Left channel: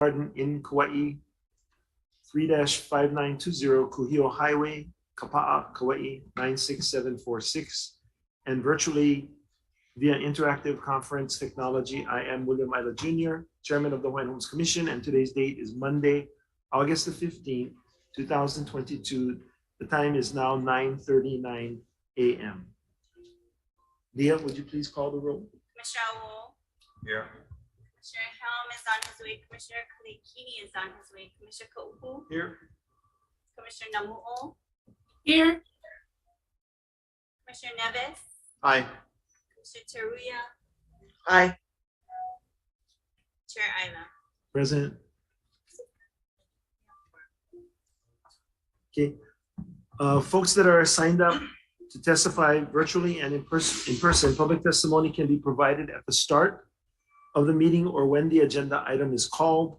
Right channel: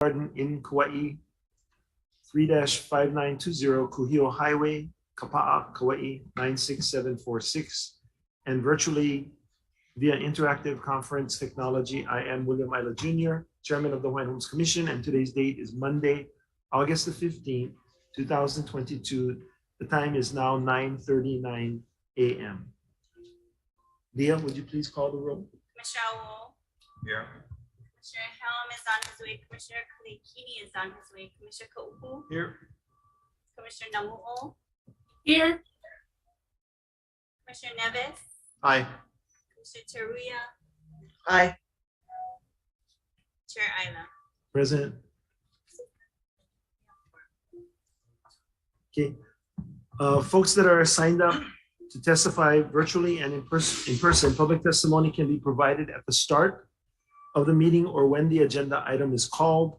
Garden in Kauai, 3-5920 Kuhio Highway, Kapa'a, Kauai, 96746, and virtually via interactive conference technology. I am William Ila Jr., Chairman of the Hawaiian Homes Commission, and today's date is Monday, August the 15th, 2022. The time is now 9:39 a.m. Leah, would you please call the roll? Commissioner Wu. Here. Commissioner Helm is on his way. Commissioner Kalekini is on his way. Commissioner Kaupu. Here. Commissioner Namu'o. Here. Commissioner Nevis. Aye. Commissioner Teruya. Aye. Chair Ila. Present. Okay. Folks that are signed up to testify virtually and in person, public testimony can be provided at the start of the meeting or when the agenda item is called.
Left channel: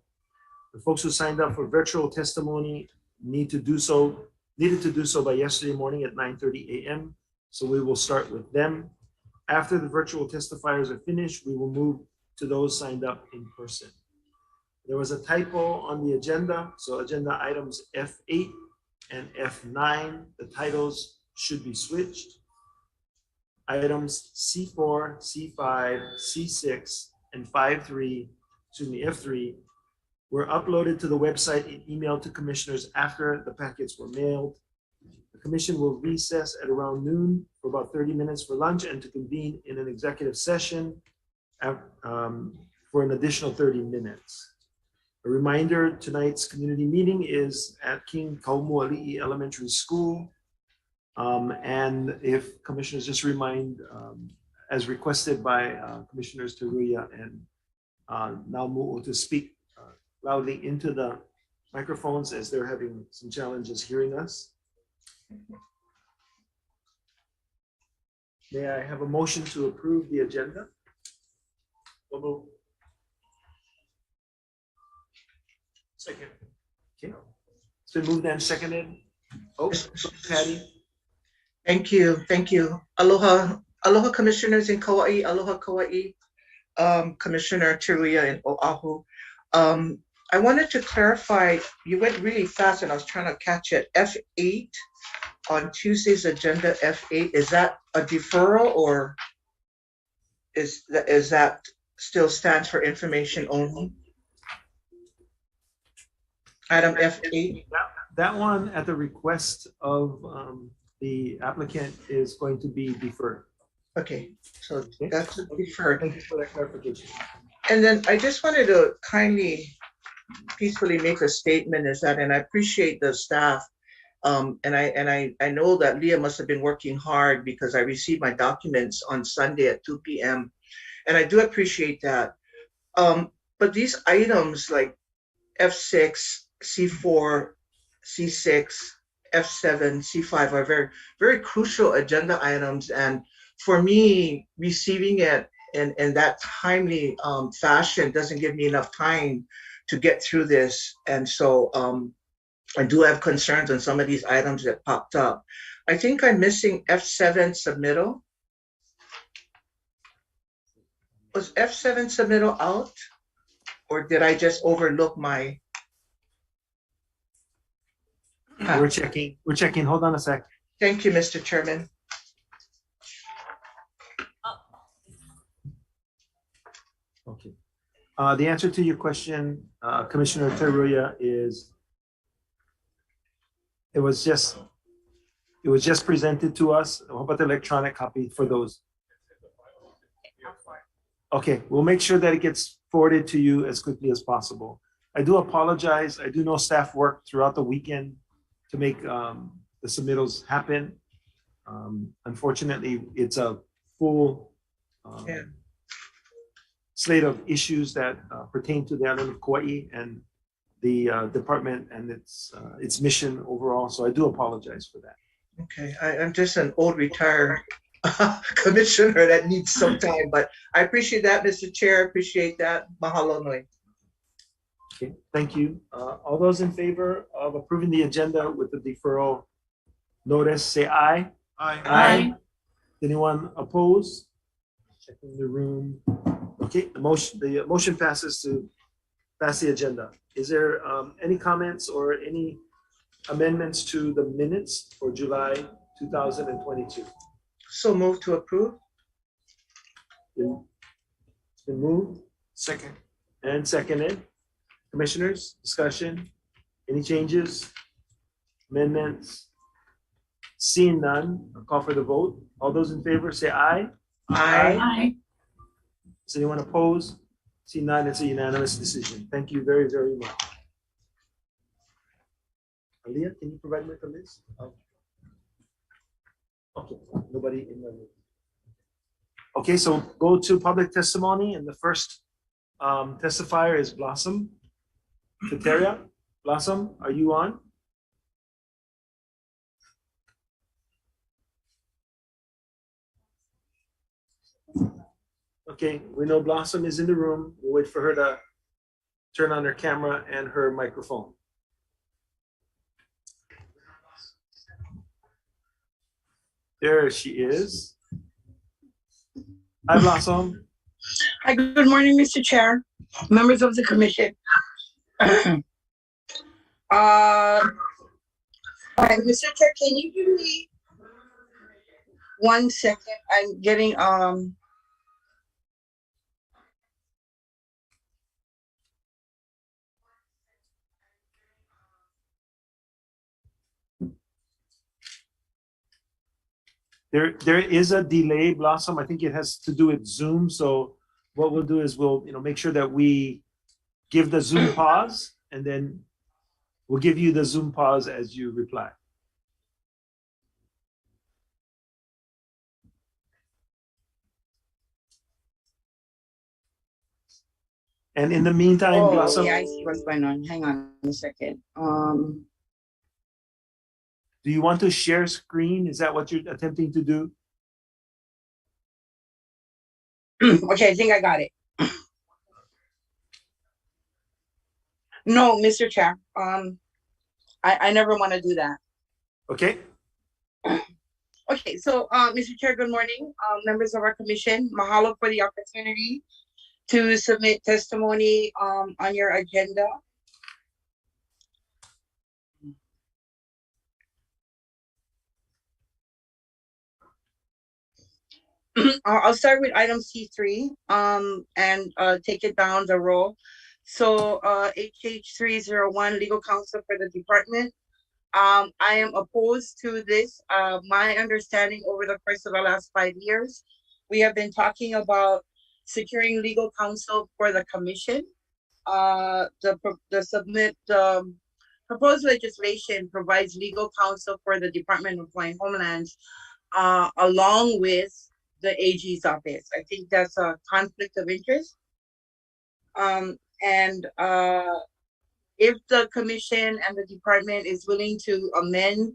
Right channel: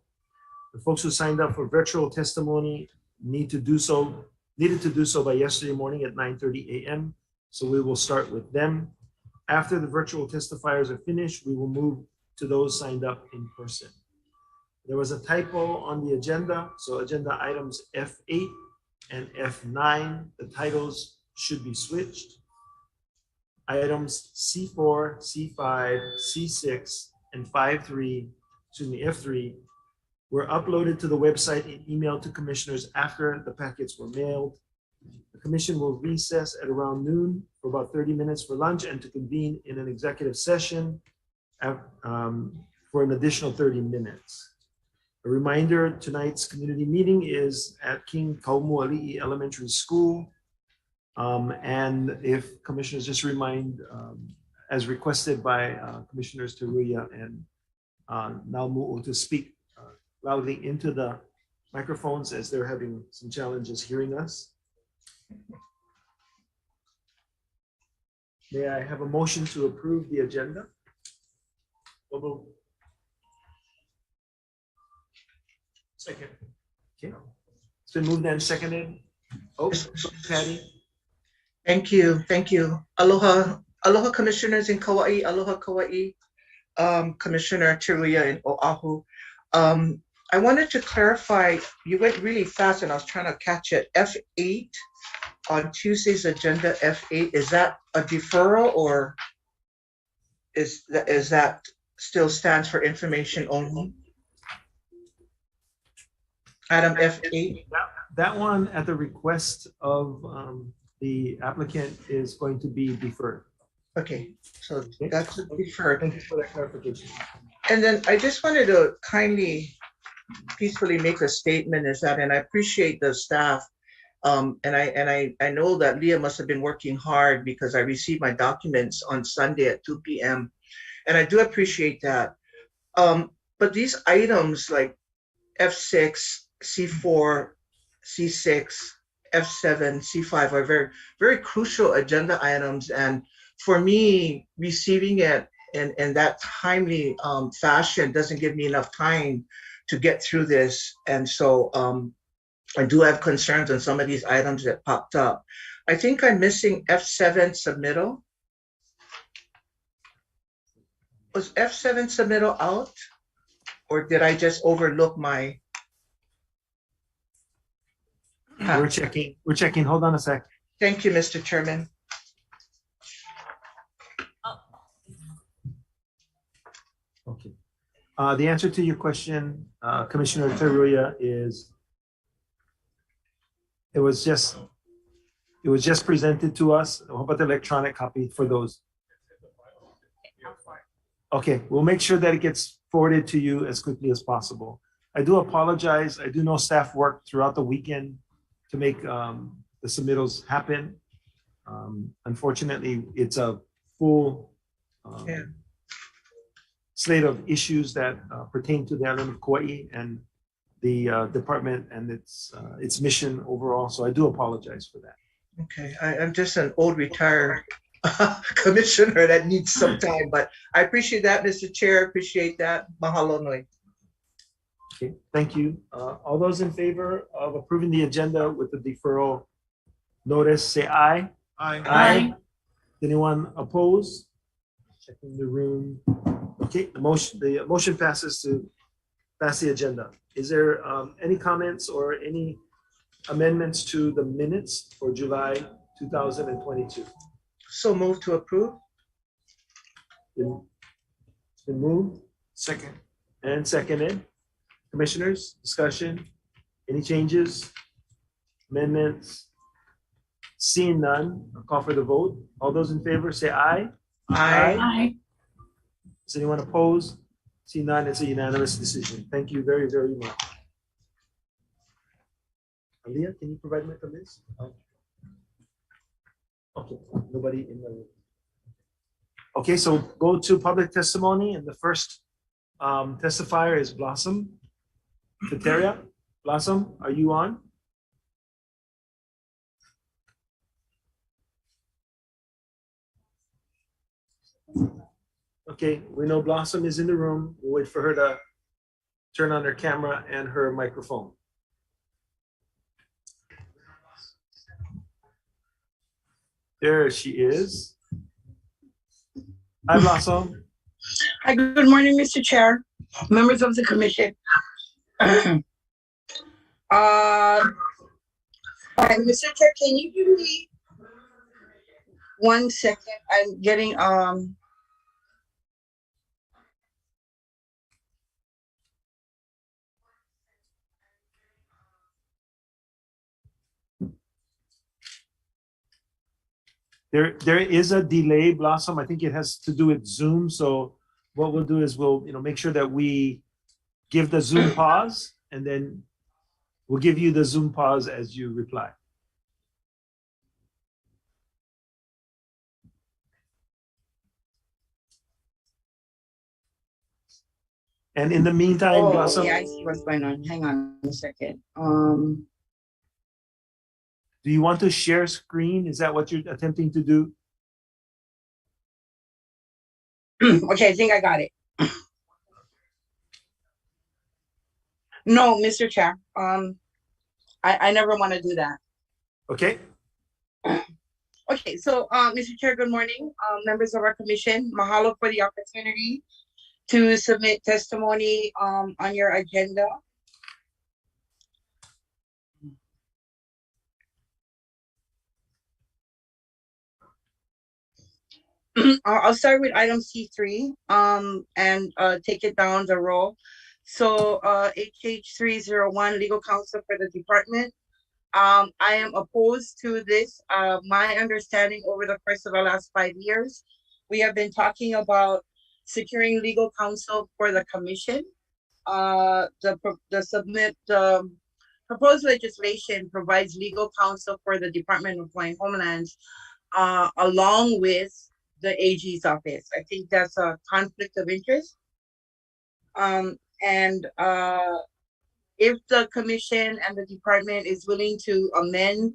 The folks who signed up for virtual testimony needed to do so by yesterday morning at 9:30 a.m. So we will start with them. After the virtual testifiers are finished, we will move to those signed up in person. There was a typo on the agenda, so agenda items F8 and F9, the titles should be switched. Items C4, C5, C6, and F3 were uploaded to the website and emailed to commissioners after the packets were mailed. The commission will recess at around noon for about 30 minutes for lunch and to convene in an executive session for an additional 30 minutes. A reminder, tonight's community meeting is at King Kaumuali'i Elementary School. And if commissioners just remind, as requested by Commissioners Teruya and Naumu'o, to speak loudly into the microphones as they're having some challenges hearing us. May I have a motion to approve the agenda? Second. Okay. It's been moved and seconded. Oh, Patty. Thank you. Thank you. Aloha. Aloha, commissioners in Kauai. Aloha, Kauai. Commissioner Teruya in Oahu. I wanted to clarify, you went really fast and I was trying to catch it. F8 on Tuesday's agenda, F8, is that a deferral or is that still stands for information only? Item F8. That one at the request of the applicant is going to be deferred. Okay, so that's deferred. Thank you for that clarification. And then I just wanted to kindly, peacefully make a statement is that, and I appreciate the staff. And I know that Leah must have been working hard because I received my documents on Sunday at 2 p.m. And I do appreciate that. But these items like F6, C4, C6, F7, C5 are very, very crucial agenda items. And for me, receiving it in that timely fashion doesn't give me enough time to get through this. And so I do have concerns on some of these items that popped up. I think I'm missing F7 submittal. Was F7 submittal out? Or did I just overlook my? We're checking. Hold on a sec. Thank you, Mr. Chairman. Okay. The answer to your question, Commissioner Teruya, is it was just presented to us. How about the electronic copy for those? Okay, we'll make sure that it gets forwarded to you as quickly as possible. I do apologize. I do know staff worked throughout the weekend to make the submittals happen. Unfortunately, it's a full slate of issues that pertain to the island of Kauai and the department and its mission overall. So I do apologize for that. Okay, I'm just an old retired commissioner that needs some time, but I appreciate that, Mr. Chair. Appreciate that. Mahalo nui. Okay, thank you. All those in favor of approving the agenda with the deferral notice, say aye. Aye. Aye. Anyone opposed? Checking the room. Okay, the motion passes to pass the agenda. Is there any comments or any amendments to the minutes for July 2022? So move to approve. It's been moved Second. and seconded. Commissioners, discussion, any changes, amendments? Seeing none, I'll call for the vote. All those in favor say aye. Aye. Does anyone oppose? See none, it's a unanimous decision. Thank you very, very much. Aaliyah, can you provide me with the list? Okay, nobody in the room. Okay, so go to public testimony, and the first testifier is Blossom Kateria. Blossom, are you on? Okay, we know Blossom is in the room. We'll wait for her to turn on her camera and her microphone. There she is. Hi, Blossom. Hi, good morning, Mr. Chair, members of the commission. Hi, Mr. Chair, can you give me 1 second? I'm getting There is a delay, Blossom. I think it has to do with Zoom. So what we'll do is we'll make sure that we give the Zoom pause, and then we'll give you the Zoom pause as you reply. And in the meantime, Blossom, yeah, I see what's going on. Hang on a second. do you want to share screen? Is that what you're attempting to do? Okay, I think I got it. No, Mr. Chair, I never want to do that. Okay. Okay, so, Mr. Chair, good morning, members of our commission. Mahalo for the opportunity to submit testimony on your agenda. I'll start with item C3 and take it down the row. So HH 301, legal counsel for the department. I am opposed to this. My understanding over the course of the last 5 years, we have been talking about securing legal counsel for the commission. The proposed legislation provides legal counsel for the Department of Hawaiian Homelands along with the AG's office. I think that's a conflict of interest. If the commission and the department is willing to amend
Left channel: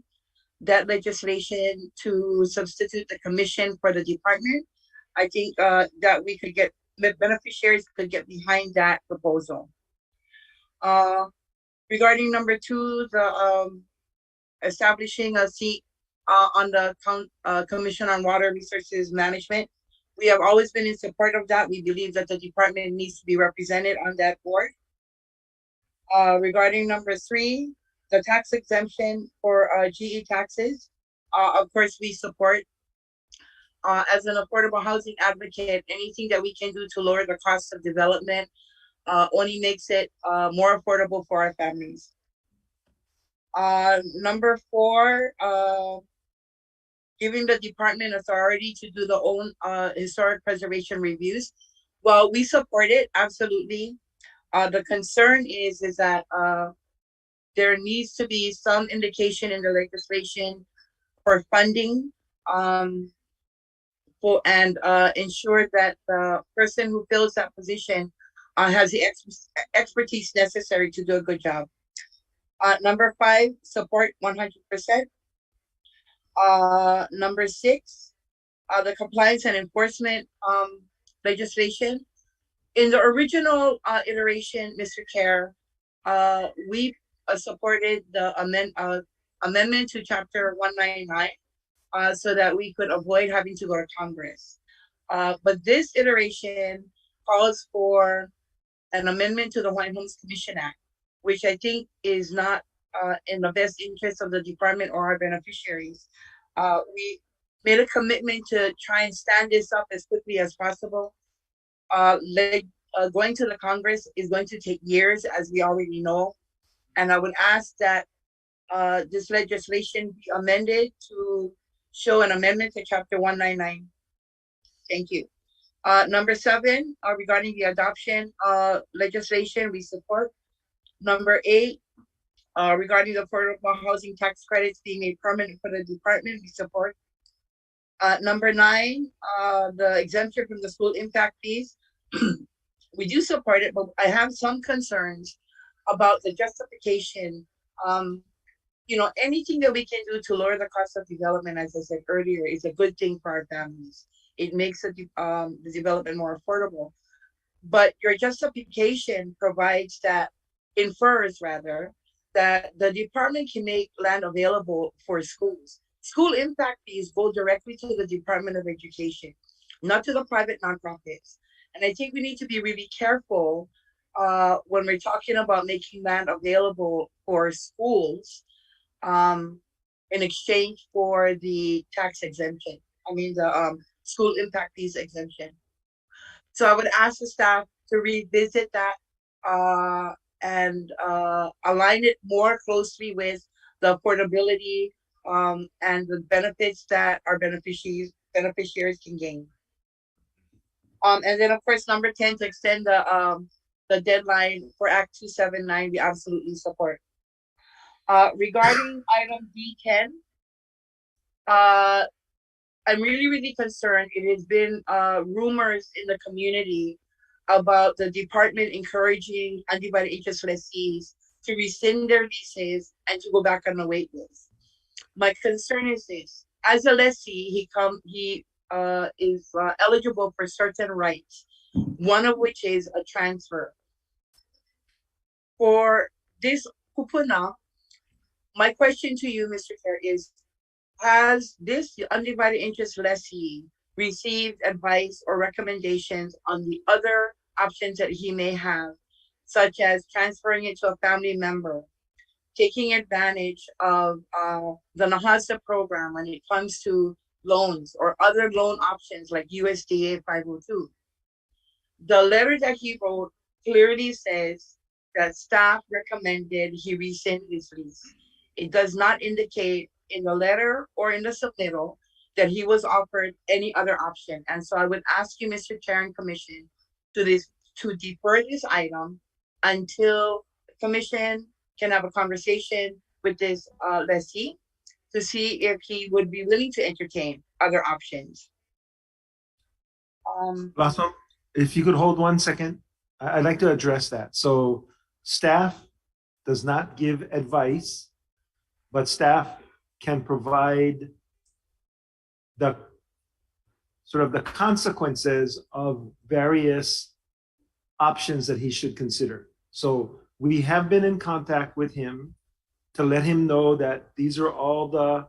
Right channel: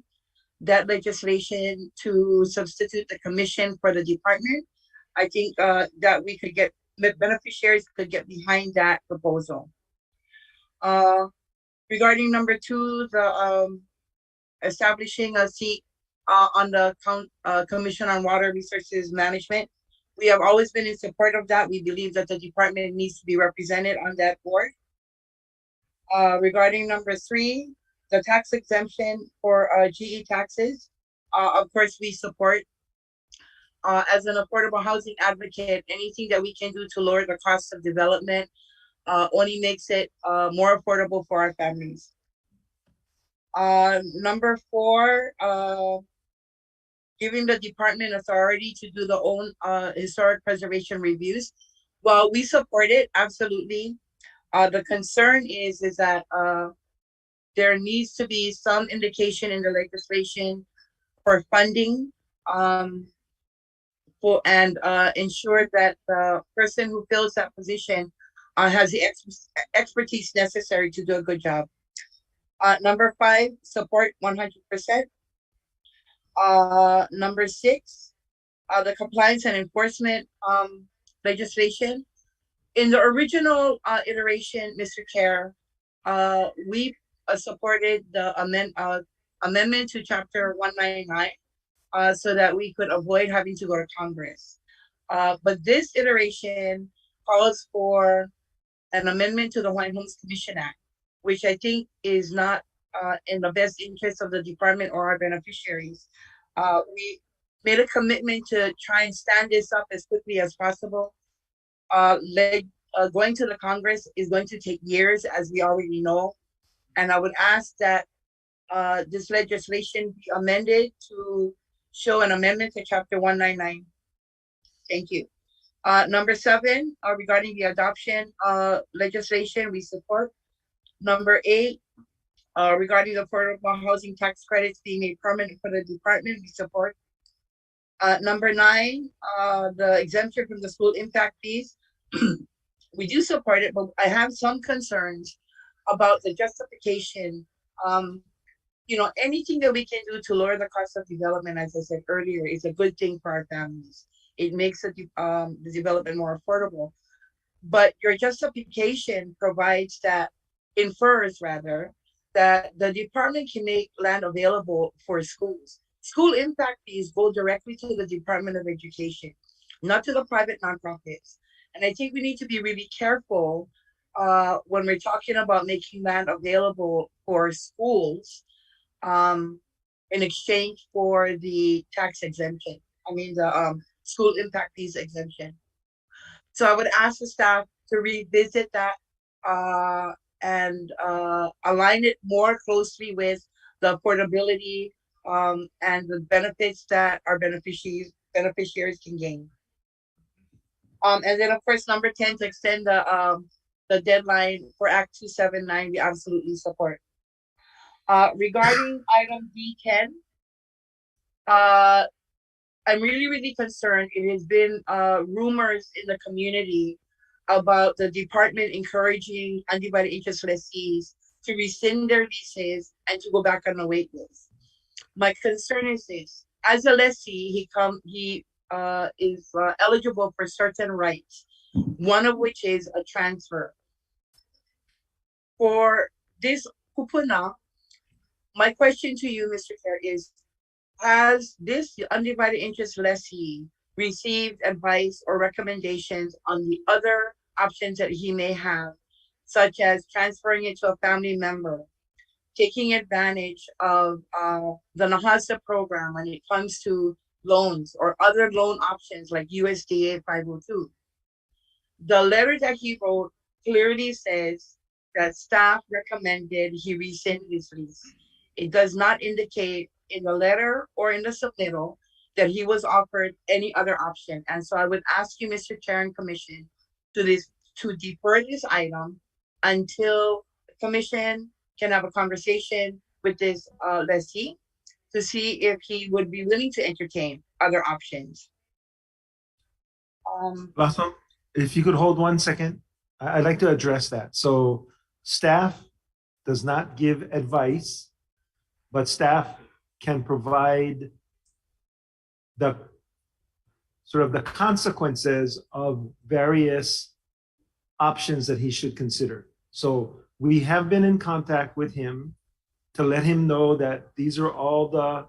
that legislation to substitute the commission for the department, I think that we could get, beneficiaries could get behind that proposal. Regarding number 2, the establishing a seat on the Commission on Water Resources Management. We have always been in support of that. We believe that the department needs to be represented on that board. Regarding number 3, the tax exemption for GE taxes. Of course, we support. As an affordable housing advocate, anything that we can do to lower the cost of development only makes it more affordable for our families. Number 4, giving the department authority to do the own historic preservation reviews. Well, we support it, absolutely. The concern is that there needs to be some indication in the legislation for funding and ensure that the person who fills that position has the expertise necessary to do a good job. Number 5, support 100%. Number 6, the compliance and enforcement legislation. In the original iteration, Mr. Chair, we supported the amendment to Chapter 199 so that we could avoid having to go to Congress. But this iteration calls for an amendment to the Hawaiian Homes Commission Act, which I think is not in the best interest of the department or our beneficiaries. We made a commitment to try and stand this up as quickly as possible. Going to the Congress is going to take years, as we already know. And I would ask that this legislation be amended to show an amendment to Chapter 199. Thank you. Number 7, regarding the adoption legislation, we support. Number 8, regarding the affordable housing tax credits being made permanent for the department, we support. Number 9, the exemption from the school impact fees. We do support it, but I have some concerns about the justification. Anything that we can do to lower the cost of development, as I said earlier, is a good thing for our families. It makes the development more affordable. But your justification infers that the department can make land available for schools. School impact fees go directly to the Department of Education, not to the private nonprofits. And I think we need to be really careful when we're talking about making land available for schools in exchange for the tax exemption. The school impact fees exemption. So I would ask the staff to revisit that and align it more closely with the affordability and the benefits that our beneficiaries can gain. And then of course, number 10, to extend the deadline for Act 279, we absolutely support. Regarding item D10, I'm really, really concerned. It has been rumors in the community about the department encouraging undivided interest lessees to rescind their leases and to go back on the wait list. My concern is this: as a lessee, he is eligible for certain rights, one of which is a transfer. For this kupuna, my question to you, Mr. Chair, is: has this undivided interest lessee received advice or recommendations on the other options that he may have, such as transferring it to a family member, taking advantage of the NAHASA program when it comes to loans, or other loan options like USDA 502? The letter that he wrote clearly says that staff recommended he rescind his lease. It does not indicate in the letter or in the submittal that he was offered any other option. And so I would ask you, Mr. Chair and Commission, to defer this item until the Commission can have a conversation with this lessee to see if he would be willing to entertain other options. Lasso, if you could hold 1 second, I'd like to address that. So staff does not give advice, but staff can provide the sort of the consequences of various options that he should consider. So we have been in contact with him to let him know that these are all the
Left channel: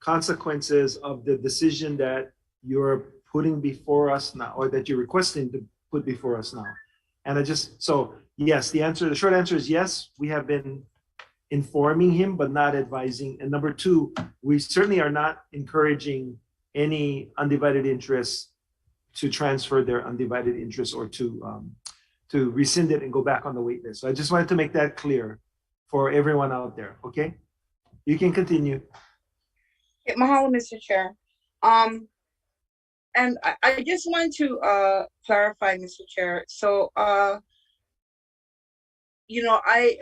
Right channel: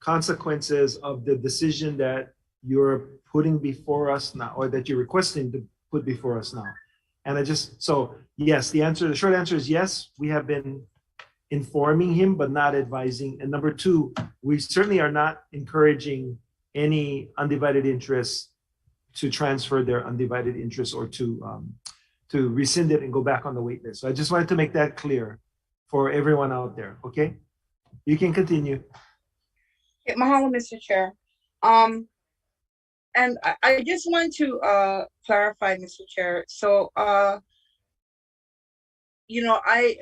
consequences of the decision that you're putting before us now, or that you're requesting to put before us now. And yes, the short answer is yes, we have been informing him, but not advising. And number 2, we certainly are not encouraging any undivided interest to transfer their undivided interest or to rescind it and go back on the wait list. So I just wanted to make that clear for everyone out there. Okay, you can continue. Mahalo, Mr. Chair. And I just want to clarify, Mr. Chair. So, I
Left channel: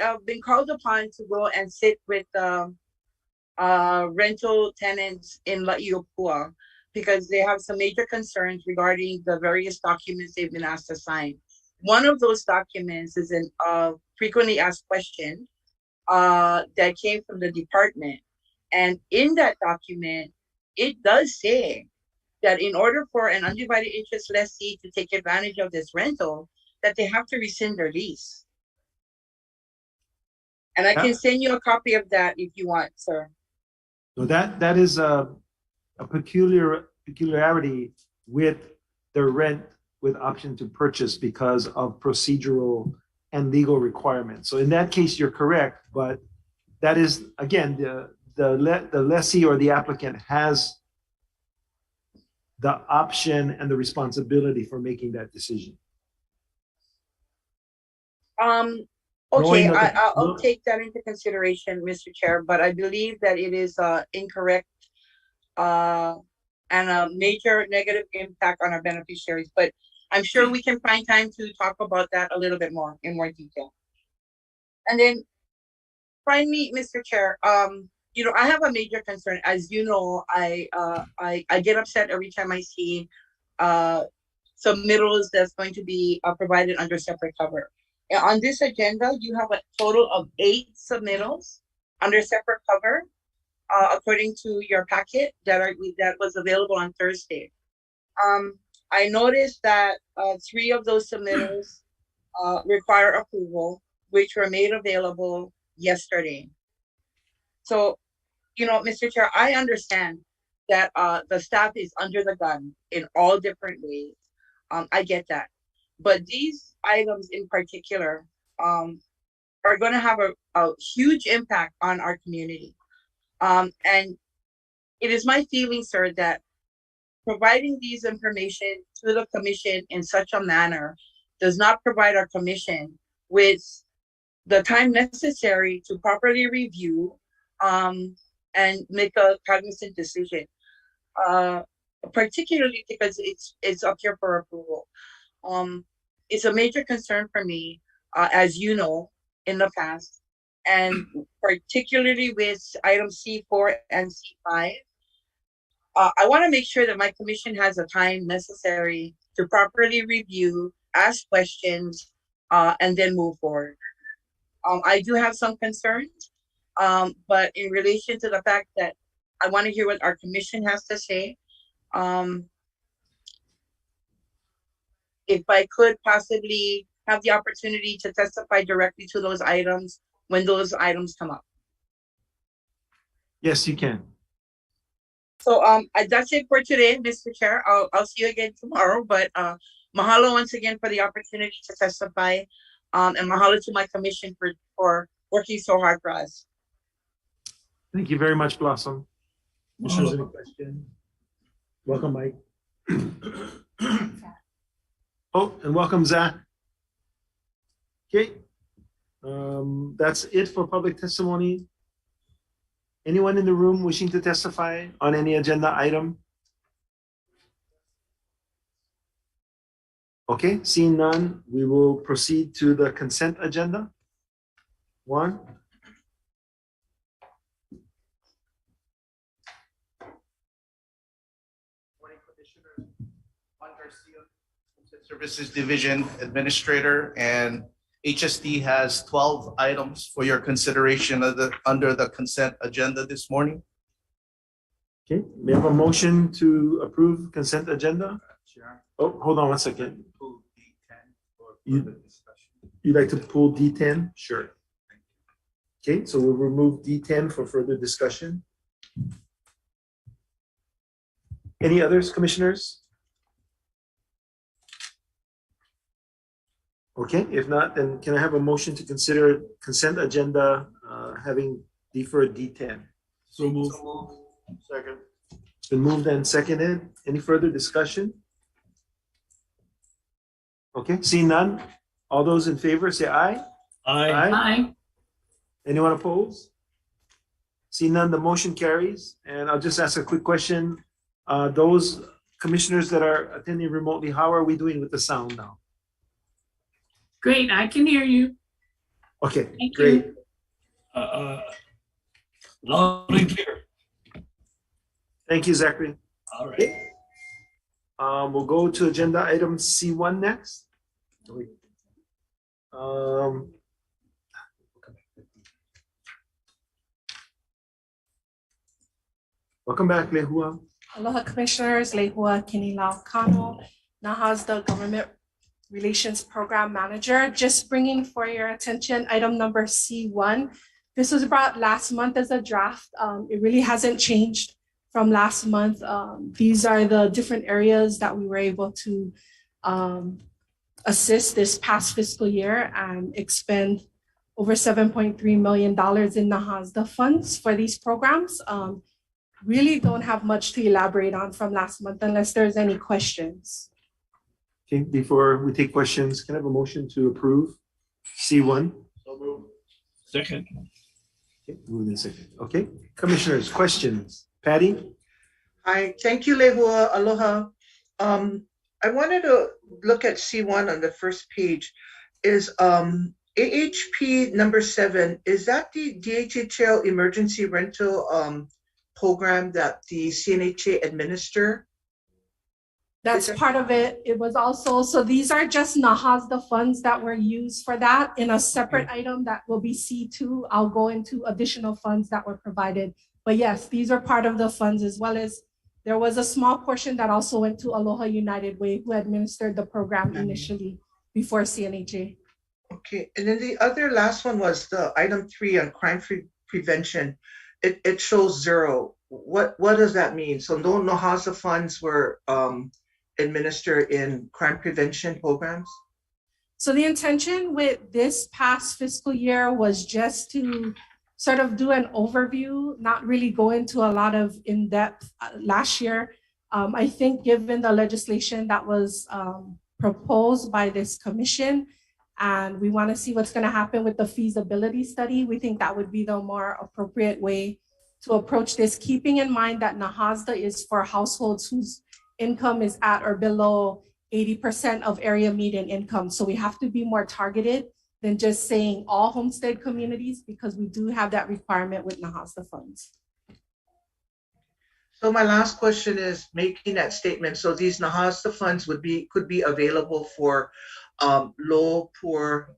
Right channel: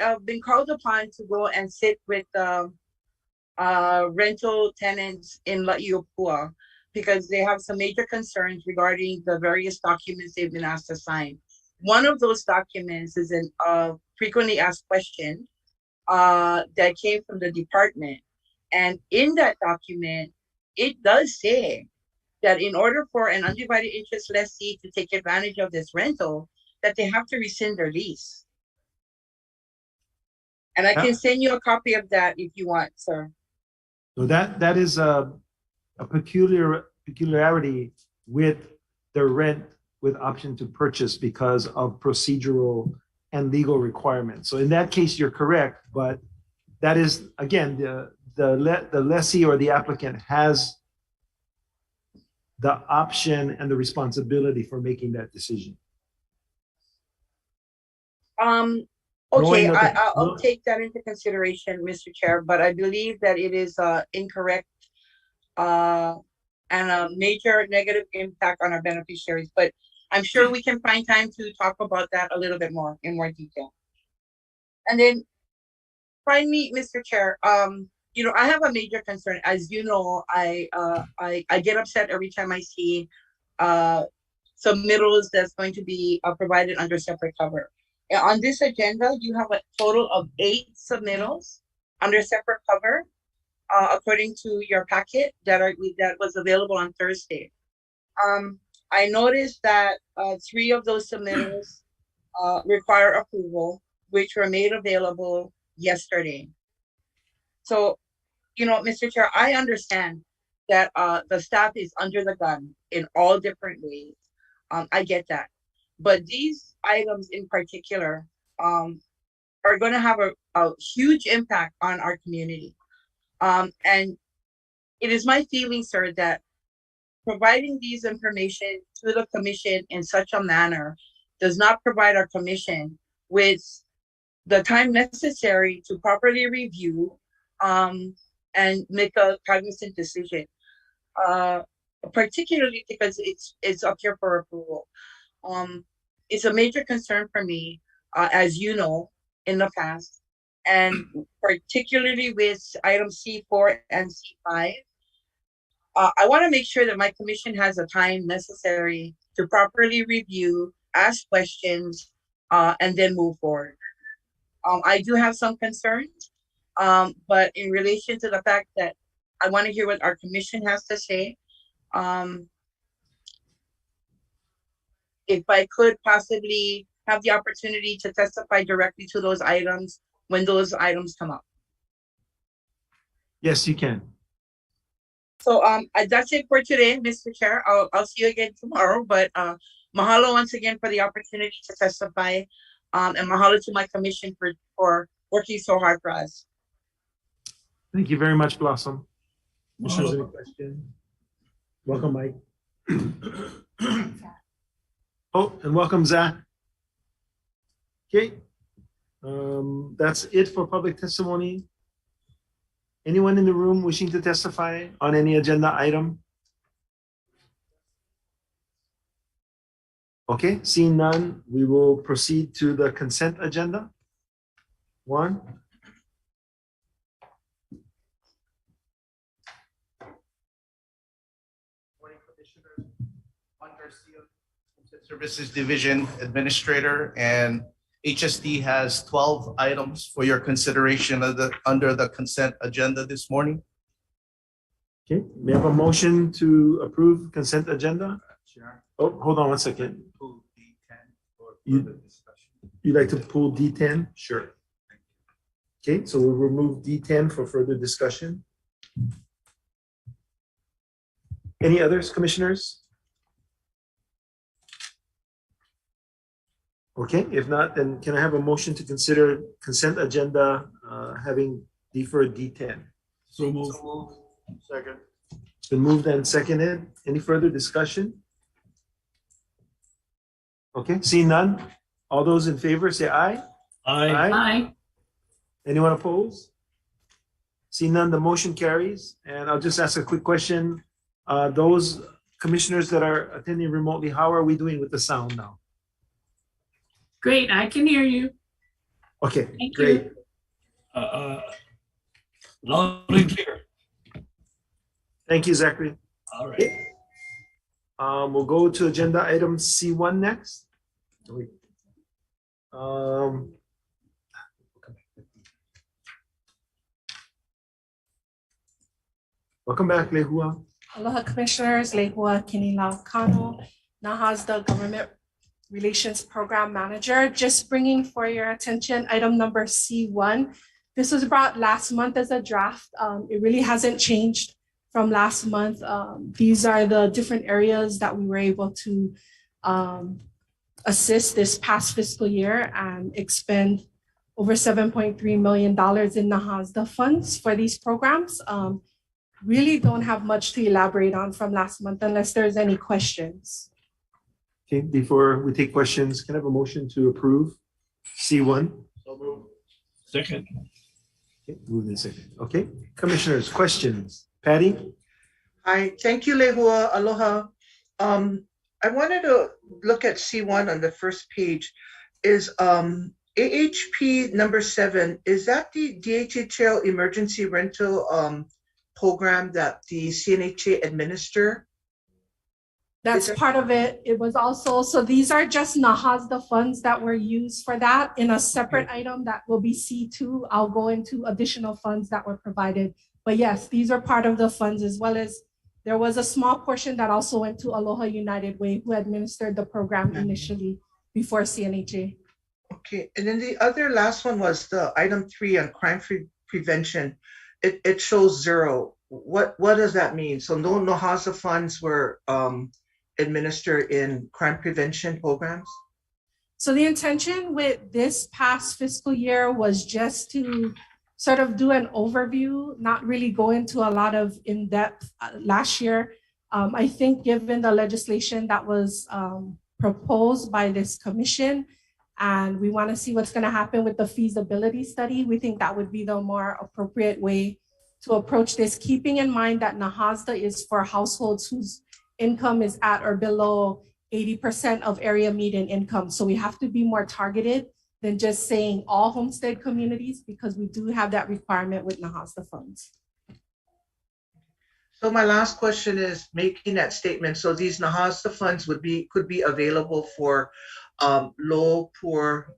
have been called upon to go and sit with rental tenants in La'iopua because they have some major concerns regarding the various documents they've been asked to sign. One of those documents is a frequently asked question that came from the department. And in that document, it does say that in order for an undivided interest lessee to take advantage of this rental, that they have to rescind their lease. And I can send you a copy of that if you want, sir. So that is a peculiarity with the rent, with option to purchase because of procedural and legal requirements. So in that case, you're correct, but that is, again, the lessee or the applicant has the option and the responsibility for making that decision. Okay, Knowing that I'll take that into consideration, Mr. Chair, but I believe that it is incorrect and a major negative impact on our beneficiaries, but I'm sure we can find time to talk about that a little bit more in more detail. And then finally, Mr. Chair, you know, I have a major concern. As you know, I get upset every time I see submittals that's going to be provided under separate cover. On this agenda, you have a total of 8 submittals under separate cover, according to your packet that was available on Thursday. I noticed that 3 of those submittals require approval, which were made available yesterday. So, you know, Mr. Chair, I understand that the staff is under the gun in all different ways. I get that. But these items in particular are going to have a huge impact on our community. And it is my feeling, sir, that providing these information to the commission in such a manner does not provide our commission with the time necessary to properly review and make a cognizant decision, particularly because it's up here for approval. It's a major concern for me, as you know, in the past, and particularly with item C4 and C5. I want to make sure that my commission has the time necessary to properly review, ask questions, and then move forward. I do have some concerns, but in relation to the fact that I want to hear what our commission has to say, if I could possibly have the opportunity to testify directly to those items when those items come up. Yes, you can. So that's it for today, Mr. Chair. I'll see you again tomorrow, but mahalo once again for the opportunity to testify, and mahalo to my commission for working so hard for us. Thank you very much, Blossom. Commissioners, any questions? Welcome, Mike. Oh, and welcome, Zach. Okay, that's it for public testimony. Anyone in the room wishing to testify on any agenda item? Okay, seeing none, we will proceed to the consent agenda. 1. Services Division Administrator, and HSD has 12 items for your consideration under the consent agenda this morning. Okay, we have a motion to approve consent agenda. Chair. Oh, hold on one second. Pull D10 for You- further discussion. You'd like to pull D10? Sure. Okay, so we'll remove D10 for further discussion. Any others, commissioners? Okay, if not, then can I have a motion to consider consent agenda having deferred D10? So move. Second. It's been moved and seconded. Any further discussion? Okay, seeing none. All those in favor say aye. Aye. Anyone opposed? Seeing none, the motion carries. And I'll just ask a quick question. Those commissioners that are attending remotely, how are we doing with the sound now? Great, I can hear you. Okay, Thank great. Loud and clear. Thank you, Zachary. All right. We'll go to agenda item C1 next. Welcome back, Lehua. Aloha Commissioners, Lehua Kinila Kano, NAHA's the Government Relations Program Manager. Just bringing for your attention item number C1. This was brought last month as a draft. It really hasn't changed from last month. These are the different areas that we were able to assist this past fiscal year and expend over $7.3 million in NAHASDA funds for these programs. Really don't have much to elaborate on from last month unless there's any questions. Okay, before we take questions, can I have a motion to approve C1? Second. Okay, move in second. Okay, commissioners, questions? Patty? Hi, thank you, Lehua. Aloha. I wanted to look at C1 on the first page. Is AHP number 7, is that the DHHL emergency rental program that the CNHA administer? That's part of it. It was also, so these are just NAHASDA funds that were used for that. In a separate item that will be C2, I'll go into additional funds that were provided. But yes, these are part of the funds, as well as there was a small portion that also went to Aloha United Way, who administered the program initially before CNHA. Okay, and then the other last one was the item 3 on crime prevention. It shows 0. What does that mean? So no NAHASDA funds were administered in crime prevention programs? So the intention with this past fiscal year was just to sort of do an overview, not really go into a lot of in-depth last year. I think given the legislation that was proposed by this commission, and we want to see what's going to happen with the feasibility study, we think that would be the more appropriate way to approach this, keeping in mind that NAHASDA is for households whose income is at or below 80% of area median income. So we have to be more targeted than just saying all homestead communities, because we do have that requirement with NAHASDA funds. So my last question is making that statement. So these NAHASDA funds could be available for low, poor,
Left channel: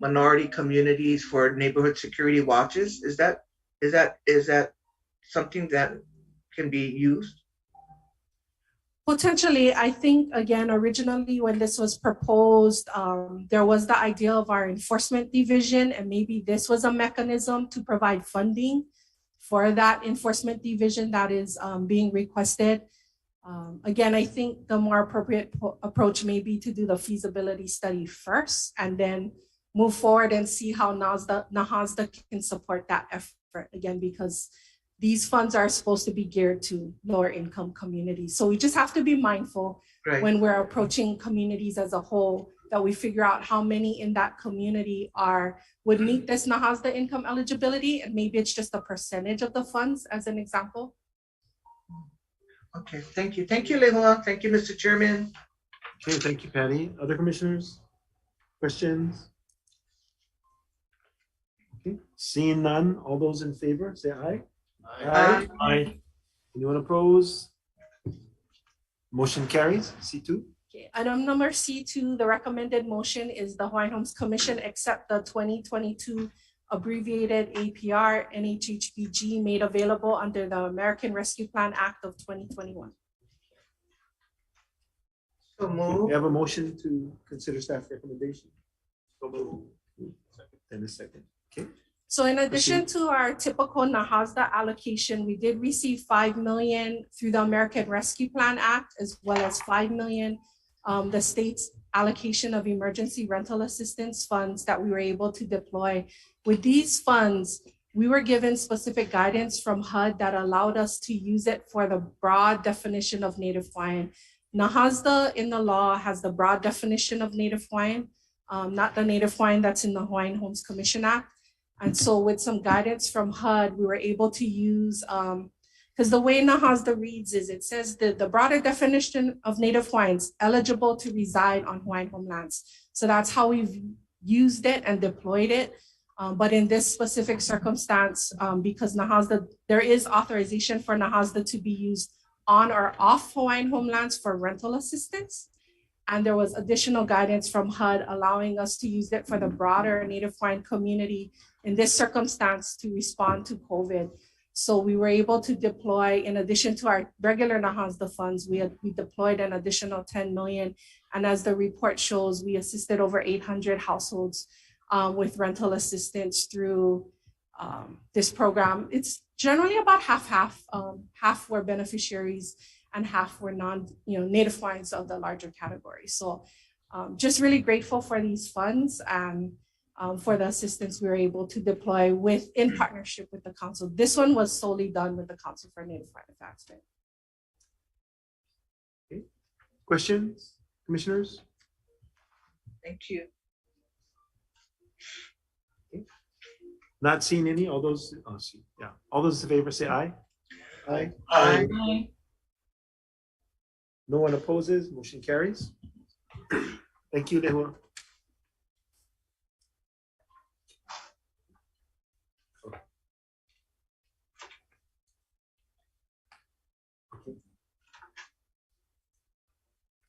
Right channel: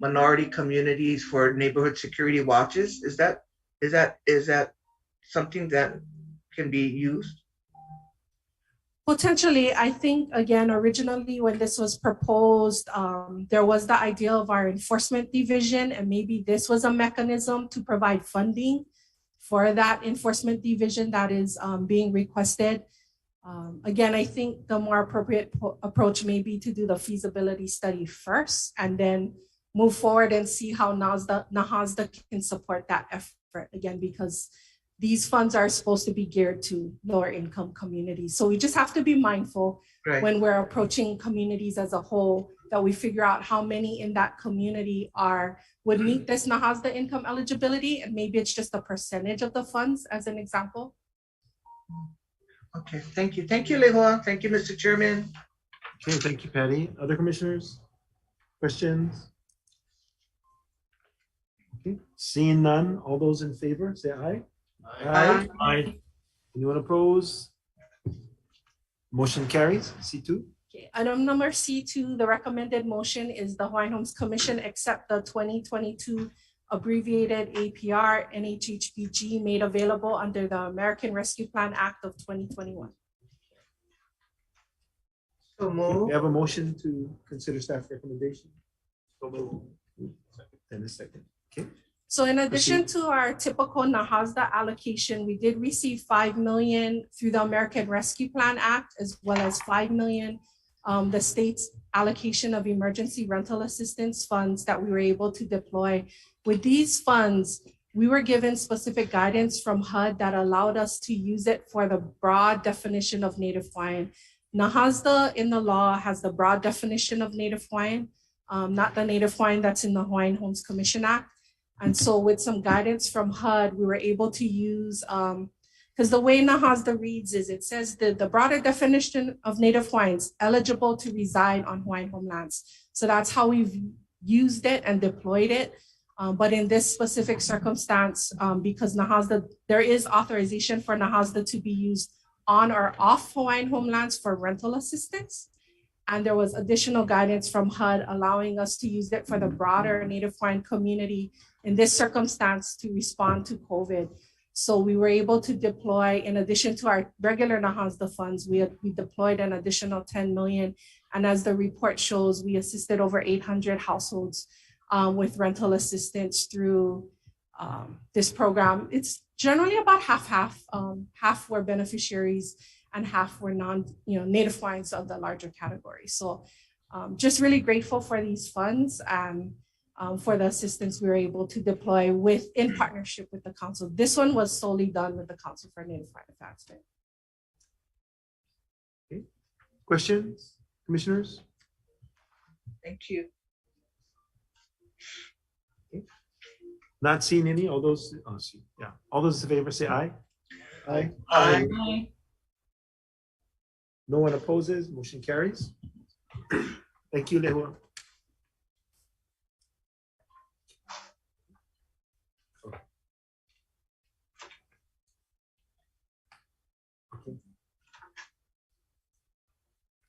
minority communities for neighborhood security watches. Is that something that can be used? Potentially, I think, again, originally when this was proposed, there was the idea of our enforcement division, and maybe this was a mechanism to provide funding for that enforcement division that is being requested. Again, I think the more appropriate approach may be to do the feasibility study first and then move forward and see how NAHASDA can support that effort, again, because these funds are supposed to be geared to lower income communities. So we just have to be mindful when we're approaching communities as a whole, that we figure out how many in that community would meet this NAHASDA income eligibility, and maybe it's just a percentage of the funds as an example. Okay, thank you. Thank you, Lehua. Thank you, Mr. Chairman. Okay, thank you, Patty. Other commissioners? Questions? Okay, seeing none, all those in favor, say aye. Aye. Aye. Anyone opposed? Motion carries. C2. Okay, item number C2, the recommended motion is the Hawaiian Homes Commission accept the 2022 abbreviated APR NHHBG made available under the American Rescue Plan Act of 2021. So move. We have a motion to consider staff recommendation. So move. And a second. Okay. So in addition to our typical NAHASDA allocation, we did receive $5 million through the American Rescue Plan Act, as well as $5 million, the state's allocation of emergency rental assistance funds that we were able to deploy. With these funds, we were given specific guidance from HUD that allowed us to use it for the broad definition of Native Hawaiian. NAHASDA in the law has the broad definition of Native Hawaiian, not the Native Hawaiian that's in the Hawaiian Homes Commission Act. And so with some guidance from HUD, we were able to use, because the way NAHASDA reads is it says the broader definition of Native Hawaiians eligible to reside on Hawaiian homelands. So that's how we've used it and deployed it. But in this specific circumstance, because NAHASDA, there is authorization for NAHASDA to be used on or off Hawaiian homelands for rental assistance. And there was additional guidance from HUD allowing us to use it for the broader Native Hawaiian community in this circumstance to respond to COVID. So we were able to deploy, in addition to our regular NAHASDA funds, we deployed an additional 10 million. And as the report shows, we assisted over 800 households with rental assistance through this program. It's generally about half-half. Half were beneficiaries and half were native Hawaiians of the larger category. So just really grateful for these funds and for the assistance we were able to deploy in partnership with the council. This one was solely done with the Council for Native Hawaiian Advancement. Okay. Questions, commissioners? Thank you. Not seeing any. All those in favor say aye. Aye. Aye. No one opposes. Motion carries. Thank you, Lehua.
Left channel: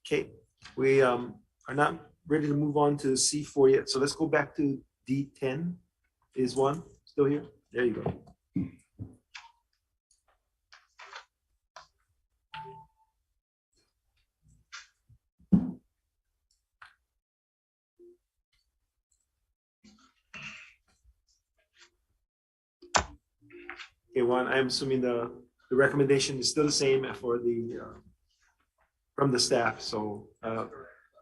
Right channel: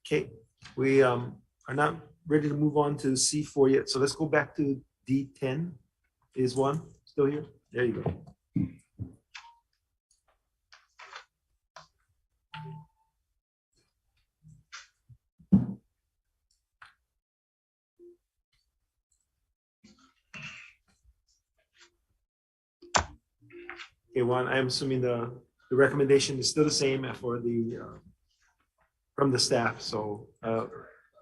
Okay, we are not ready to move on to C4 yet. So let's go back to D10. Is one still here? There you go. Okay, Juan, I'm assuming the recommendation is still the same for the from the staff. So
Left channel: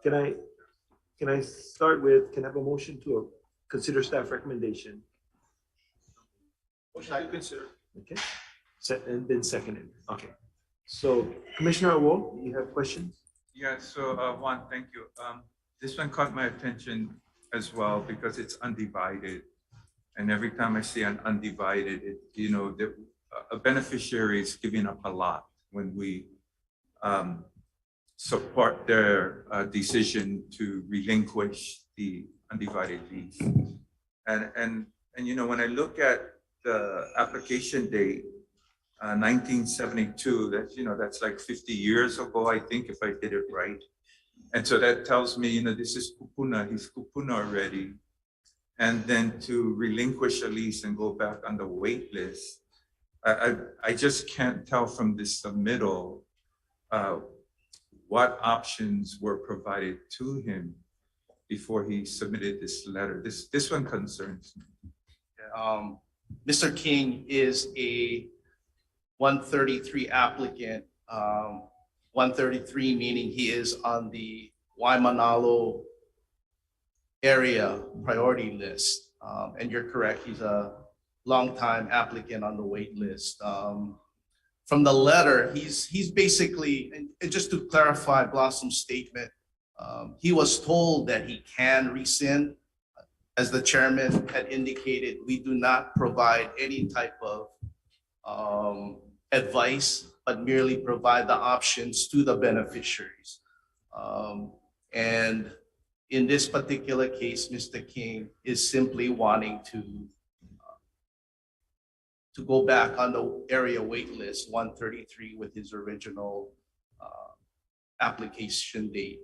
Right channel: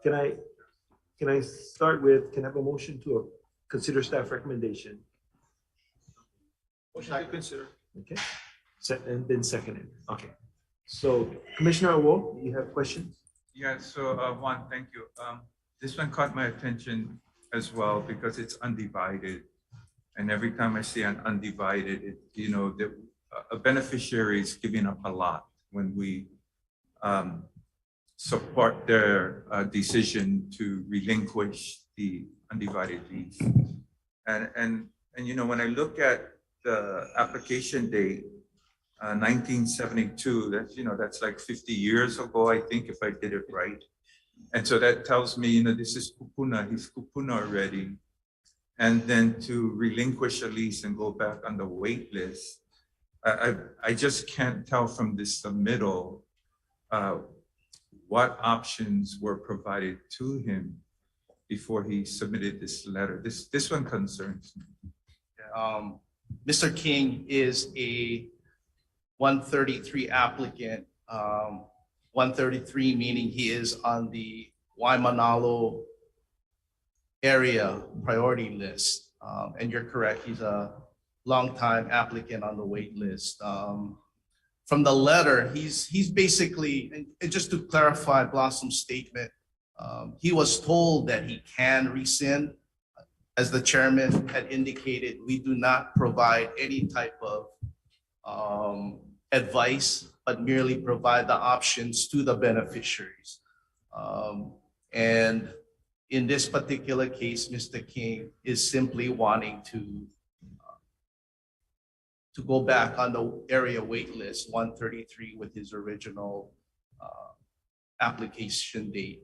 can I start with, can I have a motion to consider staff recommendation? Motion to consider. Okay, and then seconded. Okay, so Commissioner Awo, you have questions? Yeah, so Juan, thank you. This one caught my attention as well because it's undivided. And every time I see an undivided, a beneficiary is giving up a lot when we support their decision to relinquish the undivided lease. And when I look at the application date, 1972, that's like 50 years ago, I think, if I did it right. And so that tells me, this is kupuna, he's kupuna already. And then to relinquish a lease and go back on the wait list, I just can't tell from this submittal what options were provided to him before he submitted this letter. This one concerns me. Mr. King is a 133 applicant. 133 meaning he is on the Waimanalo area priority list. And you're correct, he's a longtime applicant on the wait list. From the letter, he's basically, and just to clarify Blossom's statement, he was told that he can rescind. As the chairman had indicated, we do not provide any type of advice, but merely provide the options to the beneficiaries. And in this particular case, Mr. King is simply wanting to go back on the area wait list 133 with his original application date.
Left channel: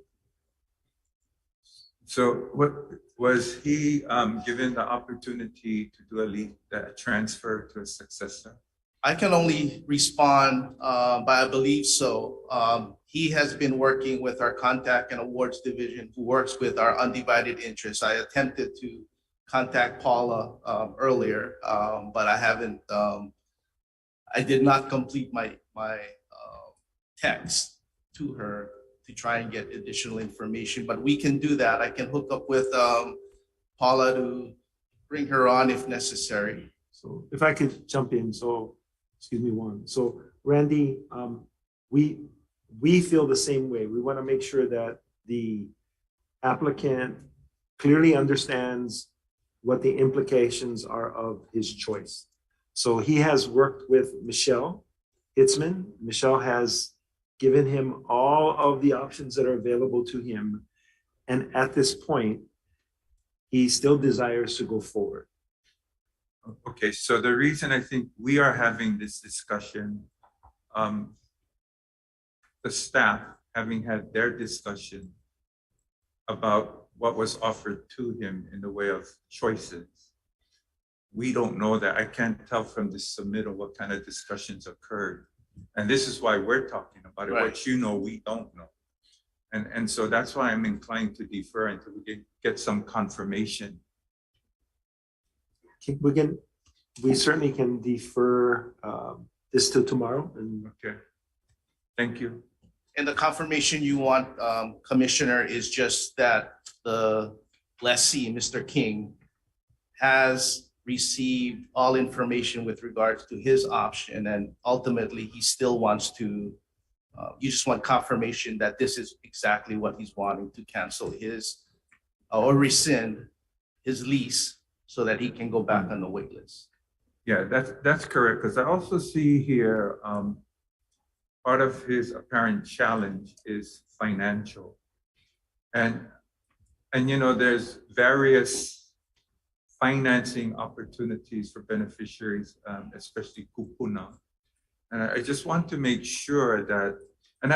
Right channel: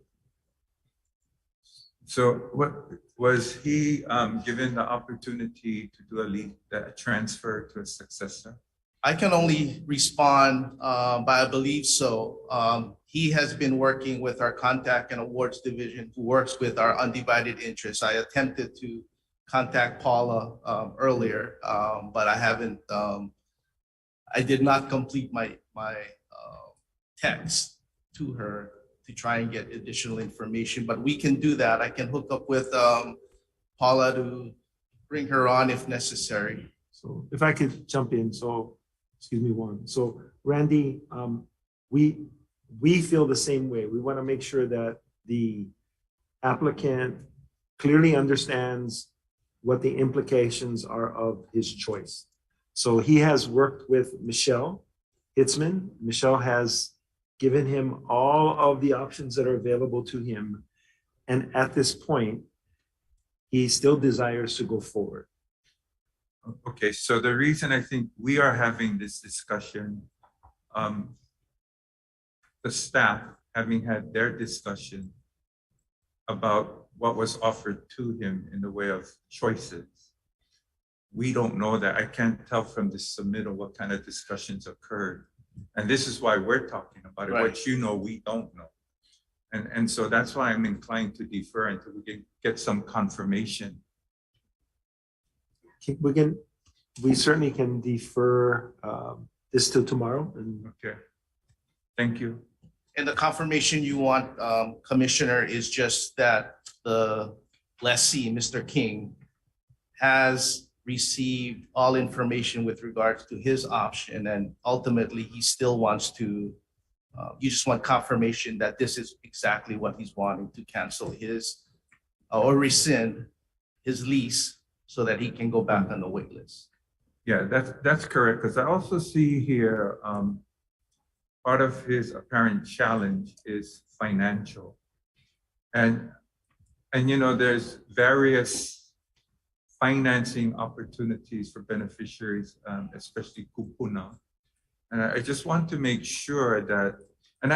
So what was he given the opportunity to do a transfer to a successor? I can only respond, but I believe so. He has been working with our contact and awards division who works with our undivided interest. I attempted to contact Paula earlier, but I haven't, I did not complete my text to her to try and get additional information, but we can do that. I can hook up with Paula to bring her on if necessary. So if I could jump in, so, excuse me, Juan. So Randy, we feel the same way. We want to make sure that the applicant clearly understands what the implications are of his choice. So he has worked with Michelle Hitzman. Michelle has given him all of the options that are available to him. And at this point, he still desires to go forward. Okay, so the reason I think we are having this discussion, the staff having had their discussion about what was offered to him in the way of choices. We don't know that. I can't tell from the submittal what kind of discussions occurred. And this is why we're talking about it. Right. What you know, we don't know. And so that's why I'm inclined to defer until we get some confirmation. We certainly can defer this till tomorrow. And okay. Thank you. And the confirmation you want, Commissioner, is just that the lessee, Mr. King, has received all information with regards to his option, and ultimately he still wants to, you just want confirmation that this is exactly what he's wanting, to cancel his or rescind his lease so that he can go back on the wait list. Yeah, that's correct, because I also see here, part of his apparent challenge is financial. And you know, there's various financing opportunities for beneficiaries, especially kupuna. And I just want to make sure that, and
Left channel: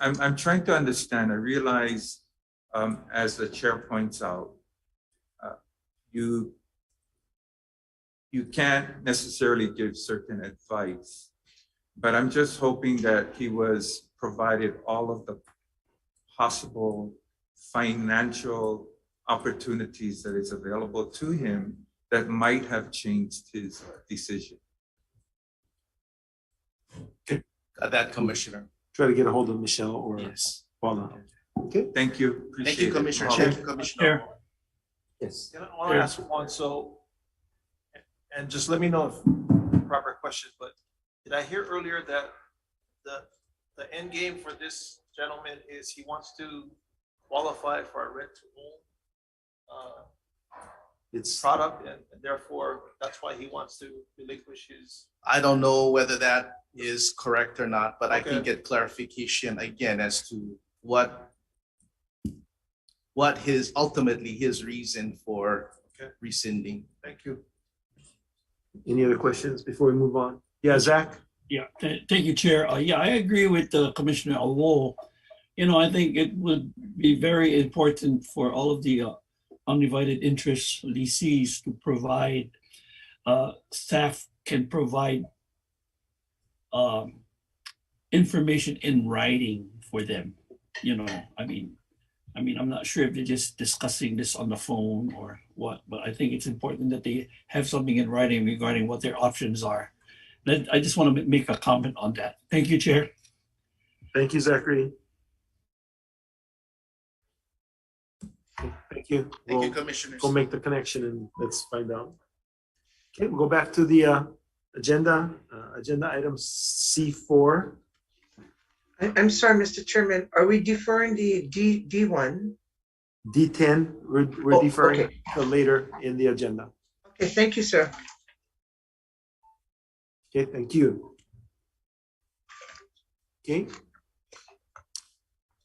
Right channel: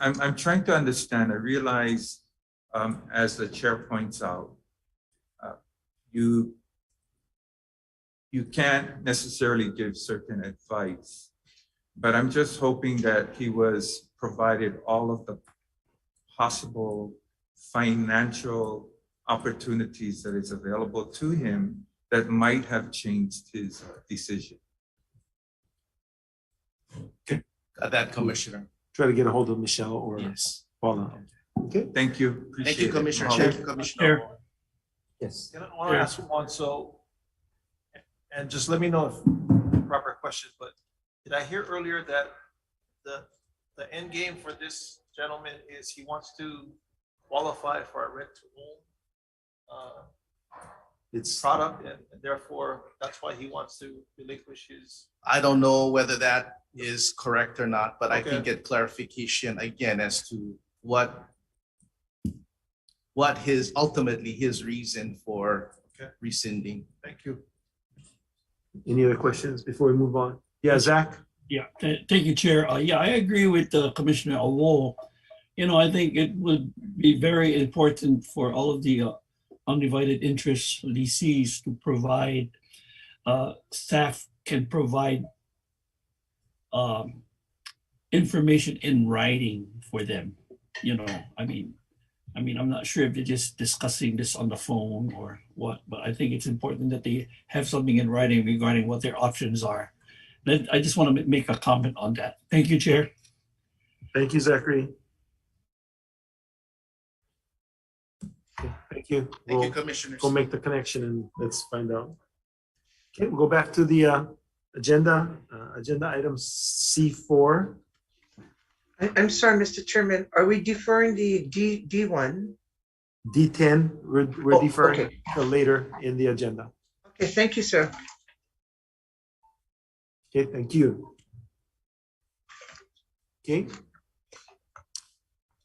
I'm trying to understand, I realize, as the chair points out, you can't necessarily give certain advice, but I'm just hoping that he was provided all of the possible financial opportunities that is available to him that might have changed his decision. That, Commissioner. Try to get a hold of Michelle or Yes. Paula. Okay. Thank you. Thank you, Appreciate it. Commissioner. Chair. Thank you, Commissioner. Yes. I want to ask one, and just let me know if the proper question, but did I hear earlier that the end game for this gentleman is he wants to qualify for a rent to own It's product, and therefore that's why he wants to relinquish his. I don't know whether that is correct or not, but I can Okay. get clarification again as to what his, ultimately his reason for Okay. rescinding. Thank you. any other questions before we move on? Yeah, Zach? Yeah, thank you, Chair. Yeah, I agree with Commissioner Awo. You know, I think it would be very important for all of the undivided interest lessees to provide, staff can provide information in writing for them. You know, I mean, I'm not sure if they're just discussing this on the phone or what, but I think it's important that they have something in writing regarding what their options are. I just want to make a comment on that. Thank you, Chair. Thank you, Zachary. Okay, thank you. Thank you, We'll Commissioners. go make the connection and let's find out. Okay, we'll go back to the agenda item C4. I'm sorry, Mr. Chairman, are we deferring the D1? D10, we're Oh, deferring okay. to later in the agenda. Okay, thank you, sir. Okay, thank you. Okay.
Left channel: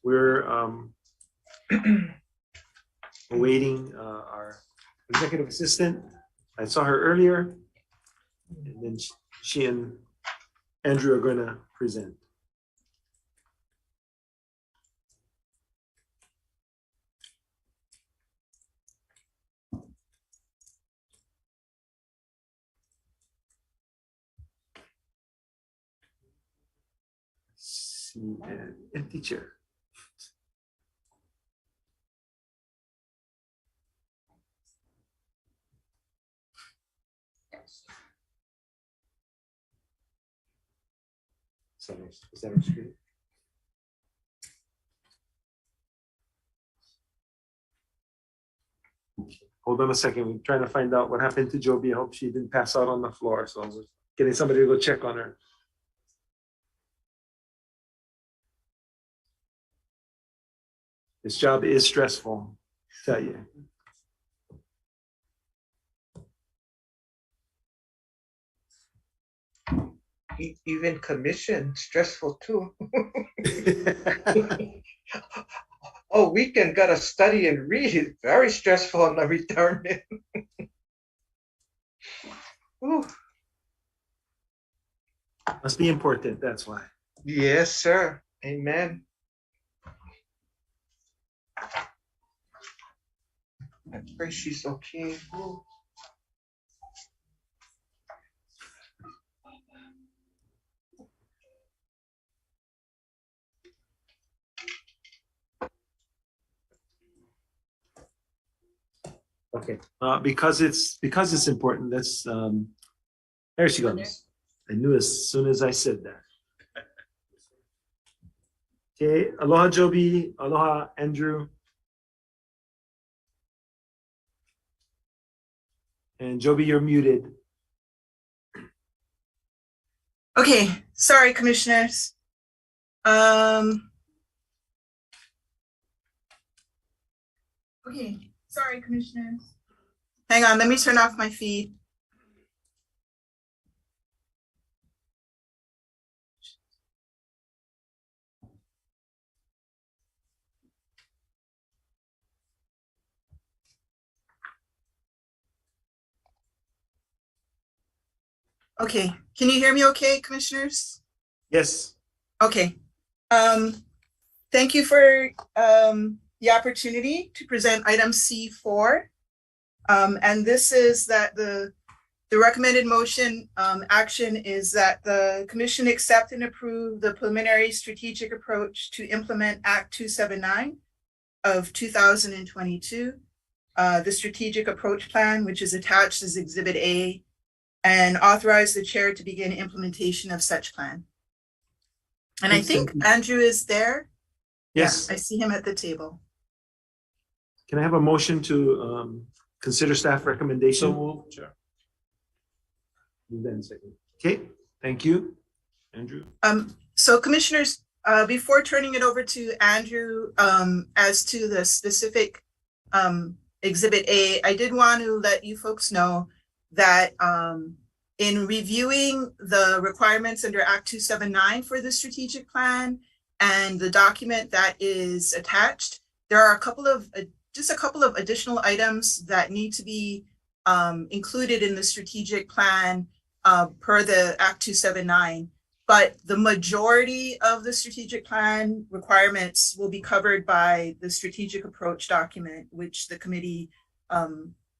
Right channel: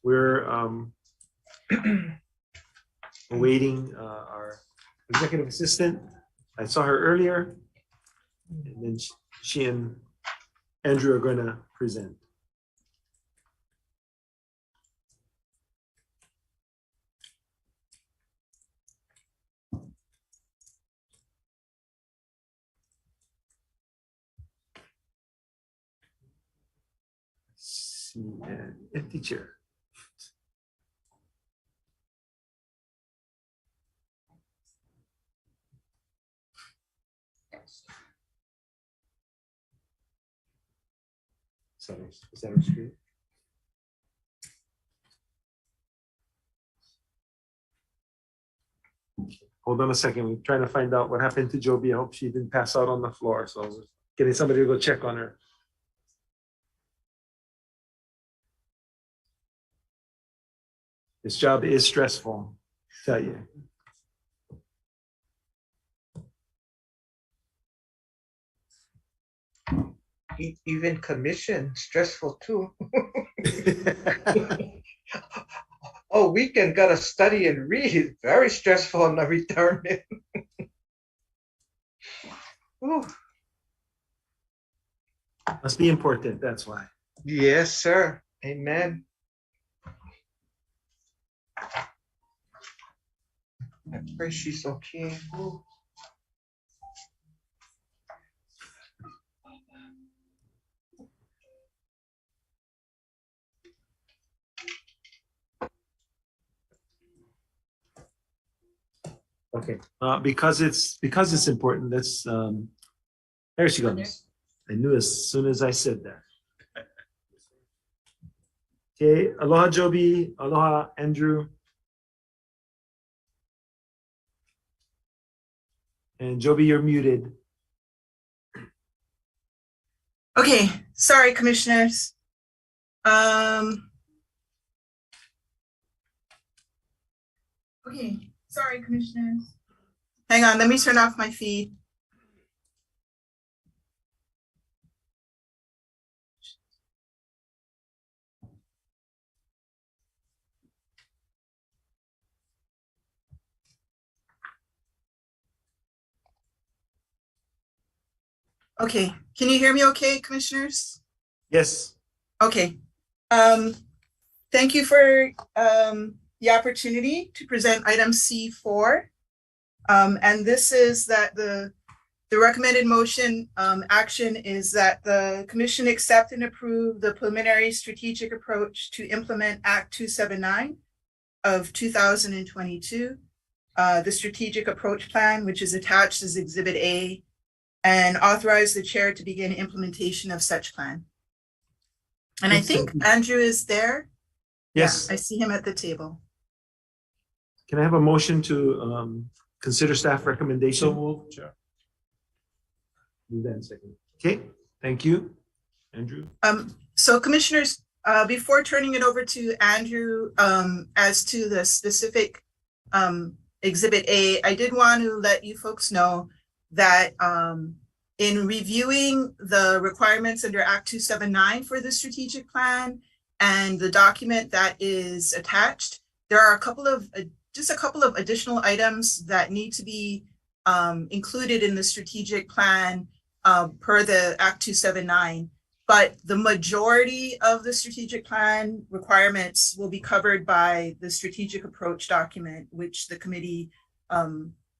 We're awaiting our executive assistant. I saw her earlier, and then she and Andrew are going to present. See an empty chair. Is that our screen? Hold on a second. We're trying to find out what happened to Joby. I hope she didn't pass out on the floor. So we're getting somebody to go check on her. This job is stressful, I tell you. Even commission, stressful too. Oh, weekend gotta study and read. Very stressful on the retirement. Ooh, Must be important, that's why. yes, sir. Amen. I pray she's okay. Ooh. Okay, because it's important, let's, there she goes. I knew as soon as I said that. Okay, aloha Joby, aloha Andrew. And Joby, you're muted. Okay, sorry, commissioners. Okay, sorry, commissioners. Hang on, let me turn off my feed. Okay, can you hear me okay, commissioners? Yes. Okay. Thank you for the opportunity to present item C4. And this is that the recommended motion action is that the commission accept and approve the preliminary strategic approach to implement Act 279 of 2022, the strategic approach plan, which is attached as Exhibit A, and authorize the chair to begin implementation of such plan. And I think Andrew is there. Yes. Yeah, I see him at the table. Can I have a motion to consider staff recommendation? So moved, Chair. And then second. Okay, thank you, Andrew. So commissioners, before turning it over to Andrew, as to the specific Exhibit A, I did want to let you folks know that in reviewing the requirements under Act 279 for the strategic plan and the document that is attached, there are just a couple of additional items that need to be included in the strategic plan per the Act 279. But the majority of the strategic plan requirements will be covered by the strategic approach document, which the committee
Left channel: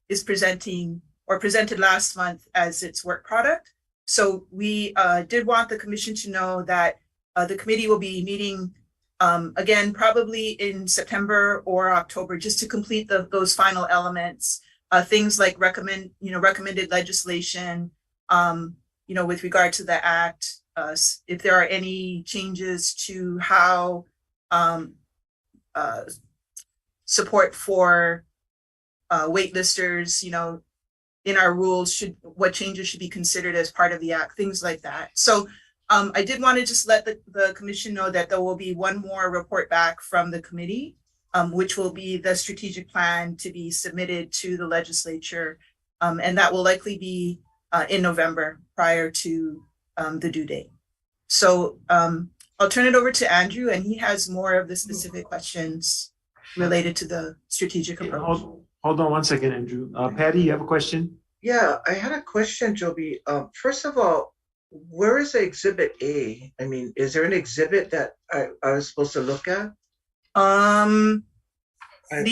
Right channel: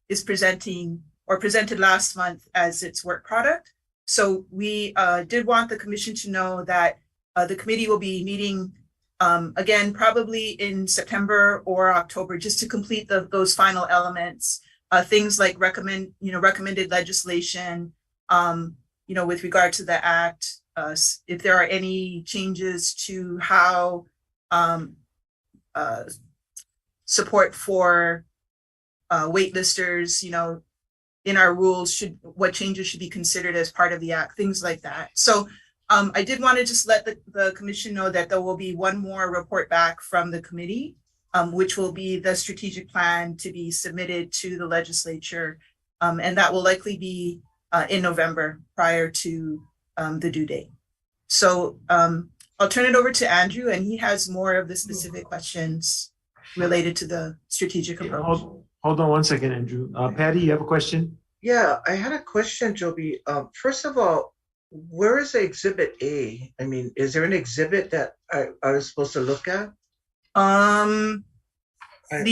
is presenting or presented last month as its work product. So we did want the commission to know that the committee will be meeting again, probably in September or October, just to complete those final elements, things like recommended legislation, with regard to the act, if there are any changes to how support for waitlisters, in our rules, what changes should be considered as part of the act, things like that. So I did want to just let the commission know that there will be one more report back from the committee, which will be the strategic plan to be submitted to the legislature. And that will likely be in November prior to the due date. So I'll turn it over to Andrew, and he has more of the specific questions related to the strategic approach. Hold on one second, Andrew. Patty, you have a question? Yeah, I had a question, Joby. First of all, where is the Exhibit A? I mean, is there an exhibit that I was supposed to look at? I had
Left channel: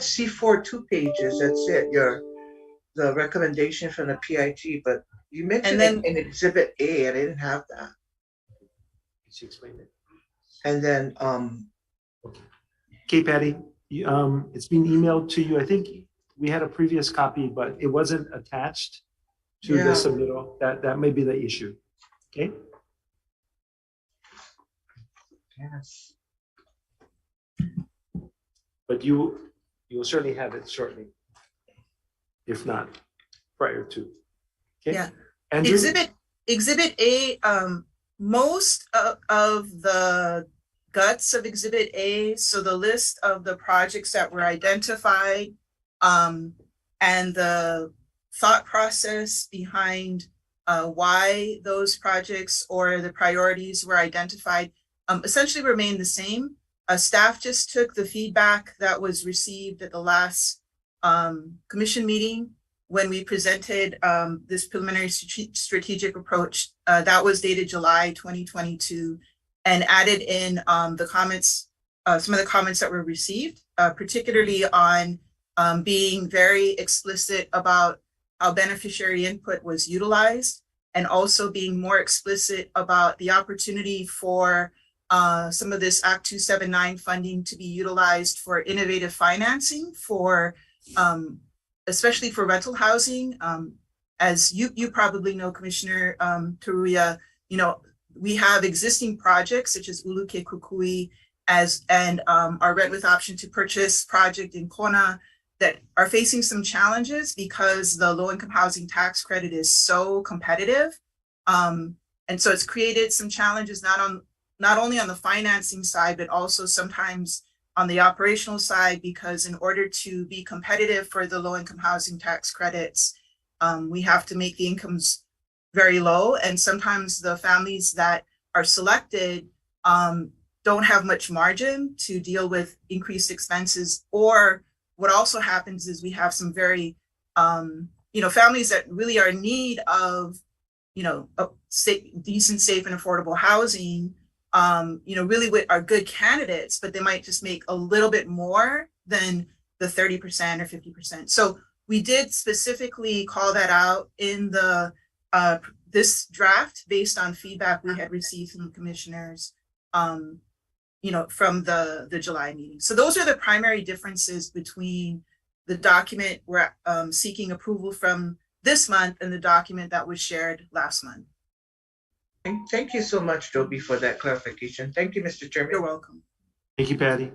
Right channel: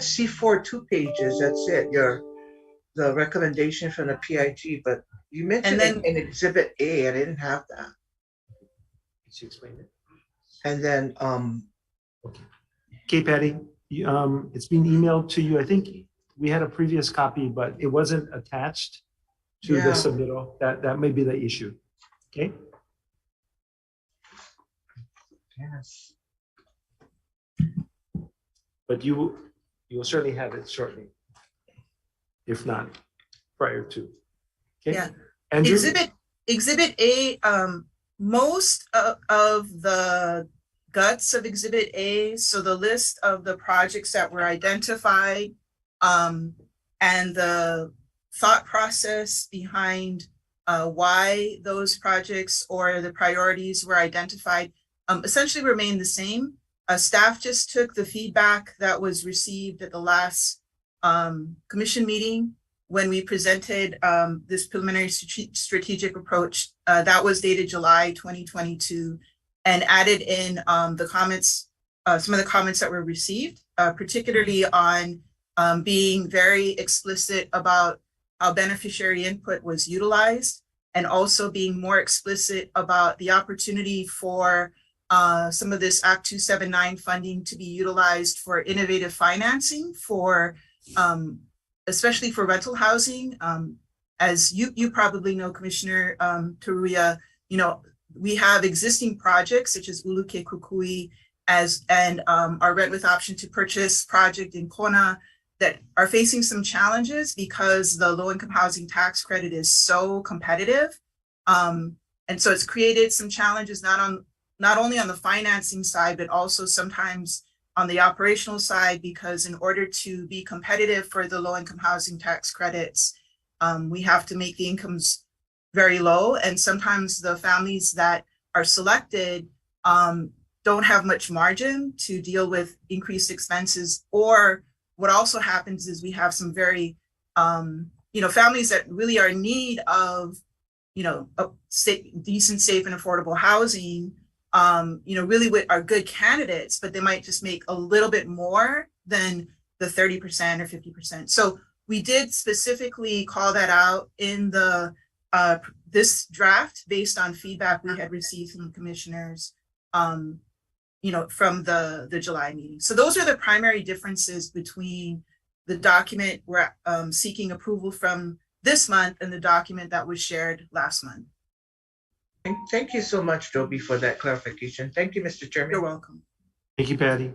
C4 2 pages. That's it. The recommendation from the PIT, but you mentioned an Exhibit A, and I didn't have that. She explained it. And then Okay, Patty, it's been emailed to you. I think we had a previous copy, but it wasn't attached to the submittal. That may be the issue. Okay. Yes. But you will certainly have it shortly, if not prior to. Okay. Yeah. Andrew? Exhibit A, most of the guts of Exhibit A, so the list of the projects that were identified, and the thought process behind why those projects or the priorities were identified essentially remain the same. Staff just took the feedback that was received at the last commission meeting when we presented this preliminary strategic approach that was dated July 2022, and added in the comments, some of the comments that were received, particularly on being very explicit about how beneficiary input was utilized, and also being more explicit about the opportunity for some of this Act 279 funding to be utilized for innovative financing for, especially for rental housing. As you probably know, Commissioner Taruya, we have existing projects such as Uluke Kukui and our rent with option to purchase project in Kona that are facing some challenges because the low income housing tax credit is so competitive. And so it's created some challenges not only on the financing side, but also sometimes on the operational side, because in order to be competitive for the low income housing tax credits, we have to make the incomes very low. And sometimes the families that are selected don't have much margin to deal with increased expenses. Or what also happens is we have some very, families that really are in need of, decent, safe, and affordable housing, really are good candidates, but they might just make a little bit more than the 30% or 50%. So we did specifically call that out in the this draft based on feedback we had received from the commissioners, from the July meeting. So those are the primary differences between the document we're seeking approval from this month and the document that was shared last month. Thank you so much, Joby, for that clarification. Thank you, Mr. Chairman. You're welcome. Thank you, Patty.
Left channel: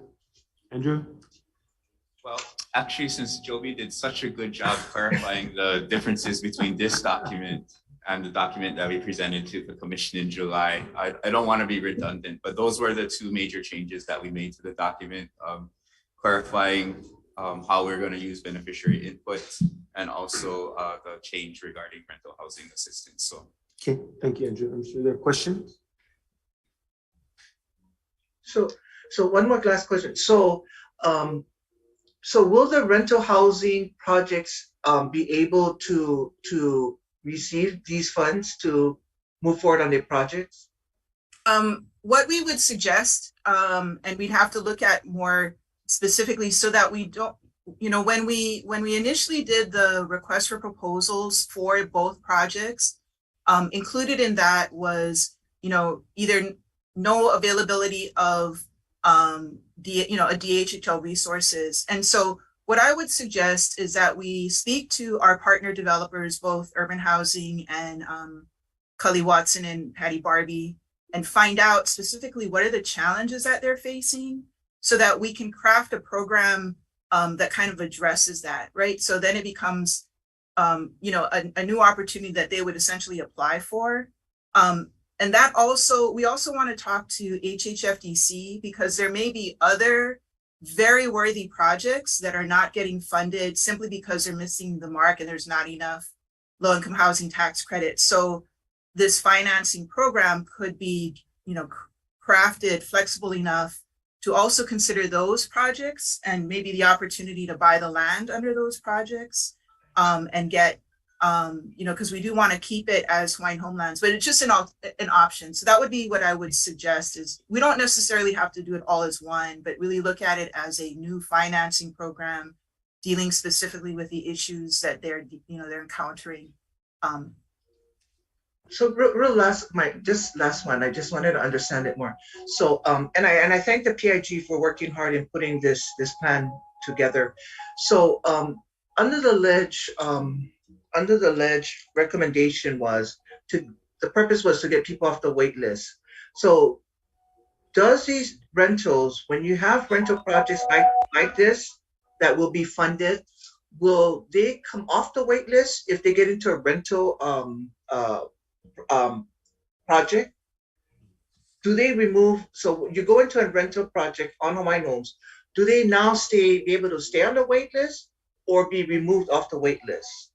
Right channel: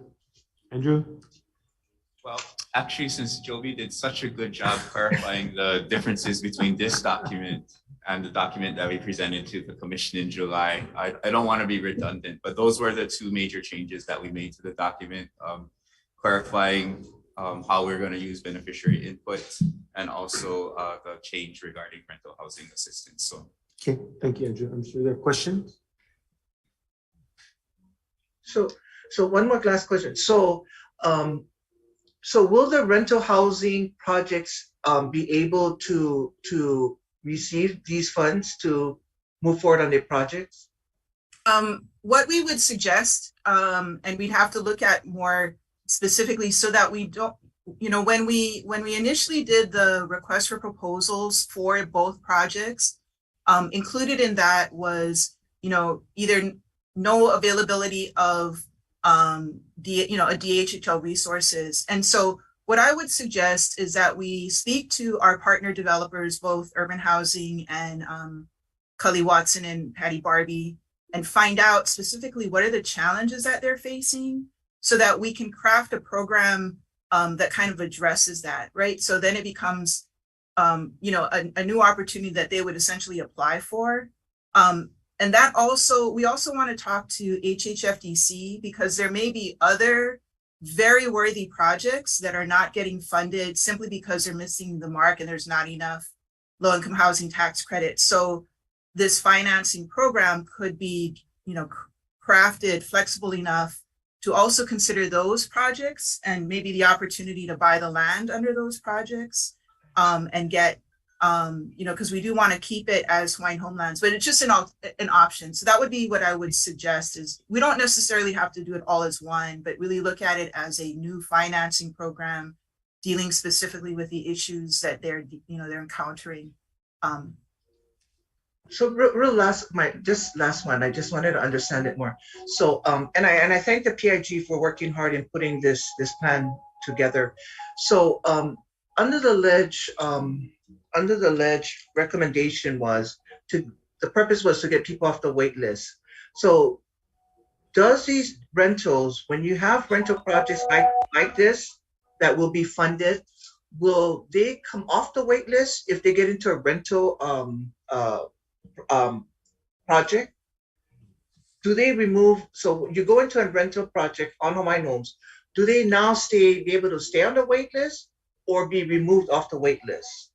Andrew? Well, actually, since Joby did such a good job clarifying the differences between this document and the document that we presented to the commission in July, I don't want to be redundant, but those were the two major changes that we made to the document, clarifying how we're going to use beneficiary input and also the change regarding rental housing assistance. So. Okay, thank you, Andrew. I'm sure there are questions. So one more last question. So will the rental housing projects be able to receive these funds to move forward on their projects? What we would suggest, and we'd have to look at more specifically so that we don't, when we initially did the request for proposals for both projects, included in that was, either no availability of a DHHL resources. And so what I would suggest is that we speak to our partner developers, both Urban Housing and Cully Watson and Patty Barbie, and find out specifically what are the challenges that they're facing so that we can craft a program that kind of addresses that, right? So then it becomes a new opportunity that they would essentially apply for. And that also, we also want to talk to HHFDC because there may be other very worthy projects that are not getting funded simply because they're missing the mark and there's not enough low-income housing tax credit. So this financing program could be, crafted flexible enough to also consider those projects and maybe the opportunity to buy the land under those projects. And get, because we do want to keep it as Hawaiian homelands, but it's just an option. So that would be what I would suggest is we don't necessarily have to do it all as one, but really look at it as a new financing program dealing specifically with the issues that they're encountering. So real last one, I just wanted to understand it more. So, and I thank the PIG for working hard in putting this plan together. So, under the ledge recommendation was the purpose was to get people off the wait list. So does these rentals, when you have rental projects like this that will be funded, will they come off the wait list if they get into a rental project? Do they remove, so you go into a rental project on Hawaiian Homes, do they now be able to stay on the wait list or be removed off the wait list?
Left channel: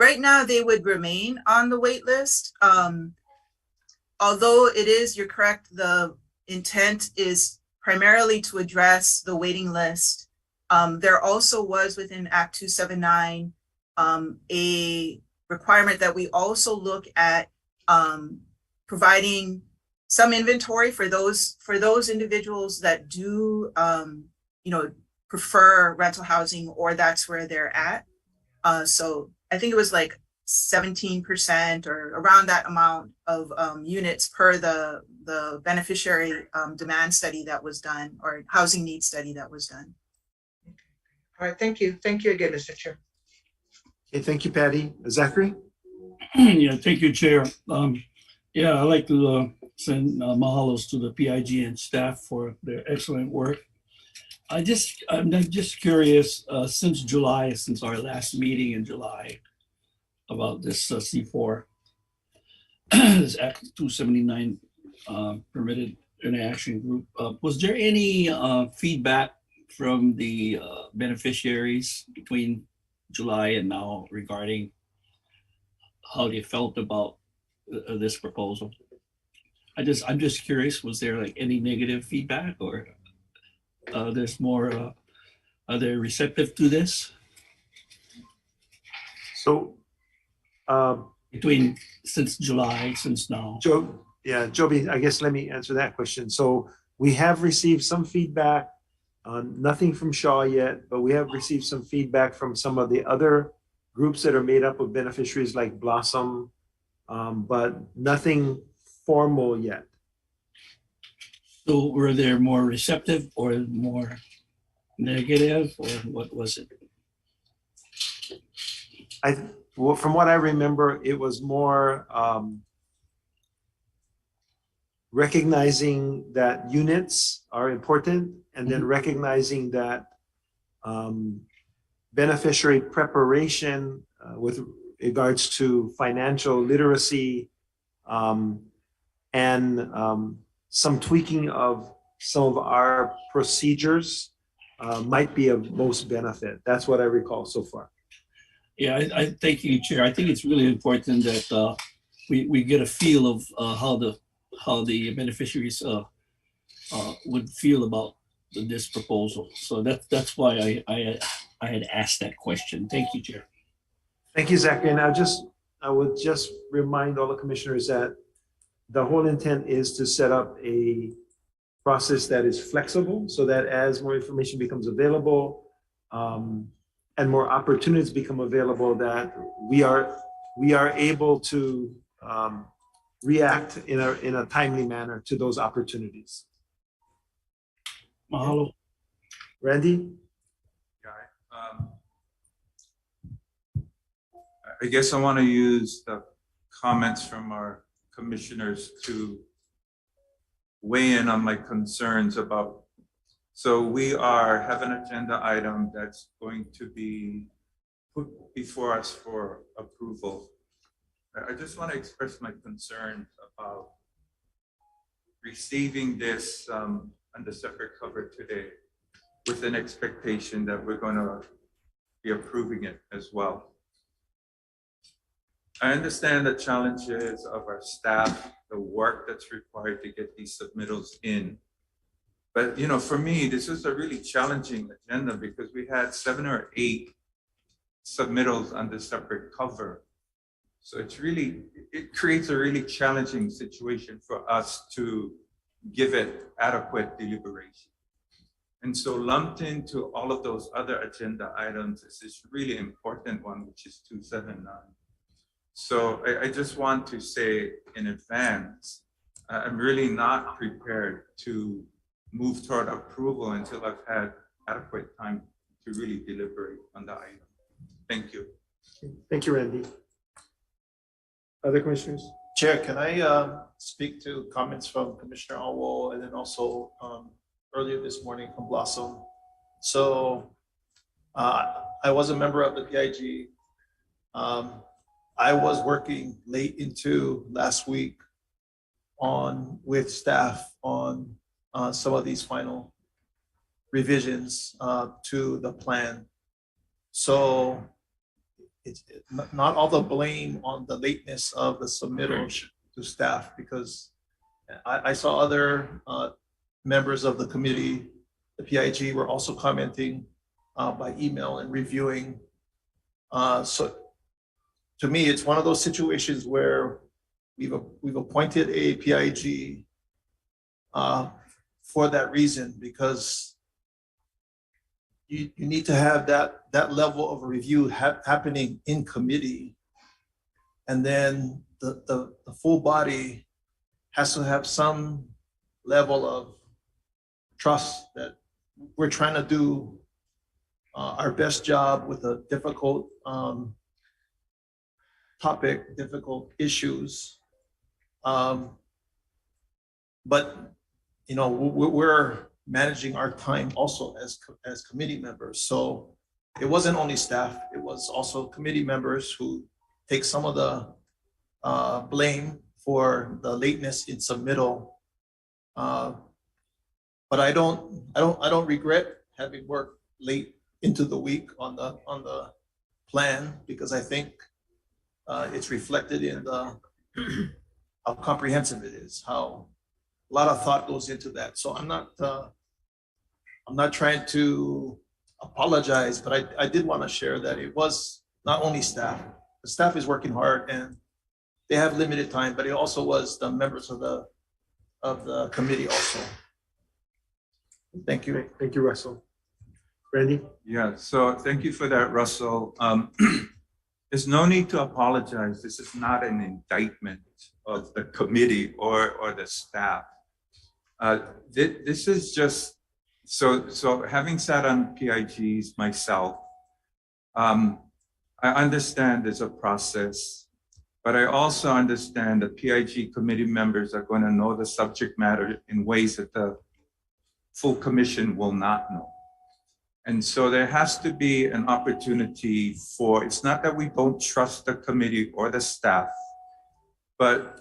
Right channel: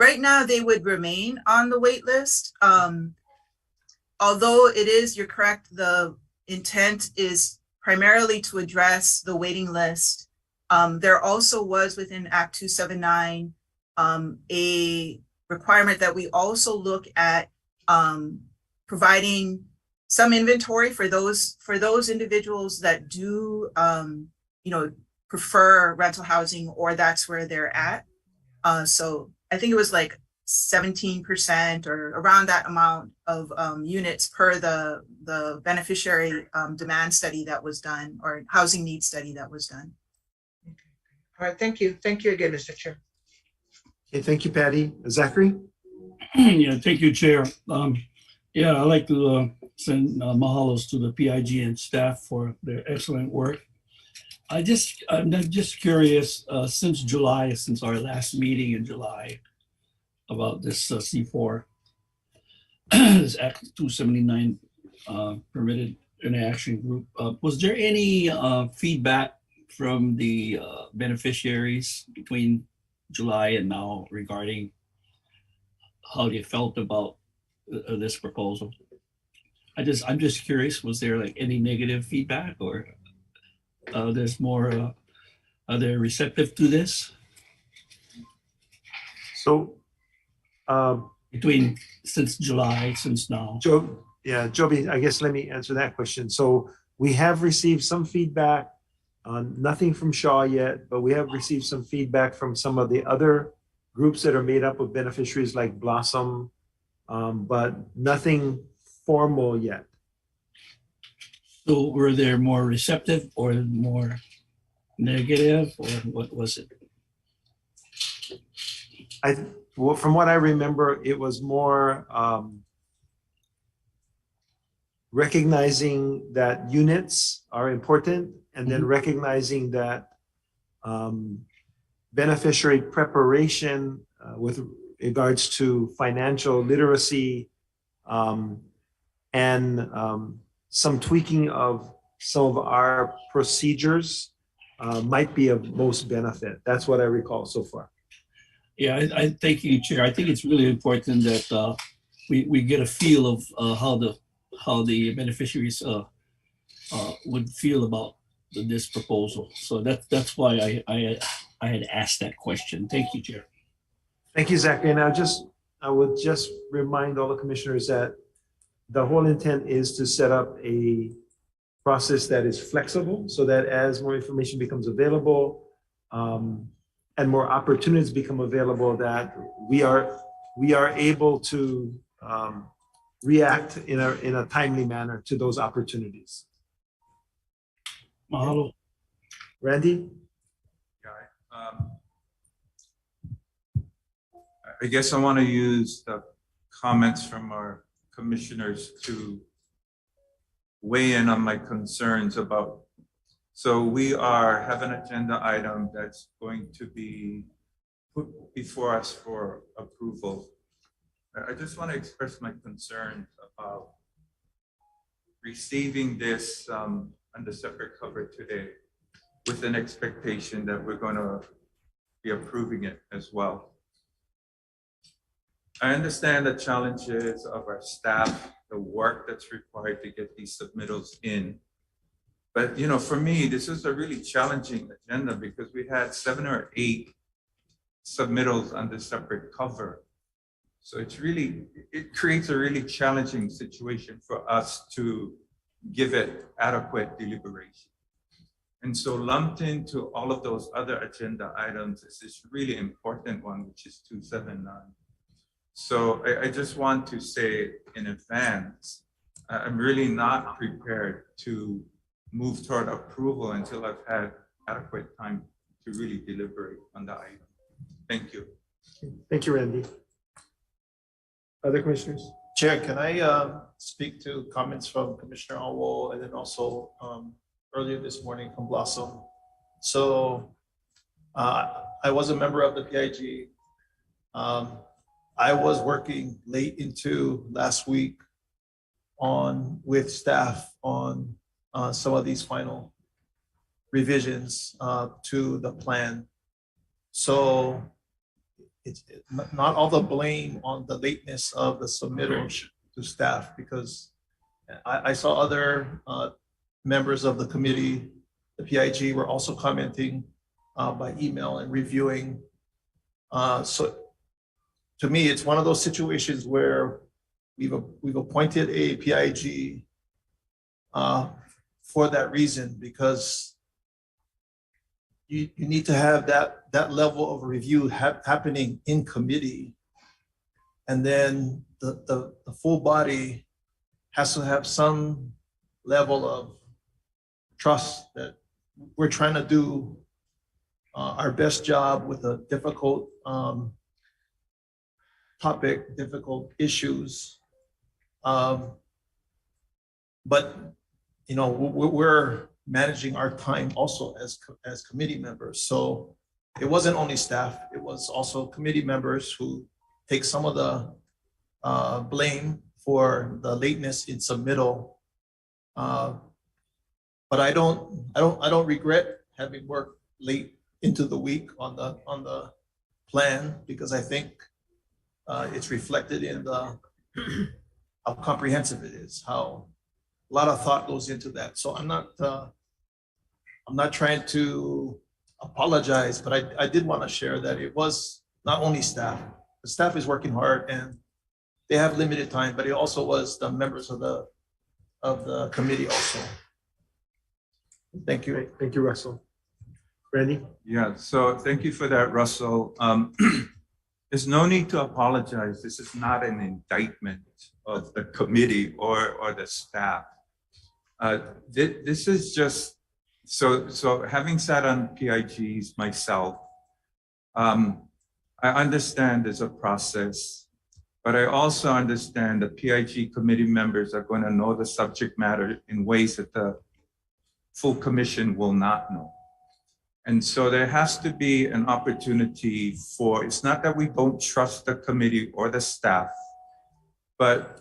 Right now, they would remain on the wait list. Although it is, you're correct, the intent is primarily to address the waiting list. There also was within Act 279 a requirement that we also look at providing some inventory for those individuals that do prefer rental housing or that's where they're at. So I think it was like 17% or around that amount of units per the beneficiary demand study that was done or housing needs study that was done. All right, thank you. Thank you again, Mr. Chair. Okay, thank you, Patty. Zachary? Yeah, thank you, Chair. Yeah, I'd like to send mahalos to the PIG and staff for their excellent work. I'm just curious, since July, since our last meeting in July about this C4, this Act 279 permitted interaction group, was there any feedback from the beneficiaries between July and now regarding how they felt about this proposal? I'm just curious, was there like any negative feedback, or there's more, are they receptive to this? So, between, since July, since now? Joby, I guess let me answer that question. So we have received some feedback, nothing from Shaw yet, but we have received some feedback from some of the other groups that are made up of beneficiaries like Blossom, but nothing formal yet. So were they more receptive or more negative, or what was it? Well, from what I remember, it was more recognizing that units are important, and then recognizing that beneficiary preparation with regards to financial literacy and some tweaking of some of our procedures might be of most benefit. That's what I recall so far. Yeah, I thank you, Chair. I think it's really important that we get a feel of how the beneficiaries would feel about this proposal. So that's why I had asked that question. Thank you, Chair. Thank you, Zachary. And I would just remind all the commissioners that the whole intent is to set up a process that is flexible, so that as more information becomes available and more opportunities become available, that we are able to react in a timely manner to those opportunities. Mahalo. Randy? I guess I want to use the comments from our commissioners to weigh in on my concerns about. So we have an agenda item that's going to be put before us for approval. I just want to express my concerns about receiving this under separate cover today with an expectation that we're going to be approving it as well. I understand the challenges of our staff, the work that's required to get these submittals in. But for me, this is a really challenging agenda because we had 7 or 8 submittals under separate cover. So it creates a really challenging situation for us to give it adequate deliberation. And so lumped into all of those other agenda items is this really important one, which is 279. So I just want to say in advance, I'm really not prepared to move toward approval until I've had adequate time to really deliberate on the item. Thank you. Thank you, Randy. Other commissioners? Chair, can I speak to comments from Commissioner Alwo and then also earlier this morning from Blossom? So I was a member of the PIG. I was working late into last week with staff on some of these final revisions to the plan. So it's not all the blame on the lateness of the submittal to staff, because I saw other members of the committee, the PIG, were also commenting by email and reviewing. So to me, it's one of those situations where we've appointed a PIG for that reason, because you need to have that level of review happening in committee, and then the full body has to have some level of trust that we're trying to do our best job with a difficult topic, difficult issues. But, you know, we're managing our time also as committee members. So it wasn't only staff, it was also committee members who take some of the blame for the lateness in submittal. But I don't regret having worked late into the week on the plan, because I think it's reflected in how comprehensive it is, how a lot of thought goes into that. So I'm not trying to apologize, but I did want to share that it was not only staff. The staff is working hard and they have limited time, but it also was the members of the committee also. Thank you. Great. Thank you, Russell. Randy? Yeah, so thank you for that, Russell. There's no need to apologize. This is not an indictment of the committee or the staff. This is just, so having sat on PIGs myself, I understand there's a process, but I also understand that PIG committee members are going to know the subject matter in ways that the full commission will not know. And so there has to be an opportunity for, it's not that we don't trust the committee or the staff, but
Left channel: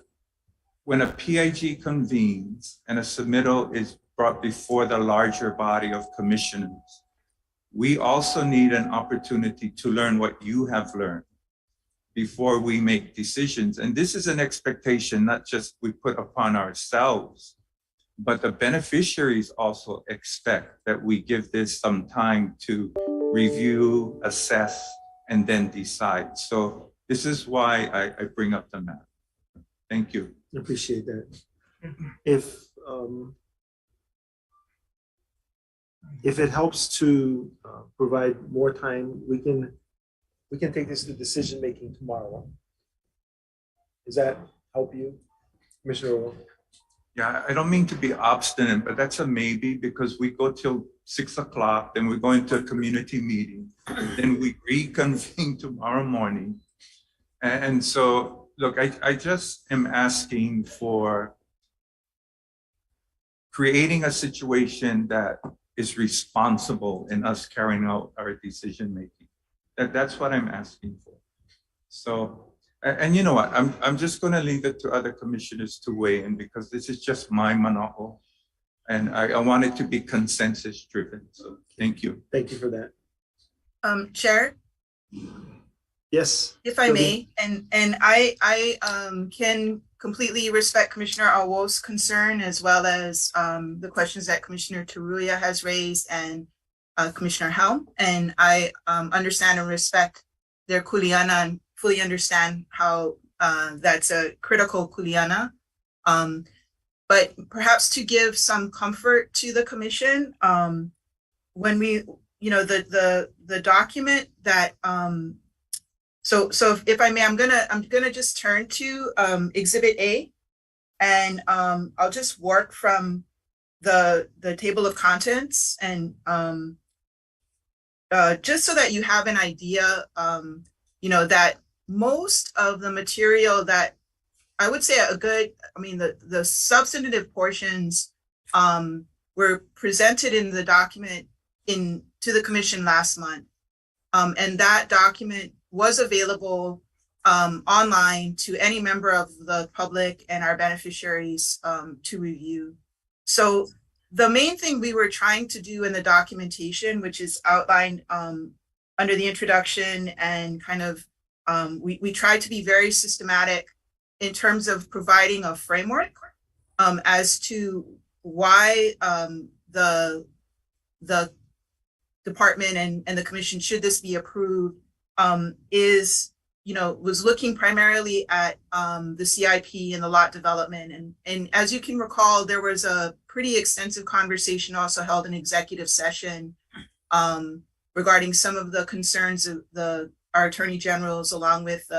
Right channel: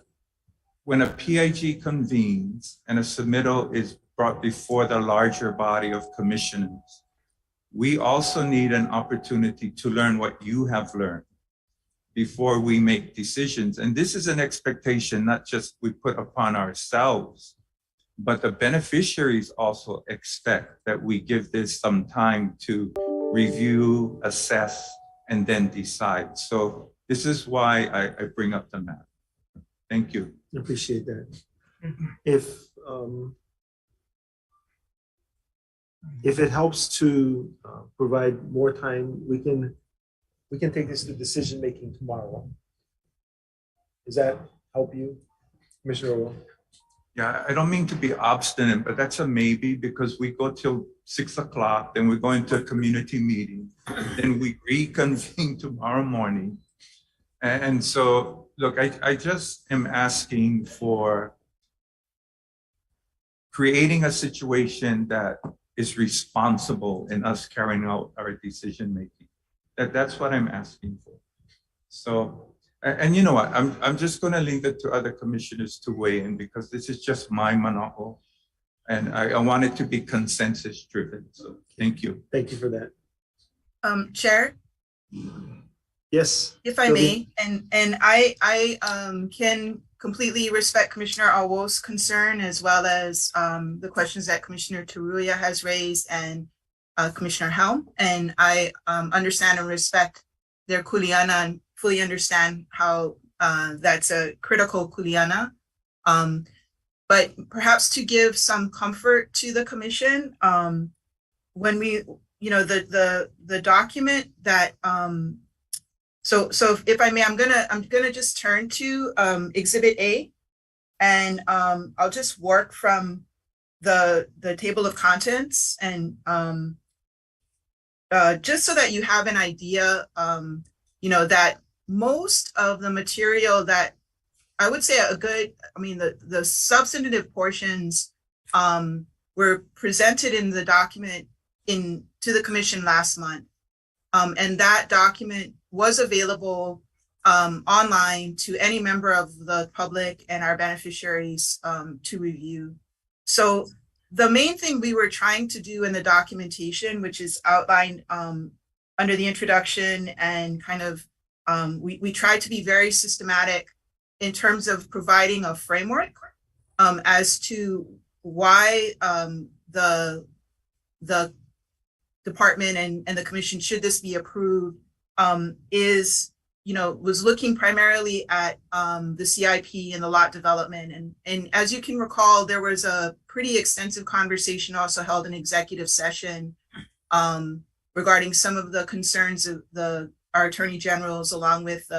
when a PIG convenes and a submittal is brought before the larger body of commissioners, we also need an opportunity to learn what you have learned before we make decisions. And this is an expectation not just we put upon ourselves, but the beneficiaries also expect that we give this some time to review, assess, and then decide. So this is why I bring up the map. Thank you. I appreciate that. If it helps to provide more time, we can take this to decision making tomorrow. Does that help you, Commissioner Romo? Yeah, I don't mean to be obstinate, but that's a maybe, because we go till 6 o'clock, then we go into a community meeting, then we reconvene tomorrow morning. And so, look, I just am asking for creating a situation that is responsible in us carrying out our decision making. That's what I'm asking for. So, and you know what, I'm just going to leave it to other commissioners to weigh in, because this is just my monopoly, and I want it to be consensus driven. So thank you. Thank you for that. Chair, Yes. if I may, and I can completely respect Commissioner Awo's concern, as well as the questions that Commissioner Taruya has raised and Commissioner Helm, and I understand and respect their kuleana and fully understand how that's a critical kuleana. But perhaps to give some comfort to the commission, when we, you know, the document that, so if I may, I'm gonna just turn to Exhibit A, and I'll just work from the table of contents, and just so that you have an idea, you know, that most of the material that I would say the substantive portions were presented in the document to the commission last month. And that document was available online to any member of the public and our beneficiaries to review. So the main thing we were trying to do in the documentation, which is outlined under the introduction, and kind of we tried to be very systematic in terms of providing a framework as to why the department and the commission, should this be approved, was looking primarily at the CIP and the lot development. And as you can recall, there was a pretty extensive conversation also held in executive session regarding some of the concerns of our attorney generals, along with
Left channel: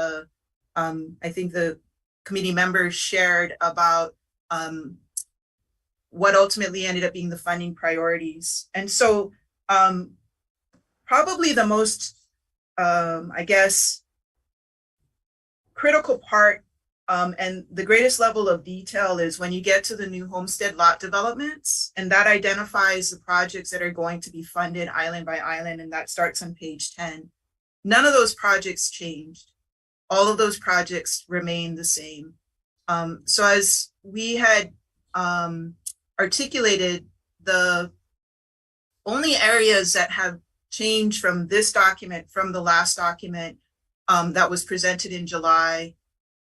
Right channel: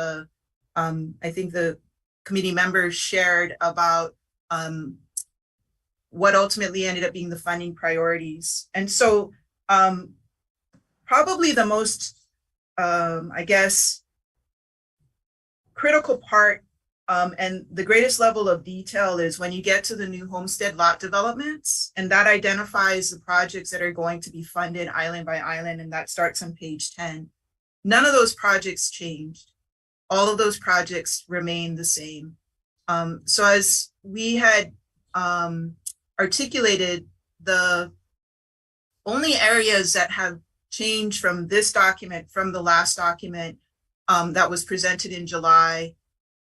I think the committee members shared about what ultimately ended up being the funding priorities. And so probably the most, I guess, critical part And the greatest level of detail is when you get to the new homestead lot developments, and that identifies the projects that are going to be funded island by island, and that starts on page 10. None of those projects changed. All of those projects remain the same. So as we had articulated, the only areas that have changed from this document, from the last document that was presented in July,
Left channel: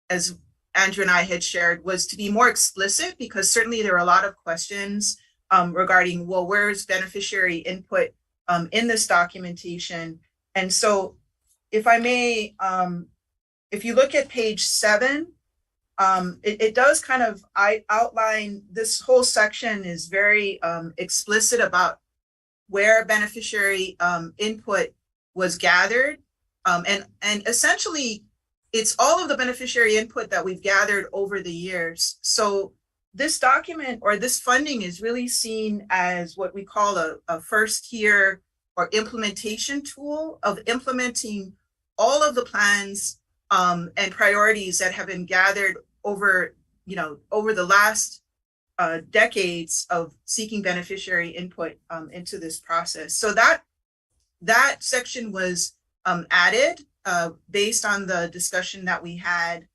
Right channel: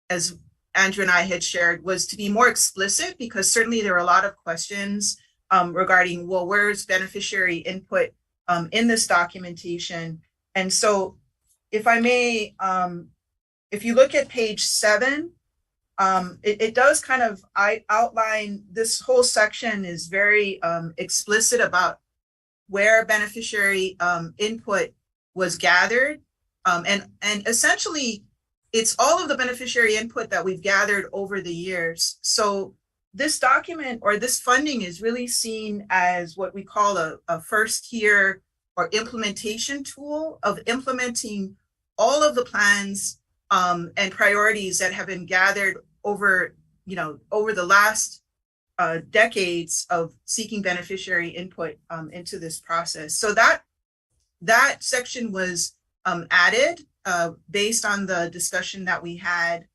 as Andrew and I had shared, was to be more explicit, because certainly there are a lot of questions regarding, well, where's beneficiary input in this documentation? And so if I may, if you look at page 7, it does kind of outline, this whole section is very explicit about where beneficiary input was gathered. And essentially, it's all of the beneficiary input that we've gathered over the years. So this document or this funding is really seen as what we call a first tier or implementation tool of implementing all of the plans and priorities that have been gathered over, over the last decades of seeking beneficiary input into this process. So that section was added based on the discussion that we had.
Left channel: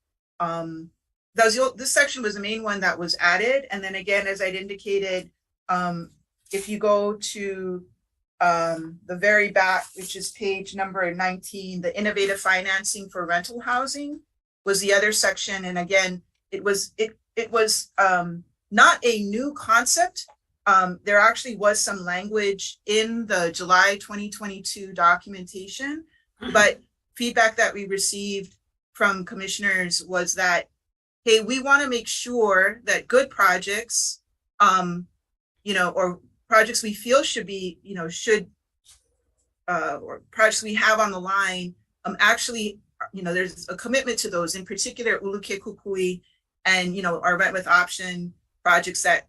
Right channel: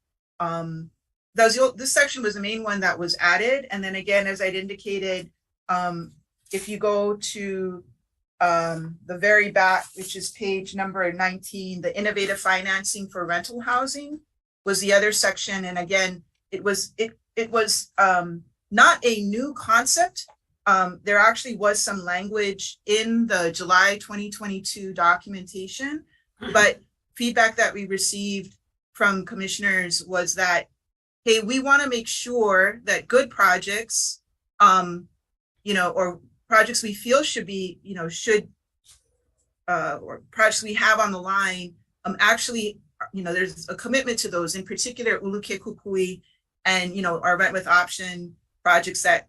This section was the main one that was added. And then again, as I'd indicated, if you go to the very back, which is page number 19, the innovative financing for rental housing was the other section. And again, it was not a new concept. There actually was some language in the July 2022 documentation, but feedback that we received from commissioners was that, hey, we want to make sure that good projects, or projects we feel should be, or projects we have on the line, actually, there's a commitment to those, in particular, Uluke Kukui and, our rent with option projects that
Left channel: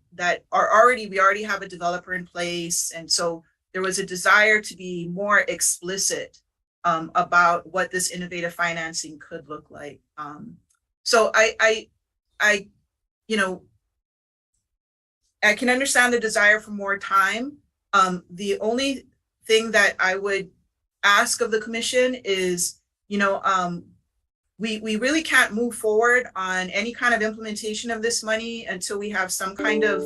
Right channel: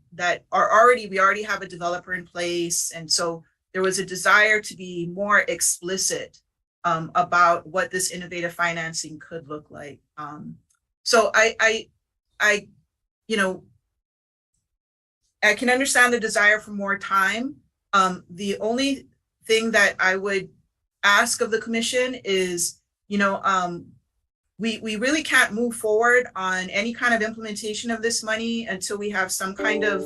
we already have a developer in place. And so there was a desire to be more explicit about what this innovative financing could look like. So I can understand the desire for more time. The only thing that I would ask of the commission is, we really can't move forward on any kind of implementation of this money until we have some kind of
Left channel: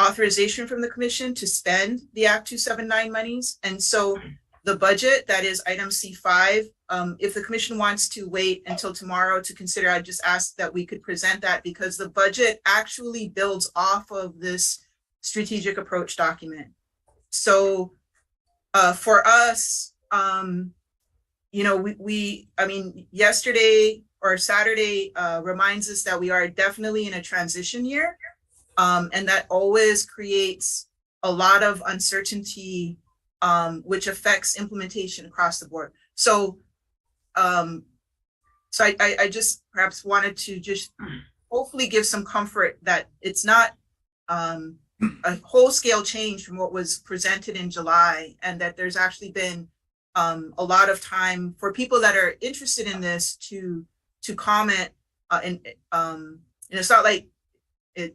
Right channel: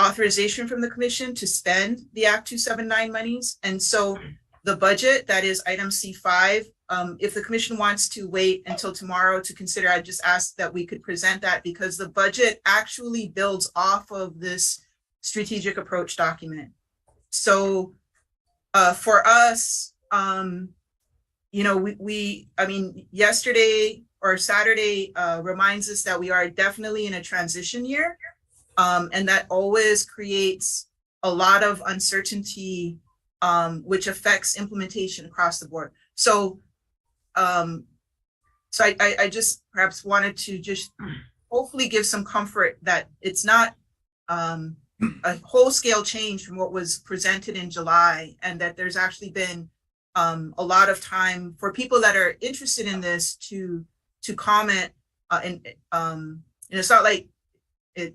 authorization from the commission to spend the Act 279 monies. And so the budget, that is item C5, if the commission wants to wait until tomorrow to consider, I just ask that we could present that, because the budget actually builds off of this strategic approach document. So for us, yesterday or Saturday reminds us that we are definitely in a transition year, and that always creates a lot of uncertainty, which affects implementation across the board. So, I just perhaps wanted to just hopefully give some comfort that it's not a whole-scale change from what was presented in July, and that there's actually been a lot of time for people that are interested in this to comment, and it's not like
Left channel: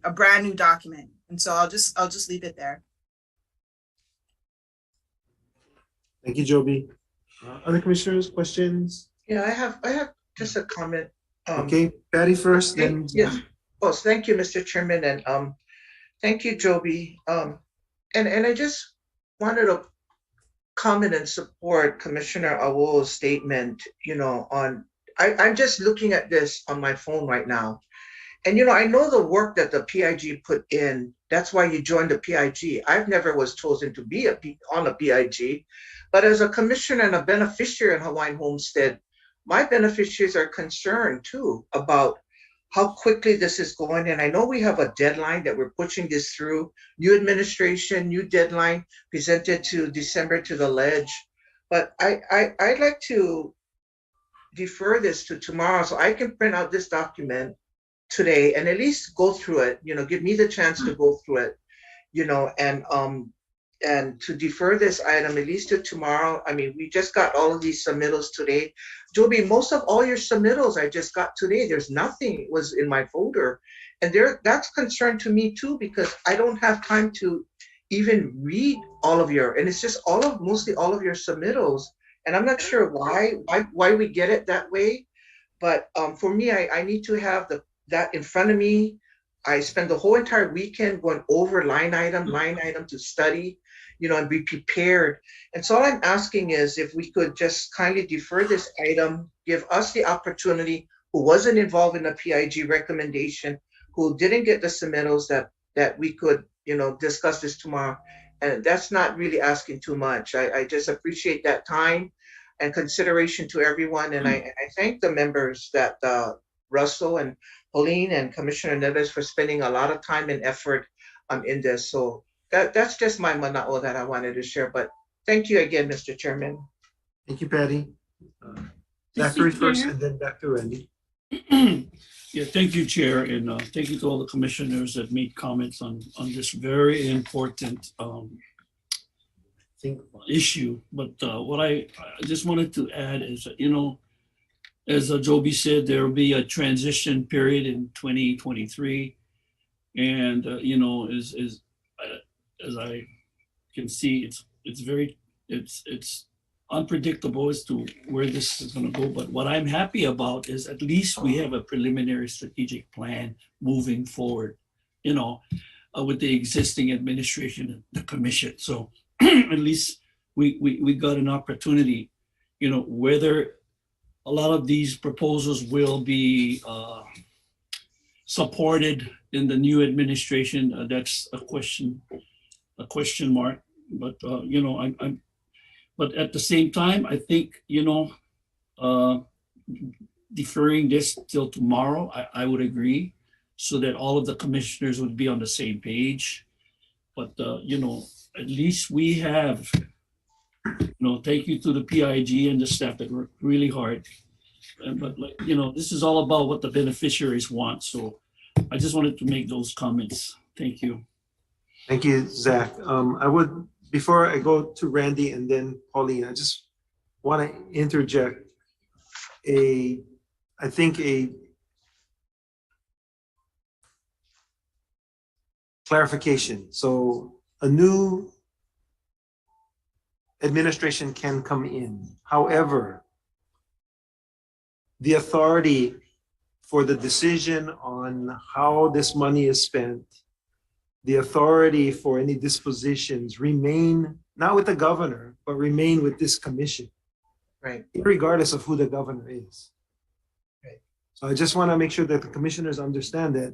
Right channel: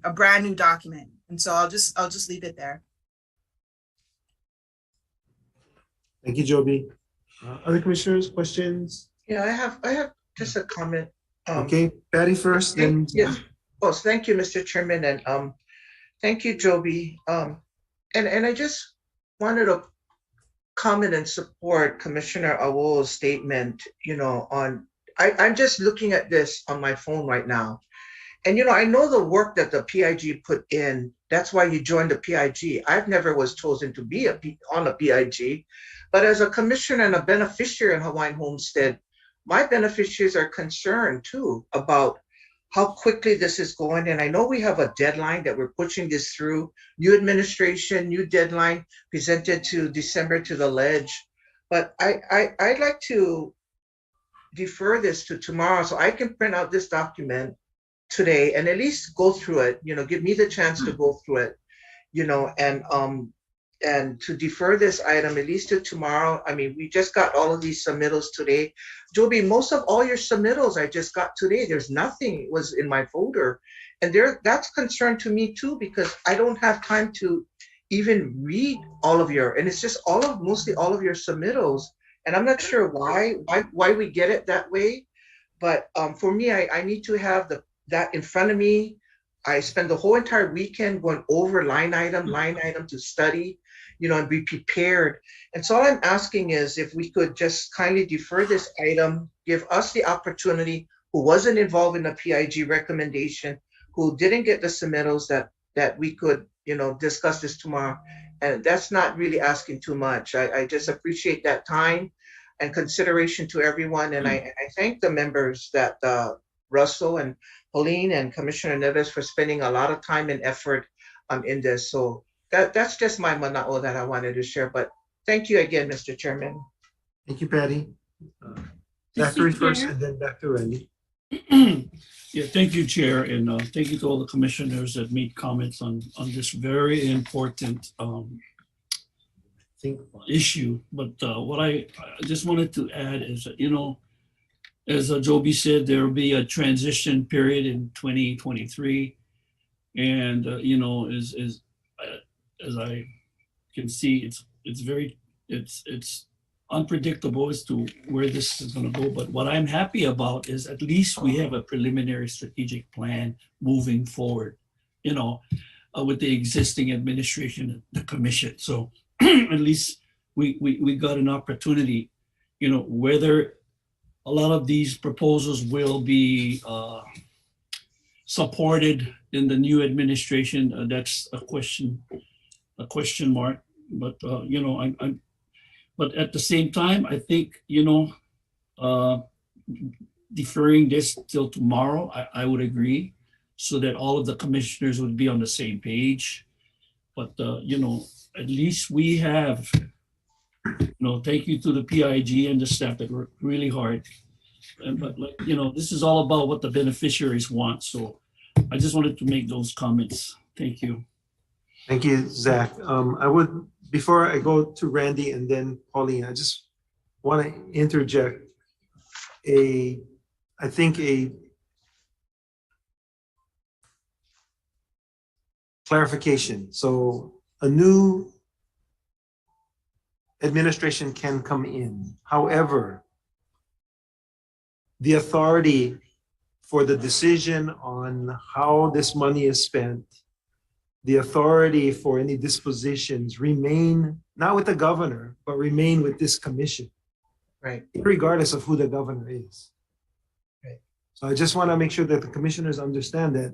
a brand new document. And so I'll just leave it there. Thank you, Joby. Other commissioners, questions? Yeah, I have just a comment. Okay, Patty first, then. Yes. Oh, thank you, Mr. Chairman, and thank you, Joby. And I just wanted to comment and support Commissioner Awol's statement, I'm just looking at this on my phone right now. And, I know the work that the PIG put in. That's why you joined the PIG. I've never was chosen to be on a PIG, but as a commissioner and a beneficiary in Hawaiian Homestead, my beneficiaries are concerned too about how quickly this is going. And I know we have a deadline that we're pushing this through. New administration, new deadline presented to December to the ledge. But I'd like to defer this to tomorrow so I can print out this document today and at least go through it, give me the chance to go through it, and and to defer this item at least to tomorrow. I mean, we just got all of these submittals today. Joby, most of all your submittals I just got today. There's nothing was in my folder. And that's concern to me too, because I don't have time to even read all of your, and it's just mostly all of your submittals. And I'm not sure why we get it that way. But for me, I need to have that in front of me. I spend the whole entire weekend going over line item to study, and be prepared. And so all I'm asking is if we could just kindly defer this item, give us the opportunity, who wasn't involved in the PIG recommendation, who didn't get the submittals, that we could, discuss this tomorrow. And that's not really asking too much. I just appreciate that time and consideration to everyone. And I thank the members that Russell and Pauline and Commissioner Neves for spending a lot of time and effort in this. So that's just my mana'o that I wanted to share. But thank you again, Mr. Chairman. Thank you, Patty. Zachary first, and then back to Randy. Yeah, thank you, Chair, and thank you to all the commissioners that made comments on this very important issue. But what I just wanted to add is that, as Joby said, there will be a transition period in 2023, and as I can see, it's unpredictable as to where this is going to go. But what I'm happy about is at least we have a preliminary strategic plan moving forward, with the existing administration and the commission. So at least we got an opportunity, whether a lot of these proposals will be supported in the new administration. That's a question mark. But but at the same time, I think, deferring this till tomorrow, I would agree, so that all of the commissioners would be on the same page. But, at least we have, thank you to the PIG and the staff that worked really hard. But this is all about what the beneficiaries want. So I just wanted to make those comments. Thank you. Thank you, Zach. Before I go to Randy and then Pauline, I just want to interject a clarification. So a new administration can come in. However, the authority for the decision on how this money is spent, the authority for any dispositions remain not with the governor, but remain with this commission. Right. Regardless of who the governor is. Right. So I just want to make sure that the commissioners understand that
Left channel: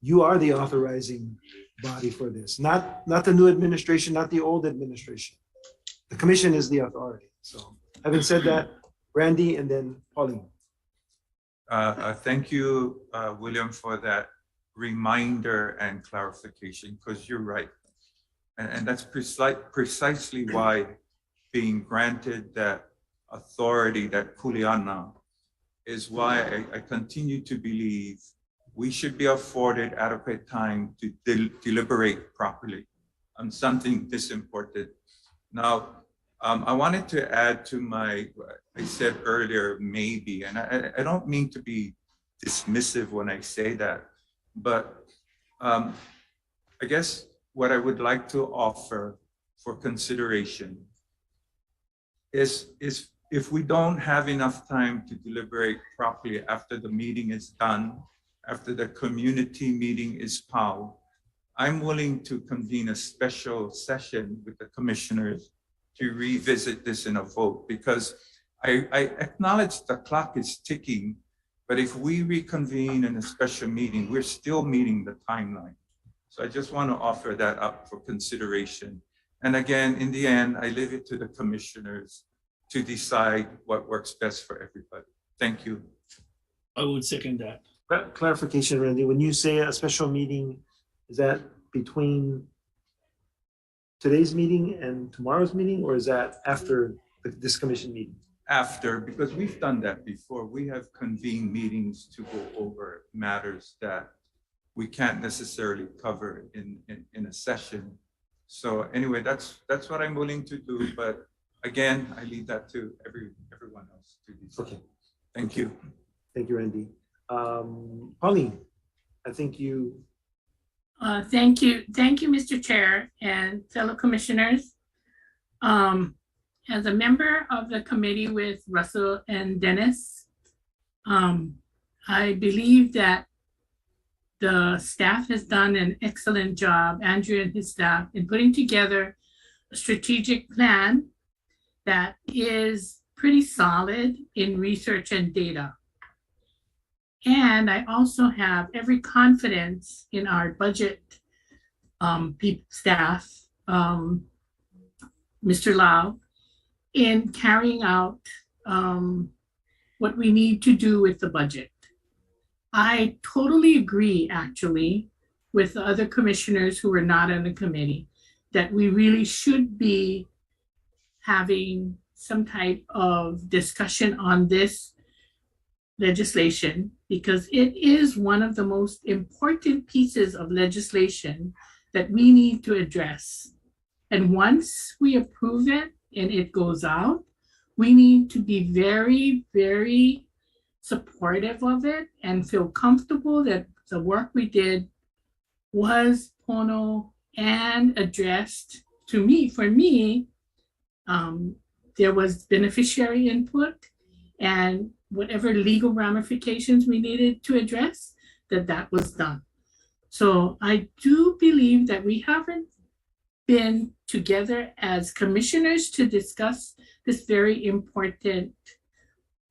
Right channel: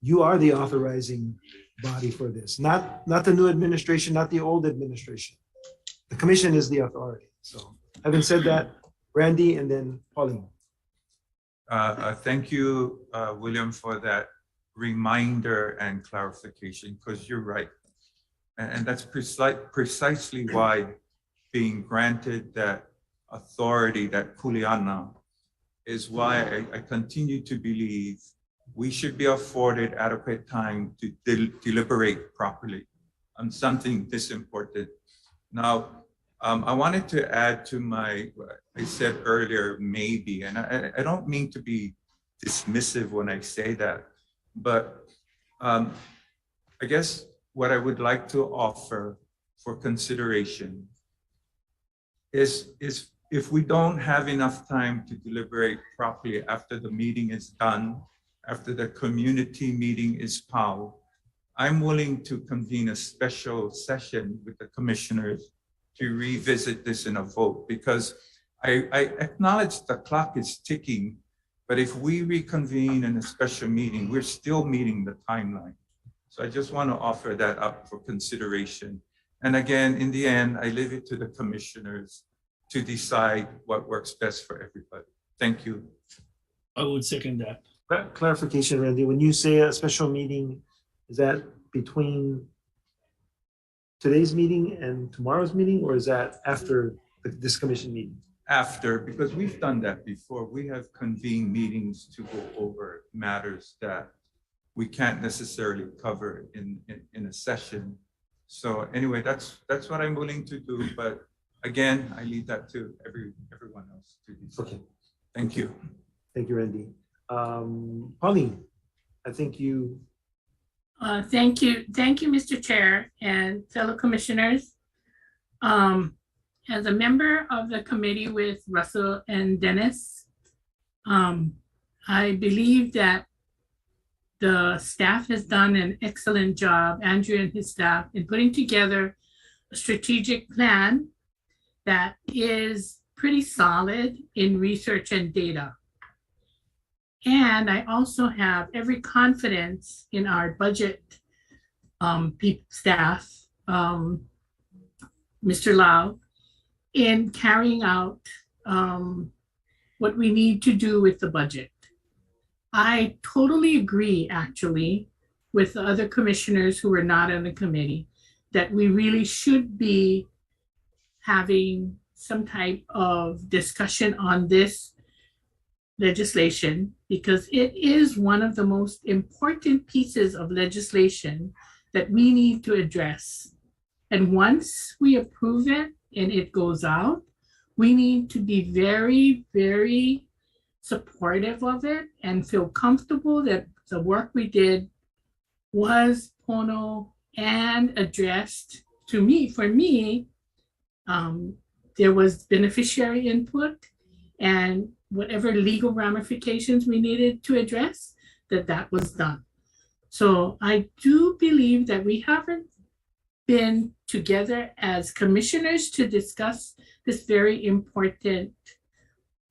you are the authorizing body for this, not the new administration, not the old administration. The commission is the authority. So having said that, Randy and then Pauline. Thank you, William, for that reminder and clarification, because you're right. And that's precisely why being granted that authority, that kuleana, is why I continue to believe we should be afforded adequate time to deliberate properly on something this important. Now, I wanted to add to I said earlier, maybe, and I don't mean to be dismissive when I say that, but I guess what I would like to offer for consideration is if we don't have enough time to deliberate properly after the meeting is done, after the community meeting is POW, I'm willing to convene a special session with the commissioners to revisit this in a vote, because I acknowledge the clock is ticking, but if we reconvene in a special meeting, we're still meeting the timeline. So I just want to offer that up for consideration. And again, in the end, I leave it to the commissioners to decide what works best for everybody. Thank you. I would second that. Clarification, Randy, when you say a special meeting, is that between today's meeting and tomorrow's meeting, or is that after this commission meeting? After, because we've done that before. We have convened meetings to go over matters that we can't necessarily cover in a session. So anyway, that's what I'm willing to do, but again, I leave that to everyone else to decide. Okay. Thank you. Thank you, Randy. Pauline, I think you. Thank you, Mr. Chair and fellow commissioners. As a member of the committee with Russell and Dennis, I believe that the staff has done an excellent job, Andrew and his staff, in putting together a strategic plan that is pretty solid in research and data. And I also have every confidence in our budget staff, Mr. Lau, in carrying out what we need to do with the budget. I totally agree, actually, with the other commissioners who were not on the committee, that we really should be having some type of discussion on this legislation, because it is one of the most important pieces of legislation that we need to address. And once we approve it and it goes out, we need to be very, very supportive of it and feel comfortable that the work we did was pono and addressed to me. For me, there was beneficiary input, and whatever legal ramifications we needed to address, that was done. So I do believe that we haven't been together as commissioners to discuss this very important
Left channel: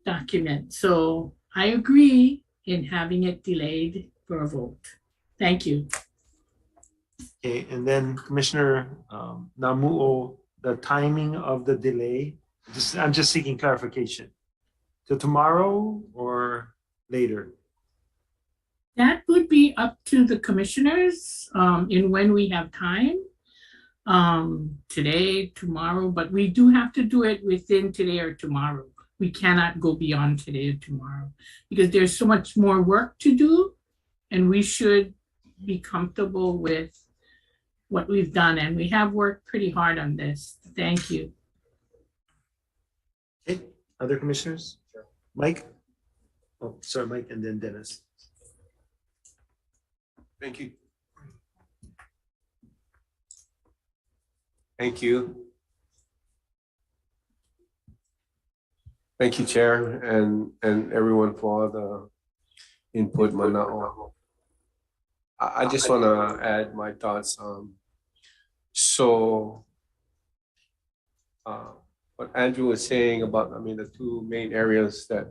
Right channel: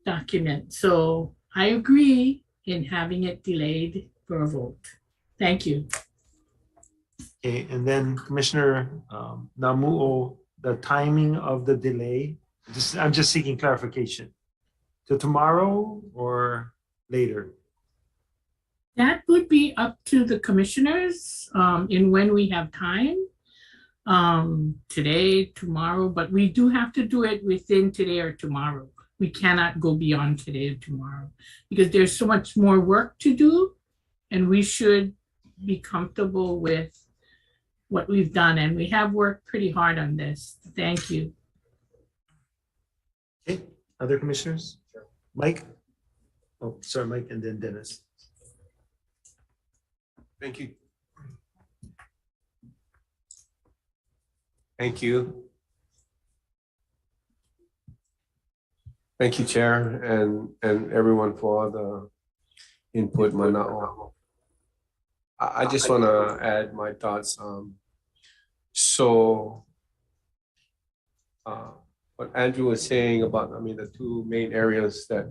document. So I agree in having it delayed for a vote. Thank you. Okay, and then Commissioner Namuo, the timing of the delay, I'm just seeking clarification. Till tomorrow or later? That would be up to the commissioners in when we have time. Today, tomorrow, but we do have to do it within today or tomorrow. We cannot go beyond today or tomorrow because there's so much more work to do, and we should be comfortable with what we've done, and we have worked pretty hard on this. Thank you. Okay, other commissioners? Sure. Mike? Oh, sorry, Mike, and then Dennis. Thank you. Thank you. Thank you, Chair, and everyone for all the input. I just want to add my thoughts. What Andrew was saying about, the two main areas that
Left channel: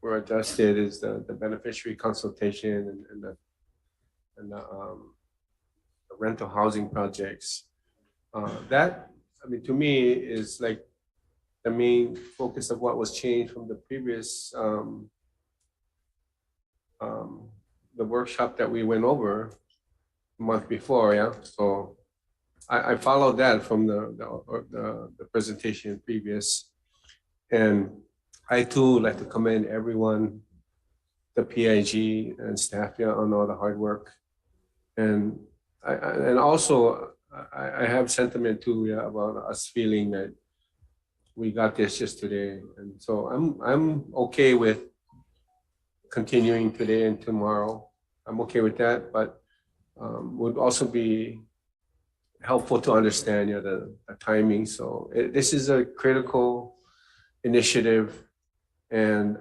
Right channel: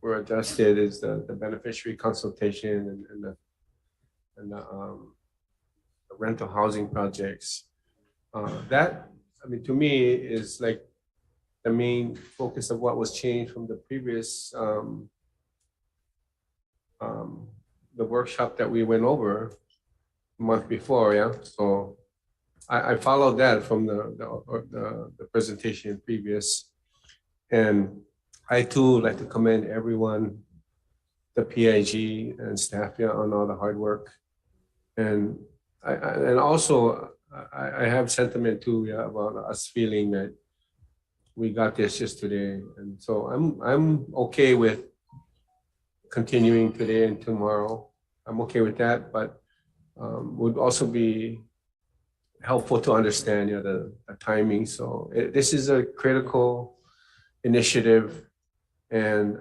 were adjusted is the beneficiary consultation and the rental housing projects. That, to me, is like the main focus of what was changed from the previous the workshop that we went over a month before, yeah. So I followed that from the presentation previous, and I too like to commend everyone, the PIG and staff, yeah, on all the hard work, and also I have sentiment too, yeah, about us feeling that we got this yesterday, and so I'm okay with continuing today and tomorrow. I'm okay with that, but would also be helpful to understand, the timing. So this is a critical initiative, and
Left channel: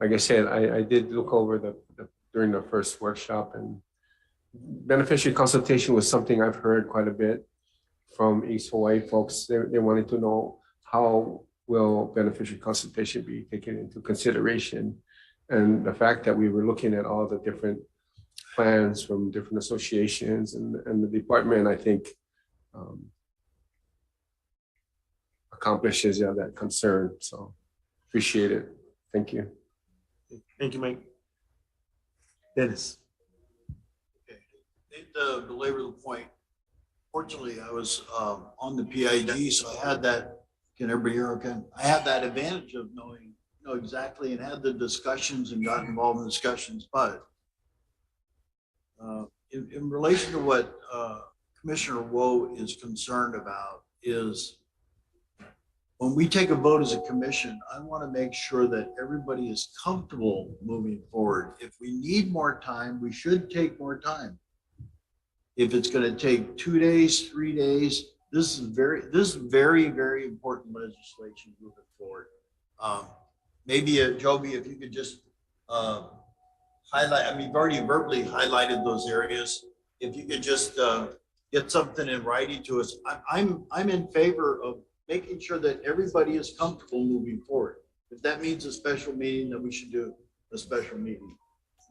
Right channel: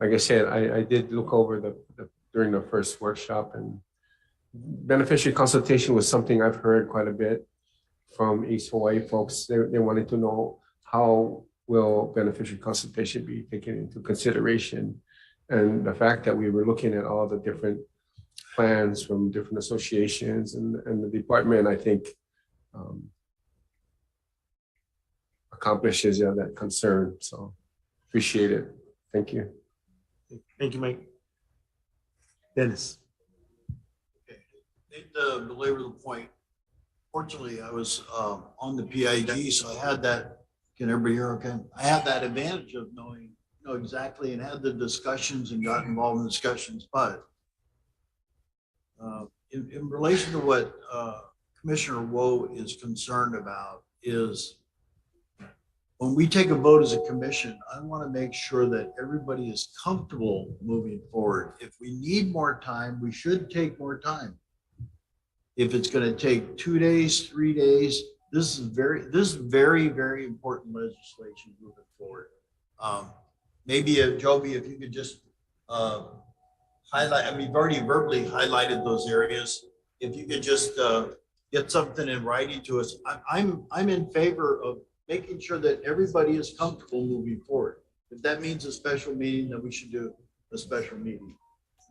like I said, I did look over during the first workshop, and beneficiary consultation was something I've heard quite a bit from East Hawaii folks. They wanted to know how will beneficiary consultation be taken into consideration, and the fact that we were looking at all the different plans from different associations and the department, I think accomplishes that concern. So appreciate it. Thank you. Thank you, Mike. Dennis. To belabor the point, fortunately, I was on the PIG, so I had that. Can everybody hear okay? I had that advantage of knowing, exactly, and had the discussions and got involved in discussions. But in relation to what Commissioner Woe is concerned about is when we take a vote as a commission, I want to make sure that everybody is comfortable moving forward. If we need more time, we should take more time. If it's going to take 2 days, 3 days, this is very, very important legislation moving forward. Maybe Joby, if you could just highlight, I mean, you've already verbally highlighted those areas. If you could just get something in writing to us, I'm in favor of making sure that everybody is comfortable moving forward. If that means a special meeting, then we should do a special meeting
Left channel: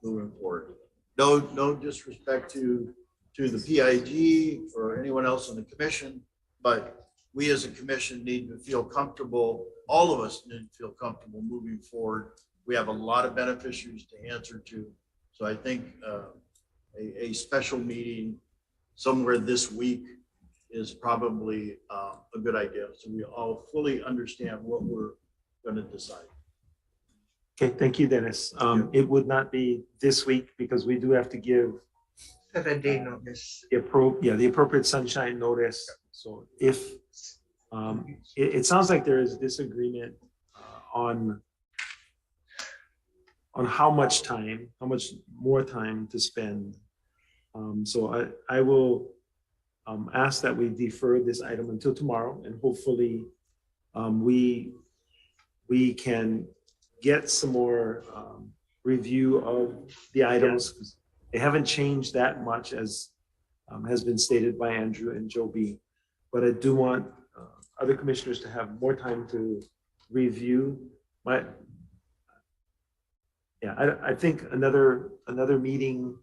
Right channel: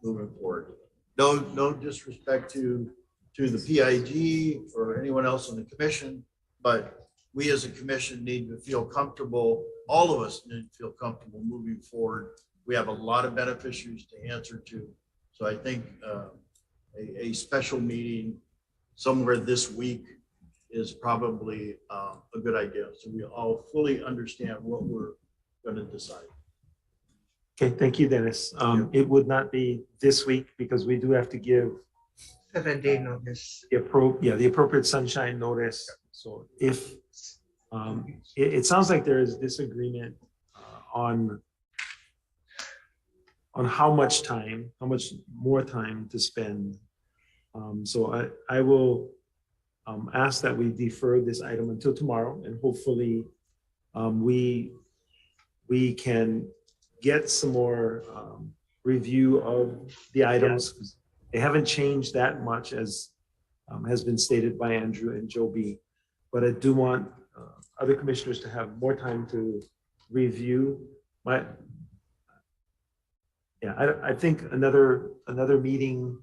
moving forward. No disrespect to the PIG or anyone else on the commission, but we as a commission need to feel comfortable. All of us need to feel comfortable moving forward. We have a lot of beneficiaries to answer to. So I think a special meeting somewhere this week is probably a good idea. So we all fully understand what we're going to decide. Okay, thank you, Dennis. It would not be this week because we do have to give 7-day notice. the appropriate sunshine notice. So if it sounds like there is disagreement on how much more time to spend. So I will ask that we defer this item until tomorrow, and hopefully we can get some more review of the items. They haven't changed that much as has been stated by Andrew and Joby, but I do want other commissioners to have more time to review. I think another meeting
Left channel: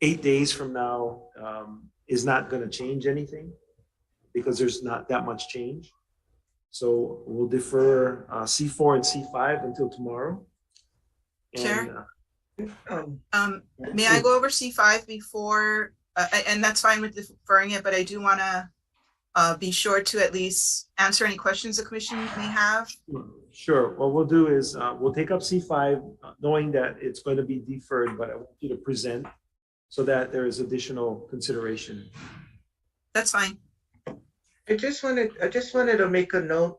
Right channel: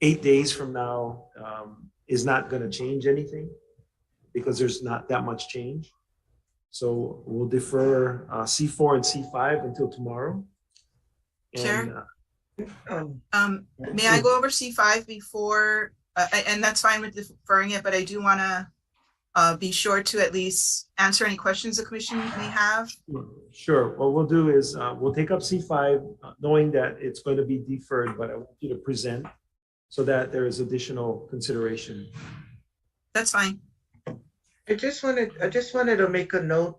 8 days from now is not going to change anything because there's not that much change. So we'll defer C4 and C5 until tomorrow. Chair, may I go over C5 before, and that's fine with deferring it, but I do want to be sure to at least answer any questions the commission may have. Sure. What we'll do is we'll take up C5, knowing that it's going to be deferred, but I want you to present so that there is additional consideration. That's fine. I just wanted to make a note,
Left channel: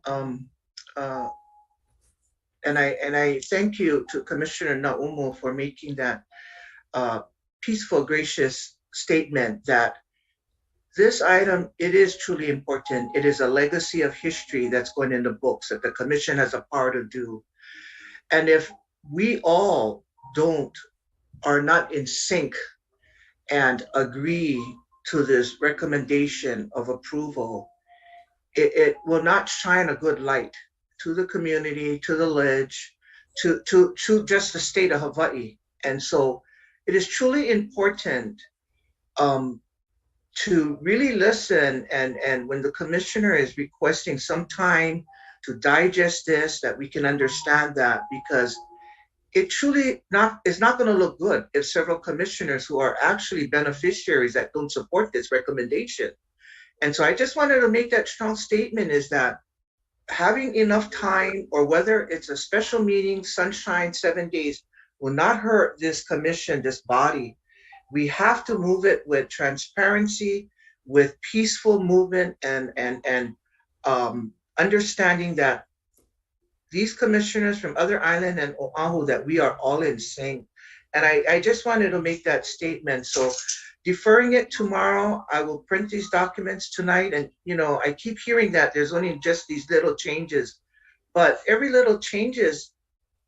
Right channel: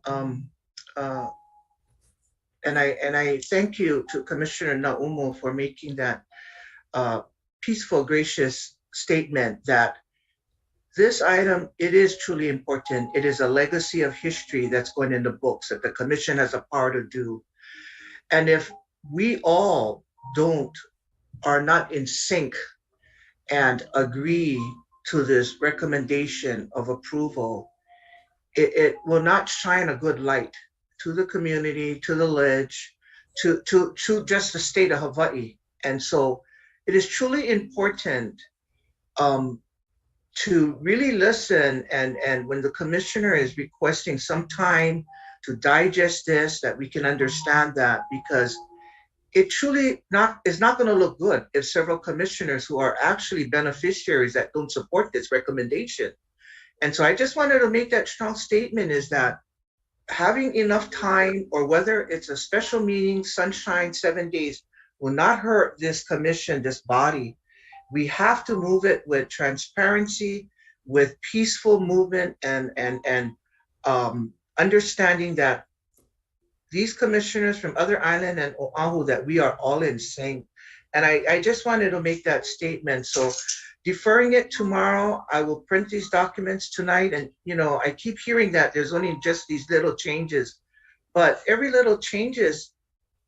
and I thank you to Commissioner Naumo for making that peaceful, gracious statement that this item, it is truly important. It is a legacy of history that's going in the books that the commission has a part to do. And if we all are not in sync and agree to this recommendation of approval, it will not shine a good light to the community, to the ledge, to just the state of Hawaii. And so it is truly important to really listen, and when the commissioner is requesting some time to digest this, that we can understand that, because it truly is not going to look good if several commissioners who are actually beneficiaries that don't support this recommendation. And so I just wanted to make that strong statement, is that having enough time, or whether it's a special meeting, sunshine, 7 days, will not hurt this commission, this body. We have to move it with transparency, with peaceful movement, and understanding that these commissioners from other island and Oahu, that we are all in sync. And I just wanted to make that statement. So deferring it tomorrow, I will print these documents tonight. And I keep hearing that there's only just these little changes, but every little changes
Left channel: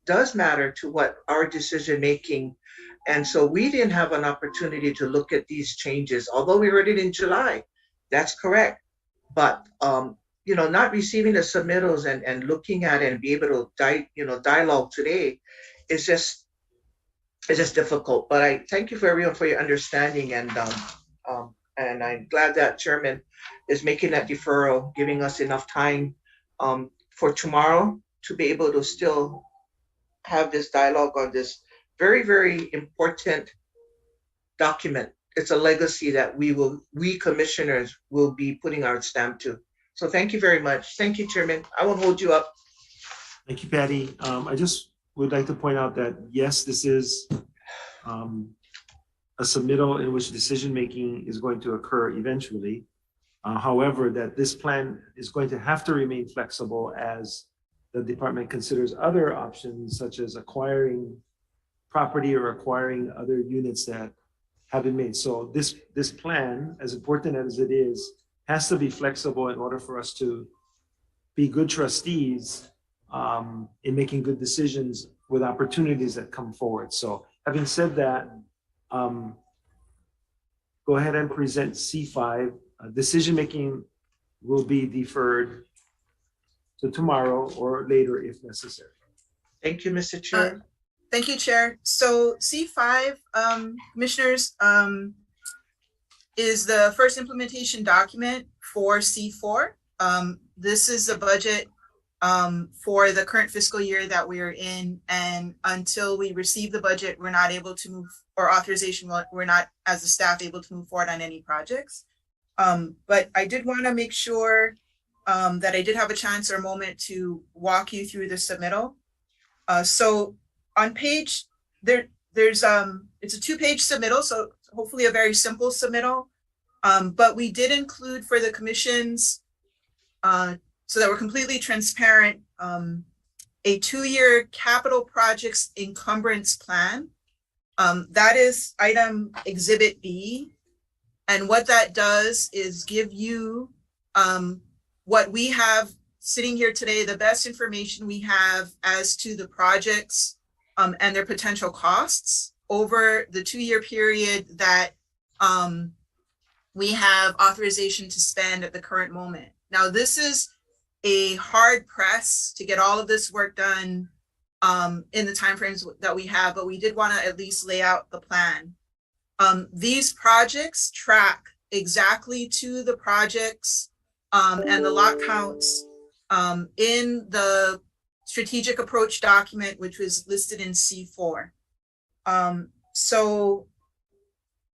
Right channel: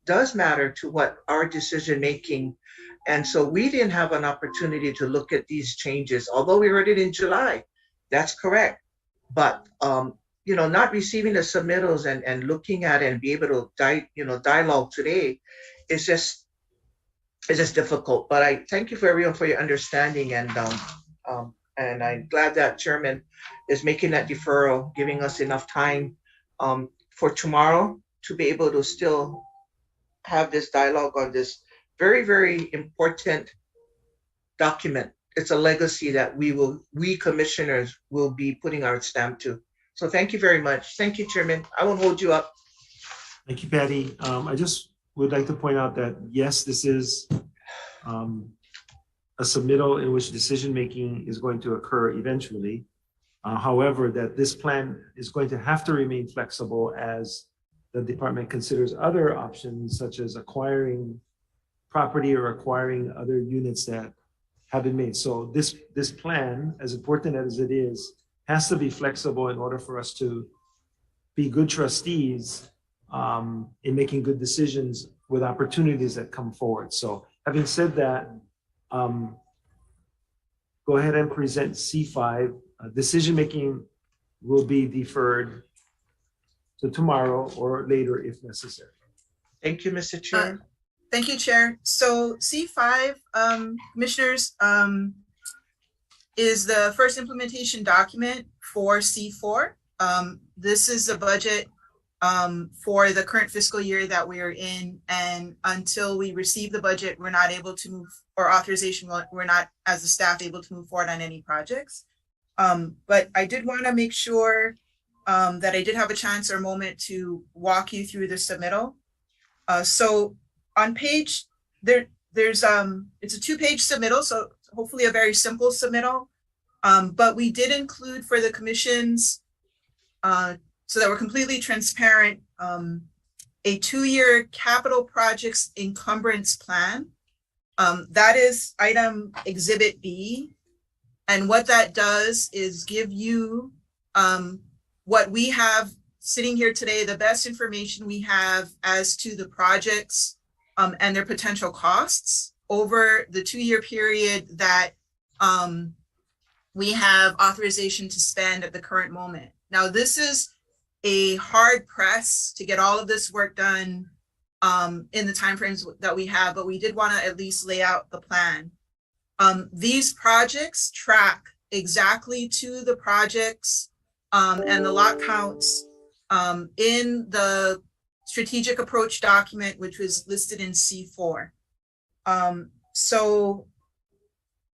does matter to what our decision making. And so we didn't have an opportunity to look at these changes, although we read it in July. That's correct. But not receiving the submittals and looking at it and be able to dialogue today is just difficult. But I thank you for everyone for your understanding, and I'm glad that Chairman is making that deferral, giving us enough time for tomorrow to be able to still have this dialogue on this very, very important document. It's a legacy that we commissioners will be putting our stamp to. So thank you very much. Thank you, Chairman. I won't hold you up. Thank you, Patty. I just would like to point out that yes, this is a a submittal in which decision-making is going to occur eventually. However, that this plan is going to have to remain flexible as the department considers other options such as acquiring property or acquiring other units that have been made. So this plan, as important as it is, has to be flexible in order for us to be good trustees in making good decisions with opportunities that come forward. So having said that, go ahead and present C5. Decision-making will be deferred to tomorrow or later if necessary. Thank you, Mr. Chair. Thank you, Chair. So C5, Commissioners, is the first implementation document for C4. This is the budget for the current fiscal year that we are in, and until we receive the budget, we're not able to move, or authorization, we're not, as a staff, able to move forward on any projects. But I did want to make sure that I did have a chance or a moment to walk you through the submittal. So on page, there's it's a 2-page submittal, so hopefully a very simple submittal. But we did include for the commissions, so that we're completely transparent, a 2-year capital projects encumbrance plan. That is item Exhibit B. And what that does is give you what we have sitting here today, the best information we have as to the projects and their potential costs over the 2-year period that we have authorization to spend at the current moment. Now, this is a hard press to get all of this work done in the timeframes that we have, but we did want to at least lay out the plan. These projects track exactly to the projects and the lot counts in the strategic approach document, which was listed in C4. So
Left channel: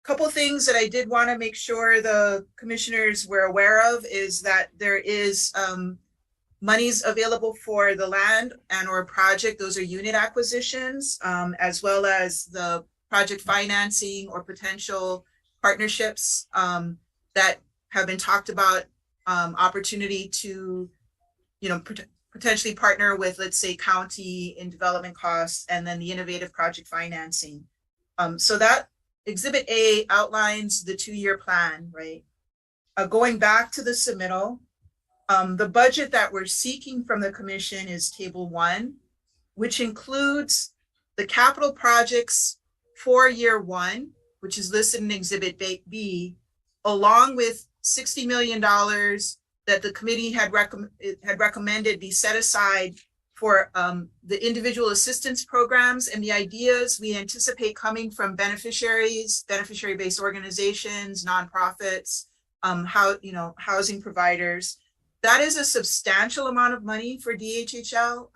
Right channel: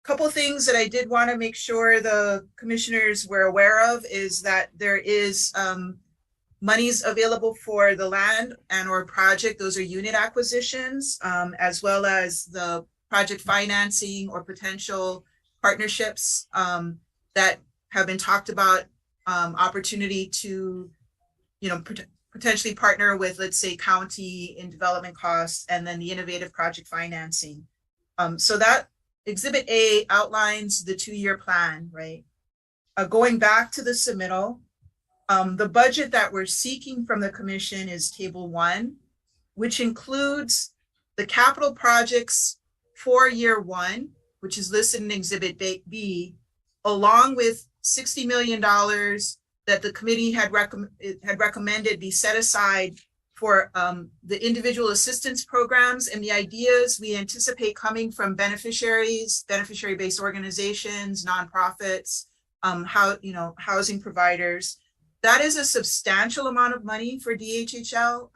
a couple of things that I did want to make sure the commissioners were aware of is that there is monies available for the land and or project. Those are unit acquisitions, as well as the project financing or potential partnerships that have been talked about, opportunity to, potentially partner with, let's say, county in development costs, and then the innovative project financing. So that Exhibit A outlines the 2-year plan, right? Going back to the submittal, the budget that we're seeking from the commission is Table 1, which includes the capital projects for year 1, which is listed in Exhibit B, along with $60 million that the committee had recommended be set aside for the individual assistance programs and the ideas we anticipate coming from beneficiaries, beneficiary-based organizations, nonprofits, housing providers. That is a substantial amount of money for DHHL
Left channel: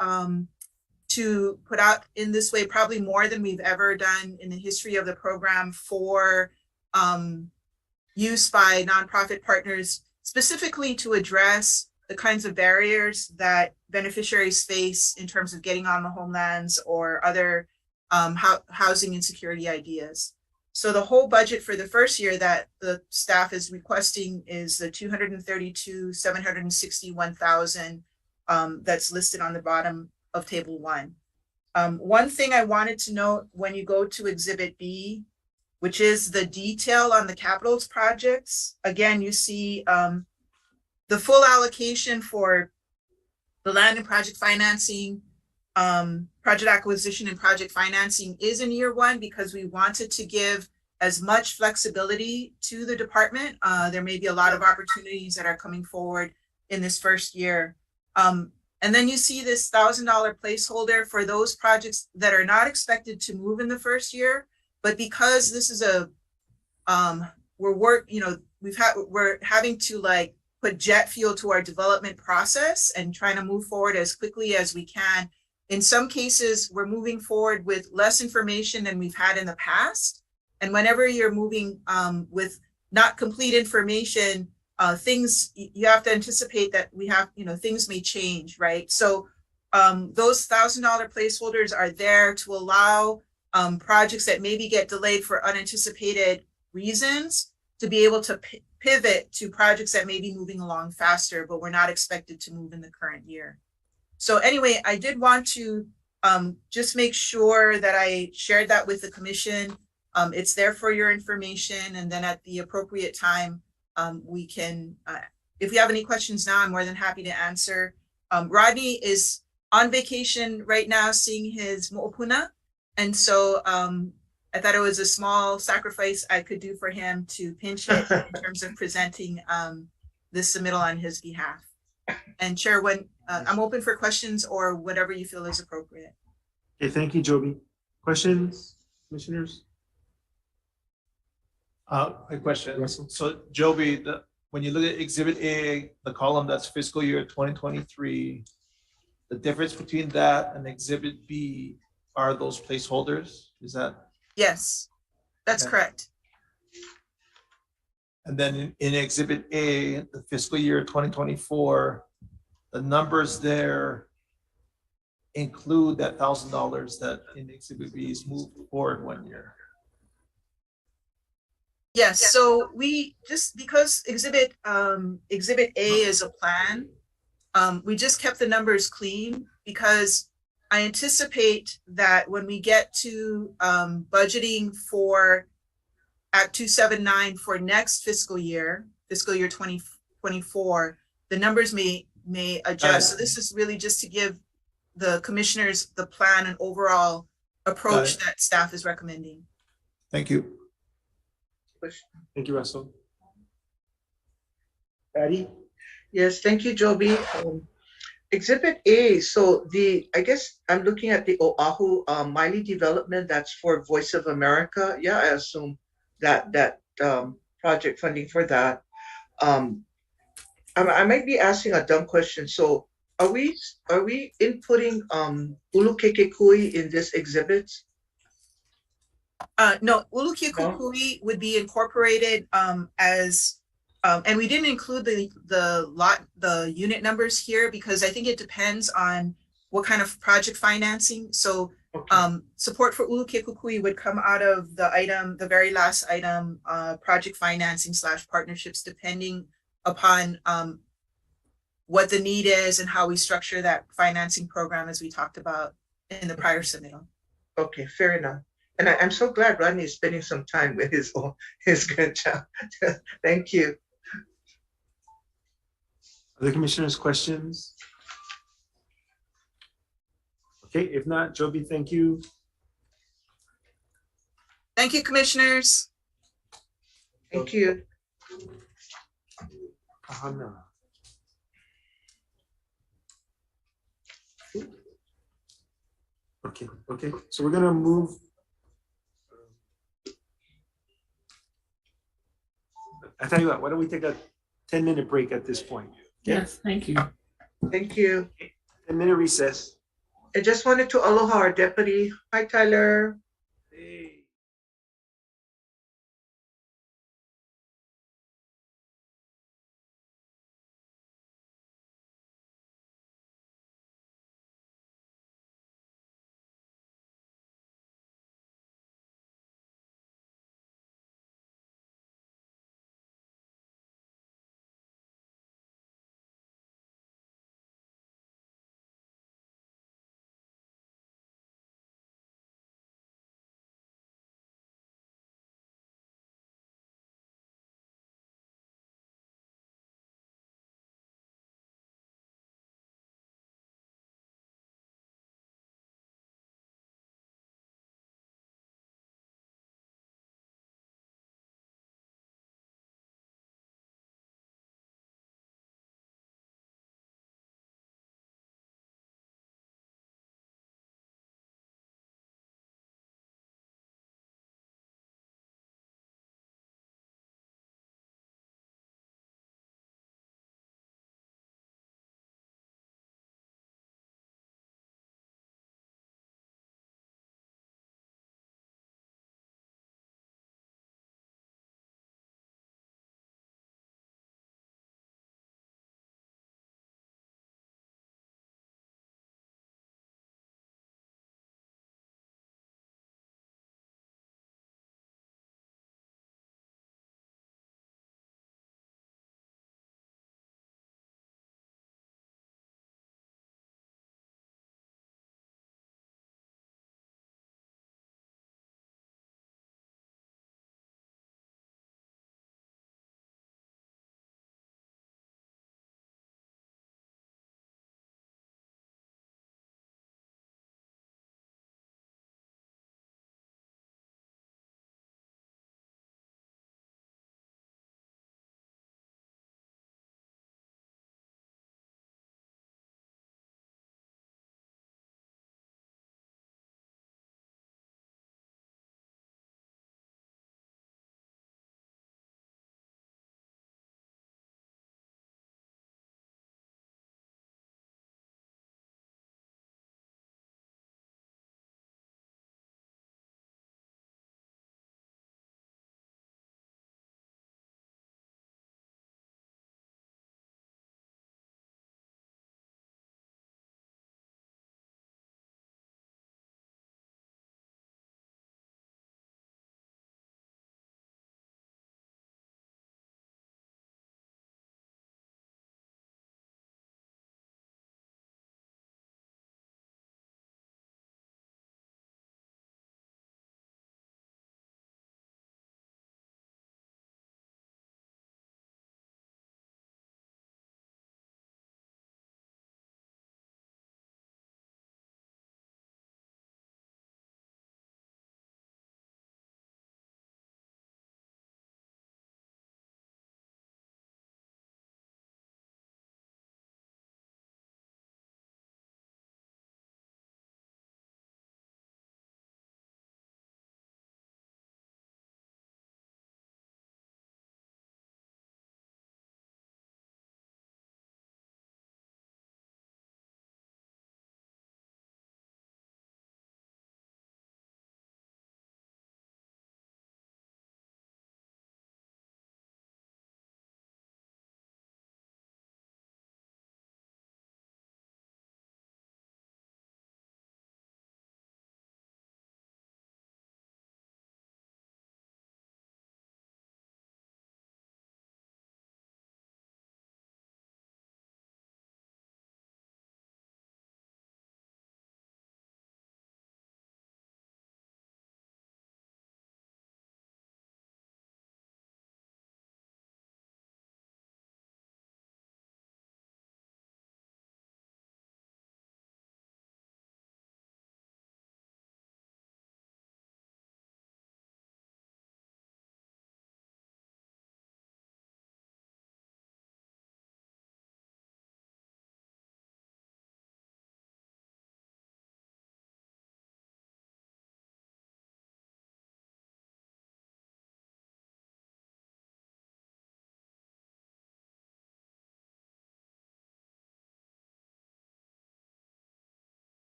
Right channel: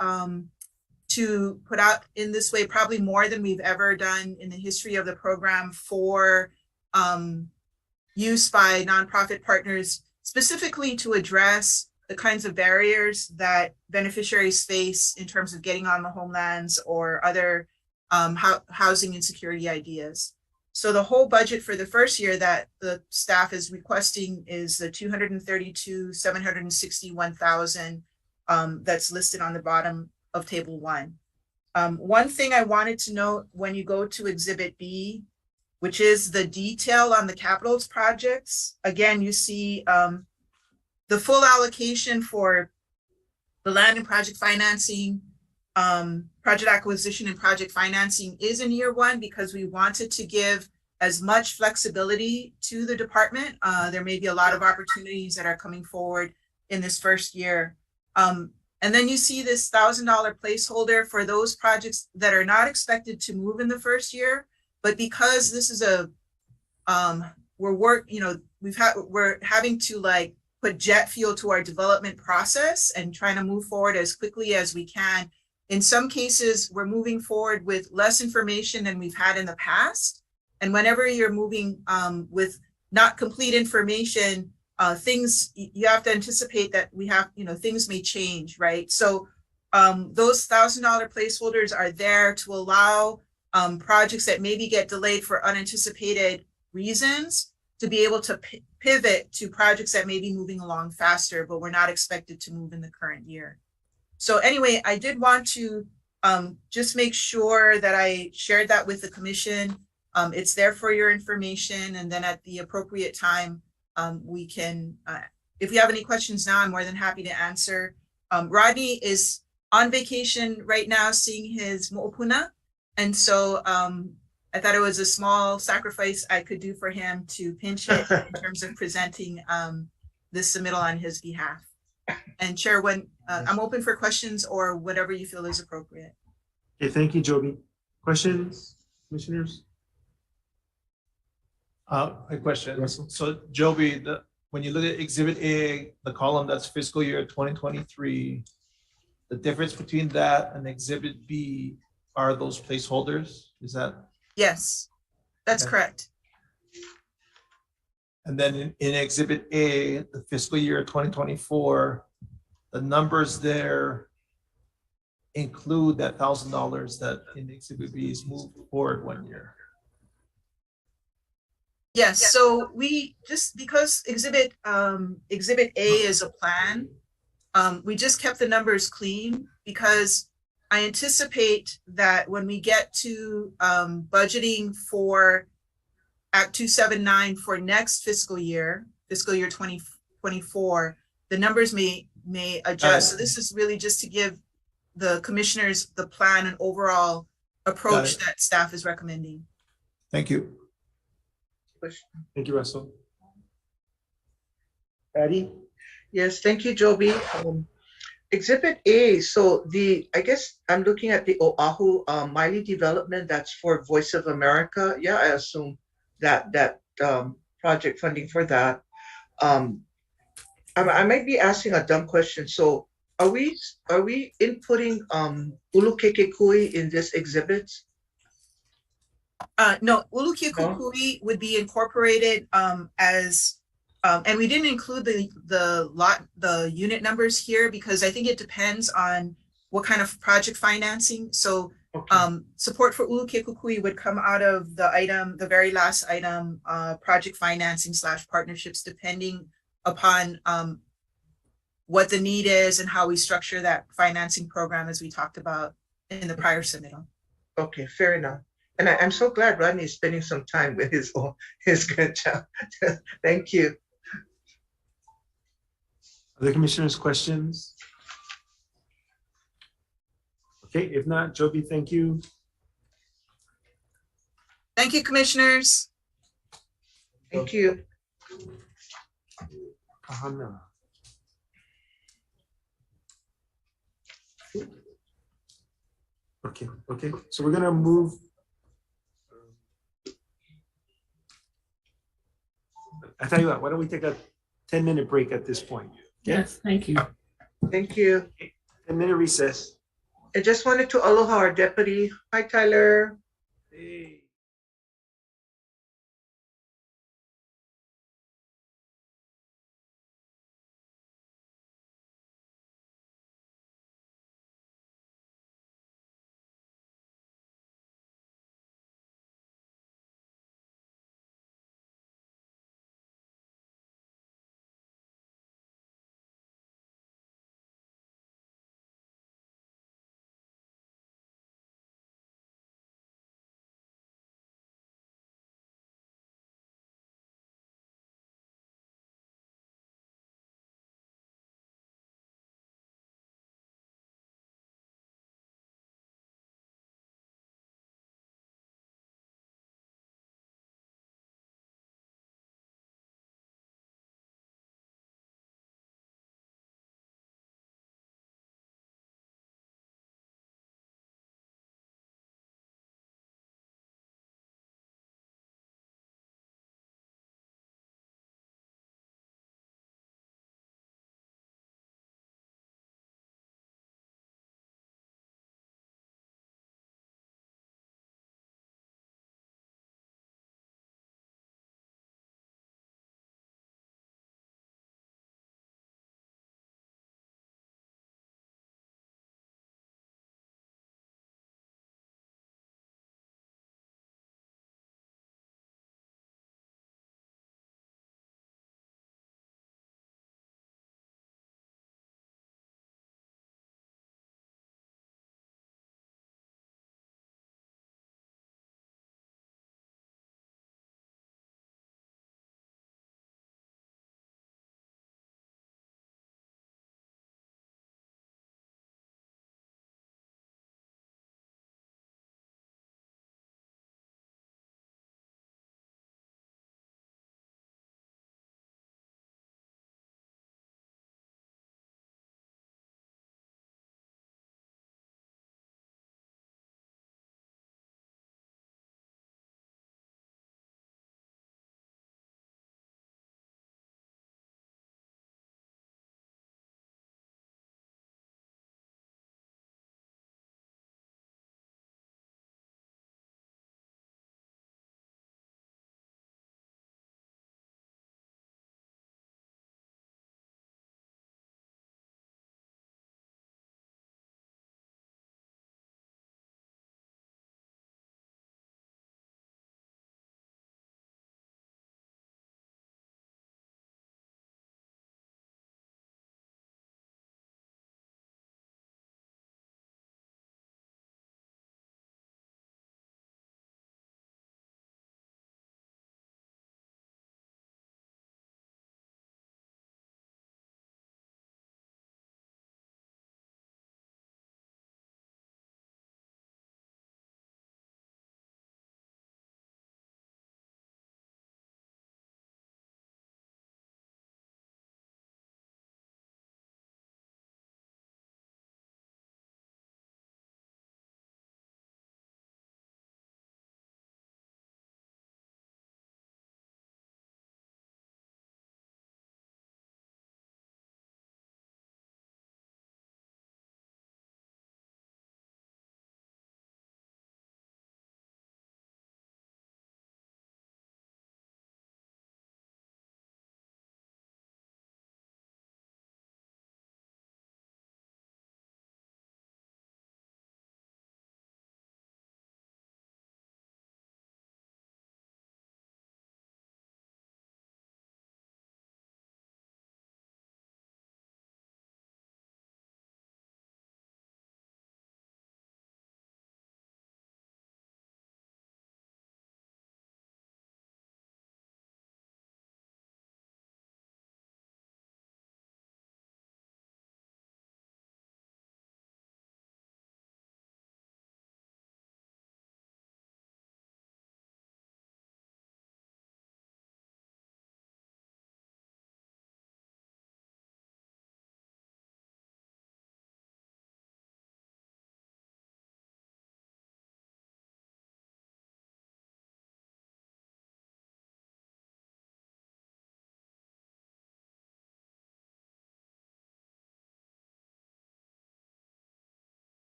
to put out in this way, probably more than we've ever done in the history of the program for use by nonprofit partners, specifically to address the kinds of barriers that beneficiaries face in terms of getting on the homelands or other housing insecurity ideas. So the whole budget for the first year that the staff is requesting is the $232,761,000 that's listed on the bottom of Table 1. One thing I wanted to note when you go to Exhibit B, which is the detail on the capitals projects, again, you see the full allocation for the land and project financing, project acquisition and project financing is in year 1 because we wanted to give as much flexibility to the department. There may be a lot of opportunities that are coming forward in this first year. And then you see this $1,000 placeholder for those projects that are not expected to move in the first year, but because this is we're having to put jet fuel to our development process and trying to move forward as quickly as we can. In some cases, we're moving forward with less information than we've had in the past. And whenever you're moving with not complete information, you have to anticipate that things may change, right? So those $1,000 placeholders are there to allow projects that maybe get delayed for unanticipated reasons to be able to pivot to projects that may be moving along faster, but were not expected to move in the current year. So anyway, I did want to just make sure that I shared that with the commission. It's there for your information, and then at the appropriate time, we can, if you have any questions now, I'm more than happy to answer. Rodney is on vacation right now, seeing his mo'opuna. And so I thought it was a small sacrifice I could do for him to pinch it in terms of presenting this submittal on his behalf. And Chair, when I'm open for questions or whatever you feel is appropriate. Okay, thank you, Joby. Questions, commissioners? A question. Russell? So Joby, when you look at Exhibit A, the column that's fiscal year 2023, the difference between that and Exhibit B are those placeholders? Is that? Yes, that's Okay. correct. And then in Exhibit A, the fiscal year 2024, the numbers there include that $1,000 that in Exhibit B is moved forward 1 year. Yes, so we just, because Exhibit A is a plan, we just kept the numbers clean because I anticipate that when we get to budgeting for Act 279 for next fiscal year 2024, the numbers may adjust. So this is really just to give the commissioners the plan and overall approach that staff is recommending. Thank you. Thank you, Russell. Patty? Yes, thank you, Joby. Exhibit A, so I guess I'm looking at the Oahu Miley development, that's for Voice of America. Yeah, I assume that project funding for that. I might be asking a dumb question. So are we inputting Ulukekekui in this exhibit? No, Ulukekekui would be incorporated as and we didn't include the unit numbers here because I think it depends on what kind of project financing. So support for Ulukekekui would come out of the very last item, project financing / partnerships, depending upon what the need is and how we structure that financing program as we talked about in the prior submittal. Okay, fair enough. And I'm so glad Rodney is spending some time with his grandchild. Thank you. Other commissioners, questions? Okay, if not, Joby, thank you. Thank you, commissioners. Thank you. Kahana. Okay, so we're gonna move. I tell you what, why don't we take a 10-minute break at this point? Okay? Yes, thank you. Thank you. 10-minute recess. I just wanted to aloha our deputy. Hi, Tyler.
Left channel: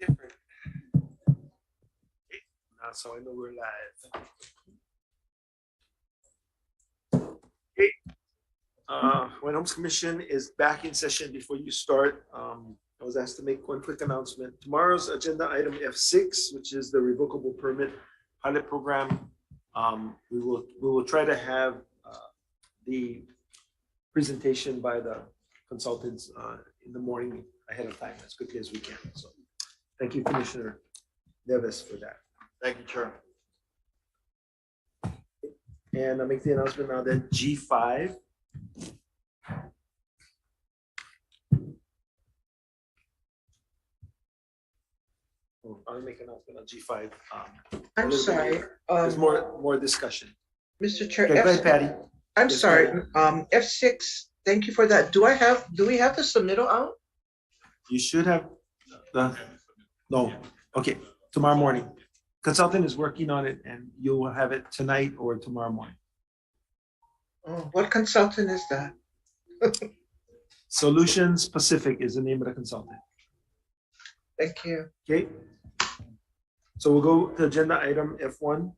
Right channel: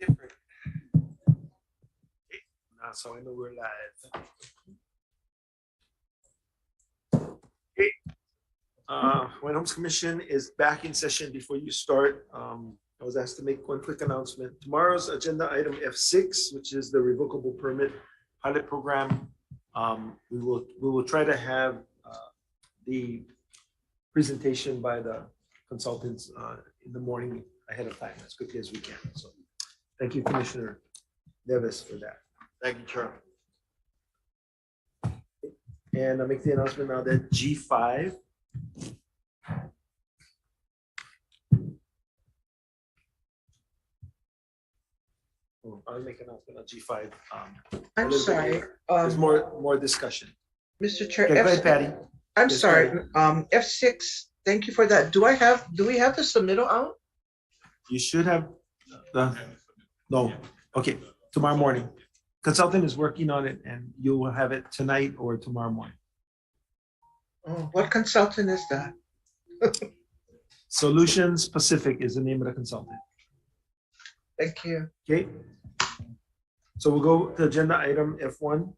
Different. Now, so I know we're live. Okay. Hawaiian Homes Commission is back in session. Before you start, I was asked to make one quick announcement. Tomorrow's agenda item F6, which is the revocable permit pilot program. We will try to have the presentation by the consultants in the morning ahead of time as quickly as we can. So thank you, Commissioner Nevis, for that. Thank you, Chair. And I'll make the announcement now that G5. I'll make an announcement on G5. I'm sorry. There's more discussion. Mr. Chair. Okay, go ahead, Patty. I'm Yes, sorry. Patty. F6, thank you for that. Do we have the submittal out? You should have no. Okay, tomorrow morning. Consultant is working on it and you will have it tonight or tomorrow morning. Oh, what consultant is that? Solutions Pacific is the name of the consultant. Thank you. Okay. So we'll go to agenda item F1.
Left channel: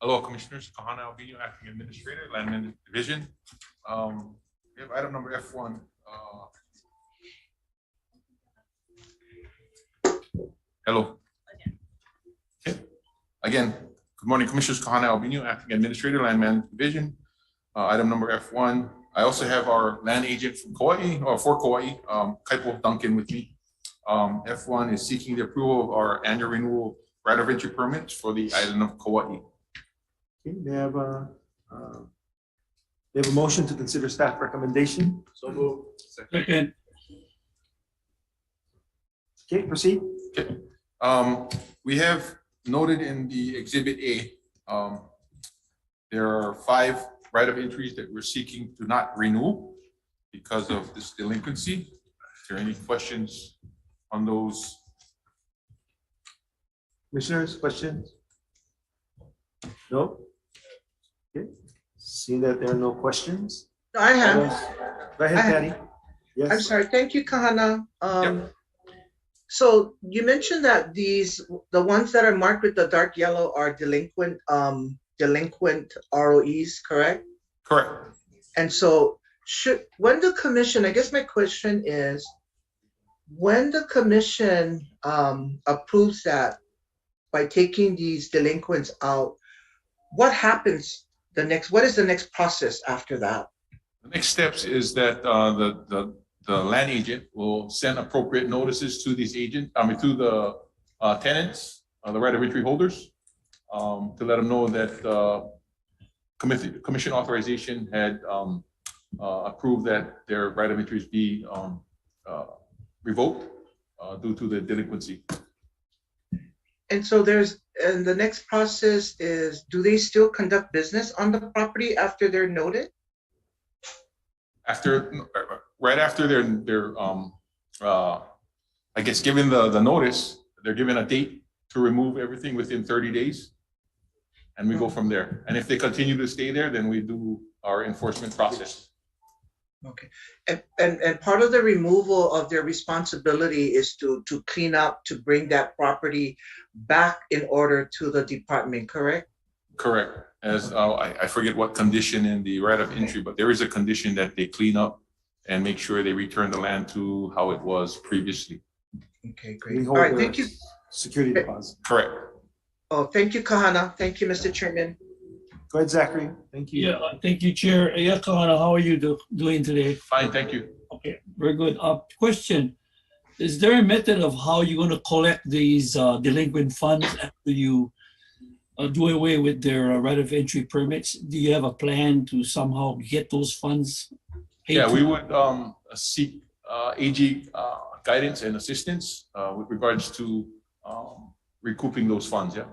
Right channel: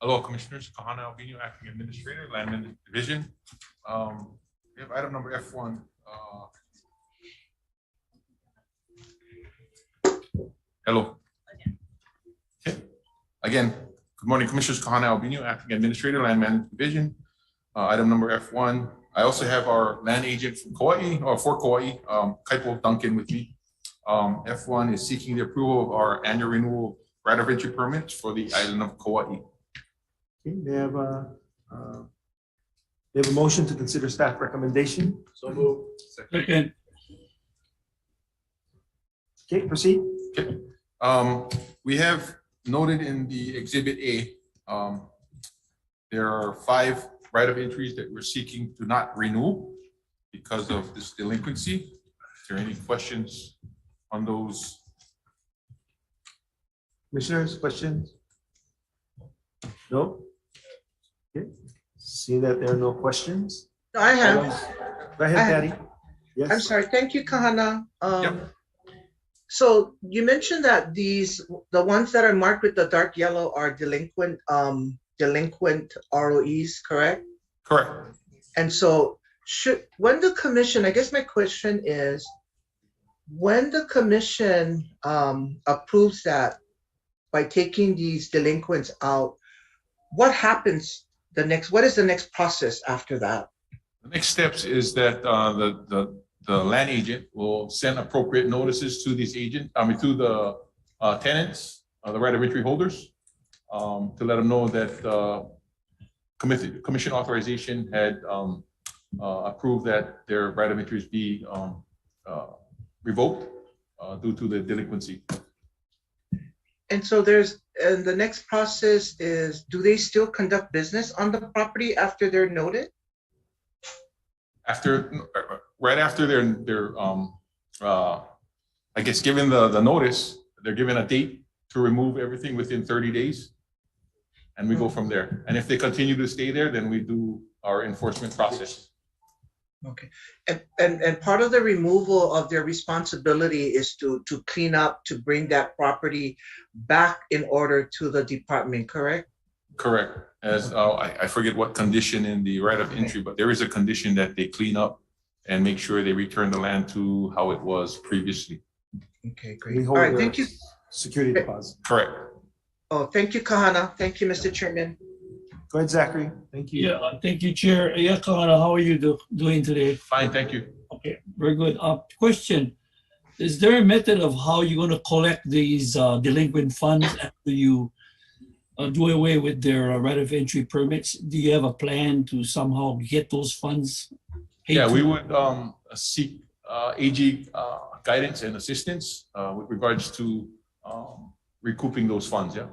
Hello, Commissioners. Kahana Albino, Acting Administrator, Land Management Division. We have item number F1. Hello. Okay. Again, good morning, Commissioners. Kahana Albino, Acting Administrator, Land Management Division. Item number F1. I also have our land agent from Kauai, or for Kauai, Kaipo Duncan with me. F1 is seeking the approval of our annual renewal right of entry permits for the island of Kauai. Okay, they have a motion to consider staff recommendation. So move. Second. Okay, proceed. Okay. We have noted in the Exhibit A, there are 5 right of entries that we're seeking to not renew because of this delinquency. Is there any questions on those? Commissioners, questions? No? Okay. Seeing that there are no questions. I have. Go ahead, Patty. Yes. I'm sorry. Thank you, Kahana. Yep. So you mentioned that the ones that are marked with the dark yellow are delinquent ROEs, correct? Correct. And so when the commission, I guess my question is, when the commission approves that by taking these delinquents out, what happens what is the next process after that? The next steps is that the land agent will send appropriate notices to these to the tenants, the right of entry holders, to let them know that commission authorization had approved that their right of entries be revoked due to the delinquency. And so and the next process is, do they still conduct business on the property after they're noted? Right after they're I guess given the notice, they're given a date to remove everything within 30 days. And we go from there. And if they continue to stay there, then we do our enforcement process. Okay. And part of the removal of their responsibility is to clean up, to bring that property back in order to the department, correct? Correct. As I forget what condition in the right of entry, but there is a condition that they clean up and make sure they return the land to how it was previously. Okay, great. All right, thank you. Security deposit. Correct. Oh, thank you, Kahana. Thank you, Mr. Chairman. Go ahead, Zachary. Thank you. Yeah, thank you, Chair. Yeah, Kahana, how are you doing today? Fine, thank you. Okay, very good. Question, is there a method of how you're going to collect these delinquent funds after you do away with their right of entry permits? Do you have a plan to somehow get those funds? Yeah, we would seek AG guidance and assistance with regards to recouping those funds, yeah.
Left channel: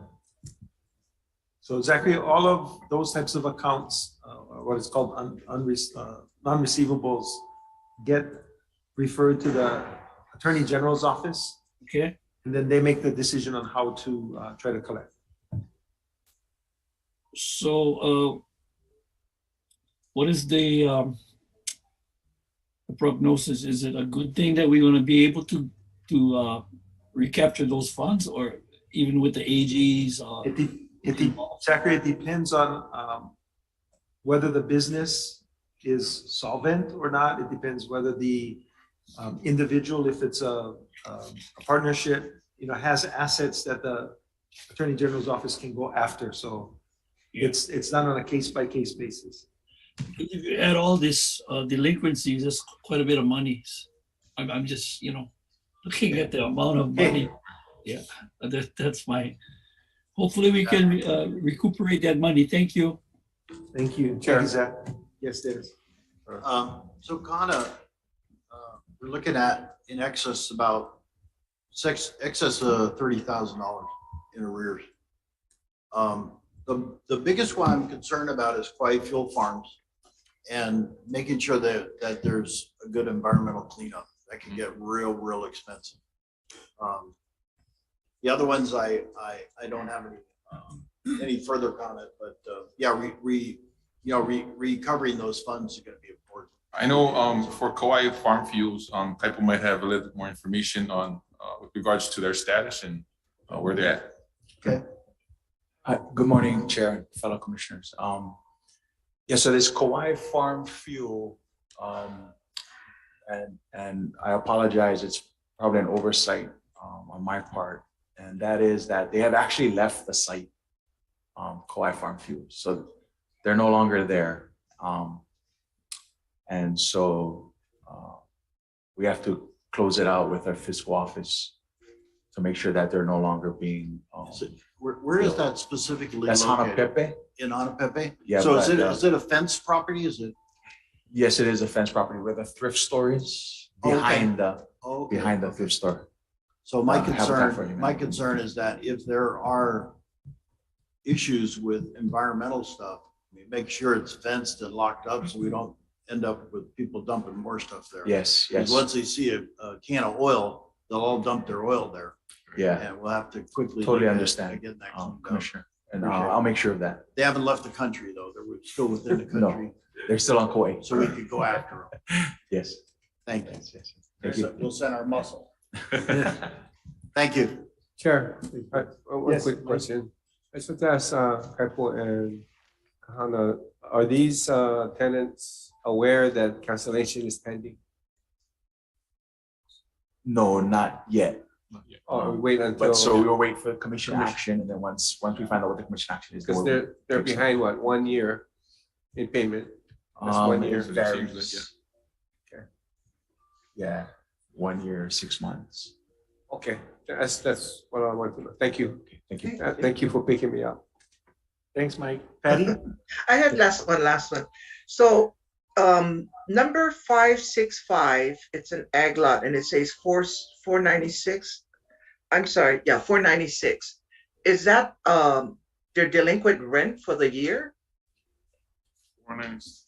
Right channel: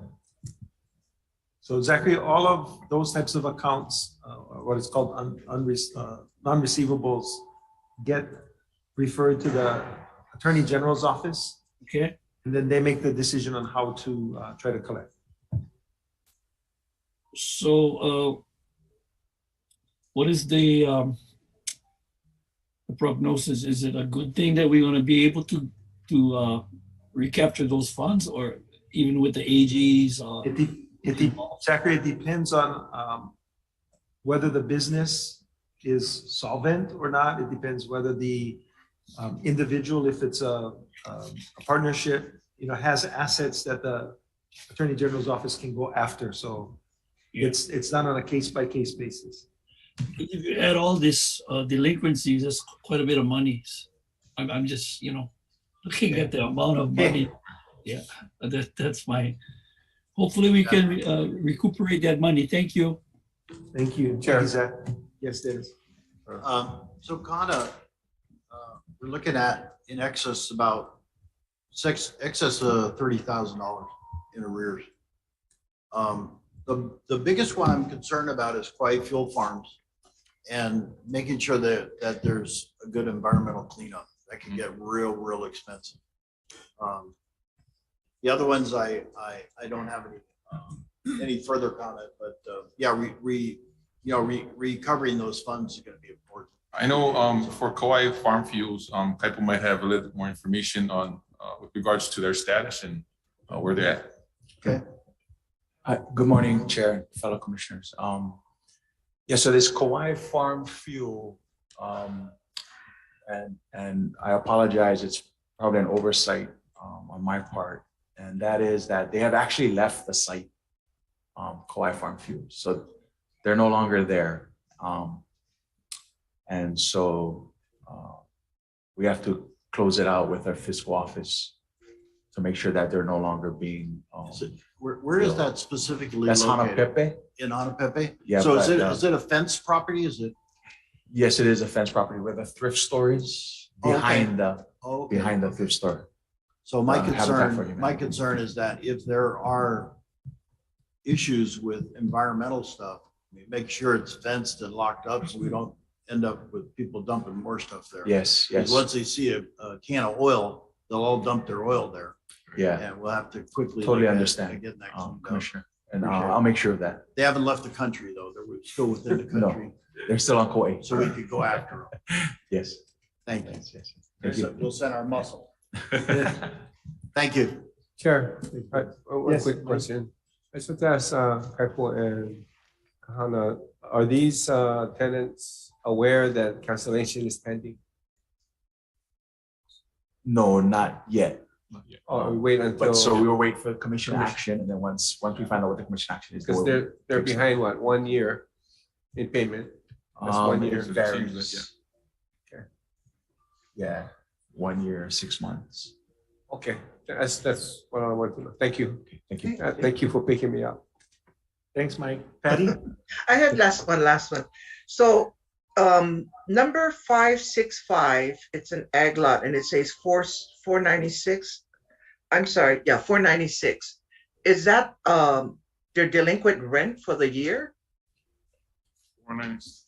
So Zachary, all of those types of accounts, what is called non-receivables, get referred to the Attorney General's office. Okay. And then they make the decision on how to try to collect. So what is the prognosis? Is it a good thing that we're gonna be able to recapture those funds, or even with the AGs? Zachary, it depends on whether the business is solvent or not. It depends whether the individual, if it's a partnership, has assets that the Attorney General's office can go after. So it's not on a case-by-case basis. If you add all this delinquencies, that's quite a bit of money. I'm just, looking at the amount of money. Yeah, that's my, hopefully we can recuperate that money. Thank you. Thank you. Thank you, Zach. Yes, Dennis. So Kana, we're looking at in excess of $30,000 in arrears. The biggest one I'm concerned about is Kauai Fuel Farms and making sure that there's a good environmental cleanup. That can get real expensive. The other ones I don't have any further comment, but yeah, recovering those funds is going to be important. I know for Kauai Farm Fuels, Kaipo might have a little bit more information on with regards to their status and where they're at. Okay. Hi, good morning, Chair, fellow commissioners. Yeah, so this Kauai Farm Fuel, and I apologize, it's probably an oversight on my part, and that is that they have actually left the site, Kauai Farm Fuel, so they're no longer there. And so we have to close it out with our fiscal office to make sure that they're no longer being. Where is that specifically That's located? Hanapepe. In Hanapepe? Yeah. So but, is it a fenced property? Is it? Yes, it is a fenced property where the thrift store is behind the thrift store. So my concern is that if there are issues with environmental stuff, make sure it's fenced and locked up so we don't end up with people dumping more stuff there. Yes, Because yes. once they see a can of oil, they'll all dump their oil there. Yeah. And we'll have to quickly. Totally look at understand, getting that cleaned up. Commissioner. And Appreciate it. I'll make sure of that. They haven't left the country though. They're still within the No, country. they're still on Kauai. So we could go after them. Yes. Thank you. Yes. Thank you. We'll send our muscle. Thank you. Chair, one Yes. quick question. I just want to ask Kaipo and Kahana, are these tenants aware that cancellation is pending? No, not yet. Oh, we wait until. But so we will wait for commission action, and then once we find out what the commission action is. Because they're behind what, 1 year in payment? That's 1 year. Varies. Okay. Yeah, 1 year, 6 months. Okay, that's what I want to know. Thank you. Thank you. Thank you for picking me up. Thanks, Mike. Patty? I have last one. So number 565, it's an ag lot and it says 496. I'm sorry, yeah, 496. Is that their delinquent rent for the year? 496.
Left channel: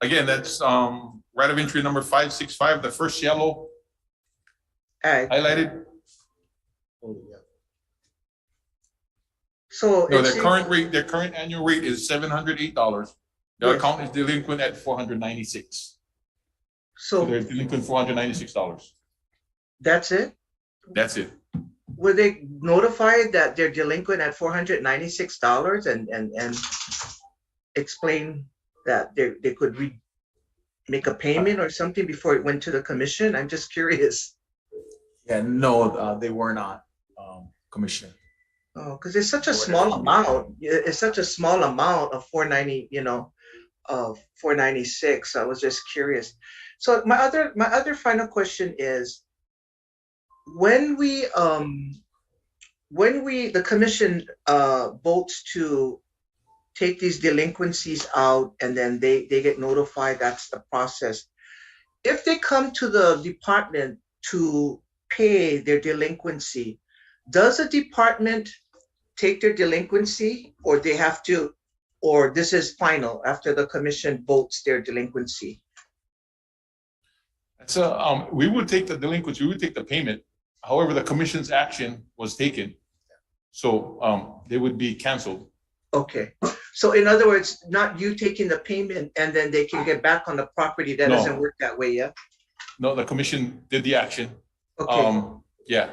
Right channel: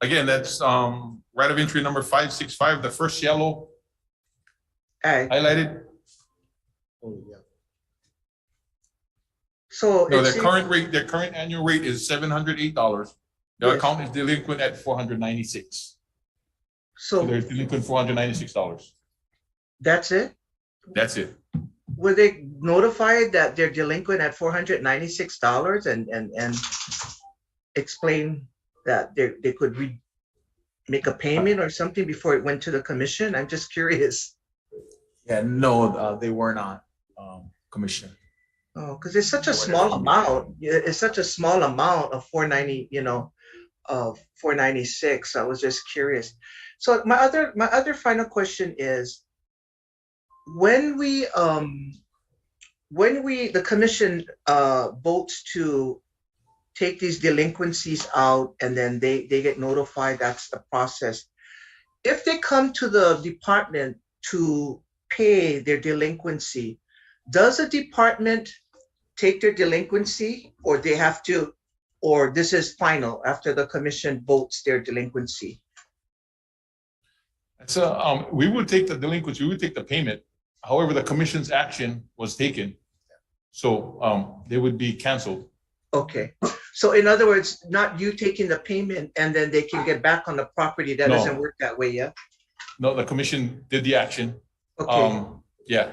Again, that's right of entry number 565, the first yellow Ag. highlighted. So No, it their seems- current annual rate is $708. The Yes. account is delinquent at 496. So So they're delinquent $496. that's it? That's it. Were they notified that they're delinquent at $496 and explain that they could make a payment or something before it went to the commission? I'm just curious. Yeah, no, they were not, Commissioner. Oh, because it's such a small amount. It's such a small amount of 490, of 496. I was just curious. So my other final question is, when the commission votes to take these delinquencies out and then they get notified, that's the process. If they come to the department to pay their delinquency, does the department take their delinquency, or they have to, or this is final after the commission votes their delinquency? So we would take the delinquency, we would take the payment. However, the commission's action was taken. So they would be canceled. Okay, So in other words, not you taking the payment and then they can get back on the property. That No. doesn't work that way, yeah? No, the commission did the action. Okay, Yeah,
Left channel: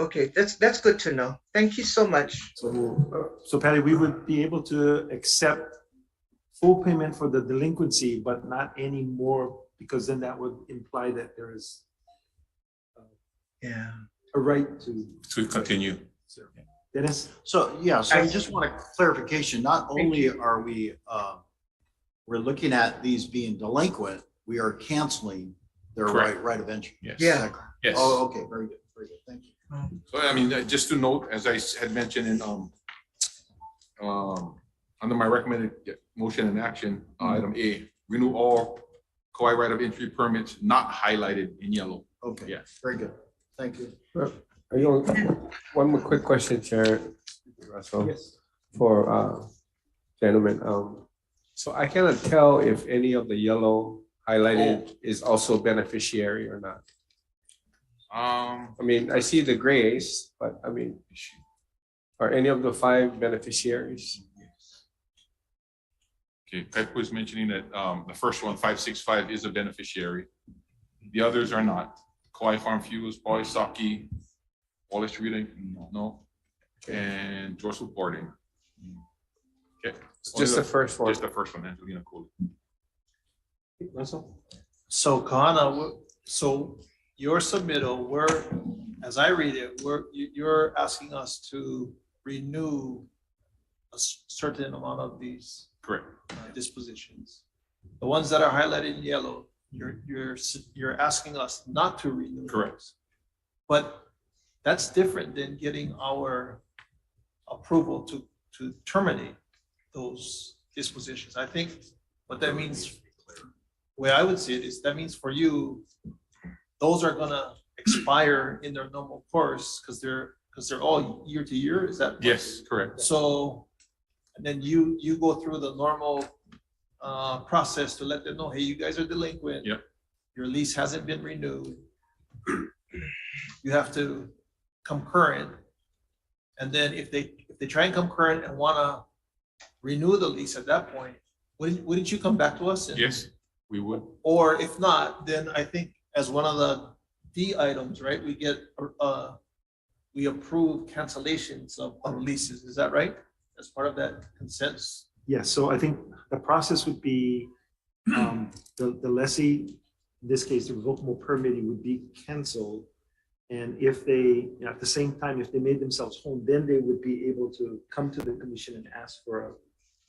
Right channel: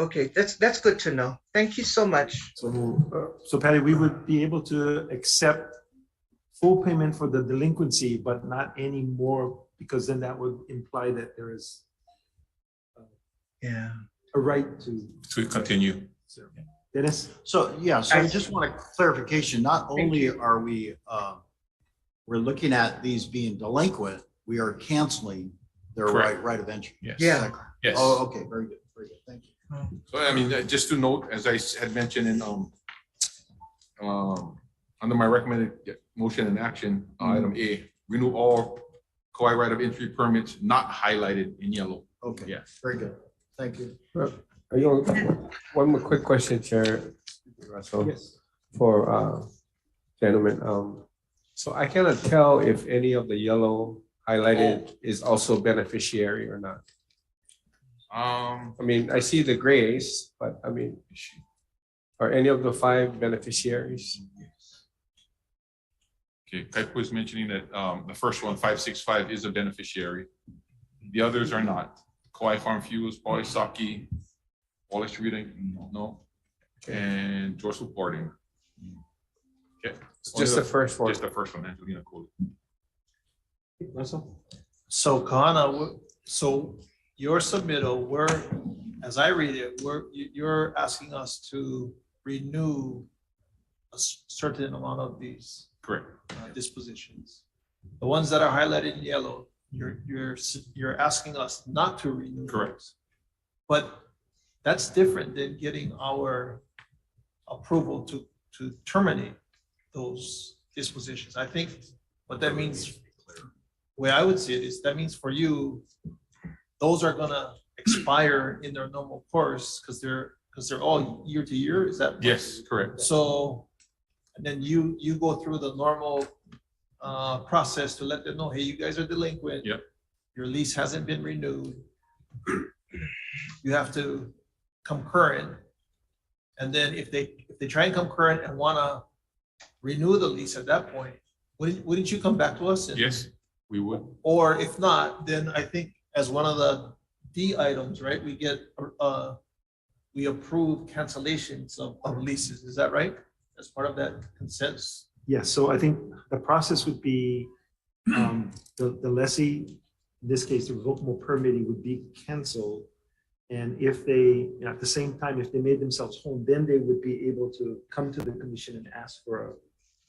okay, that's good to know. Thank you so much. So Patty, we would be able to accept full payment for the delinquency, but not any more, because then that would imply that there is Yeah. a right to continue. Dennis? So, yeah, so I just want a clarification. Not only are we, we're looking at these being delinquent, we are canceling their Correct. right of entry. Yes. Yeah. Yes. Oh, okay, very good, thank you. So I mean, just to note, as I had mentioned in, under my recommended motion and action, item A, renew all Kauai right of entry permits not highlighted in yellow. Okay, Yes. very good, thank you. Are you, one more quick question, Chair Russell, Yes. for gentlemen. So I cannot tell if any of the yellow highlighted is also beneficiary or not. I mean, I see the grays, but I mean, are any of the 5 beneficiaries? Okay, Pep was mentioning that the first one, 565, is a beneficiary. The others are not. Kauai Farm Fuels, Pauly Saki, Wallace Reading, no, and George Reporting. Okay. Just the first one. Just the first one, Angelina Cole. Russell? So Kahana, so your submittal, as I read it, you're asking us to renew a certain amount of these Correct. dispositions. The ones that are highlighted in yellow, you're asking us not to renew. Correct. Those. But that's different than getting our approval to terminate those dispositions. I think what that means, the way I would see it is that means for you, those are gonna expire in their normal course because they're all year to year. Is that? Yes, correct. So, and then you go through the normal process to let them know, hey, you guys are delinquent. Yep. Your lease hasn't been renewed. You have to come current. And then if they try and come current and wanna renew the lease at that point, wouldn't you come back to us? Yes, we would. Or if not, then I think as one of the D items, right, we approve cancellations of leases. Is that right? As part of that consent? Yes, so I think the process would be, the lessee, in this case, the revocable permitting would be canceled. And if they, at the same time, if they made themselves whole, then they would be able to come to the commission and ask for a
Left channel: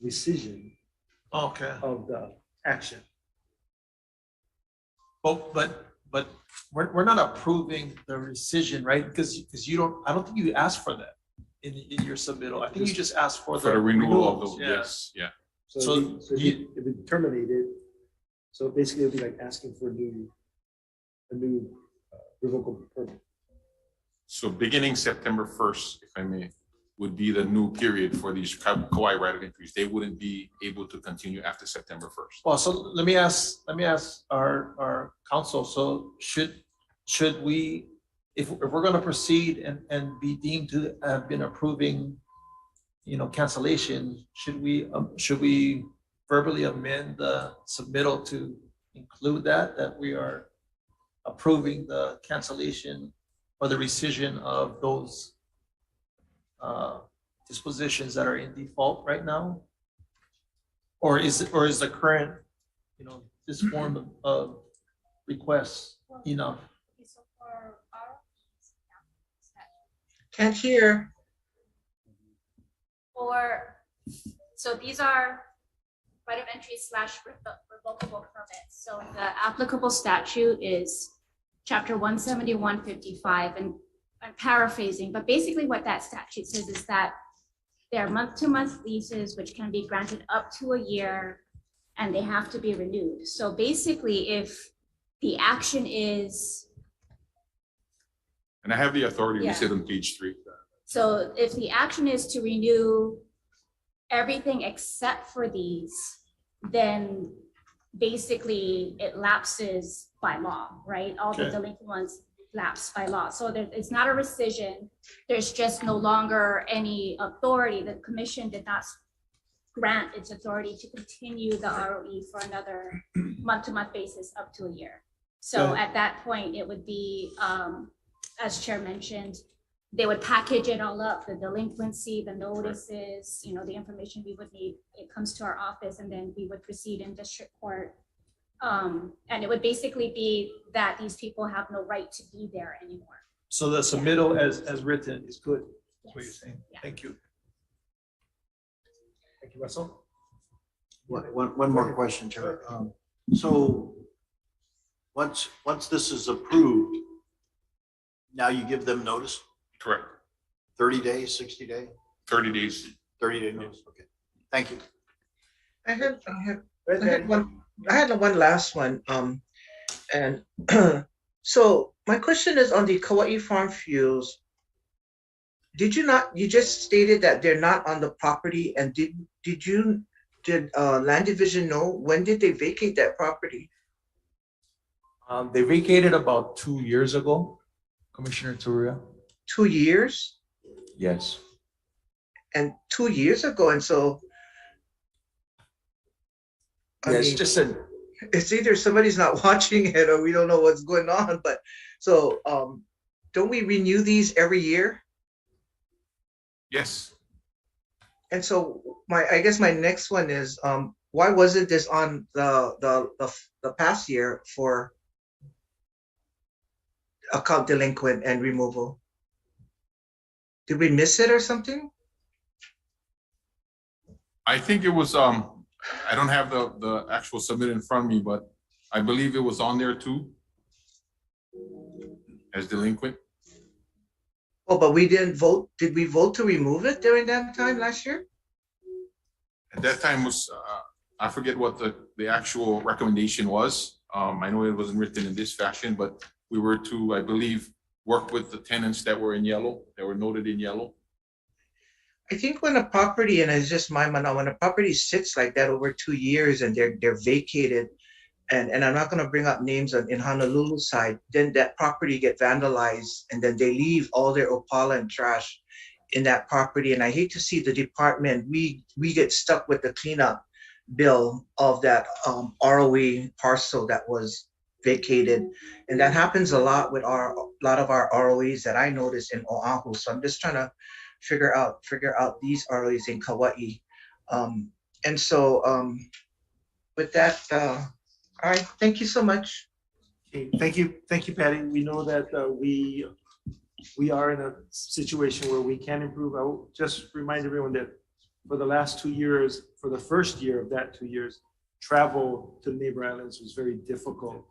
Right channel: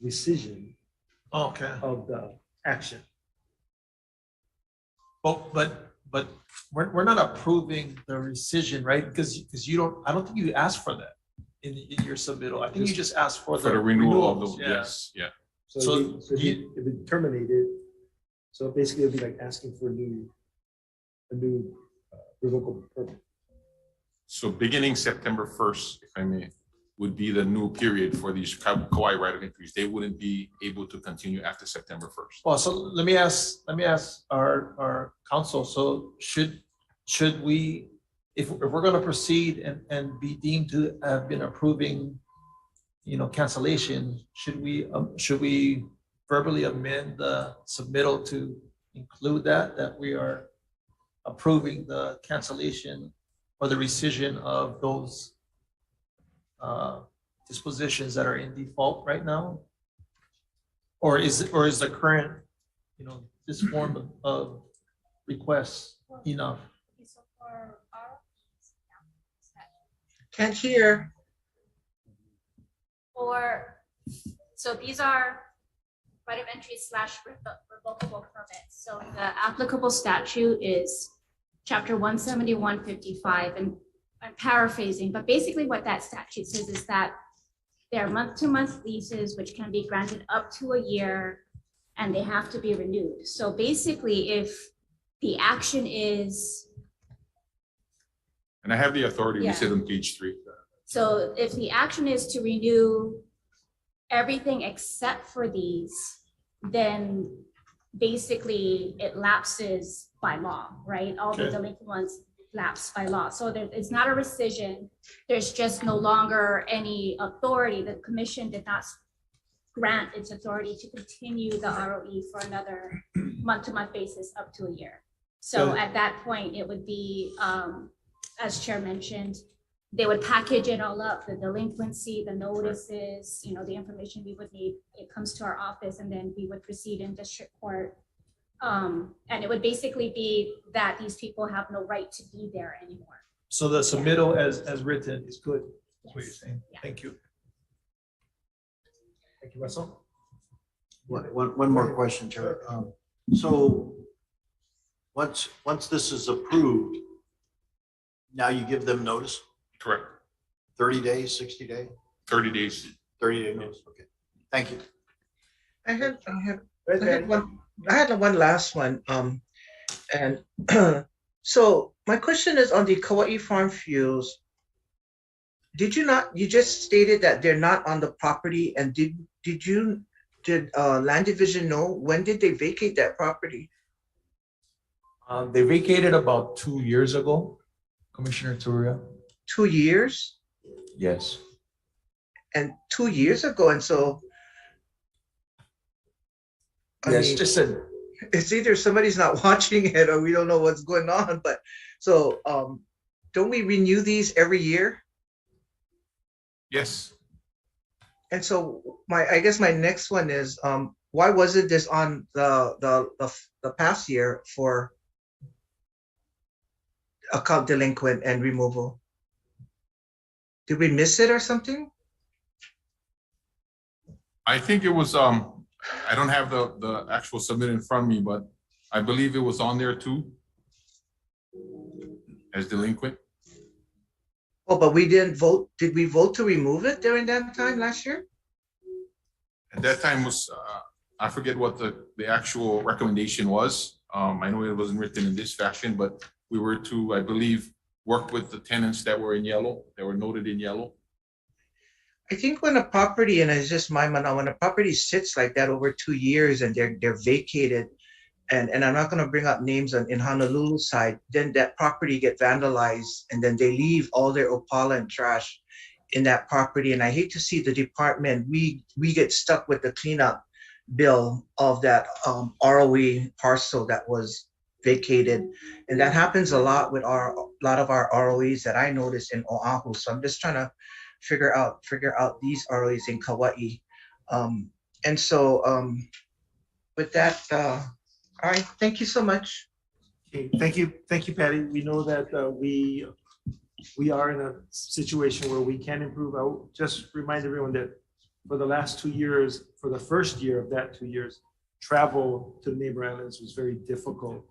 rescission Okay. of the action. But we're not approving the rescission, right? Because I don't think you asked for that in your submittal. I think you just asked for the renewal of renewals. the, yes, yeah. So if it terminated, so basically it'd be like asking for a new revocable permit. So beginning September 1st, if I may, would be the new period for these Kauai right of entries. They wouldn't be able to continue after September 1st. Well, so let me ask our counsel. So should we, if we're going to proceed and be deemed to have been approving, cancellation, should we verbally amend the submittal to include that we are approving the cancellation or the rescission of those dispositions that are in default right now? Or is the current, this form of request enough? Can't hear. So these are right of entry / revocable permits. So the applicable statute is chapter 17155, and I'm paraphrasing, but basically what that statute says is that there are month-to-month leases which can be granted up to a year and they have to be renewed. So basically, if the action is, And I have the authority Yeah. listed on page 3. so if the action is to renew everything except for these, then basically it lapses by law, right? All the Okay. delinquent ones lapse by law. So it's not a rescission. There's just no longer any authority. The commission did not grant its authority to continue the ROE for another month-to-month basis up to a year. So Good. at that point, it would be, as Chair mentioned, they would package it all up, the delinquency, the notices, the information we would need. It comes to our office and then we would proceed in district court. And it would basically be that these people have no right to be there anymore. So the submittal as written is good, is what you're saying. Yeah. Thank you. Thank you, Russell. One more question, Chair. So once this is approved, now you give them notice? Correct. 30 days, 60 days? 30 days. 30-day notice, okay. Thank you. I had one last one. And so my question is on the Kauai Farm Fuels. You just stated that they're not on the property, and did Land Division know when did they vacate that property? They vacated about 2 years ago, Commissioner Turia. 2 years? Yes. And 2 years ago, and so Yes, just said. It's either somebody's not watching it or we don't know what's going on. But so don't we renew these every year? Yes. And so I guess my next one is why wasn't this on the past year for account delinquent and removal? Did we miss it or something? I think it was, I don't have the actual submit in front of me, but I believe it was on there too as delinquent. Oh, but we didn't vote. Did we vote to remove it during that time last year? At that time was, I forget what the actual recommendation was. I know it wasn't written in this fashion, but we were to, I believe, work with the tenants that were in yellow, that were noted in yellow. I think when a property, and it's just my mind, when a property sits like that over 2 years and they're vacated, and I'm not going to bring up names in Honolulu side, then that property get vandalized, and then they leave all their opala and trash in that property. And I hate to see the department, we get stuck with the cleanup bill of that ROE parcel that was vacated. And that happens a lot with a lot of our ROEs that I noticed in Oahu. So I'm just trying to figure out these ROEs in Kauai. And so with that, all right, thank you so much. Okay, thank you, Patty. We know that we are in a situation where we can improve. I will just remind everyone that for the last 2 years, for the first year of that 2 years, travel to the neighbor islands was very difficult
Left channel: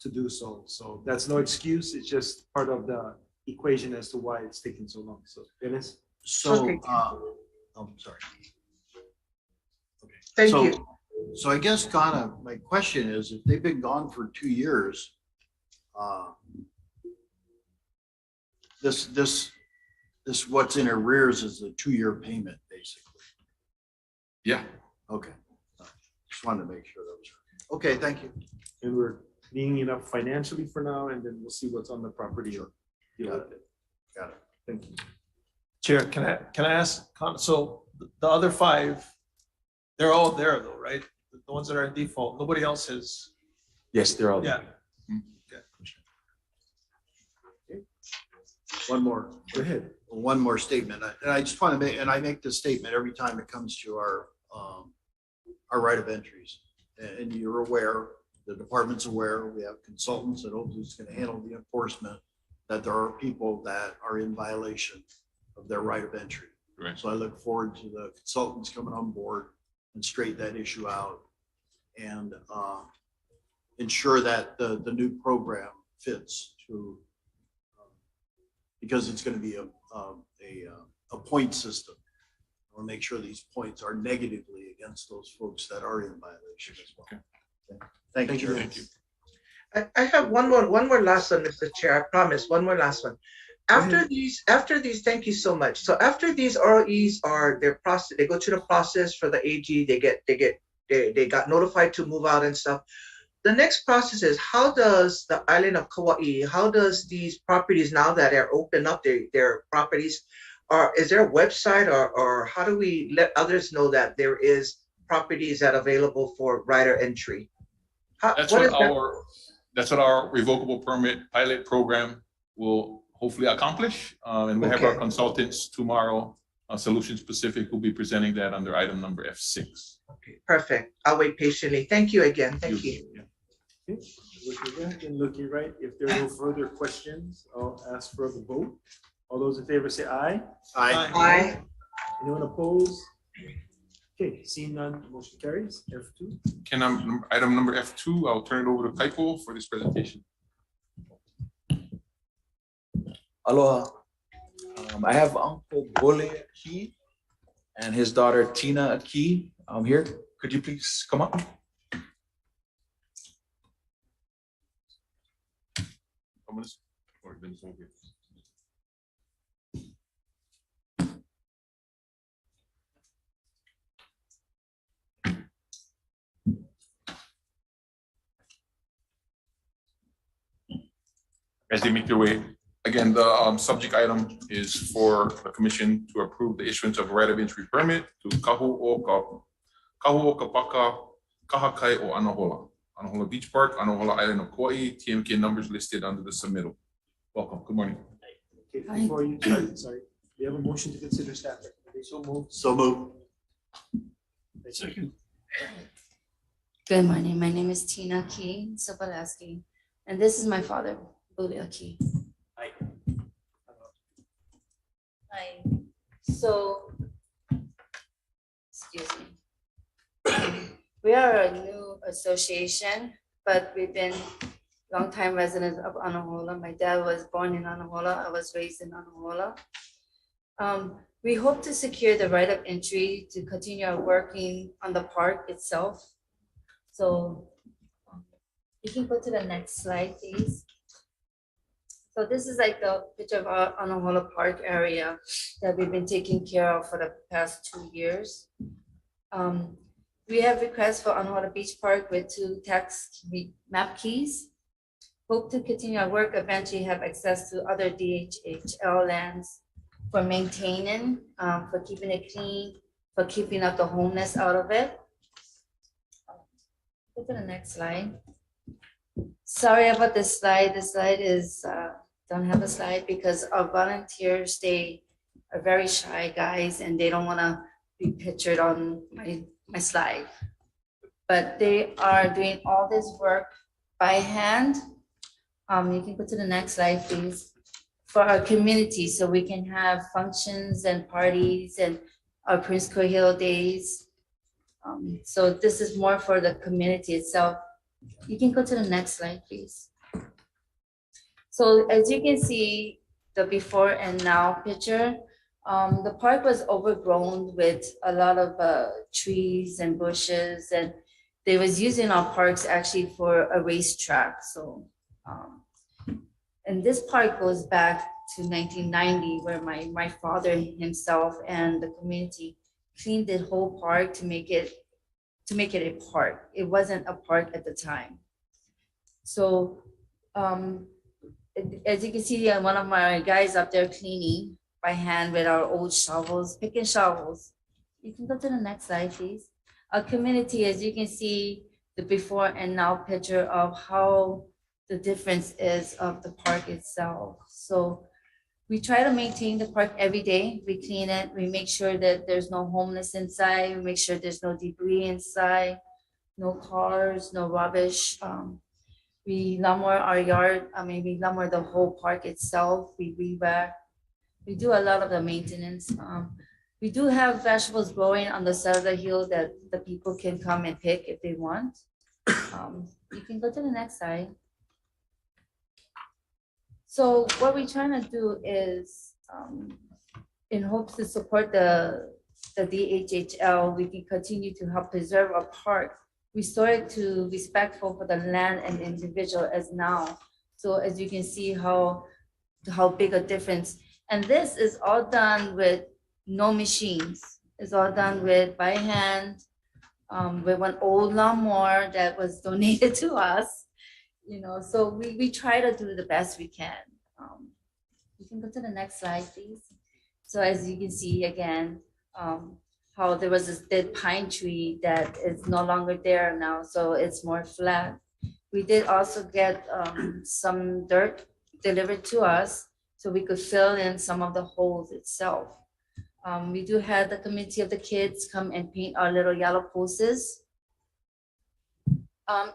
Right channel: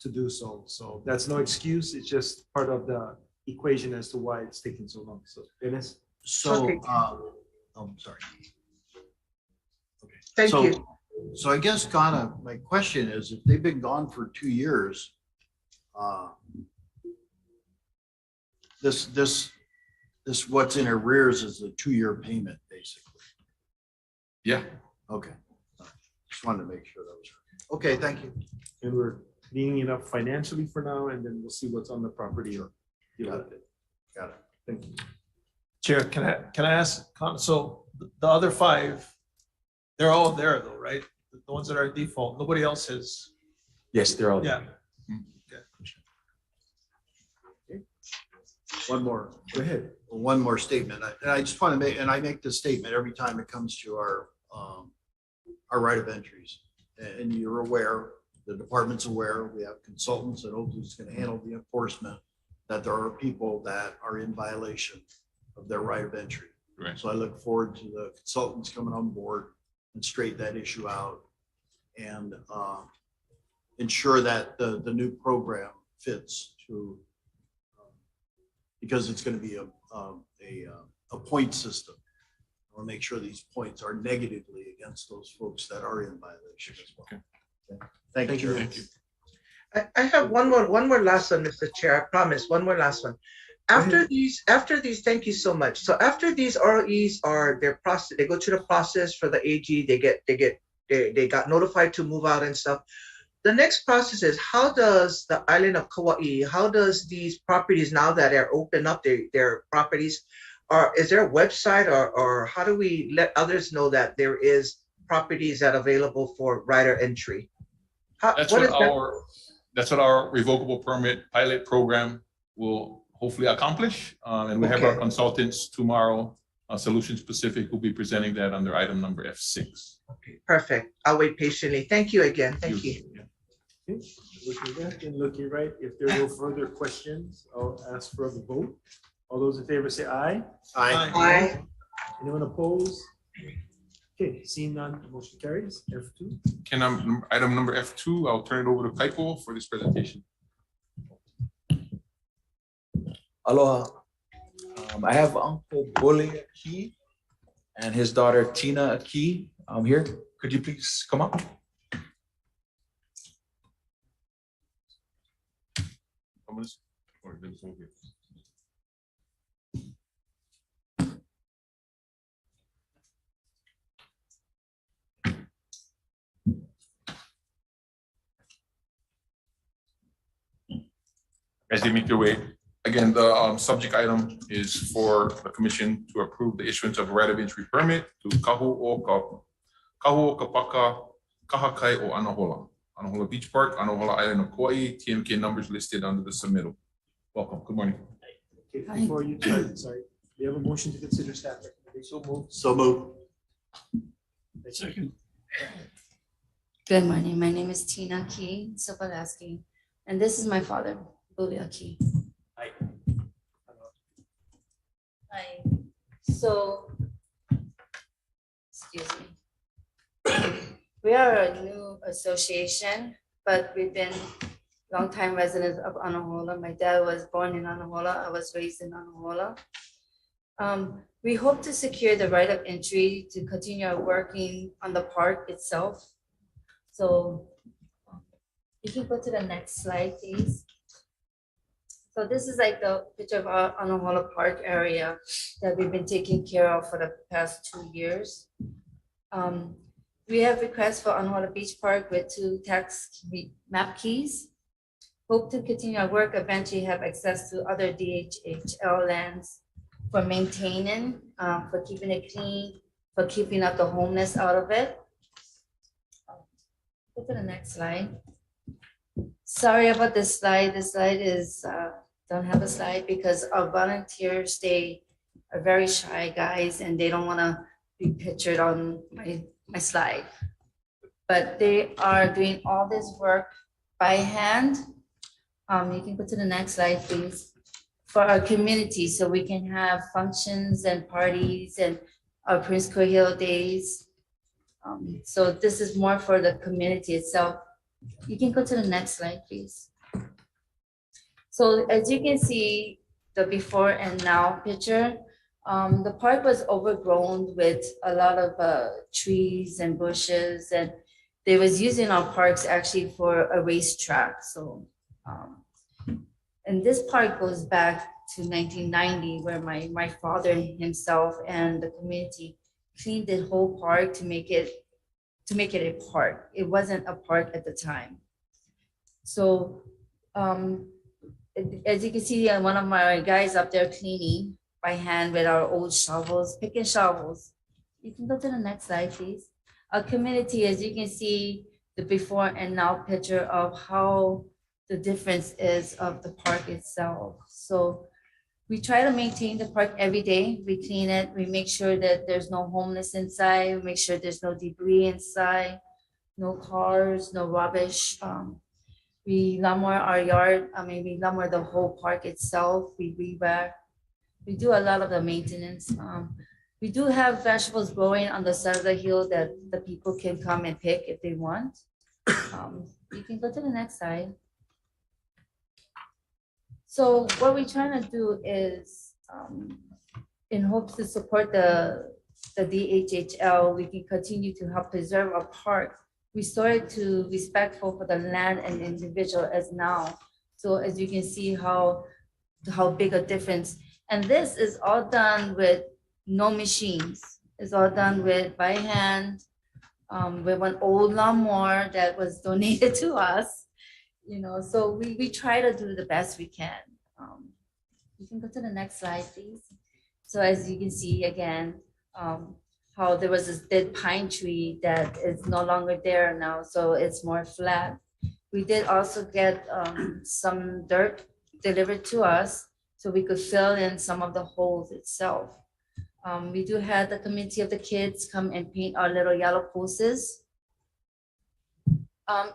to do so. So that's no excuse. It's just part of the equation as to why it's taking so long. So, Dennis? So, I'm sorry. Okay. Thank you. So I guess kind of my question is, if they've been gone for 2 years, this what's in arrears is the 2-year payment, basically. Yeah. Okay. Just wanted to make sure that was right. Okay, thank you. And we're cleaning it up financially for now, and then we'll see what's on the property or deal with it. Got it. Thank you. Chair, can I ask, so the other 5, they're all there though, right? The ones that are at default, nobody else has. Yes, they're all. Yeah. Okay. One more. Go ahead. One more statement. And I just want to make, and I make this statement every time it comes to our right of entries. And you're aware, the department's aware, we have consultants that hopefully is going to handle the enforcement, that there are people that are in violation of their right of entry. Right. So I look forward to the consultants coming on board and straighten that issue out and ensure that the new program fits to, because it's going to be a point system. We'll make sure these points are negatively against those folks that are in violation as well. Okay. Thank you. Thank you. I have one more last one, Mr. Chair. I promise, one more last one. After these, thank you so much. So after these ROEs their process, they go through the process for the AG. They got notified to move out and stuff. The next process is, how does the island of Kauai, how does these properties, now that they're open up their properties, is there a website or how do we let others know that there is properties that are available for rider entry? That's what our revocable permit pilot program will hopefully accomplish. And we have our Okay. consultants tomorrow, Solution Specific, will be presenting that under item number F6. Okay, perfect. I'll wait patiently. Thank you again. Thank you. Yeah. Okay, looking left and looking right. If there are no further questions, I'll ask for a vote. All those in favor say aye. Aye. Anyone opposed? Okay, seeing none, motion carries. F2. Can item number F2, I'll turn it over to Kaipo for this presentation. Aloha. I have Uncle Bole Aki and his daughter Tina Aki here. Could you please come up? As they make their way, again, the subject item is for the commission to approve the issuance of a right of entry permit to Kahu'okapaka Kahakai o Anahola Beach Park, Anahola Island of Kauai, TMK numbers listed under the submittal. Welcome, good morning. Okay, before you start, sorry, we have a motion to consider staff recommendation. So moved. So moved. Second. Good morning. My name is Tina Key Sobolewski, and this is my father, Bobby Key. Hi. Hi. So, excuse me. We are a new association, but we've been longtime residents of Anahola. My dad was born in Anahola. I was raised in Anahola. We hope to secure the right of entry to continue working on the park itself. So you can go to the next slide, please. So this is like the picture of our Anahola Park area that we've been taking care of for the past 2 years. We have requests for Anahola Beach Park with 2 tax map keys. Hope to continue our work, eventually have access to other DHHL lands for maintaining, for keeping it clean, for keeping up the homeless out of it. Go to the next slide. Sorry about this slide. This slide is, don't have a slide because our volunteers, they are very shy guys and they don't want to be pictured on my slide. But they are doing all this work by hand. You can go to the next slide, please. For our community, so we can have functions and parties and our Prince Cohill days. So this is more for the community itself. You can go to the next slide, please. So as you can see, the before and now picture, the park was overgrown with a lot of trees and bushes, and they was using our parks actually for a racetrack. So, and this park goes back to 1990, where my father himself and the community cleaned the whole park to make it a park. It wasn't a park at the time. So as you can see, one of my guys up there cleaning by hand with our old shovels, picking shovels. You can go to the next slide, please. Our community, as you can see, the before and now picture of how the difference is of the park itself. So we try to maintain the park every day. We clean it. We make sure that there's no homeless inside. We make sure there's no debris inside, no cars, no rubbish. We lumber our yard. We lumber the whole park itself. We re-back. We do a lot of the maintenance. We do have vegetables growing on the side of the hill that the people can come and pick if they want. You can go to the next slide. So what we're trying to do is, in hopes to support the DHHL, we can continue to help preserve our park, restore it to respectful for the land and individual as now. So as you can see how big a difference. And this is all done with no machines. It's all done with by hand, with one old lawnmower that was donated to us. So we try to do the best we can. You can go to the next slide, please. So as you can see again, how there was this dead pine tree that is no longer there now, so it's more flat. We did also get some dirt delivered to us so we could fill in some of the holes itself. We do have the committee of the kids come and paint our little yellow posters.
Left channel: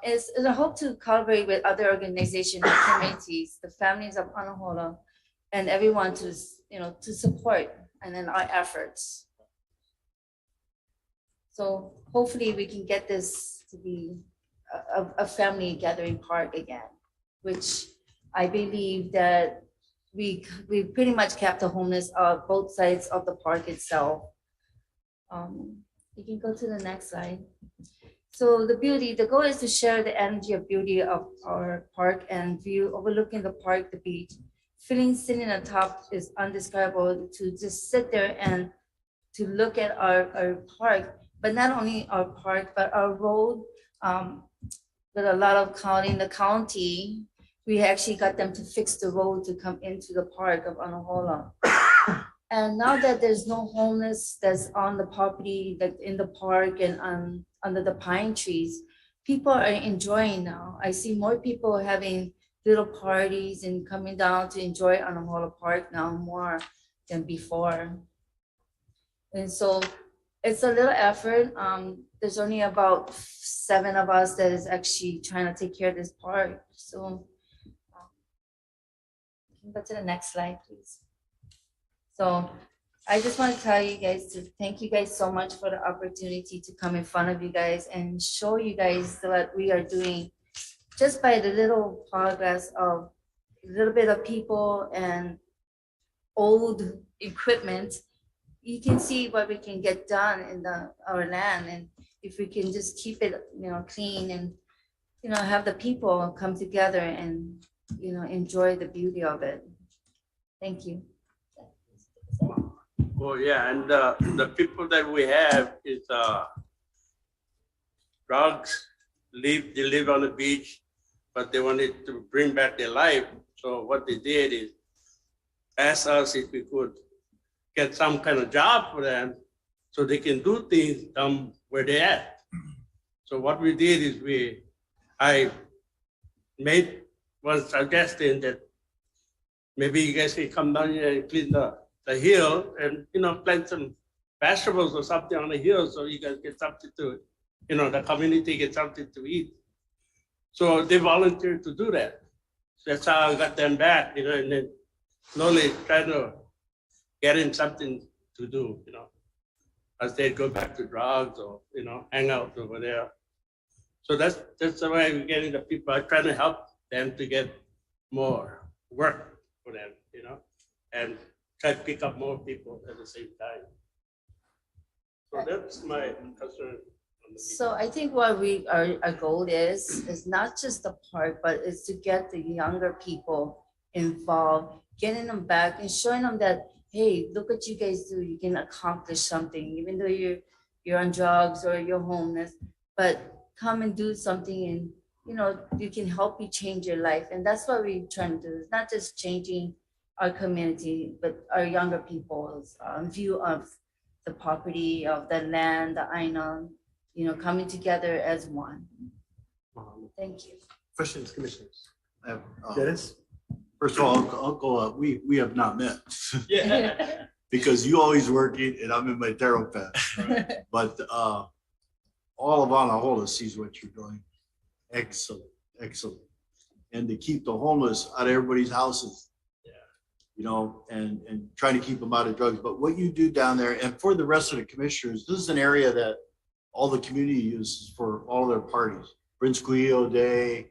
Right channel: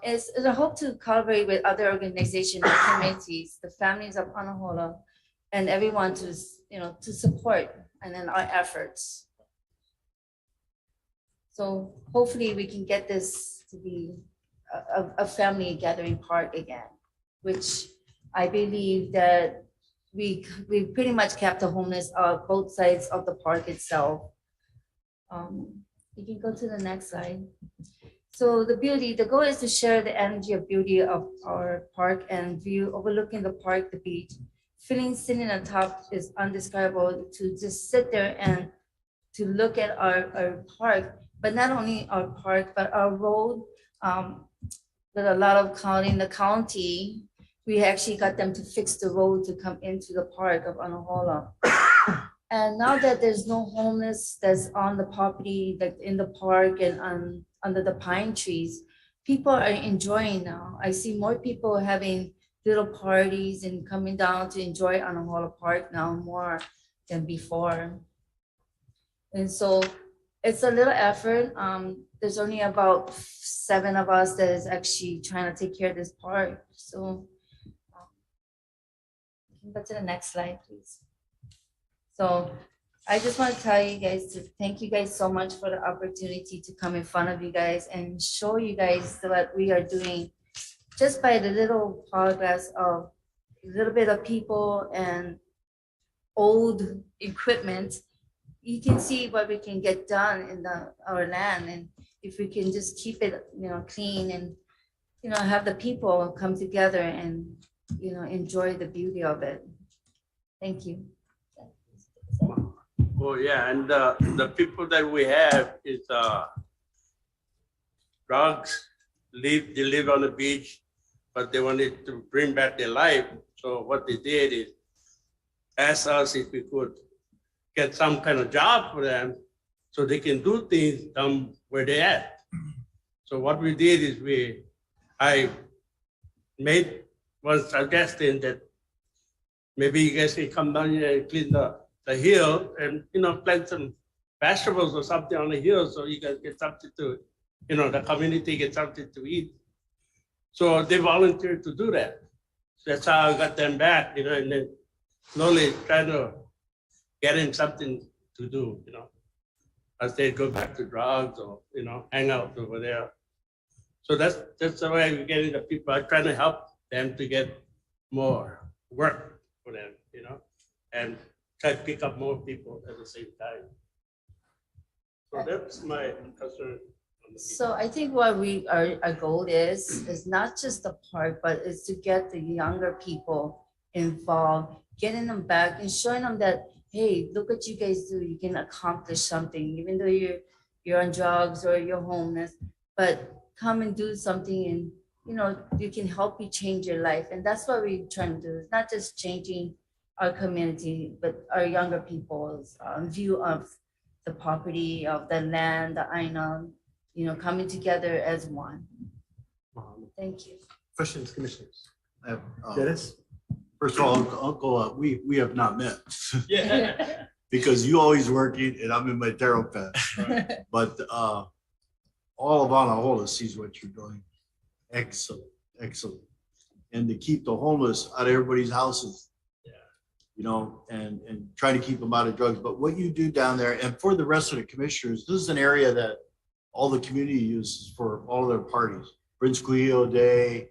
It's a hope to collaborate with other organizations and committees, the families of Anahola, and everyone to, to support and in our efforts. So hopefully we can get this to be a family gathering park again, which I believe that we pretty much kept the homeless both sides of the park itself. You can go to the next slide. So the goal is to share the energy of beauty of our park and view overlooking the park, the beach. Feeling sitting on top is undescribable, to just sit there and to look at our park, but not only our park, but our road. With a lot of in the county, we actually got them to fix the road to come into the park of Anahola. And now that there's no homeless that's on the property, like in the park and under the pine trees, people are enjoying now. I see more people having little parties and coming down to enjoy Anahola Park now more than before. And so it's a little effort. There's only about 7 of us that is actually trying to take care of this park. So go to the next slide, please. So I just want to tell you guys to thank you guys so much for the opportunity to come in front of you guys and show you guys what we are doing just by the little progress of a little bit of people and old equipment. You can see what we can get done in our land, and if we can just keep it, clean and have the people come together and enjoy the beauty of it. Thank you. Oh yeah, and the people that we have is drugs. They live on the beach, but they wanted to bring back their life. So what they did is ask us if we could get some kind of job for them so they can do things where they're at. So what we did is I made one suggestion that maybe you guys can come down here and clean the hill and, plant some vegetables or something on the hill so you guys get something to, the community gets something to eat. So they volunteered to do that. So that's how I got them back, and then slowly trying to get in something to do, as they go back to drugs or, hang out over there. So that's the way we're getting the people. I'm trying to help them to get more work for them, and try to pick up more people at the same time. So that's my concern. So I think what our goal is not just the park, but is to get the younger people involved, getting them back and showing them that, hey, look what you guys do. You can accomplish something, even though you're on drugs or you're homeless, but come and do something and, you can help you change your life. And that's what we're trying to do. It's not just changing our community, but our younger people's view of the property, of the land, the Aina, coming together as one. Thank you. Questions, commissioners? I have, Dennis? First of all, Uncle, we have not met. Yeah. Because you always working and I'm in my tarot path. Right. But all of Anahola sees what you're doing. Excellent, excellent. And to keep the homeless out of everybody's houses, and trying to keep them out of drugs. But what you do down there, and for the rest of the commissioners, this is an area that all the community uses for all their parties, Prince Cuyo Day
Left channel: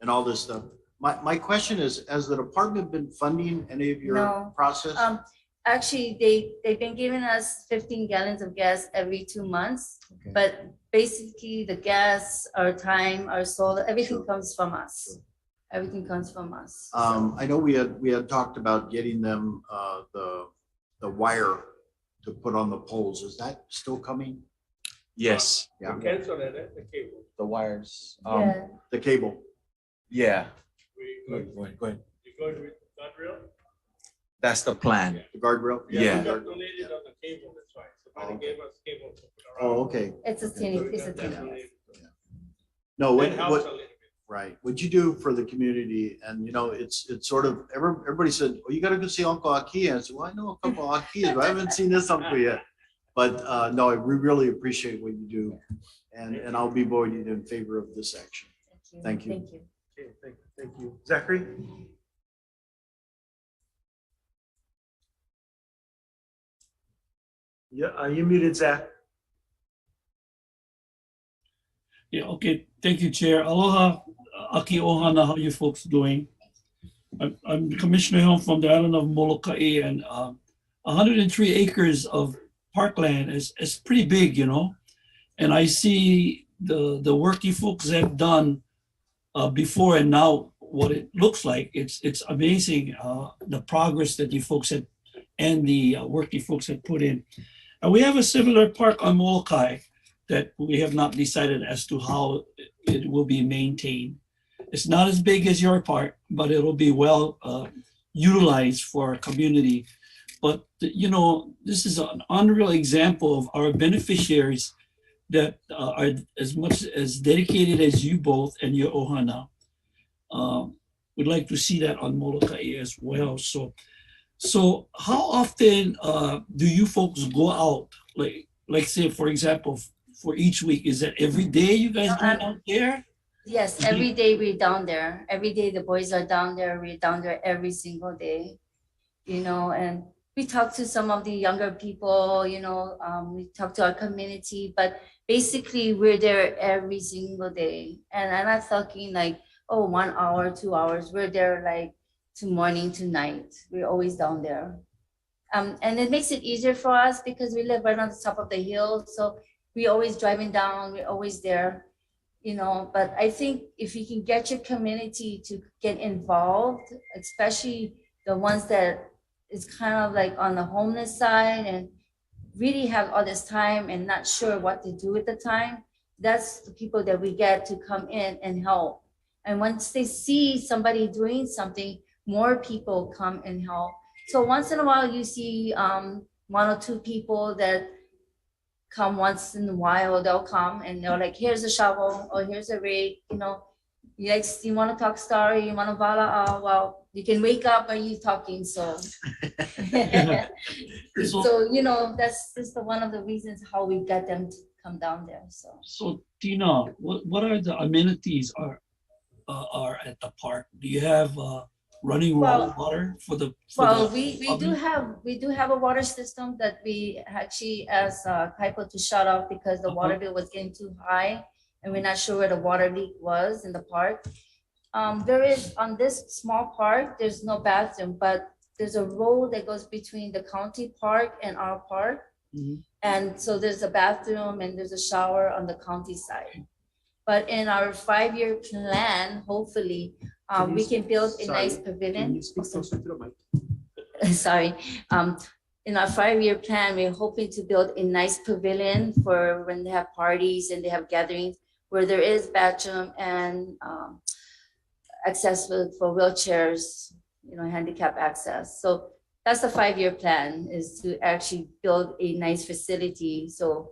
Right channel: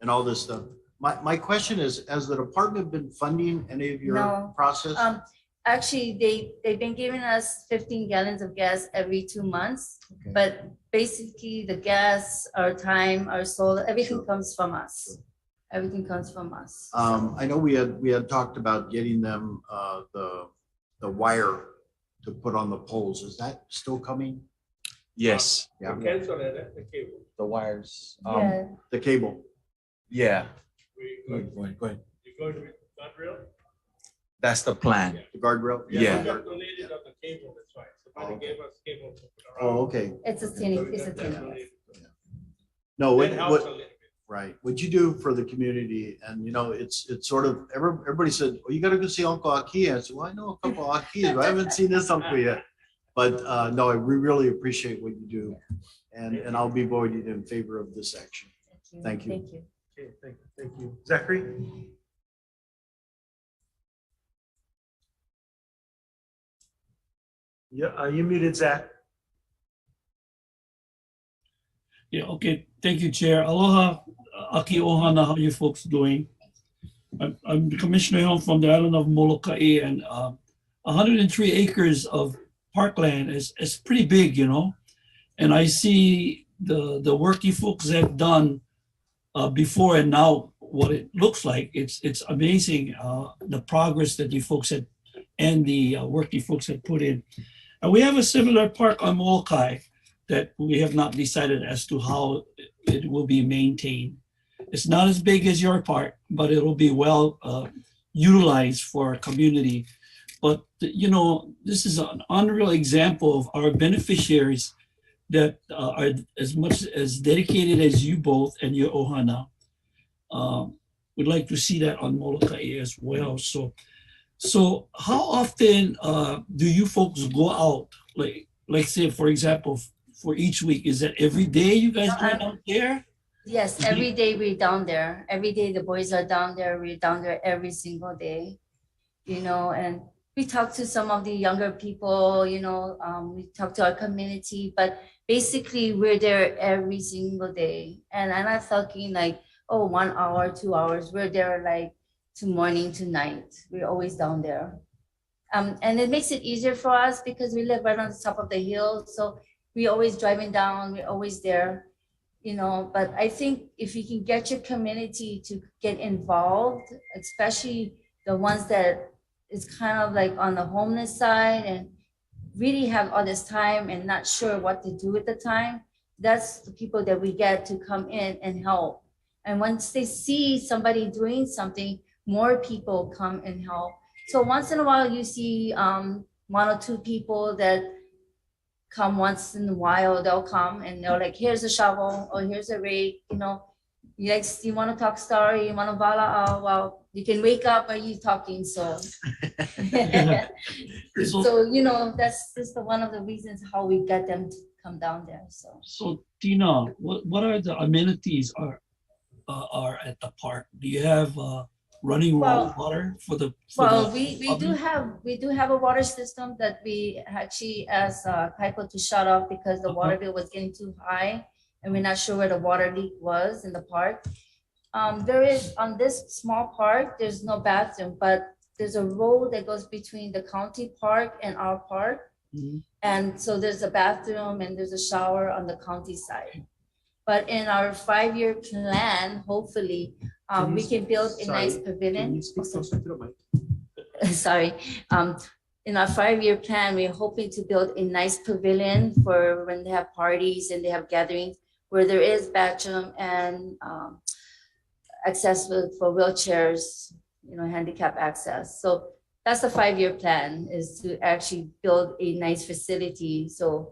and all this stuff. My question is, has the department been funding any of your process? Actually, they've been giving us 15 gallons of gas every 2 months, Okay. but basically the gas, our time, our solar, everything comes from us. Everything comes from us. I know we had talked about getting them the wire to put on the poles. Is that still coming? Yes. Yeah. Cancel it, the cable. The wires. Yeah. The cable. Yeah. Go Go ahead. You going with Godreal? That's the plan. The guardrail? Yeah. We got donated on the cable, that's right. Somebody gave us cable to put around. Oh, okay. It's a So we it's a got that tin. donated. No, That helps a little bit. right, what you do for the community, and you know, it's sort of, everybody said, oh, you gotta go see Uncle Aki. I said, well, I know a couple of Akis, but I haven't seen this uncle yet. But no, we really appreciate what you do, and I'll be voting in favor of this action. Thank you. Thank you. Okay, thank you. Zachary? Yeah, you muted, Zach. Yeah, okay. Thank you, Chair. Aloha, Aki Ohana, how you folks doing? I'm Commissioner Helm from the island of Molokai, and 103 acres of parkland is pretty big, you know? And I see the work you folks have done before and now what it looks like. It's amazing the progress that you folks had and the work you folks have put in. And we have a similar park on Molokai that we have not decided as to how it will be maintained. It's not as big as your park, but it'll be well utilized for our community. But you know, this is an unreal example of our beneficiaries that are as much as dedicated as you both and your ohana. We'd like to see that on Molokai as well. So how often do you folks go out? Like say, for example, for each week, is that every day you guys go out there? Yes, every day we're down there. Every day the boys are down there. We're down there every single day, you know, and we talk to some of the younger people, you know, we talk to our community, but basically we're there every single day. And I'm not talking like, oh, 1 hour, 2 hours. We're there like to morning to night. We're always down there. And it makes it easier for us because we live right on the top of the hill. So we're always driving down, we're always there, you know. But I think if you can get your community to get involved, especially the ones that is kind of like on the homeless side and really have all this time and not sure what to do with the time, that's the people that we get to come in and help. And once they see somebody doing something, more people come and help. So once in a while you see 1 or 2 people that come once in a while, they'll come and they're like, here's a shovel or here's a rake, you know, you want to talk story, you want to vala out, well, you can wake up while you talking, so. So, you know, that's just one of the reasons how we get them to come down there, so. So Tina, what are the amenities are at the park? Do you have running water for the? We do have a water system that we actually asked Kaipo to shut off because the water bill was getting too high and we're not sure where the water leak was in the park. There is, on this small park, there's no bathroom, but there's a road that goes between the county park and our park. Mm-hmm. And so there's a bathroom and there's a shower on the county side. But in our 5-year plan, hopefully, we can build a nice pavilion. Sorry. In our 5-year plan, we're hoping to build a nice pavilion for when they have parties and they have gatherings where there is bathroom and access for wheelchairs, you know, handicap access. So that's the 5-year plan, is to actually build a nice facility so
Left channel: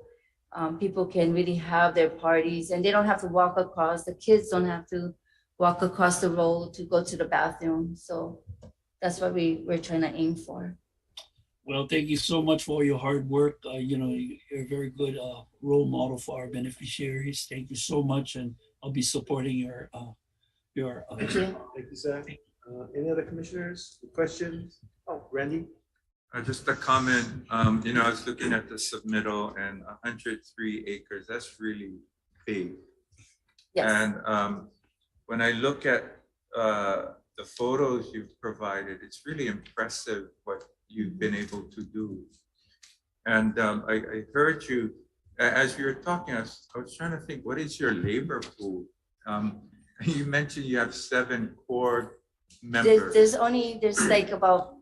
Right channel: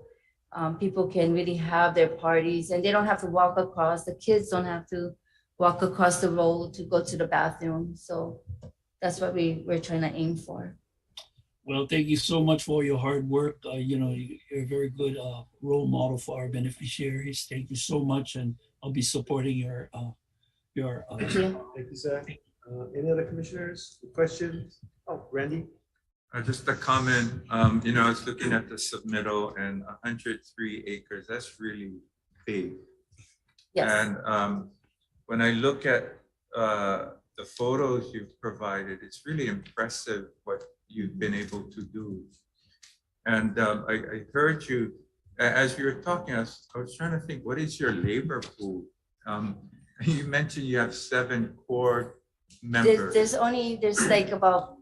people can really have their parties and they don't have to walk across. The kids don't have to walk across the road to go to the bathroom. So that's what we're trying to aim for. Well, thank you so much for your hard work. You know, you're a very good role model for our beneficiaries. Thank you so much, and I'll be supporting your. Thank you, Zach. Any other commissioners, questions? Oh, Randy. Just a comment. You know, I was looking at the submittal, and 103 acres. That's really big. Yes. And when I look at the photos you've provided, it's really impressive what you've been able to do. And I heard you, as you were talking, I was trying to think, what is your labor pool? You mentioned you have 7 core members. There's like about,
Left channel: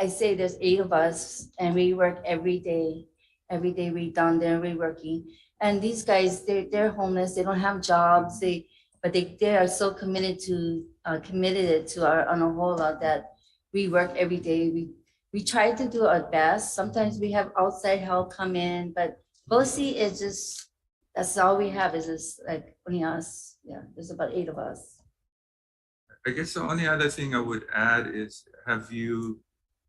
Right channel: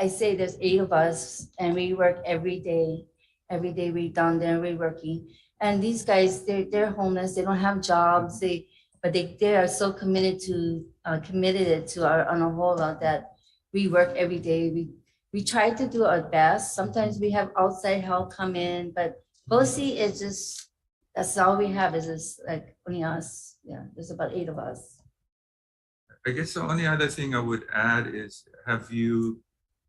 I say there's 8 of us and we work every day. Every day we're down there, we're working. And these guys, they're homeless, they don't have jobs, but they are so committed to our Anahola that we work every day. we try to do our best. Sometimes we have outside help come in, but BOSI is just, that's all we have is just like only us. Yeah, there's about 8 of us. I guess the only other thing I would add is, have you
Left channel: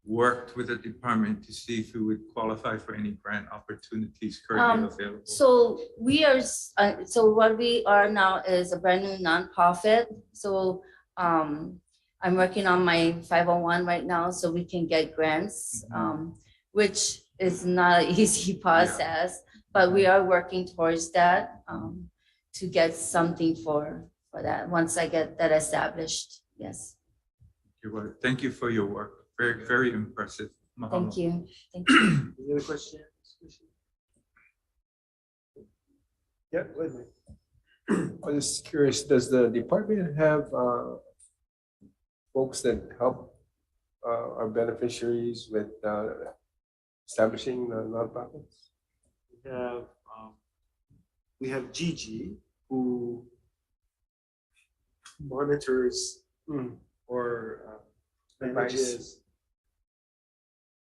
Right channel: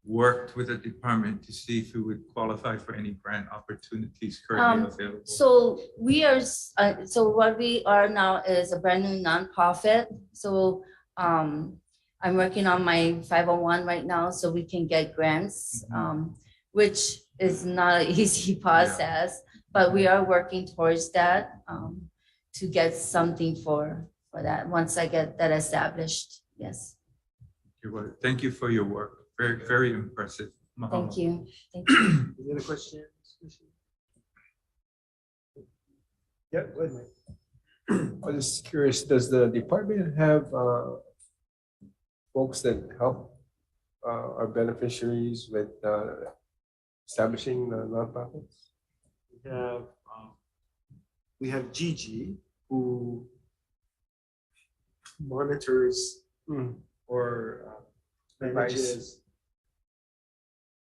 worked with the department to see if you would qualify for any grant opportunities currently available? So we are, so what we are now is a brand new nonprofit. So I'm working on my 501 right now so we can get grants, which is not an easy process, but we are working towards that to get something for that once I get that established. Yes. Thank you for your work. Very, very impressive. Mahalo. Thank you. Thank you. Any other questions? Yeah, go ahead, Mike. I was just curious, does the department have folks that help our beneficiaries with establishing nonprofits? We have Gigi, who monitors or manages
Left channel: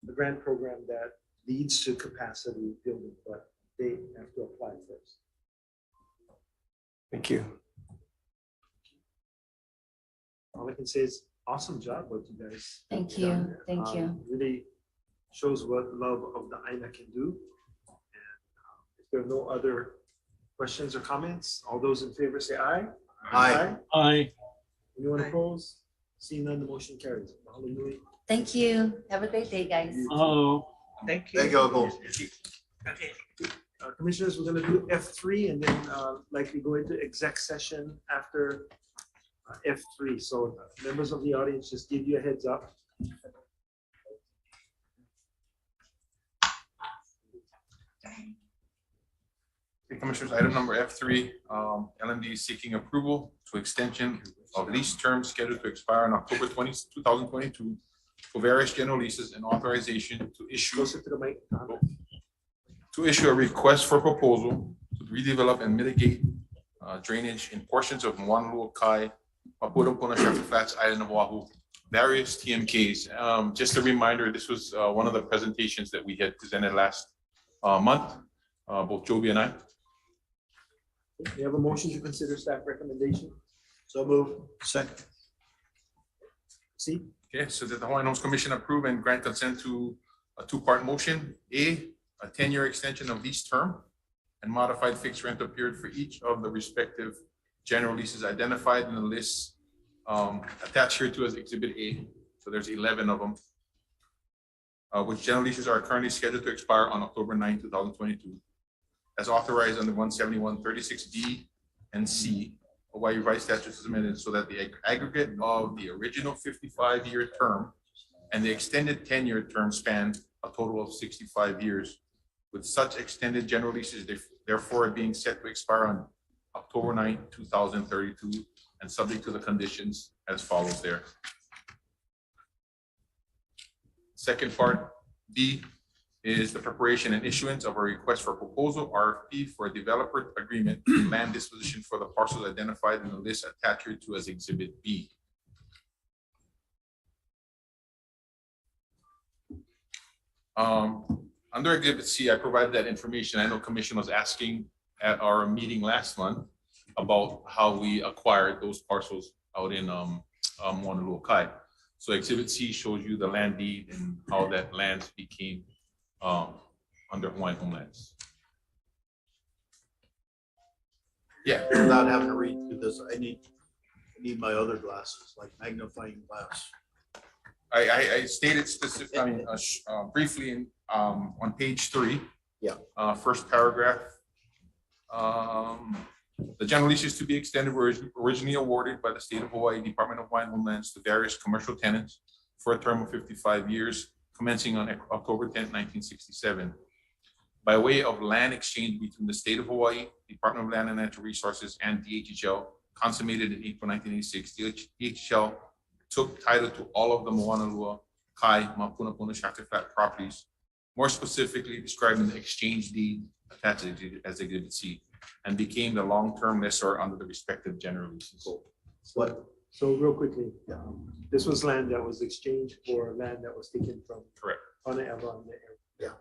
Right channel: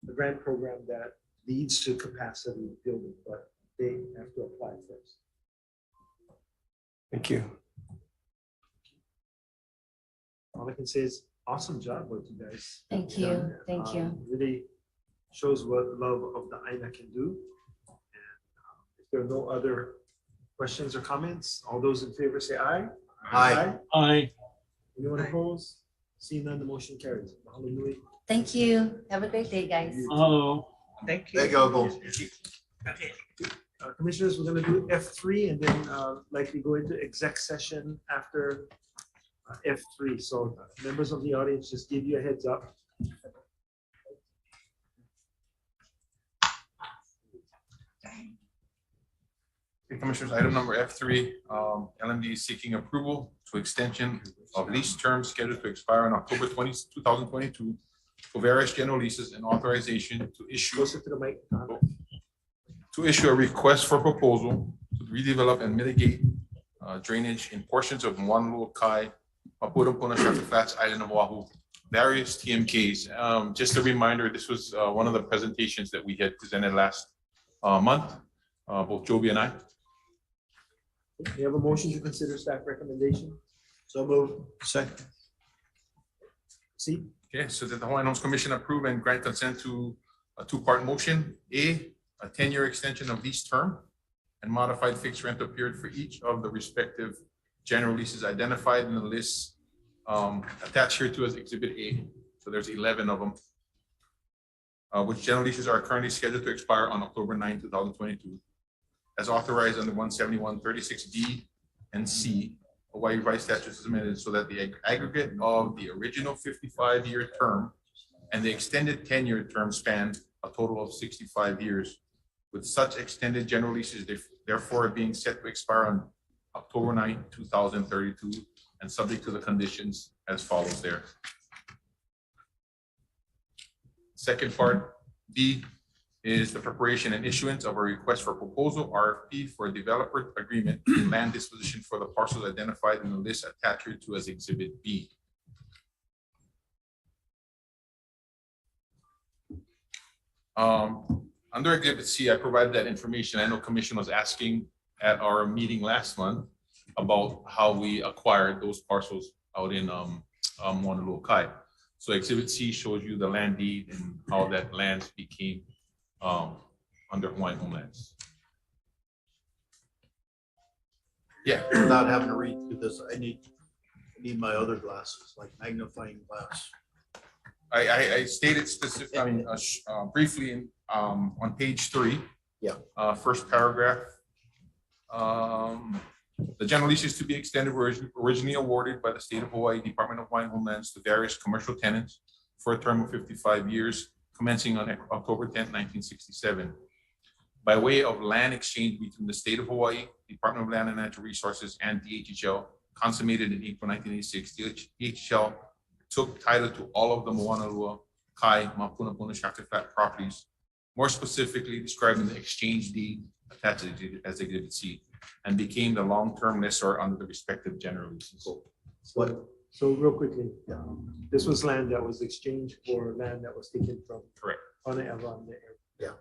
the grant program that leads to capacity building, but they have to apply first. Thank you. All I can say is awesome job what you guys. Thank have you. done. Thank you. Really shows what love of the AINA can do. And if there are no other questions or comments, all those in favor say aye. Aye. Aye. Anyone opposed? Seeing none, the motion carries. Mahalo nui. Thank you. Have a great day, guys. Oh. Thank you. Thank you, Uncle. Commissioners, we're going to do F3 and then likely go into exec session after F3. So members of the audience, just give you a heads up. Okay, Commissioners, item number F3, LMD is seeking approval to extension of lease terms scheduled to expire on October 20, 2022 for various general leases and authorization to issue. Closer to the mic. To issue a request for proposal to redevelop and mitigate drainage in portions of Moanalua Kai, Mapudunpuna, Shasta Flats, Island of Oahu, various TMKs. Just a reminder, this was one of the presentations that we had presented last month, both Joby and I. We have a motion to consider staff recommendation. So move. Second. See? Okay, so that the Hawaiian Homes Commission approve and grant consent to a two-part motion. A 10-year extension of lease term and modified fixed rental period for each of the respective general leases identified in the list attached here to as Exhibit A. So there's 11 of them, which general leases are currently scheduled to expire on October 9, 2022, as authorized under 171-36D and C. Hawaii Revised Statutes amended so that the aggregate of the original 55-year term and the extended 10-year term span a total of 65 years, with such extended general leases therefore being set to expire on October 9, 2032, and subject to the conditions as follows there. Second part, B, is the preparation and issuance of a request for proposal, RFP, for a developer agreement and land disposition for the parcels identified in the list attached here to as Exhibit B. Under Exhibit C, I provided that information. I know Commission was asking at our meeting last month about how we acquired those parcels out in Moanalua Kai. So Exhibit C shows you the land deed and how that land became under Hawaiian Homelands. Yeah. Without having to read through this, I need my other glasses, like magnifying glass. I stated specific, I mean, briefly on page 3. Yeah. First paragraph. The general leases to be extended were originally awarded by the State of Hawaii Department of Hawaiian Homelands to various commercial tenants for a term of 55 years, commencing on October 10, 1967. By way of land exchange between the State of Hawaii, Department of Land and Natural Resources, and DHHL, consummated in April 1986, DHHL took title to all of the Moanalua Kai, Mapunapuna, Shasta Flat properties, more specifically described in the exchange deed attached as Exhibit C, and became the long-term lessor under the respective general leases. What So real quickly, this was land that was exchanged for land that was taken from. Correct. Hawaiian on the Yeah.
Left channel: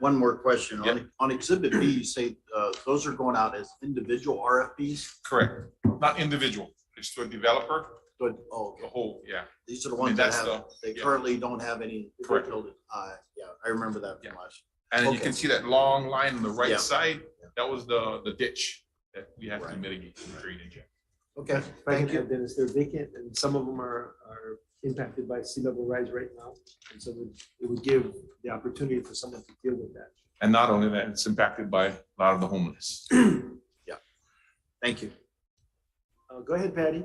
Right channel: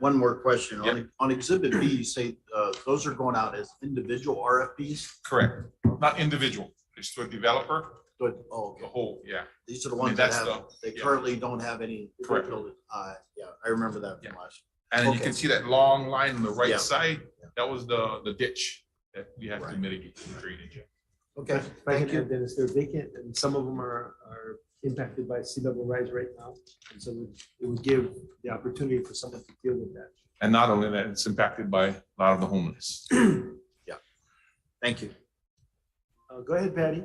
One more question. Yep. On Exhibit B, you say those are going out as individual RFPs? Correct. Not individual. It's to a developer, Good. Oh, the whole, yeah. these are the I mean, ones that that's have, they yeah. currently don't have any. Correct. Yeah, I remember that from last. And you Okay. can see that long line on the right Yeah. side. That was the ditch that we have to mitigate the drainage. Okay, If I can add, Dennis, they're vacant and some of them are impacted by sea level rise right now. And so it would give the opportunity for someone to deal with that. And not only that, it's impacted by a lot of the homeless. Yeah. Thank you. Go ahead, Patty.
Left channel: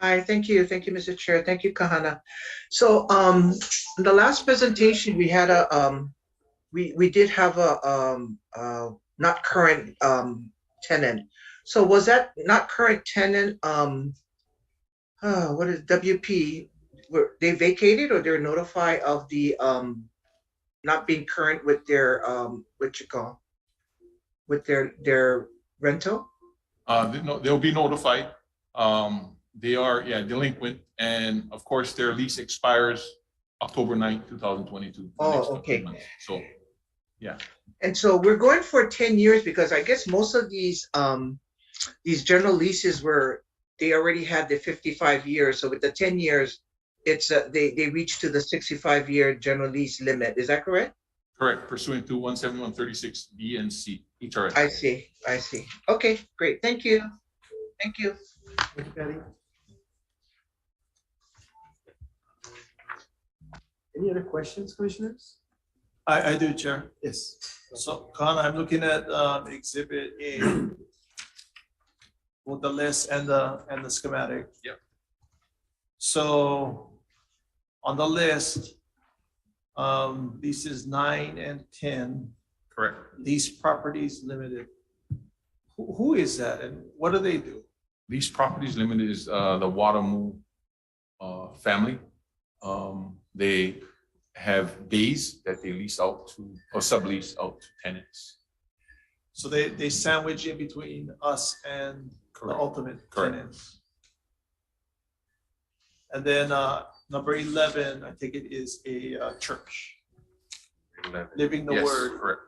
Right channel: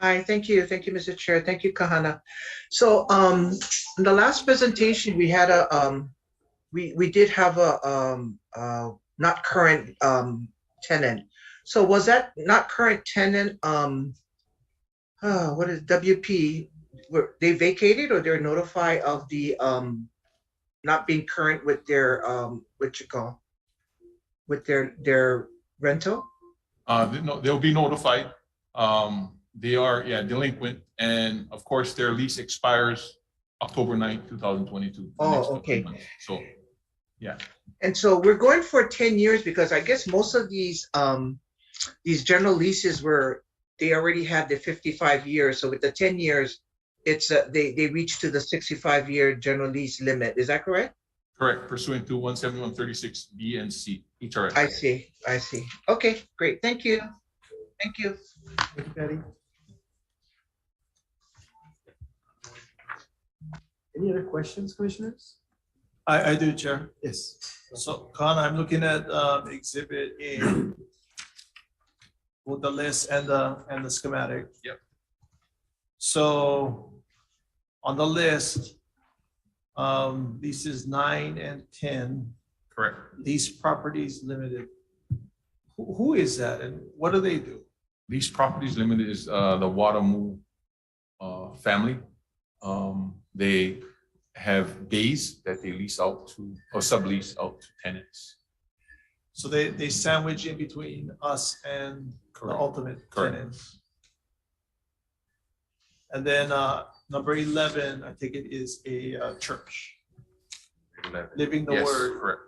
Hi, thank you. Thank you, Mr. Chair. Thank you, Kahana. So in the last presentation, we had we did have a not current tenant. So was that not current tenant, what is WP, were they vacated or they're notified of the not being current with their with their rental? No, they'll be notified. They are, delinquent, and of course, their lease expires October 9th, 2022. Oh, okay. So, yeah. And so we're going for 10 years because I guess most of these general leases they already had the 55 years. So with the 10 years, it's they reach to the 65-year general lease limit. Is that correct? Correct, pursuant to 17136 B and C HRS. I see. Okay, great. Thank you. Thank you. Thank you, Patty. Any other questions, commissioners? I do, Chair. Yes. So, Khan, I'm looking at Exhibit A with the list and the schematic. Yep. So, on the list, leases 9 and 10. Correct. Lease Properties Limited. Who is that and what do they do? Lease Properties Limited is the Watamu family. They have bays that they lease out to or sublease out to tenants. So they sandwich in between us and the ultimate tenants. And then number 11, I think it is a church. 11. Living the Yes, Word. correct.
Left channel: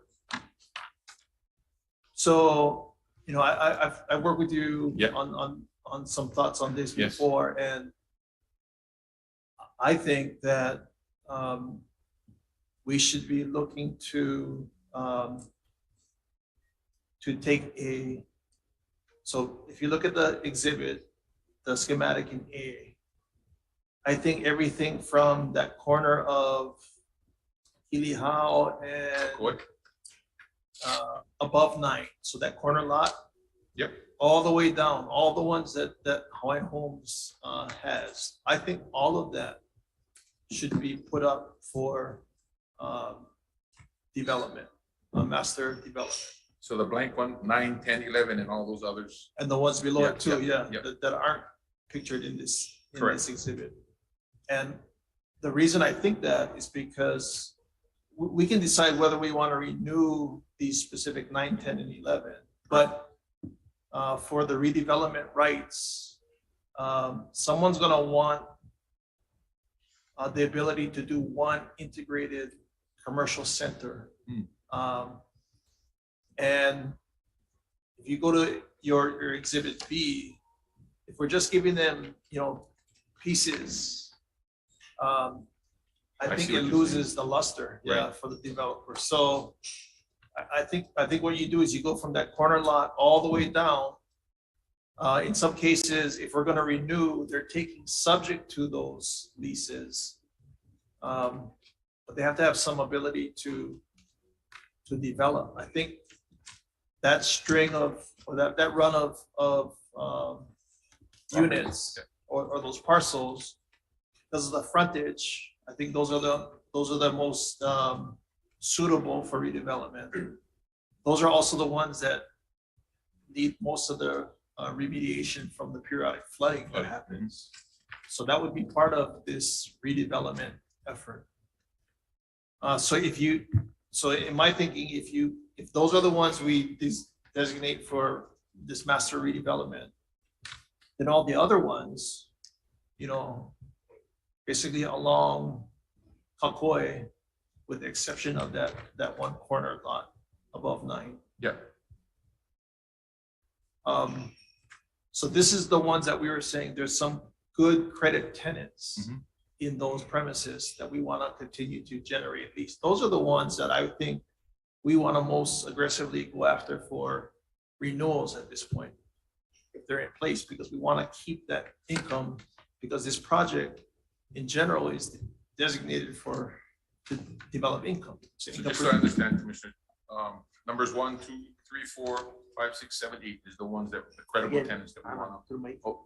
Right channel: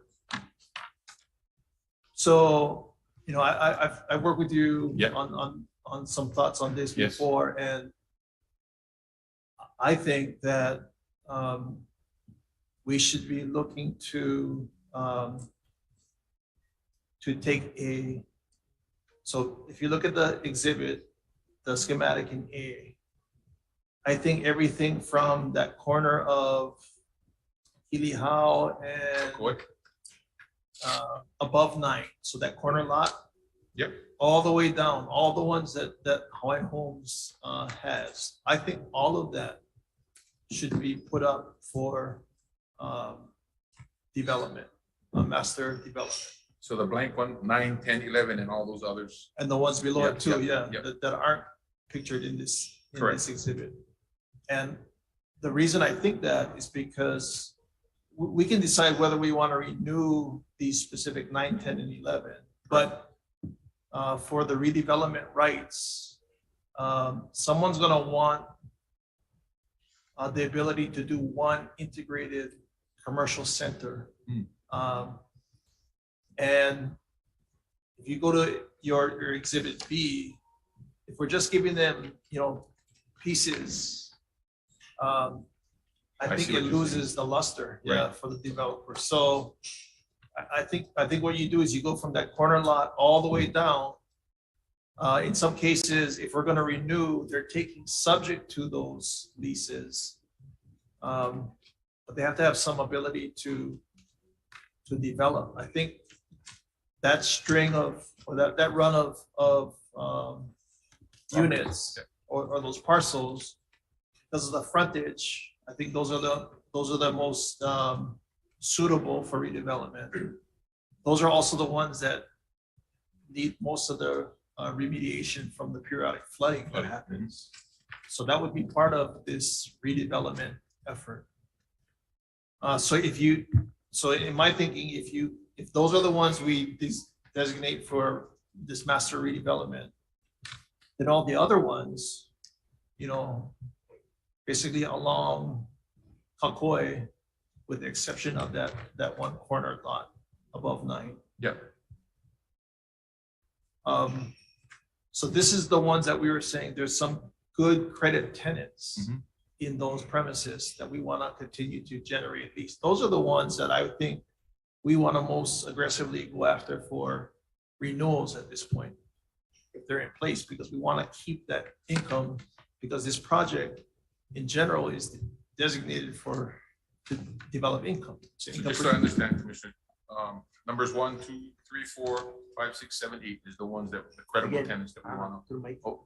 So, you know, I've worked with you Yep. on some thoughts on this Yes. before, and I think that we should be looking to take so if you look at the exhibit, the schematic in A, I think everything from that corner of Ilihau and above 9, so that corner lot. Yep. All the way down, all the ones that Hawaiian Homes has. I think all of that should be put up for development, master development. So the blank one, 9, 10, 11, and all those others. And the ones below it too, Yep. that aren't pictured in this Correct. exhibit. And the reason I think that is because we can decide whether we want to renew these specific 9, 10, and 11, but for the redevelopment rights, someone's going to want the ability to do one integrated commercial center. And if you go to your exhibit B, if we're just giving them, you know, pieces, I think see it what you're loses the luster, Right. for the developer. So I think what you do is you go from that corner lot all the way down. In some cases, if we're going to renew, they're taking subject to those leases. But they have to have some ability to develop. I think that string or that run of units or those parcels, because of the frontage, I think those are the most suitable for redevelopment. Those are also the ones that need most of the remediation from the periodic flooding that happens. So that would be part of this redevelopment effort. So in my thinking, if those are the ones we designate for this master redevelopment, Then all the other ones, you know, basically along Kauai, with the exception of that one corner lot above 9. Yeah. So this is the ones that we were saying, there's some good credit tenants in those premises that we want to continue to generate lease. Those are the ones that I think we want to most aggressively go after for renewals at this point, if they're in place, because we want to keep that income, because this project in general is designated to develop income. So So just so I understand, Commissioner, numbers 1, 2, 3, 4, 5, 6, 7, 8 is the ones that the credible Again, tenants that we want to. Oh,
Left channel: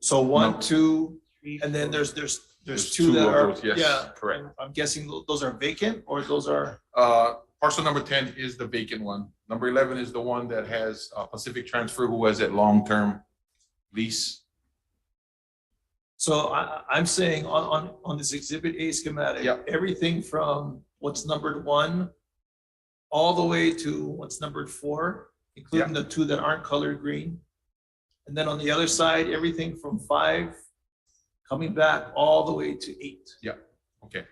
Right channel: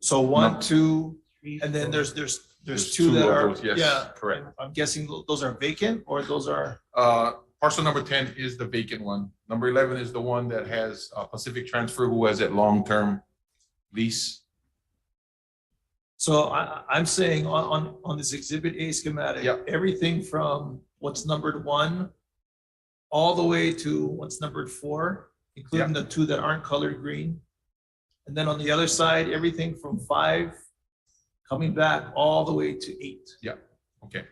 So 1, No. 2, and then there's There's two two that of are, those, yes, yeah. correct. I'm guessing those are vacant, or those are, Parcel number 10 is the vacant one. Number 11 is the one that has Pacific Transfer, who has that long-term lease. so I'm saying on this Exhibit A schematic, everything from what's numbered 1 all the way to what's numbered 4, including the 2 that aren't colored green. And then on the other side, everything from 5 coming back all the way to 8. Yeah, okay.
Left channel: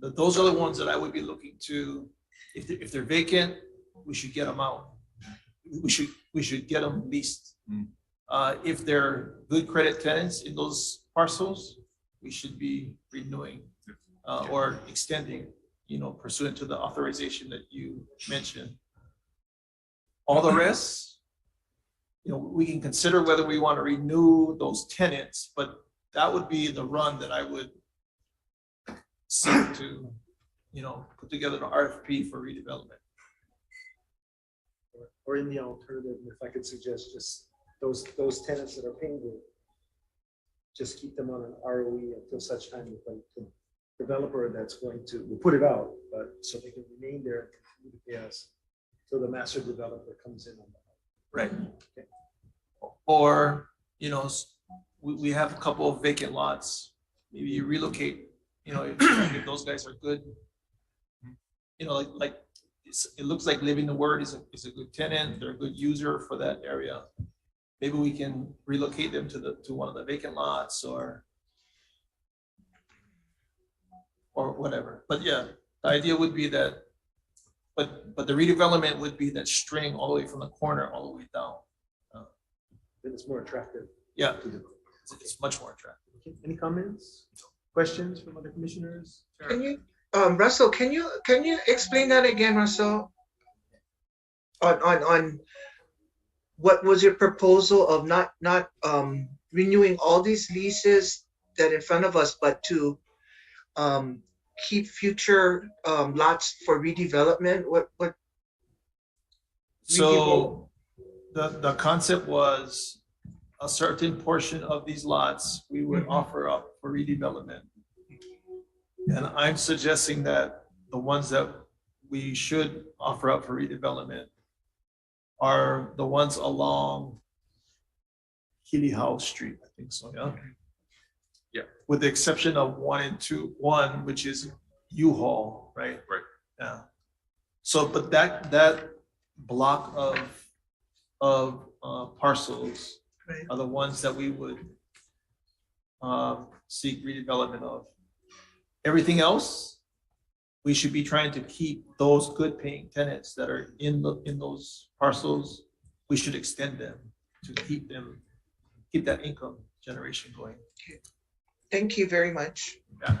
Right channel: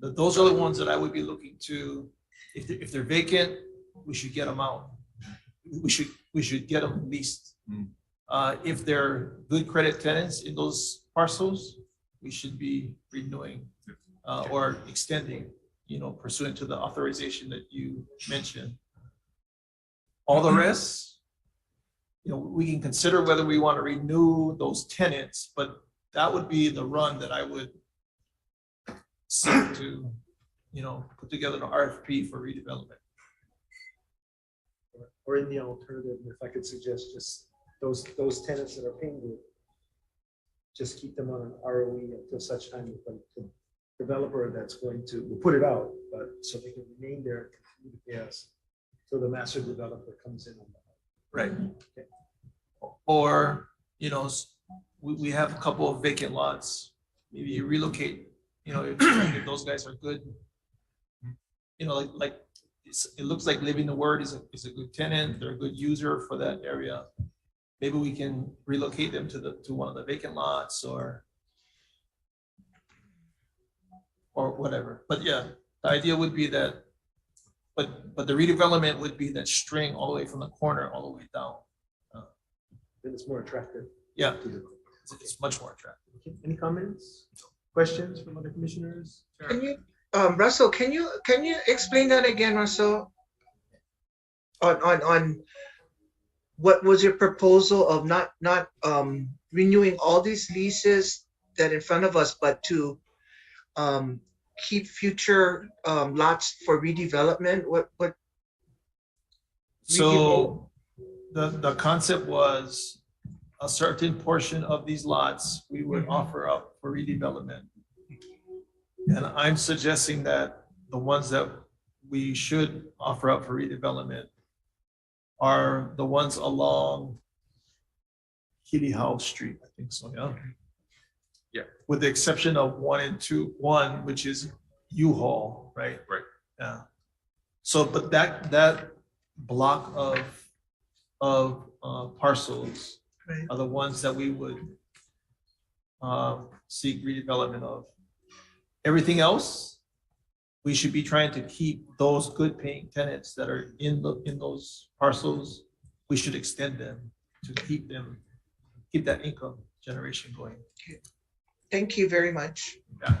Those are the ones that I would be looking to, if they're vacant, we should get them out. We should get them leased. If they're good credit tenants in those parcels, we should be renewing or extending, you know, pursuant to the authorization that you mentioned. All the rest, you know, we can consider whether we want to renew those tenants, but that would be the run that I would seek to, you know, put together an RFP for redevelopment. Or in the alternative, if I could suggest, just those tenants that are paying good, just keep them on an ROE until such time that the developer that's going to, we'll put it out, but so they can remain there and continue to pay us till the master developer comes in on that. Right. Okay. Or, you know, we have a couple of vacant lots, maybe you relocate, you know, if those guys are good. You know, like it looks like Living the Word is a good tenant, they're a good user for that area. Maybe we can relocate them to one of the vacant lots or whatever. But yeah, the idea would be that, but the redevelopment would be that string all the way from the corner all the way down. Then it's more attractive. Yeah, it's much more attractive. Okay, any comments, questions from other commissioners? Can you, Russell, can you explain that again, Russell? On what was your proposal of not renewing all these leases that in front of us, but to keep future lots for redevelopment? What? So the concept was a certain portion of these lots we would offer up for redevelopment. And I'm suggesting that the ones that we should offer up for redevelopment are the ones along Healy House Street, I think so, yeah? Yeah. With the exception of 1 and 2, 1, which is U-Haul, right? Right. Yeah. So, but that block of parcels are the ones that we would seek redevelopment of. Everything else, we should be trying to keep those good paying tenants that are in those parcels. We should extend them to keep that income generation going. Thank you very much. Yeah.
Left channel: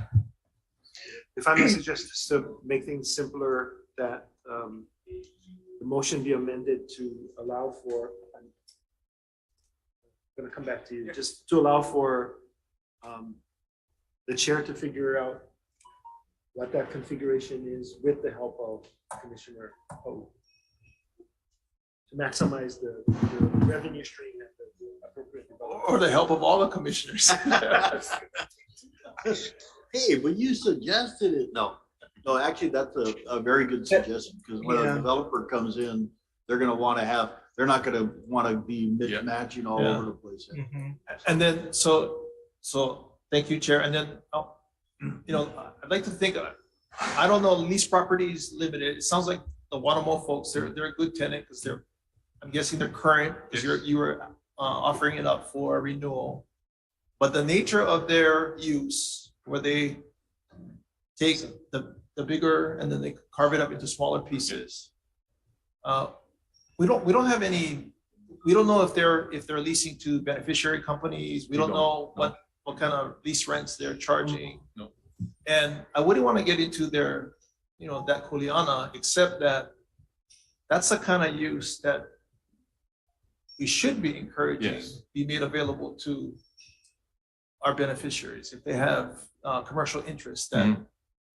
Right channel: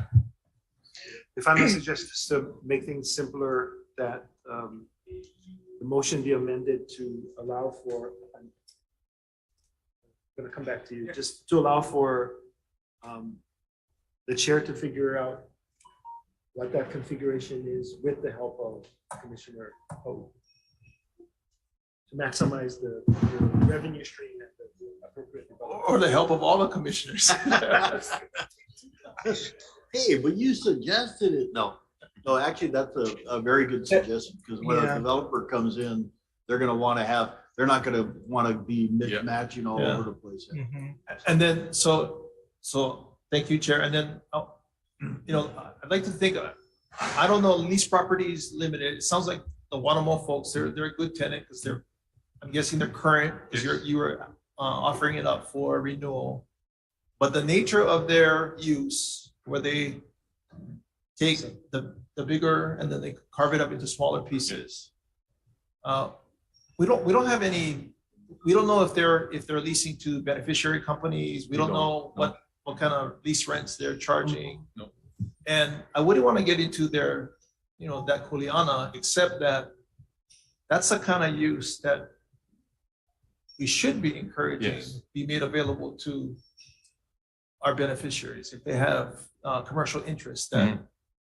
If I may suggest, just to make things simpler, that the motion be amended to allow for, I'm gonna come back to you, just to allow for the chair to figure out what that configuration is with the help of Commissioner Ho, to maximize the revenue stream and the appropriate development. Or the help of all the commissioners. Hey, but you suggested it. No, actually, that's a very good suggestion, because when a developer comes in, they're gonna wanna have, they're not gonna wanna be matching all over the place. And then, so thank you, Chair. And then, you know, I'd like to think, I don't know, Lease Properties Limited, it sounds like the Wanamo folks, they're a good tenant because I'm guessing they're current, because you were offering it up for renewal. But the nature of their use, where they take the bigger and then they carve it up into smaller pieces. We don't have any. We don't know if they're leasing to beneficiary companies. We don't know what kind of lease rents they're charging. No. And I wouldn't want to get into their, that kuleana, except that that's the kind of use that we should be encouraging, be made available to our beneficiaries. If they have commercial interests, that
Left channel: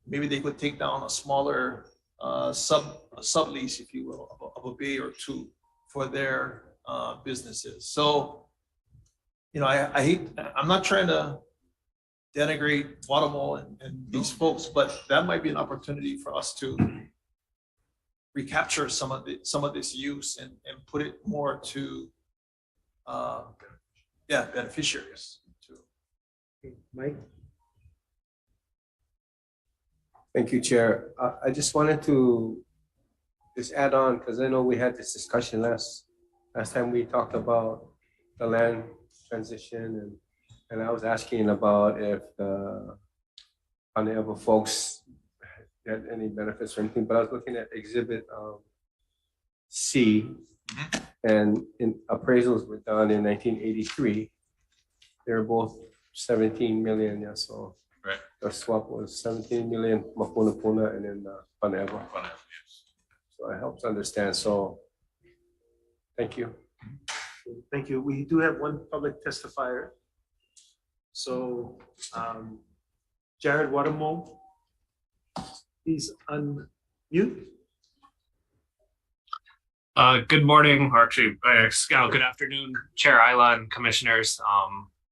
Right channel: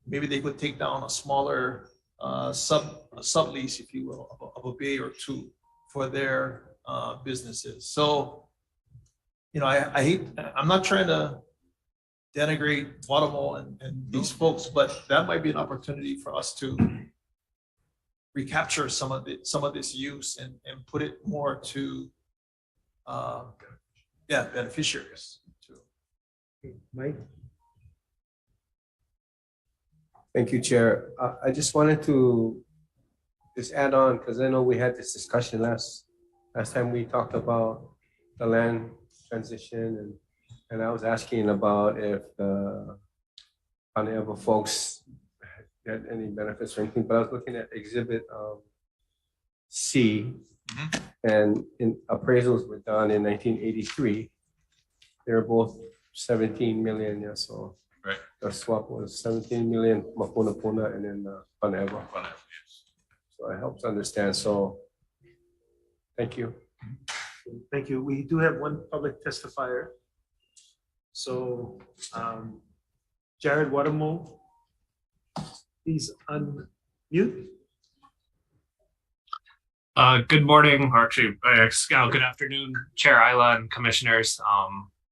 maybe they could take down a smaller sublease, if you will, of a bay or two for their businesses. So, I hate, I'm not trying to denigrate Guatemala and these folks, but that might be an opportunity for us to recapture some of this use and put it more to beneficiaries too. Mike? Thank you, Chair. I just wanted to just add on, because I know we had this discussion last time we talked about the land transition, and I was asking about if the Paneava folks had any benefits or anything, but I was looking at Exhibit C, and in appraisals were done in 1983. They were both 17 million, so right. The swap was 17 million Mapuna Puna and then Paneava. So it helps understand. So thank you. Thank you. We do have one public testifier. So Jared Wadamo, please unmute. Good morning, or actually, good afternoon, Chair Isla and Commissioners.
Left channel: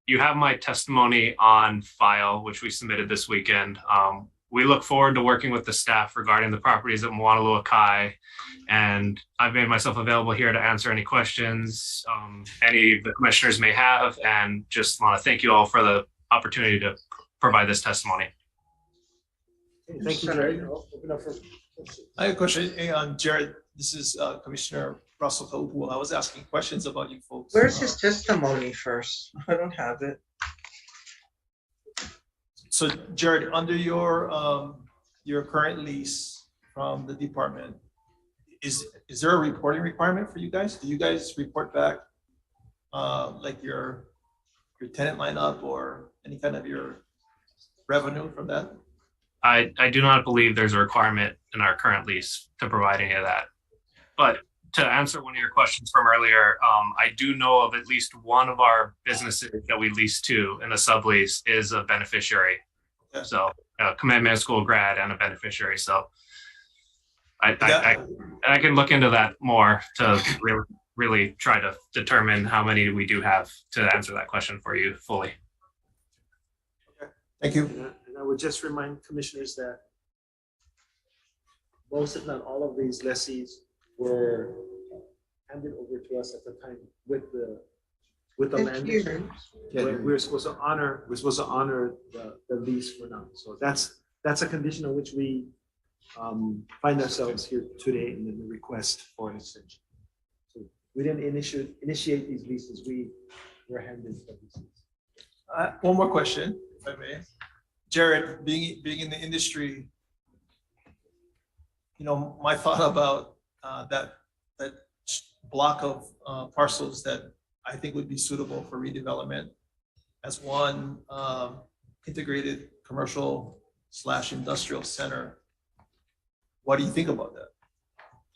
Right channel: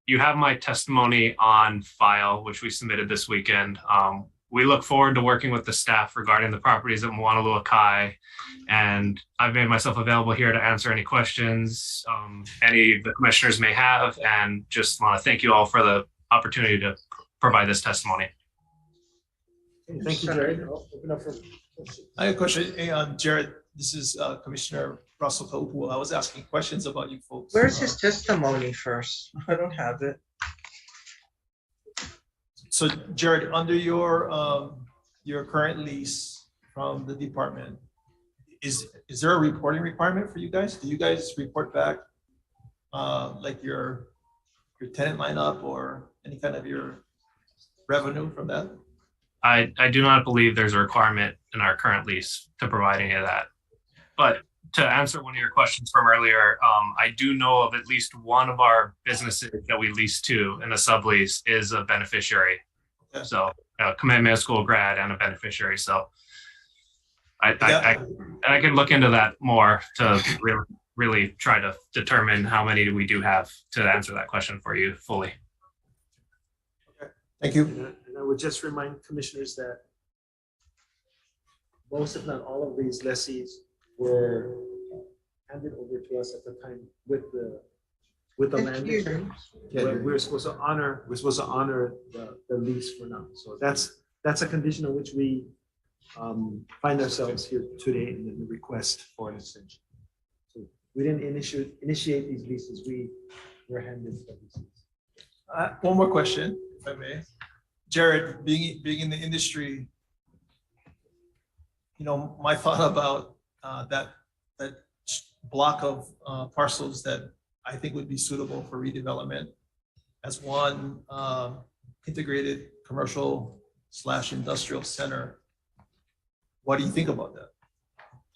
You have my testimony on file, which we submitted this weekend. We look forward to working with the staff regarding the properties at Moanalua Kai, and I've made myself available here to answer any questions any of the commissioners may have, and just want to thank you all for the opportunity to provide this testimony. Thank you, Jared. I'll open up for questions. I have a question. Hey, Jared, this is Commissioner Russell Kaupu. I was asking questions about you folks. Where's his testimony first? I don't have it. So Jared, under your current lease from the department, is there a reporting requirement for you guys? Do you guys report back like your tenant lineup or any kind of your revenue from that? I do not believe there's a requirement in our current lease to provide any of that. But to answer one of your questions from earlier, I do know of at least one of our businesses that we lease to in a sublease is a beneficiary. Okay. So a commitment school grad and a beneficiary. So I can look into that more to really try to determine how many we do have to answer that question for you fully. Okay. Thank you. And I would just remind commissioners that most, if not all, of these lessees were handed over to us at the time with the land. Yeah, we're supposed to honor the lease for now. So that's a condition on which we find ourselves here today in the request for an extension. So we didn't initiate these leases. We were handed the leases. One more question, if I may. Jared, being in the industry, my thought about that block of parcels that I think would be suitable for redevelopment as one integrated commercial/industrial center. What do you think about that?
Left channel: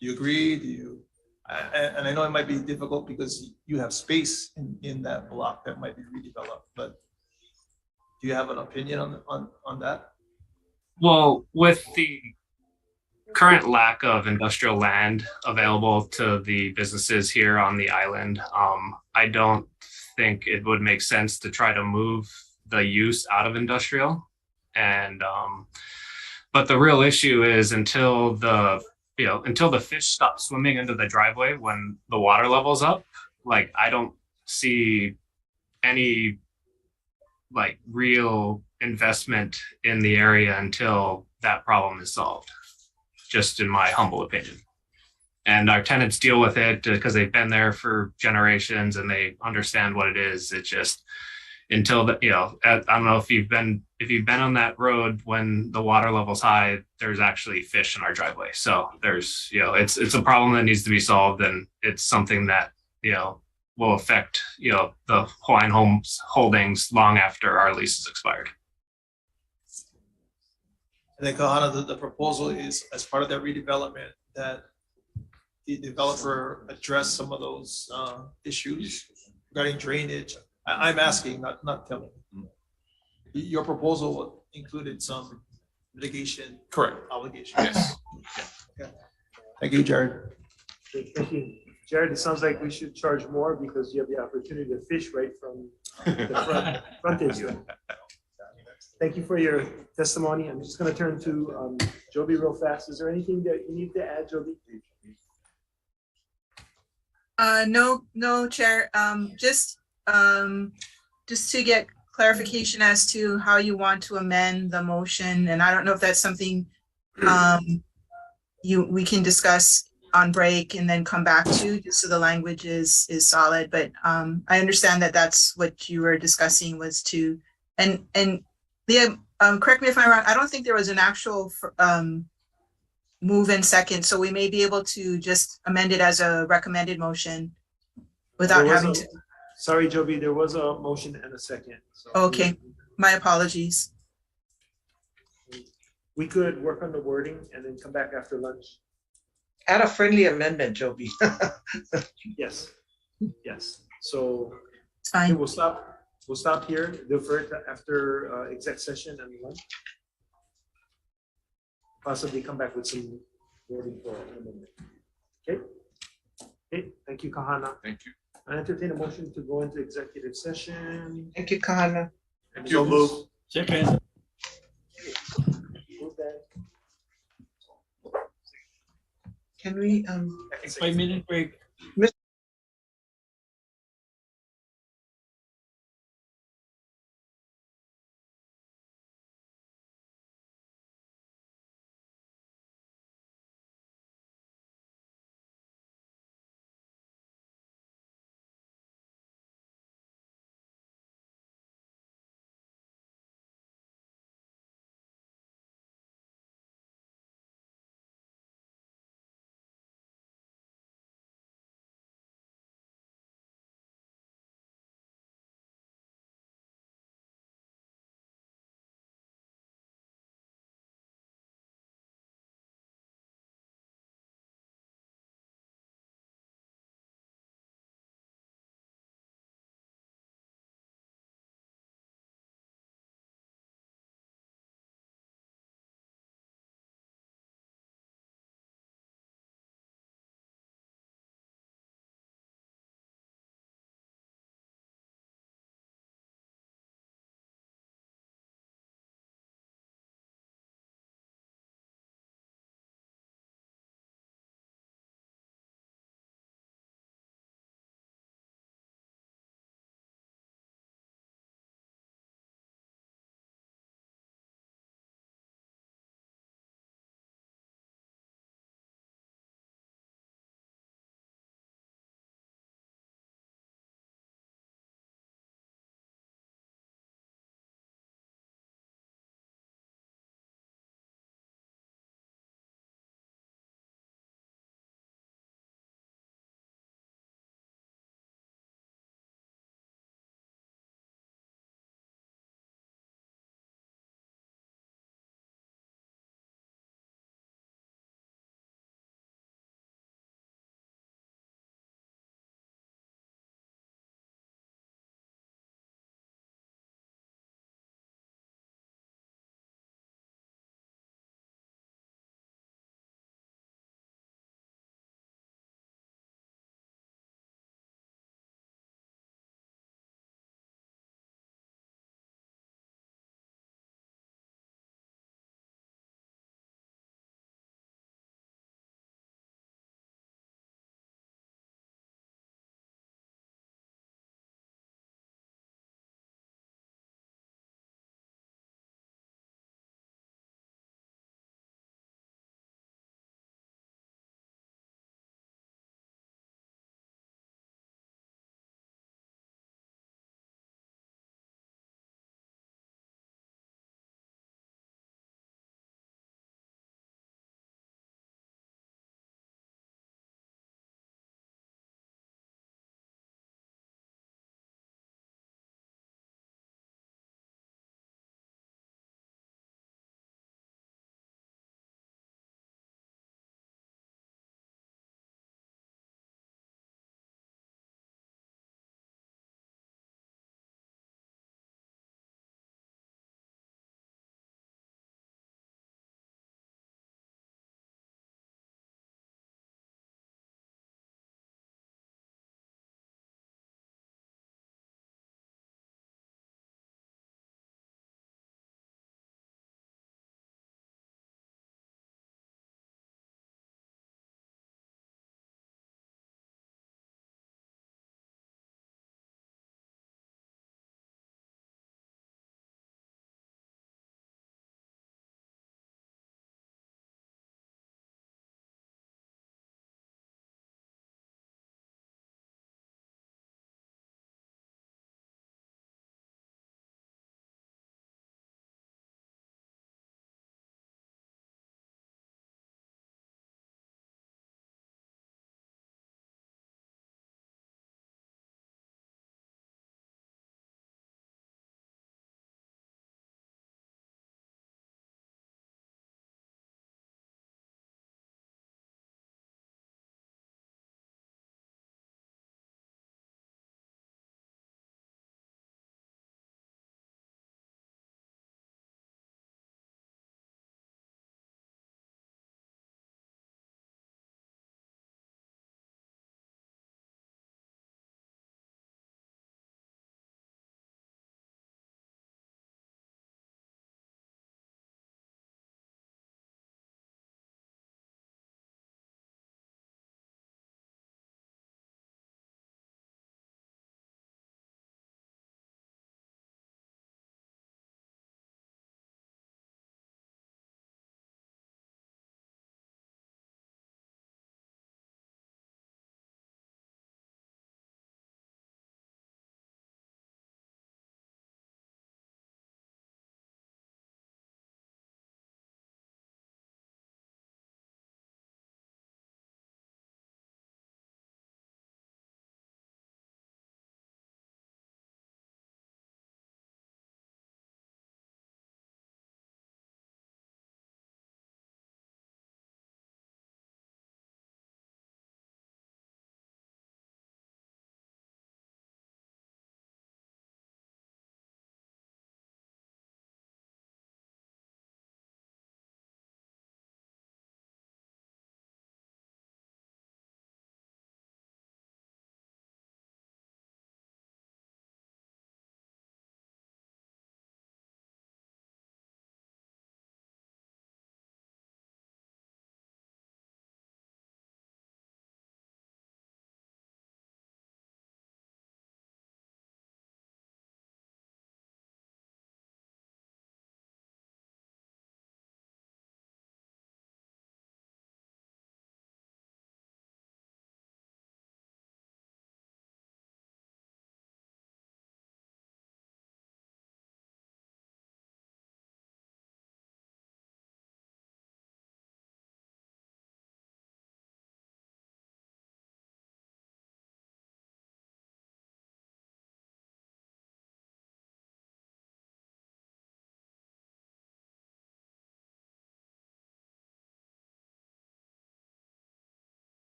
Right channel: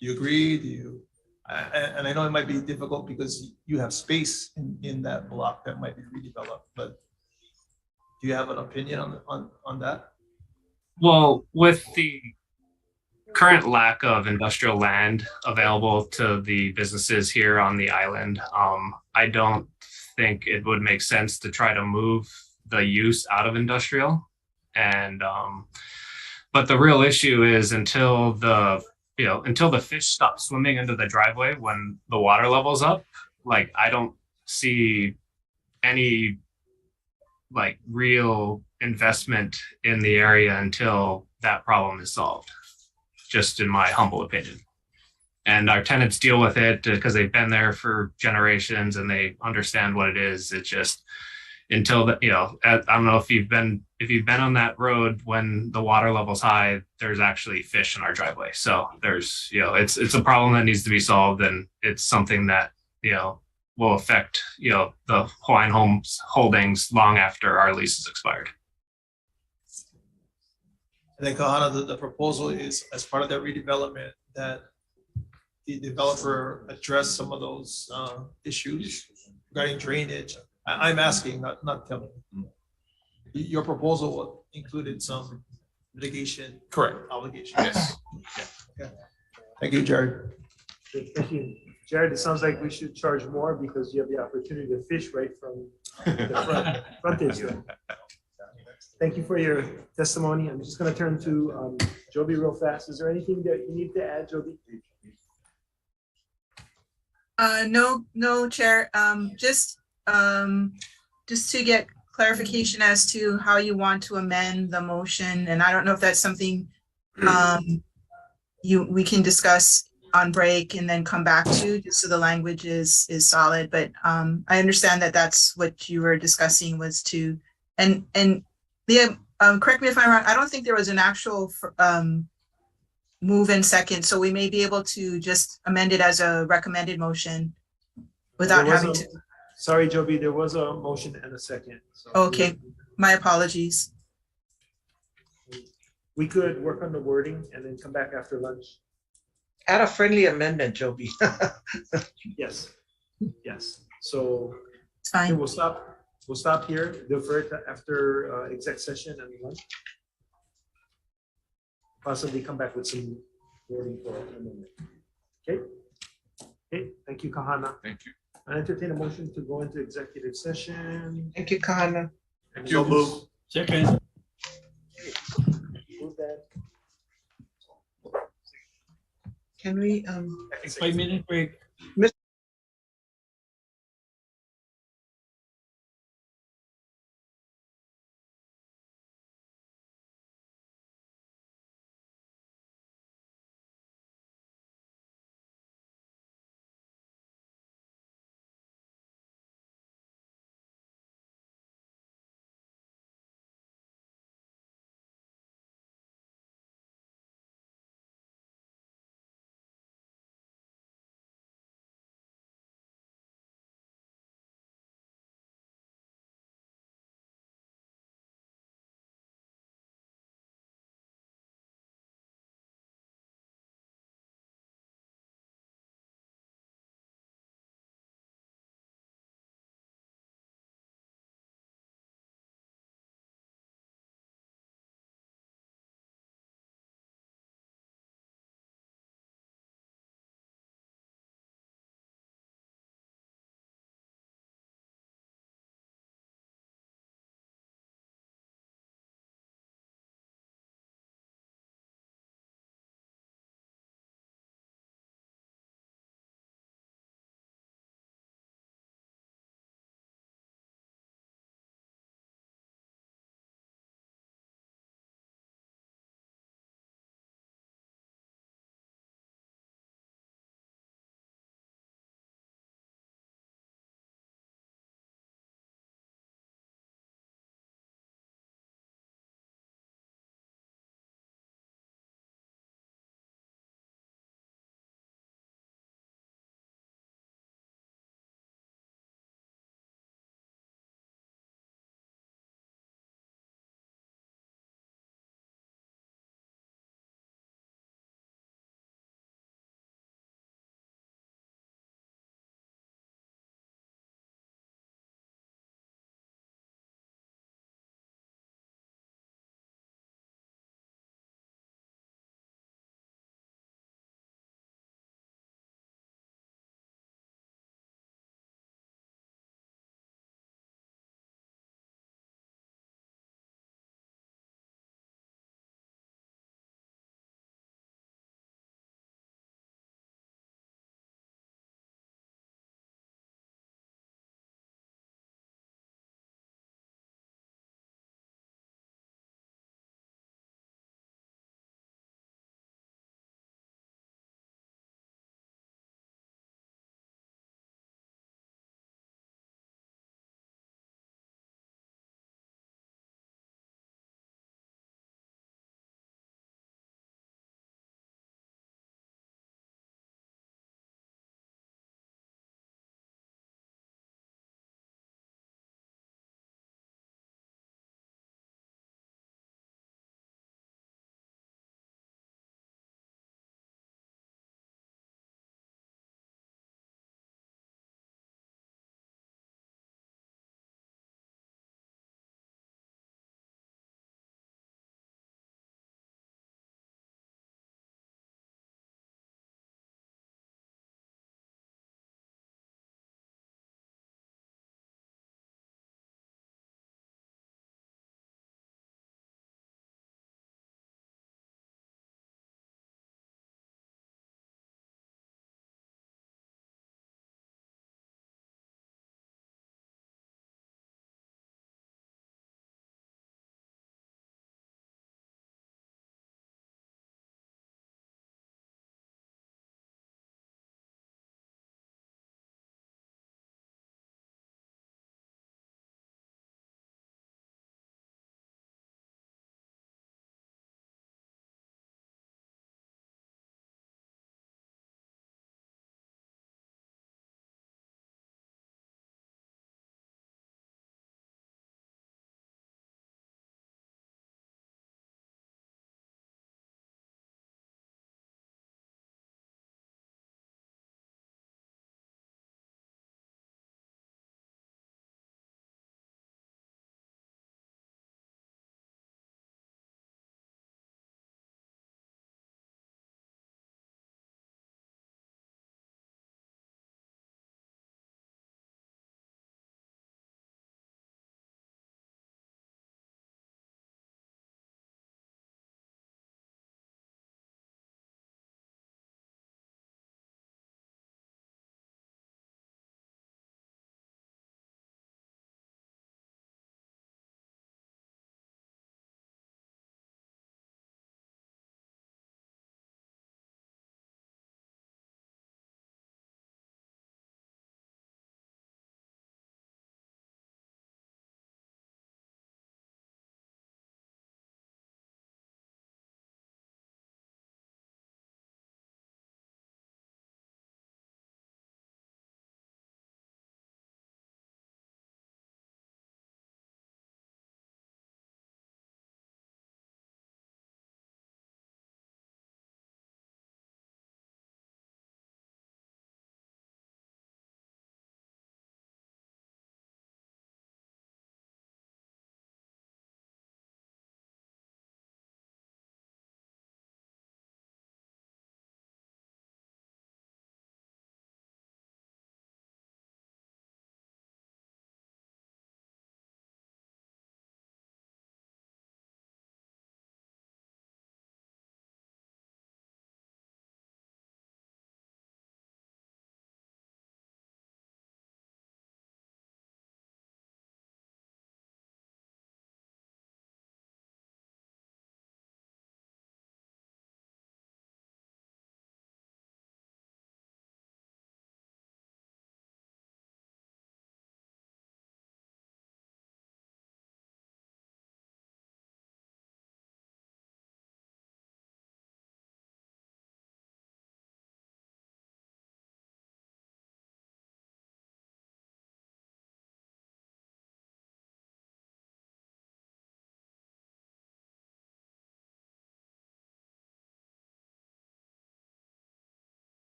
Do you agree? Do you? And I know it might be difficult because you have space in that block that might be redeveloped, but do you have an opinion on that? Well, with the current lack of industrial land available to the businesses here on the island, I don't think it would make sense to try to move the use out of industrial. And but the real issue is until the fish stop swimming into the driveway when the water level's up, like I don't see any like real investment in the area until that problem is solved, just in my humble opinion. and our tenants deal with it because they've been there for generations and they understand what it is. It's just until the, I don't know if you've been on that road when the water level's high, there's actually fish in our driveway. So there's, it's a problem that needs to be solved, and it's something that, will affect, the Hawaiian Homes holdings long after our lease is expired. And then Kahana, the proposal is as part of that redevelopment that the developer address some of those issues regarding drainage. I'm asking, not telling. Your proposal included some mitigation. Correct. Obligation. Yes. Okay. Thank you, Jared. Thank you. Jared, it sounds like we should charge more because you have the opportunity to fish right from the frontage. Right? Thank you for your testimony. I'm just going to turn to Joby real fast. Is there anything that you need to add, Joby? No, Chair. Just to get clarification as to how you want to amend the motion, and I don't know if that's something we can discuss on break and then come back to, just so the language is solid. But I understand that that's what you were discussing was to, and Leah, correct me if I'm wrong, I don't think there was an actual move in second, so we may be able to just amend it as a recommended motion without having to. Sorry, Joby, there was a motion and a second. So Okay, my apologies. We could work on the wording and then come back after lunch. Add a friendly amendment, Joby. Yes, yes. So it's fine. Okay, we'll stop here, defer to after exec session and lunch. Possibly come back with some wording for amendment. Okay. Okay, thank you, Kahana. Thank you. I entertain a motion to go into executive session. Thank you, Kahana. And So move. Second. Move that. Can we 5-minute break.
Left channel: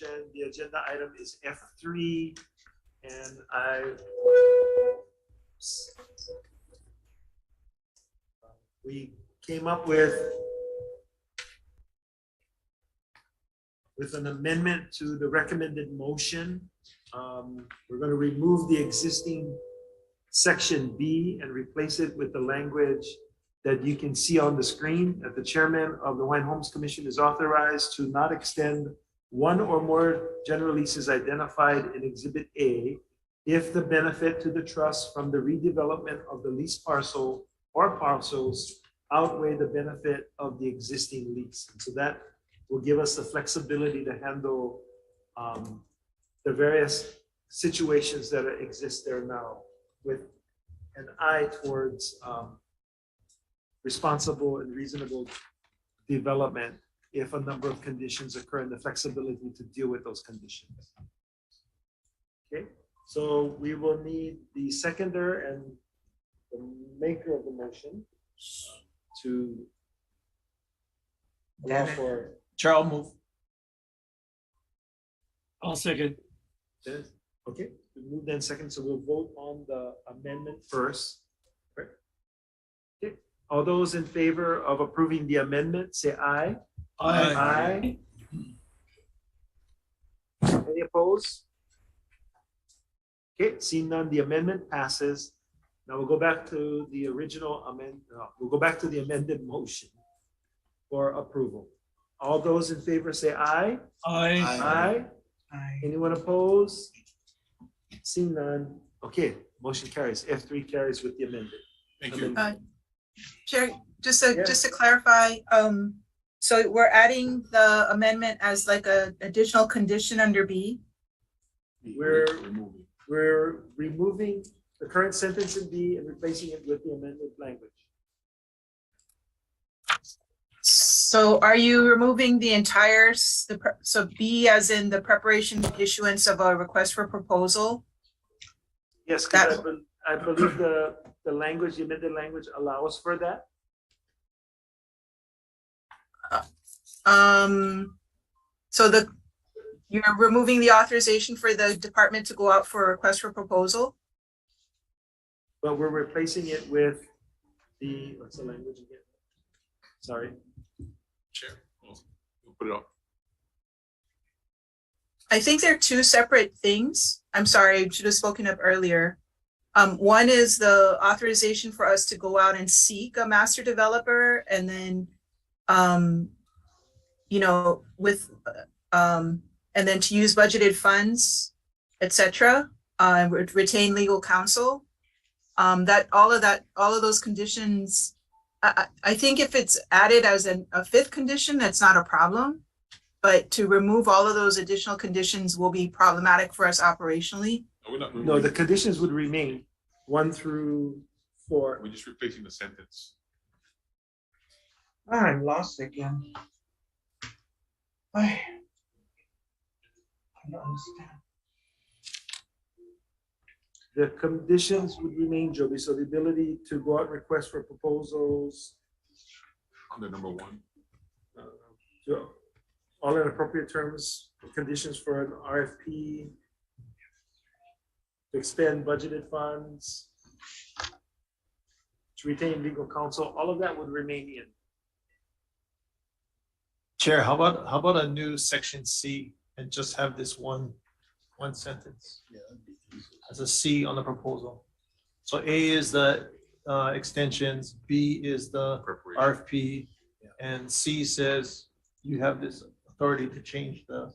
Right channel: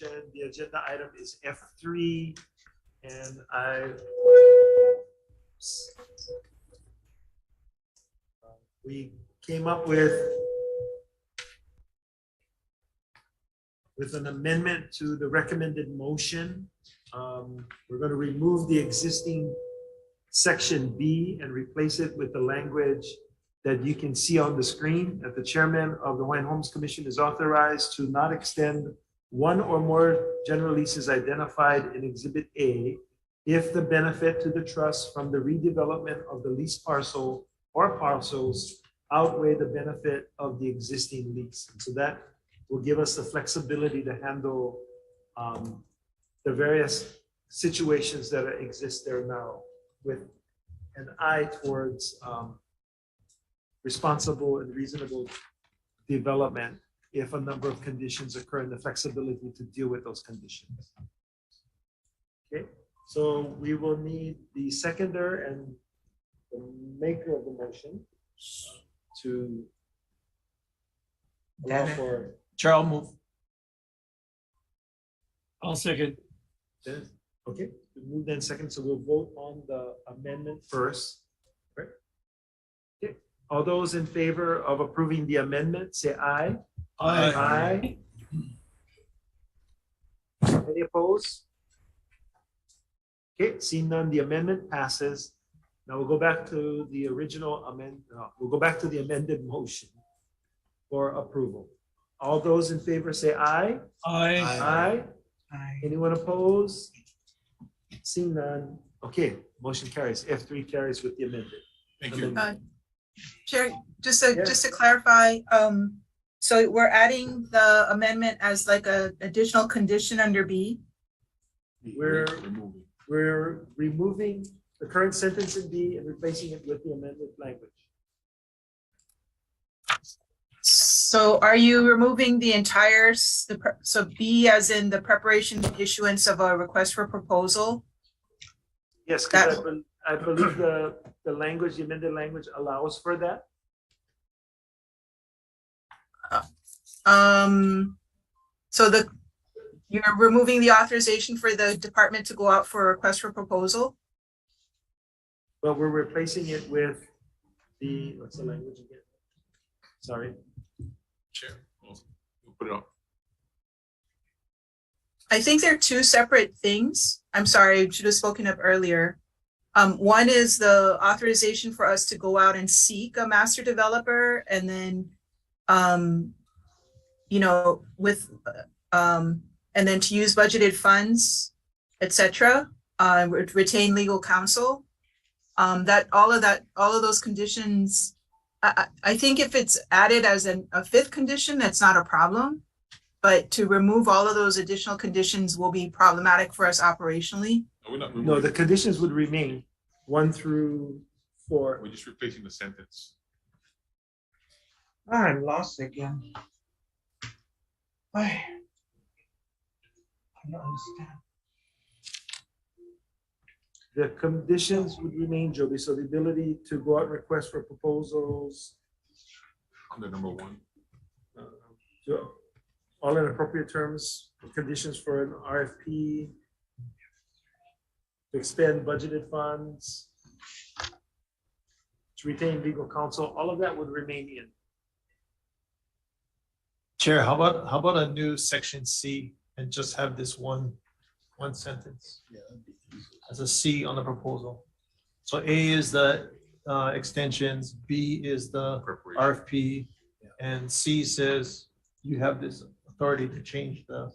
The agenda item is F3, and we came up with an amendment to the recommended motion. We're going to remove the existing section B and replace it with the language that you can see on the screen, that the chairman of the Hawaiian Homes Commission is authorized to not extend one or more general leases identified in Exhibit A if the benefit to the trust from the redevelopment of the lease parcel or parcels outweigh the benefit of the existing lease. And so that will give us the flexibility to handle the various situations that exist there now with an eye towards responsible and reasonable development if a number of conditions occur and the flexibility to deal with those conditions. Okay, so we will need the seconder and the maker of the motion to allow for. Chair, I'll move. I'll second. Okay, we move then second, so we'll vote on the amendment first. Right. Okay, all those in favor of approving the amendment, say aye. Aye. Aye. Any opposed? Okay, seeing none, the amendment passes. Now we'll go back to the original we'll go back to the amended motion for approval. All those in favor say aye. Aye. Aye. Anyone opposed? Seeing none. Okay, motion carries. F3 carries with the amended. Thank you. Chair, just to clarify, so we're adding the amendment as like a additional condition under B? We're removing the current sentence in B and replacing it with the amended language. So are you removing the entire, so B as in the preparation and issuance of a request for proposal? Yes, because I believe the language, the amended language allows for that. So you're removing the authorization for the department to go out for a request for proposal? But we're replacing it with the, what's the language again? Sorry. Chair, we'll put it up. I think they're two separate things. I'm sorry, I should have spoken up earlier. One is the authorization for us to go out and seek a master developer, and then, and then to use budgeted funds, etc. Retain legal counsel. All of those conditions. I think if it's added as a fifth condition, that's not a problem. But to remove all of those additional conditions will be problematic for us operationally. No, the conditions would remain 1 through 4. We're just replacing the sentence. I'm lost again. I don't understand. The conditions would remain, Joby. So the ability to go out and request for proposals. Under number 1. All in appropriate terms, conditions for an RFP, to expend budgeted funds, to retain legal counsel, all of that would remain in. Chair, how about a new section C and just have this one sentence as a C on the proposal? So A is the extensions, B is the RFP, and C says you have this authority to change the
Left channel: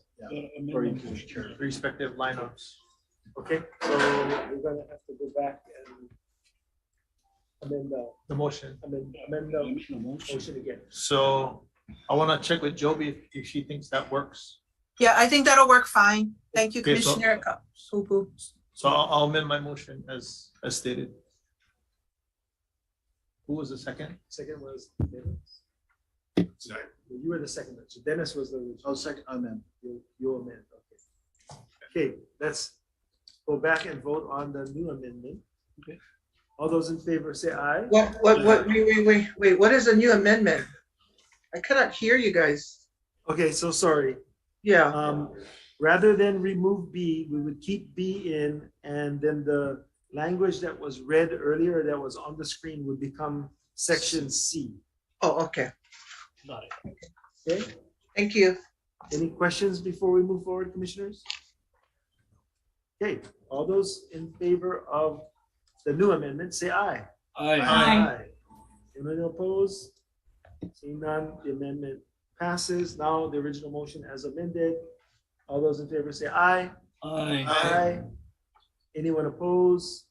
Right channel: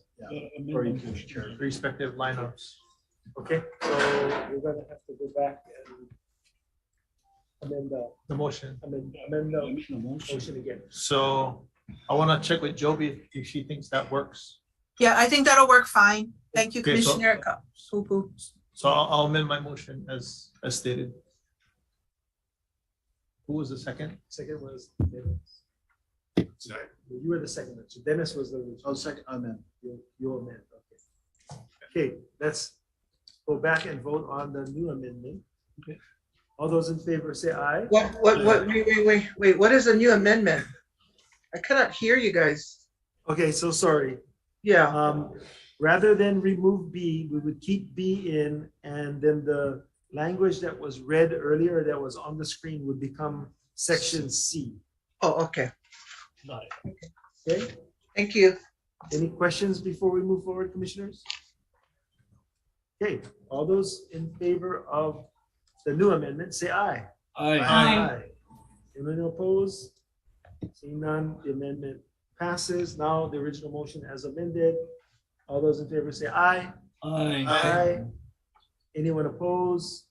respective lineups. Okay, so we're gonna have to go back and amend the motion. Amend the motion again. So I want to check with Joby if she thinks that works. Yeah, I think that'll work fine. Thank you, Okay, so- Commissioner Pupu. So I'll amend my motion as stated. Who was the second? Second was Dennis. You were the second. So Dennis was the original. Oh, second, amend. You amend, okay. Okay, let's go back and vote on the new amendment. Okay. All those in favor say aye. Wait, what is a new amendment? I cannot hear you guys. Okay, so sorry. Yeah. rather than remove B, we would keep B in, and then the language that was read earlier that was on the screen would become section C. Oh, okay. Got it. Okay, Thank you. any questions before we move forward, commissioners? Okay, all those in favor of the new amendment, say aye. Aye. Aye. Anyone opposed? Seeing none, the amendment passes. Now the original motion as amended. All those in favor say aye. Aye. Aye. Anyone opposed?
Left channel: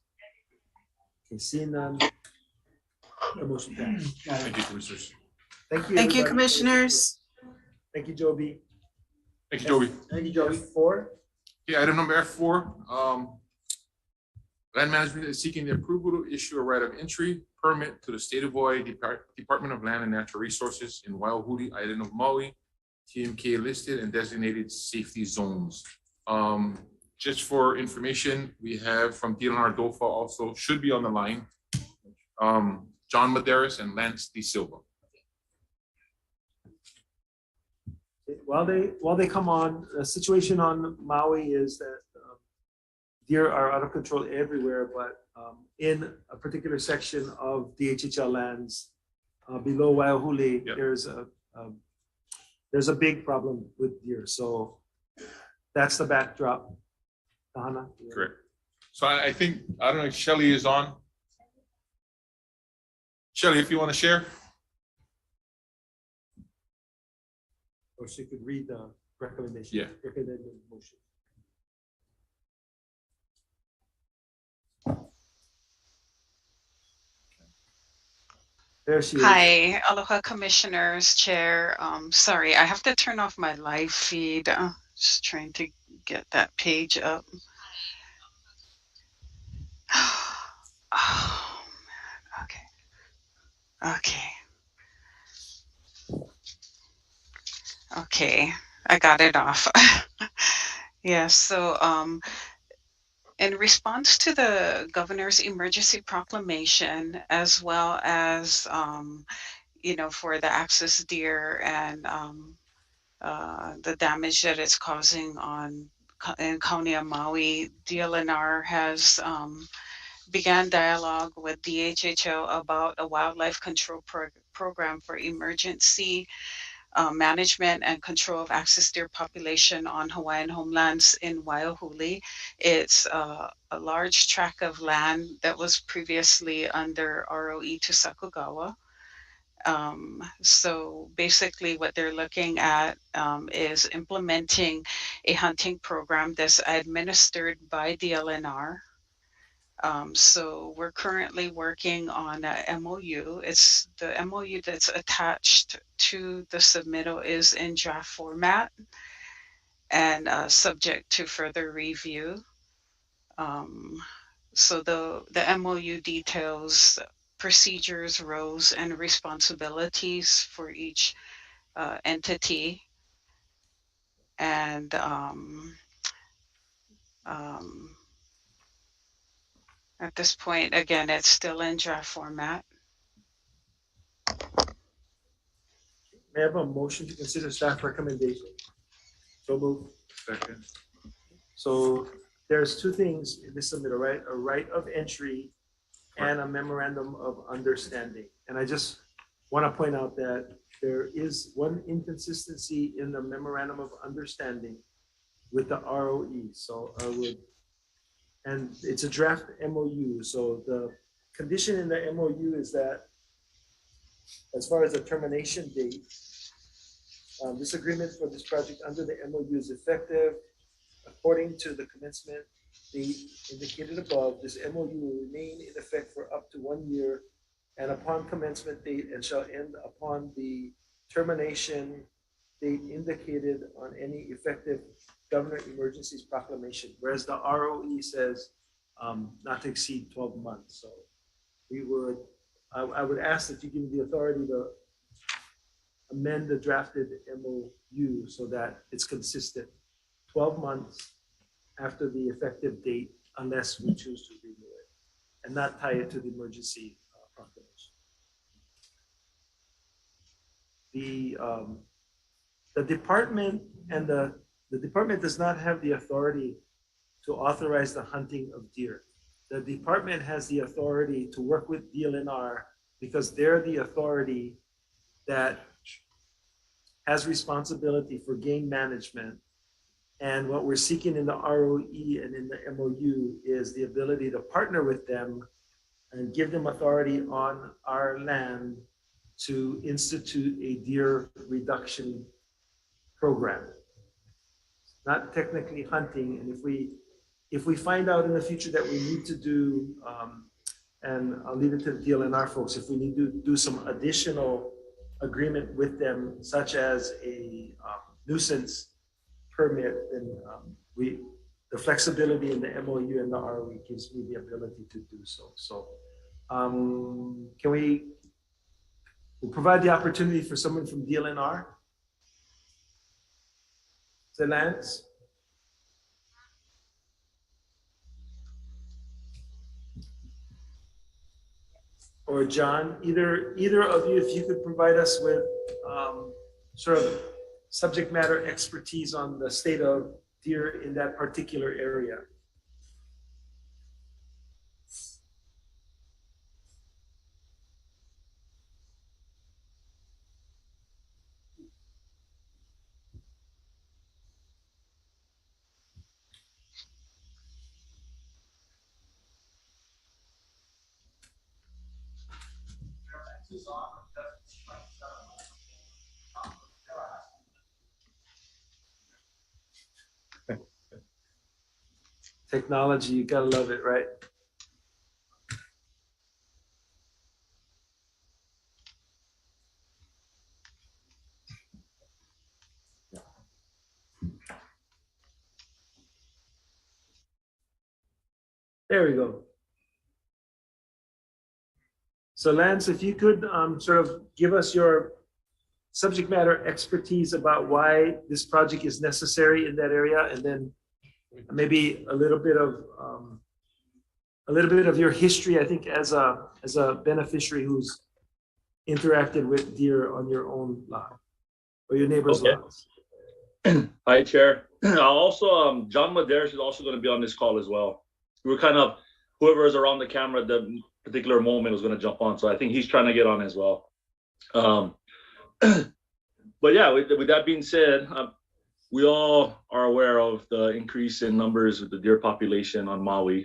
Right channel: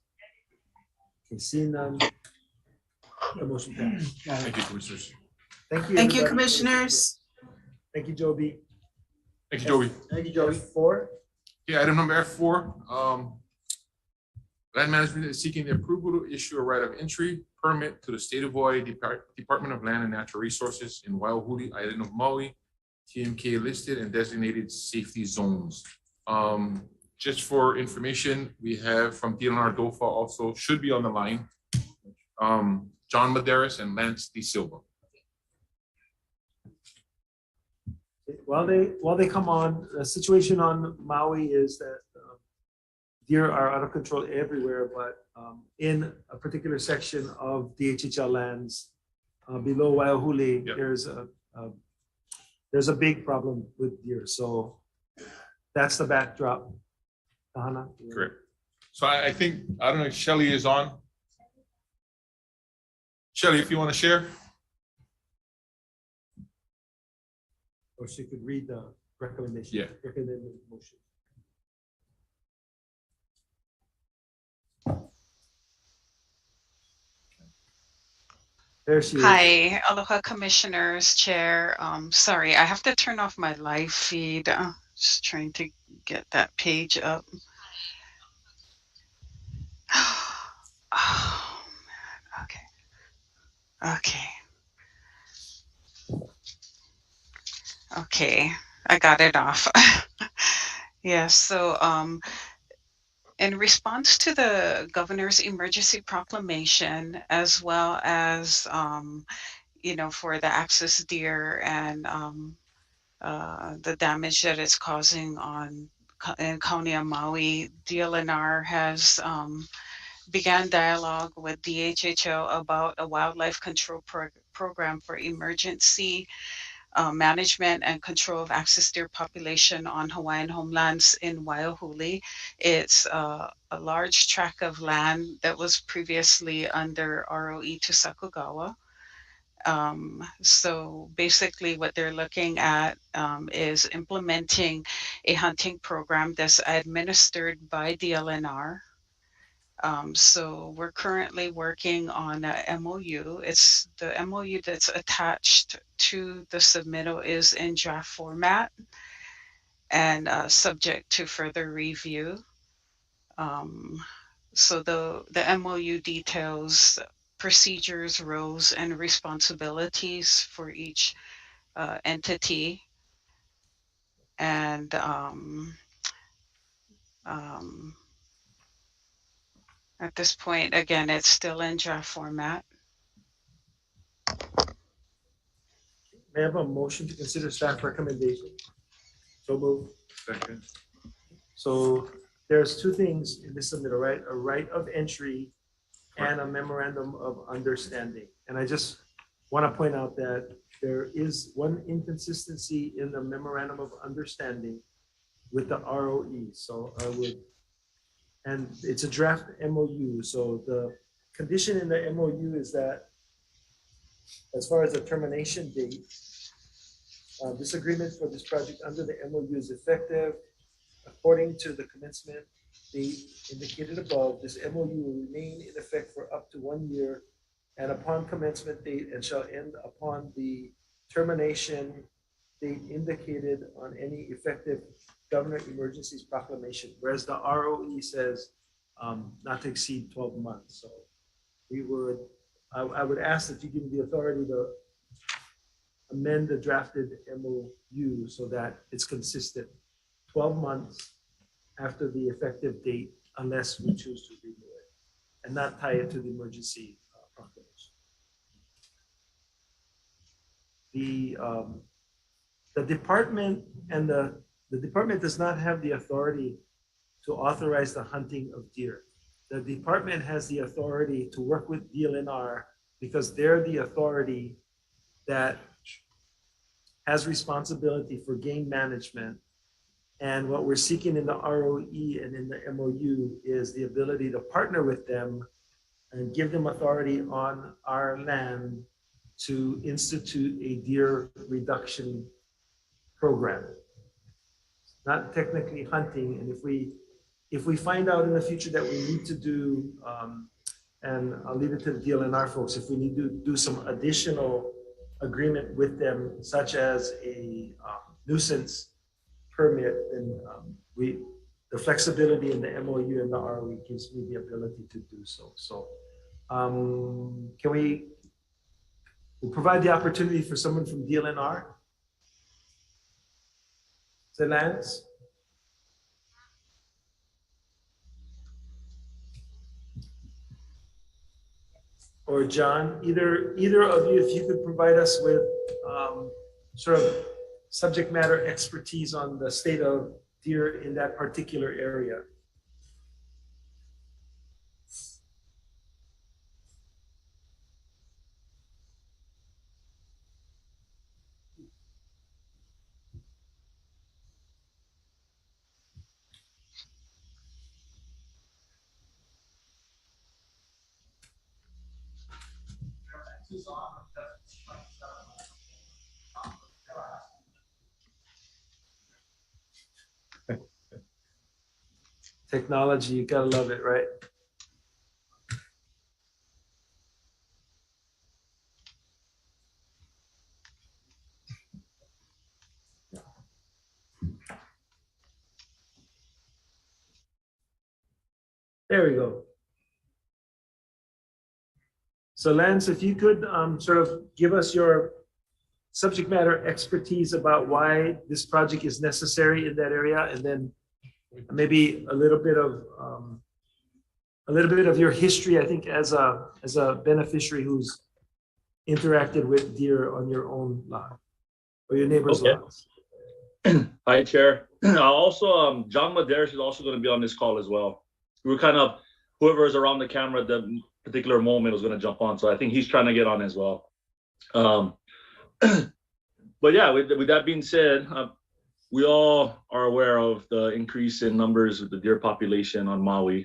Okay, seeing none, the motion passed. Thank you, commissioners. Thank you. Thank you, everybody. commissioners. Thank you, Joby. Thank you, Joey. Thank you, Joby. Four. Yeah, item number F4, land management is seeking the approval to issue a right of entry permit to the State of Hawaii Department of Land and Natural Resources in Waiahuli Island of Maui, TMK listed and designated safety zones. Just for information, we have from DLNR DOFA also should be on the line, John Maderas and Lance De Silva. While they come on, the situation on Maui is that deer are out of control everywhere, but in a particular section of DHHL lands below Waiahuli, Yep. there's a big problem with deer. So that's the backdrop. Tahana? Correct. So I think, I don't know if Shelley is on. Shelley, if you want to share. Or she could read the recommendation. Yeah. Recommended motion. There she is. Hi, aloha commissioners, chair. Sorry, I have to turn off my live feed. Just trying to get that page up. Oh, man. Okay. Okay, I got it off. Yeah, so in response to the governor's emergency proclamation, as well as for the axis deer and the damage that it's causing in County of Maui, DLNR has began dialogue with DHHO about a wildlife control program for emergency management and control of axis deer population on Hawaiian homelands in Waiahuli. It's a large tract of land that was previously under ROE to Sakugawa. So basically what they're looking at is implementing a hunting program that's administered by DLNR. So we're currently working on a MOU. It's the MOU that's attached to the submittal is in draft format and subject to further review. So the MOU details procedures, roles, and responsibilities for each entity. And at this point, again, it's still in draft format. May I have a motion to consider staff recommendation? So moved. Second. So there's two things in this submittal, right? A right of entry and a memorandum of understanding. And I just want to point out that there is one inconsistency in the memorandum of understanding with the ROE. So I would, and it's a draft MOU. So the condition in the MOU is that as far as the termination date, this agreement for this project under the MOU is effective according to the commencement date indicated above. This MOU will remain in effect for up to 1 year and upon commencement date and shall end upon the termination date indicated on any effective government emergencies proclamation, whereas the ROE says not to exceed 12 months. So I would ask that you give me the authority to amend the drafted MOU so that it's consistent 12 months after the effective date, unless we choose to renew it, and not tie it to the emergency proclamation. The department and the The department does not have the authority to authorize the hunting of deer. The department has the authority to work with DLNR because they're the authority that has responsibility for game management. And what we're seeking in the ROE and in the MOU is the ability to partner with them and give them authority on our land to institute a deer reduction program. Not technically hunting, and if we find out in the future that we need to do, and I'll leave it to the DLNR folks, if we need to do some additional agreement with them, such as a nuisance permit, then the flexibility in the MOU and the ROE gives me the ability to do so. So can we'll provide the opportunity for someone from DLNR? Is it Lance? Or John, either of you, if you could provide us with sort of subject matter expertise on the state of deer in that particular area. Technology, you gotta love it, right? There we go. So Lance, if you could sort of give us your subject matter expertise about why this project is necessary in that area, and then maybe a little bit of your history, I think, as a beneficiary who's interacted with deer on your own lot or your neighbor's lots. Hi, Chair. Also, John Medeiros is also going to be on this call as well. We're kind of, whoever is around the camera at that particular moment was going to jump on. So I think he's trying to get on as well. But yeah, with that being said, we all are aware of the increase in numbers of the deer population on Maui.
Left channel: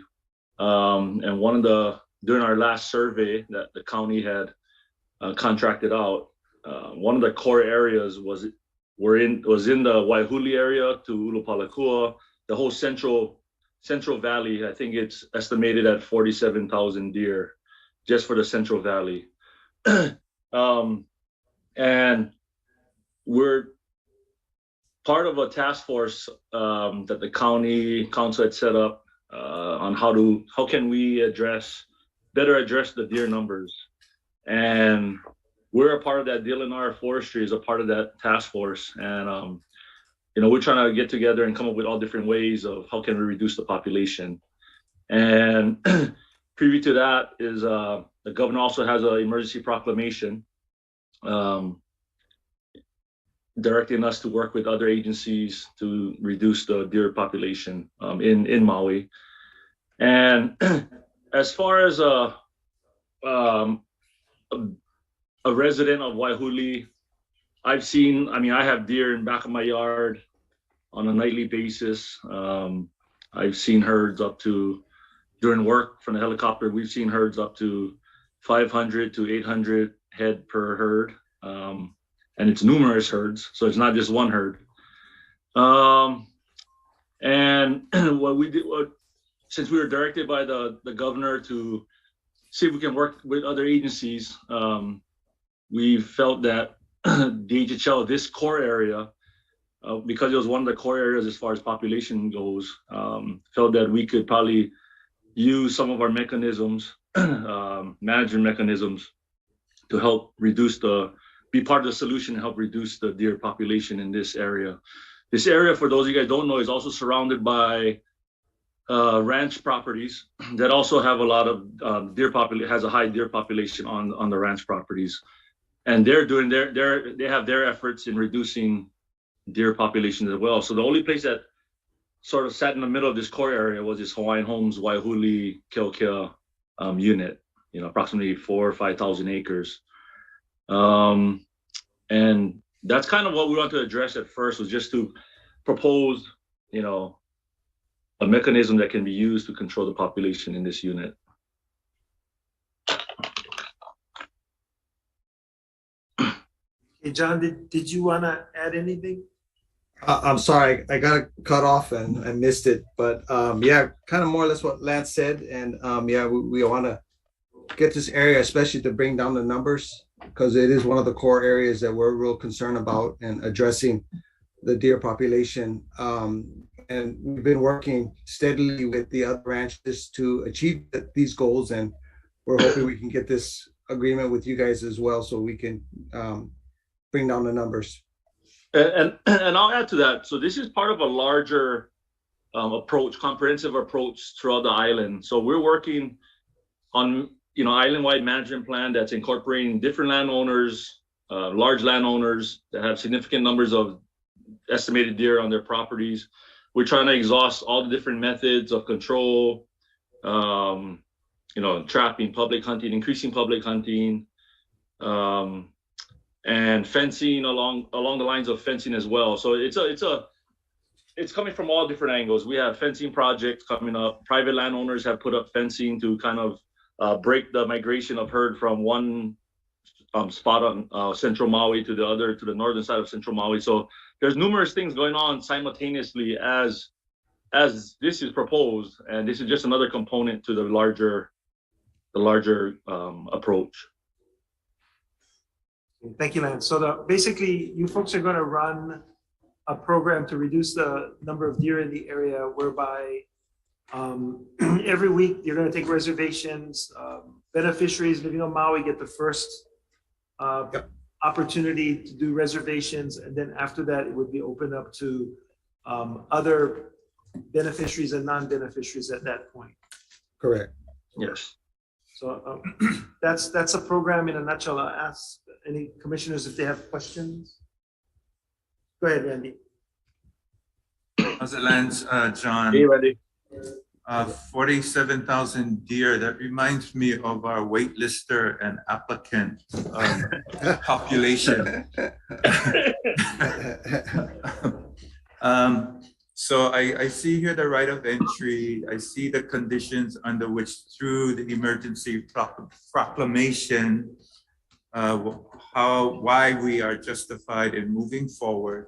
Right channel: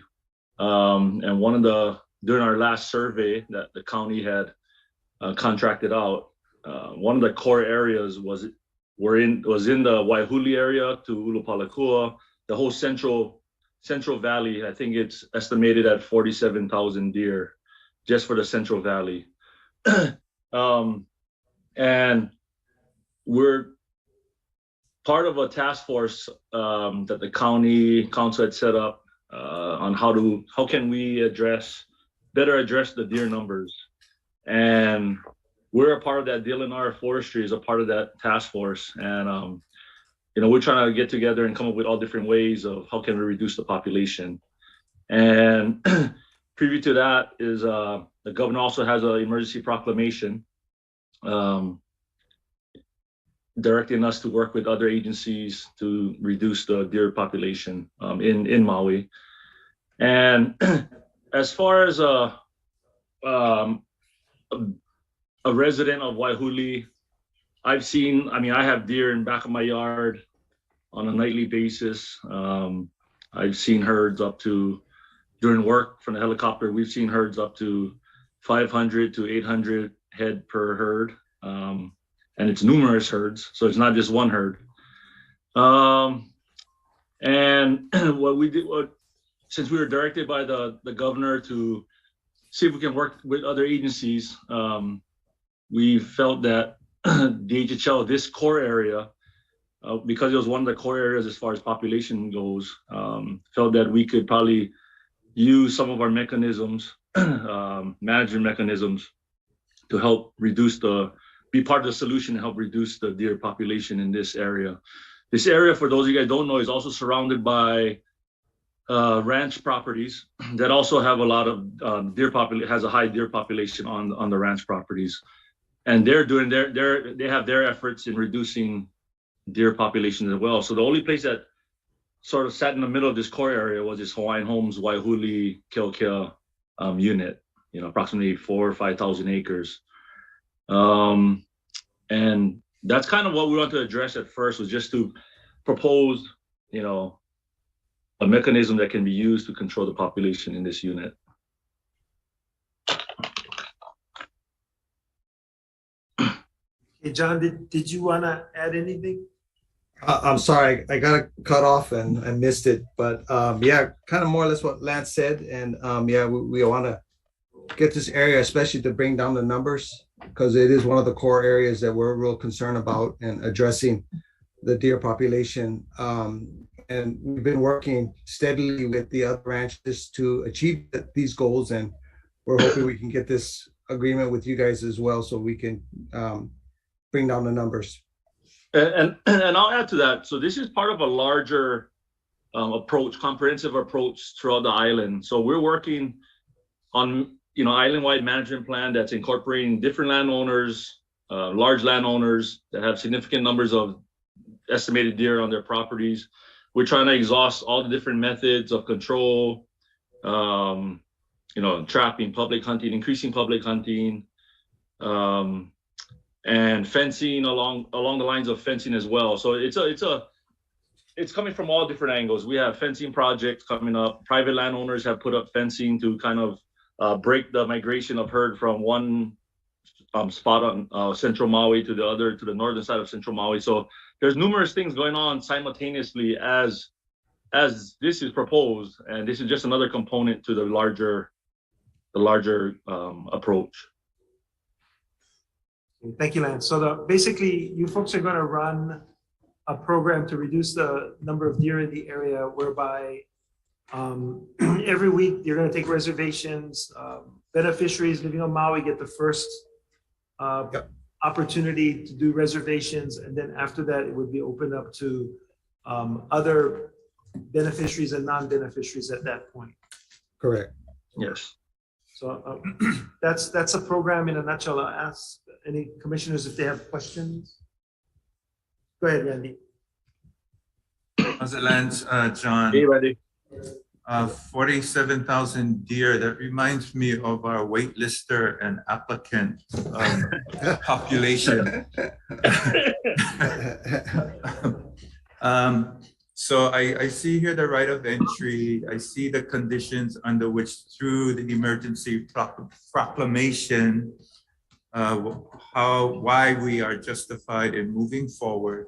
And during our last survey that the county had contracted out, one of the core areas was in the Waihuli area to Ulupalakua, the whole central valley. I think it's estimated at 47,000 deer just for the Central Valley. And we're part of a task force that the county council had set up on how can we better address the deer numbers. And we're a part of that. DLNR Forestry is a part of that task force. And we're trying to get together and come up with all different ways of how can we reduce the population. And preview to that is the governor also has an emergency proclamation directing us to work with other agencies to reduce the deer population in Maui. And as far as a resident of Waihuli, I have deer in back of my yard on a nightly basis. I've seen herds during work from the helicopter, we've seen herds up to 500 to 800 head per herd. And it's numerous herds, so it's not just one herd. And what we did, since we were directed by the governor to see if we can work with other agencies, we felt that the HHL, this core area, because it was one of the core areas as far as population goes, felt that we could probably use some of our mechanisms, management mechanisms, to help be part of the solution and help reduce the deer population in this area. This area, for those of you guys who don't know, is also surrounded by ranch properties that also have a lot of has a high deer population on the ranch properties. And they're doing they have their efforts in reducing deer populations as well. So the only place that sort of sat in the middle of this core area was this Hawaiian Homes Waihuli Keokea unit, approximately 4,000 or 5,000 acres. And that's kind of what we want to address at first, was just to propose, a mechanism that can be used to control the population in this unit. Hey, John, did you want to add anything? I'm sorry, I got cut off and I missed it, but yeah, kind of more or less what Lance said. And yeah, we want to get this area, especially to bring down the numbers, because it is one of the core areas that we're real concerned about and addressing the deer population. And we've been working steadily with the other ranches to achieve these goals. And we're hoping we can get this agreement with you guys as well, so we can bring down the numbers. And I'll add to that. So this is part of a larger approach, comprehensive approach throughout the island. So we're working on, island-wide management plan that's incorporating different landowners, large landowners that have significant numbers of estimated deer on their properties. We're trying to exhaust all the different methods of control, trapping, public hunting, increasing public hunting, and fencing along the lines of fencing as well. So it's coming from all different angles. We have fencing projects coming up. Private landowners have put up fencing to kind of break the migration of herd from one spot on Central Maui to the northern side of Central Maui. So there's numerous things going on simultaneously as this is proposed, and this is just another component to the larger approach. Thank you, Lance. So basically, you folks are going to run a program to reduce the number of deer in the area, whereby every week you're going to take reservations. Beneficiaries living on Maui get the first opportunity to do reservations, and then after that, it would be opened up to other beneficiaries and non-beneficiaries at that point. Correct. Yes. So that's a program in a nutshell. I'll ask any commissioners if they have questions. Go ahead, Randy. How's it, Lance? John? Hey, Randy. 47,000 deer. That reminds me of our waitlister and applicant population. So I see here the right of entry. I see the conditions under which, through the emergency proclamation, why we are justified in moving forward.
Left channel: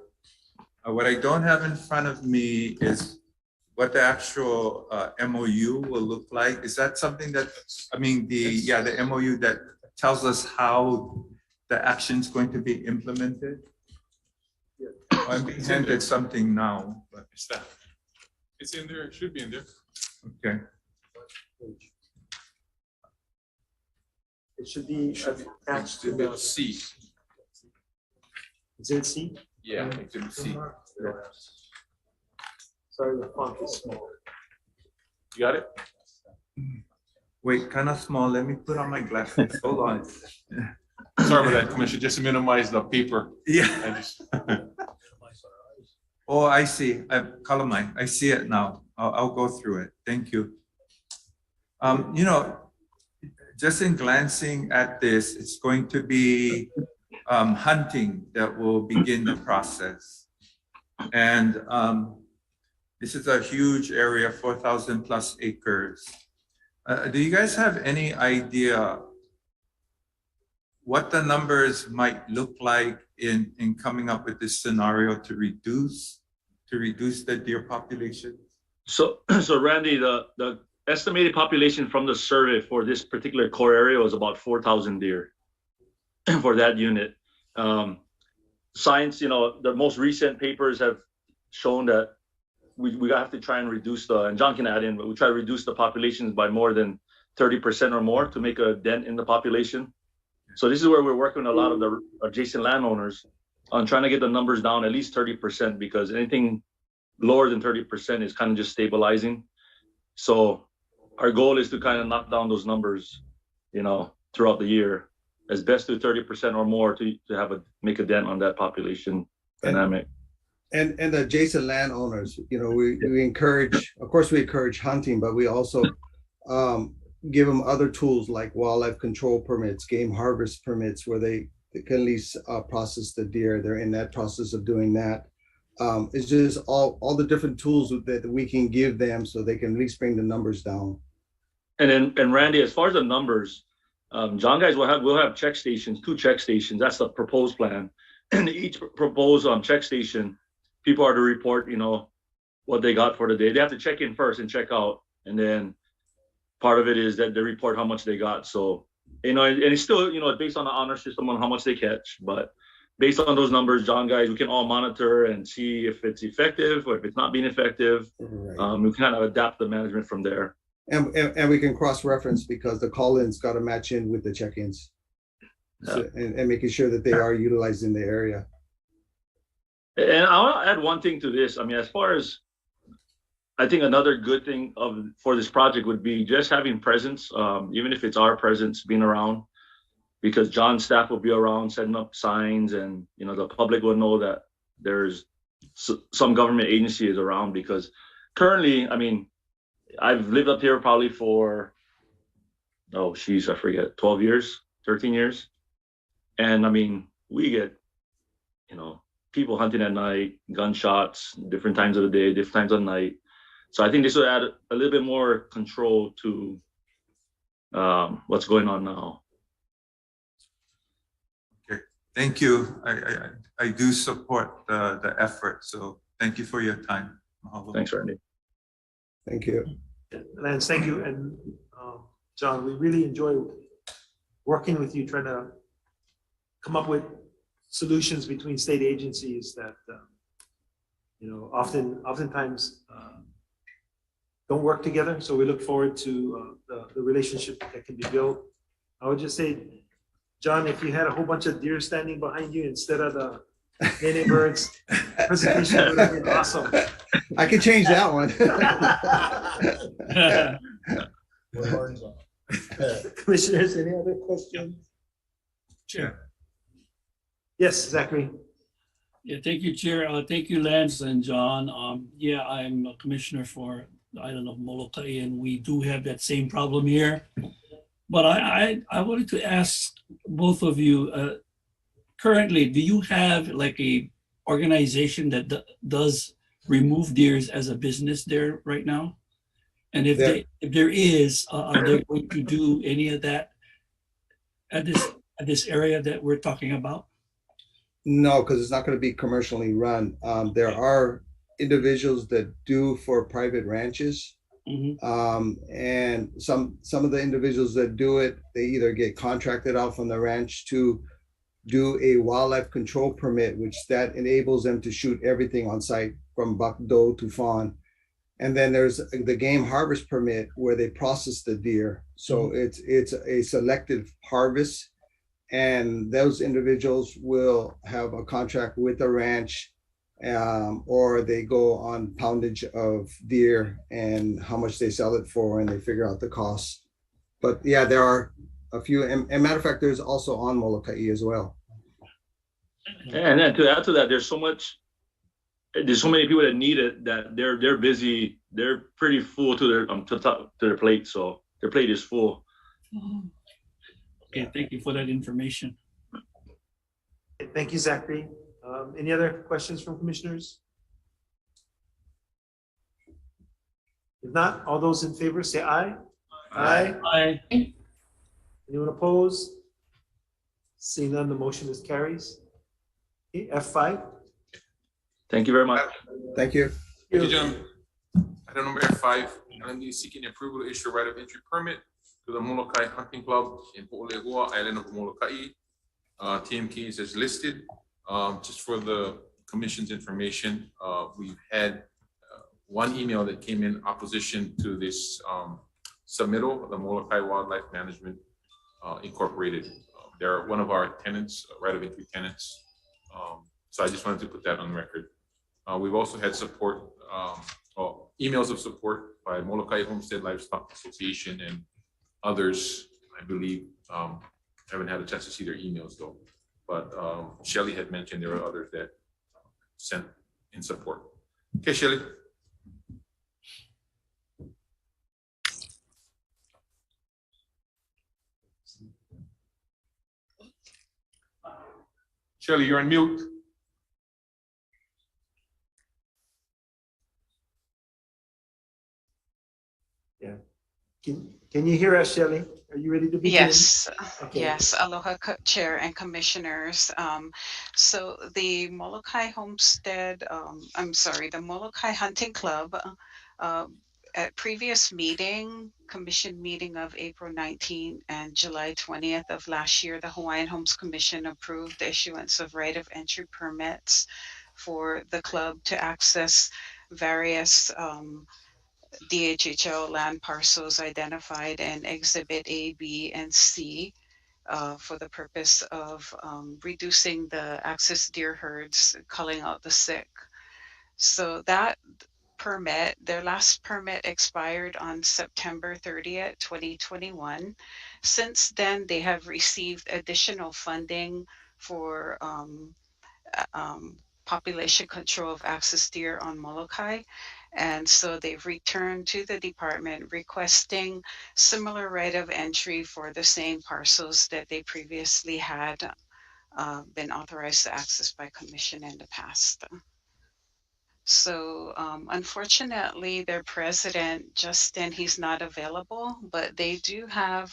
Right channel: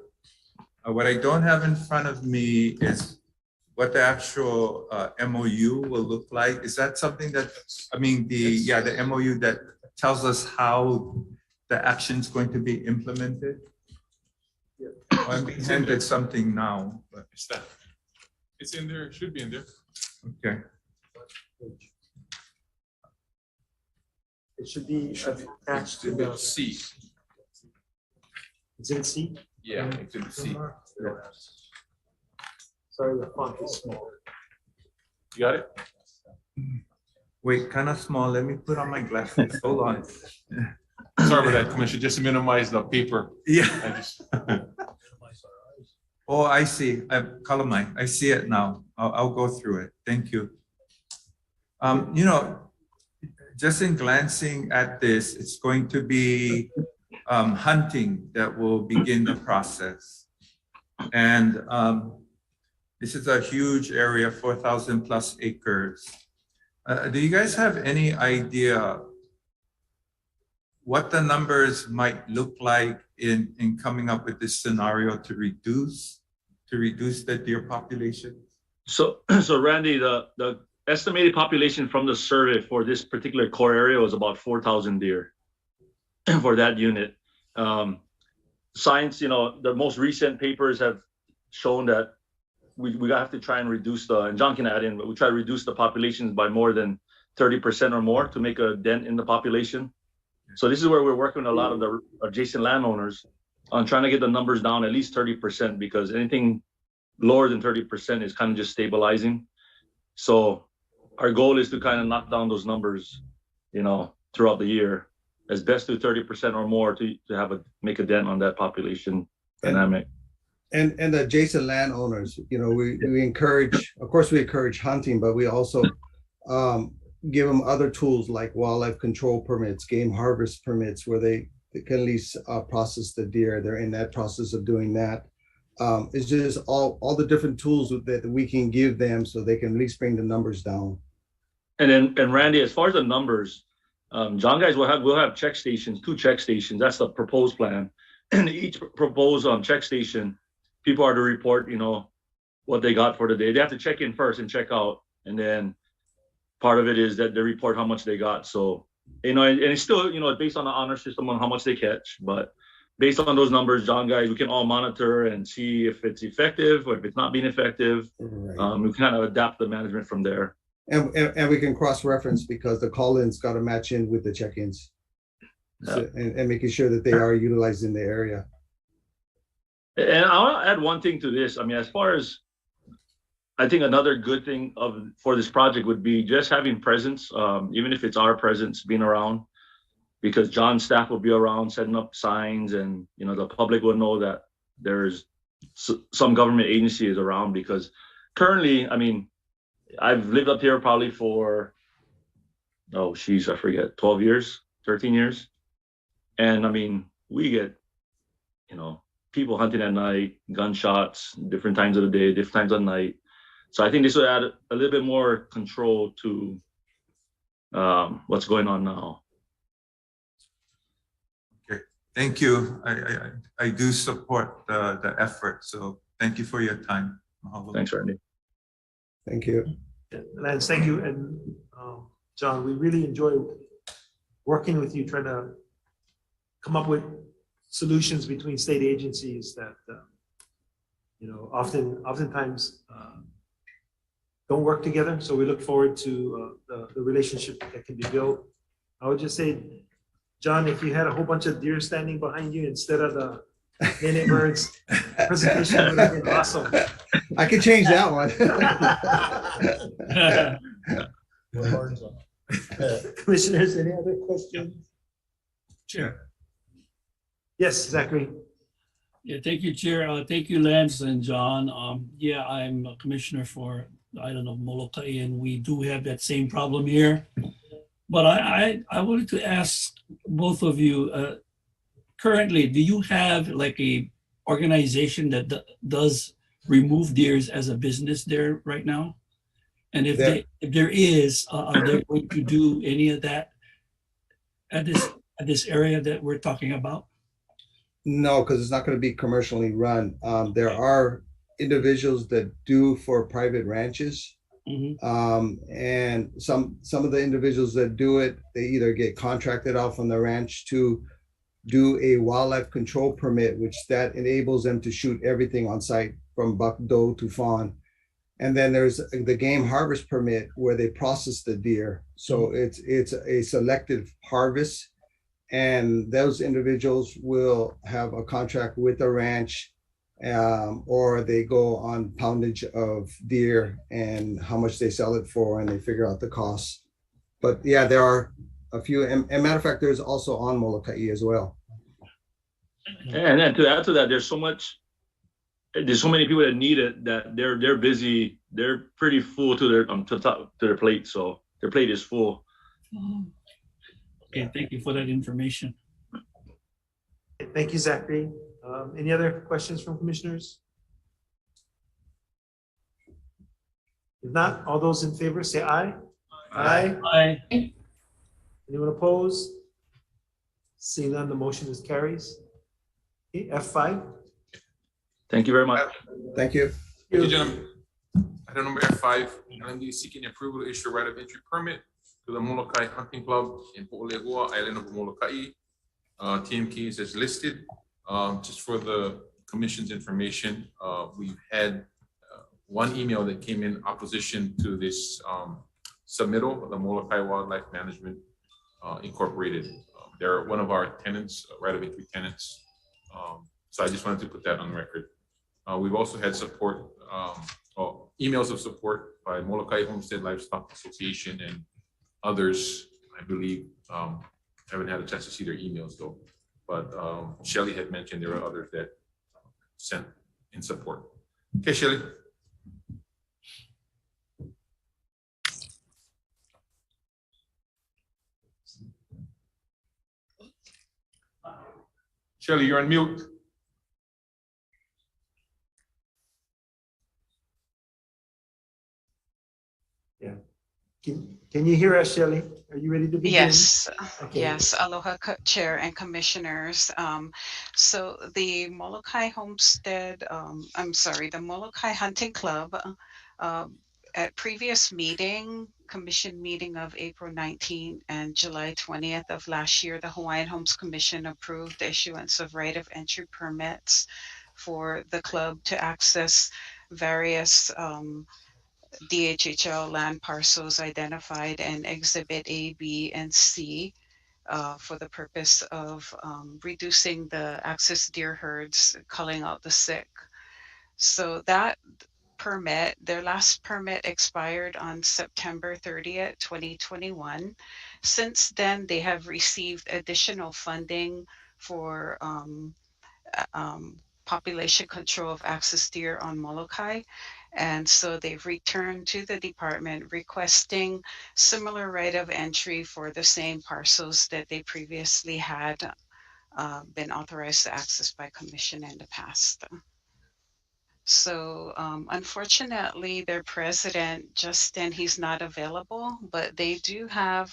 What I don't have in front of me is what the actual MOU will look like. Is that something that, the MOU that tells us how the action is going to be implemented? I'm being handed something now, but it's in there. It should be in there. Okay. It should be attached to the C. It's in C? Yeah, it's in C. Sorry, the font is small. You got it? Wait, kind of small. Let me put on my glasses. Hold on. Sorry about that, Commissioner. Just to minimize the paper. Yeah. Oh, I see. Kalamai. I see it now. I'll go through it. Thank you. Just in glancing at this, it's going to be hunting that will begin the process. And this is a huge area, 4,000 plus acres. Do you guys have any idea what the numbers might look like in coming up with this scenario to reduce the deer population? So Randy, the estimated population from the survey for this particular core area was about 4,000 deer for that unit. Science, the most recent papers have shown that we have to try and reduce and John can add in, but we try to reduce the populations by more than 30% or more to make a dent in the population. So this is where we're working with a lot of the adjacent landowners on trying to get the numbers down at least 30%, because anything lower than 30% is kind of just stabilizing. So our goal is to kind of knock down those numbers, throughout the year, as best to 30% or more to make a dent on that population dynamic. And the adjacent landowners, we encourage, of course, we encourage hunting, but we also give them other tools like wildlife control permits, game harvest permits, where they can at least process the deer. They're in that process of doing that. It's just all the different tools that we can give them so they can at least bring the numbers down. And Randy, as far as the numbers, John guys we'll have check stations, 2 check stations. That's the proposed plan. And each proposed check station, people are to report, what they got for the day. They have to check in first and check out. And then part of it is that they report how much they got. So, and it's still, based on the honor system on how much they catch. But based on those numbers, John guys, we can all monitor and see if it's effective or if it's not being effective. Right. We kind of adapt the management from there. And we can cross-reference because the call-ins got to match in with the check-ins. So, and making sure that they are utilized in the area. And I want to add one thing to this. I mean, as far as I think another good thing for this project would be just having presence, even if it's our presence being around, because John's staff will be around setting up signs, and the public will know that there's some government agency is around. Because currently, I mean, I've lived up here probably for I forget, 12 years, 13 years, and I mean, we get people hunting at night, gunshots, different times of the day, different times of night. So I think this would add a little bit more control to what's going on now. Okay, thank you. I do support the effort. So thank you for your time. Mahalo. Thanks, Randy. Thank you. Lance, thank you. And John, we really enjoy working with you, trying to come up with solutions between state agencies that oftentimes don't work together. So we look forward to the relationship that can be built. I would just say, John, if you had a whole bunch of deer standing behind you instead of the Nene Birds presentation, would have been awesome. I could change that one. Commissioners, any other questions? Chair. Yes, Zachary. Yeah, thank you, Chair. Thank you, Lance and John. Yeah, I'm a commissioner for the island of Molokai, and we do have that same problem here. But I wanted to ask both of you, currently, do you have like a organization that does remove deers as a business there right now? And if there is, are they going to do any of that at this area that we're talking about? No, because it's not going to be commercially run. There are individuals that do for private ranches. Mm-hmm. And some of the individuals that do it, they either get contracted out from the ranch to do a wildlife control permit, which that enables them to shoot everything on site from buck, doe to fawn. And then there's the game harvest permit where they process the deer. So it's a selective harvest. And those individuals will have a contract with the ranch, or they go on poundage of deer and how much they sell it for, and they figure out the costs. But yeah, there are a few, and matter of fact, there's also on Molokai as well. And then to add to that, there's so many people that need it that they're busy. They're pretty full to their plate, so their plate is full. Okay, thank you for that information. Thank you, Zachary. Any other questions from commissioners? If not, all those in favor say aye. Aye. Aye. Anyone opposed? Seeing none, the motion is carries. Okay, F5. Thank you very much. Thank you. Thank you, gentlemen. Item number F5, LMD seeking approval to issue a right of entry permit to the Molokai Hunting Club in Po'olehua, island of Molokai. TMK is as listed. Just for the commission's information, we've had one email that came in opposition to this submittal, the Molokai Wildlife Management Incorporated. They're one of our tenants, right of entry tenants. So I just wanted to put that on record. We've also had support, emails of support by Molokai Homestead Livestock Association and others. I believe, haven't had a chance to see their emails though, but Shelley had mentioned there are others that sent in support. Okay, Shelley. Shelley, you're on mute. Yeah. Can you hear us, Shelley? Are you ready to begin? Yes, Okay. yes. Aloha, Chair and Commissioners. So the Molokai Homestead, I'm sorry, the Molokai Hunting Club, at previous commission meeting of April 19th and July 20th of last year, the Hawaiian Homes Commission approved the issuance of right of entry permits for the club to access various DHHL land parcels identified in Exhibit A, B, and C for the purpose of reducing the axis deer herds, culling out the sick. So that permit, their last permit expired on September 30th, 2021. Since then, they have received additional funding for population control of axis deer on Molokai. And so they've returned to the department requesting similar right of entry for the same parcels that they previously had been authorized to access by commission in the past. So unfortunately, their president, Justin, he's not available, but they do have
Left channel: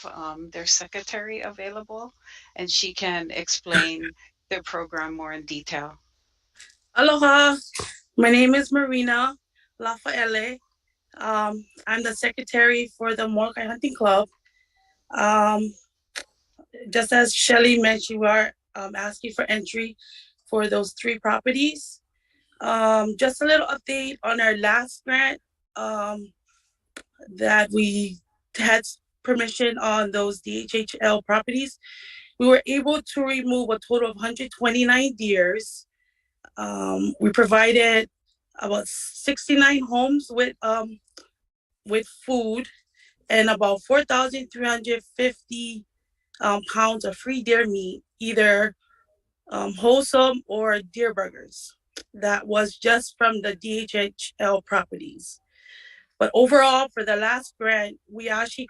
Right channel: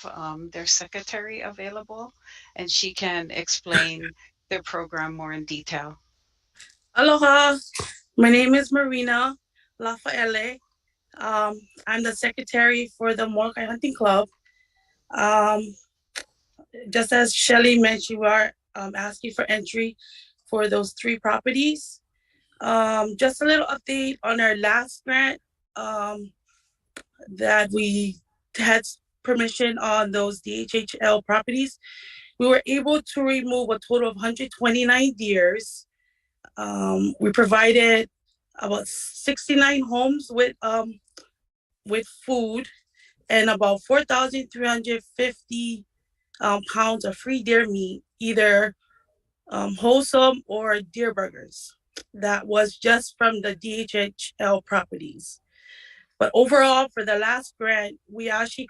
their secretary available, and she can explain their program more in detail. Aloha, my name is Marina Lafaele. I'm the secretary for the Molokai Hunting Club. Just as Shelly mentioned, we are asking for entry for those 3 properties. Just a little update on our last grant that we had permission on those DHHL properties. We were able to remove a total of 129 deers. We provided about 69 homes with food and about 4,350 pounds of free deer meat, either wholesome or deer burgers. That was just from the DHHL properties. But overall, for the last grant, we actually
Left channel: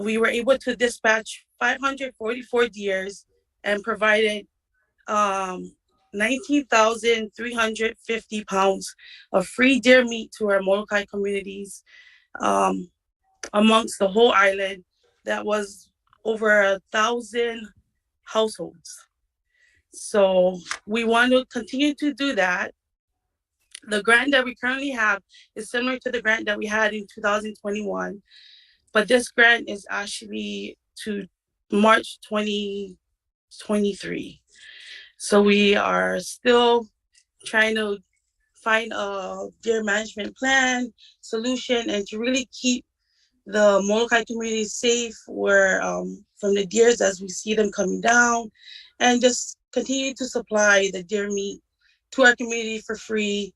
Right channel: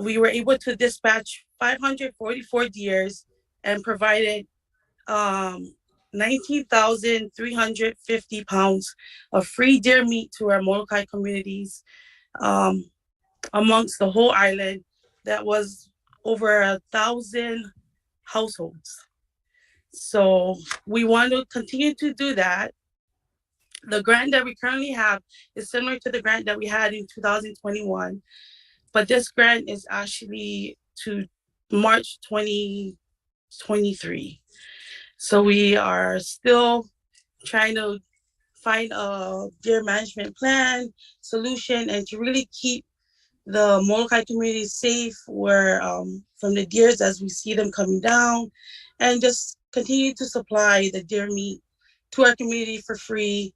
we were able to dispatch 544 deers and provided 19,350 pounds of free deer meat to our Molokai communities amongst the whole island. That was over 1,000 households. So we want to continue to do that. The grant that we currently have is similar to the grant that we had in 2021, but this grant is actually to March 2023. So we are still trying to find a deer management plan solution and to really keep the Molokai community safe where from the deers as we see them coming down, and just continue to supply the deer meat to our community for free,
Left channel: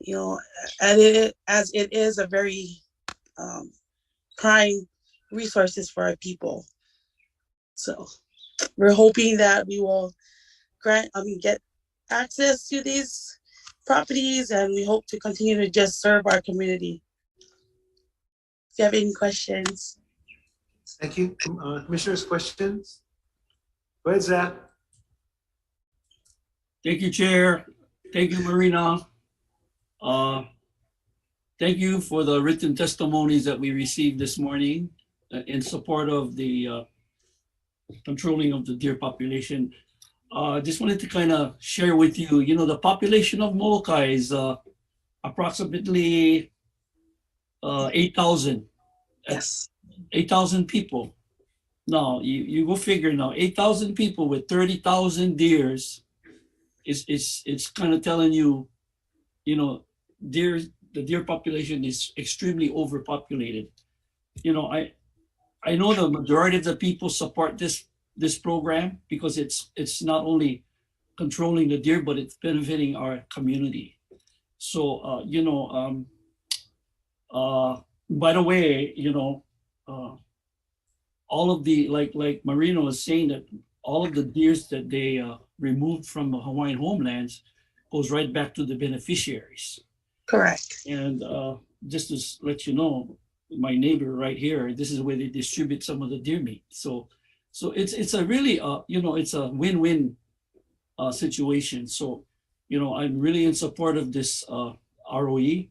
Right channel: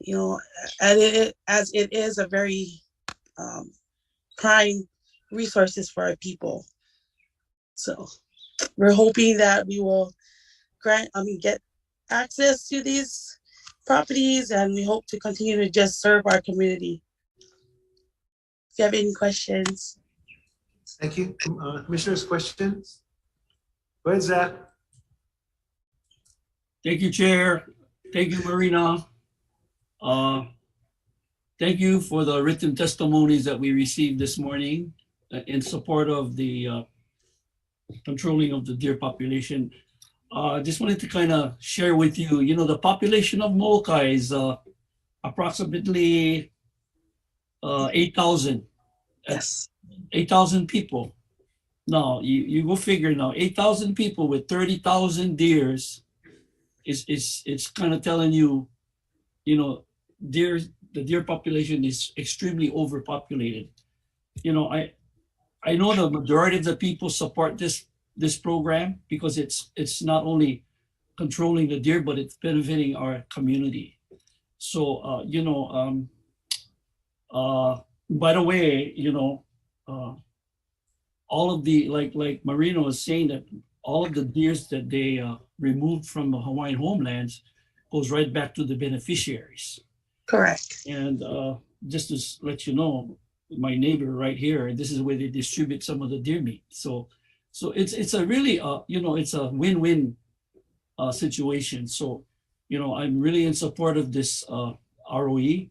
you know, as it is a very prime resources for our people. So we're hoping that we will get access to these properties, and we hope to continue to just serve our community. If you have any questions. Thank you. Commissioners, questions? Go ahead, Zach. Thank you, Chair. Thank you, Marina. Thank you for the written testimonies that we received this morning in support of the controlling of the deer population. Just wanted to kind of share with you, you know, the population of Molokai is approximately 8,000. Yes. 8,000 people. Now, you go figure now, 8,000 people with 30,000 deers it's kind of telling you, you know, the deer population is extremely overpopulated. You know, I know the majority of the people support this program because it's not only controlling the deer, but it's benefiting our community. So, you know, by the way, you know, all of the, like Marino was saying, that all of the deers that they removed from the Hawaiian homelands goes right back to the beneficiaries. Correct. And just to let you know, my neighbor right here, this is where they distribute some of the deer meat. So it's a really, it's a win-win situation. So, I'm really in support of this ROE.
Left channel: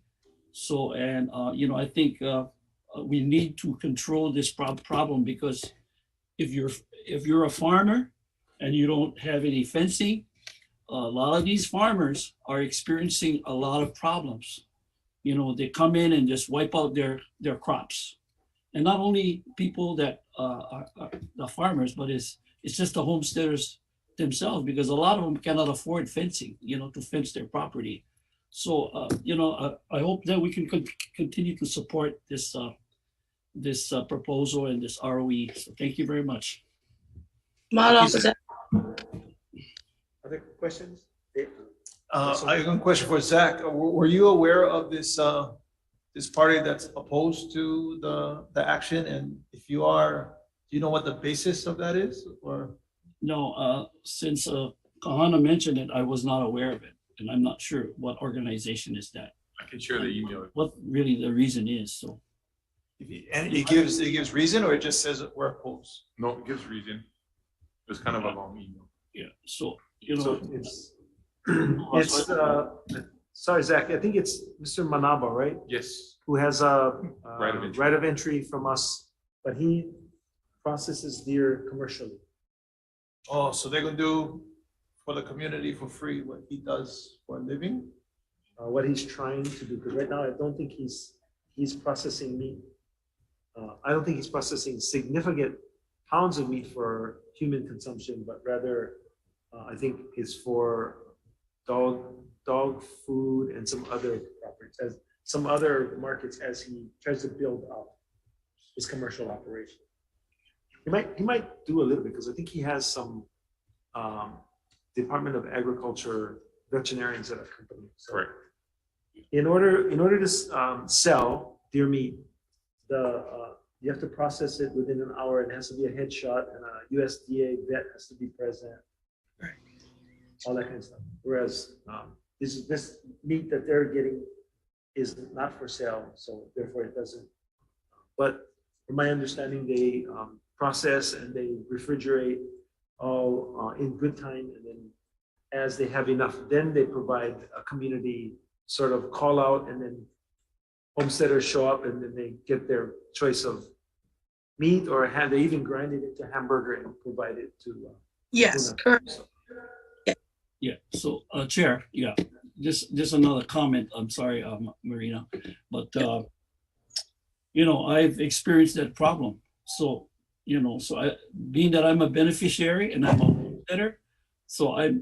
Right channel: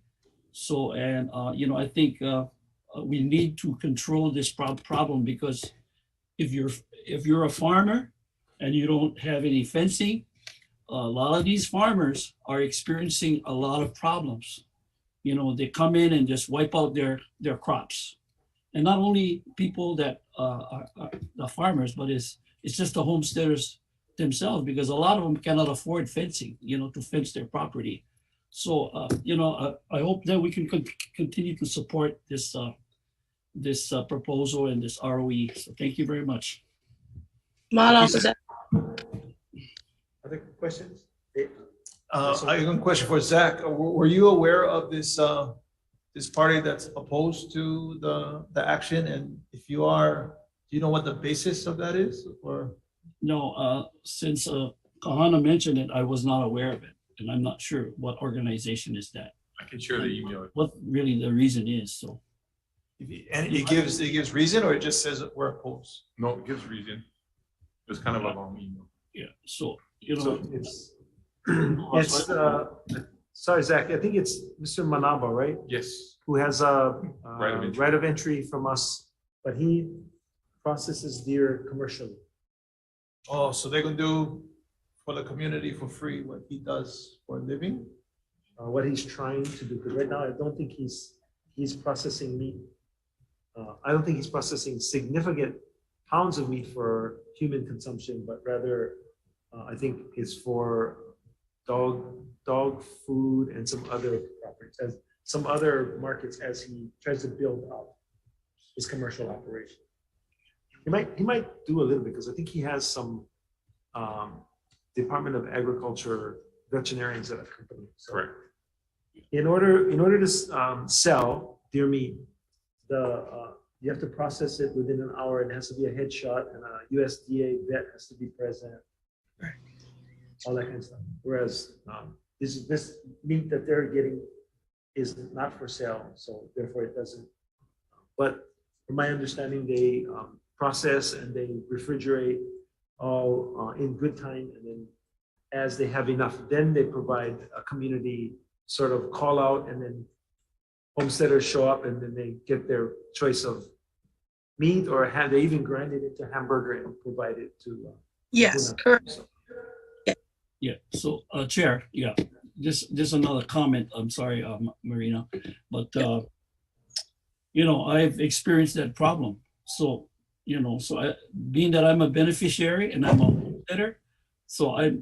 So, and, I think we need to control this problem, because if you're a farmer and you don't have any fencing, a lot of these farmers are experiencing a lot of problems. They come in and just wipe out their crops. And not only people that are the farmers, but it's just the homesteaders themselves, because a lot of them cannot afford fencing, to fence their property. So, I hope that we can continue to support this proposal and this ROE. So thank you very much. Other questions? I have a question for Zach. Were you aware of this this party that's opposed to the action? And if you are, do you know what the basis of that is? Or no, since Kahana mentioned it, I was not aware of it, and I'm not sure what organization is that. I can share the email. What really the reason is. So, and it gives reason, or it just says we're opposed? No, it gives reason. It's kind of a long email. Yeah. So So it's sorry, Zach, I think it's Mr. Manaba, right? Yes. Who has a Right of entry from us, but he processes deer commercially. Oh, so they're gonna do for the community for free what he does for a living? What he's trying to do, because right now I don't think he's processing meat. I don't think he's processing significant pounds of meat for human consumption, but rather I think it's for dog food and some other properties, as some other markets, as he tries to build out his commercial operation. He might do a little bit, because I think he has some Department of Agriculture veterinarians that accompany him. So correct. In order to sell deer meat, you have to process it within an hour, and it has to be a headshot, and a USDA vet has to be present. All that kind of stuff. Whereas this meat that they're getting is not for sale, so therefore it doesn't. But from my understanding, they process and they refrigerate all in good time, and then as they have enough, then they provide a community sort of call out, and then homesteaders show up, and then they get their choice of meat, or they even grind it into hamburger and provide it to. Yes, correct. yeah. So, Chair, yeah, just another comment. I'm sorry, Marina, but I've experienced that problem. So, being that I'm a beneficiary and I'm a homesteader, so I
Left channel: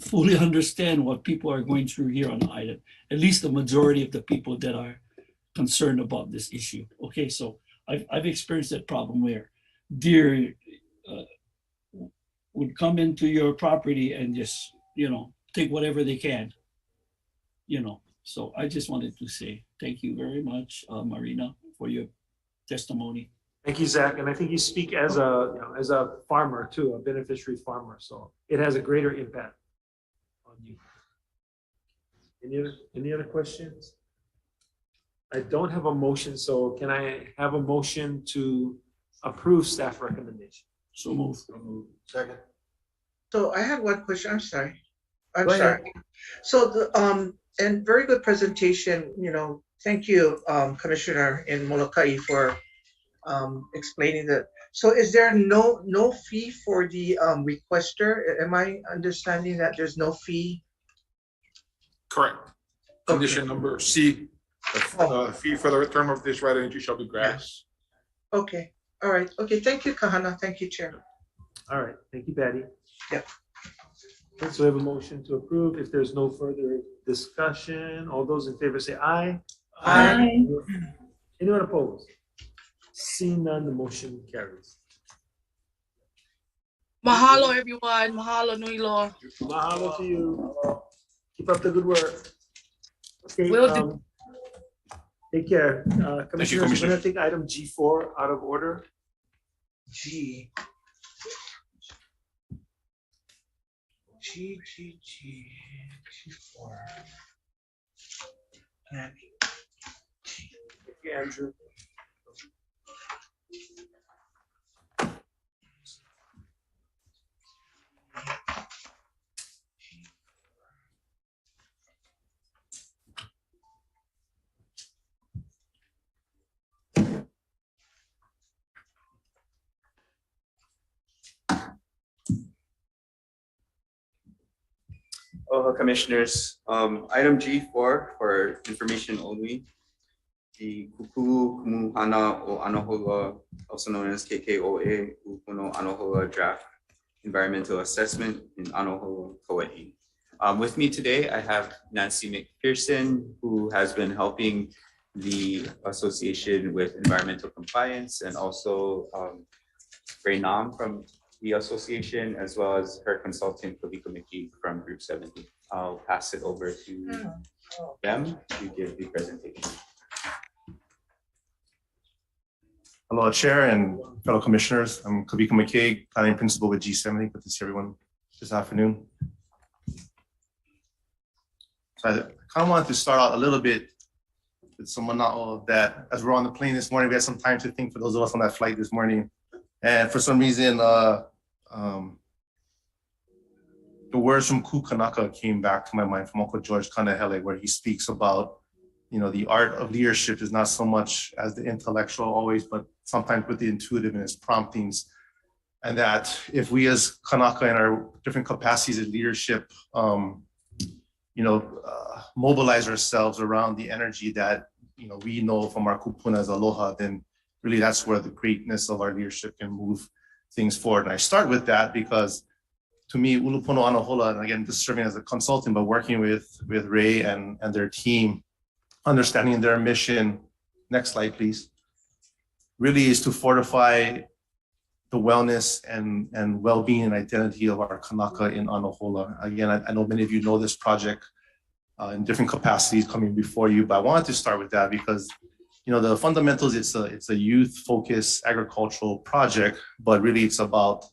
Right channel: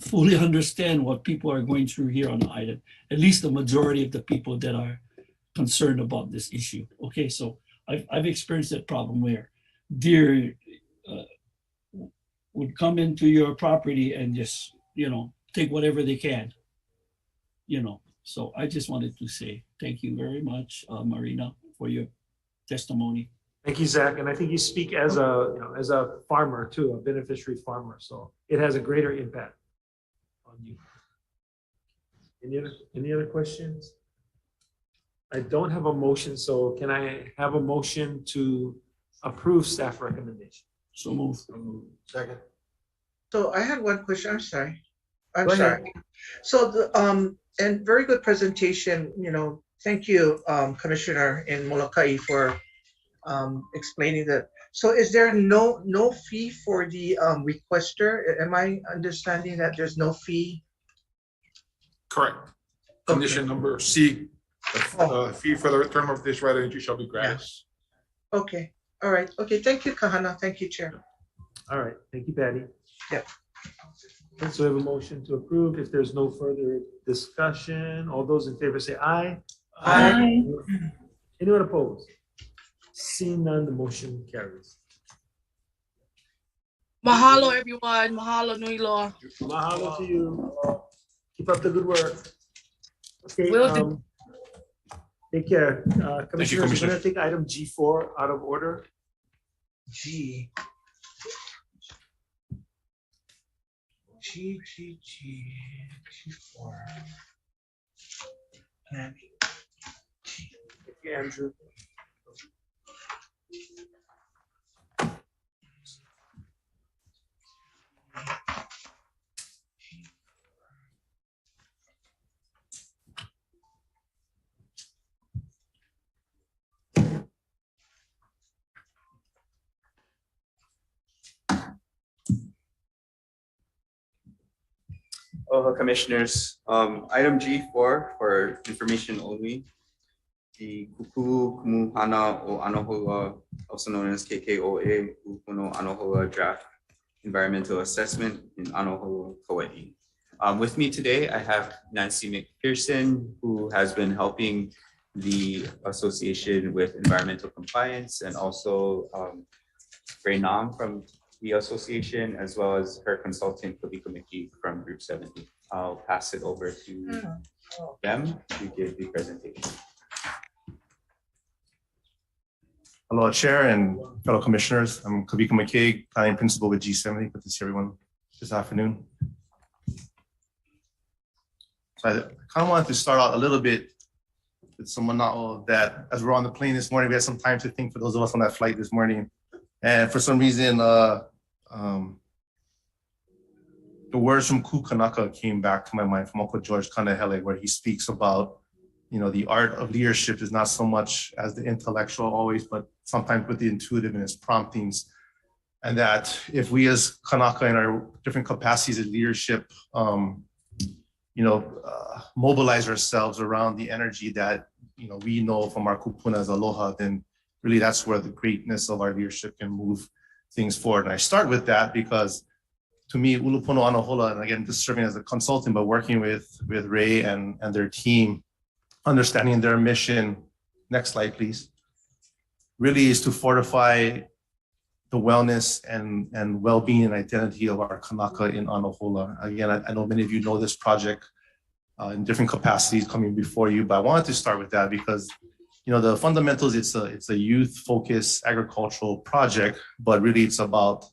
fully understand what people are going through here on the island. At least the majority of the people that are concerned about this issue. Okay, so I've experienced that problem where deer would come into your property and just take whatever they can. So I just wanted to say thank you very much, Marina, for your testimony. Thank you, Zach. And I think you speak as a farmer too, a beneficiary farmer. So it has a greater impact on you. Any other questions? I don't have a motion, so can I have a motion to approve staff recommendation? So move. Second. So I had one question. I'm sorry. Go ahead. So and very good presentation. Thank you, Commissioner in Molokai, for explaining that. So is there no fee for the requester? Am I understanding that there's no fee? Correct. Condition number C, the fee for the term of this right of entry shall be gratis. Okay. All right. Okay. Thank you, Kahana. Thank you, Chair. All right. Thank you, Patty. Yep. Okay, so we have a motion to approve. If there's no further discussion, all those in favor say aye. Aye. Anyone opposed? Seeing none, the motion carries. Mahalo, everyone. Mahalo, Nui Loa. Mahalo to you. Keep up the good work. Okay. Will do. Take care. Commissioners, Commissioner. we're gonna take item G4 out of order. G. G4. Thank you, Andrew. Oh, Commissioners, item G4 for information only. The Kuku Kumuhana o Anohoa, also known as KKOA, Ukuno Anohoa Draft Environmental Assessment in Anohoa, Kauai. With me today, I have Nancy McPherson, who has been helping the association with environmental compliance, and also Ray Nam from the association, as well as her consultant, Kabiko Miki from Group 70. I'll pass it over to them to give the presentation. Hello, Chair and fellow commissioners. I'm Kabiko McKay, planning principal with G70. Good to see everyone this afternoon. So I kind of wanted to start out a little bit with someone that as we're on the plane this morning, we had some time to think for those of us on that flight this morning. And for some reason, the words from Kukanaka came back to my mind from Uncle George Kanahele, where he speaks about, the art of leadership is not so much as the intellectual always, but sometimes with the intuitive and its promptings. And that if we as Kanaka in our different capacities of leadership, mobilize ourselves around the energy that, we know from our kupuna as aloha, then really that's where the greatness of our leadership can move things forward. And I start with that because to me, Ulupono Anohola, and again, just serving as a consultant, but working with Ray and their team, understanding their mission, next slide, please, really is to fortify the wellness and well-being and identity of our Kanaka in Anohola. Again, I know many of you know this project in different capacities coming before you, but I wanted to start with that because, the fundamentals, it's a youth-focused agricultural project, but really it's about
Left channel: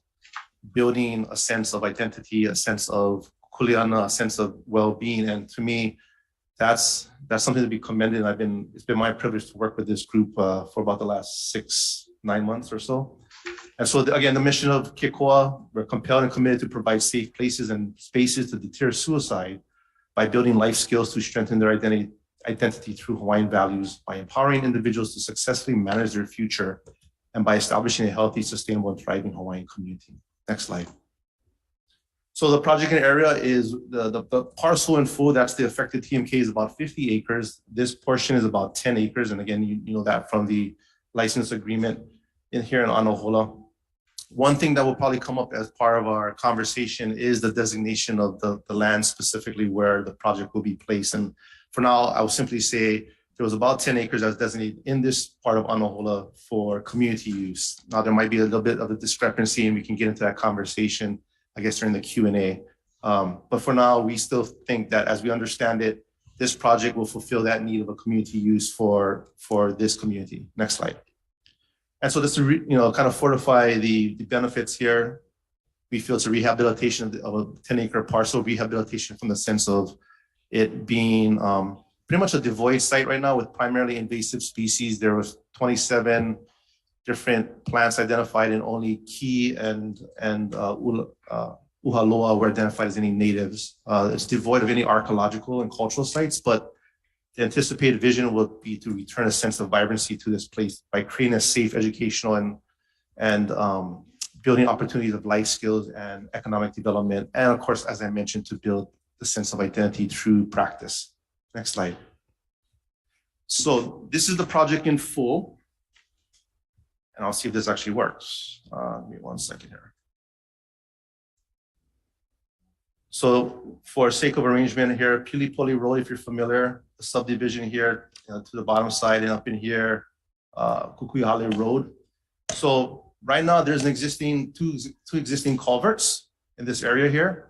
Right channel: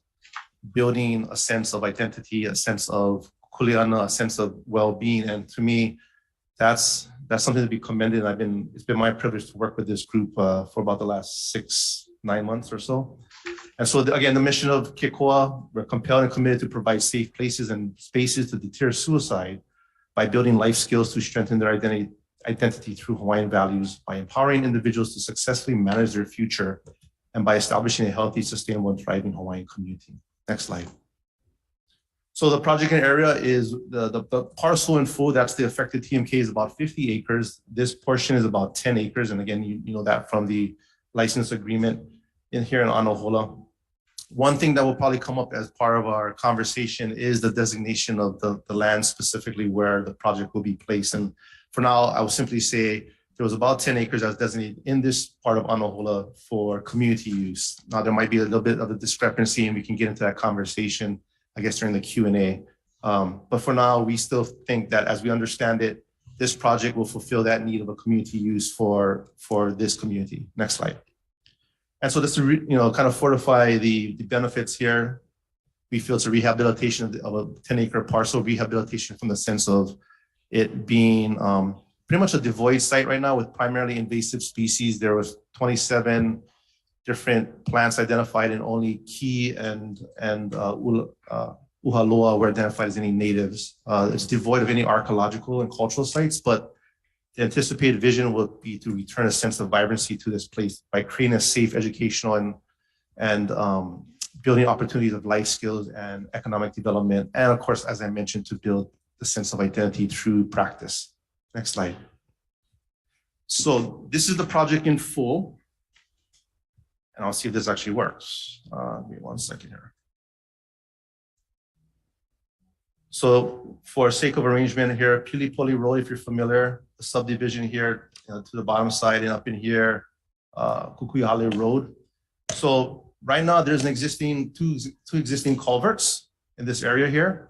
building a sense of identity, a sense of kuleana, a sense of well-being. And to me, that's something to be commended. It's been my privilege to work with this group for about the last 6-9 months or so. And so again, the mission of Kikoa, we're compelled and committed to provide safe places and spaces to deter suicide by building life skills to strengthen their identity through Hawaiian values, by empowering individuals to successfully manage their future, and by establishing a healthy, sustainable, and thriving Hawaiian community. Next slide. So the project area is the parcel in full, that's the affected TMK, is about 50 acres. This portion is about 10 acres. And again, you know that from the license agreement here in Anohola. One thing that will probably come up as part of our conversation is the designation of the land, specifically where the project will be placed. And for now, I will simply say there was about 10 acres that's designated in this part of Anohola for community use. Now, there might be a little bit of a discrepancy, and we can get into that conversation, I guess, during the Q&A. But for now, we still think that as we understand it, this project will fulfill that need of a community use for this community. Next slide. And so just to kind of fortify the benefits here, we feel it's a rehabilitation of a 10-acre parcel, rehabilitation from the sense of it being pretty much a devoid site right now with primarily invasive species. There was 27 different plants identified, and only Ki and Uhaloa were identified as any natives. It's devoid of any archaeological and cultural sites, but the anticipated vision will be to return a sense of vibrancy to this place by creating a safe educational and building opportunities of life skills and economic development. And of course, as I mentioned, to build the sense of identity through practice. Next slide. So this is the project in full. And I'll see if this actually works. Give me 1 second here. So for sake of arrangement here, Pilipoli Road, if you're familiar, the subdivision here to the bottom side, and up in here, Kukuyale Road. So right now there's an existing two existing culverts in this area here.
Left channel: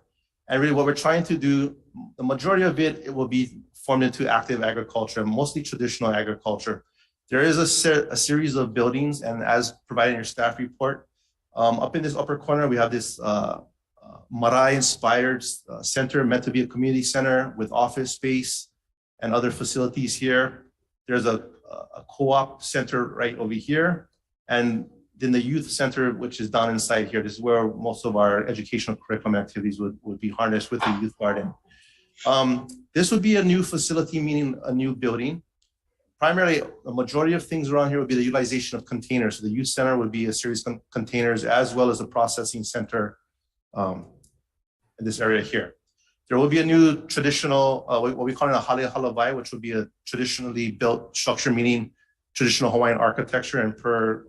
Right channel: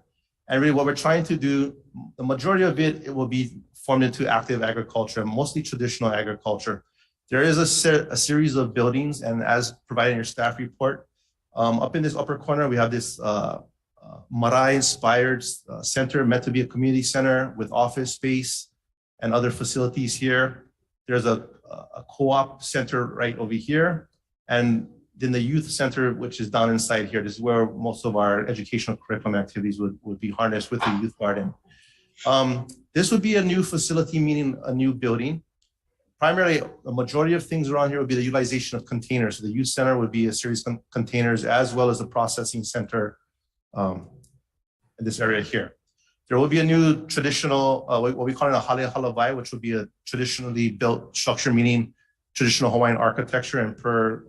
And really what we're trying to do, the majority of it will be formed into active agriculture, mostly traditional agriculture. There is a series of buildings, and as provided in your staff report, up in this upper corner, we have this Marae-inspired center, meant to be a community center with office space and other facilities here. There's a co-op center right over here. And then the youth center, which is down inside here. This is where most of our educational curriculum activities would be harnessed with the youth garden. This would be a new facility, meaning a new building. Primarily, a majority of things around here would be the utilization of containers. So the youth center would be a series of containers as well as a processing center in this area here. There will be a new traditional, what we call it a hale halavai, which would be a traditionally built structure, meaning traditional Hawaiian architecture. And per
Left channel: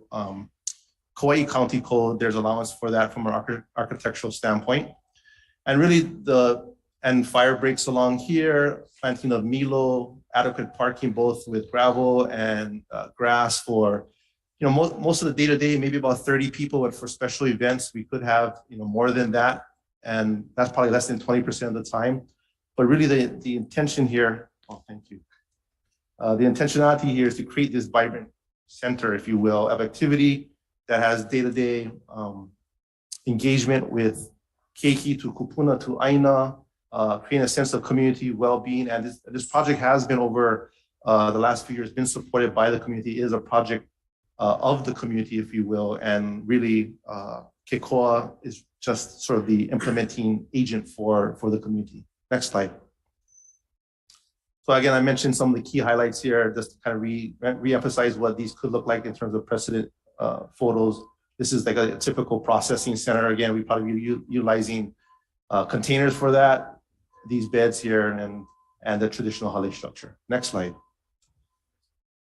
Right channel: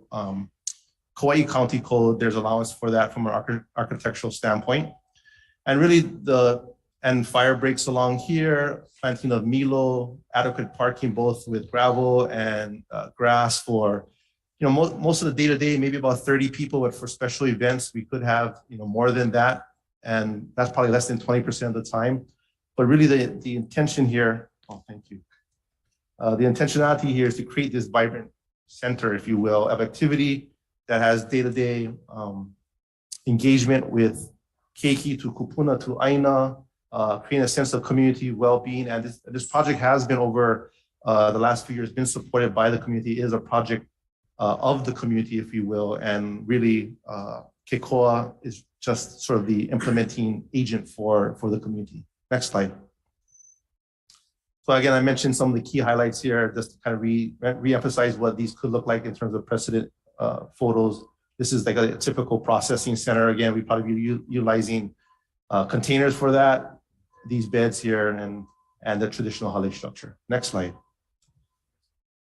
Kauai County Code, there's allowance for that from an architectural standpoint. And really and fire breaks along here, planting of Milo, adequate parking, both with gravel and grass for, most of the day-to-day, maybe about 30 people, but for special events, we could have, more than that. And that's probably less than 20% of the time. But really the intention here, thank you. The intentionality here is to create this vibrant center, if you will, of activity that has day-to-day engagement with keiki to kupuna to aina, creating a sense of community well-being. And this project has been over the last few years, been supported by the community. It is a project of the community, if you will, and really Keikoa is just sort of the implementing agent for the community. Next slide. So again, I mentioned some of the key highlights here, just to kind of re-emphasize what these could look like in terms of precedent photos. This is like a typical processing center. Again, we probably be utilizing containers for that, these beds here, and the traditional hale structure. Next slide.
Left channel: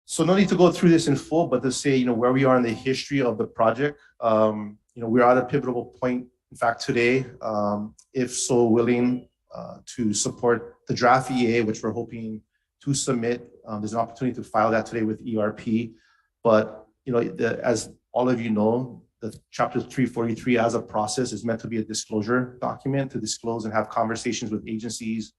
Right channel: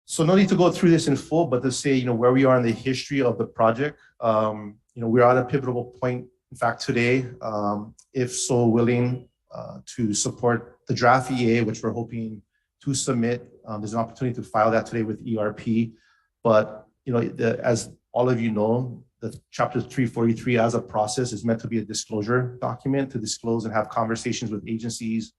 So no need to go through this in full, but to say, where we are in the history of the project. We're at a pivotal point, in fact, today, if so willing to support the draft EA, which we're hoping to submit. There's an opportunity to file that today with ERP. But, as all of you know, the Chapter 343 as a process is meant to be a disclosure document to disclose and have conversations with agencies,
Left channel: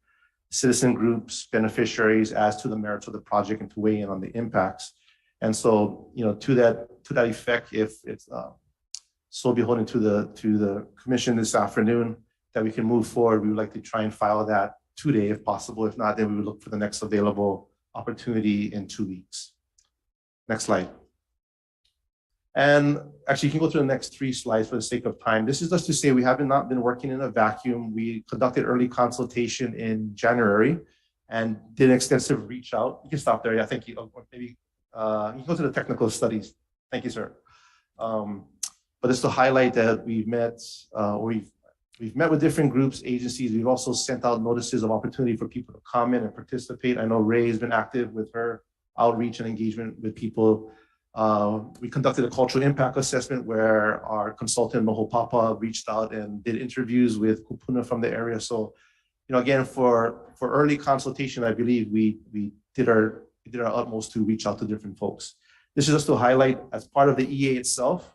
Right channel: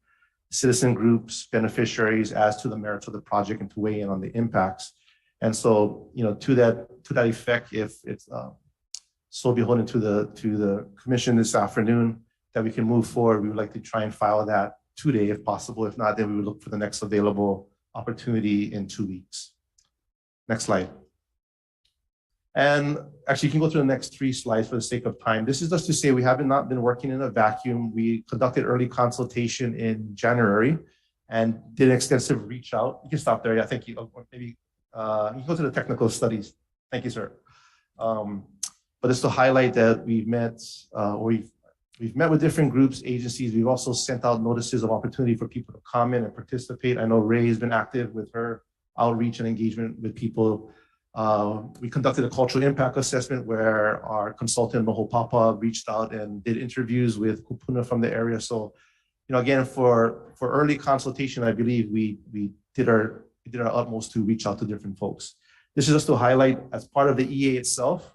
citizen groups, beneficiaries as to the merits of the project and to weigh in on the impacts. And so, to that effect, if it's so beholden to the commission this afternoon that we can move forward, we would like to try and file that today if possible. If not, then we would look for the next available opportunity in 2 weeks. Next slide. And actually, you can go through the next 3 slides for the sake of time. This is just to say we have not been working in a vacuum. We conducted early consultation in January and did an extensive reach out. You can stop there. I think maybe you can go to the technical studies. Thank you, sir. But it's to highlight that we've met with different groups, agencies. We've also sent out notices of opportunity for people to comment and participate. I know Ray has been active with her outreach and engagement with people. We conducted a cultural impact assessment where our consultant, Noho Papa, reached out and did interviews with kupuna from the area. So, again, for early consultation, I believe we did our utmost to reach out to different folks. This is just to highlight, as part of the EA itself,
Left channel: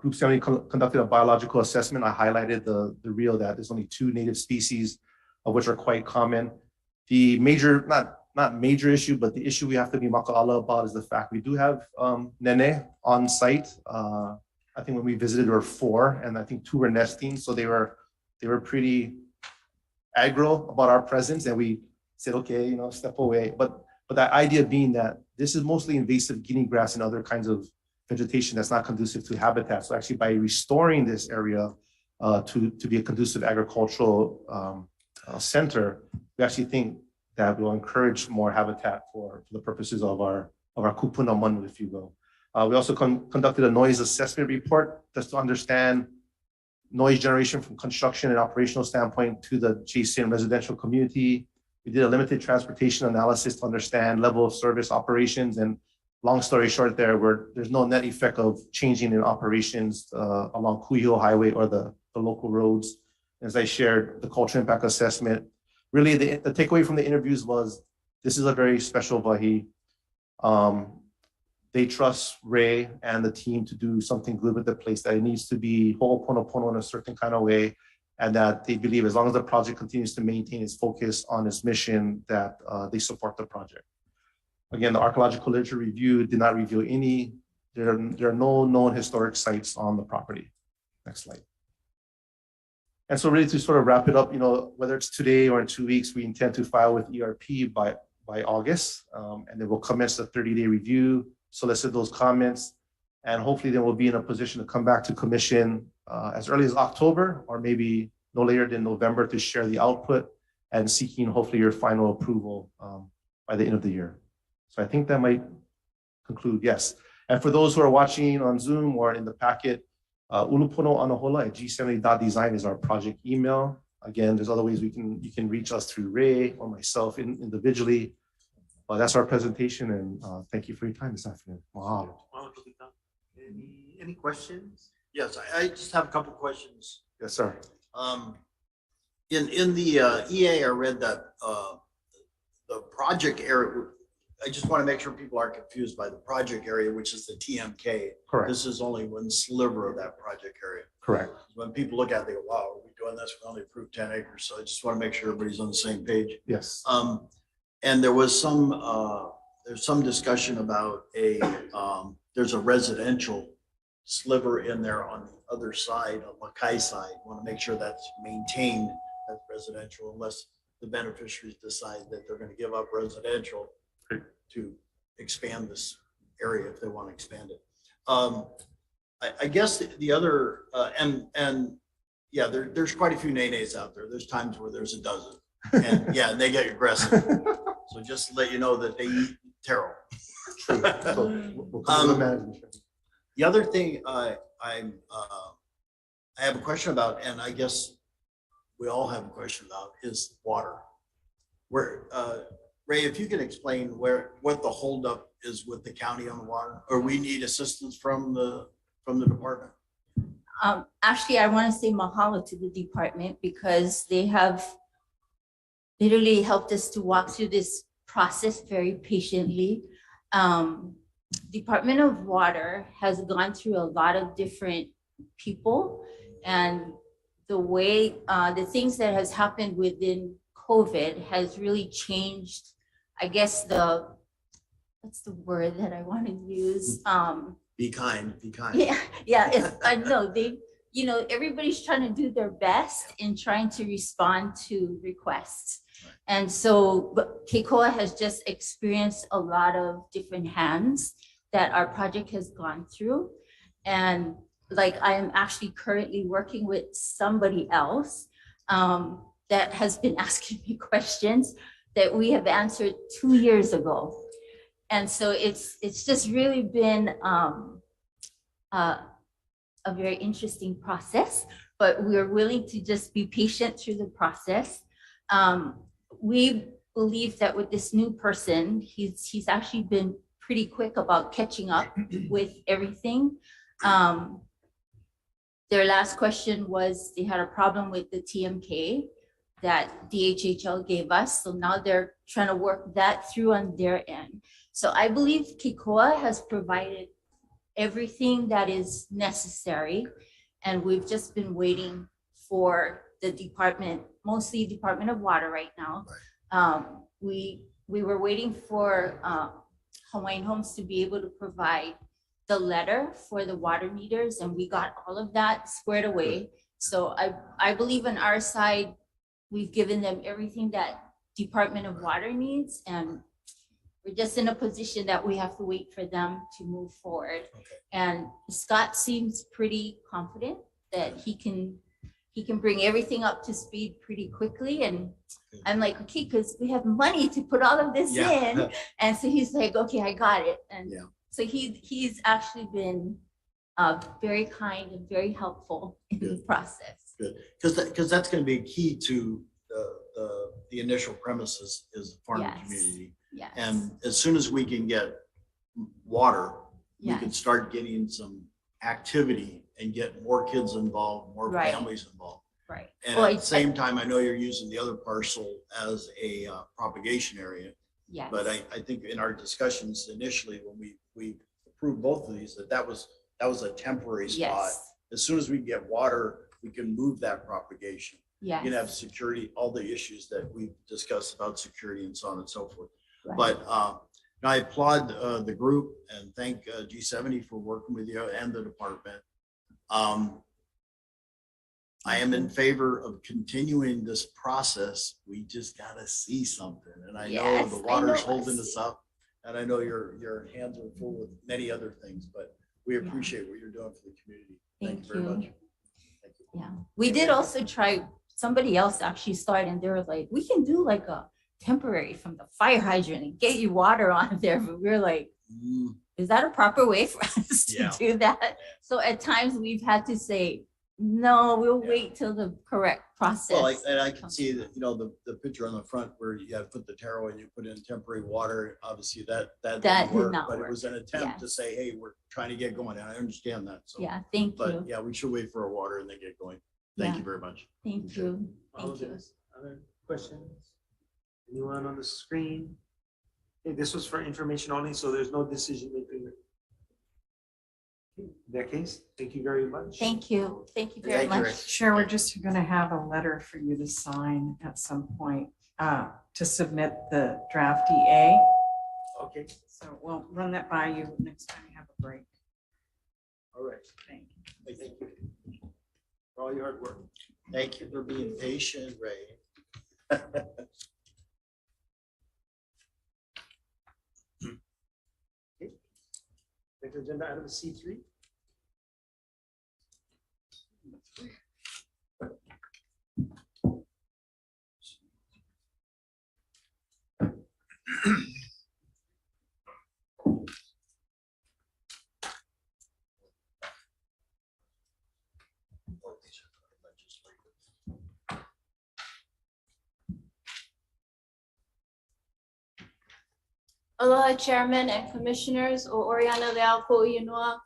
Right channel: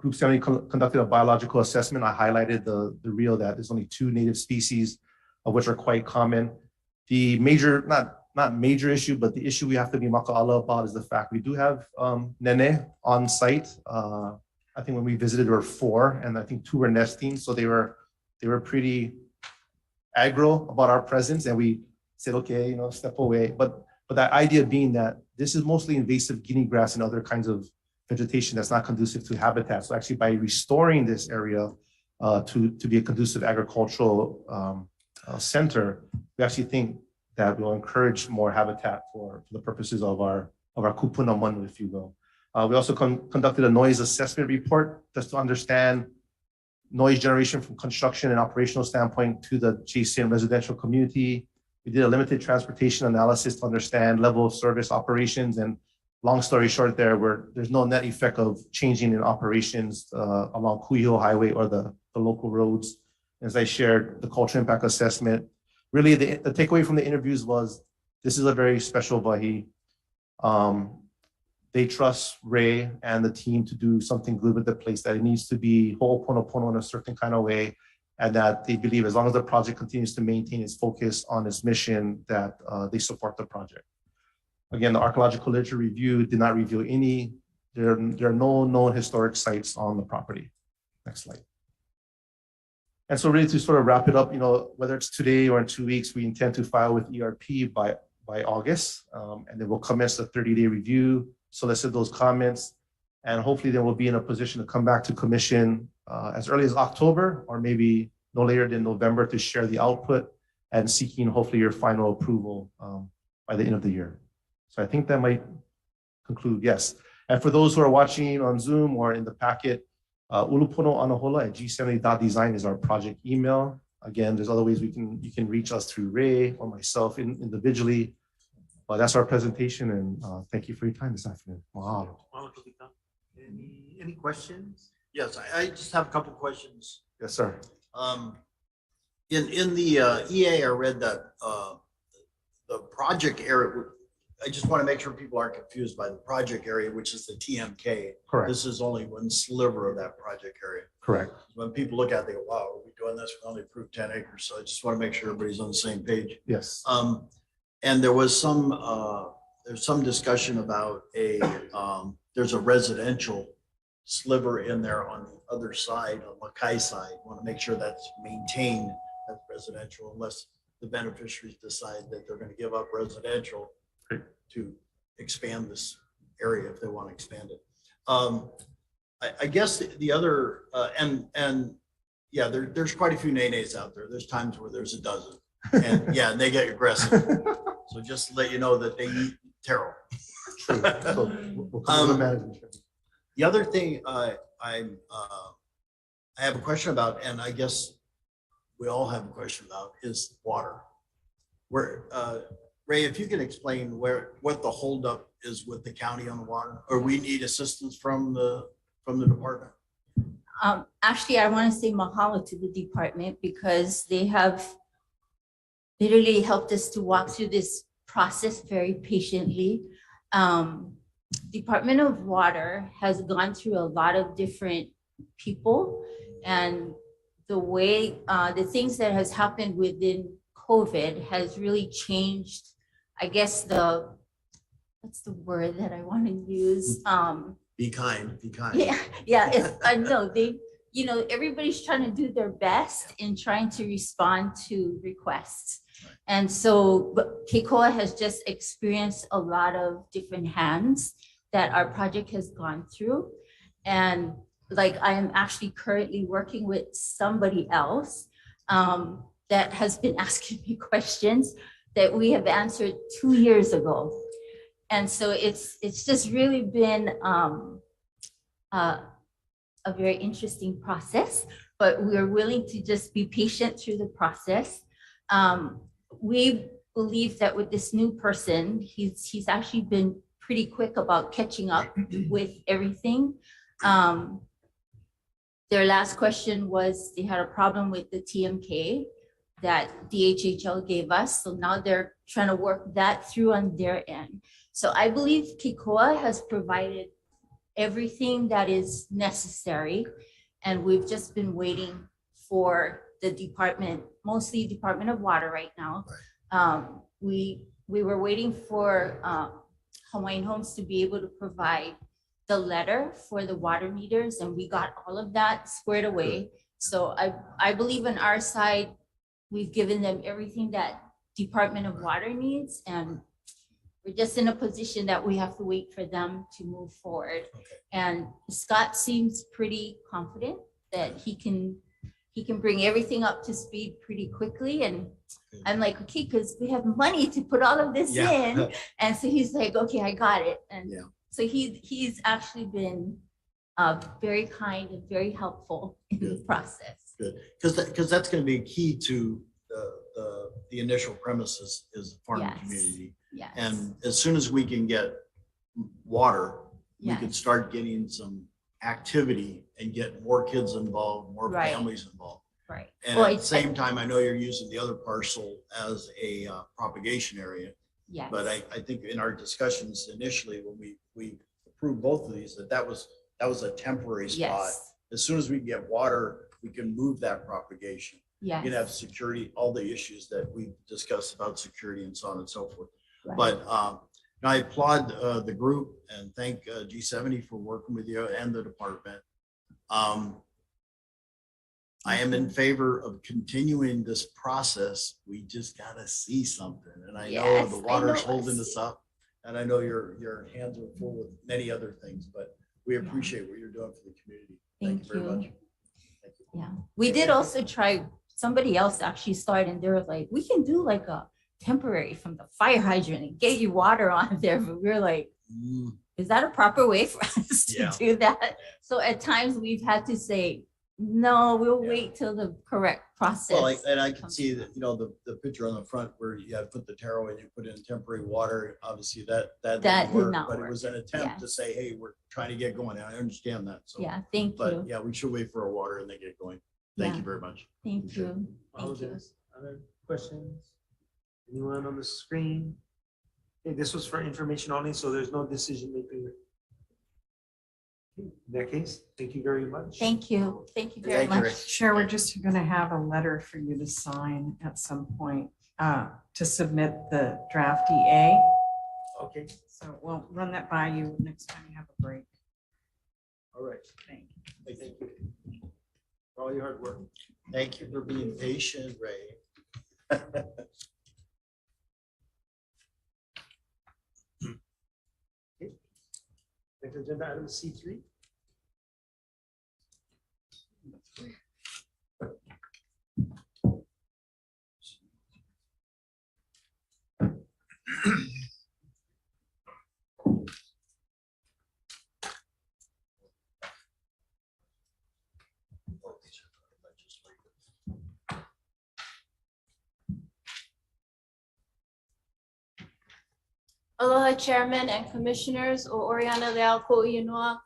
Group 70 conducted a biological assessment. I highlighted the real that there's only 2 native species, of which are quite common. The major, not major issue, but the issue we have to be maka'ala about is the fact we do have nene on site. I think when we visited there were 4, and I think 2 were nesting, so they were pretty aggro about our presence, and we said, okay, step away. But the idea being that this is mostly invasive guinea grass and other kinds of vegetation that's not conducive to habitat. So actually, by restoring this area to be a conducive agricultural center, we actually think that will encourage more habitat for the purposes of our kupuna manu, if you will. We also conducted a noise assessment report just to understand noise generation from construction and operational standpoint to the adjacent residential community. We did a limited transportation analysis to understand level of service operations, and long story short there's no net effect of changing in operations along Kuiho Highway or the local roads. As I shared, the cultural impact assessment, really the takeaway from the interviews was this is a very special wahi. They trust Ray and the team to do something good with the place, that it needs to be ho'oponopono in a certain kind of way, and that they believe as long as the project continues to maintain its focus on its mission, that they support the project. Again, the archaeological literature review did not reveal there are no known historic sites on the property. Next slide. And so really to sort of wrap it up, whether it's today or in 2 weeks, we intend to file with ERP by August. And then we'll commence the 30-day review, solicit those comments, and hopefully then we'll be in a position to come back to commission as early as October or maybe no later than November to share the output and seeking hopefully your final approval by the end of the year. So I think that might conclude, yes. And for those who are watching on Zoom or in the packet, uluponoanahola@g70.design is our project email. Again, there's other ways you can reach us through Ray or myself individually. That's our presentation, and thank you for your time this afternoon. Mahalo. Any questions? Yes, I just have a couple questions. Yes, sir. In the EA, I read that the project area, I just want to make sure people aren't confused by the project area, which is the TMK. Correct. This is only one sliver of that project area. Correct. When people look at it, they go, wow, are we doing this? We only approved 10 acres. So I just want to make sure everybody's on the same page. Yes. And there was there's some discussion about there's a residential sliver in there on the other side, on Makai side. Want to make sure that's maintained as residential unless the beneficiaries decide that they're going to give up residential to expand this area if they want to expand it. I guess the other, yeah, there's quite a few nays out there. There's times where there's a dozen. And yeah, they get aggressive. So just to let you know that they eat taro. The other thing I have a question about, and I guess we all have a question about, is water. Where Ray, if you can explain what the holdup is with the county on the water, or we need assistance from the department. Actually, I want to say mahalo to the department because they have literally helped us to walk through this process very patiently. Department of Water has gone through a lot of different people, and the way the things that has happened within COVID has really changed, I guess what's the word that I want to use? Be kind. Yeah, I know everybody's trying to do their best in trying to respond to requests. And so Keikoa has just experienced a lot of different hands that our project has gone through. And like I am actually currently working with somebody else that has been asking me questions that we have answered 2 years ago. And so it's just really been a very interesting process, but we are willing to just be patient through the process. We believe that with this new person, he's actually been pretty quick about catching up with everything. Their last question was they had a problem with the TMK that DHHL gave us. So now they're trying to work that through on their end. So I believe Keikoa has provided everything that is necessary. And we've just been waiting for the department, mostly Department of Water right now. We were waiting for Hawaiian Homes to be able to provide the letter for the water meters, and we got all of that squared away. So I believe on our side, we've given them everything that Department of Water needs, and we're just in a position that we have to wait for them to move forward. And Scott seems pretty confident that he can bring everything up to speed pretty quickly. And I'm like, okay, because we have money to put all of this in. And so he's like, okay, I got it. And so he's actually been very kind and very helpful in the process. Good, because that's going to be key to the initial premises is the farming community. Yes. And as soon as we can get water, we can start getting some activity and get more kids involved, more families involved. Right. And at the same time, I know you're using the other parcel as a propagation area. Yes. But I think in our discussions initially, when we approved both of these, that was a temporary spot. Yes. As soon as we get water, we can move that propagation. Yes. You can have security, all the issues that we've discussed about security and so on and so forth. Right. But I applaud the group and thank G70 for working with you and the department. I am in favor of continuing this process. We just gotta see something. And I know Yes, the I know water's holding us. us up. And I know your hands are full with many other things, but we appreciate what you're doing for the community. Thank you very much. Yeah, we did also try, somebody else actually started and they were like, we can do like a temporary from the fire hydrant and get you water on there. But we were like, is that a proper way for us to do that? So at times we've had to say, no, we'll wait till the correct process. Well, and I can see that, the picture on the front where you have put the taro and you put in temporary water, obviously that didn't did work, not but work. it was an attempt to Yes. say, hey, we're trying to get going. And I understand that. So, Yeah, thank but you. yeah, we should wait for our water and then get going. Thank Yeah. you very much. Thank you. All Thank you. those other questions? Anyone on the screen? Okay, this was for information only, so there's no decision making. In that case, thank you very much. Thank you. Thank you very much. Chair, we're just going to have a letter for you to sign at some point to submit the draft EA. Okay. So we'll run that by you next time you have a break. All right. Thank you. Thank you for all your hard work. Thank you for being patient, Ray. Okay. Next agenda item is C3. Aloha Chairman and Commissioners, o Oriana Leal Ko'inua,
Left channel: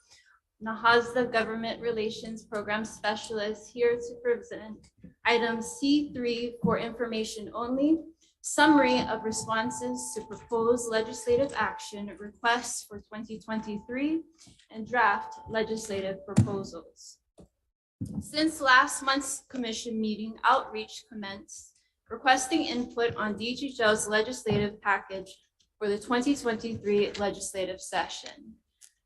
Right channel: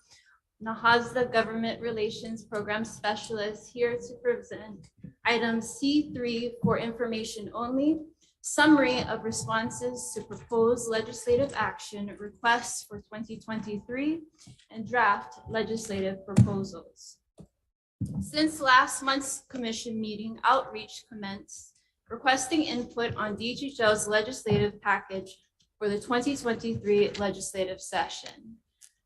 Nahazda Government Relations Program Specialist, here to present item C3 for information only, summary of responses to proposed legislative action requests for 2023 and draft legislative proposals. Since last month's commission meeting, outreach commenced, requesting input on DHHL's legislative package for the 2023 legislative session.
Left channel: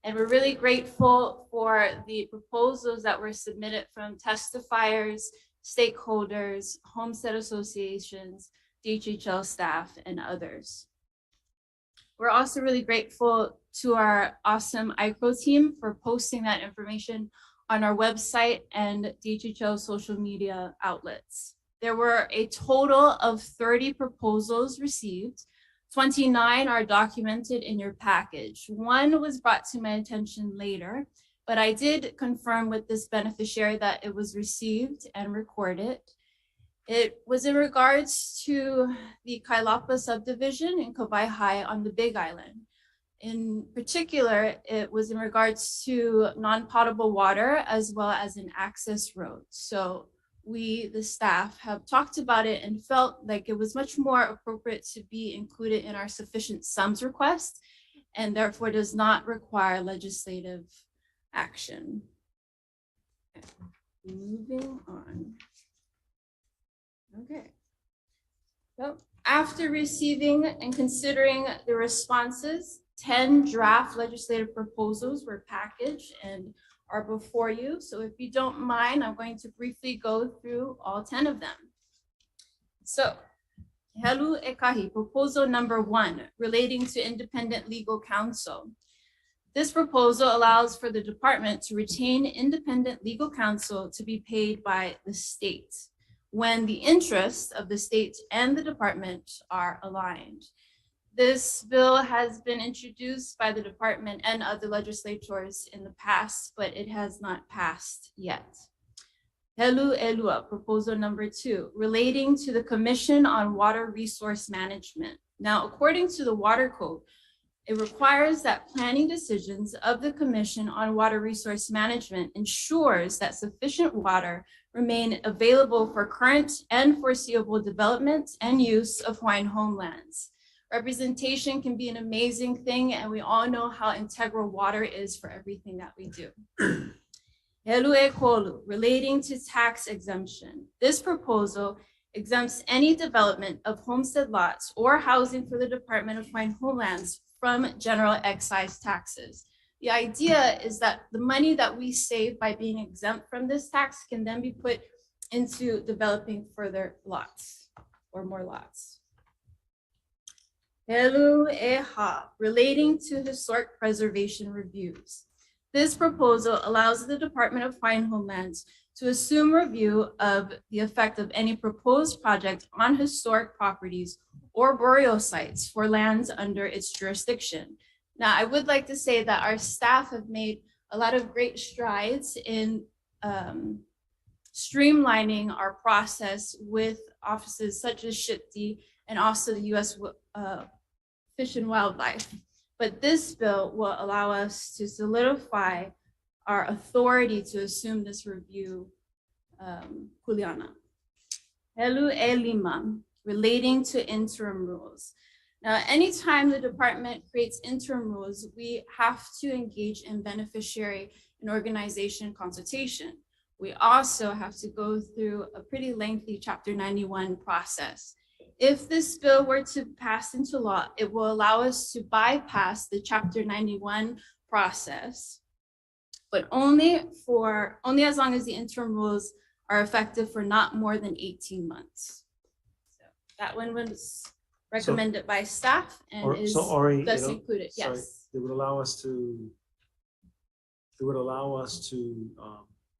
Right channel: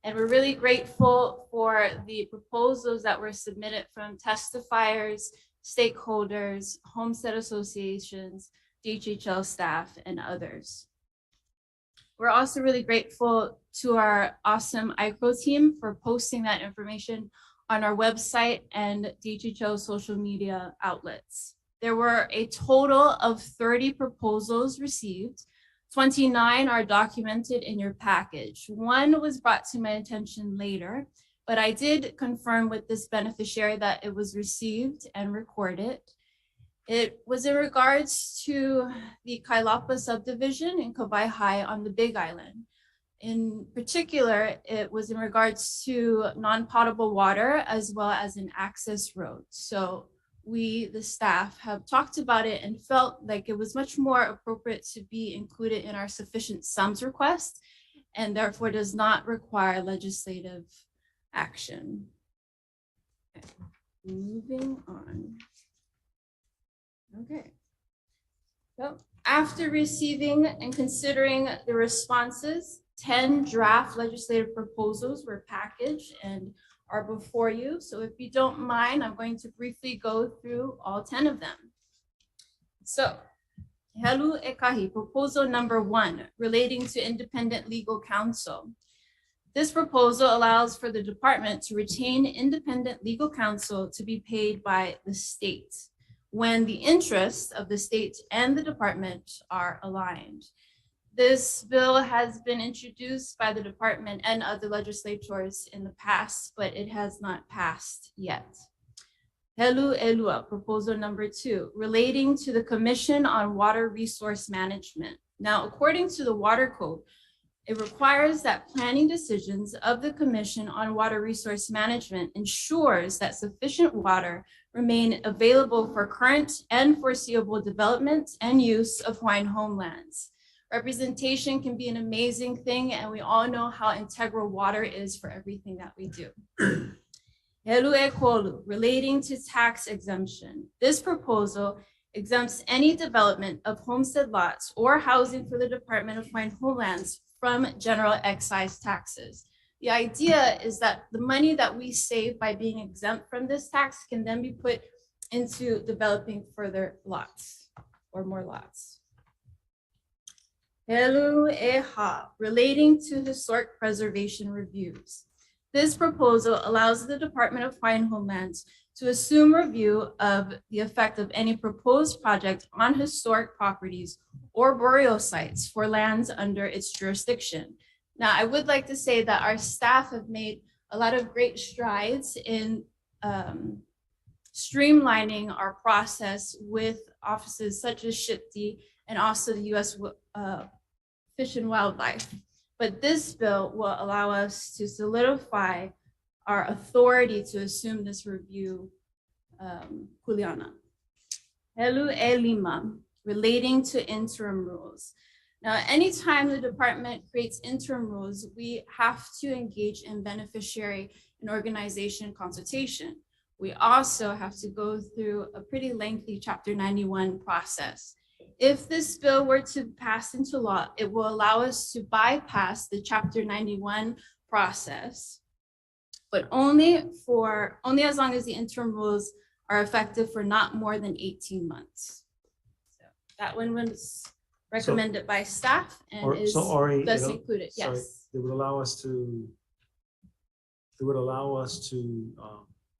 And we're really grateful for the proposals that were submitted from testifiers, stakeholders, homestead associations, DHHL staff, and others. We're also really grateful to our awesome ICRO team for posting that information on our website and DHHL social media outlets. There were a total of 30 proposals received. 29 are documented in your package. One was brought to my attention later, but I did confirm with this beneficiary that it was received and recorded. It was in regards to the Kailapa subdivision in Kauai High on the Big Island. In particular, it was in regards to non-potable water as well as an access road. So we, the staff, have talked about it and felt like it was much more appropriate to be included in our sufficient sums request and therefore does not require legislative action. Okay. Moving on. Okay. So after receiving and considering the responses, 10 draft legislative proposals were packaged and are before you. So if you don't mind, I'm going to briefly go through all 10 of them. So, Helu Ekahi, proposal number 1, relating to independent legal counsel. This proposal allows for the department to retain independent legal counsel to be paid by the state when the interests of the state and the department are aligned. This bill has been introduced by the department and other legislators in the past, but it has not passed yet. Helu Elua, proposal number 2, relating to the Commission on Water Resource Management. Now, according to the Water Code, it requires that planning decisions of the Commission on Water Resource Management ensures that sufficient water remain available for current and foreseeable development and use of Hawaiian homelands. Representation can be an amazing thing, and we all know how integral water is for everything that we do. Helu e Kolu, relating to tax exemption. This proposal exempts any development of homestead lots or housing for the Department of Hawaiian Homelands from general excise taxes. The idea is that the money that we save by being exempt from this tax can then be put into developing further lots or more lots. Helu Eha, relating to historic preservation reviews. This proposal allows the Department of Hawaiian Homelands to assume review of the effect of any proposed project on historic properties or burial sites for lands under its jurisdiction. Now, I would like to say that our staff have made a lot of great strides in streamlining our process with offices such as SHPD and also the U.S. Fish and Wildlife. But this bill will allow us to solidify our authority to assume this review, Kuleana. Helu Elima, relating to interim rules. Now, anytime the department creates interim rules, we have to engage in beneficiary and organization consultation. We also have to go through a pretty lengthy Chapter 91 process. If this bill were to pass into law, it will allow us to bypass the Chapter 91 process, but only as long as the interim rules are effective for not more than 18 months. So that one was recommended by staff and is thus included. Sorry, Yes. It would allow us to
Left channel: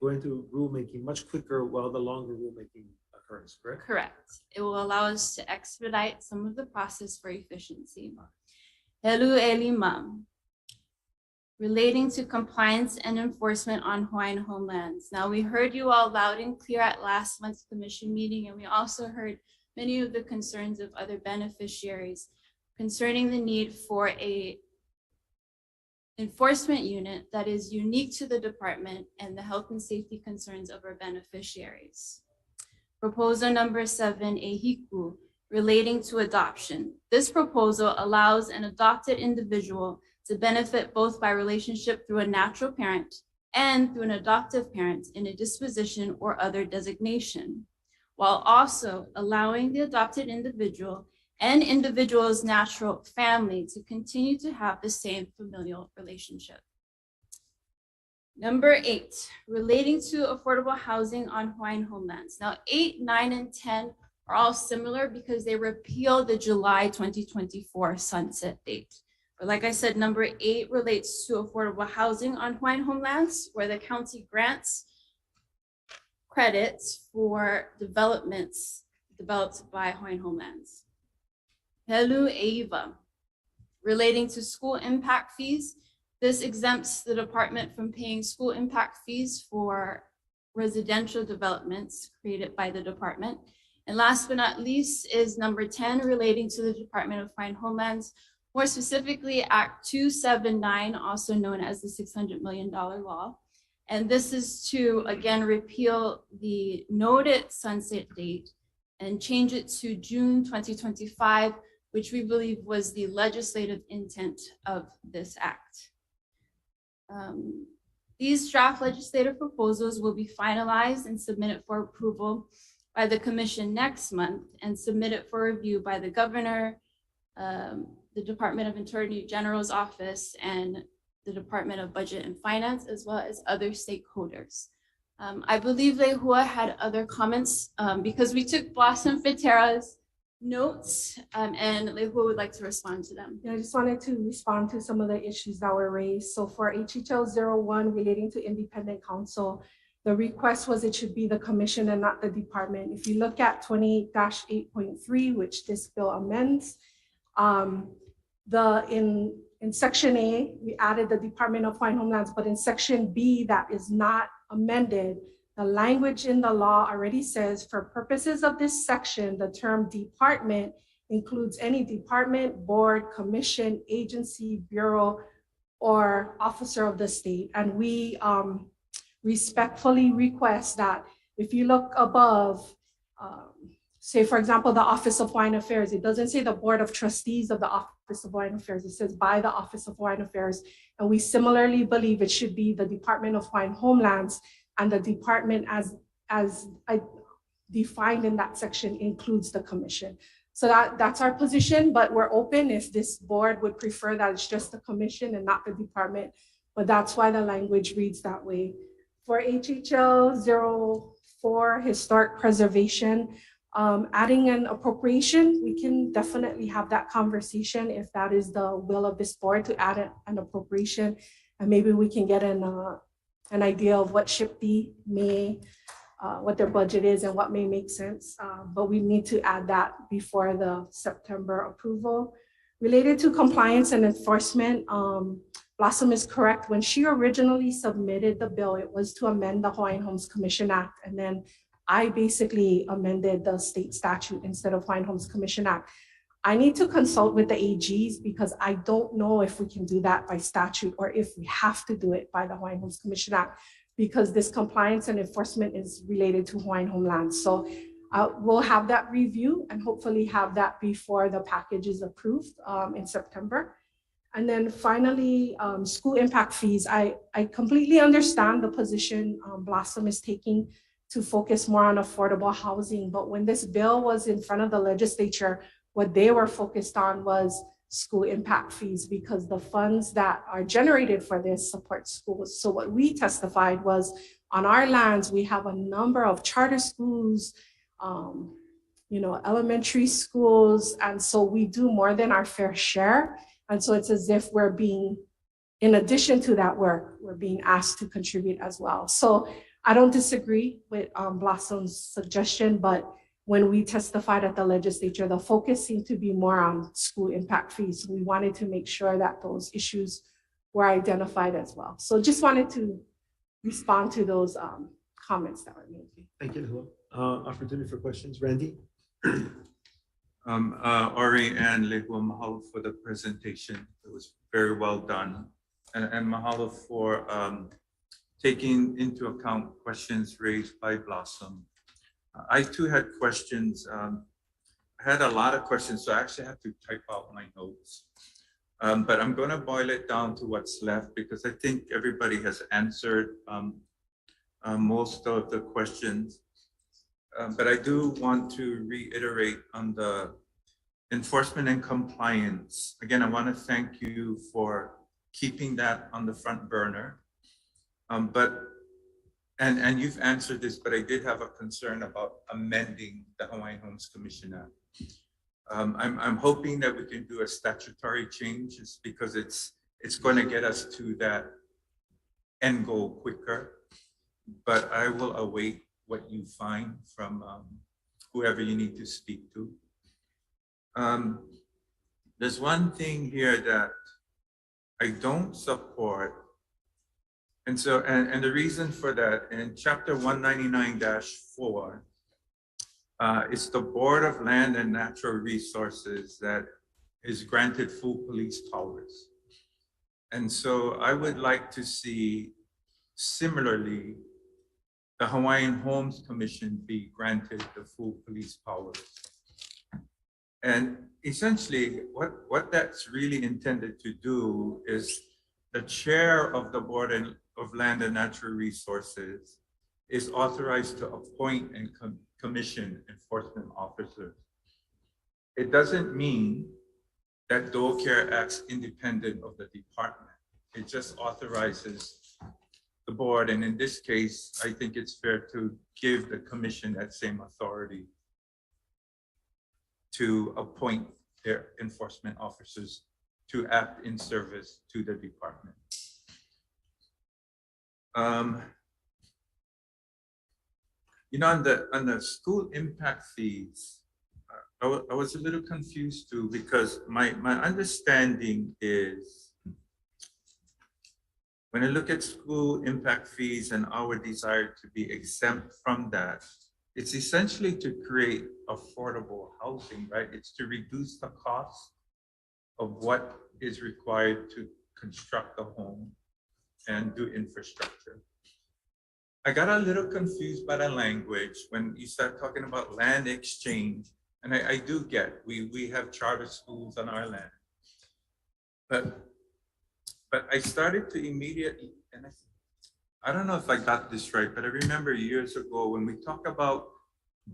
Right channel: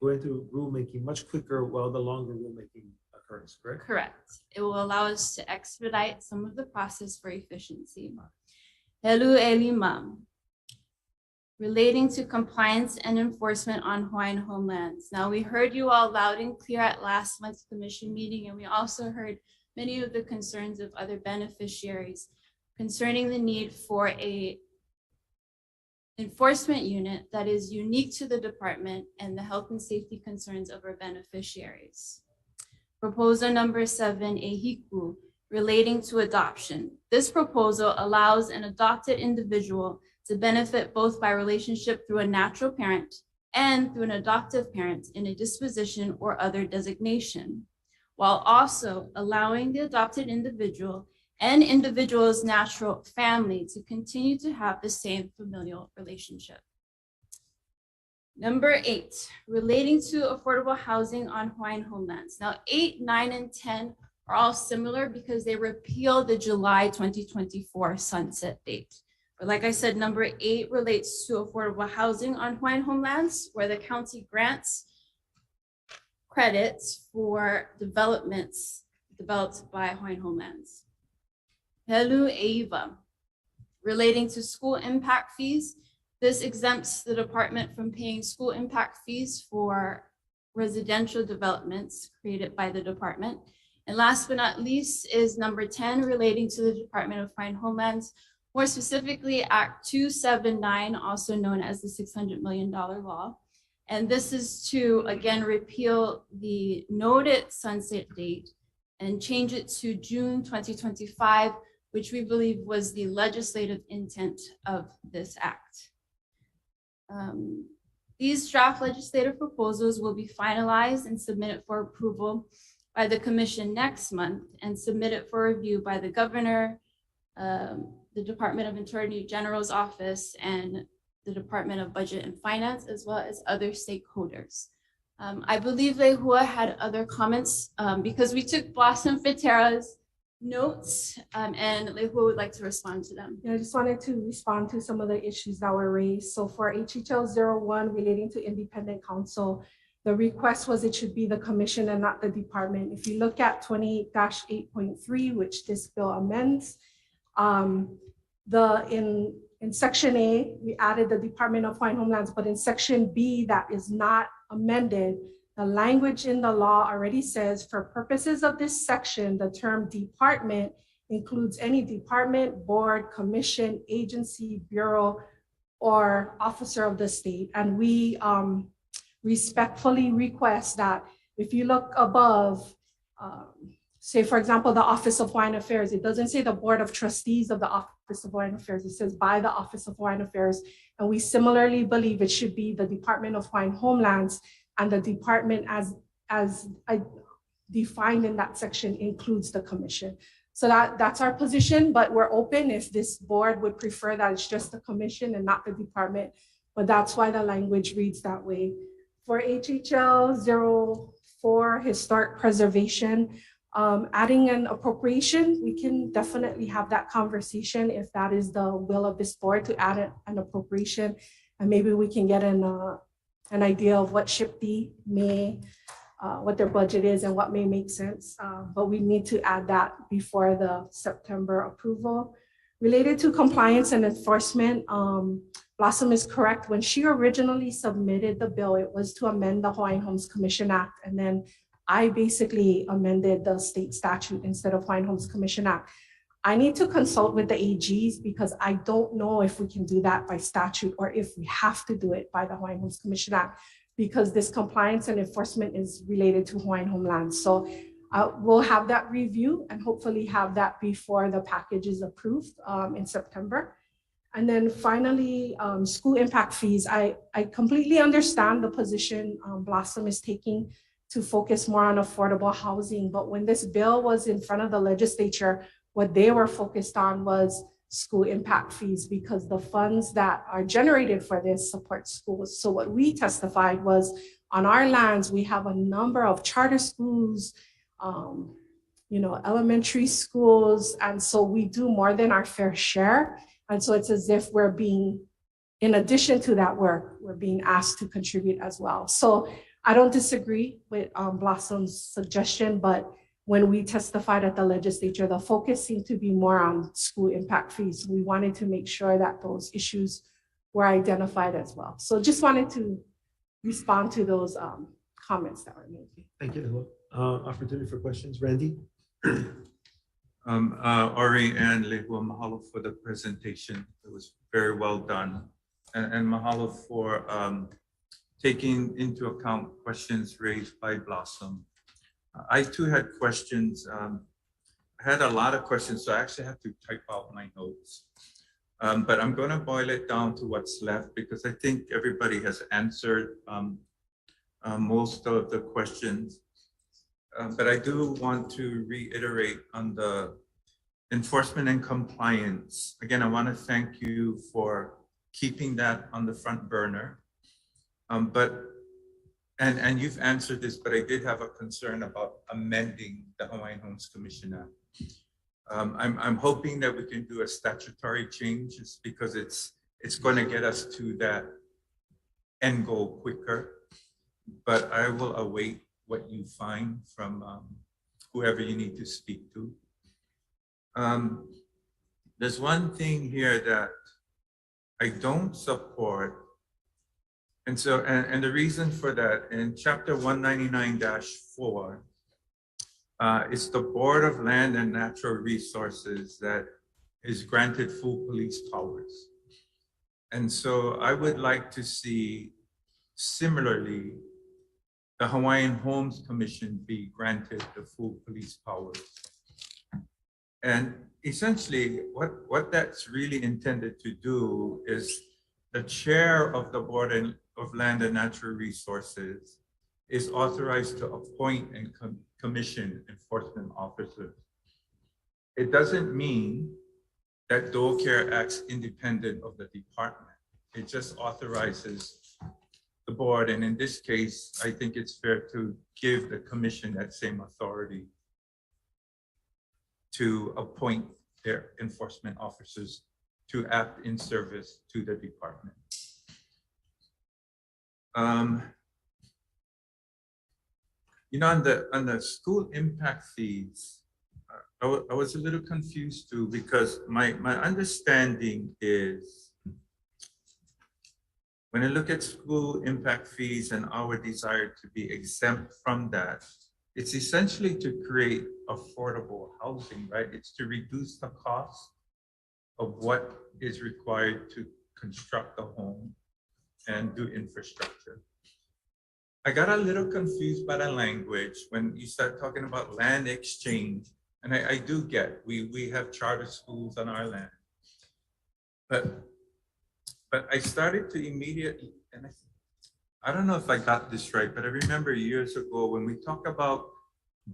go into rulemaking much quicker while the longer rulemaking occurs, correct? Correct. It will allow us to expedite some of the process for efficiency. Helu Elima, relating to compliance and enforcement on Hawaiian homelands. Now, we heard you all loud and clear at last month's commission meeting, and we also heard many of the concerns of other beneficiaries concerning the need for a enforcement unit that is unique to the department and the health and safety concerns of our beneficiaries. Proposal number 7, Ehiku, relating to adoption. This proposal allows an adopted individual to benefit both by relationship through a natural parent and through an adoptive parent in a disposition or other designation, while also allowing the adopted individual and individual's natural family to continue to have the same familial relationship. Number 8, relating to affordable housing on Hawaiian homelands. Now, 8, 9, and 10 are all similar because they repeal the July 2024 sunset date. But like I said, number 8 relates to affordable housing on Hawaiian homelands, where the county grants credits for developments developed by Hawaiian homelands. Helu Eiva, relating to school impact fees. This exempts the department from paying school impact fees for residential developments created by the department. And last but not least is number 10, relating to the Department of Hawaiian Homelands, more specifically Act 279, also known as the $600 million law. And this is to, again, repeal the noted sunset date and change it to June 2025, which we believe was the legislative intent of this act. These draft legislative proposals will be finalized and submitted for approval by the commission next month and submitted for review by the governor, the Department of Attorney General's office, and the Department of Budget and Finance, as well as other stakeholders. I believe Lehua had other comments because we took Blossom Fitera's notes and Lehua would like to respond to them. Yeah, I just wanted to respond to some of the issues that were raised. So for HHL 01 relating to independent counsel, the request was it should be the commission and not the department. If you look at 20-8.3, which this bill amends, in Section A, we added the Department of Hawaiian Homelands, but in Section B, that is not amended. The language in the law already says, for purposes of this section, the term department includes any department, board, commission, agency, bureau, or officer of the state. And we respectfully request that if you look above, say, for example, the Office of Hawaiian Affairs, it doesn't say the Board of Trustees of the Office of Hawaiian Affairs, it says by the Office of Hawaiian Affairs. And we similarly believe it should be the Department of Hawaiian Homelands, and the department as defined in that section includes the commission. So that's our position, but we're open if this board would prefer that it's just the commission and not the department, but that's why the language reads that way. For HHL for historic preservation, adding an appropriation, we can definitely have that conversation if that is the will of this board to add an appropriation. And maybe we can get an idea of what SHPD may, what their budget is and what may make sense. But we need to add that before the September approval. Related to compliance and enforcement, Blossom is correct. When she originally submitted the bill, it was to amend the Hawaiian Homes Commission Act. And then I basically amended the state statute instead of Hawaiian Homes Commission Act. I need to consult with the AGs because I don't know if we can do that by statute or if we have to do it by the Hawaiian Homes Commission Act, because this compliance and enforcement is related to Hawaiian homelands. So we'll have that review and hopefully have that before the package is approved in September. And then finally, school impact fees. I completely understand the position Blossom is taking to focus more on affordable housing. But when this bill was in front of the legislature, what they were focused on was school impact fees because the funds that are generated for this support schools. So what we testified was on our lands, we have a number of charter schools, elementary schools. And so we do more than our fair share. And so it's as if we're being, in addition to that, we're being asked to contribute as well. So I don't disagree with Blossom's suggestion, but when we testified at the legislature, the focus seemed to be more on school impact fees. We wanted to make sure that those issues were identified as well. So just wanted to respond to those comments that were made. Thank you, Lehua. Opportunity for questions, Randy? Ori and Lehua, mahalo for the presentation. It was very well done. And mahalo for taking into account questions raised by Blossom. I too had questions. I had a lot of questions, so I actually had to type out my notes. But I'm going to boil it down to what's left because I think everybody has answered most of the questions. But I do want to reiterate on the enforcement and compliance. Again, I want to thank you for keeping that on the front burner. And you've answered this, but I did have a concern about amending the Hawaiian Homes Commission Act. I'm hoping that we can do a statutory change because it's going to get us to that end goal quicker. But I will await what you find from whoever you need to speak to. There's one thing here that I don't support. And so, and the reason for that, in chapter 199-4, it's the Board of Land and Natural Resources that is granted full police powers. And so I would like to see similarly the Hawaiian Homes Commission be granted the full police powers. And essentially what that's really intended to do is the chair of the Board of Land and Natural Resources is authorized to appoint and commission enforcement officers. It doesn't mean that Dole Care acts independent of the department. It just authorizes the board. And in this case, I think it's fair to give the commission that same authority to appoint their enforcement officers to act in service to the department. On the school impact fees, I was a little confused too, because my understanding is when I look at school impact fees and our desire to be exempt from that, it's essentially to create affordable housing, right? It's to reduce the cost of what is required to construct a home and do infrastructure. I got a little confused by the language when you start talking about land exchange. And I do get, we have charter schools on our land. But I started to immediately, and I don't know if I got this right, but I remember years ago when we talk about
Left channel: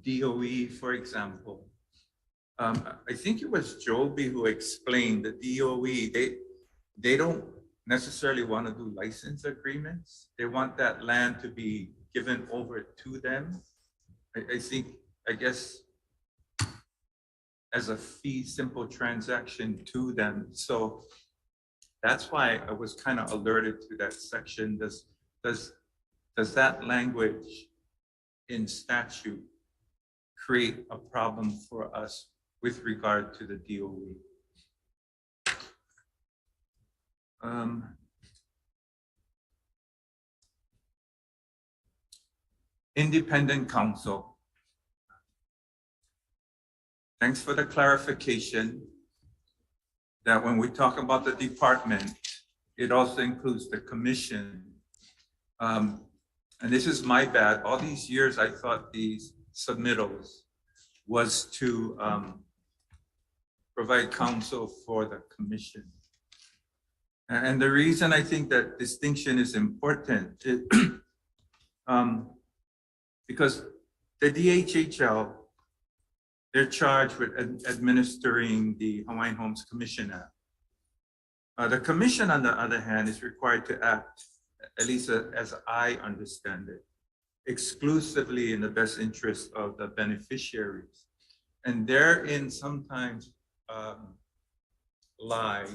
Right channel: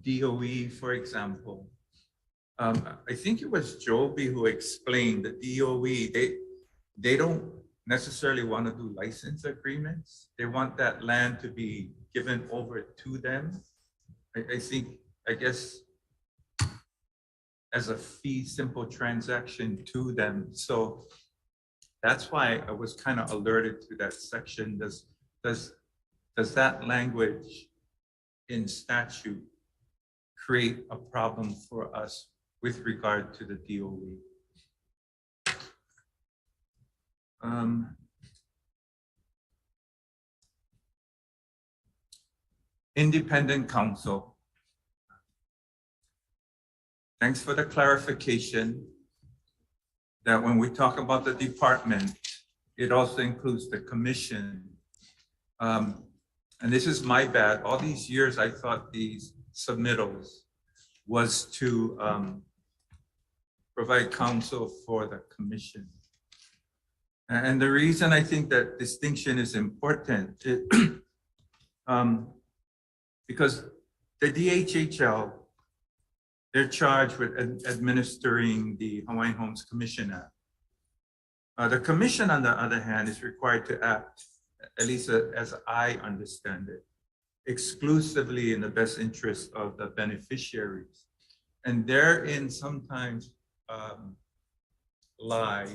DOE, for example, I think it was Joby who explained the DOE, they don't necessarily want to do license agreements. They want that land to be given over to them I think, I guess, as a fee simple transaction to them. So that's why I was kind of alerted to that section. Does that language in statute create a problem for us with regard to the DOE? Independent counsel. Thanks for the clarification that when we talk about the department, it also includes the commission. And this is my bad. All these years, I thought these submittals was to provide counsel for the commission. And the reason I think that distinction is important is because the DHHL, they're charged with administering the Hawaiian Homes Commission Act. The commission, on the other hand, is required to act, at least as I understand it, exclusively in the best interest of the beneficiaries. And therein sometimes lie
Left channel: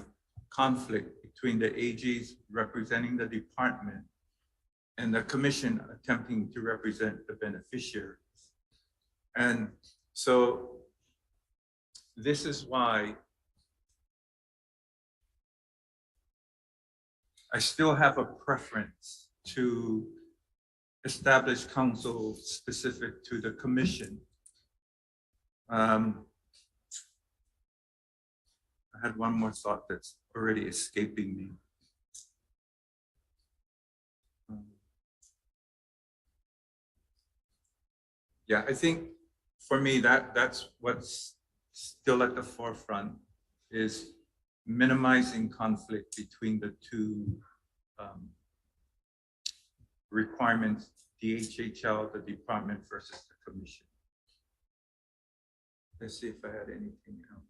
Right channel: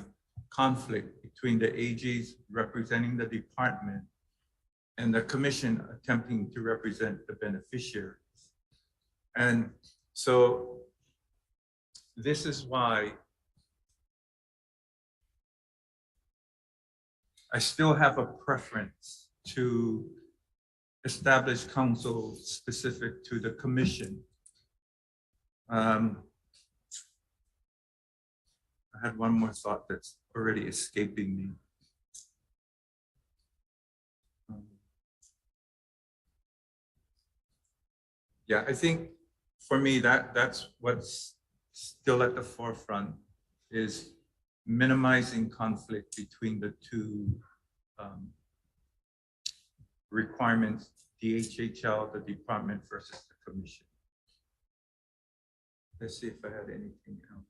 conflict between the AGs representing the department and the commission attempting to represent the beneficiaries. And so this is why I still have a preference to establish counsel specific to the commission. I had one more thought that's already escaping me. Yeah, I think for me, that's what's still at the forefront is minimizing conflict between the two requirements, DHHL, the department versus the commission. Let's see if I had anything else.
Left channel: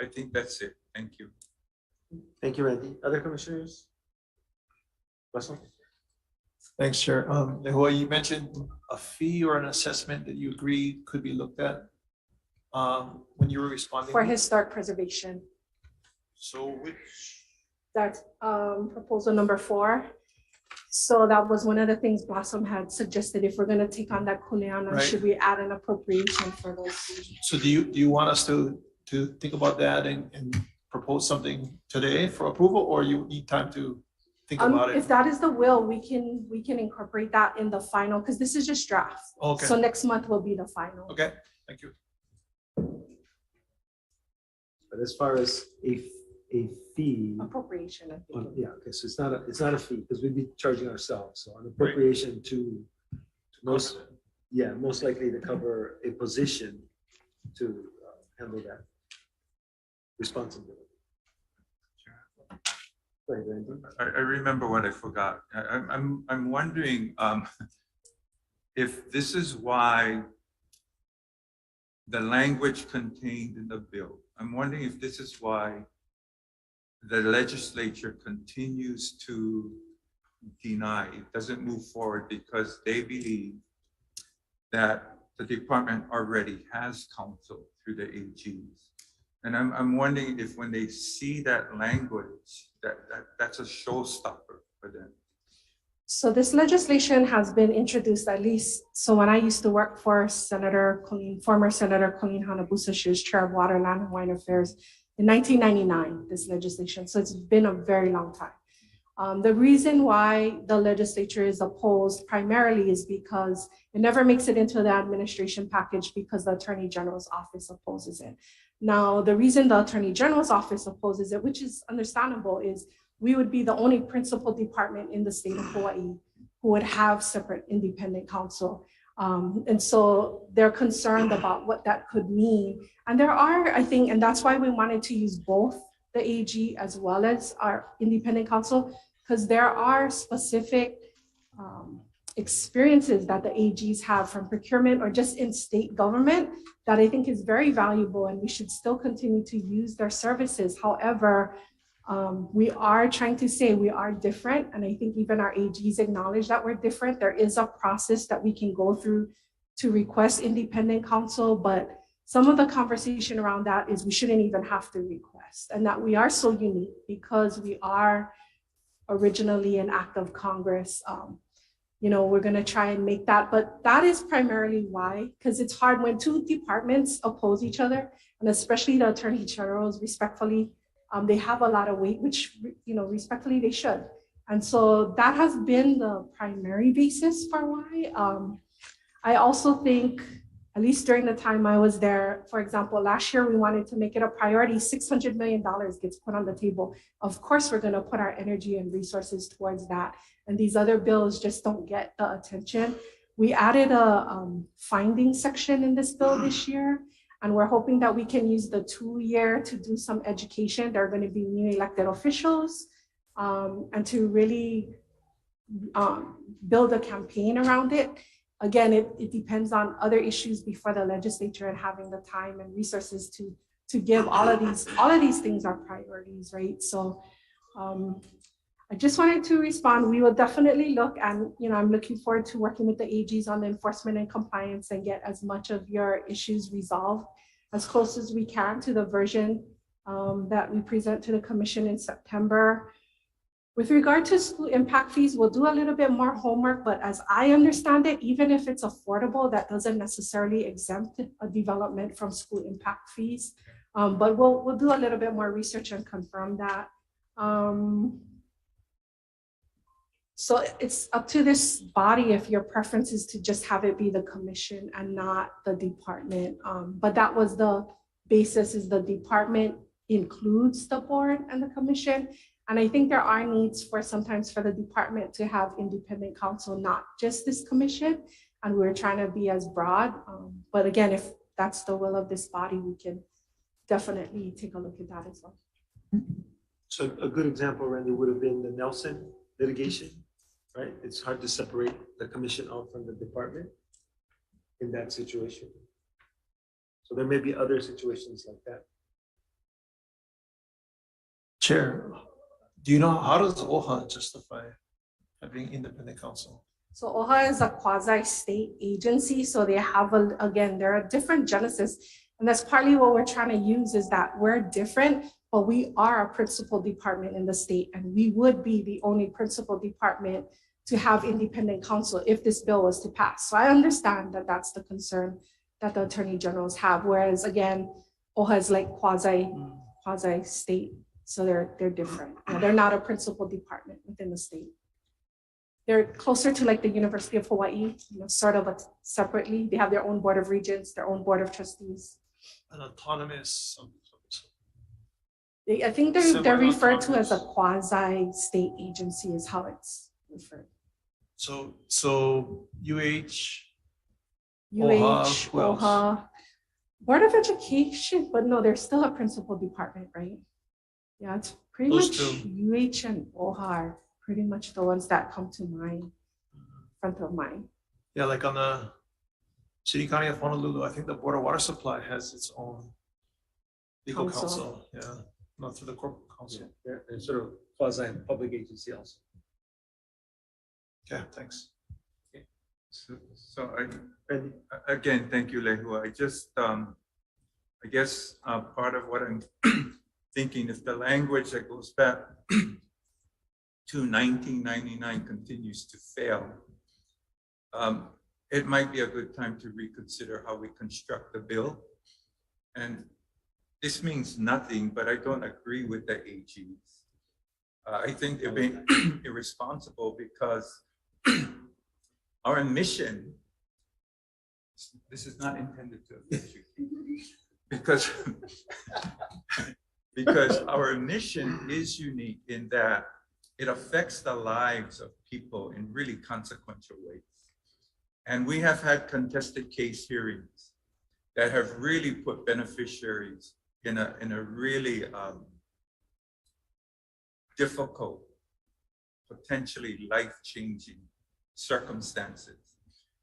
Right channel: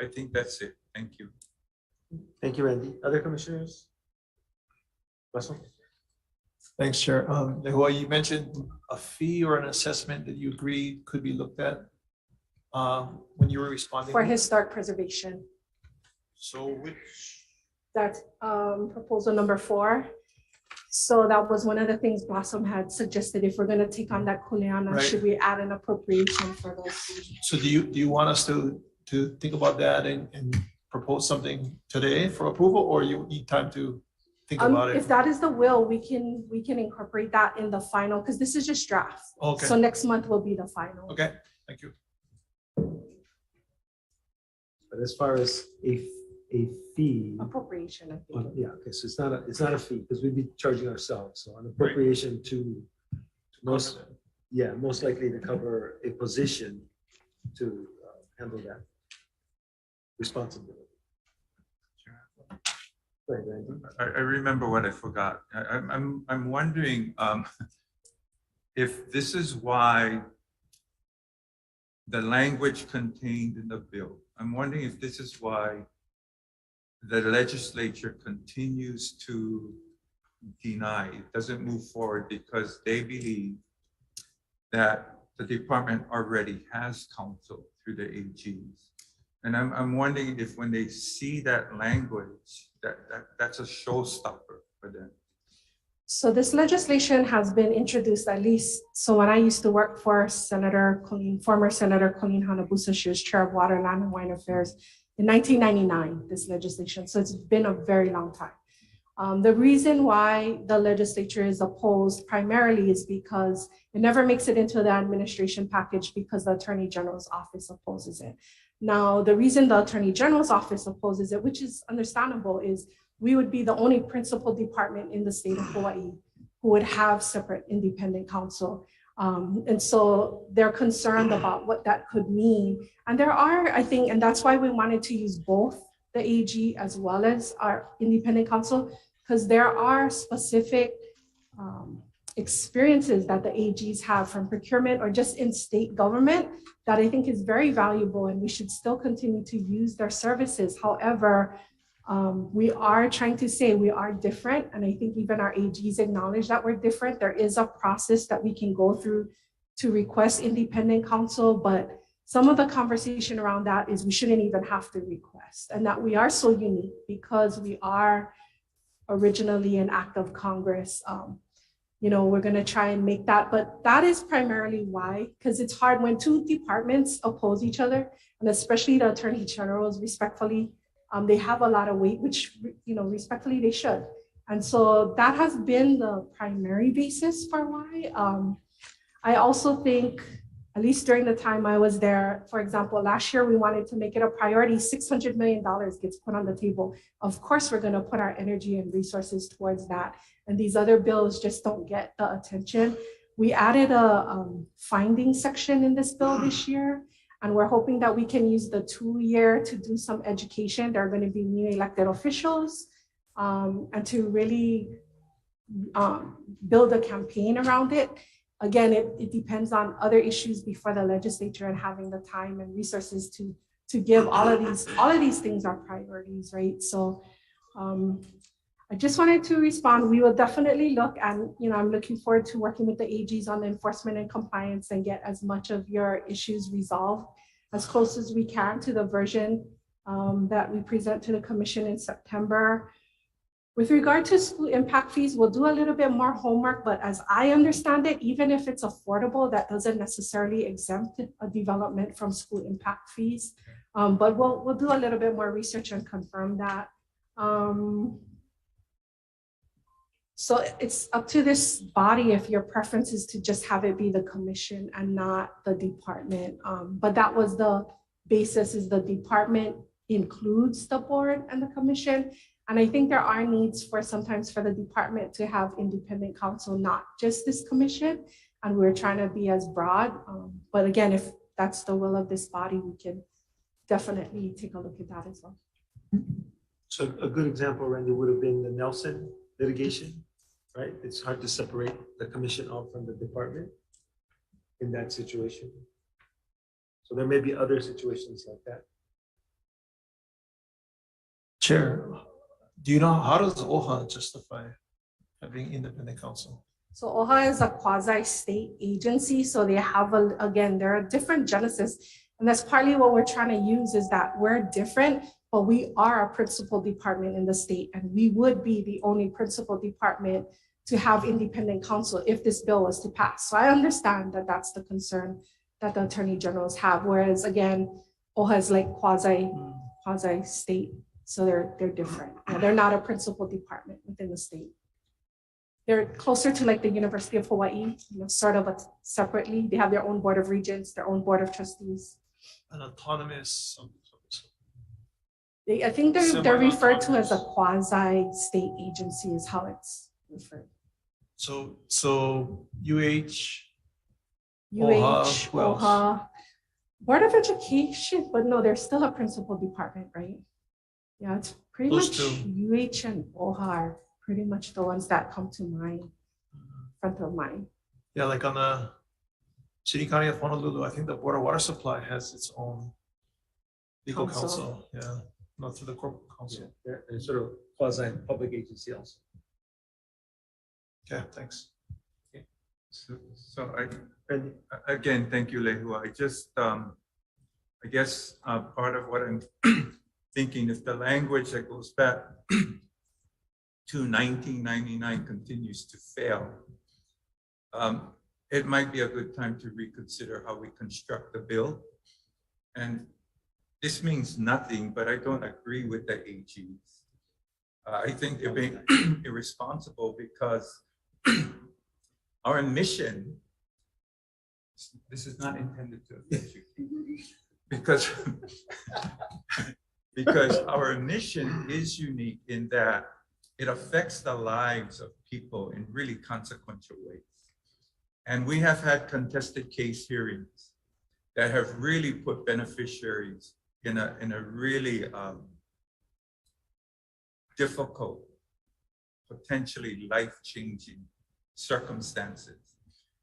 I think that's it. Thank you. Thank you, Randy. Other commissioners? Russell? Thanks, Chair. Nehua, you mentioned a fee or an assessment that you agree could be looked at when you were responding. For historic preservation. So which? That's proposal number 4. So that was one of the things Blossom had suggested. If we're going to take on that kuleana, Right. should we add an appropriation for those fees? So do you want us to think about that and propose something today for approval, or you need time to think about it? If that is the will, we can incorporate that in the final, because this is just draft. Okay. So next month will be the final. Okay, thank you. But as far as a fee. Appropriation, I think. Yeah, okay, so it's not a fee because we'd be charging ourselves. So an appropriation to most likely to cover a position to handle that responsibility. Right, Randy? I remember what I forgot. I'm wondering if this is why the language contained in the bill. I'm wondering if this is why the legislature continues to deny, it doesn't move forward because they believe that the department already has counsel through the AGs. And I'm wondering if when they see that language, that's a showstopper for them. So this legislation has been introduced at least, so when I used to work for former Senator Colleen Hanabusa, she was chair of Water, Land, and Hawaiian Affairs in 1999, this legislation. So it's been a very long time. The reason why the legislature is opposed primarily is because it never makes it into the administration package because the Attorney General's office opposes it. Now, the reason the Attorney General's office opposes it, which is understandable, is we would be the only principal department in the state of Hawaii who would have separate independent counsel. And so they're concerned about what that could mean. And there are, I think, and that's why we wanted to use both the AG as well as our independent counsel, because there are specific experiences that the AGs have from procurement or just in state government that I think is very valuable, and we should still continue to use their services. However, We are trying to say we are different, and I think even our AGs acknowledge that we're different. There is a process that we can go through to request independent counsel, but some of the conversation around that is we shouldn't even have to request, and that we are so unique because we are originally an act of Congress. You know, we're going to try and make that, but that is primarily why, because it's hard when two departments oppose each other, and especially the attorney generals, respectfully, they have a lot of weight, which, you know, respectfully they should. And so that has been the primary basis for why. I also think, at least during the time I was there, for example, last year we wanted to make it a priority, $600 million gets put on the table. Of course, we're going to put our energy and resources towards that. And these other bills just don't get the attention. We added a finding section in this bill this year, and we're hoping that we can use the 2-year to do some education. There are going to be new elected officials, and to really build a campaign around it. Again, it depends on other issues before the legislature and having the time and resources to give all of these things are priorities, right? So I just wanted to respond. We will definitely look, and you know, I'm looking forward to working with the AGs on the enforcement and compliance and get as much of your issues resolved as close as we can to the version that we present to the commission in September. With regard to school impact fees, we'll do a little bit more homework, but as I understand it, even if it's affordable, that doesn't necessarily exempt a development from school impact fees. But we'll do a little bit more research and confirm that. So it's up to this body if your preference is to just have it be the commission and not the department. But that was the basis, is the department includes the board and the commission. And I think there are needs for sometimes for the department to have independent counsel, not just this commission. And we're trying to be as broad. But again, if that's the will of this body, we can definitely take a look at that as well. So a good example, Randy, would have been the Nelson litigation, right? It's hard to separate the commission out from the department in that situation. So there may be other situations like that. Chair, do you know, how does OHA justify having independent counsel? So OHA is a quasi-state agency. So they have, again, there are different genesis. And that's partly what we're trying to use, is that we're different, but we are a principal department in the state. And we would be the only principal department to have independent counsel if this bill was to pass. So I understand that that's the concern that the attorney generals have. Whereas again, OHA is like quasi-state. So they're different. Yeah, they're not a principal department within the state. They're closer to like the University of Hawaii, you know, sort of separately. They have their own board of regents, their own board of trustees. An autonomous. I think they're referred to as a quasi-state agency is how it's referred. So UH, OHA, Board of Education, but no, they're still a principal department, right? Yeah, it's pretty much UH and OHA are pretty much the ones that come to mind, front of mind. Yeah, like on the City County of Honolulu, I think the Board of Water Supply has its own legal counsel. Yeah, not through the corporate counsel. Yeah, they're sort of quasi-public agency also. Okay, thanks. Okay. So again, thank you, Lehu. I just, I guess part of what I'm thinking is the language that goes back to 1999 continues to fail. It might be a good time to reconsider how we construct the bill. And this means nothing, but I don't agree with the AGs. I think they're being irresponsible because our mission, this is not intended to offend you, because our mission is unique in that it affects the lives of people in really consequential ways. And we have had contested case hearings that have really put beneficiaries in a really difficult, potentially life-changing circumstances.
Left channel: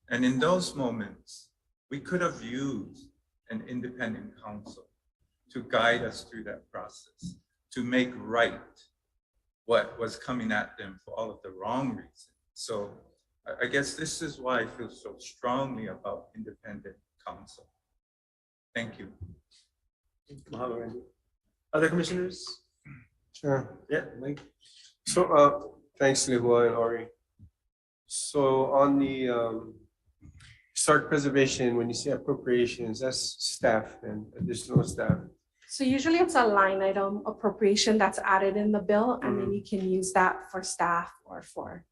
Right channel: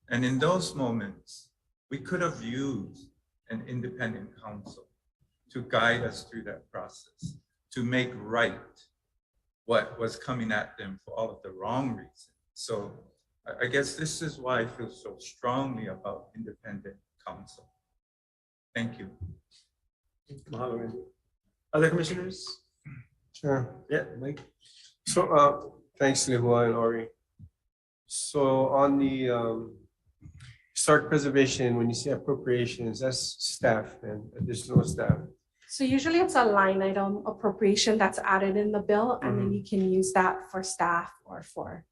And in those moments, we could have used an independent counsel to guide us through that process, to make right what was coming at them for all of the wrong reasons. So I guess this is why I feel so strongly about independent counsel. Thank you. Mahalo, Randy. Other commissioners? Sure. Yeah, Mike. So, thanks, Lihua and Ori. So on the historic preservation, when you say appropriations, that's staff and additional staff. So usually it's a line item appropriation that's added in the bill, and then you can use that for staff or for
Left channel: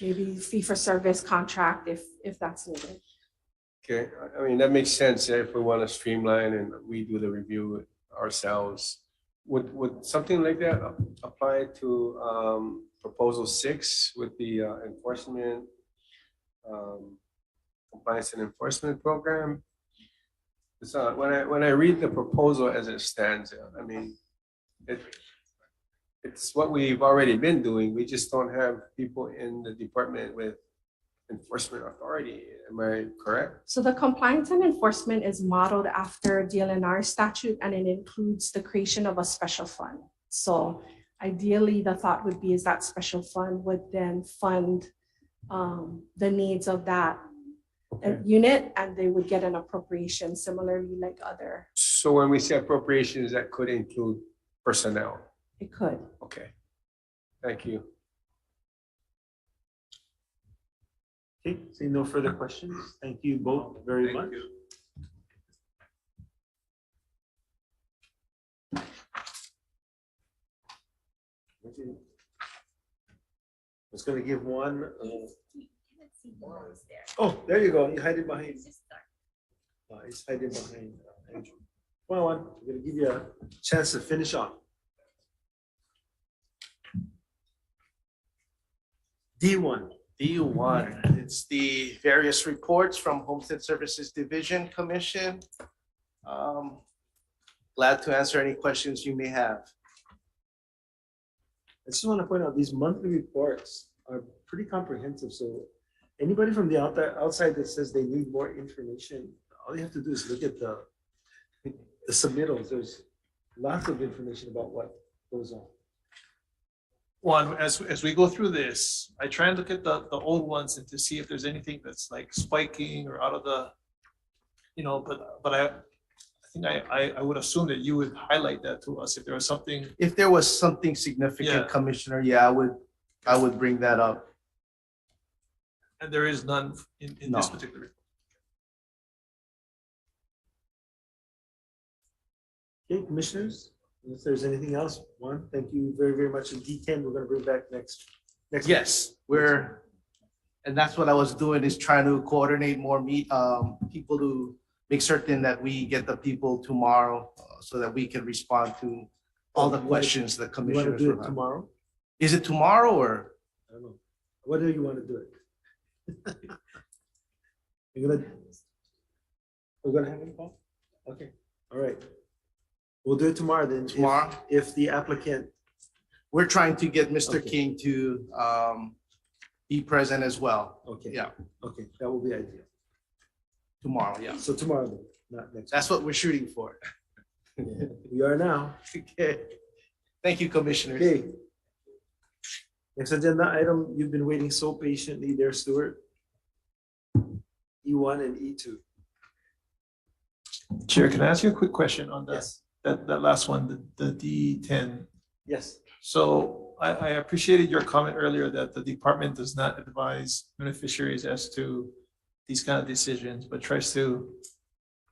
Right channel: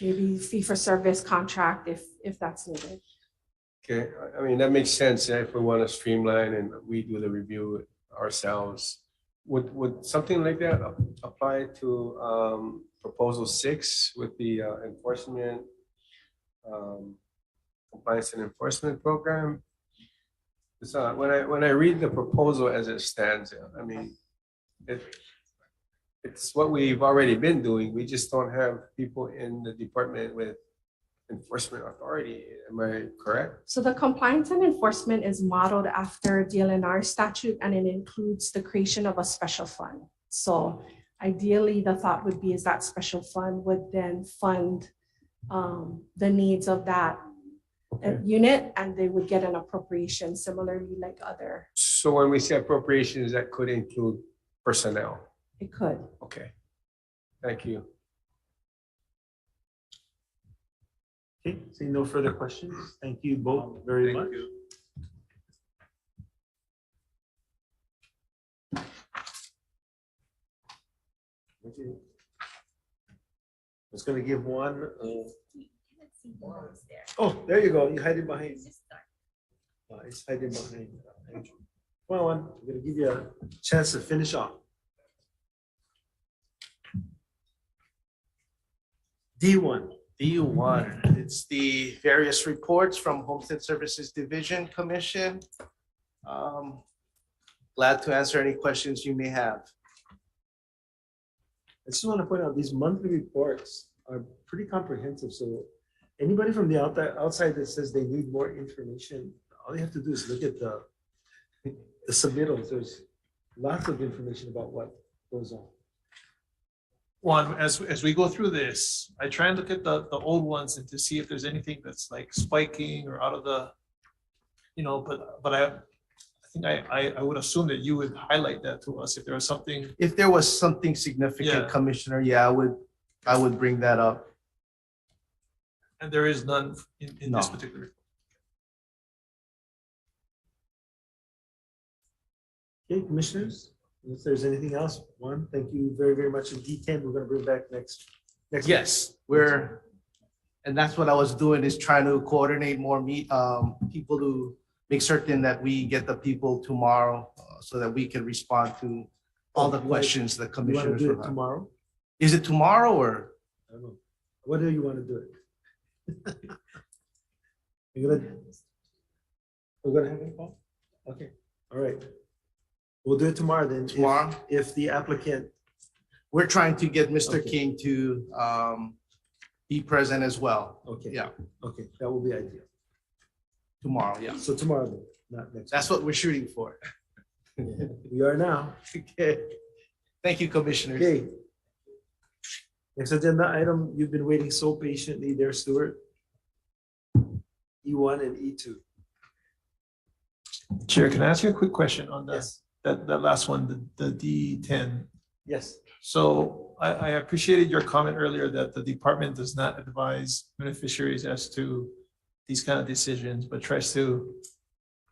maybe fee for service contract if that's needed. Okay, I mean, that makes sense if we want to streamline and we do the review ourselves. Would something like that apply to proposal 6 with the enforcement, compliance and enforcement program? So when I read the proposal as it stands, I mean, it's what we've already been doing. We just don't have people in the department with enforcement authority. Am I correct? So the compliance and enforcement is modeled after DLNR statute, and it includes the creation of a special fund. So ideally, the thought would be is that special fund would then fund the needs of that unit, and they would get an appropriation similarly like other. So when we say appropriations, that could include personnel. It could. Okay. Thank you. Okay, seeing no further questions. Thank you both very much. Okay. I was gonna give one. Oh, there you go. You hiding behind. He's hiding behind Andrew. Come on, I'm gonna give you a chance to finish off. D1. D1, it's the various reports from Homestead Services Division Commission. Glad to answer any questions you may have. I just want to point out these monthly reports are pretty comprehensive. So anybody from the outside that says they need more information, all you have to do is look at the submittals. There's lots of information about what goes on. One, as we go through this, I try and look at the old ones and to see if there's anything that's like spiking or out of the, but I think I would assume that you would highlight that to us if there was something. If there was something significant, Commissioner, yeah, I would bring that up. And there is none in this particular. Okay, commissioners, if there's anything else, one, thank you very, very much. In D10, we're gonna bring back next. Yes, and that's what I was doing, is trying to coordinate more people to make certain that we get the people tomorrow so that we can respond to all the questions the commissioners do will it have. tomorrow? Is it tomorrow or? I don't know. What do you want to do it? We're gonna have a call? Okay, all right. We'll do it tomorrow then. Tomorrow? If the applicant. We're trying to get Mr. King to be present as well. Okay. Yeah. Okay, that will be ideal. Tomorrow, yeah. So tomorrow then, not next. That's what we're shooting for. Yeah, we are now. Okay. Thank you, commissioners. Okay. Next agenda item, you've been waiting so patiently there, Stuart. E1 and E2. Chair, can I ask you a quick question on that? Yes. That last one, the D10. Yes. So I appreciated your comment earlier that the department does not advise beneficiaries as to these kind of decisions, but tries to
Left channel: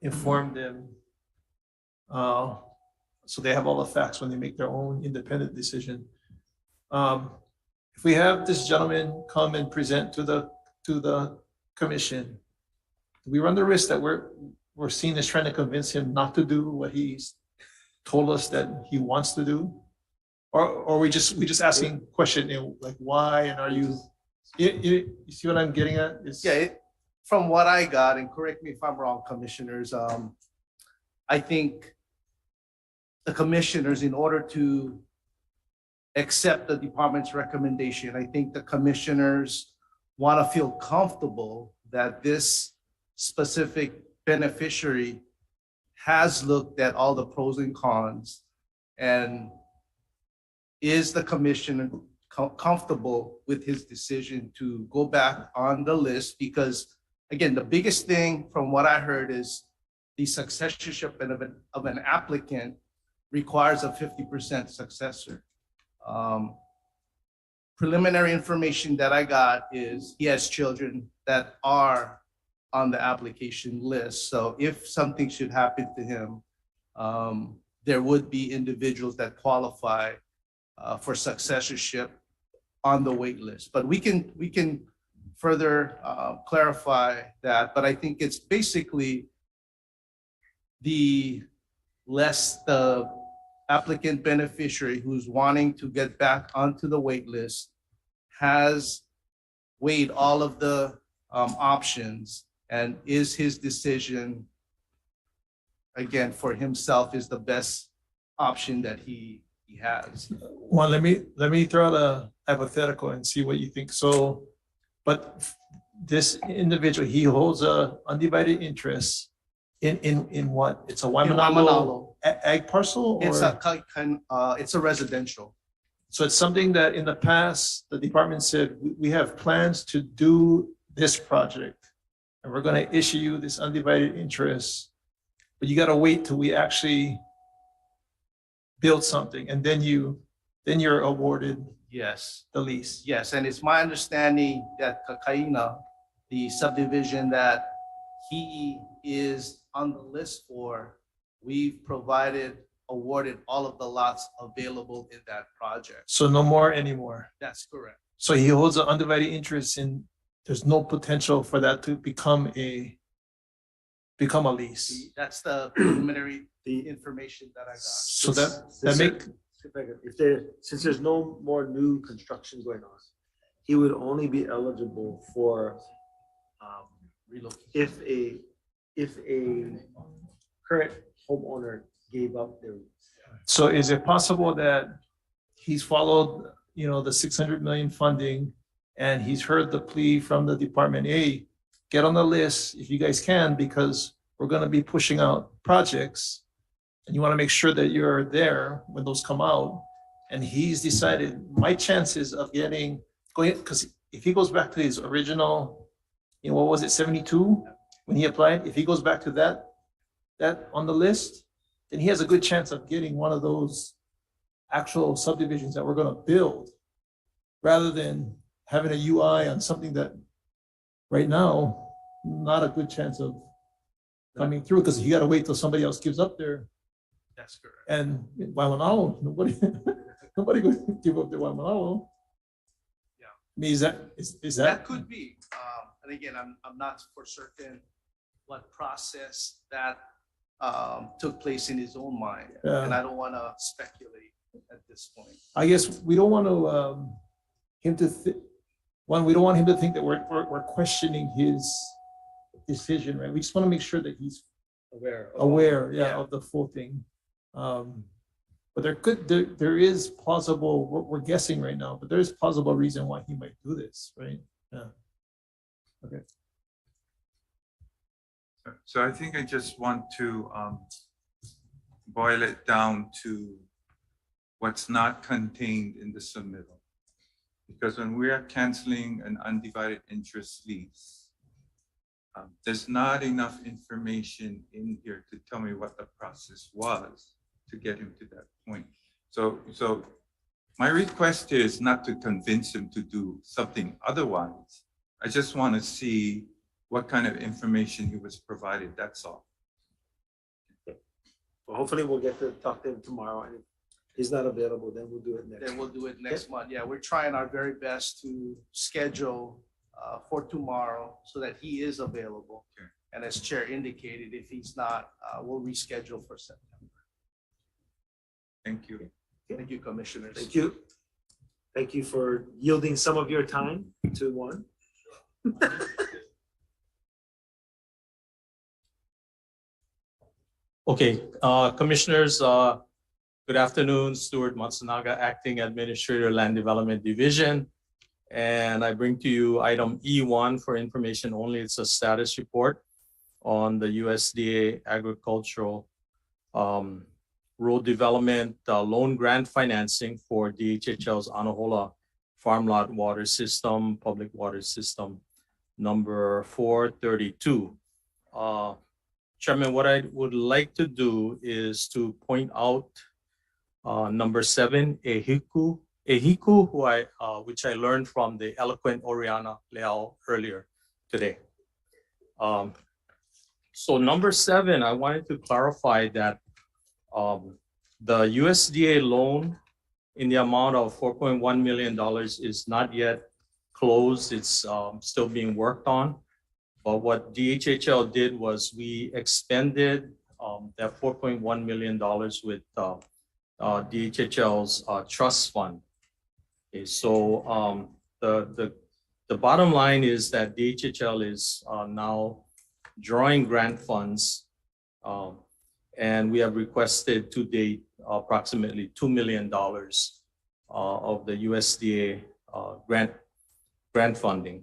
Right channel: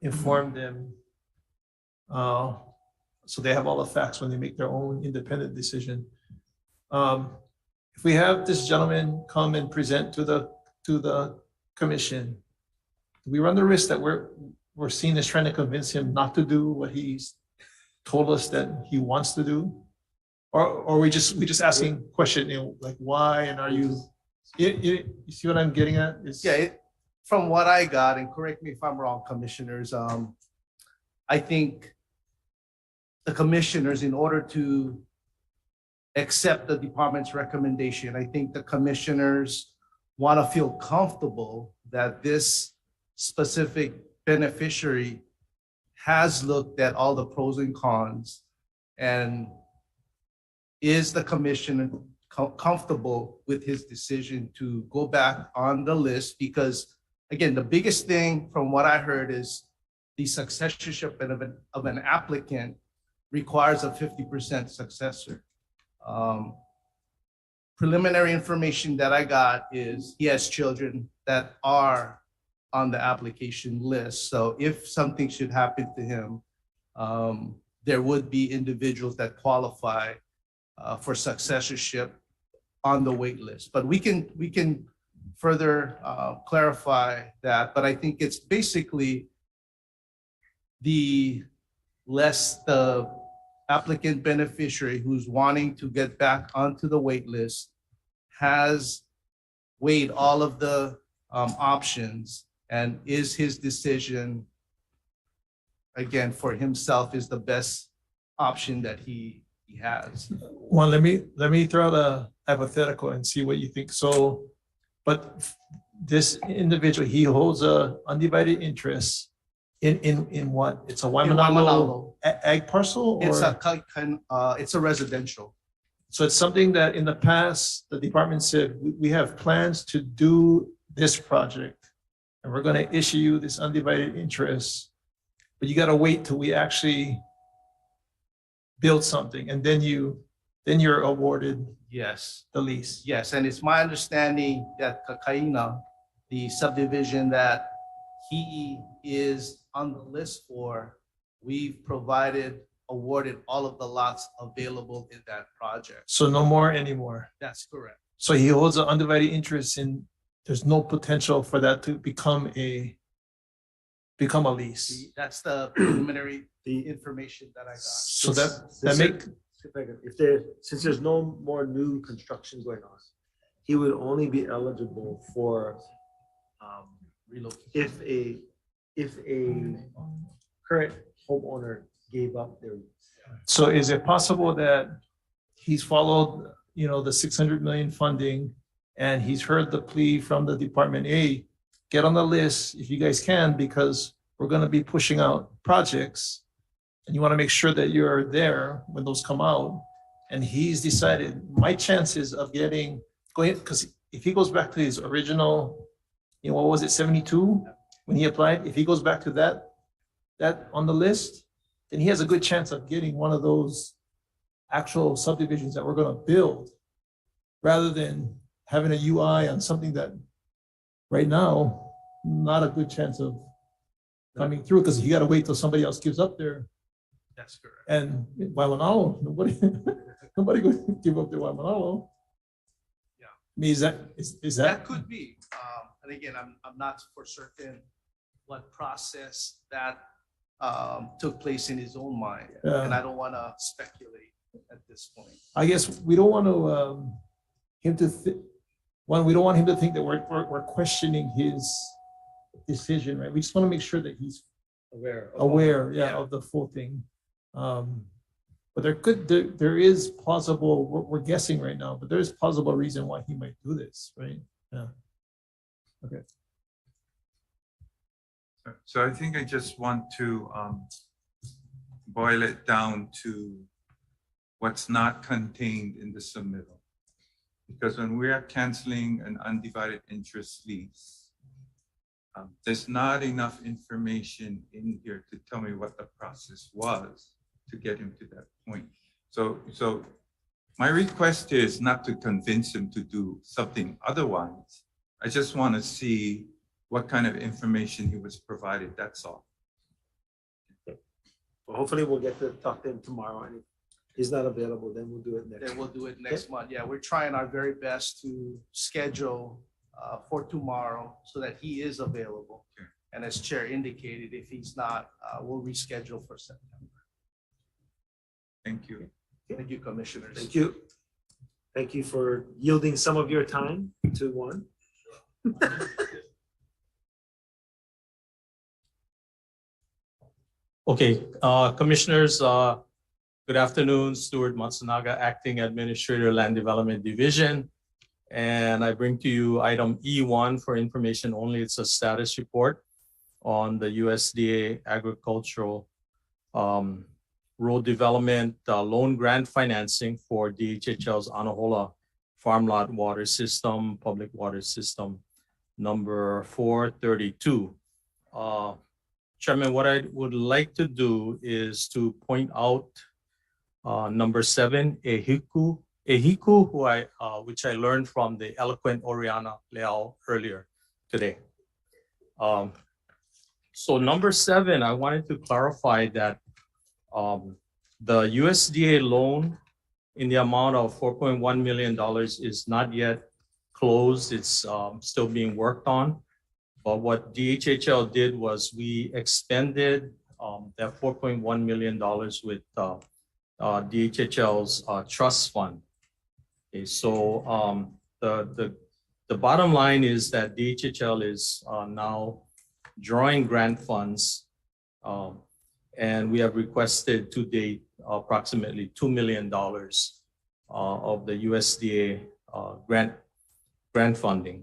inform them so they have all the facts when they make their own independent decision. If we have this gentleman come and present to the commission, we run the risk that we're seen as trying to convince him not to do what he's told us that he wants to do, or we just asking question, like why, and are you see what I'm getting at? From what I got, and correct me if I'm wrong, commissioners, I think the commissioners, in order to accept the department's recommendation, I think the commissioners want to feel comfortable that this specific beneficiary has looked at all the pros and cons and is the commission comfortable with his decision to go back on the list? Because again, the biggest thing from what I heard is the successorship of an applicant requires a 50% successor. Preliminary information that I got is he has children that are on the application list. So if something should happen to him, there would be individuals that qualify for successorship on the wait list. But we can further clarify that. But I think it's basically the applicant beneficiary who's wanting to get back onto the wait list has weighed all of the options, and is his decision, again, for himself is the best option that he has. Well, let me throw out a hypothetical and see what you think. So, but this individual, he holds a undivided interest in what? It's a Waimanalo ag parcel, or It's a residential. so it's something that in the past the department said we have plans to do this project, and we're going to issue you this undivided interest, but you got to wait till we actually build something, and then you're awarded Yes. the lease. Yes, and it's my understanding that Kakaina, the subdivision that he is on the list for, we've awarded all of the lots available in that project. So no more anymore. That's correct. So he holds an undivided interest in. There's no potential for that to become a lease. That's the preliminary information that I got. So since there's no more new construction going on, he would only be eligible for relocation if a current homeowner gave up their. So is it possible that he's followed, the 600 million funding, and he's heard the plea from the department, hey, get on the list if you guys can, because we're going to be pushing out projects, and you want to make sure that you're there when those come out. And he's decided my chances of going, because if he goes back to his original, what was it, 72 when he applied? If he goes back to that on the list, then he has a good chance of getting one of those actual subdivisions that we're going to build, rather than having a UI on something that right now, not a good chance of coming through, because you got to wait till somebody else gives up there. That's correct. And Waimanalo, nobody going to give up their Waimanalo. Yeah. I mean, is that? That could be. And again, I'm not for certain what process that took place in his own mind, and I don't want to speculate at this point. I guess we don't want to we don't want him to think that we're questioning his decision, right? We just want to make sure that he's aware of the full thing. But there is plausible, we're guessing right now, but there's plausible reason why he might do this, right? Yeah. Okay. So I think I just want to boil it down to what's not contained in the submittal. Because when we are canceling an undivided interest lease, there's not enough information in here to tell me what the process was to get him to that point. So my request is not to convince him to do something otherwise. I just want to see what kind of information he was provided, that's all. Well, hopefully we'll get to talk to him tomorrow, and if he's not available, then we'll do it next. Then we'll do it next month. Yeah, we're trying our very best to schedule for tomorrow so that he is available. Okay. And as Chair indicated, if he's not, we'll reschedule for September. Thank you. Thank you, Commissioners. Thank you. Thank you for yielding some of your time to one. Okay, Commissioners, good afternoon. Stuart Matsunaga, Acting Administrator, Land Development Division. And I bring to you item E1 for information only. It's a status report on the USDA agricultural road development loan grant financing for DHHL's Anahola Farm Lot Water System, Public Water System, number 432. Chairman, what I would like to do is to point out number 7, Ehiku, which I learned from the eloquent Oriana Leal earlier today. So number 7, I wanted to clarify that the USDA loan in the amount of $4.1 million is not yet closed. It's still being worked on. But what DHHL did was we expended that $4.1 million with DHHL's trust fund. Okay, so the bottom line is that DHHL is now drawing grant funds, and we have requested to date approximately $2 million of the USDA grant funding.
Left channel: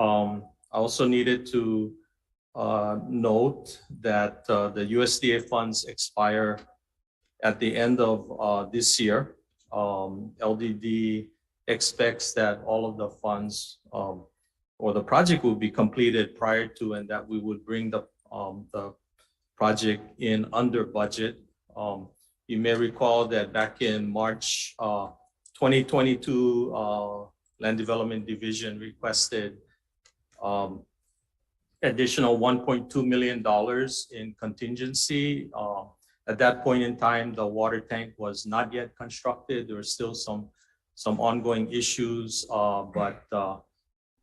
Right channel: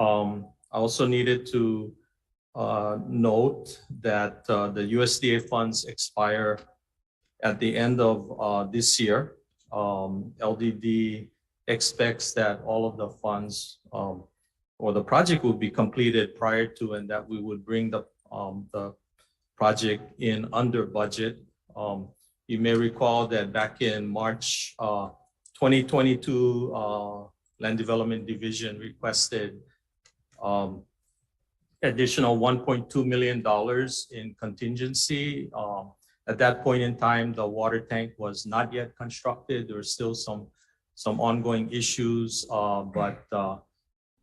I also needed to note that the USDA funds expire at the end of this year. LDD expects that all of the funds or the project will be completed prior to, and that we would bring the project in under budget. You may recall that back in March 2022, Land Development Division requested additional $1.2 million in contingency. At that point in time, the water tank was not yet constructed. There were still some ongoing issues, but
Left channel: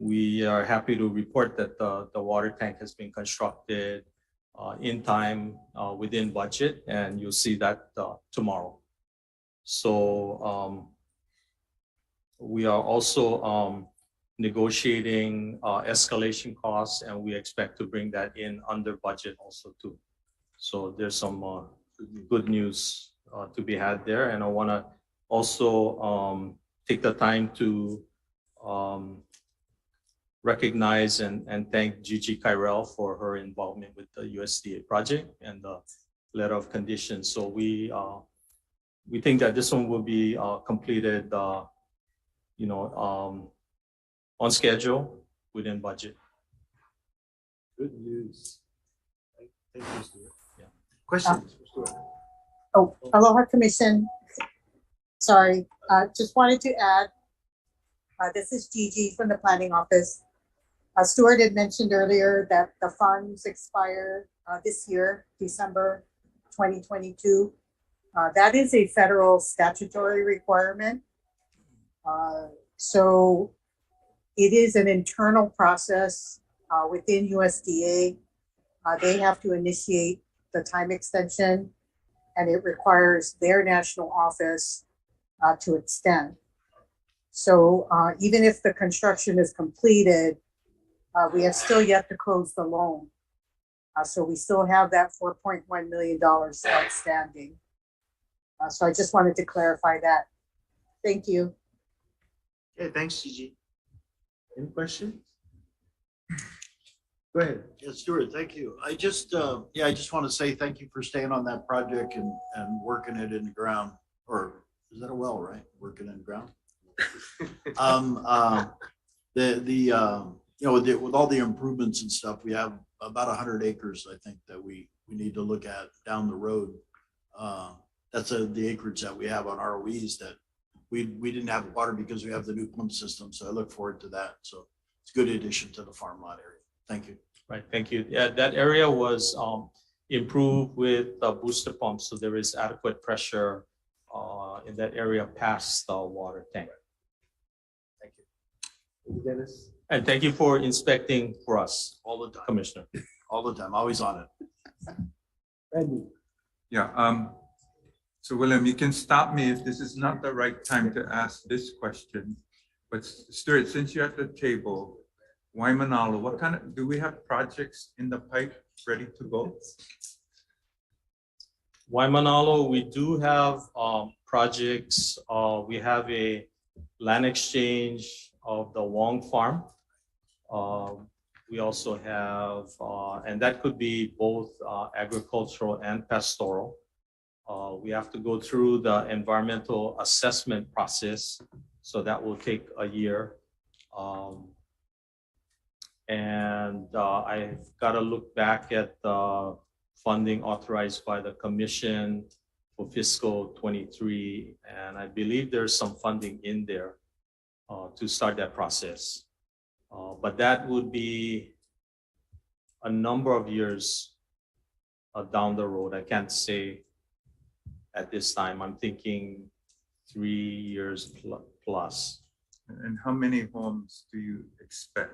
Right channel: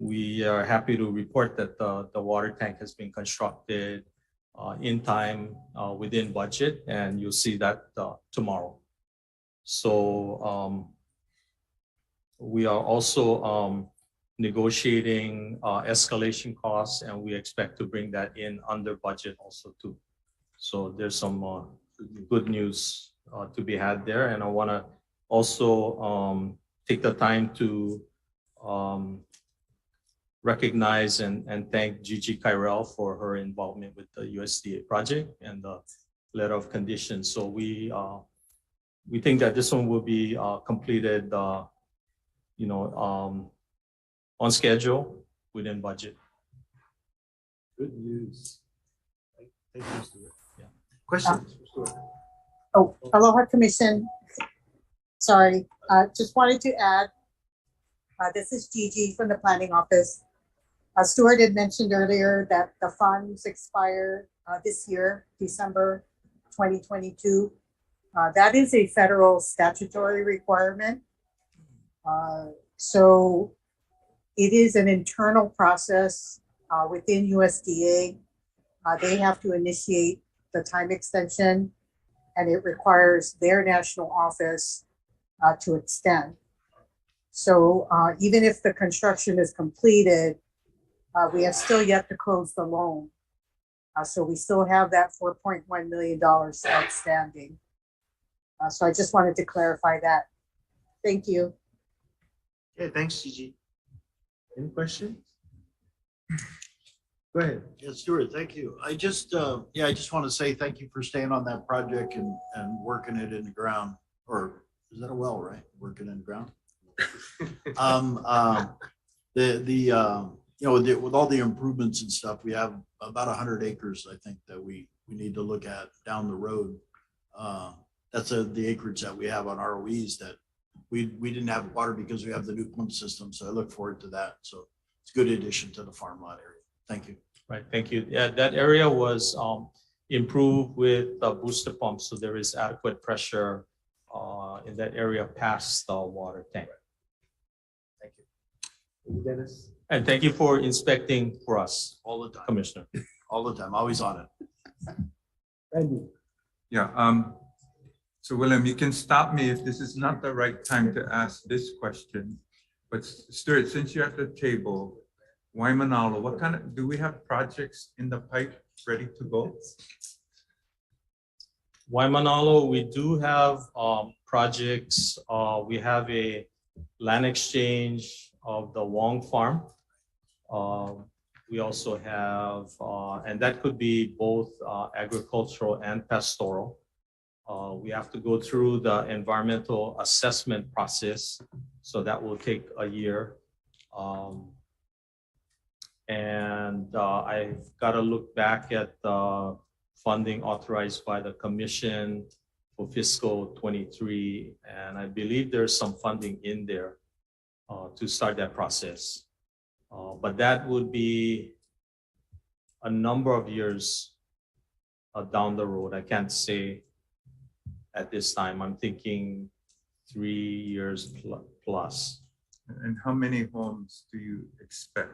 we are happy to report that the water tank has been constructed in time, within budget, and you'll see that tomorrow. So we are also negotiating escalation costs, and we expect to bring that in under budget also too. So there's some good news to be had there. And I want to also take the time to recognize and thank Gigi Kyrell for her involvement with the USDA project and the letter of conditions. So we think that this one will be completed, on schedule, within budget. Good news. Thank you, Stuart. Yeah. Questions? Oh, aloha commission. Sorry, just wanted to add, this is Gigi from the planning office. Stuart had mentioned earlier that the funds expire this year, December 2022. That is a federal statutory requirement. So it is an internal process within USDA. They have to initiate the time extension, and it requires their national office to extend. So even if the construction is completed, we have still yet to close the loan. So we still have that $4.1 million outstanding. So I just wanted to clarify that. Thank you. Okay, thanks, Gigi. Any questions? Go ahead. Yeah, Stuart, thank you. I just want to say thank you for staying on that project and working it in the ground, or is that a well, right? Working in the ground. With all the improvements and stuff, we have about 100 acres, I think, that we need to look at down the road. That's the acreage that we have on ROEs that we didn't have water because we have the new pump system. So I look forward to that. So it's a good addition to the farm lot area. Thank you. Right, thank you. Yeah, that area was improved with booster pumps, so there is adequate pressure in that area past the water tank. Thank you. Thank you, Dennis. And thank you for inspecting for us. All the time. Commissioner. All the time, always on it. Randy. Yeah, so William, you can stop me if this is not the right time to ask this question. But Stuart, since you're at the table, Waimanalo, what kind of, do we have projects in the pipe ready to go? Waimanalo, we do have projects. We have a land exchange of the Wong Farm. We also have, and that could be both agricultural and pastoral. We have to go through the environmental assessment process, so that will take a year. I've got to look back at the funding authorized by the commission for fiscal 23, and I believe there's some funding in there to start that process. But that would be a number of years down the road. I can't say at this time. I'm thinking 3 years plus. And how many homes do you expect?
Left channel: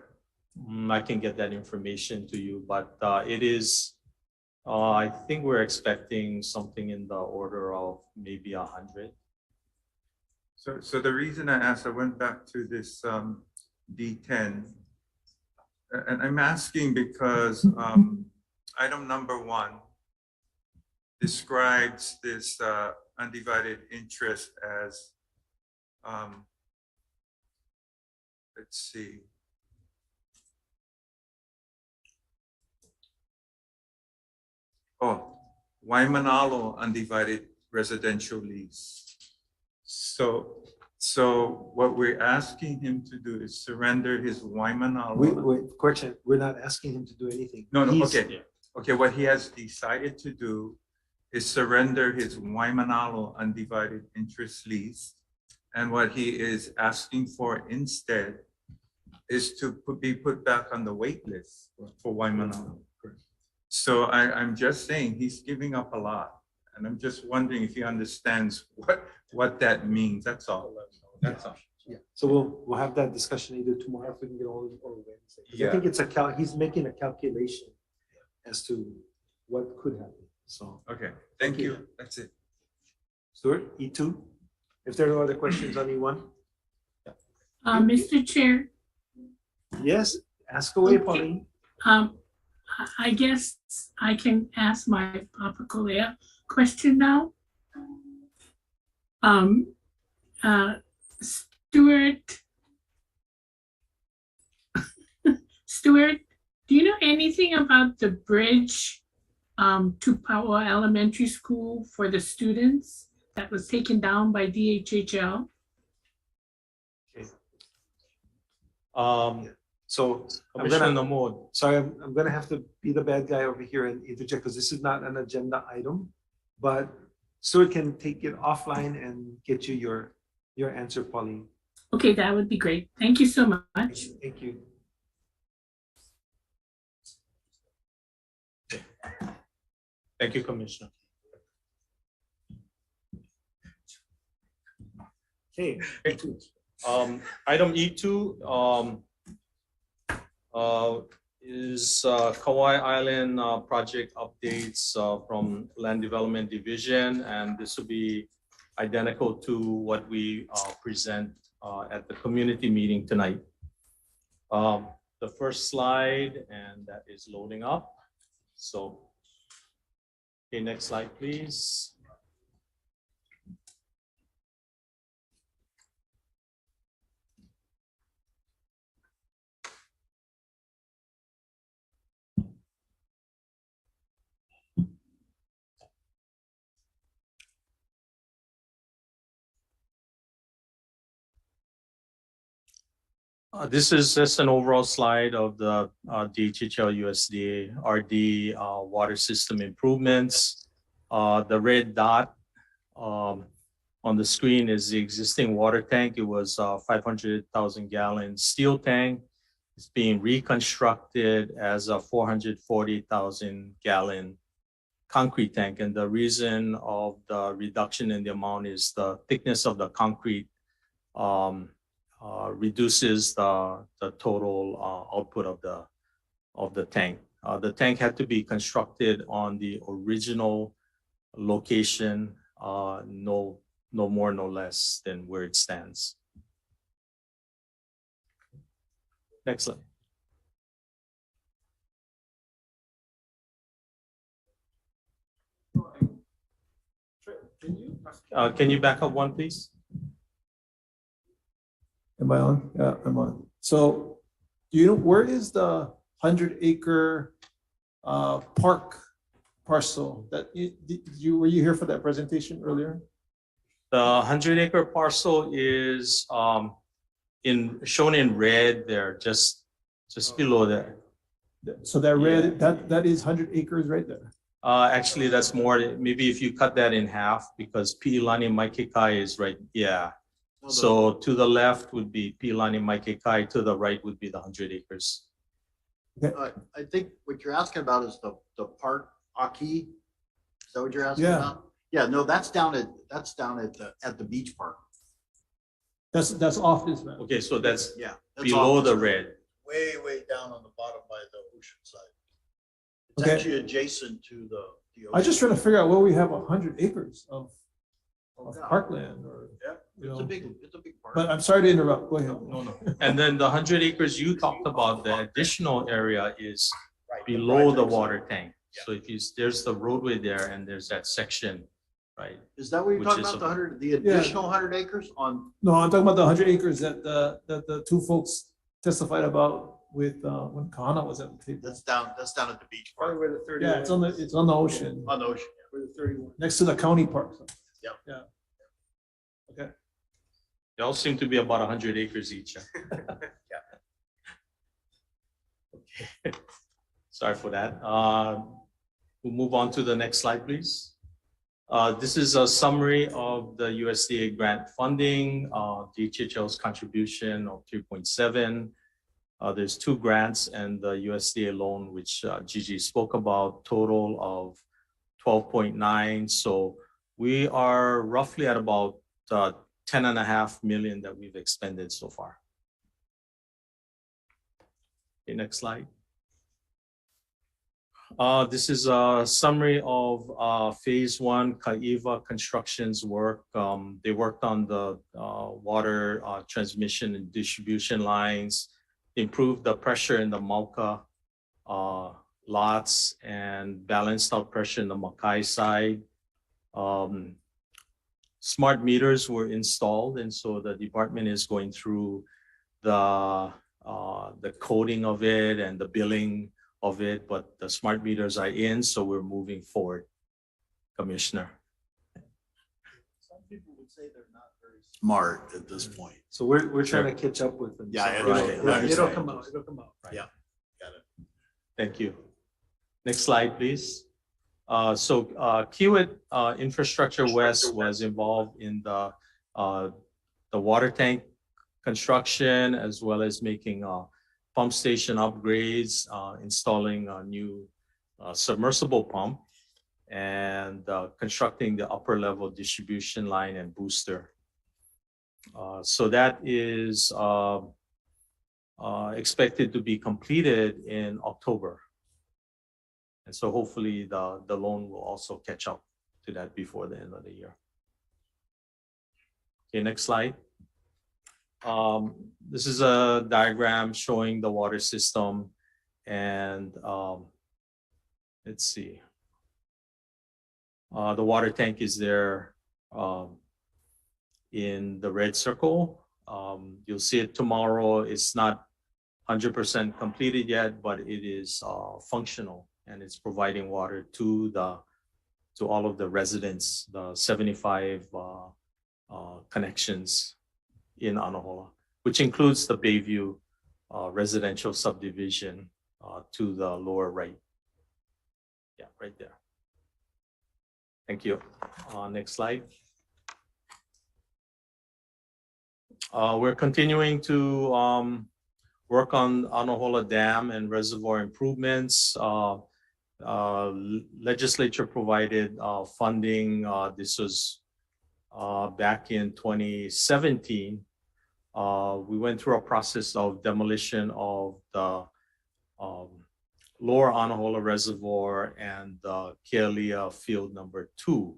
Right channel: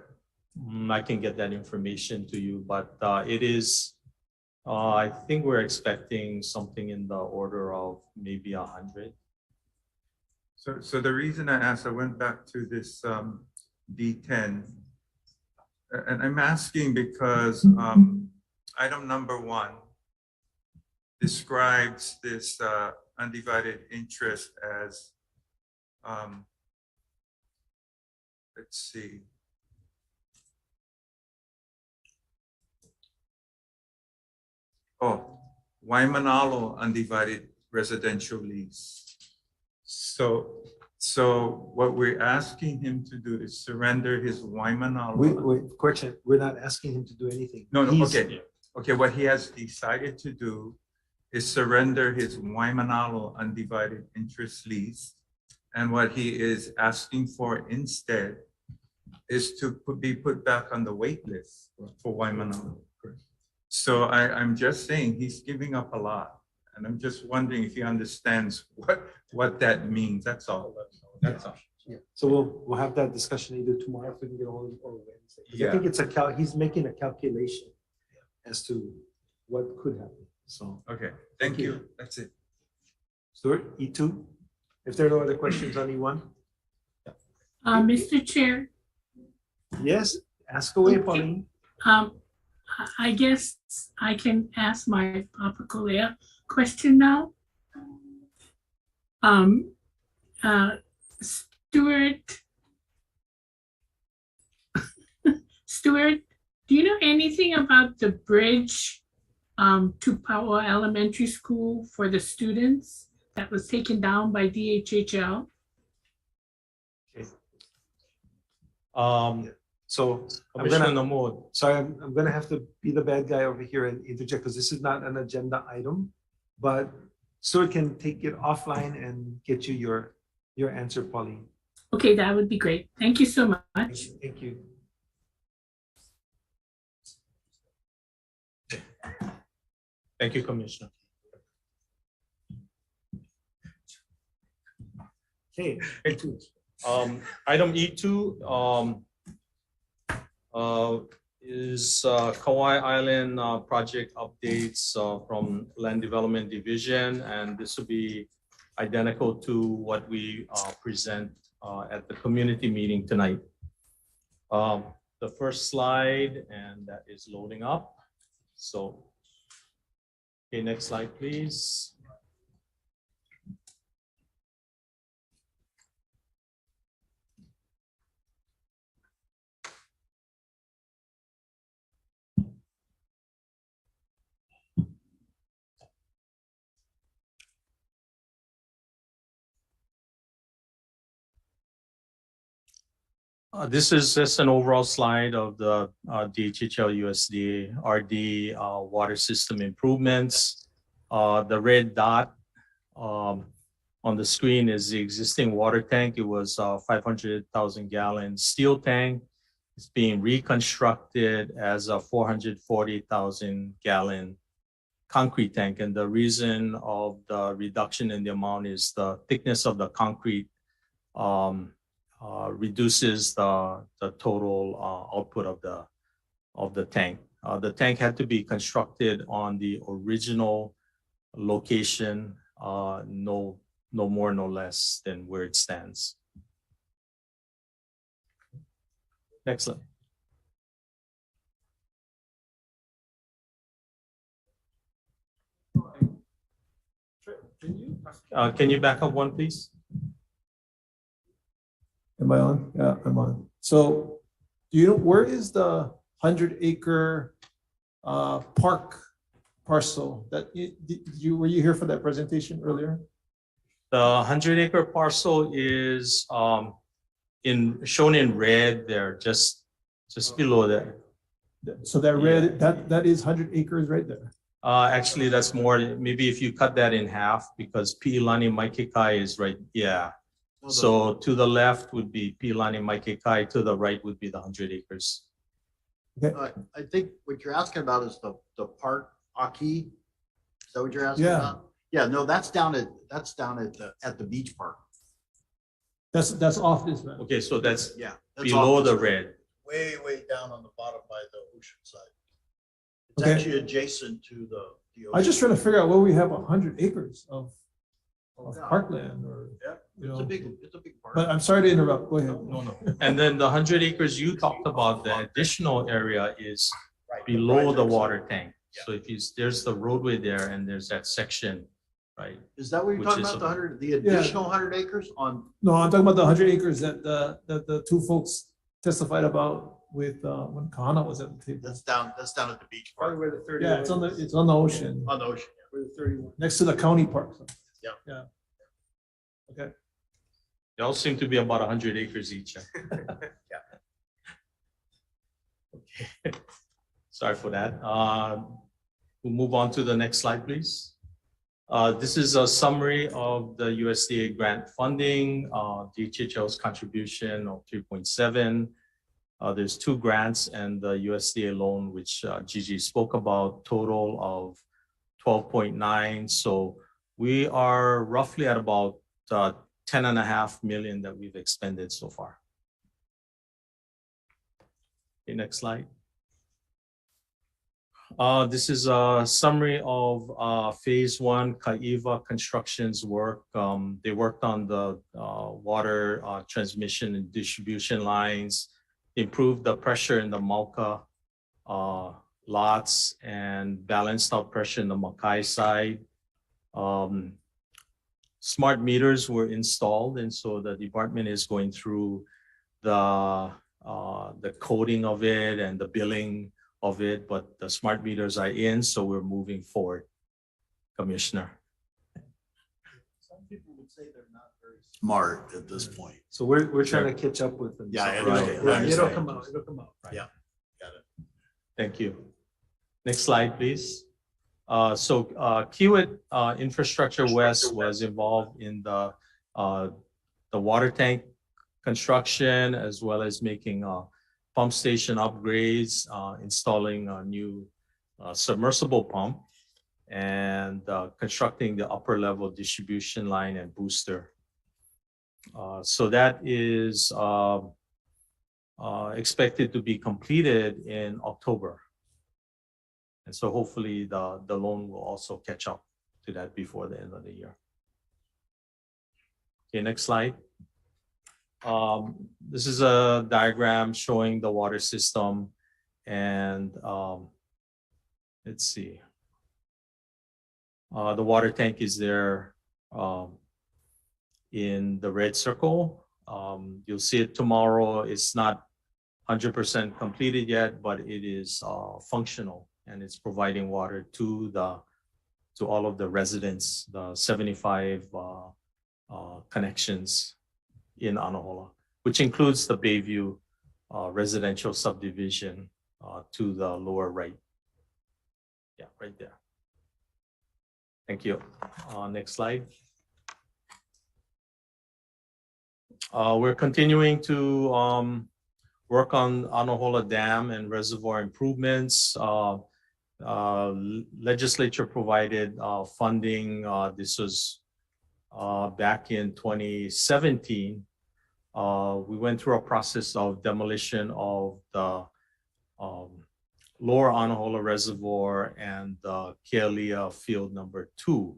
I can get that information to you, but it is, I think we're expecting something in the order of maybe 100. So the reason I asked, I went back to this D10, and I'm asking because item number 1 describes this undivided interest as, let's see. Oh, Waimanalo undivided residential lease. So what we're asking him to do is surrender his Waimanalo. Wait, correction, we're not asking him to do anything. No, He's- okay. Okay, what he has decided to do is surrender his Waimanalo undivided interest lease. And what he is asking for instead is to be put back on the wait list for Waimanalo. So I'm just saying he's giving up a lot. And I'm just wondering if he understands what that means. That's all. That's all. Yeah, so we'll have that discussion either tomorrow if we can get all of it, or Wednesday. 'Cause I Yeah. think it's he's making a calculation as to what could happen, so. Okay, thank you. That's it. Stuart, E2, if there are no other questions on E1? Mr. Chair, Yes, ask away, Okay. Pauline. I guess I can ask my Papa Colea question now. Stuart, do you know anything about the bridge to Pau'a Elementary School for the students that was taken down by DHHL? So I'm Commissioner gonna, Namod. sorry, I'm gonna have to be the bad guy over here and interject because this is not an agenda item. But Stuart can take it offline and get you your answer, Pauline. Okay, that would be great. Thank you so much. Thank you. Thank you, Commissioner. Okay. Item E2 is Kauai Island project updates from Land Development Division, and this will be identical to what we present at the community meeting tonight. The first slide, and that is loading up. So, okay, next slide, please. This is just an overall slide of the DHHL USDA RD water system improvements. The red dot on the screen is the existing water tank. It was a 500,000 gallon steel tank. It's being reconstructed as a 440,000 gallon concrete tank. And the reason of the reduction in the amount is the thickness of the concrete reduces the total output of the tank. The tank had to be constructed on the original location, no more, no less than where it stands. Next slide. Can you back up one, please? Am I on? Yeah, I'm on. So, do you know where is the 100-acre park parcel that were you here for that presentation earlier? The 100-acre parcel is shown in red there, just below there. So that red, that is 100 acres right there. Actually, that's more, maybe if you cut that in half, because Pi'ilani Maikikai is right, yeah. So to the left would be Pi'ilani Maikikai, to the right would be the 100 acres. I think what you're asking about is the park Aki. Is that what you're asking Yeah. about? Yeah, no, that's down at the beach park. That's off this map. Okay, so that's that's below off the this red. Way down on the bottom by the ocean side. It's Okay. actually adjacent to the ocean. I just trying to figure out where we have 100 acres of yeah. parkland or. Yeah, it's a big park. But I'm sorry to interrupt. Go ahead. No. And then the 100 acres you talked about, the additional area is below the water tank. So if you, there's the roadway there and there's that section, right? Is that what you're which talking is about? The additional 100 acres on? No, I'm talking about the 100 acres that the two folks testified about with when Kahana was at the table. That's down at the beach park. Where the 30 yeah, it's on the ocean. On the ocean. Where the 31. Next to the county park. Yeah. Yeah. Okay. They all seem to be about 100 acres each. Okay. Sorry for that. We'll move on to the next slide, please. This is a summary of the USDA grant funding, DHHL's contribution of 3.7. There's 2 grants and the USDA loan, which Gigi spoke about, total of 12.9. So we are roughly at about 10.5 million that we've expended so far. Okay, next slide. This is a summary of phase 1 Kaiva Construction's work. They worked on the water transmission and distribution lines, improved the pressure in the Mauka lots, and balanced out pressure in the Makai side. Smart meters were installed, and so the department is going through the coding of it and the billing of it, but the smart meters are in, so we're moving forward, Commissioner. Some people would say they're not very smart at this point. So we're trying to catch up with them. Yeah, It'll come out. It'll come out. Right. Yeah, got it. Thank you. Next slide, please. Kiewit Infrastructure West was involved in the water tank construction, as well as making pump station upgrades, installing a new submersible pump, and constructing the upper level distribution line and booster. So that is expected to be completed in October. And so hopefully the loan will also catch up to that before the end of the year. Okay, next slide. This is a diagram showing the water system, and let's see. The water tank is there in the red circle. You'll see it tomorrow. It's not 100% completed yet, but it is functional, and it's providing water to all of the residents, the 75 connections in Anahola, which includes the Bayview residential subdivision to the lower right. Yeah, right there. Thank you. Next slide. We're continuing to work on Anahola Dam and reservoir improvements. Legislature provided funding. This was back in 2017. We went through a process of demolition of the lower Anahola Reservoir and Kealia Field number 2.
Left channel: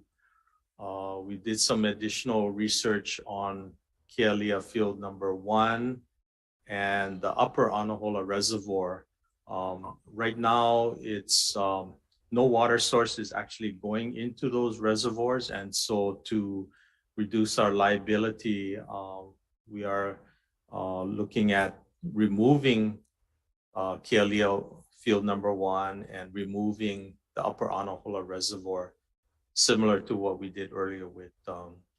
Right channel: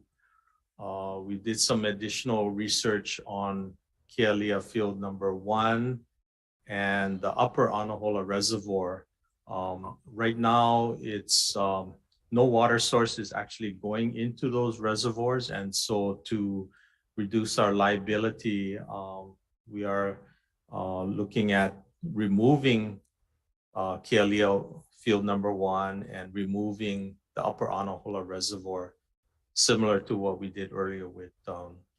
We did some additional research on Kealia Field number 1 and the upper Anahola Reservoir. Right now, it's no water source is actually going into those reservoirs, and so to reduce our liability, we are looking at removing Kealia Field number 1 and removing the upper Anahola Reservoir, similar to what we did earlier with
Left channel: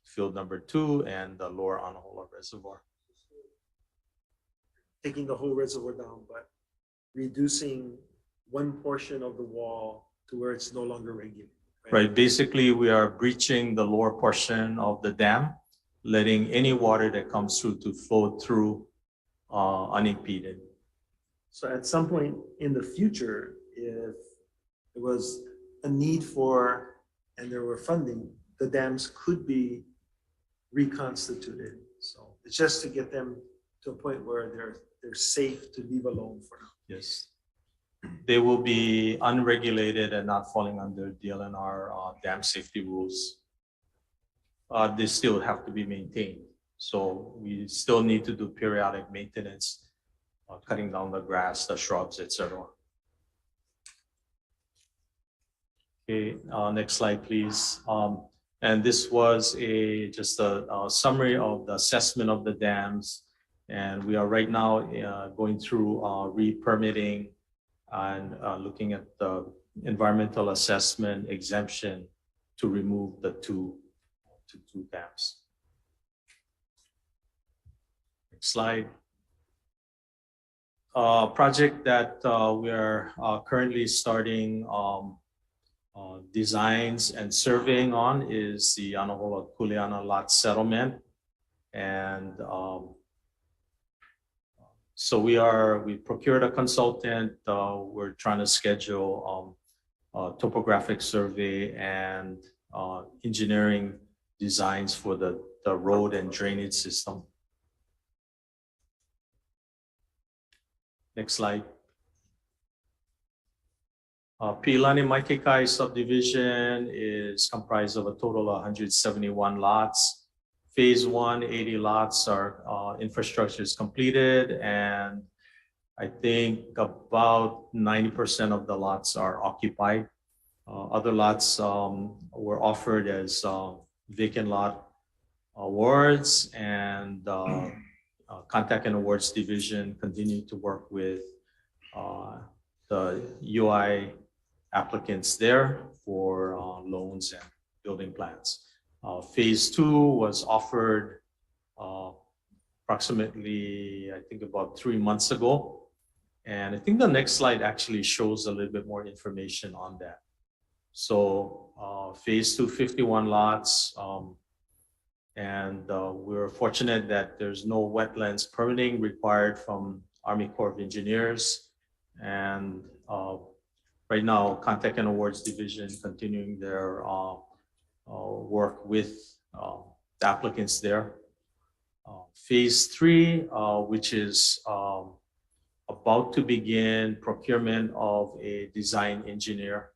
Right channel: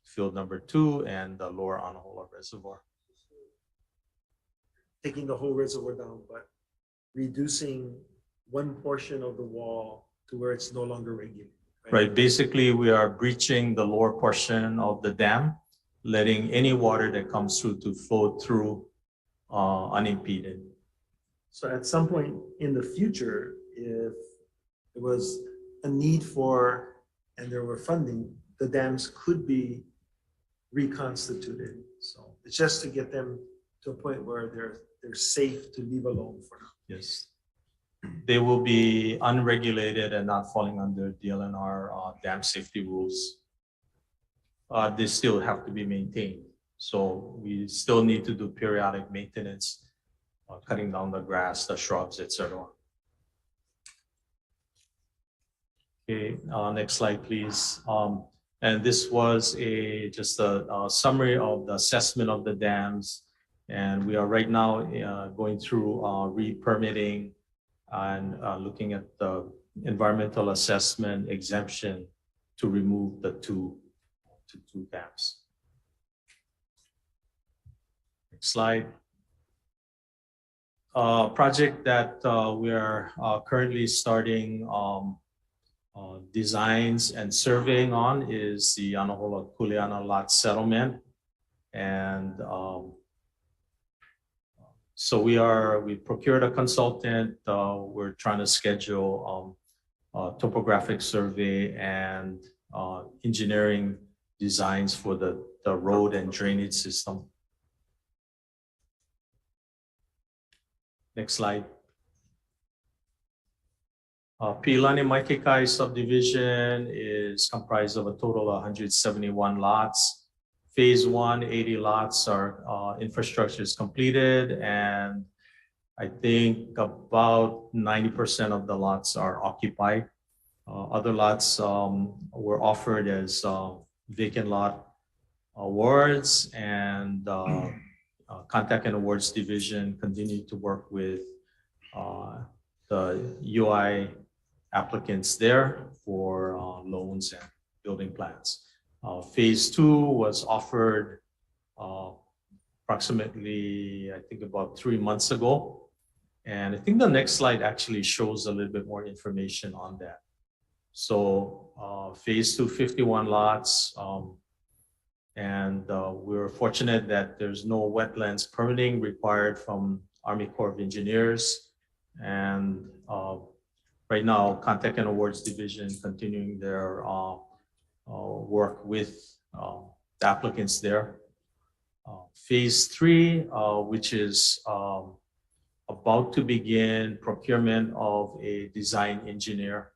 field number 2 and the lower Anahola Reservoir. Taking the whole reservoir down, but reducing one portion of the wall to where it's no longer regulated. Right, basically we are breaching the lower portion of the dam, letting any water that comes through to flow through unimpeded. So at some point in the future, if there was a need for, and there were funding, the dams could be reconstituted. So it's just to get them to a point where they're safe to leave alone for now. Yes. They will be unregulated and not falling under DLNR dam safety rules. They still have to be maintained. So we still need to do periodic maintenance, cutting down the grass, the shrubs, etc. Okay, next slide, please. And this was just a summary of the assessment of the dams. And we are right now going through re-permitting and looking at the environmental assessment exemption to remove the two dams. Next slide. Project that we are currently starting designs and surveying on is the Anahola Kuleana lot settlement. And so we procured a consultant. We're trying to schedule topographic survey and engineering designs for the road and drainage system. Next slide. Pilani Maikikai subdivision is comprised of a total of 171 lots. Phase 1, 80 lots are infrastructure is completed, and I think about 90% of the lots are occupied. Other lots were offered as vacant lot awards, and Contact and Awards Division continue to work with the UI applicants there for loans and building plans. Phase 2 was offered approximately, I think about 3 months ago. And I think the next slide actually shows a little bit more information on that. So phase 2, 51 lots. And we're fortunate that there's no wetlands permitting required from Army Corps of Engineers. And right now, Contact and Awards Division continuing their work with the applicants there. Phase 3, which is about to begin procurement of a design engineer.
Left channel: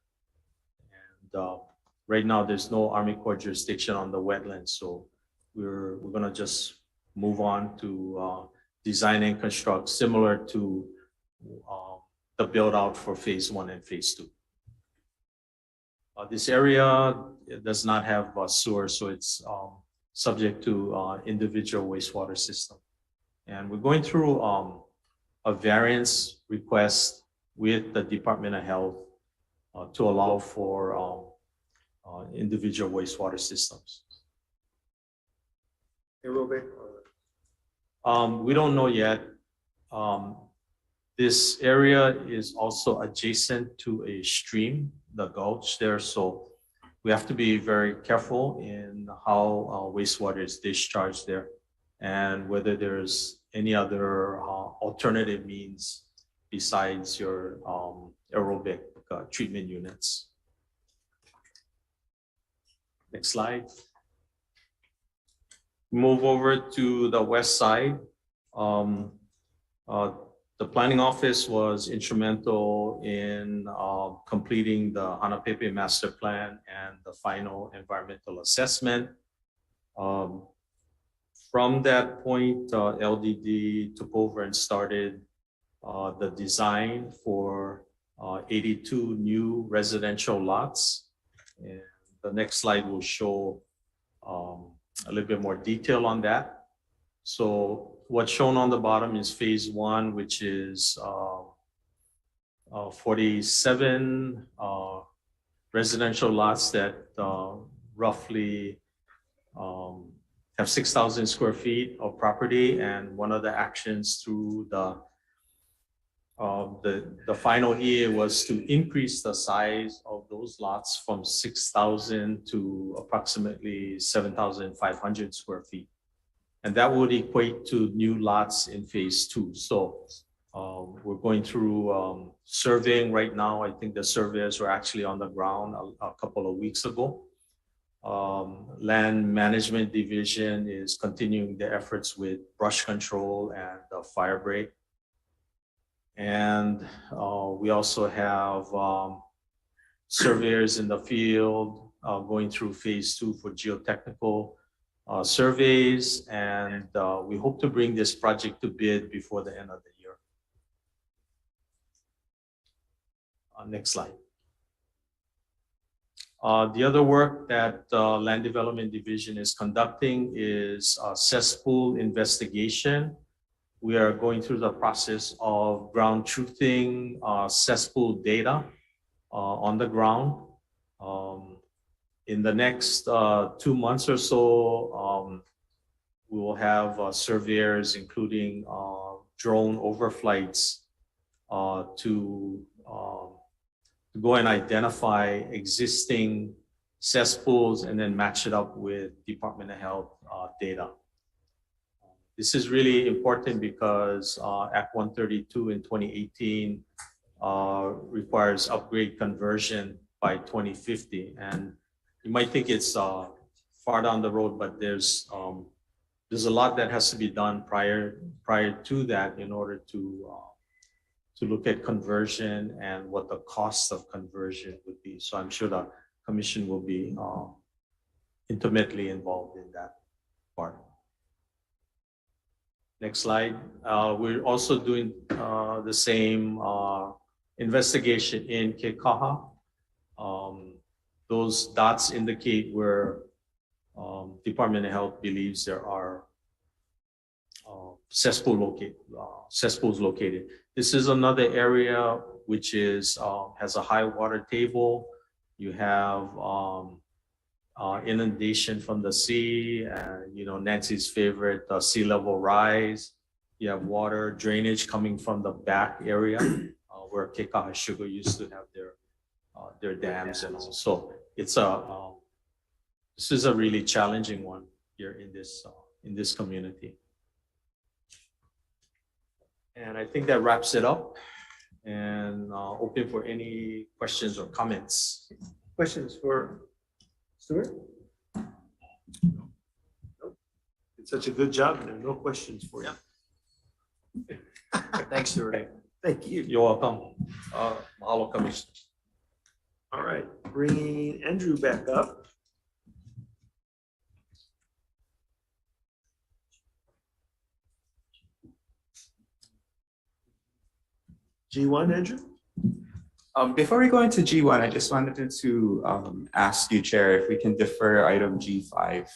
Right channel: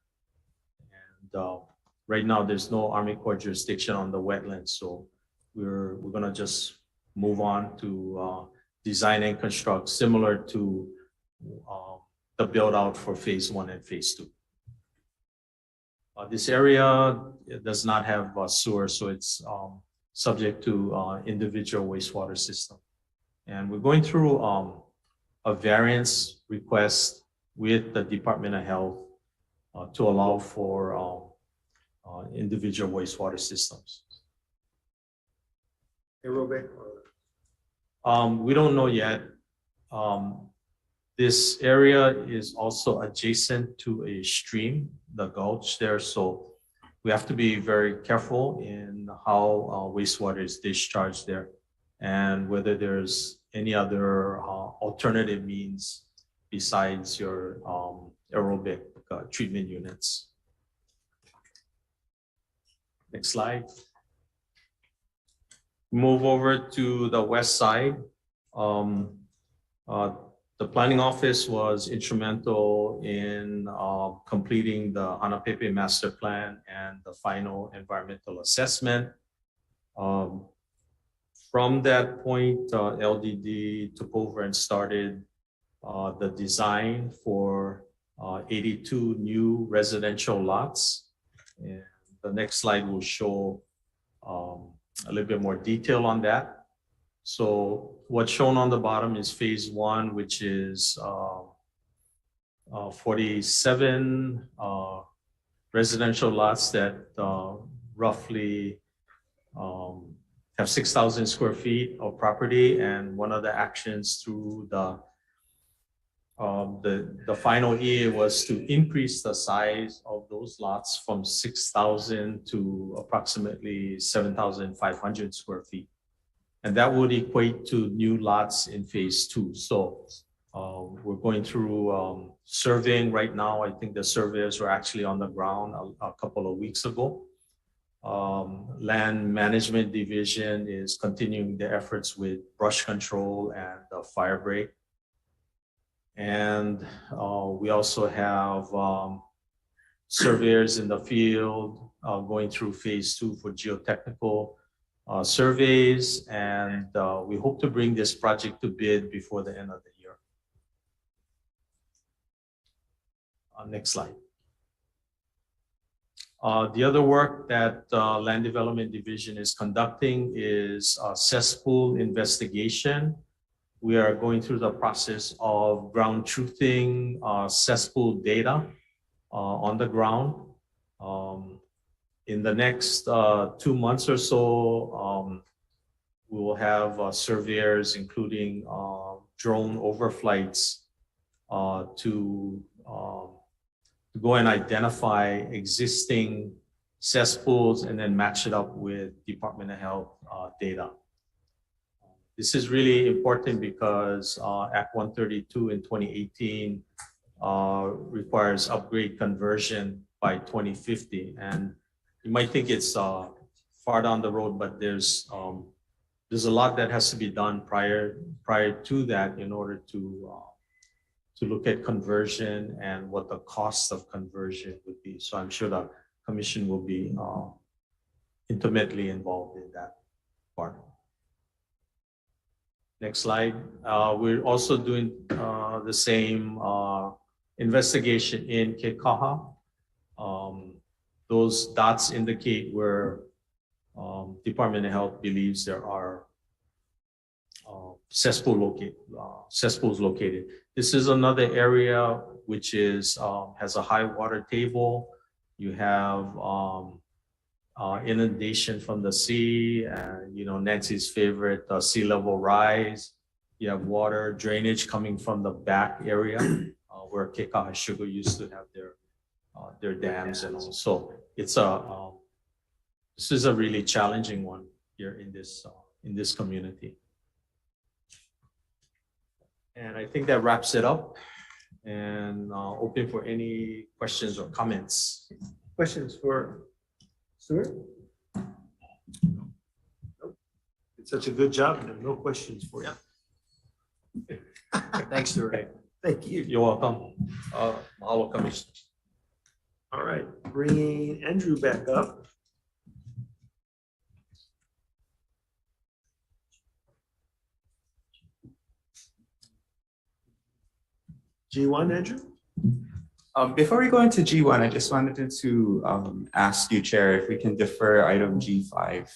And right now, there's no Army Corps jurisdiction on the wetlands, so we're gonna just move on to design and construct, similar to the build out for phase 1 and phase 2. This area does not have sewer, so it's subject to individual wastewater system. And we're going through a variance request with the Department of Health to allow for individual wastewater systems. Aerobic? We don't know yet. This area is also adjacent to a stream, the gulch there, so we have to be very careful in how wastewater is discharged there, and whether there's any other alternative means besides your aerobic treatment units. Next slide. Move over to the west side. The planning office was instrumental in completing the Hanapepe master plan and the final environmental assessment. From that point, LDD took over and started the design for 82 new residential lots. And the next slide will show a little bit more detail on that. So what's shown on the bottom is phase 1, which is 47 residential lots that roughly have 6,000 square feet of property, and one of the actions through the final EA was to increase the size of those lots from 6,000 to approximately 7,500 square feet. And that would equate to new lots in phase 2. So we're going through surveying right now. I think the surveyors were actually on the ground a couple of weeks ago. Land Management Division is continuing the efforts with brush control and fire break. And we also have surveyors in the field going through phase 2 for geotechnical surveys. And we hope to bring this project to bid before the end of the year. Next slide. The other work that Land Development Division is conducting is cesspool investigation. We are going through the process of ground truthing cesspool data on the ground. In the next 2 months or so, we will have surveyors, including drone overflights, to go and identify existing cesspools and then match it up with Department of Health data. This is really important because Act 132 in 2018 requires upgrade conversion by 2050. And you might think it's far down the road, but there's a lot that has to be done prior to that in order to look at conversion and what the cost of conversion would be. So I'm sure the commission will be intimately involved in that part. Next slide. We're also doing the same investigation in Kekaha. Those dots indicate where Department of Health believes there are cesspools located. This is another area which is has a high water table. You have inundation from the sea, you know, Nancy's favorite, sea level rise. You have water drainage coming from the back area where Kekaha Sugar used to have their dams and all. So it's this is a really challenging one here in this community. And I think that wraps it up, and open for any questions or comments. Questions for Stuart? Nope. It's such a good job, and there are no questions for you. Thanks, Stuart. Thank you. You're welcome. Mahalo, Commissioner. All right, bringing Andrew back up. G1, Andrew? Before we go into G1, I just wanted to ask you, Chair, if we can defer item G5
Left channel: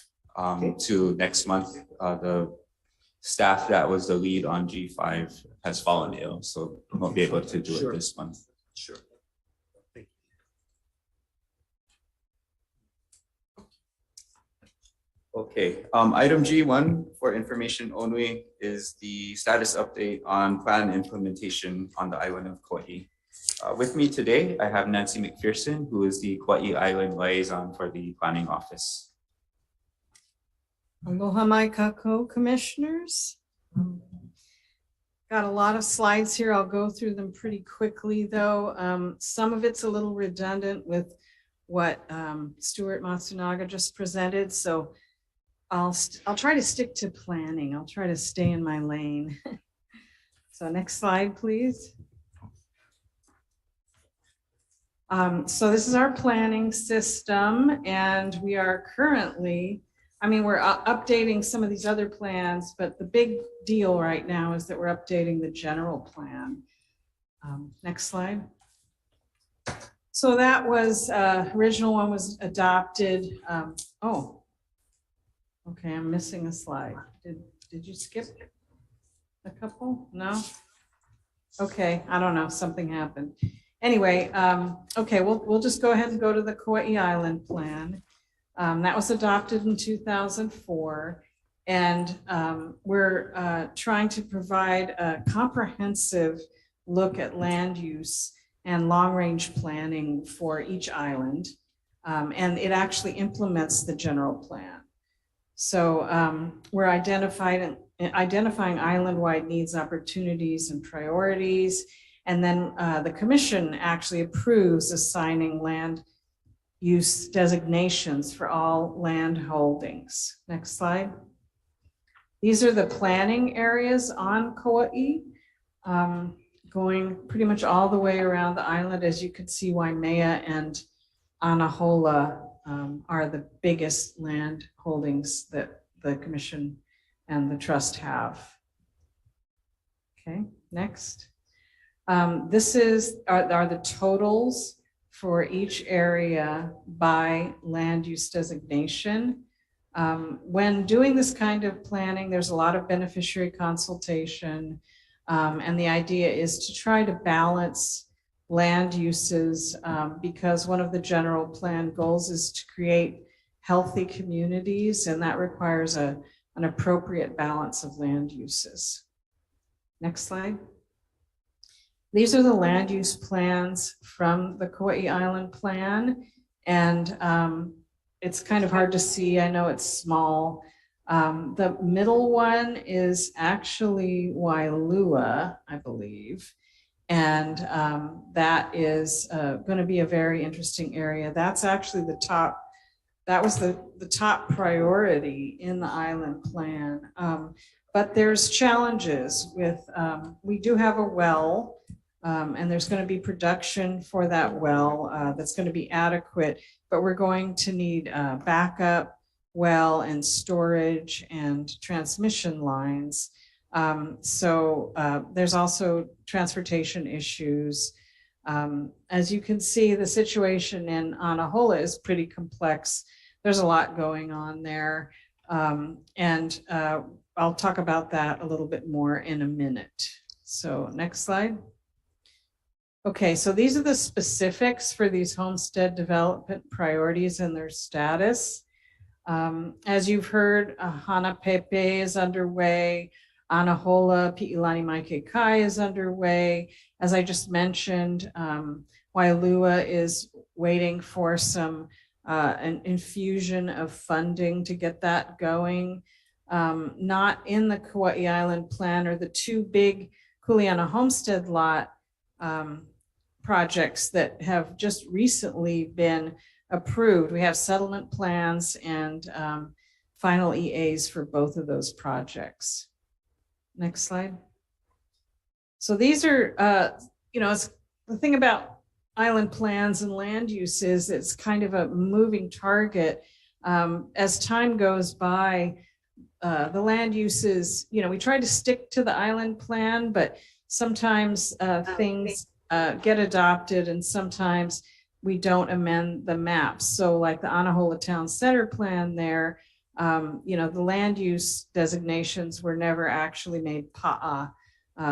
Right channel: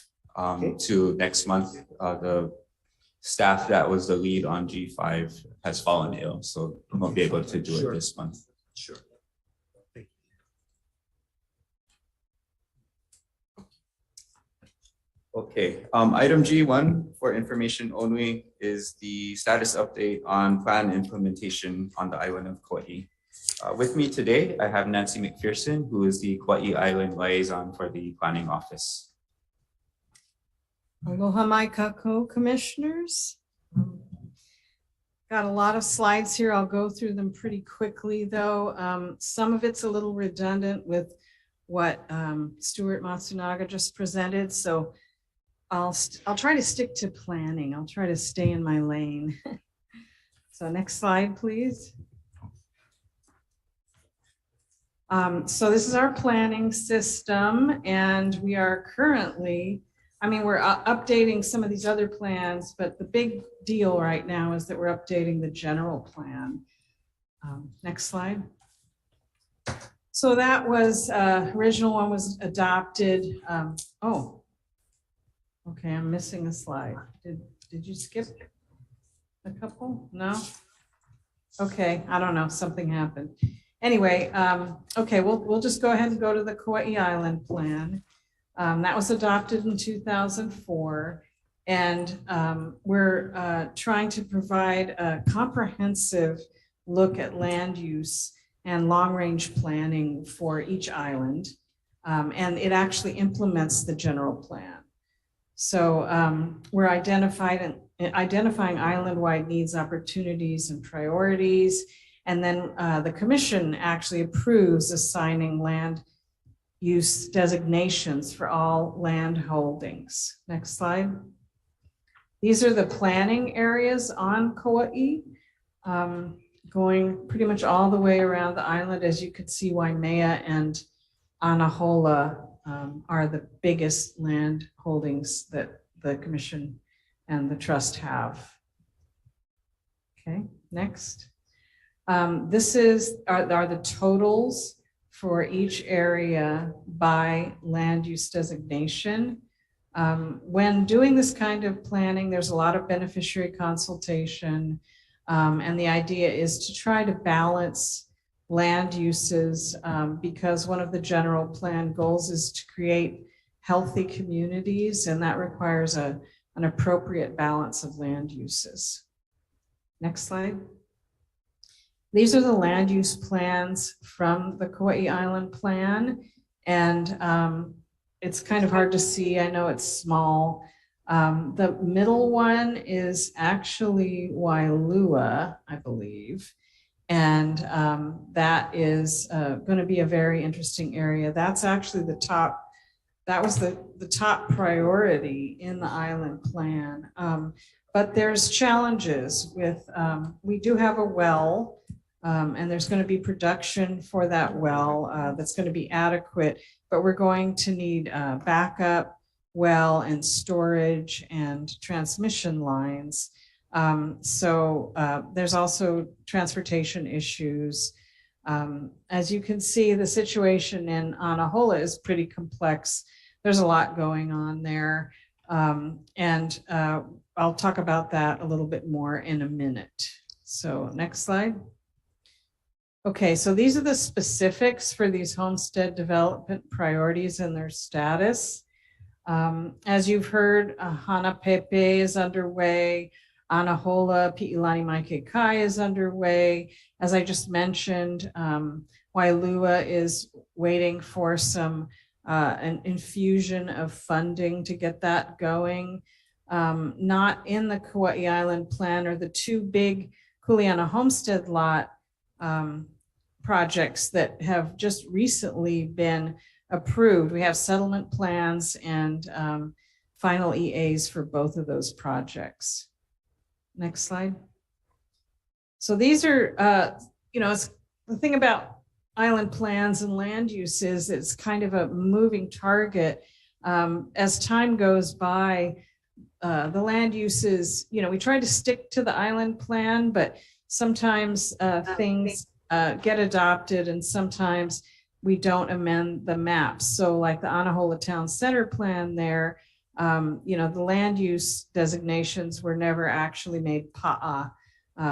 to next month. The staff that was the lead on G5 has fallen ill, so we won't be able to do it this month. Sure. Thank you. Okay, item G1 for information only is the status update on plan implementation on the island of Kauai. With me today, I have Nancy McPherson, who is the Kauai Island Liaison for the Planning Office. Aloha mai kakou, Commissioners. Got a lot of slides here. I'll go through them pretty quickly, though. Some of it's a little redundant with what Stuart Matsunaga just presented, so I'll try to stick to planning. I'll try to stay in my lane. So next slide, please. So this is our planning system, and we are currently, we're updating some of these other plans, but the big deal right now is that we're updating the general plan. Next slide. So that was, original one was adopted. Oh, okay, I'm missing a slide. Did you skip a couple? No? Okay, I don't know, something happened. Anyway, okay, we'll just go ahead and go to the Kauai Island plan. That was adopted in 2004. And we're trying to provide a comprehensive look at land use and long-range planning for each island. And it actually implements the general plan. So we're identifying island-wide needs, opportunities, and priorities. And then the commission actually approves assigning land use designations for all land holdings. Next slide. These are the planning areas on Kauai, going pretty much all the way around the island. As you can see, Waimea and Anahola are the biggest land holdings that the commission and the trust have. Okay, next. This are the totals for each area by land use designation. When doing this kind of planning, there's a lot of beneficiary consultation, and the idea is to try to balance land uses because one of the general plan goals is to create healthy communities, and that requires an appropriate balance of land uses. Next slide. These are the land use plans from the Kauai Island plan, and it's kind of hard to see. I know it's small. The middle one is actually Wailua, I believe. And that is going to be a very interesting area. That's actually the top, that was the top priority in the island plan. But there's challenges with, we do have a well, and there's going to be production for that well that's going to be adequate, but we're going to need backup well and storage and transmission lines. So there's also transportation issues. As you can see, the situation in Anahola is pretty complex. There's a lot going on there. And I'll talk about that a little bit more in a minute. So next slide. Okay, so these are the specifics for these homestead development priorities and their status. As you've heard, Hanapepe is underway. Anahola, Pi'ilani Maikekai is underway. As I just mentioned, Wailua is waiting for an infusion of funding to get that going. Not in the Kauai Island plan are the two big Kuleana homestead lot projects that have just recently been approved. We have settlement plans and final EAs for both of those projects. Next slide. So these are, it's the thing about island plans and land use is it's kind of a moving target. As time goes by, the land uses, we try to stick to the island plan, but sometimes things get adopted and sometimes we don't amend the maps. So like the Anahola Town Center plan there, the land use designations were never actually made pa'a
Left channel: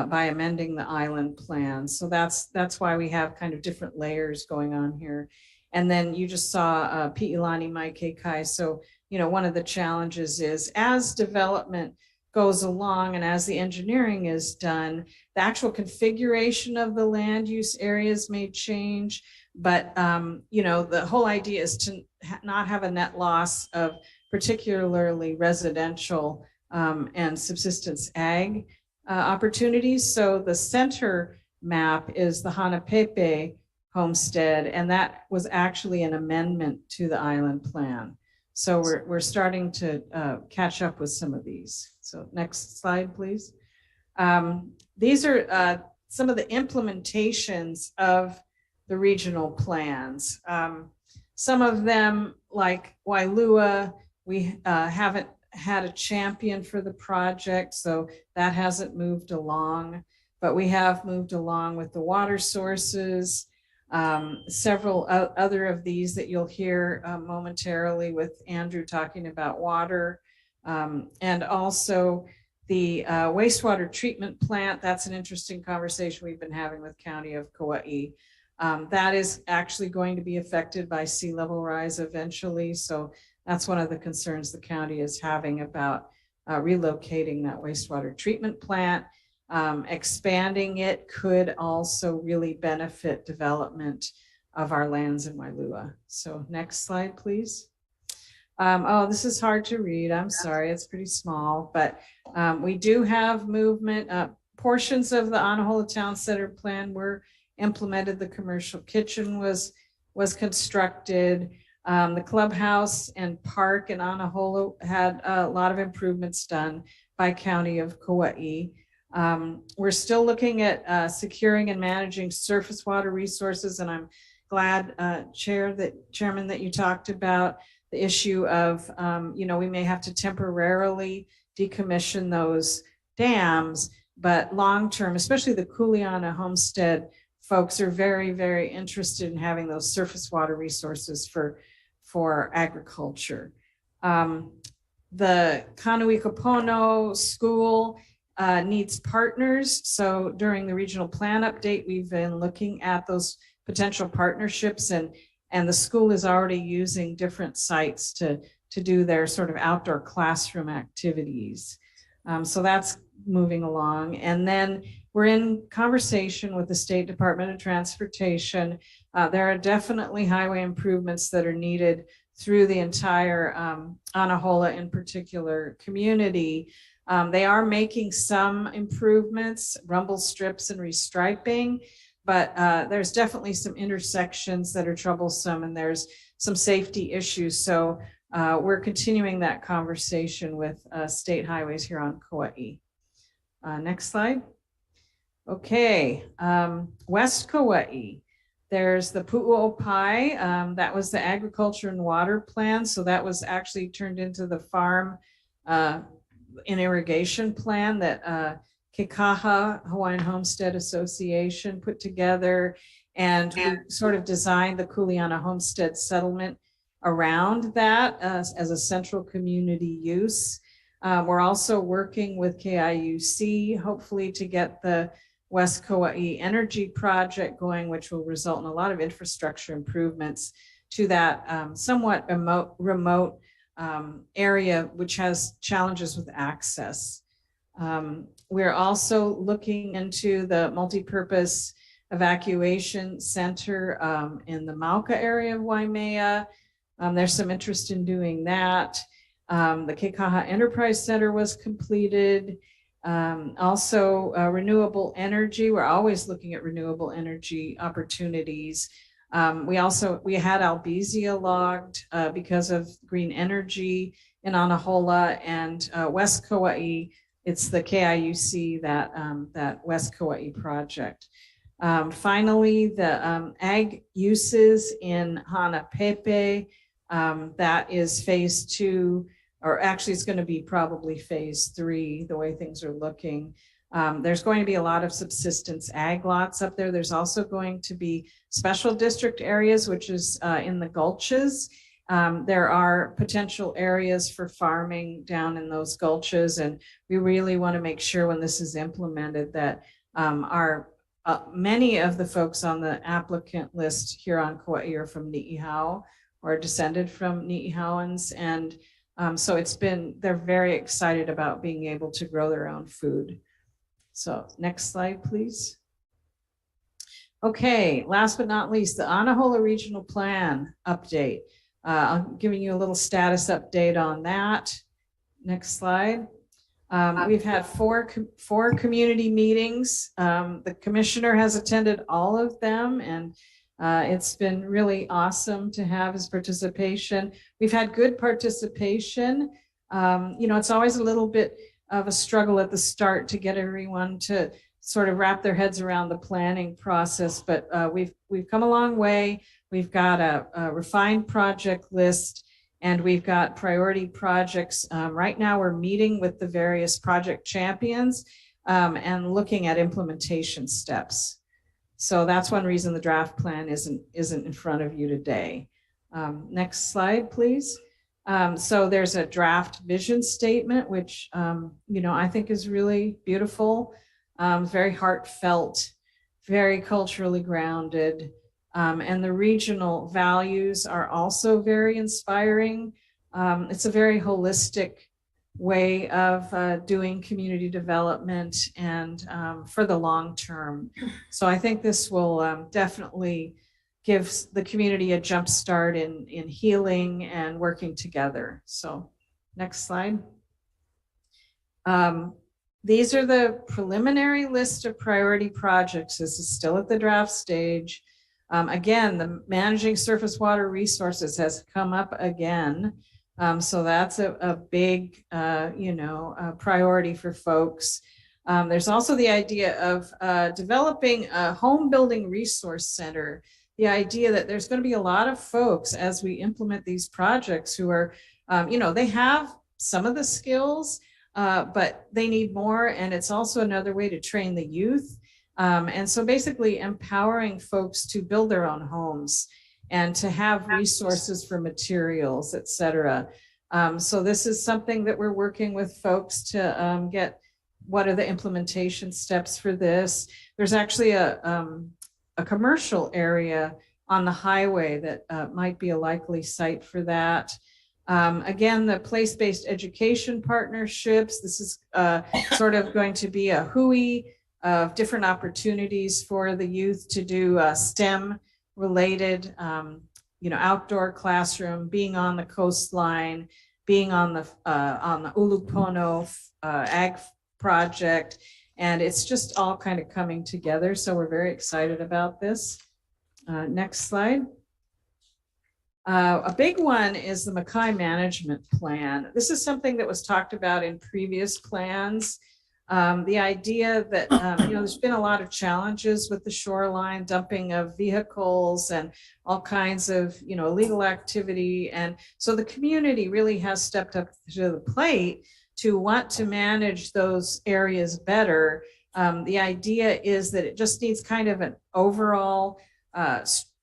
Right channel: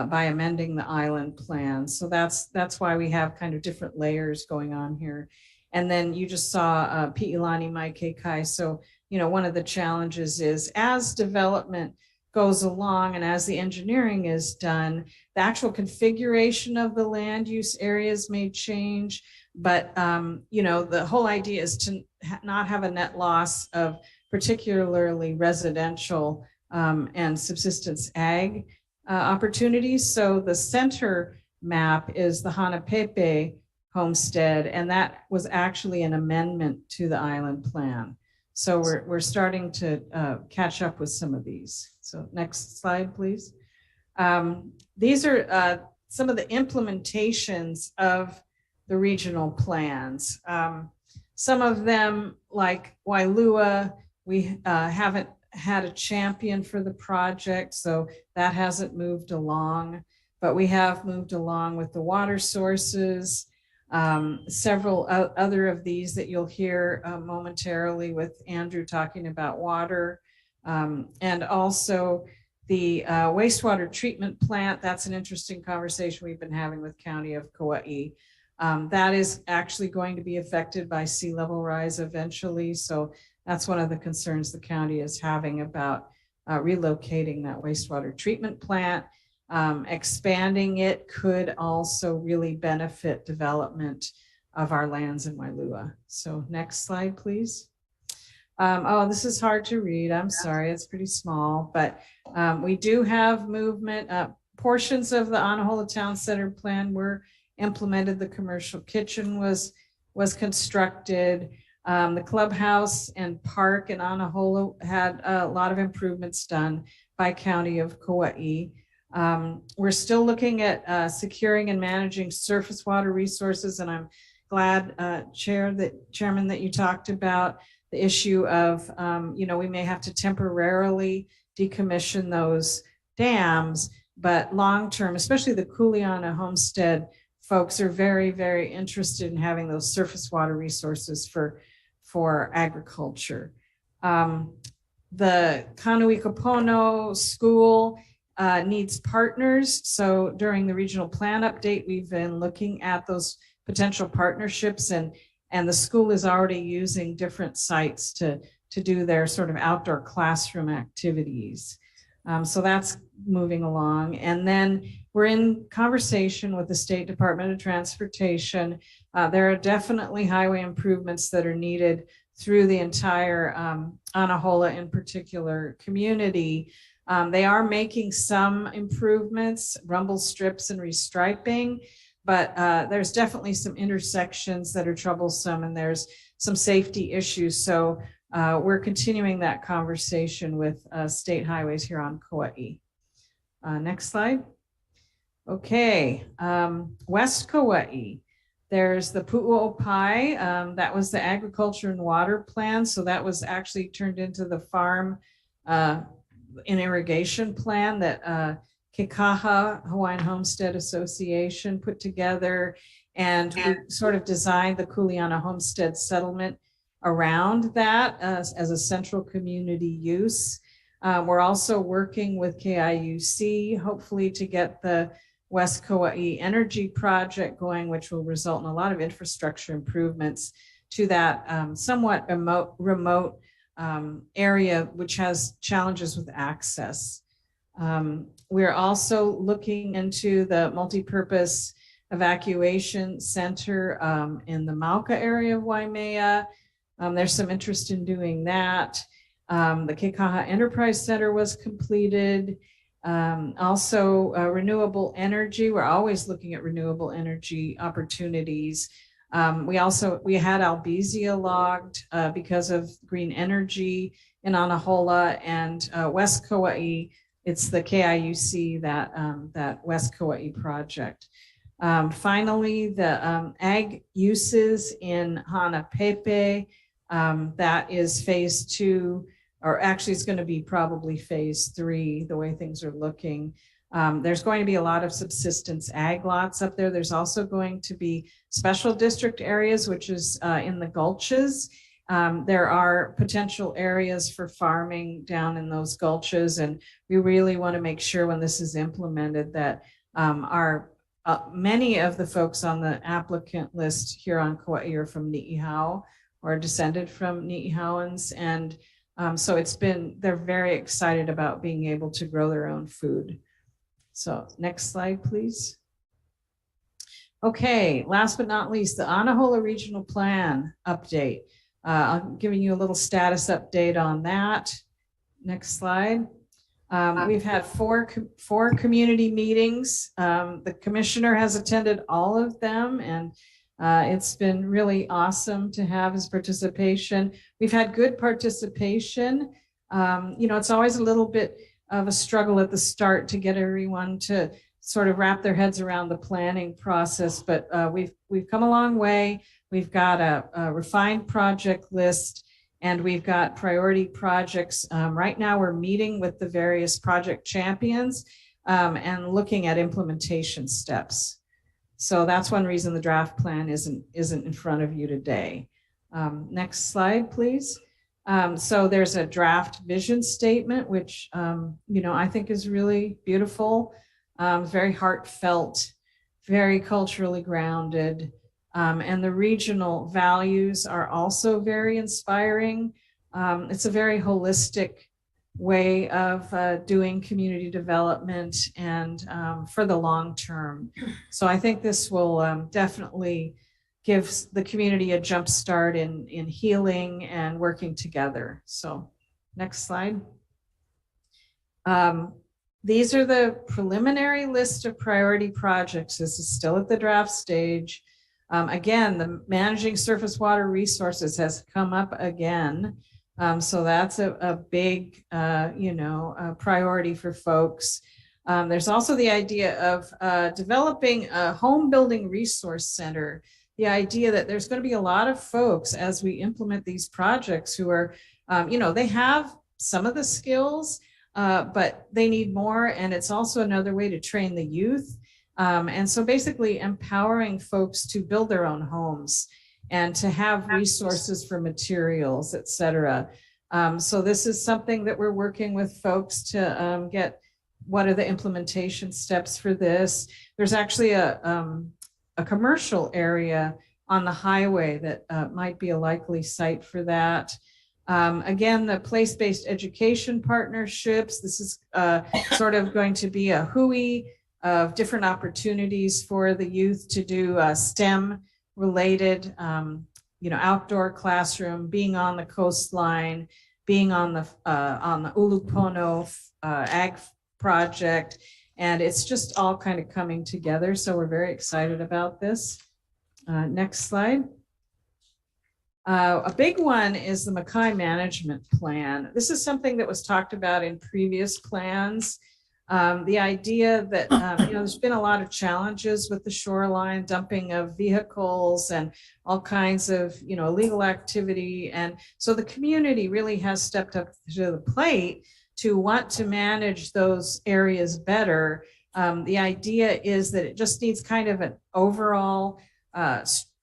by amending the island plan. So that's why we have kind of different layers going on here. And then you just saw Pi'ilani Maikekai. So, one of the challenges is as development goes along and as the engineering is done, the actual configuration of the land use areas may change. But, the whole idea is to not have a net loss of particularly residential and subsistence ag opportunities. So the center map is the Hanapepe homestead, and that was actually an amendment to the island plan. So we're starting to catch up with some of these. So next slide, please. These are some of the implementations of the regional plans. Some of them, like Wailua, we haven't had a champion for the project, so that hasn't moved along, but we have moved along with the water sources, several other of these that you'll hear momentarily with Andrew talking about water, and also the wastewater treatment plant. That's an interesting conversation we've been having with County of Kauai. That is actually going to be affected by sea level rise eventually. So that's one of the concerns the county is having about relocating that wastewater treatment plant. Expanding it could also really benefit development of our lands in Wailua. So next slide, please. Oh, this is hard to read. I'm sorry, it's pretty small, but we do have movement. Portions of the Anahola Town Center plan were implemented. The commercial kitchen was constructed. The clubhouse and park in Anahola had a lot of improvements done by County of Kauai. We're still looking at securing and managing surface water resources, and I'm glad, Chairman, that you talked about the issue of, we may have to temporarily decommission those dams, but long-term, especially the Kuleana Homestead folks are very, very interested in having those surface water resources for agriculture. The Kanui Kapono School needs partners. So during the regional plan update, we've been looking at those potential partnerships, and the school is already using different sites to do their sort of outdoor classroom activities. So that's moving along. And then we're in conversation with the State Department of Transportation. There are definitely highway improvements that are needed through the entire Anahola in particular community. They are making some improvements, rumble strips and restriping, but there's definitely some intersections that are troublesome and there's some safety issues. So we're continuing that conversation with state highways here on Kauai. Next slide. Okay, West Kauai. There's the Pu'uopai, that was the agriculture and water plan. So that was actually turned into the farm and irrigation plan that Kekaha Hawaiian Homestead Association put together. And we sort of designed the Kuleana Homestead settlement around that as a central community use. We're also working with KIUC, hopefully to get the West Kauai Energy Project going, which will result in a lot of infrastructure improvements to that somewhat remote area, which has challenges with access. We're also looking into the multi-purpose evacuation center in the Mauka area of Waimea. There's some interest in doing that. The Kekaha Enterprise Center was completed. Also renewable energy. We're always looking at renewable energy opportunities. We had Albizia logged because of green energy in Anahola, and West Kauai, it's the KIUC that West Kauai project. Finally, the ag uses in Hanapepe, that is phase 2, or actually it's going to be probably phase 3, the way things are looking. There's going to be a lot of subsistence ag lots up there. There's also going to be special district areas, which is in the gulches. There are potential areas for farming down in those gulches, and we really want to make sure when this is implemented that many of the folks on the applicant list here on Kauai are from Ni'ihau or descended from Ni'ihauans, and so they're very excited about being able to grow their own food. So next slide, please. Okay, last but not least, the Anahola Regional Plan update. I'm giving you a little status update on that. Next slide. We've had four community meetings. The commissioner has attended all of them, and it's been really awesome to have his participation. We've had good participation. It's always a little bit of a struggle at the start to get everyone to sort of wrap their heads around the planning process, but we've come a long way. We've got a refined project list, and we've got priority projects. Right now we're meeting with the various project champions and looking at implementation steps. So that's one reason the draft plan isn't in front of you today. Next slide, please. So there's a draft vision statement, which I think is really beautiful, very heartfelt, very culturally grounded. And the regional values are also very inspiring. It's a very holistic way of doing community development and for the long term. So I think this will definitely give the community a jump start in healing and working together. So next slide. These are the preliminary list of priority projects. This is still at the draft stage. Again, the managing surface water resources has come up again. So that's a big, priority for folks. There's also the idea of developing a home building resource center. The idea that there's going to be a lot of folks as we implement these projects who are, they have some of the skills, but they need more. And it's also another way to train the youth. And so basically empowering folks to build their own homes and to have resources for materials, et cetera. So this is something that we're working with folks to get what are the implementation steps for this. There's actually a commercial area on the highway that might be a likely site for that. Again, the place-based education partnerships. This is sort of going to be a HUI of different opportunities for the youth to do STEM related, outdoor classroom, being on the coastline, being on the Ulupono ag project. And it's just all kind of coming together. So we're very excited about this. Next slide. A big one is the Makai Management Plan. This is something that was talked about in previous plans. The idea that, there's been a lot of challenges with the shoreline, dumping of vehicles and all kinds of, illegal activity. And so the community really has stepped up to the plate to want to manage those areas better. The idea is that it just needs kind of an overall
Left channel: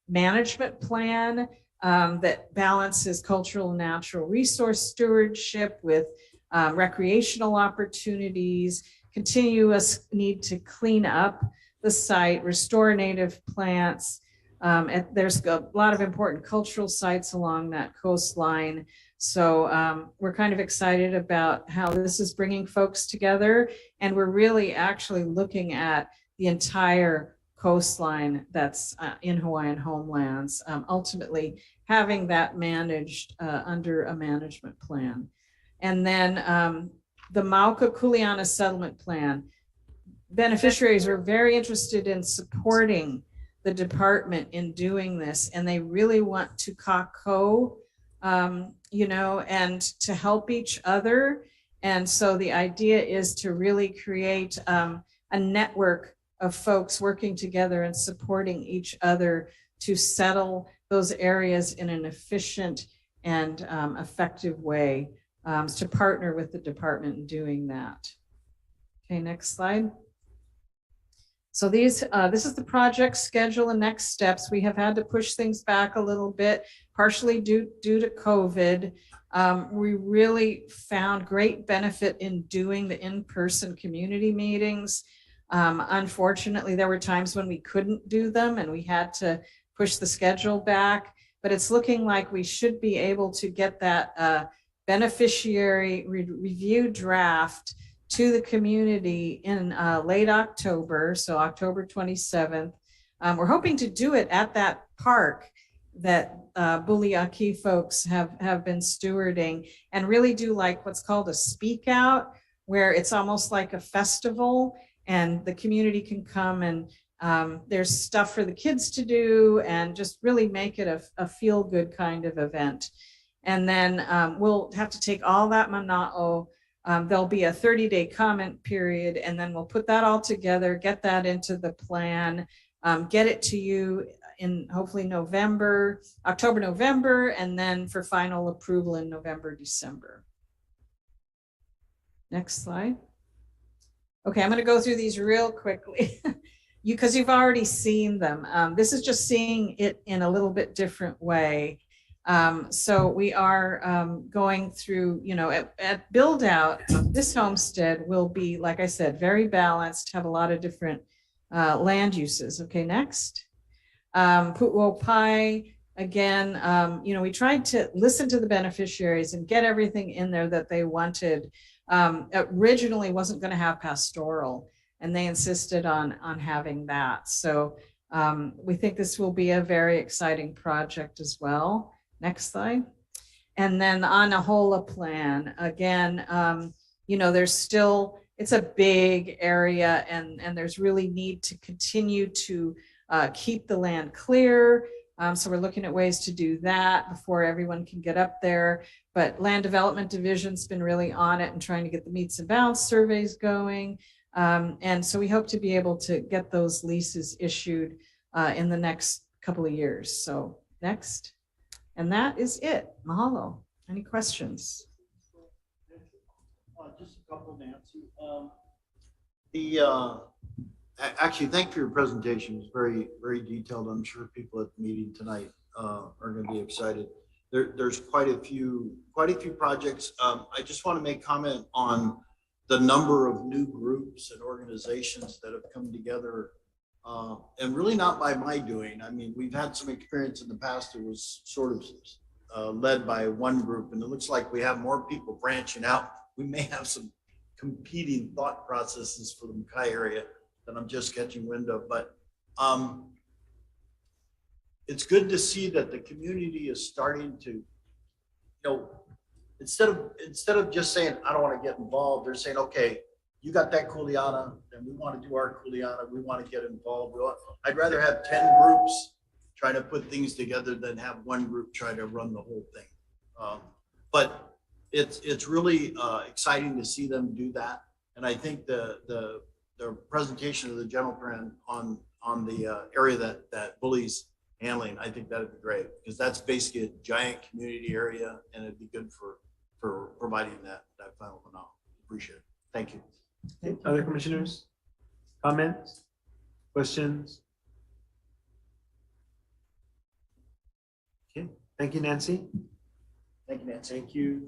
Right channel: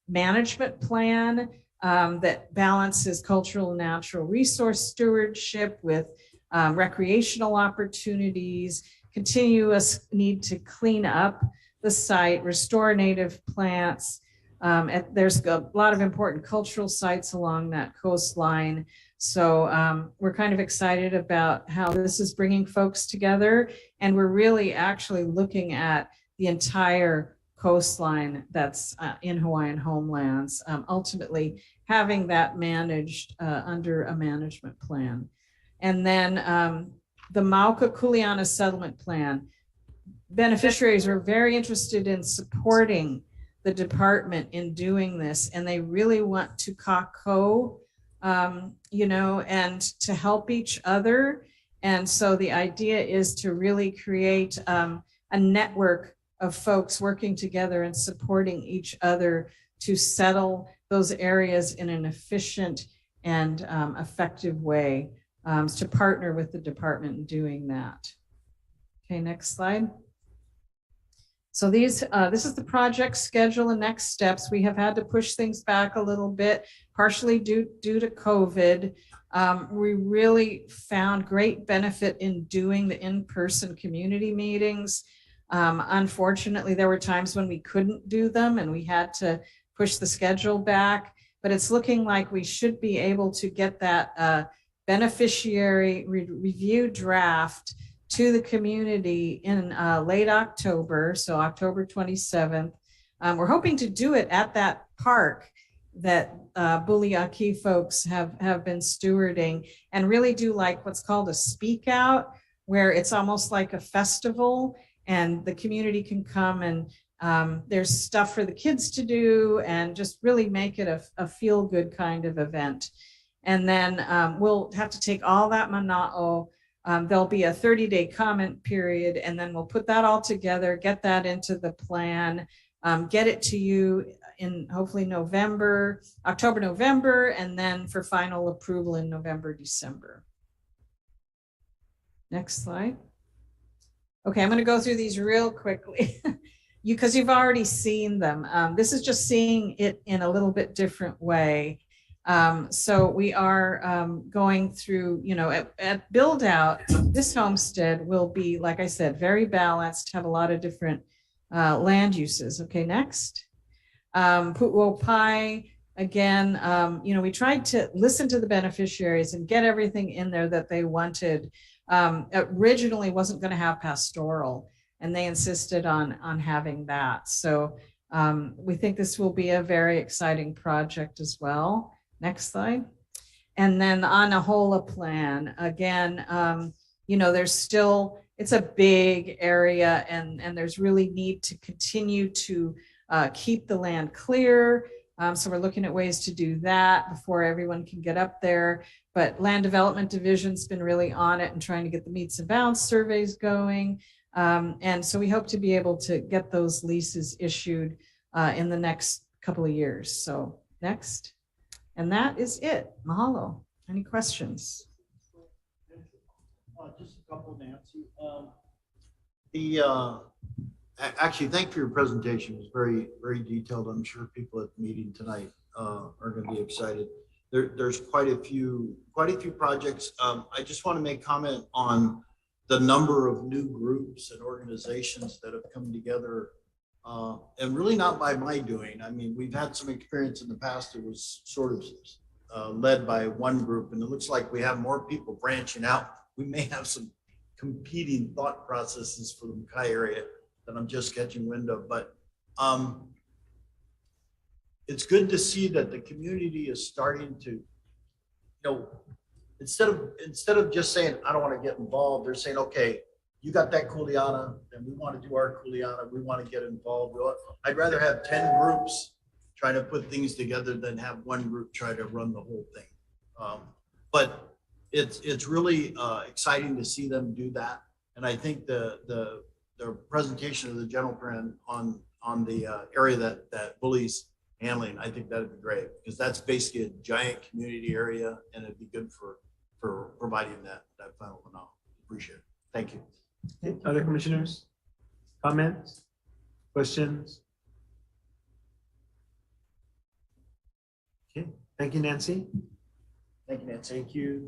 management plan that balances cultural and natural resource stewardship with recreational opportunities, continuous need to clean up the site, restore native plants. There's a lot of important cultural sites along that coastline. So we're kind of excited about how this is bringing folks together. And we're really actually looking at the entire coastline that's in Hawaiian homelands, ultimately having that managed under a management plan. And then the Mauka Kuleana settlement plan. Beneficiaries are very interested in supporting the department in doing this, and they really want to kako, and to help each other. And so the idea is to really create a network of folks working together and supporting each other to settle those areas in an efficient and effective way, to partner with the department in doing that. Okay, next slide. So this is the project schedule and next steps. We have had to push things back a little bit, partially due to COVID. We really found great benefit in doing the in-person community meetings. Unfortunately, there were times when we couldn't do them and we had to push the schedule back, but it's looking like we should be able to get that beneficiary review draft to the community in late October, so October 27th. We're hoping to do it at that park that Buliaki folks have been stewarding, and really do like what's called a speak out, where it's almost like a festival and the community can come and there's stuff for the kids to do and just really make it a feel good kind of event. And then we'll have to take all that mana'o. There'll be a 30-day comment period, and then we'll put that all together, get that into the plan, get it to you in hopefully October, November, and then for final approval in November, December. Next slide. Okay, I'm going to go through these real quickly because you've already seen them. This is just seeing it in a little bit different way. So we are going through, at build out, this homestead will be, like I said, very balanced, have a lot of different land uses. Okay, next. Pu'uopai, again, we tried to listen to the beneficiaries and get everything in there that they wanted. Originally wasn't going to have pastoral, and they insisted on having that. So we think this will be a very exciting project as well. Next slide. And then on a HOLA plan, again, there's still, it's a big area, and there's really need to continue to keep the land clear. So we're looking at ways to do that before everyone can get up there. But Land Development Division's been really on it and trying to get the meets and bounds surveys going. And so we hope to be able to get those leases issued in the next couple of years. So next. And that is it. Mahalo. Any questions? Just a couple, Nancy. Actually, thank you for your presentation. It's very, very detailed. I'm sure people at the meeting tonight are going to be excited. There's quite a few projects. I just want to make comment on the number of new groups and organizations that have come together, and really not by my doing. I mean, we've had some experience in the past. It was sort of led by one group, and it looks like we have more people branching out. We may have some competing thought processes for the Makai area that I'm just catching wind of, but it's good to see that the community is starting to, instead of just saying, I don't want to get involved, they're saying, okay, you got that kuleana, and we want to do our kuleana, we want to get involved. I'd rather have 10 groups trying to put things together than have one group try to run the whole thing. But it's really exciting to see them do that. And I think the presentation of the general plan on the area that Bully's handling, I think that'd be great, because that's basically a giant community area, and it'd be good for providing that final knowledge. Appreciate it. Thank you. Okay. Other commissioners? Comments? Questions? Okay. Thank you, Nancy. Thank you, Nancy. Thank you.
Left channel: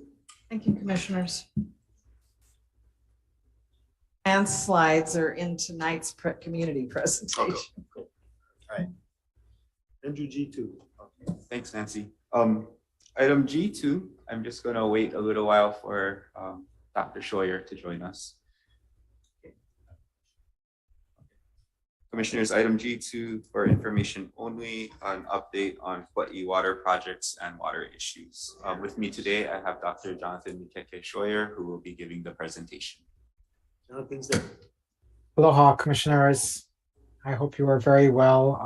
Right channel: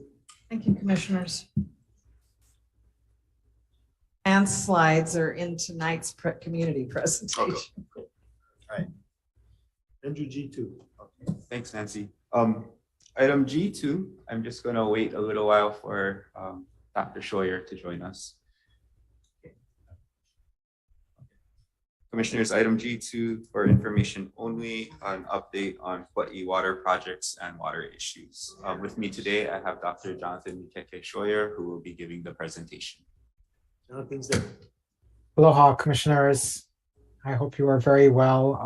Thank you, commissioners. And slides are in tonight's community presentation. Okay. Cool. All right. Andrew G2. Okay. Thanks, Nancy. Item G2, I'm just going to wait a little while for Dr. Scheuer to join us. Commissioners, item G2 for information only, an update on Kauai water projects and water issues. With me today, I have Dr. Jonathan Mikeke Scheuer, who will be giving the presentation. Jonathan's there. Aloha, commissioners. I hope you are very well.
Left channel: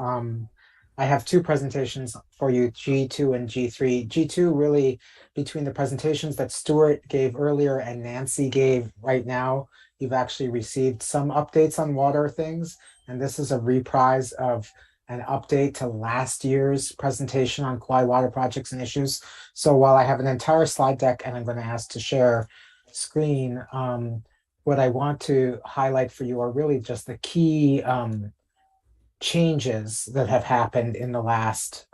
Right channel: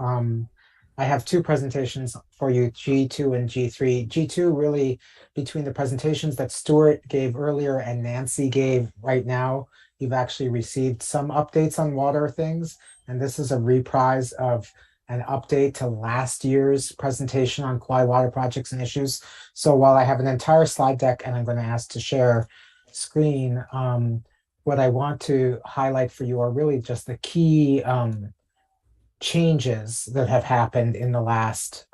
I have two presentations for you, G2 and G3. G2, really between the presentations that Stuart gave earlier and Nancy gave right now, you've actually received some updates on water things. And this is a reprise of an update to last year's presentation on Kauai water projects and issues. So while I have an entire slide deck and I'm going to ask to share screen, what I want to highlight for you are really just the key changes that have happened in the last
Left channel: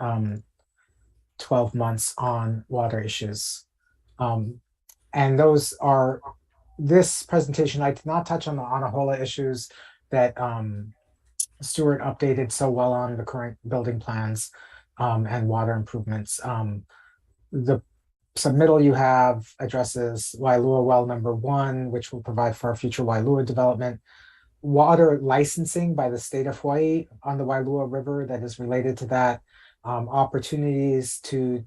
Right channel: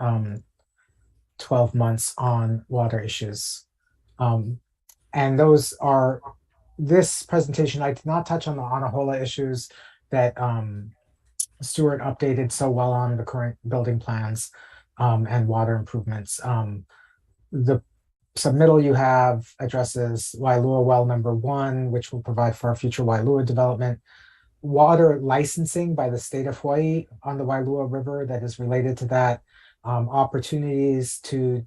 12 months on water issues. And those are, this presentation, I did not touch on the Anahola issues that Stuart updated so well on the current building plans and water improvements. The submittal you have addresses Wailua well number 1, which will provide for our future Wailua development. Water licensing by the state of Hawaii on the Wailua River that is related to that. Opportunities to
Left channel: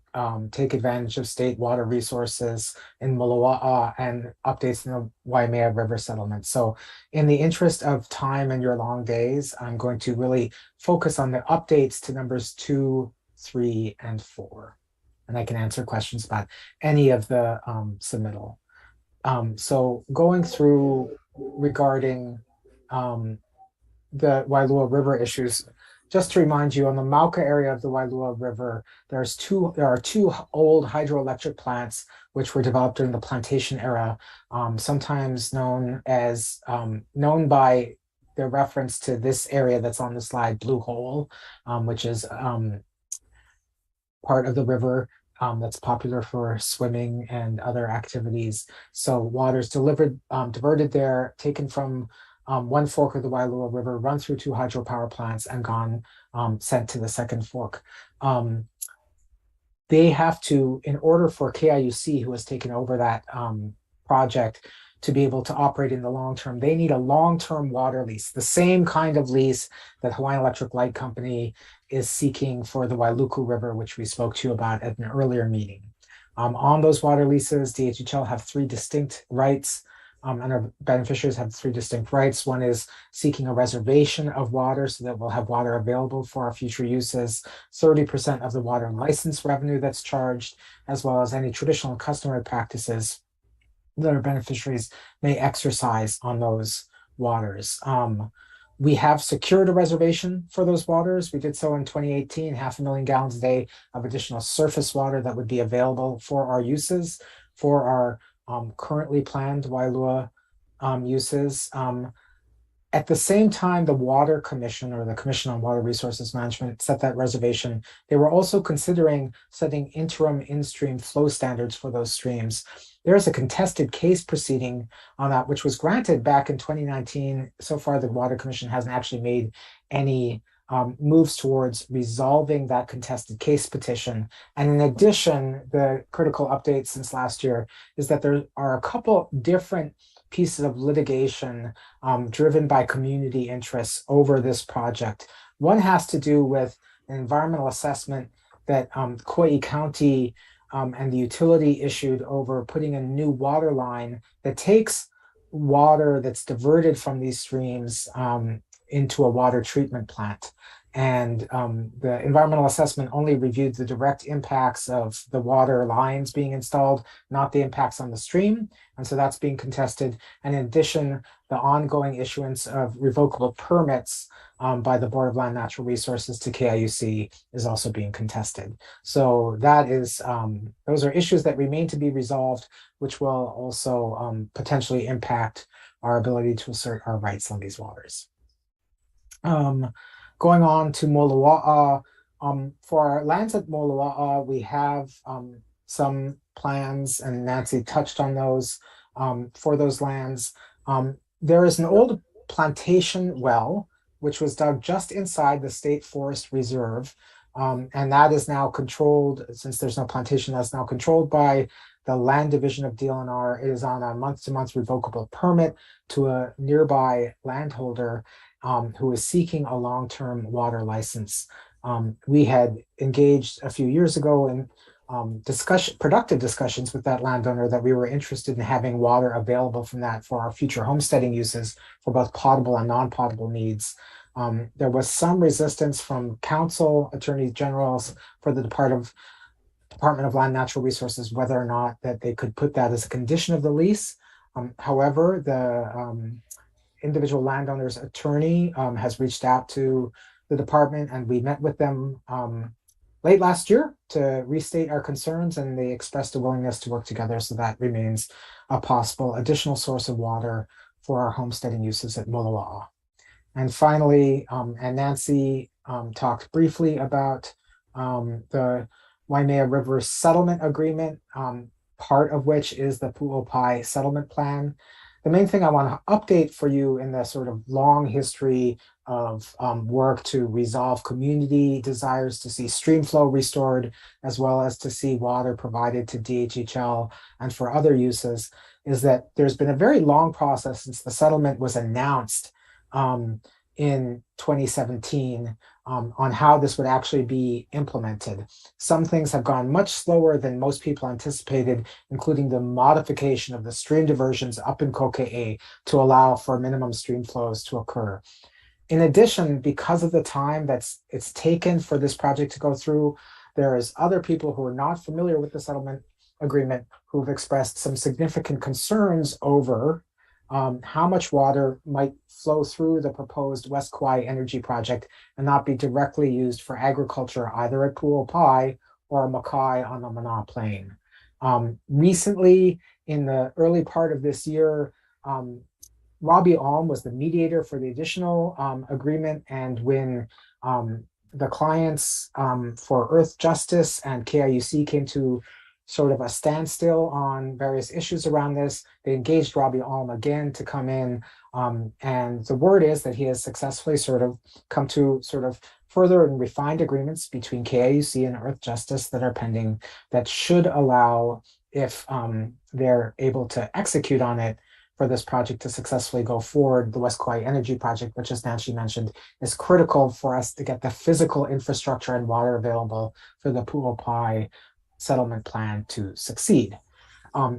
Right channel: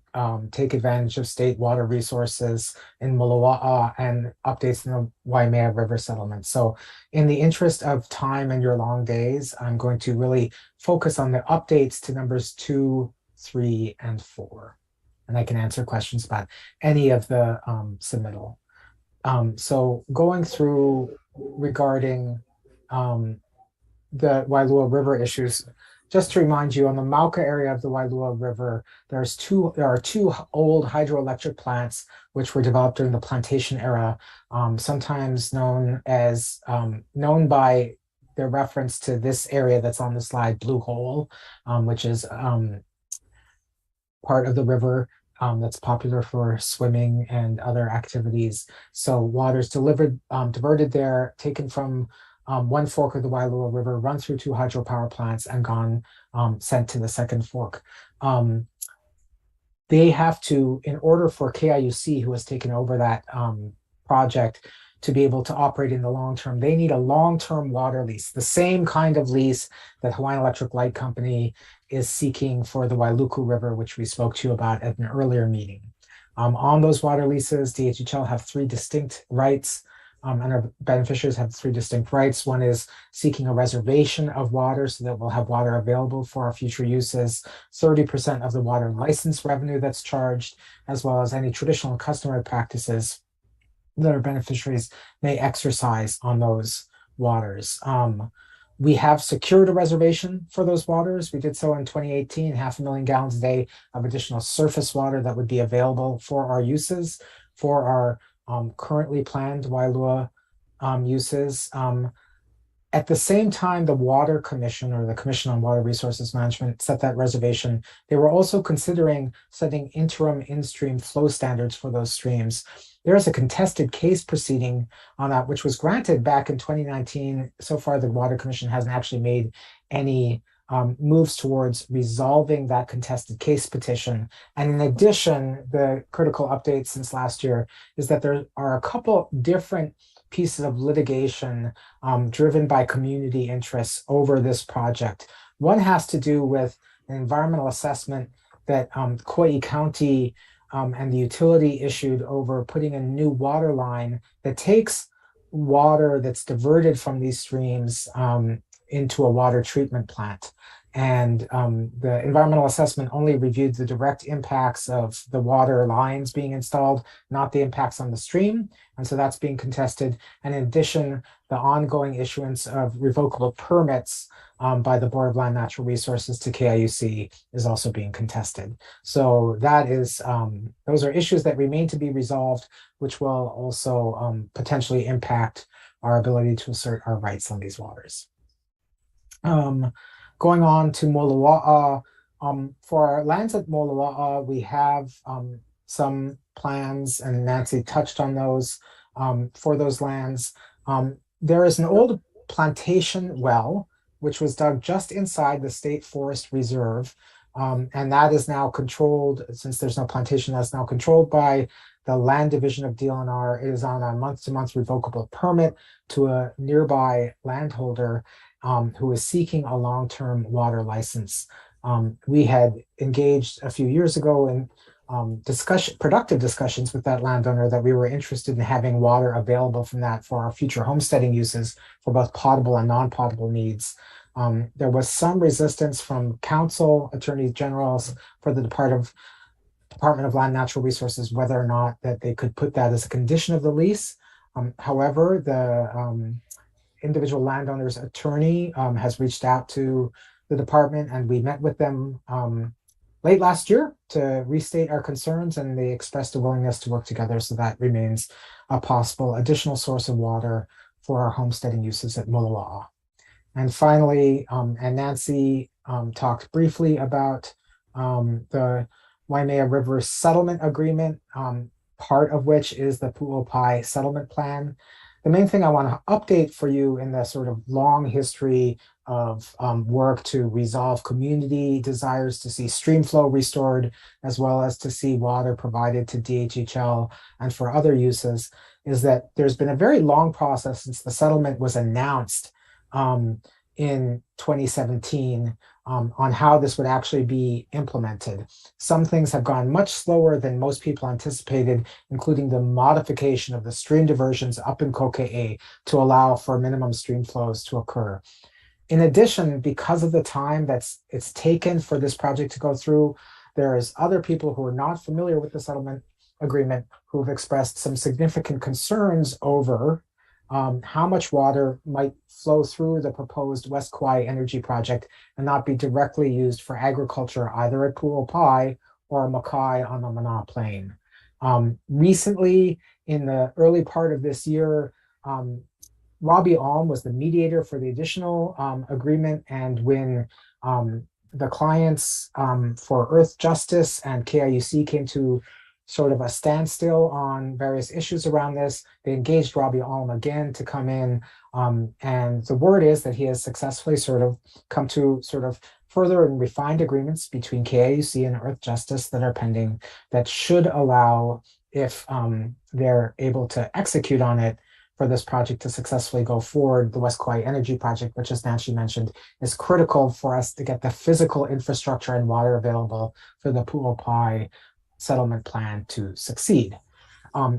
take advantage of state water resources in Moloa'a and updates in the Waimea River settlement. So in the interest of time and your long days, I'm going to really focus on the updates to numbers 2, 3, and 4. And I can answer questions about any of the submittal. So going through regarding the Wailua River issues, just to remind you, on the Mauka area of the Wailua River, there are two old hydroelectric plants which were developed during the plantation era, sometimes known by the reference to this area that's on the slide, Blue Hole, which is part of the river that's popular for swimming and other activities. So water's diverted there, taken from one fork of the Wailua River, run through 2 hydropower plants, and gone sent to the second fork. They have to, in order for KIUC, who has taken over that project, to be able to operate in the long term, they need a long-term water lease, the same kind of lease that Hawaiian Electric Light Company is seeking for the Wailuku River, which we spoke to you about at an earlier meeting. On those water leases, DHHL have 3 distinct rights, and our beneficiaries have 3 distinct rights. One is seeking a reservation of water so that we'll have water available for our future uses, 30% of the water license revenue that's charged, as well as any traditional and customary practices that our beneficiaries may exercise on those waters. We have secured a reservation for those waters. We did so in 2018, 500,000 gallons a day of additional surface water that would be available for our uses, for our currently planned Wailua uses. At the same time, the Water Commission, or the Commission on Water Resources Management, set that reservation. They were also considering setting interim in-stream flow standards for those streams. There is a contested case proceeding on that, which was granted back in 2019. So far, the Water Commission hasn't actually made any moves towards resolving that contested case petition. And in addition, the critical update since last year is that there are a couple different pieces of litigation driven by community interests over this project. One has to do with an environmental assessment that Kauai County and the utility issued over putting a new water line that takes water that's diverted from these streams into a water treatment plant. And the environmental assessment only reviewed the direct impacts of the water lines being installed, not the impacts on the stream. And so that's being contested. And in addition, the ongoing issuance of revocable permits by the Board of Land Natural Resources to KIUC is also being contested. So that is, those are issues that remain to be resolved, which will also potentially impact our ability to assert our rights on these waters. Going on to Moloa'a, for our lands at Moloa'a, we have some plans, and Nancy touched on those for those lands. There is an old plantation well, which was dug just inside the State Forest Reserve, and that is now controlled, since there's no plantation, that's now controlled by the Land Division of DLNR. It is on a month-to-month revocable permit to a nearby landholder who is seeking a long-term water license. We had engaged a few years ago in productive discussions with that landowner that we were interested in having water available from that for our future homesteading uses for both potable and non-potable needs. There was some resistance from council, attorneys generals for the Department of Land Natural Resources, whether or not that they could put that as a condition of the lease. However, the individual landowner's attorney has reached out to the department, and we met with them late last year to restate our concerns, and they expressed a willingness to work together. So that remains a possible additional source of water for our homesteading uses at Moloa'a. And finally, and Nancy talked briefly about the Waimea River Settlement Agreement, part of which is the Pu'opai Settlement Plan. The main thing I want to update for you in the sort of long history of work to resolve community desires to see stream flow restored, as well as to see water provided to DHHL and for other uses, is that there's been a very long process since the settlement was announced in 2017 on how this would actually be implemented. Some things have gone much slower than most people anticipated, including the modification of the stream diversions up in Kokee to allow for minimum stream flows to occur. In addition, because of the time it's taken for this project to go through, there is other people who are not familiar with the settlement agreement who've expressed some significant concerns over how much water might flow through the proposed West Kauai energy project and not be directly used for agriculture either at Pu'opai or Makai on the Mana Plain. Recently, in the early part of this year, Robbie Alm was the mediator for the additional agreement, and when the clients for Earth Justice and KIUC came to sort of a standstill on various issues around this. They engaged Robbie Alm again to come in. And the word is that he has successfully sort of come to sort of further and refined agreements between KIUC and Earth Justice that are pending that should allow, if they're able to execute on it, for this project to successfully go forward. The West Kauai Energy Project, which, as Nancy mentioned, is critical for us to get the physical infrastructure and water available for the Pu'upai settlement plan to succeed.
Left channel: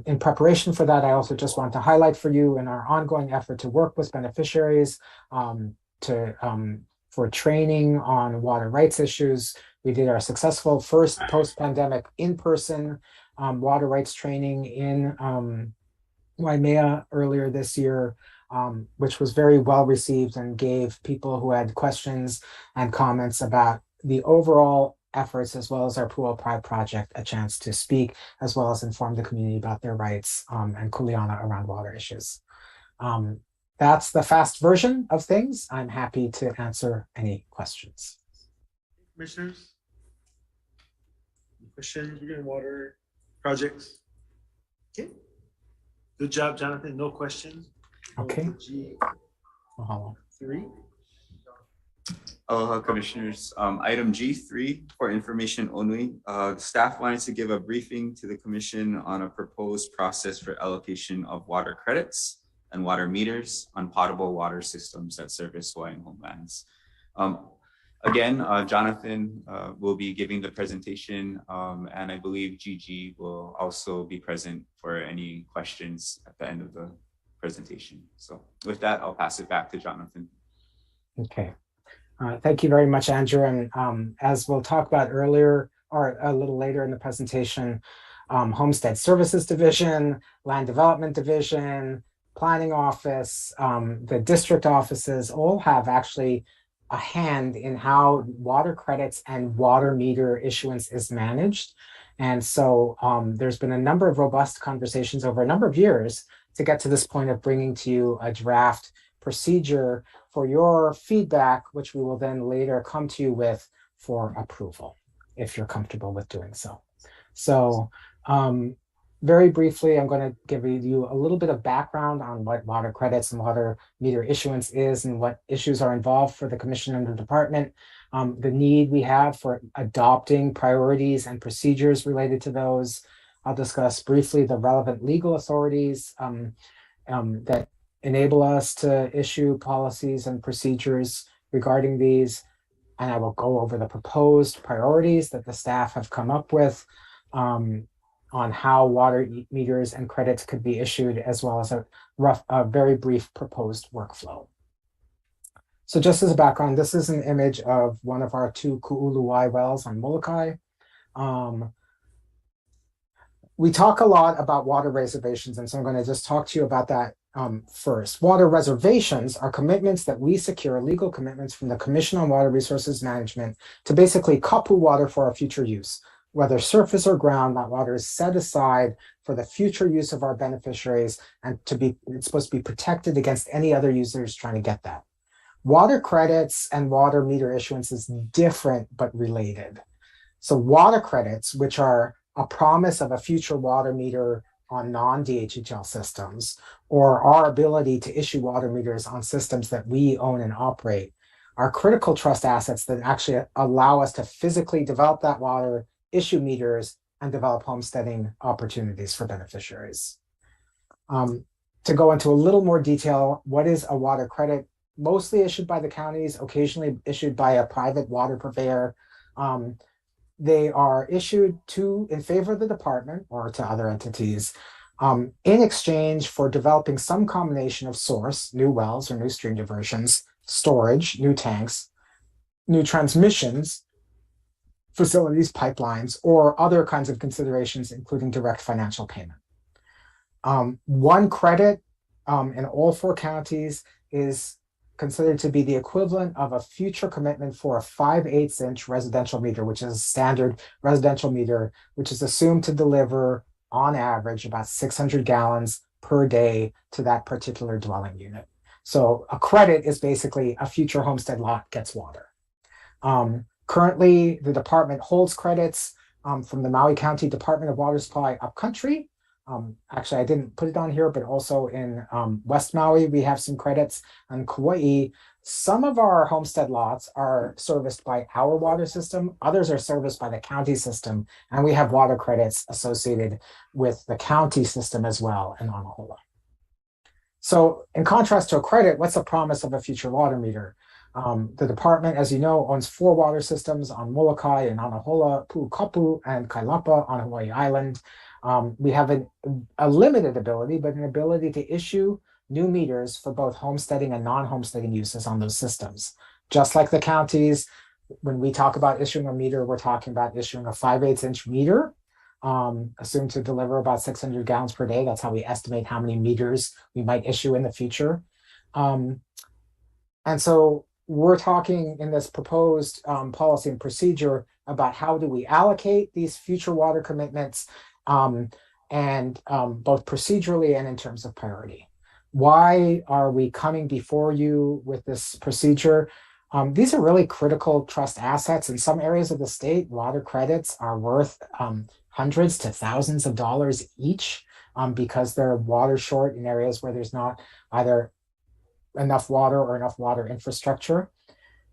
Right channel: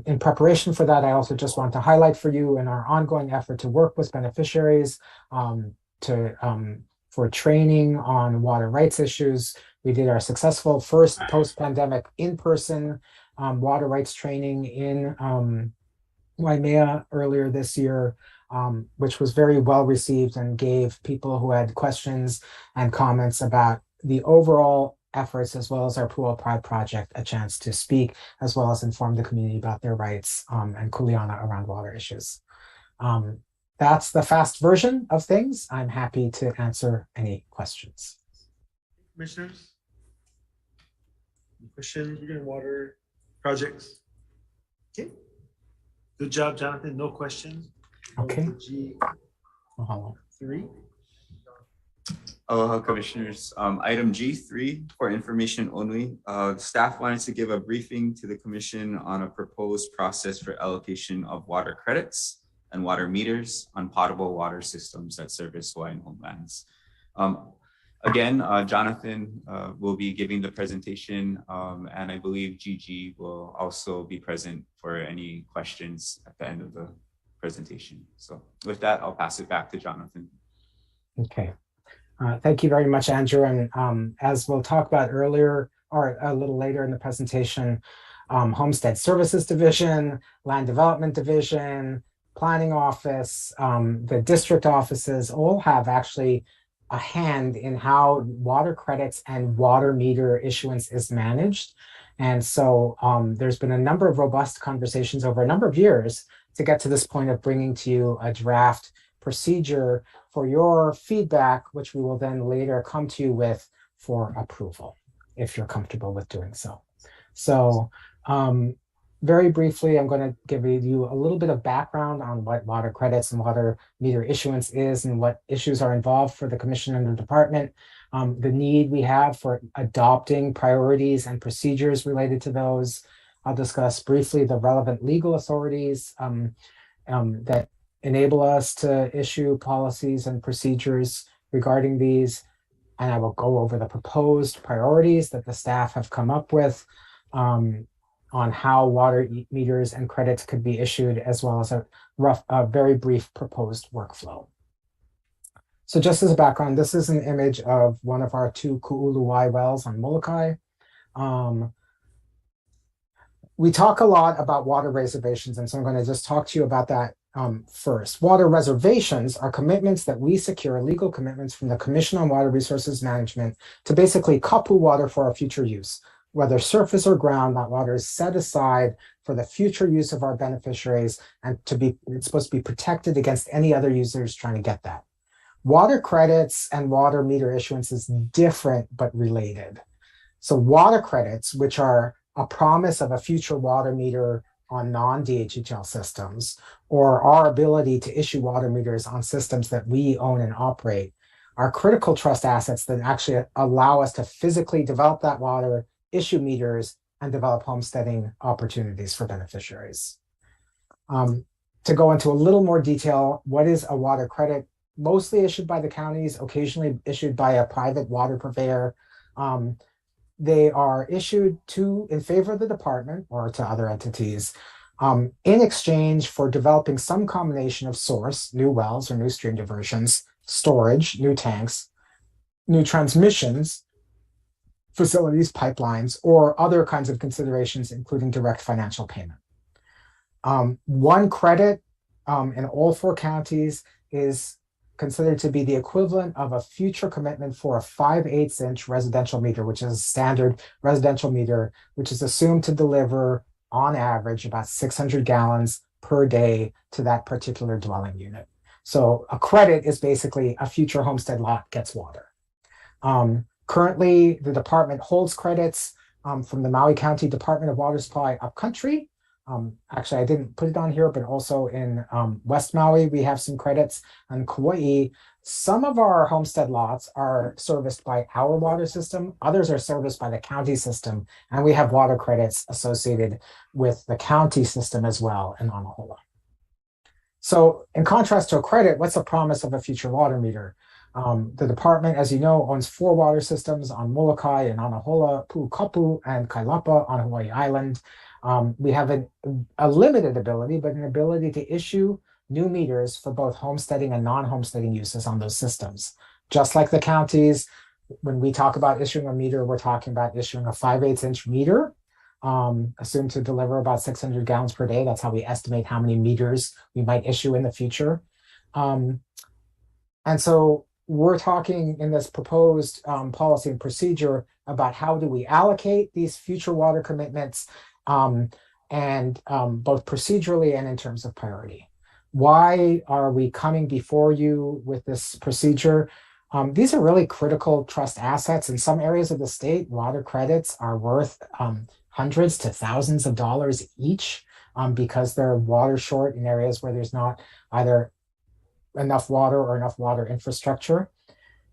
In preparation for that, I also just want to highlight for you in our ongoing effort to work with beneficiaries for training on water rights issues. We did our successful first post-pandemic in-person water rights training in Waimea earlier this year, which was very well received and gave people who had questions and comments about the overall efforts, as well as our Pu'upai project, a chance to speak, as well as inform the community about their rights and kuleana around water issues. That's the fast version of things. I'm happy to answer any questions. Commissioners? Questions regarding water projects? Okay. Good job, Jonathan. No questions. Okay. G3. Aloha, Commissioners. Item G3 for information only. Staff wanted to give a briefing to the Commission on a proposed process for allocation of water credits and water meters on potable water systems that service Hawaiian homelands. Again, Jonathan will be giving the presentation, and I believe Gigi will also be present for any questions at the end of the presentation. So with that, I'll pass it back to Jonathan. Okay. Thank you very much, Andrew. And as we'll talk about earlier or a little later in the presentation, Homestead Services Division, Land Development Division, Planning Office, the district offices all have actually a hand in how water credits and water meter issuance is managed. And so there's been a number of robust conversations over a number of years to get to this point of bringing to you a draft procedure for your feedback, which we will then later come to you with for approval, if you're comfortable with doing so. So very briefly, I'm going to give you a little bit of background on what water credits and water meter issuance is and what issues are involved for the Commission and the Department, the need we have for adopting priorities and procedures related to those. I'll discuss briefly the relevant legal authorities that enable us to issue policies and procedures regarding these. And I will go over the proposed priorities that the staff have come up with on how water meters and credits could be issued, as well as a very brief proposed workflow. So just as a background, this is an image of one of our two Ku'uluwai wells on Molokai. We talk a lot about water reservations, and so I'm going to just talk to you about that first. Water reservations are commitments that we secure, legal commitments from the Commission on Water Resources Management to basically kapu water for our future use. Whether surface or ground, that water is set aside for the future use of our beneficiaries, and it's supposed to be protected against any other users trying to get that. Water credits and water meter issuance is different but related. So water credits, which are a promise of a future water meter on non-DHHL systems, or our ability to issue water meters on systems that we own and operate, are critical trust assets that actually allow us to physically develop that water, issue meters, and develop homesteading opportunities for beneficiaries. To go into a little more detail, what is a water credit? Mostly issued by the counties, occasionally issued by a private water purveyor. They are issued in favor of the department or to other entities in exchange for developing some combination of source, new wells or new stream diversions, storage, new tanks, new transmissions, facilities, pipelines, or other kinds of considerations, including direct financial payment. One credit in all 4 counties is considered to be the equivalent of a future commitment for a 5/8 inch residential meter, which is a standard residential meter, which is assumed to deliver on average about 600 gallons per day to that particular dwelling unit. So a credit is basically a future homestead lot gets water. Currently, the department holds credits from the Maui County Department of Water Supply upcountry. Actually, I didn't put it on here, but also in West Maui, we have some credits. On Kauai, some of our homestead lots are serviced by our water system. Others are serviced by the county system. And we have water credits associated with the county system as well in Anahola. So in contrast to a credit, what's the promise of a future water meter? The department, as you know, owns 4 water systems on Molokai and Anahola, Pu'ukapu, and Kailapa on Hawaii Island. We have a limited ability, but an ability to issue new meters for both homesteading and non-homesteading uses on those systems. Just like the counties, when we talk about issuing a meter, we're talking about issuing a 5/8 inch meter, assumed to deliver about 600 gallons per day. That's how we estimate how many meters we might issue in the future. And so we're talking in this proposed policy and procedure about how do we allocate these future water commitments, and both procedurally and in terms of priority. Why are we coming before you with this procedure? These are really critical trust assets. In some areas of the state, water credits are worth hundreds to thousands of dollars each, because they're water short in areas where there's not either enough water or enough water infrastructure.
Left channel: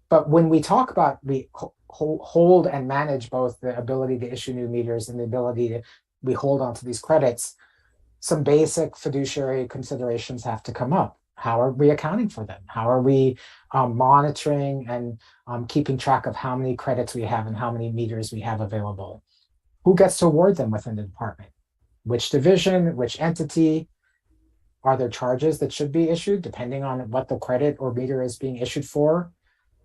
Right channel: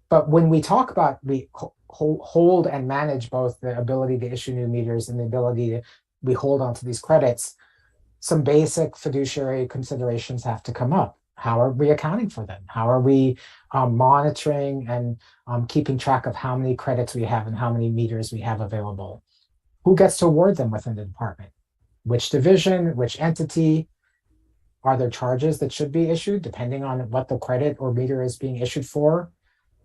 But when we talk about we hold and manage both the ability to issue new meters and the ability to we hold onto these credits, some basic fiduciary considerations have to come up. How are we accounting for them? How are we monitoring and keeping track of how many credits we have and how many meters we have available? Who gets to award them within the department? Which division, which entity? Are there charges that should be issued depending on what the credit or meter is being issued for?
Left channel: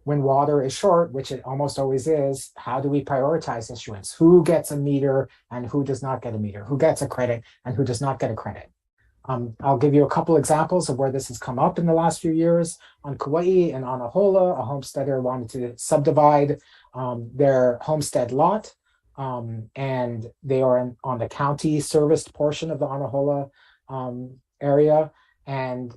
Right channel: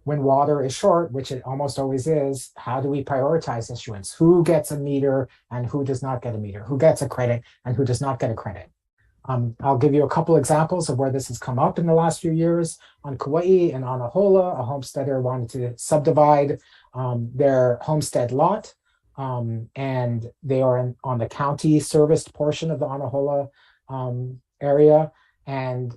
When water is short, which it almost always is, how do we prioritize issuance? Who gets a meter and who does not get a meter? Who gets a credit and who does not get a credit? I'll give you a couple examples of where this has come up in the last few years. On Kauai and Anahola, a homesteader wanted to subdivide their homestead lot, and they are on the county serviced portion of the Anahola area. And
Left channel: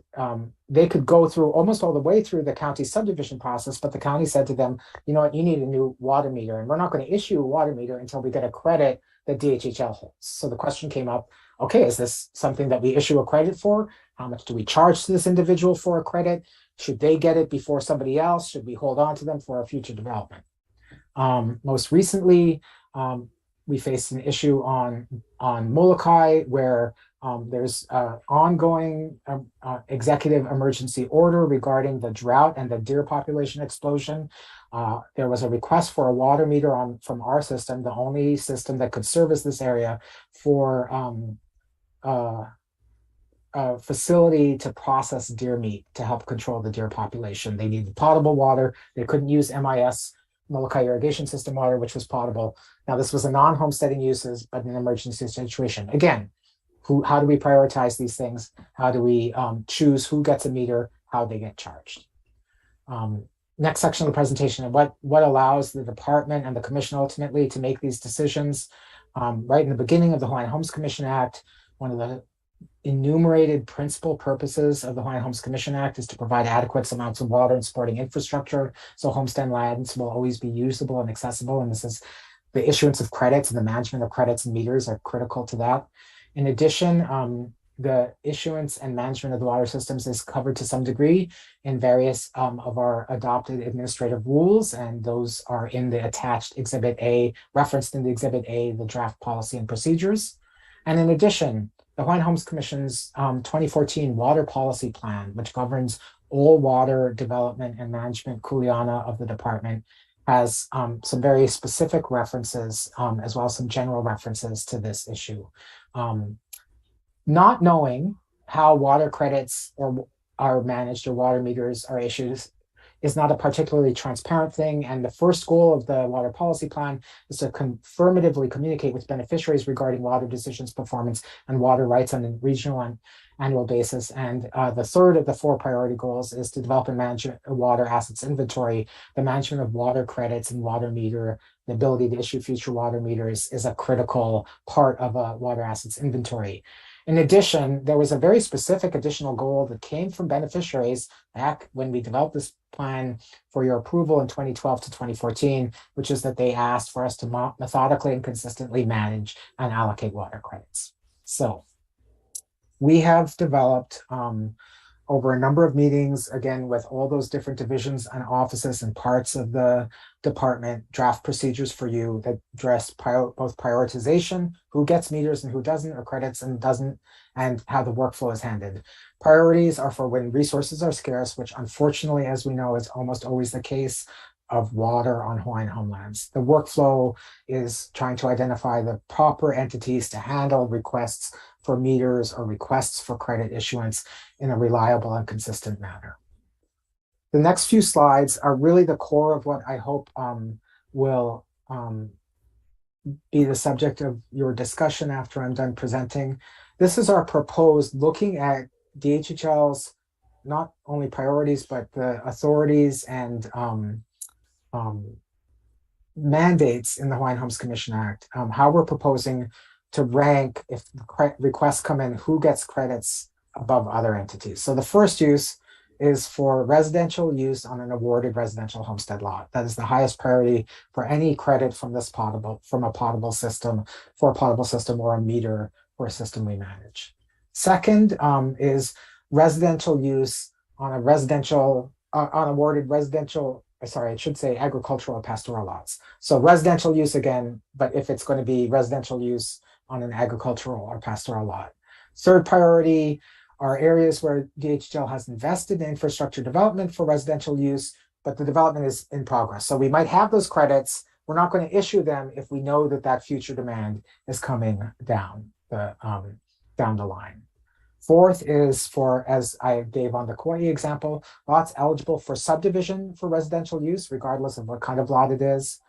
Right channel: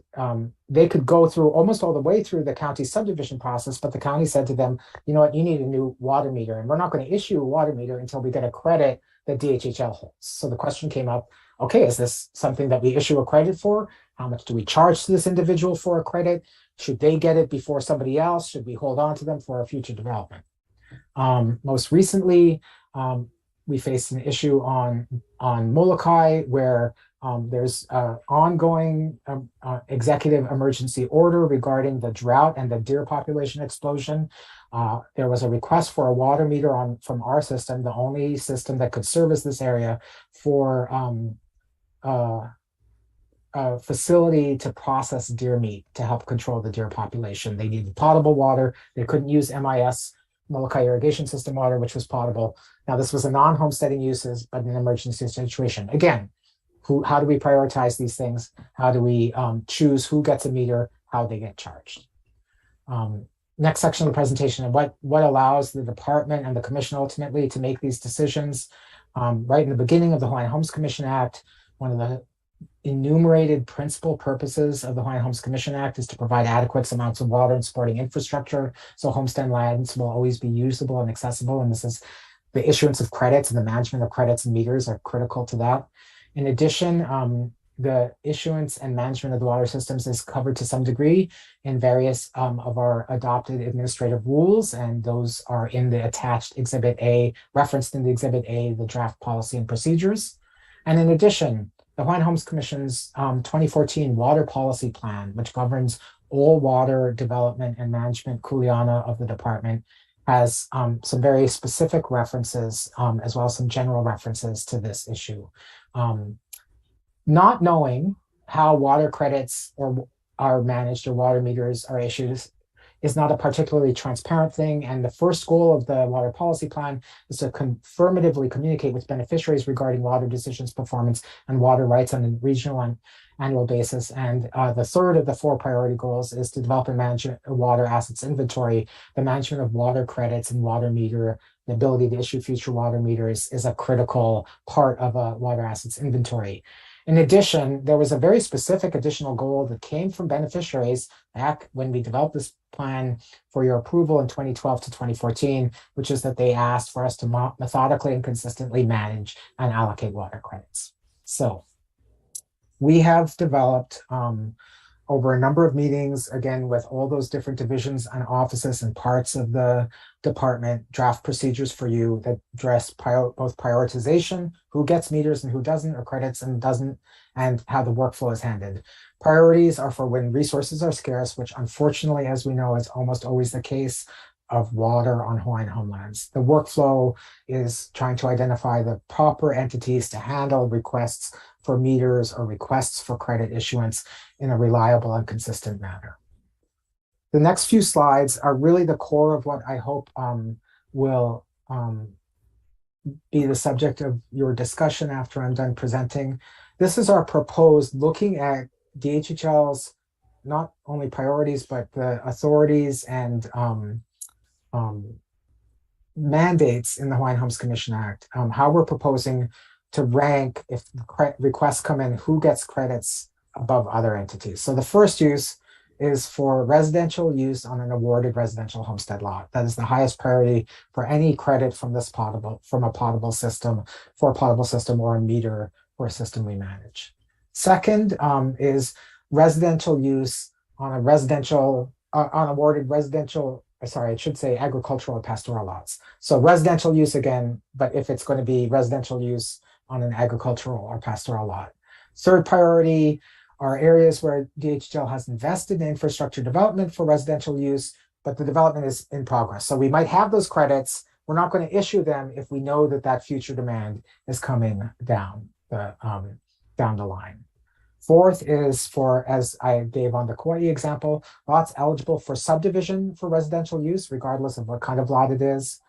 they could go through almost all the way through the county subdivision process, but the county said to them, you know what, you need a new water meter, and we're not going to issue a water meter until we get a credit that DHHL holds. So the question came up, okay, is this something that we issue a credit for? How much do we charge to this individual for a credit? Should they get it before somebody else? Should we hold on to them for a future development? Most recently, we faced an issue on Molokai where there's an ongoing executive emergency order regarding the drought and the deer population explosion. There was a request for a water meter from our system, the only system that could service this area, for a facility to process deer meat to help control the deer population. They needed potable water. They couldn't use MIS, Molokai irrigation system water, which was potable. Now, this was a non-homesteading uses, but an emergency situation. Again, how do we prioritize these things? How do we choose who gets a meter, how they get charged? Next section of the presentation, what allows the department and the commission ultimately to make these decisions. Right in the beginning of the Hawaiian Homes Commission Act, one of the enumerated principal purposes of the Hawaiian Homes Commission Act is to provide adequate amounts of water and supporting infrastructure, so homestead lands will always be usable and accessible. And this is the issuance of credits and the management of credits and meters are critical to that. In addition, the issuance and management of the water systems is covered to some degree in various of our adopted administrative rules, and those are in the attached Exhibit A, referenced in the Exhibit A, the draft policy and procedures. And in addition, the Hawaiian Homes Commission's 2014 Water Policy Plan, which governs all water development and management kuleana of the department, has some very specific references, as well as some general references to this issue. Not knowing how water credits are managed or water meters are issued is not a particularly transparent thing. And the first goal of the water policy plan is to confirmatively communicate with beneficiaries regarding water decisions, performance, and water rights on a regional and annual basis. And the third of the 4 priority goals is to develop and manage a water assets inventory. The management of water credits and water meter, the ability to issue future water meters is a critical part of a water assets inventory. In addition, there was a very specific additional goal that came from beneficiaries back when we developed this plan for your approval in 2012 to 2014, which is that they asked for us to methodically and consistently manage and allocate water credits. So we have developed over a number of meetings, again, with all those different divisions and offices and parts of the department, draft procedures for you that address both prioritization, who gets meters and who doesn't, or credits and doesn't, and how the workflow is handled. Priorities are for when resources are scarce, which unfortunately, as we know, is almost always the case of water on Hawaiian homelands. The workflow is trying to identify the proper entities to handle requests for meters or requests for credit issuance in a reliable and consistent manner. The next few slides are really the core of what I hope will be the subject of your discussion after I'm done presenting. This is our proposed looking at DHHL's not only priorities, but the authorities and mandates in the Hawaiian Homes Commission Act, how we're proposing to rank if requests come in, who gets credits above other entities. So the first use is for residential use on an awarded residential homestead lot. That is the highest priority for any credit from this from a potable system, for a potable system or a meter for a system we manage. Second is residential use on a on awarded residential, sorry, I should say agricultural or pastoral lots. So residential use again, but if it's going to be residential use on an agricultural or pastoral lot. Third priority are areas where DHL has invested in infrastructure development for residential use, but the development is in progress. So we might have those credits. We're not going to issue them if we know that that future demand is coming down the line. Fourth is for, as I gave on the Kauai example, lots eligible for subdivision for residential use, regardless of what kind of lot it is.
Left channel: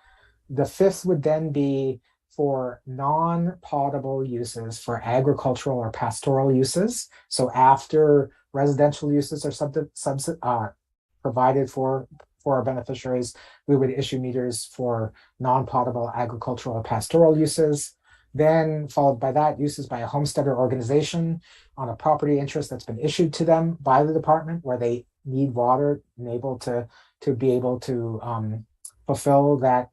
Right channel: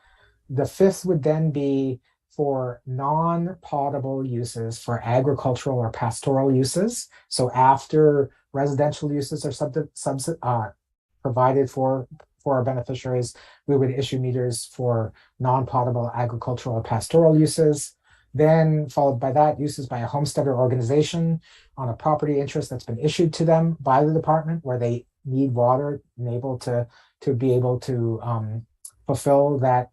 The fifth would then be for non-potable uses for agricultural or pastoral uses. So after residential uses are provided for our beneficiaries, we would issue meters for non-potable agricultural or pastoral uses. Then followed by that, uses by a homesteader organization on a property interest that's been issued to them by the department where they need water and able to be able to fulfill that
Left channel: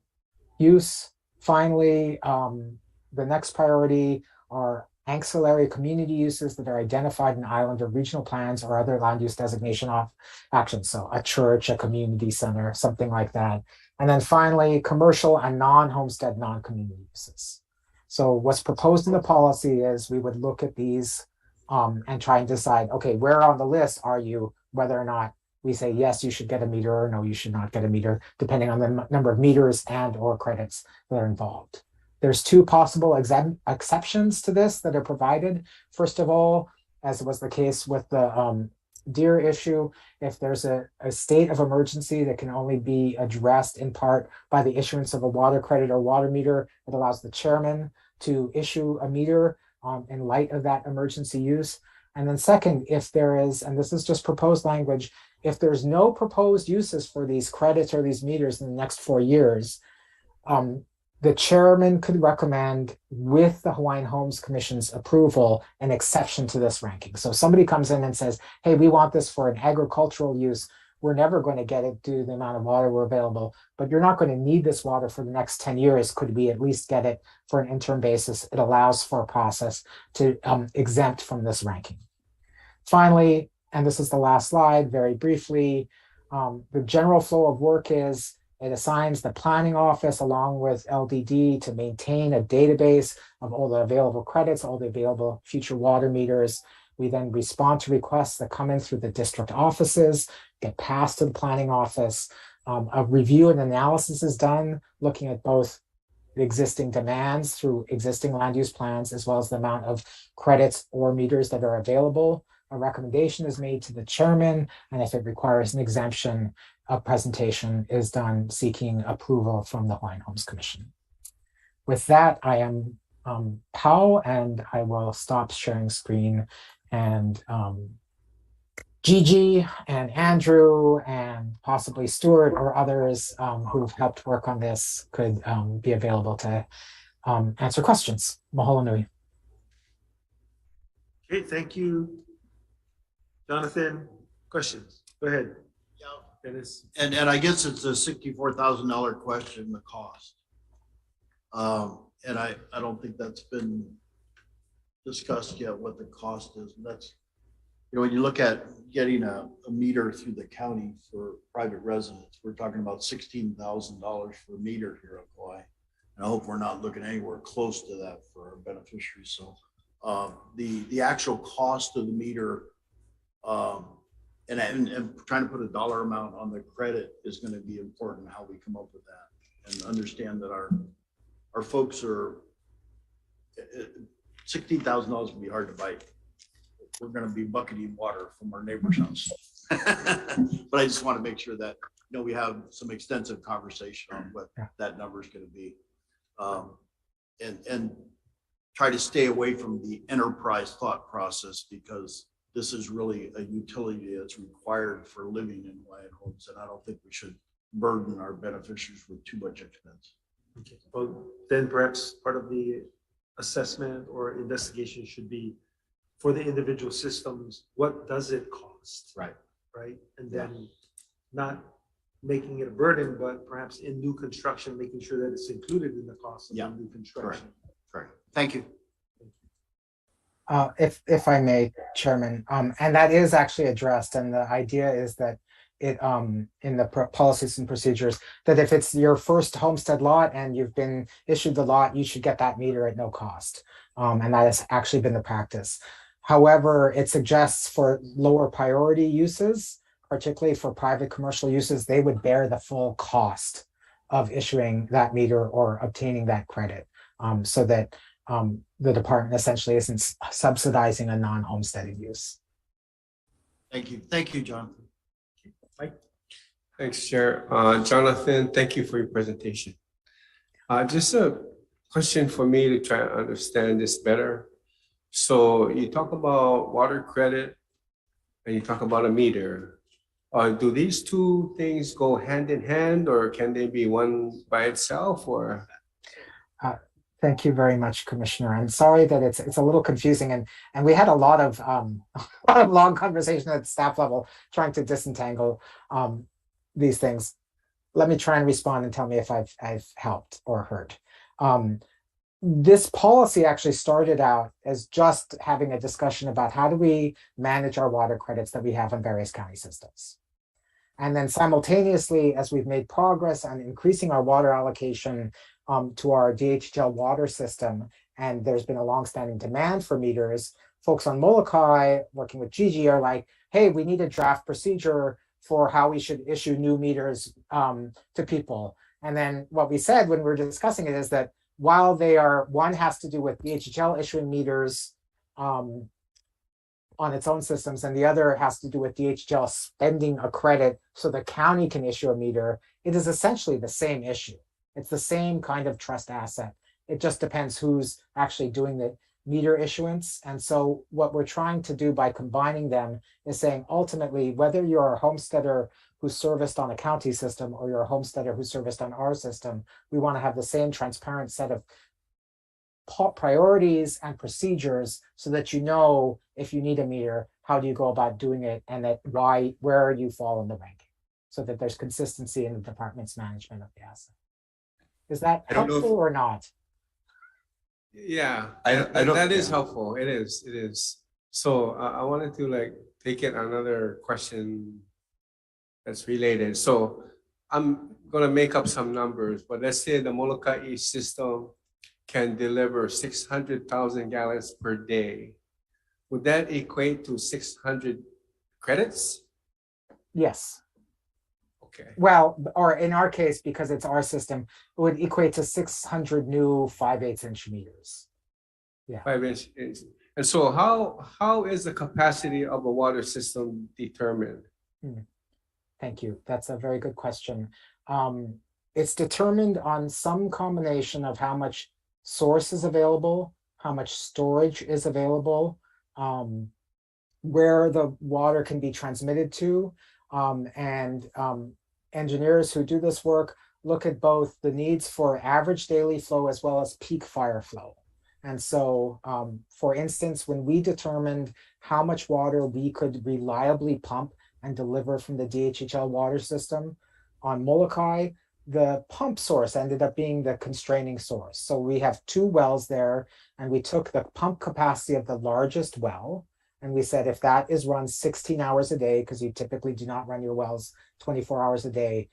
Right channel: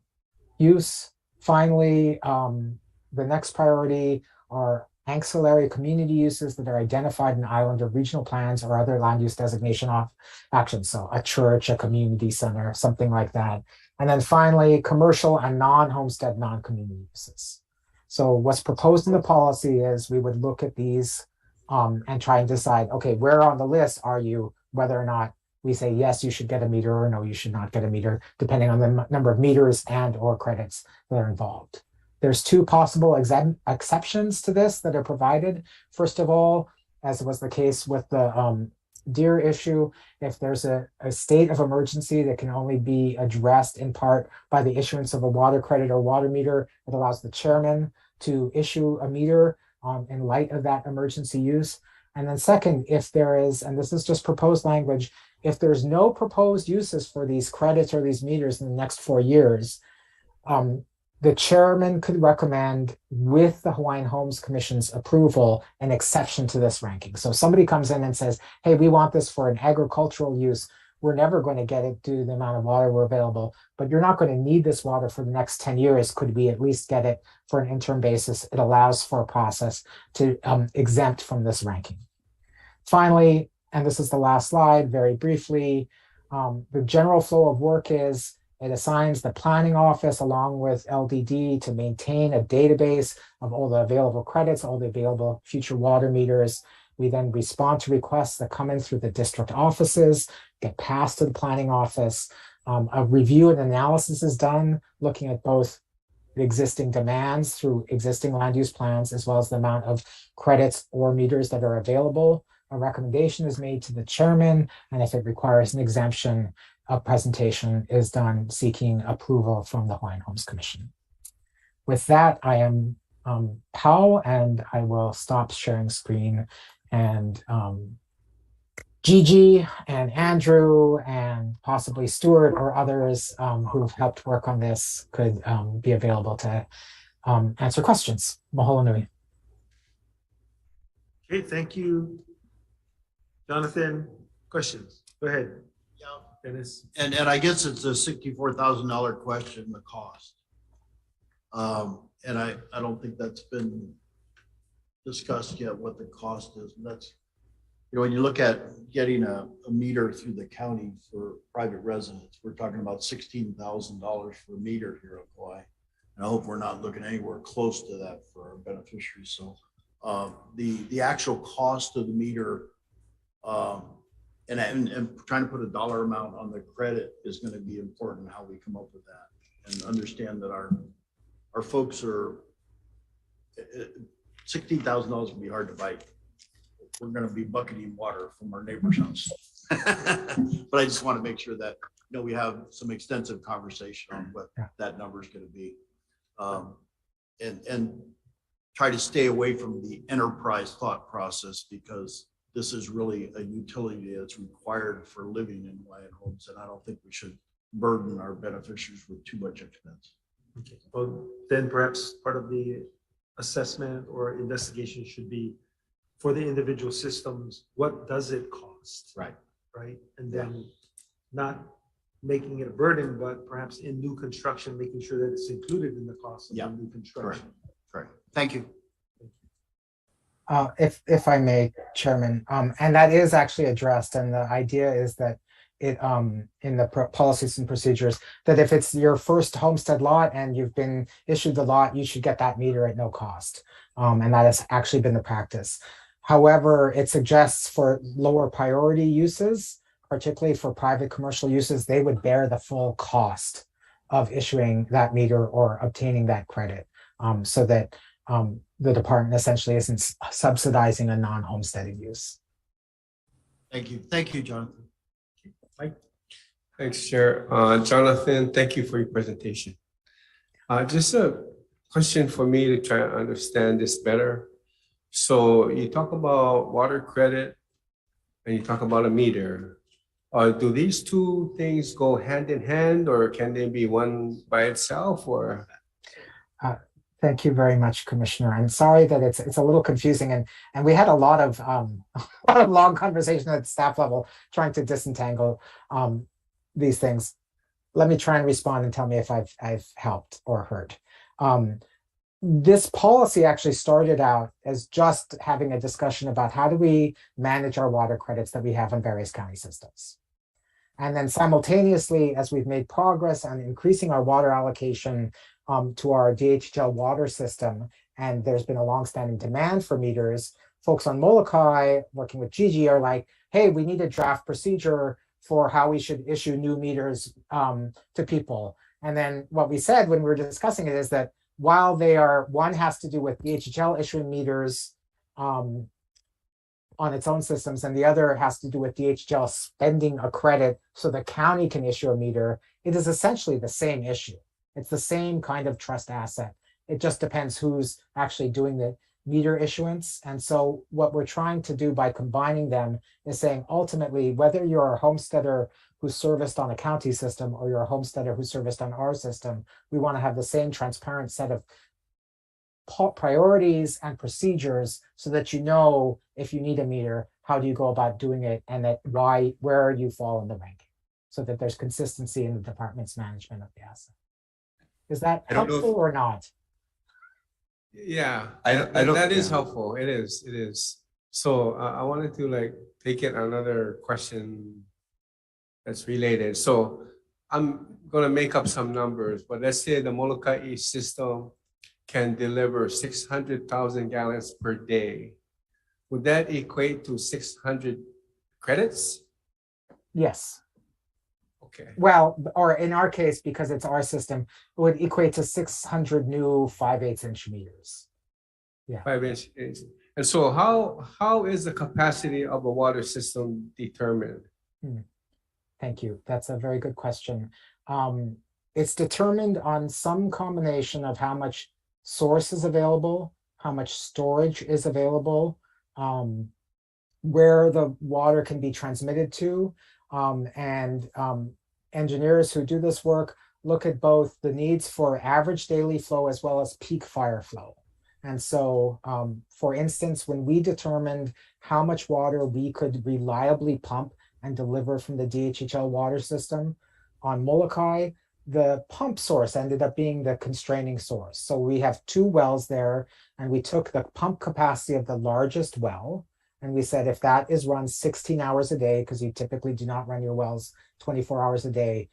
use. Finally, the next priority are ancillary community uses that are identified in island or regional plans or other land use designation actions. So a church, a community center, something like that. And then finally, commercial and non-homestead, non-community uses. So what's proposed in the policy is we would look at these and try and decide, okay, where on the list are you, whether or not we say, yes, you should get a meter, or no, you should not get a meter, depending on the number of meters and or credits that are involved. There's two possible exceptions to this that are provided. First of all, as was the case with the deer issue, if there's a state of emergency that can only be addressed in part by the issuance of a water credit or water meter, it allows the chairman to issue a meter in light of that emergency use. And then second, if there is, and this is just proposed language, if there's no proposed uses for these credits or these meters in the next 4 years, the chairman could recommend, with the Hawaiian Homes Commission's approval, an exception to this ranking. So if somebody comes in and says, hey, we want this for an agricultural use, we're never going to get it due to the amount of water we're available, but you're not going to need this water for the next 10 years. Could we at least get it for an interim basis? It allows for a process to exempt from this ranking. Finally, and this is the last slide, very briefly, the general flow of work is it assigns the planning office along with LDD to maintain a database of all the available credits, all the available future water meters. We then respond to requests that come in through the district offices, get passed to the planning office. A review and analysis is done, looking at both the existing demands through existing land use plans, as well as the amount of credits or meters that are available. A recommendation is made to the chairman, and if it requires an exemption, a presentation is done seeking approval from the Hawaiian Homes Commission. With that, I am Pao, and I will stop sharing screen, and Gigi and Andrew and possibly Stuart or others who've helped work on this could be available to answer questions. Mahalo nui. Okay, thank you. Jonathan, questions? Go ahead. Yeah, Dennis? And I guess it's a $64,000 question, the cost. And I don't think that's been discussed yet, what the cost is. And that's, you know, when you look at getting a meter through the county for private residents, we're talking about $16,000 for a meter here at Kauai. And I hope we're not looking anywhere close to that for our beneficiaries. So the actual cost of the meter, and trying to put a dollar amount on the credit is going to be important, how we come up with that, and understand that our folks are, $16,000 would be hard to bite. We're going to be bucketing water from our neighbor's house. But I just want to make sure that, you know, we have some extensive conversation on what that number is going to be. And try to stay away from the enterprise thought process, because this is really a utility that's required for living in Hawaiian homes. And I don't think we should burden our beneficiaries with too much expense. Okay. Well, then perhaps part of the assessment or investigation should be for the individual systems, what does it cost? Right. Right. And then not making it a burden, but perhaps in new construction, making sure that it's included in the cost of the new construction. Correct. Thank you. If I may, Chairman, and that is actually addressed, and the idea is that it in the policies and procedures, that if it's your first homestead lot and you've been issued the lot, you should get that meter at no cost, and that has actually been the practice. However, it suggests for lower priority uses, particularly for private commercial uses, they would bear the full cost of issuing that meter or obtaining that credit, so that the department essentially isn't subsidizing a non-homesteaded use. Thank you. Thank you, Jonathan. Mike? Thanks, Chair. Jonathan, thank you for your presentation. Just a question for me to try to understand this better. So you talk about water credit and you talk about a meter. Do these two things go hand in hand, or can they be one by itself, or? Thank you very much, Commissioner. I'm sorry that it's a little confusing, and we had a lot of long conversation at staff level trying to disentangle these things. Let me try and respond and tell me if I've helped or hurt. This policy actually started out as just having a discussion about how do we manage our water credits that we have in various county systems. And then simultaneously, as we've made progress on increasing our water allocation to our DHL water system, and there's been a longstanding demand for meters, folks on Molokai working with Gigi are like, hey, we need a draft procedure for how we should issue new meters to people. And then what we said when we were discussing it is that while they are, one has to do with DHL issuing meters on its own systems, and the other has to do with DHL spending a credit so the county can issue a meter, it is essentially the same issue. It's the same kind of trust asset. It just depends who's actually doing the meter issuance. And so what we're trying to do by combining them is saying, ultimately, whether you're a homesteader who's serviced on a county system or you're a homesteader who's serviced on our system, we want to have the same transparent set of priorities and procedures so that you know if you need a meter, how do you go about doing it, and that where you fall in the ranking, so that there's consistency in the department's management of the asset. Is that helpful or not? Yeah, I don't, that is helpful. It is. So I wanted to like take it another question that's related. So I'm gonna make up some numbers, but let's say the Molokai East system can deliver 600,000 gallons per day. Would that equate to 600 credits? Yes. Okay. Well, or in our case, because it's our system, it would equate to 600 new 5/8 inch meters. Yeah. 5 inch. And so how is the capacity of a water system determined? Thank you. That's a very good question. It's determined on some combination of how much source is available, how much storage is available, where the water can be transmitted to, and engineers who do this work look at both the needs for average daily flow as well as peak fire flow. And so, for instance, when we determined how much water we could reliably pump and deliver from the DHHL water system. On Molokai, the pump source ended up being the constraining source. So we have 2 wells there, and we took the pump capacity of the largest well, and we said if that is run 16 hours a day, because you typically do not run your wells 24 hours a day,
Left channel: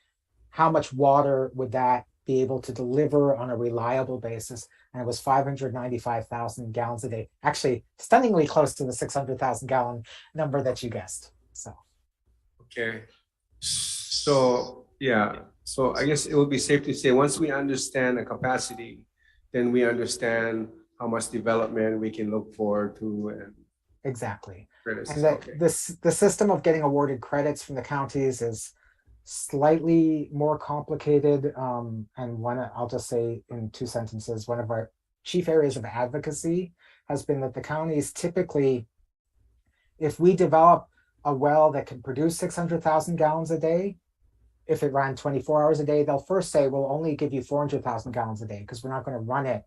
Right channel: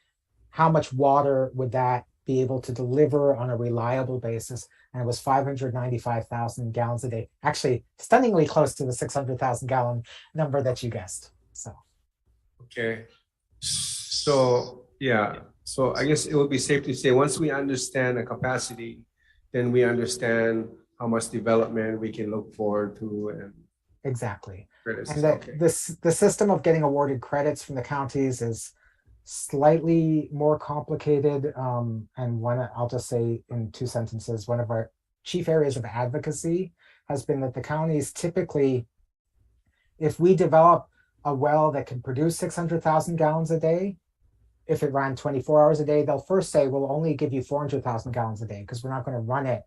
how much water would that be able to deliver on a reliable basis? And it was 595,000 gallons a day. Actually, stunningly close to the 600,000 gallon number that you guessed. So. Okay. So, yeah. So I guess it would be safe to say once we understand the capacity, then we understand how much development we can look forward to. And exactly. credits. And that Okay. the system of getting awarded credits from the counties is slightly more complicated. And one, I'll just say in 2 sentences, one of our chief areas of advocacy has been that the counties typically, if we develop a well that can produce 600,000 gallons a day, if it ran 24 hours a day, they'll first say, we'll only give you 400,000 gallons a day because we're not going to run it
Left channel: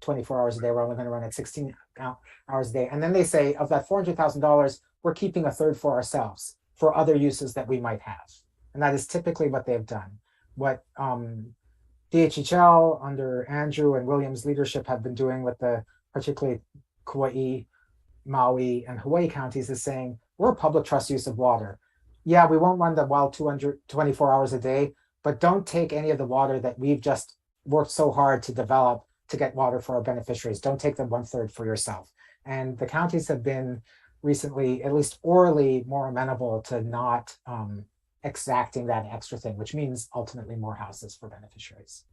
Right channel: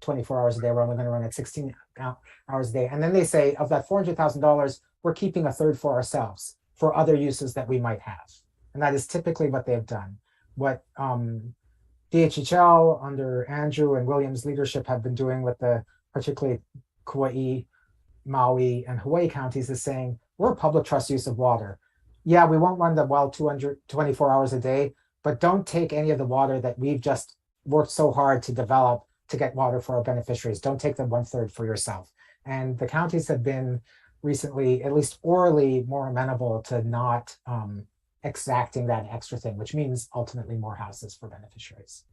24 hours a day. We're only going to run it 16 hours a day. And then they say, of that $400,000, we're keeping a third for ourselves for other uses that we might have. And that is typically what they've done. What DHHL under Andrew and William's leadership have been doing with the particularly Kauai, Maui, and Hawaii counties is saying, we're a public trust use of water. Yeah, we won't run the well 224 hours a day, but don't take any of the water that we've just worked so hard to develop to get water for our beneficiaries. Don't take the 1/3 for yourself. And the counties have been recently, at least orally, more amenable to not exacting that extra thing, which means ultimately more houses for beneficiaries.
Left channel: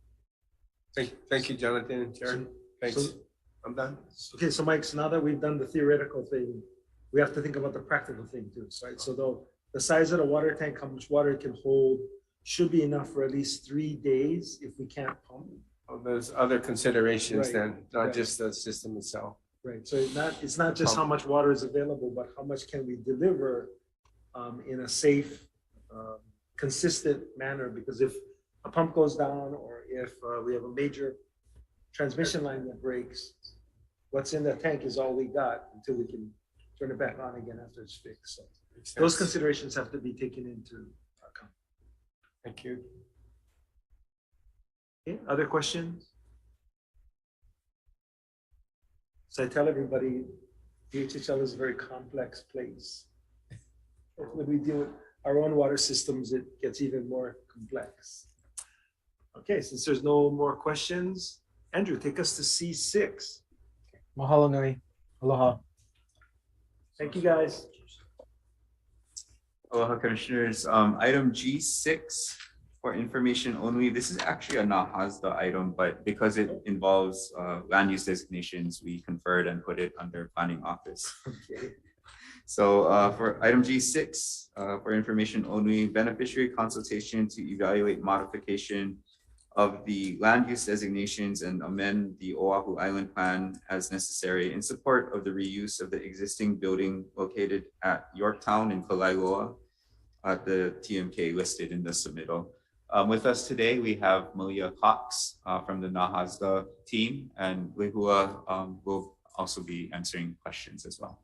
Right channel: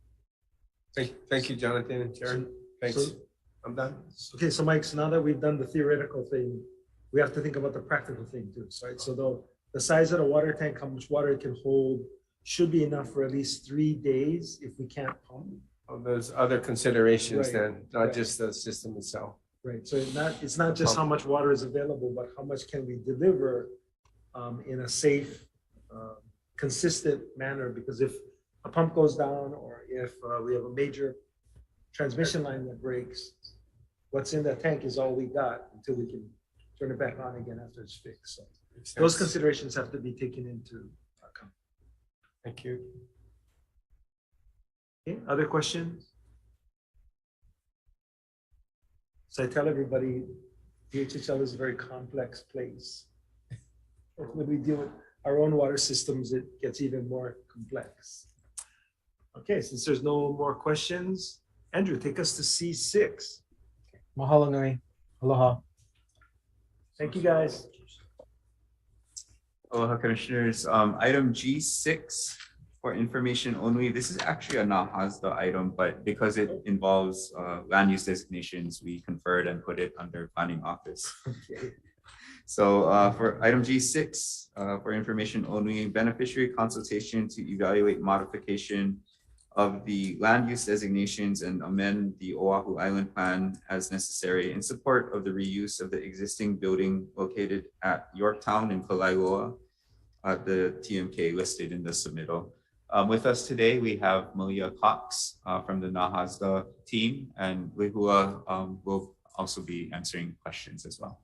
Thank you, Jonathan and Jared. Thanks. So- I'm done. Okay, so Mike, so now that we've done the theoretical thing, we have to think about the practical thing too, right? So the size of the water tank, how much water it can hold, should be enough for at least 3 days if we can't pump. Oh, there's other considerations Right, then, not right. just the system itself. Right, so it's not just how much water is available, but how much can we deliver in a safe, consistent manner? Because if a pump goes down or if we have a major transmission line that breaks, what's in that tank is all we got until we can turn it back on again after it's fixed. So those considerations have to be taken into account. Thank you. Okay, other questions? So I tell everybody, DHHL is a very complex place. When we deal with our own water systems, it gets even more complex. Okay, since there's no more questions, Andrew, take us to C6. Mahalo nui. Aloha. Thank you, guys. Aloha, Commissioners. Item G6 for information only. This is actually a NAHASDA item, but because it involves land use designations, we conferred and put it under Planning Office. Okay. So for item G6, for information only, beneficiary consultation to evaluate modification of the land use designations and amend the Oahu Island Plan as necessary in support of the reuse of the existing building located at Yorktown in Kalailoa at the TMK listed in the submittal. With us today, we have Malia Cox from the NAHASDA team, and Lehua will also be answering questions as well.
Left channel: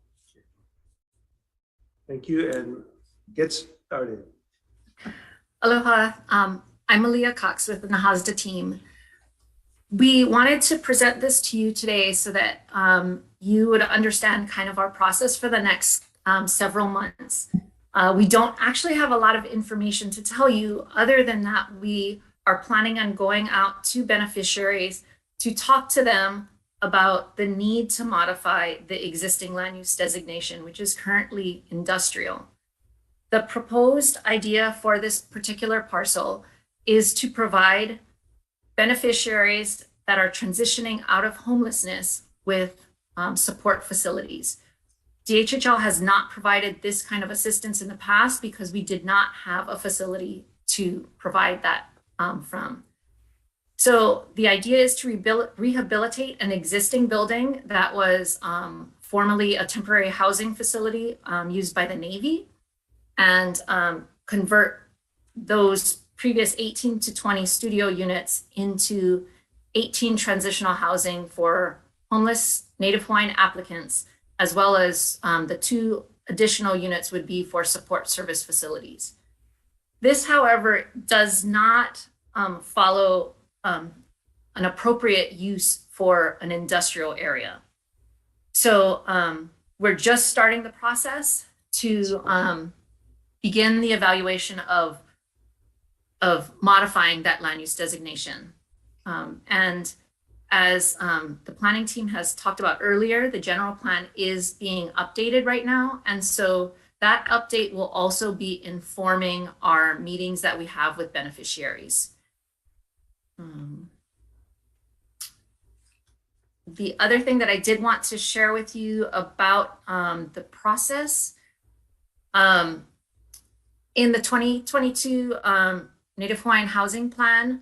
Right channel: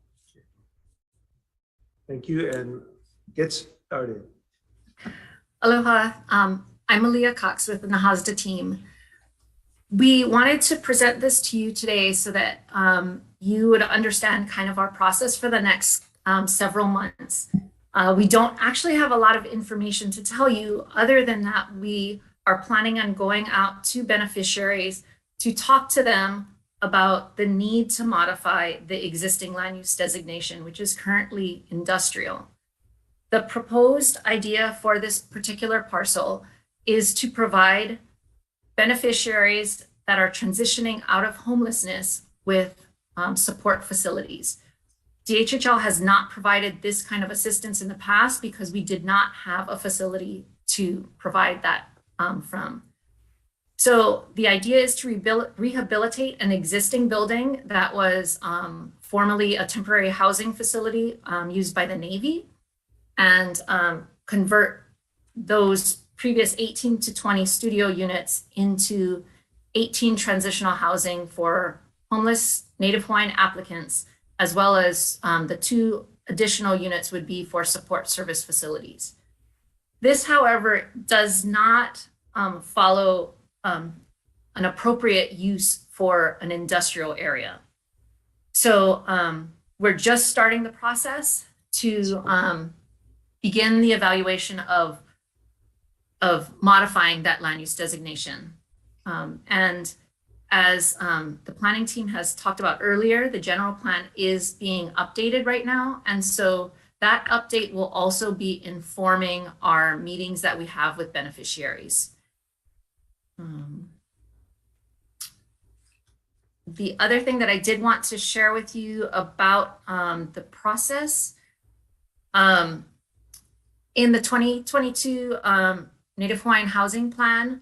Thank you, and get started. Aloha, I'm Malia Cox with the NAHASDA team. We wanted to present this to you today so that you would understand kind of our process for the next several months. We don't actually have a lot of information to tell you other than that we are planning on going out to beneficiaries to talk to them about the need to modify the existing land use designation, which is currently industrial. The proposed idea for this particular parcel is to provide beneficiaries that are transitioning out of homelessness with support facilities. DHHL has not provided this kind of assistance in the past because we did not have a facility to provide that from. So the idea is to rehabilitate an existing building that was formerly a temporary housing facility used by the Navy and convert those previous 18 to 20 studio units into 18 transitional housing for homeless Native Hawaiian applicants, as well as the 2 additional units would be for support service facilities. This, however, does not follow an appropriate use for an industrial area. So we're just starting the process to begin the evaluation of modifying that land use designation. And as the planning team has talked about earlier, the general plan is being updated right now. And so that update will also be informing our meetings that we have with beneficiaries. The other thing that I did want to share with you about the process, in the 2022 Native Hawaiian Housing Plan,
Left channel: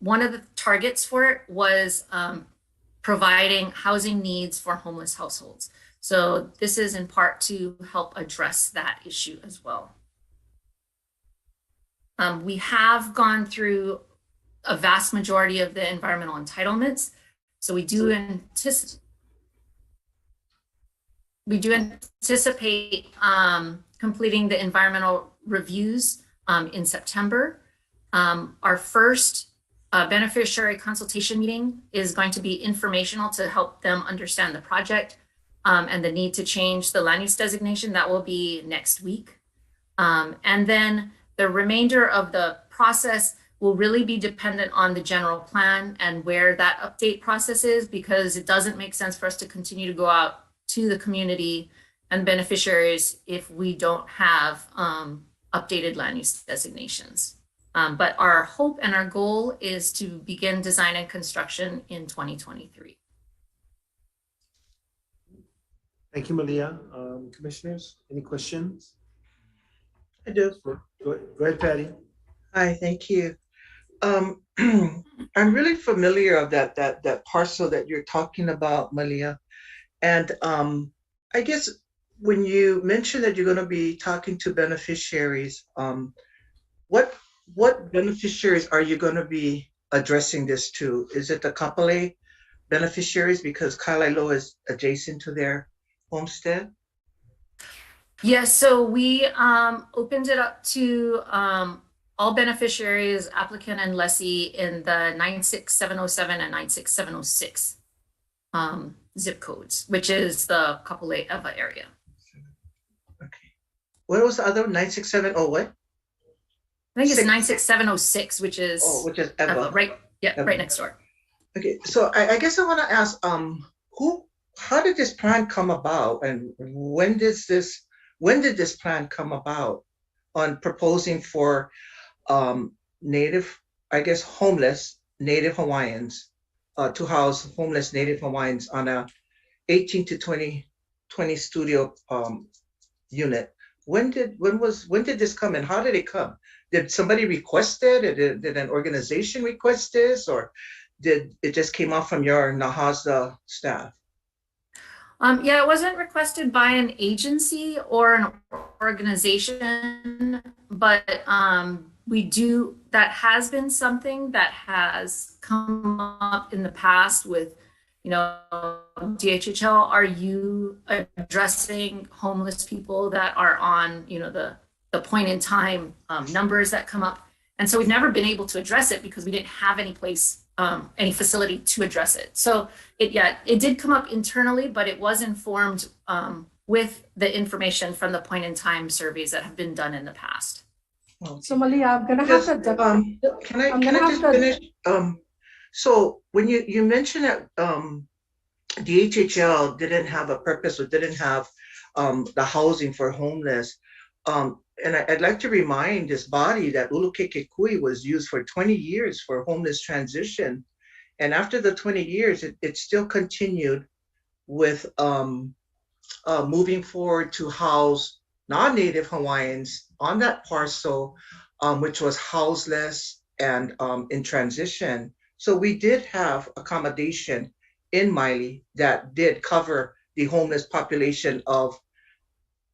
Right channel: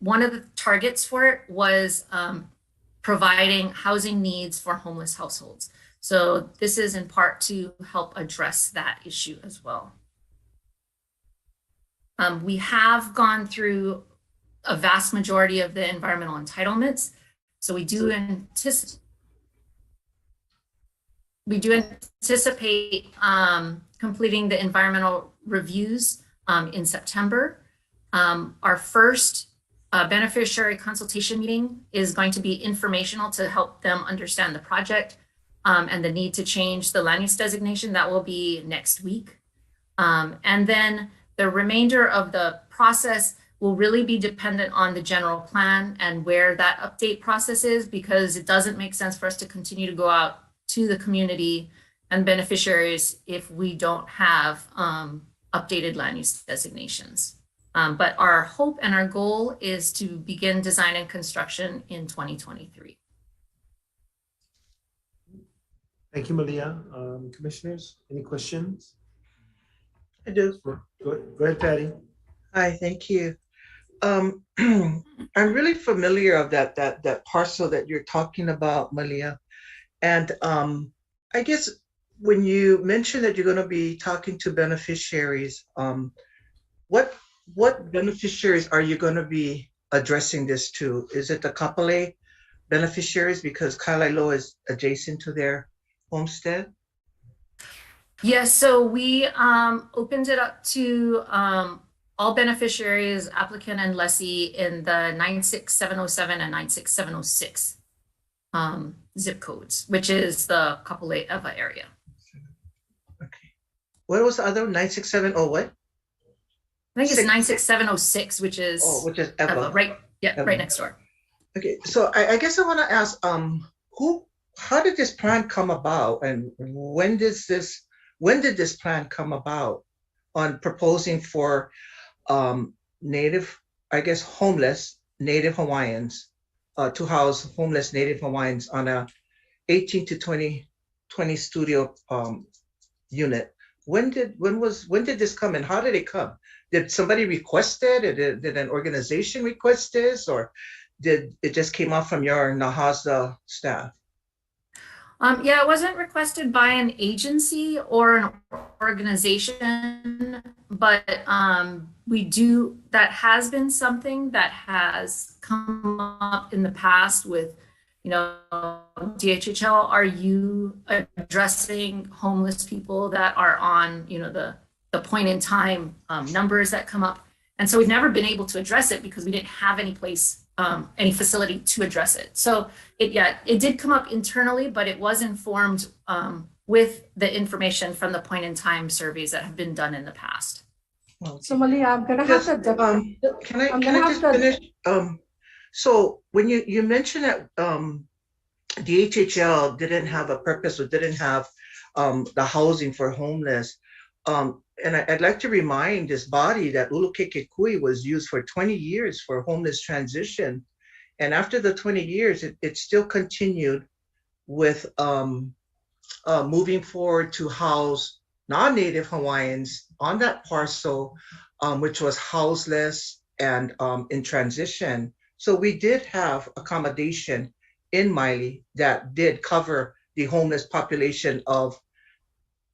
one of the targets for it was providing housing needs for homeless households. So this is in part to help address that issue as well. We have gone through a vast majority of the environmental entitlements. So we do anticipate completing the environmental reviews in September. Our first beneficiary consultation meeting is going to be informational to help them understand the project and the need to change the land use designation. That will be next week. And then the remainder of the process will really be dependent on the general plan and where that update process is, because it doesn't make sense for us to continue to go out to the community and beneficiaries if we don't have updated land use designations. But our hope and our goal is to begin design and construction in 2023. Thank you, Malia. Commissioners, any questions? I do. Go ahead, Patty. Hi, thank you. I'm really familiar of that parcel that you're talking about, Malia. And I guess when you mentioned that you're going to be talking to beneficiaries, what beneficiaries are you going to be addressing this to? Is it the Kapolei beneficiaries because Kailailoa is adjacent to their homestead? Yes, so we opened it up to all beneficiaries, applicant and lessee in the 96707 and 96706 zip codes, which is the Kapolei Ewa area. Okay. What was the other 9670 what? I think it's 96706, which is Ewa. Right, yeah, Ewa. right next door. Okay, so I guess I want to ask, how did this plan come about, and when did this plan come about on proposing for Native, I guess, homeless Native Hawaiians to house homeless Native Hawaiians on a 18 to 20 studio unit? When did this come, and how did it come? Did somebody request it? Did an organization request this, or did it just came off from your NAHASDA staff? Yeah, it wasn't requested by an agency or an organization, but that has been something that has come up in the past with, DHHL, are you addressing homeless people that are on, the point in time numbers that come up? And so we've never been able to address it because we didn't have any place, any facility to address it. So it did come up internally, but it was informed with the information from the point in time surveys that have been done in the past. So Malia, I'm gonna have to. Can I just finish? So when you mentioned that DHHL didn't have a purpose or didn't have the housing for homeless, and I'd like to remind this body that Ulukekekui was used for 20 years for homeless transition. And after the 20 years, it still continued with moving forward to house non-Native Hawaiians on that parcel, which was houseless and in transition. So we did have accommodation in Maile that did cover the homeless population of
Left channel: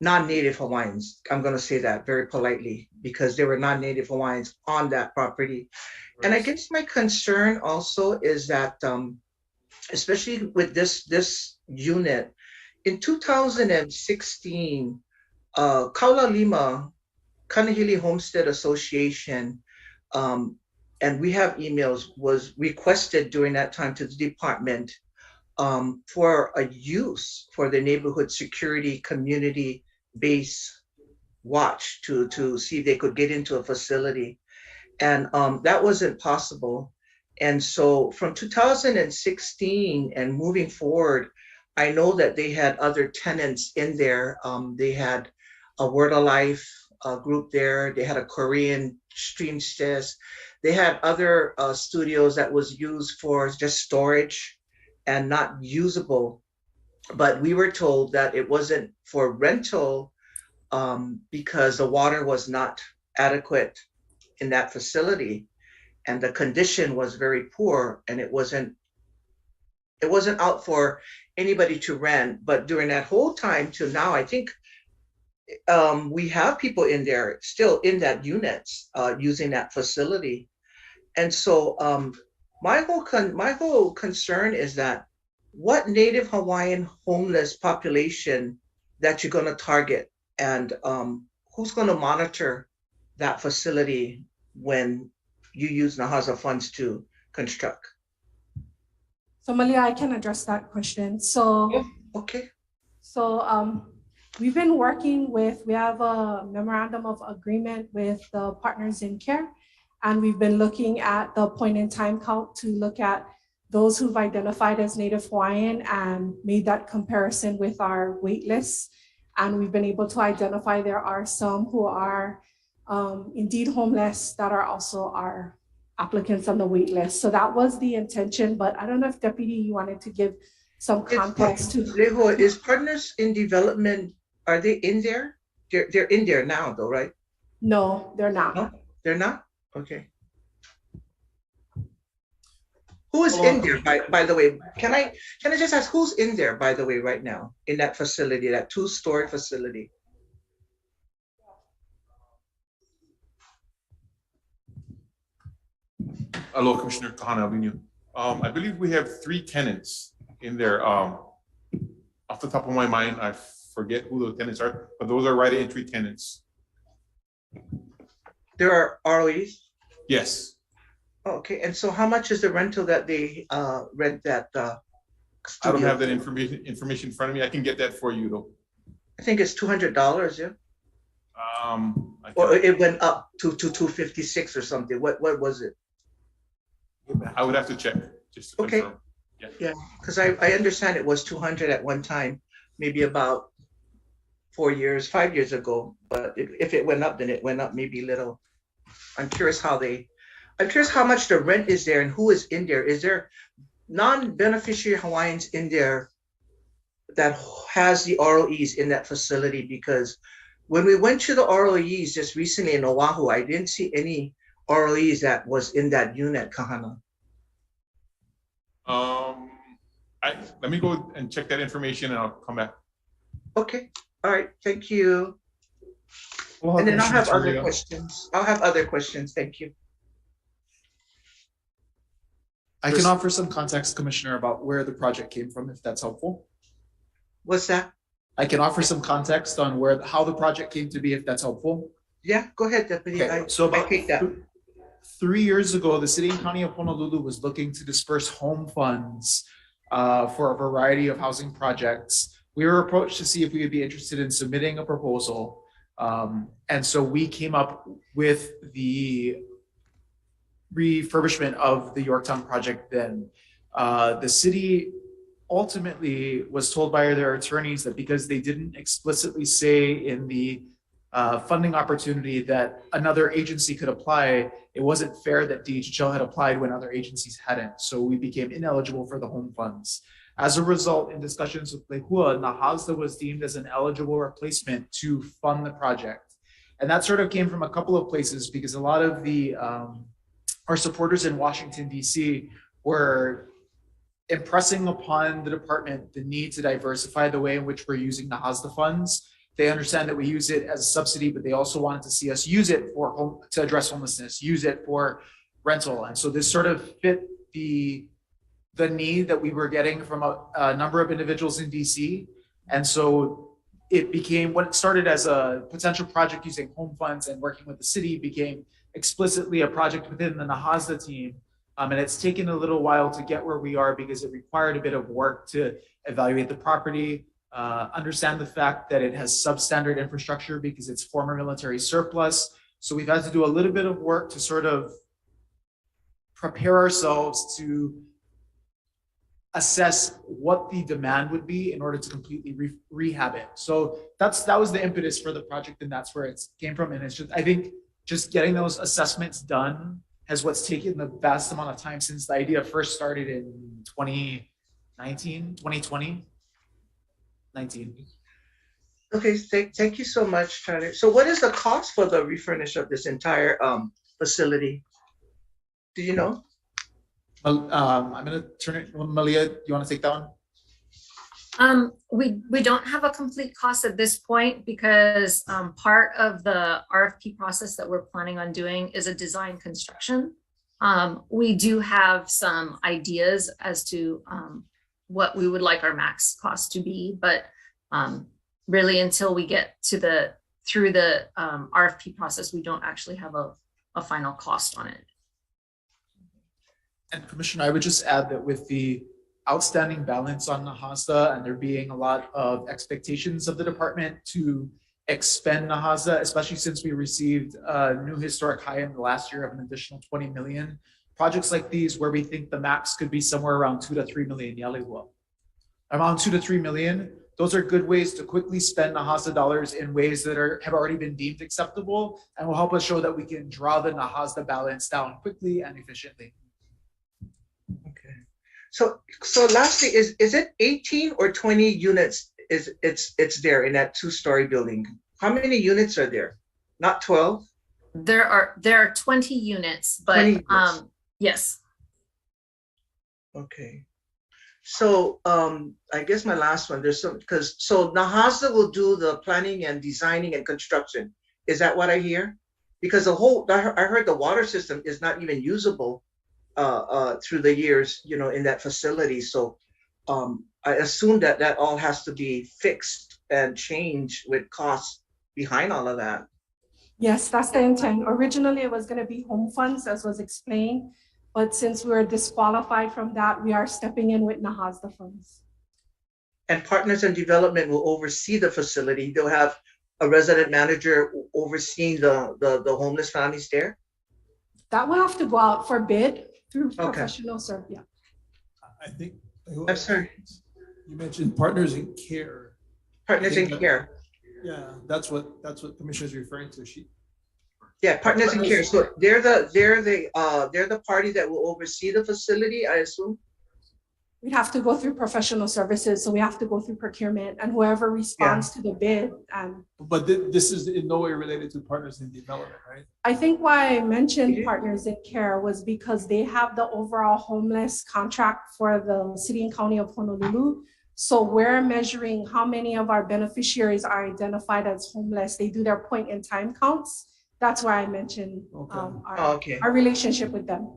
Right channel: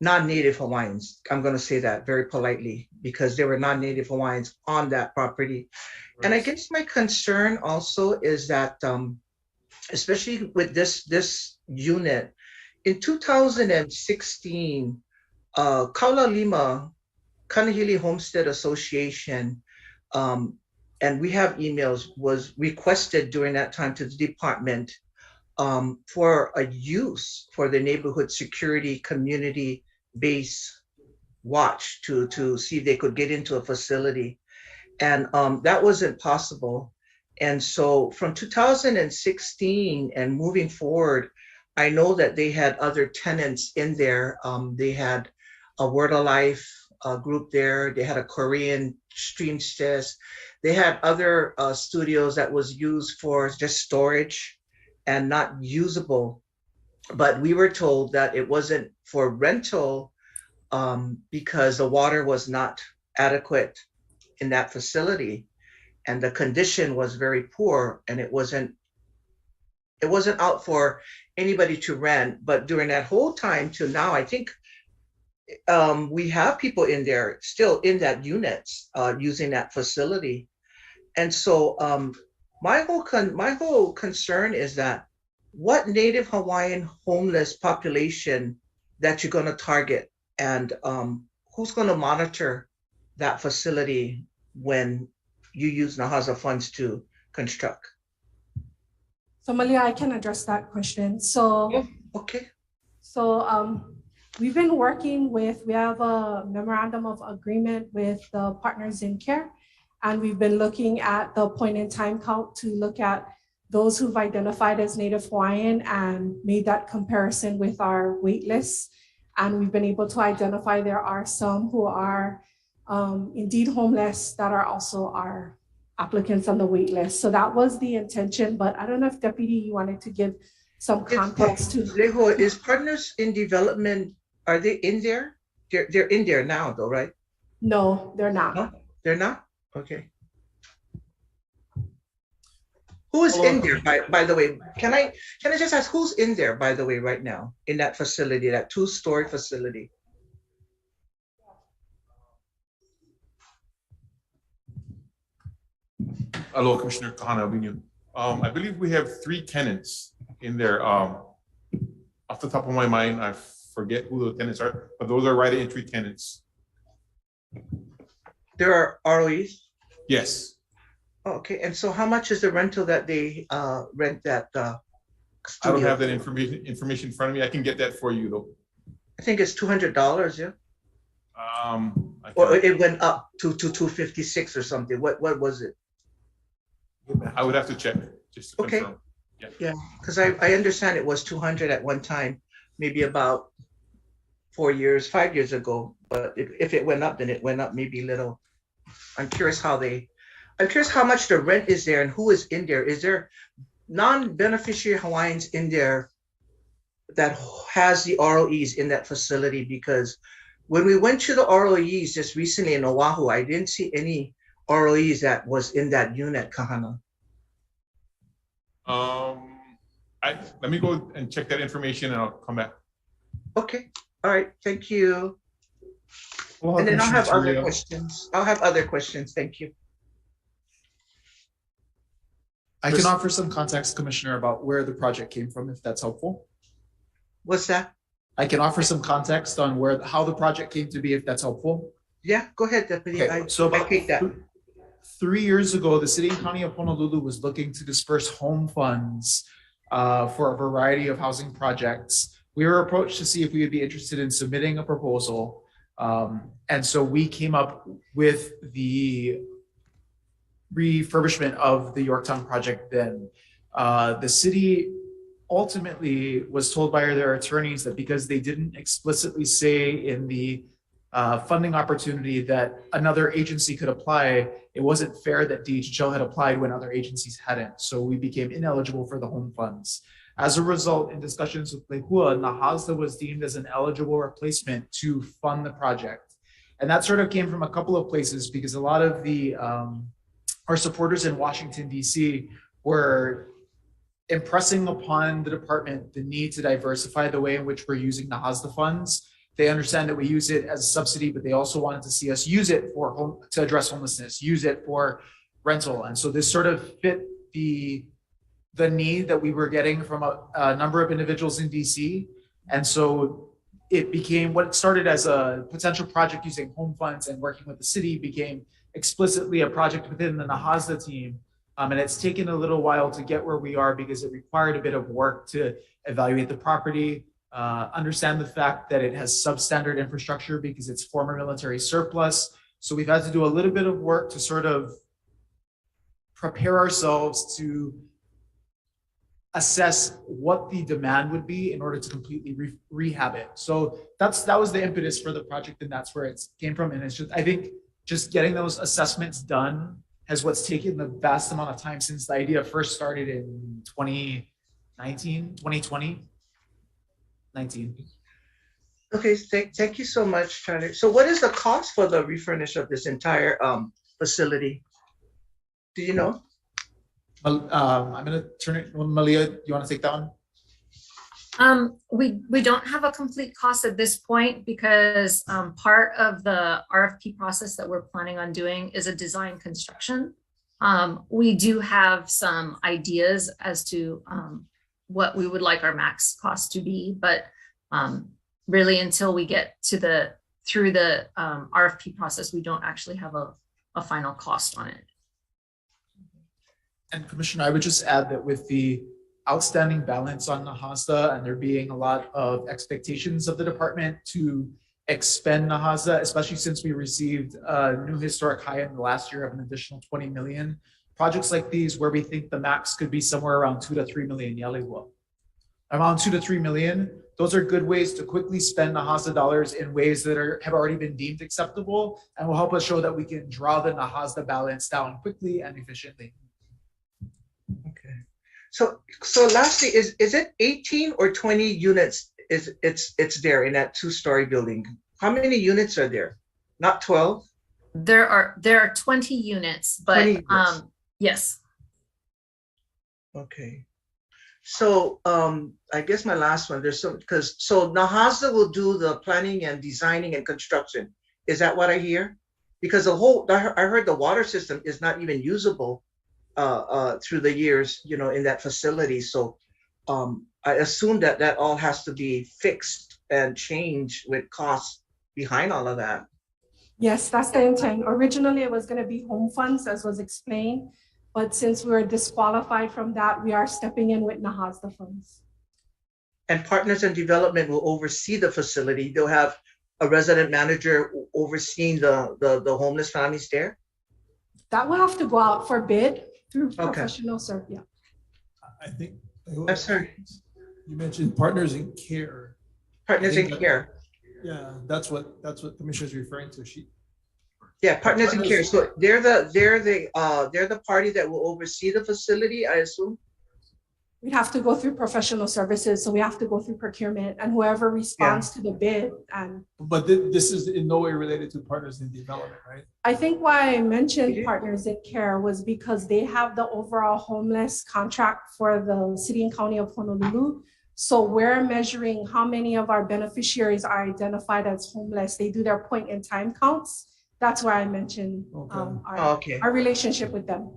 non-Native Hawaiians. I'm going to say that very politely because there were non-Native Hawaiians on that property. Right. And I guess my concern also is that, especially with this unit, in 2016, Kaula Lima, Kanahili Homestead Association, and we have emails, was requested during that time to the department for a use for the neighborhood security community base watch to see if they could get into a facility. And that wasn't possible. And so from 2016 and moving forward, I know that they had other tenants in there. They had a Word of Life group there. They had a Korean stream chest. They had other studios that was used for just storage and not usable. But we were told that it wasn't for rental because the water was not adequate in that facility. And the condition was very poor, and it wasn't out for anybody to rent. But during that whole time till now, I think we have people in there still in that units using that facility. And so my whole concern is that what Native Hawaiian homeless population that you're going to target, and who's going to monitor that facility when you use Nahaza funds to construct? So Malia, I can address that question. So, okay. So we've been working with, we have a memorandum of agreement with the partners in care, and we've been looking at the point in time count to look at those who've identified as Native Hawaiian and made that comparison with our wait lists. And we've been able to identify there are some who are indeed homeless that are also our applicants on the wait list. So that was the intention, but I don't know if Deputy, you wanted to give some context to. Leho, is Partners in Development, are they in there? They're in there now though, right? No, they're not. No, they're not? Okay. Who is in there, by the way? Can I just ask who's in there, by the way, right now in that facility, that two-story facility? Hello, Commissioner Kahana Avenue. I believe we have 3 tenants in there. Off the top of my mind, I forget who the tenants are, but those are right entry tenants. There are ROEs? Yes. Oh, okay, and so how much is the rental that they rent that studio? I don't have that information in front of me. I can get that for you though. I think it's $200, yeah? Or it went up to 256 or something. What was it? I would have to check just to Okay. confirm. Yeah, because I understand it was 200 at one time, maybe about 5 years ago. But if it went up, then it went up maybe little. I'm curious how much the rent is there and who is in there. Is there non-beneficiary Hawaiians in there that has the ROEs in that facility? Because when we went to the ROEs just recently in Oahu, I didn't see any ROEs that was in that unit, Kahana. Let me go and check that information and I'll come back. Okay, all right, thank you. And then I'll have other questions. Thank you. I can offer some context, Commissioner, about where the project came from, if that's helpful. What's that? I can offer some context on how the project came to be, if that's helpful. Yeah, go ahead, Deputy. Okay, so about 3 years ago, the City and County of Honolulu was looking to disperse home funds for a variety of housing projects. We were approached to see if we would be interested in submitting a proposal. And so we came up with the refurbishment of the Yorktown project then. The city ultimately was told by their attorneys that because they didn't explicitly say in the funding opportunity that another agency could apply, it wasn't fair that DHHL had applied when other agencies hadn't. So we became ineligible for the home funds. As a result, in discussions with Lehua, Nahazda was deemed as an eligible replacement to fund the project. And that sort of came from a couple of places because a lot of the our supporters in Washington, DC were impressing upon the department the need to diversify the way in which we're using Nahazda funds. They understand that we use it as a subsidy, but they also wanted to see us use it to address homelessness, use it for rental. And so this sort of fit the need that we were getting from a number of individuals in DC. And so it became what started as a potential project using home funds and working with the city became explicitly a project within the Nahasda team. And it's taken a little while to get where we are because it required a bit of work to evaluate the property, understand the fact that it has substandard infrastructure because it's former military surplus. So we've had to do a little bit of work to sort of prepare ourselves to assess what the demand would be in order to completely rehab it. So that was the impetus for the project, and that's where it came from. And it's just, I think just getting those assessments done has what's taken the vast amount of time since the idea first started in 2020. Okay, thank you so much, Charlie. So what is the cost for the refurnish of this entire facility? Do you know? I'm gonna turn it, Malia, do you want to take that one? We don't have a complete cost at this point because part of the RFP process that we're planning on doing is a design construction. We do have some ideas as to what we would like our max cost to be, but really until we get to through the RFP process, we don't actually have a final cost on it. And Commissioner, I would just add that with the outstanding balance on Nahasda and there being a lot of expectations of the department to expend Nahasda, especially since we received a new historic high in the last year of an additional 20 million. Projects like these where we think the max could be somewhere around 2 to 3 million Yaliwa. Around 2 to 3 million, those are good ways to quickly spend Nahasda dollars in ways that have already been deemed acceptable and will help us show that we can draw the Nahasda balance down quickly and efficiently. So lastly, is it 18 or 20 units? It's there in that 2-story building. How many units are there? Not 12? There are 20 units, but 20 units. Yes. Okay. So I guess my last one, so Nahasda will do the planning and designing and construction. Is that what I hear? Because I heard the water system is not even usable through the years, in that facility. So I assume that all has to be fixed and changed with costs behind all of that. Yes, that's the intent. Originally, it was going to be home funds, as was explained. But since we're disqualified from that, we are stepping in with Nahasda funds. And Partners in Development will oversee the facility. They'll have a resident manager overseeing the homeless families there? That will have to go out for bid through professional service. Yeah. I think. I'm sorry. You mentioned Partners in Care. Partners in Care. Yeah, that's what Commissioner's referring to. Partners in Care. So they're the party that will oversee the facility, I assume. We'd have to go through professional services, so we have to go through procurement and whoever responds to the bid. But this is in no way related to Partners in Development, right? I think why I mentioned Partners in Care was because they have the overall homeless contract for the city and county of Honolulu. So we're measuring how many of our beneficiaries are identified as homeless. They do their point in time counts. That's why I mentioned our relationship with them.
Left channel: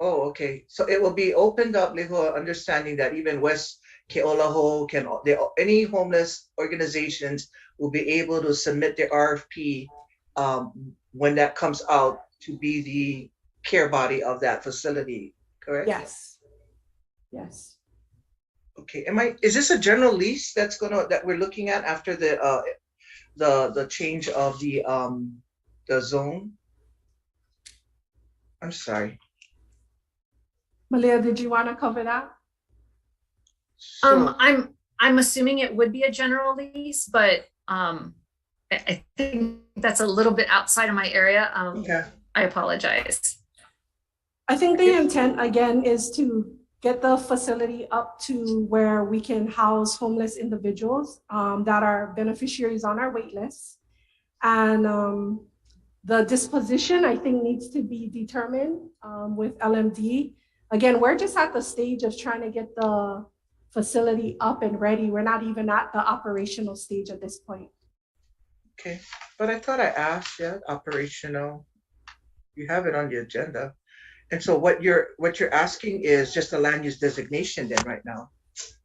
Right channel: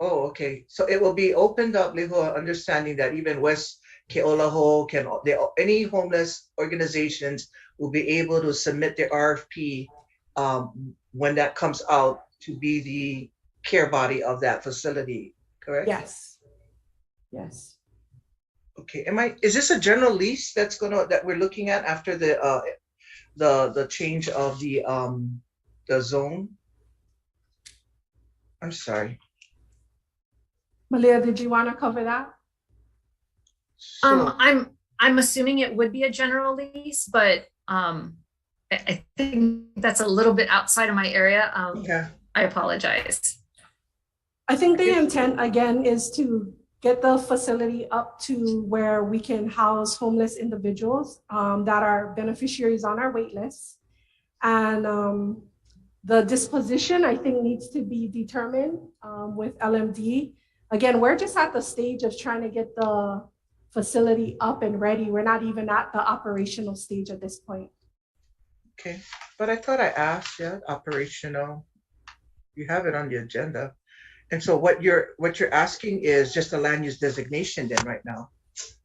Oh, okay. So it will be opened up, Leho, understanding that even West Ke'olaho any homeless organizations will be able to submit their RFP when that comes out to be the care body of that facility, correct? Yes. Yes. Okay. Is this a general lease that we're looking at after the change of the zone? I'm sorry. Malia, did you want to cover that? I'm assuming it would be a general lease, but I think that's a little bit outside of my area. I apologize. I think the intent again is to get the facility up to where we can house homeless individuals that are beneficiaries on our wait list. And the disposition, I think, needs to be determined with LMD. Again, we're just at the stage of trying to get the facility up and ready. We're not even at the operational stage at this point. Okay, but I thought I asked, operational. You have it on the agenda. And so what you're asking is just a land use designation then right now?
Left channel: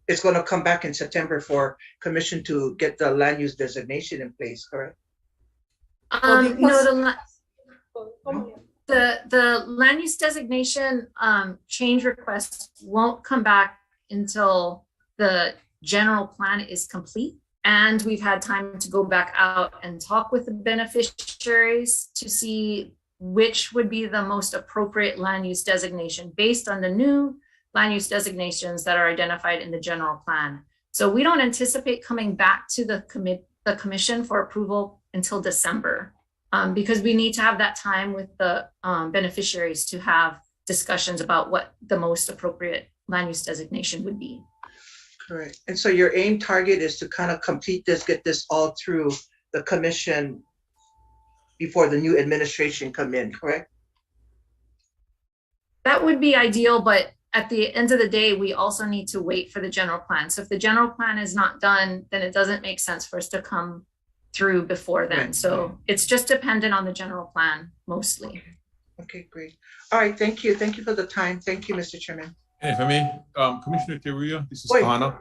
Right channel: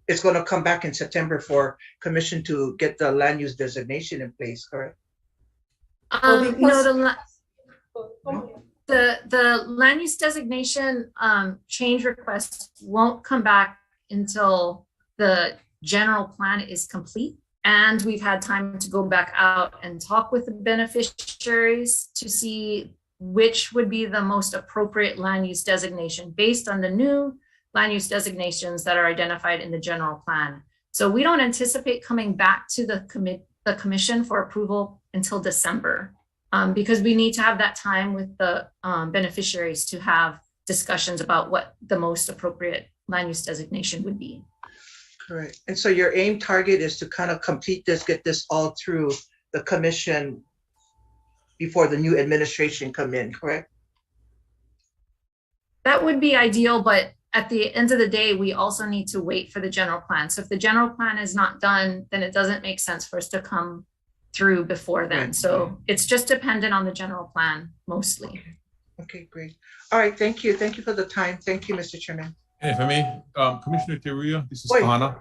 it's gonna come back in September for commission to get the land use designation in place, correct? No, the land use designation change request won't come back until the general plan is complete. And we've had time to go back out and talk with the beneficiaries to see which would be the most appropriate land use designation based on the new land use designations that are identified in the general plan. So we don't anticipate coming back to the commission for approval until December, because we need to have that time with the beneficiaries to have discussions about what the most appropriate land use designation would be. Correct. And so your aim target is to kind of complete this, get this all through the commission before the new administration come in, correct? That would be ideal, but at the end of the day, we also need to wait for the general plan. So if the general plan is not done, then it doesn't make sense for us to come through before then. So it's just dependent on the general plan mostly. Okay, great. All right, thank you. Thank you for the time. Thank you, Mr. Chairman. And if I may, Commissioner Teruya, this is Wait. Kahana.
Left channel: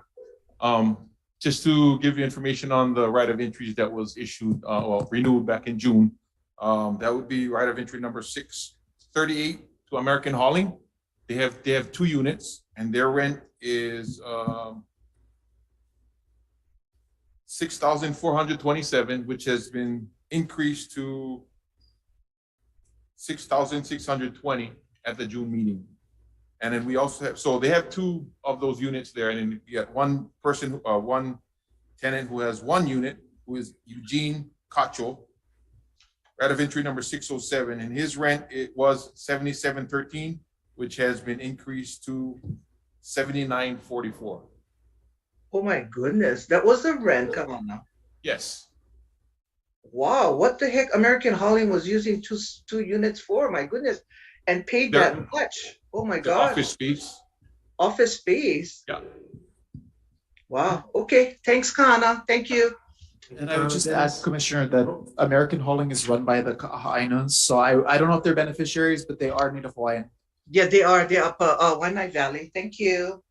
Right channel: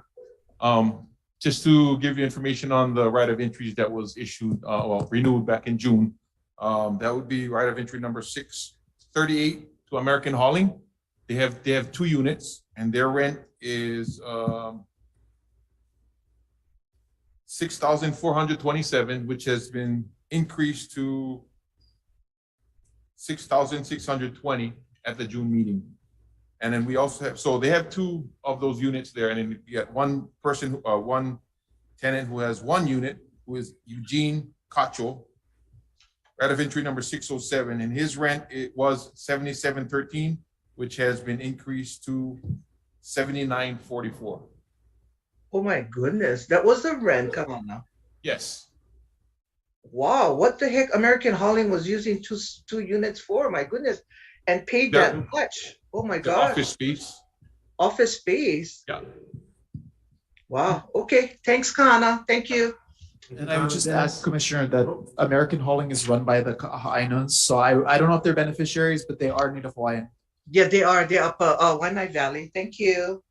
Just to give you information on the right of entries that was issued, well, renewed back in June. That would be right of entry number 638 to American Hauling. They have 2 units and their rent is $6,427, which has been increased to $6,620 at the June meeting. And then we also have, so they have 2 of those units there, and then you got one person, one tenant who has 1 unit, who is Eugene Cacho, right of entry number 607, and his rent, it was $77.13, which has been increased to $79.44. Oh my goodness, that was the rent. Come on now. Yes. Wow, what the heck? American Hauling was using two units for, my goodness, and paid that much. Oh my God. Office space. Office space. Yeah. Wow. Okay. Thanks, Kana. Thank you. And I would just ask Commissioner that American Hauling is run by the Hawaiians. So I don't know if they're beneficiaries, but they are Native Hawaiian. Yeah, they are. They're up Waianae Valley. Thank you.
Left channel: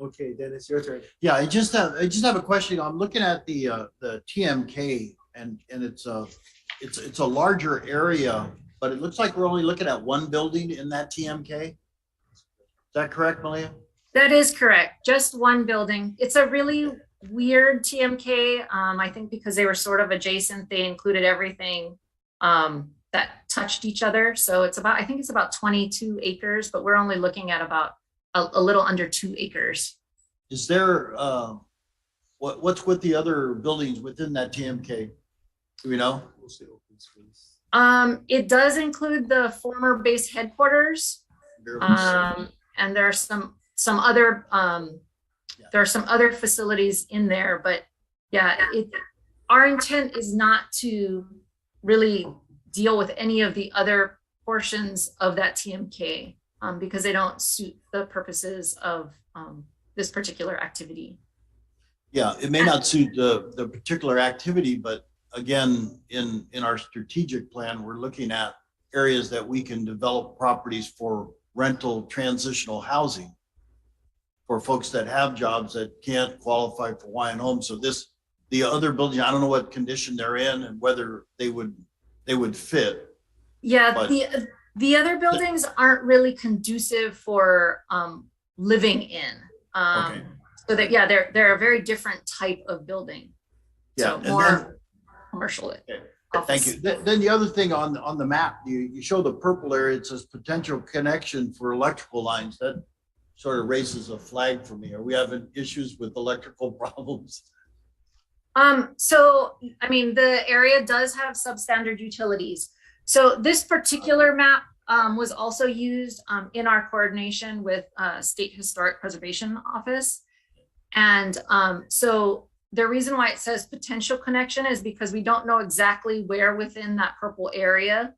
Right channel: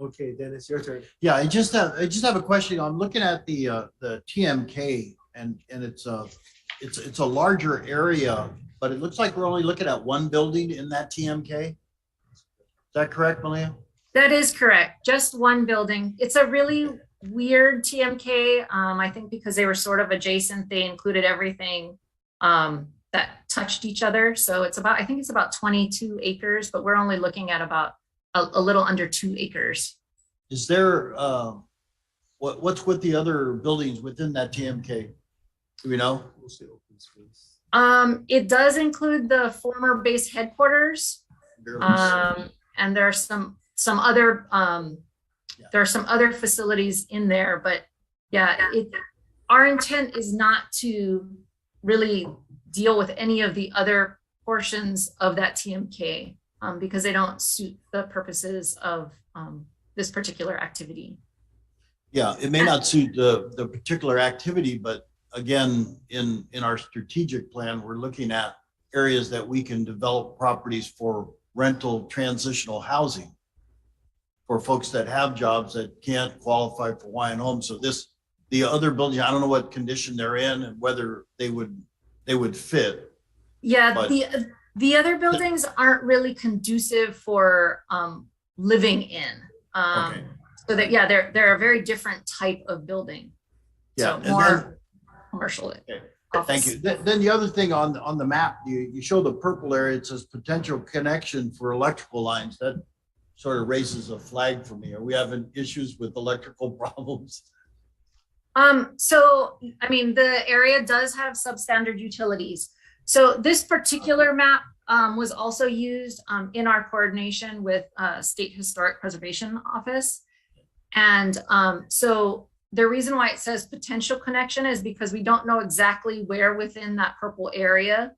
Okay, Dennis, your turn. Yeah, I just have a question. I'm looking at the TMK and it's a larger area, but it looks like we're only looking at one building in that TMK. Is that correct, Malia? That is correct. Just one building. It's a really weird TMK. I think because they were sort of adjacent, they included everything that touched each other. So it's about, I think it's about 22 acres, but we're only looking at about a little under 2 acres. Is there, what's with the other buildings within that TMK? Do we know? It does include the former base headquarters. And there are some other, there are some other facilities in there, but yeah, our intent is not to really deal with any of the other portions of that TMK because they don't suit the purposes of this particular activity. Yeah, it may not suit the particular activity, but again, in our strategic plan, we're looking at areas that we can develop properties for rental transitional housing for folks that have jobs that can't qualify for Hawaiian homes. So the other building, I don't know what condition they're in and whether they would fit. Yeah, but the other buildings aren't really conducive for living in. Okay. So that, yeah, they're a very different type of building. Yeah, So more commercial. Okay. Thank you. Then the other thing on the map, you show the purple area, it says potential connection for electrical lines. That sort of raises a flag for me. Are we having issues with electrical problems? So, I mean, the area does have substandard utilities. So this particular map was also used in our coordination with State Historic Preservation Office. And so the reason why it says potential connection is because we don't know exactly where within that purple area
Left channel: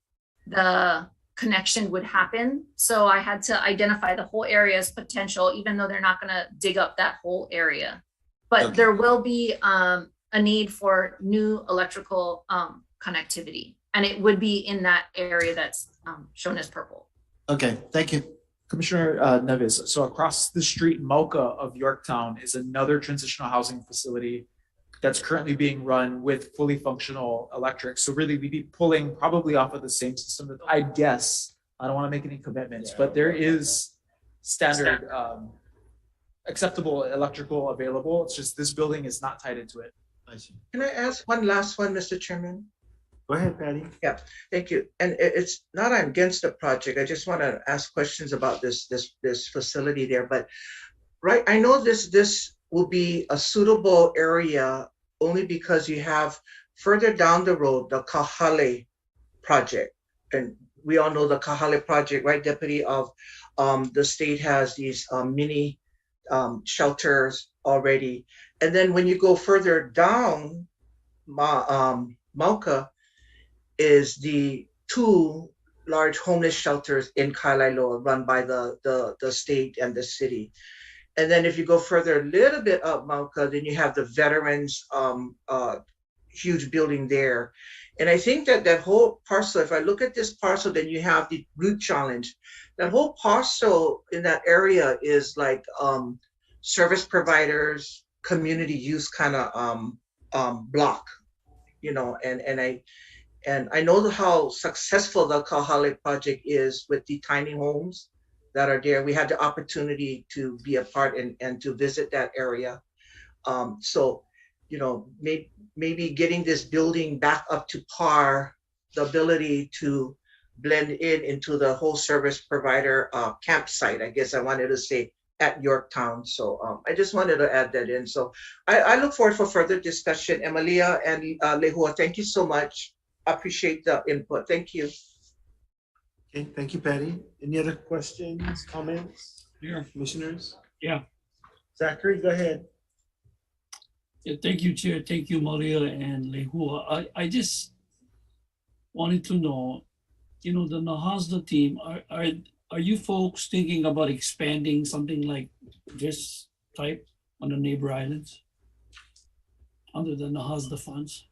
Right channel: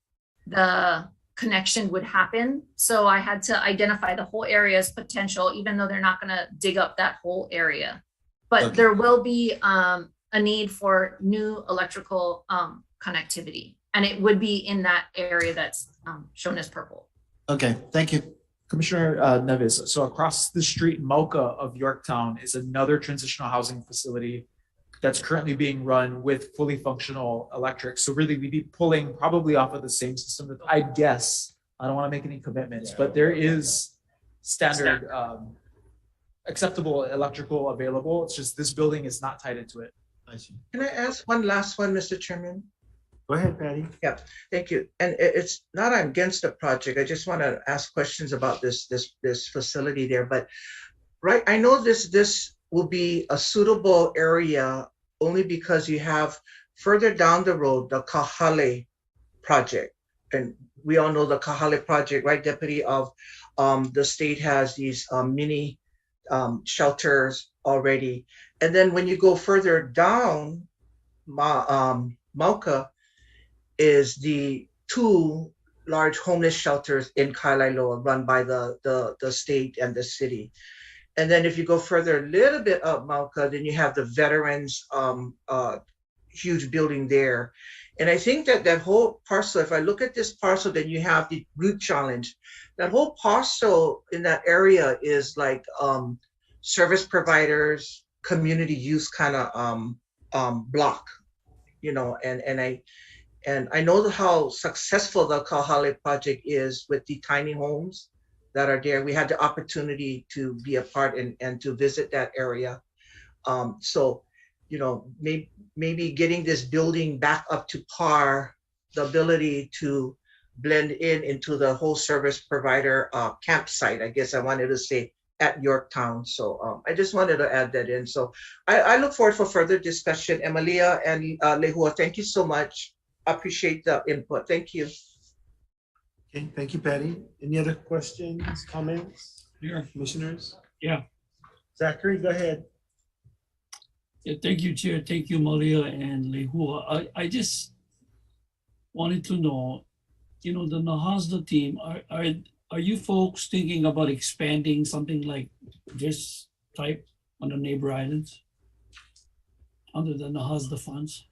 the connection would happen. So I had to identify the whole area as potential, even though they're not going to dig up that whole area. But Okay. there will be a need for new electrical connectivity, and it would be in that area that's shown as purple. Okay, thank you. Commissioner Neves, so across the street, Mocha of Yorktown is another transitional housing facility that's currently being run with fully functional electric. So really we'd be pulling probably off of the same system that I guess, I don't want to make any commitments, but there is standard acceptable electrical available. It's just this building is not tied into it. I see. Can I ask one last one, Mr. Chairman? Go ahead, Patty. Yeah, thank you. And it's not I'm against the project. I just want to ask questions about this facility there. But right, I know this will be a suitable area only because you have further down the road the Kahale project, and we all know the Kahale project, right, Deputy? Of the state has these mini shelters already, and then when you go further down, Mauka is the two large homeless shelters in Kailailoa run by the state and the city. And then if you go further a little bit up Mauka, then you have the veterans huge building there. And I think that whole parcel, if I look at this parcel, then you have the root challenge. That whole parcel in that area is like service providers, community use kind of block, you know, and I know how successful the Kahale project is with the tiny homes that are there. We had the opportunity to be a part and to visit that area. So, you know, maybe getting this building back up to par, the ability to blend into the whole service provider campsite, I guess I wanted to say, at Yorktown. So I just wanted to add that in. So I look forward for further discussion. Emilia and Lehua, thank you so much. I appreciate the input. Thank you. Okay, thank you, Patty. Any other questions, comments? Yeah. Commissioners? Yeah. Zachary, go ahead. Yeah, thank you, Chair. Thank you, Malia and Lehua. I just wanted to know, you know, the Nahasda team, are you folks thinking about expanding something like this type on the neighbor islands under the Nahasda funds?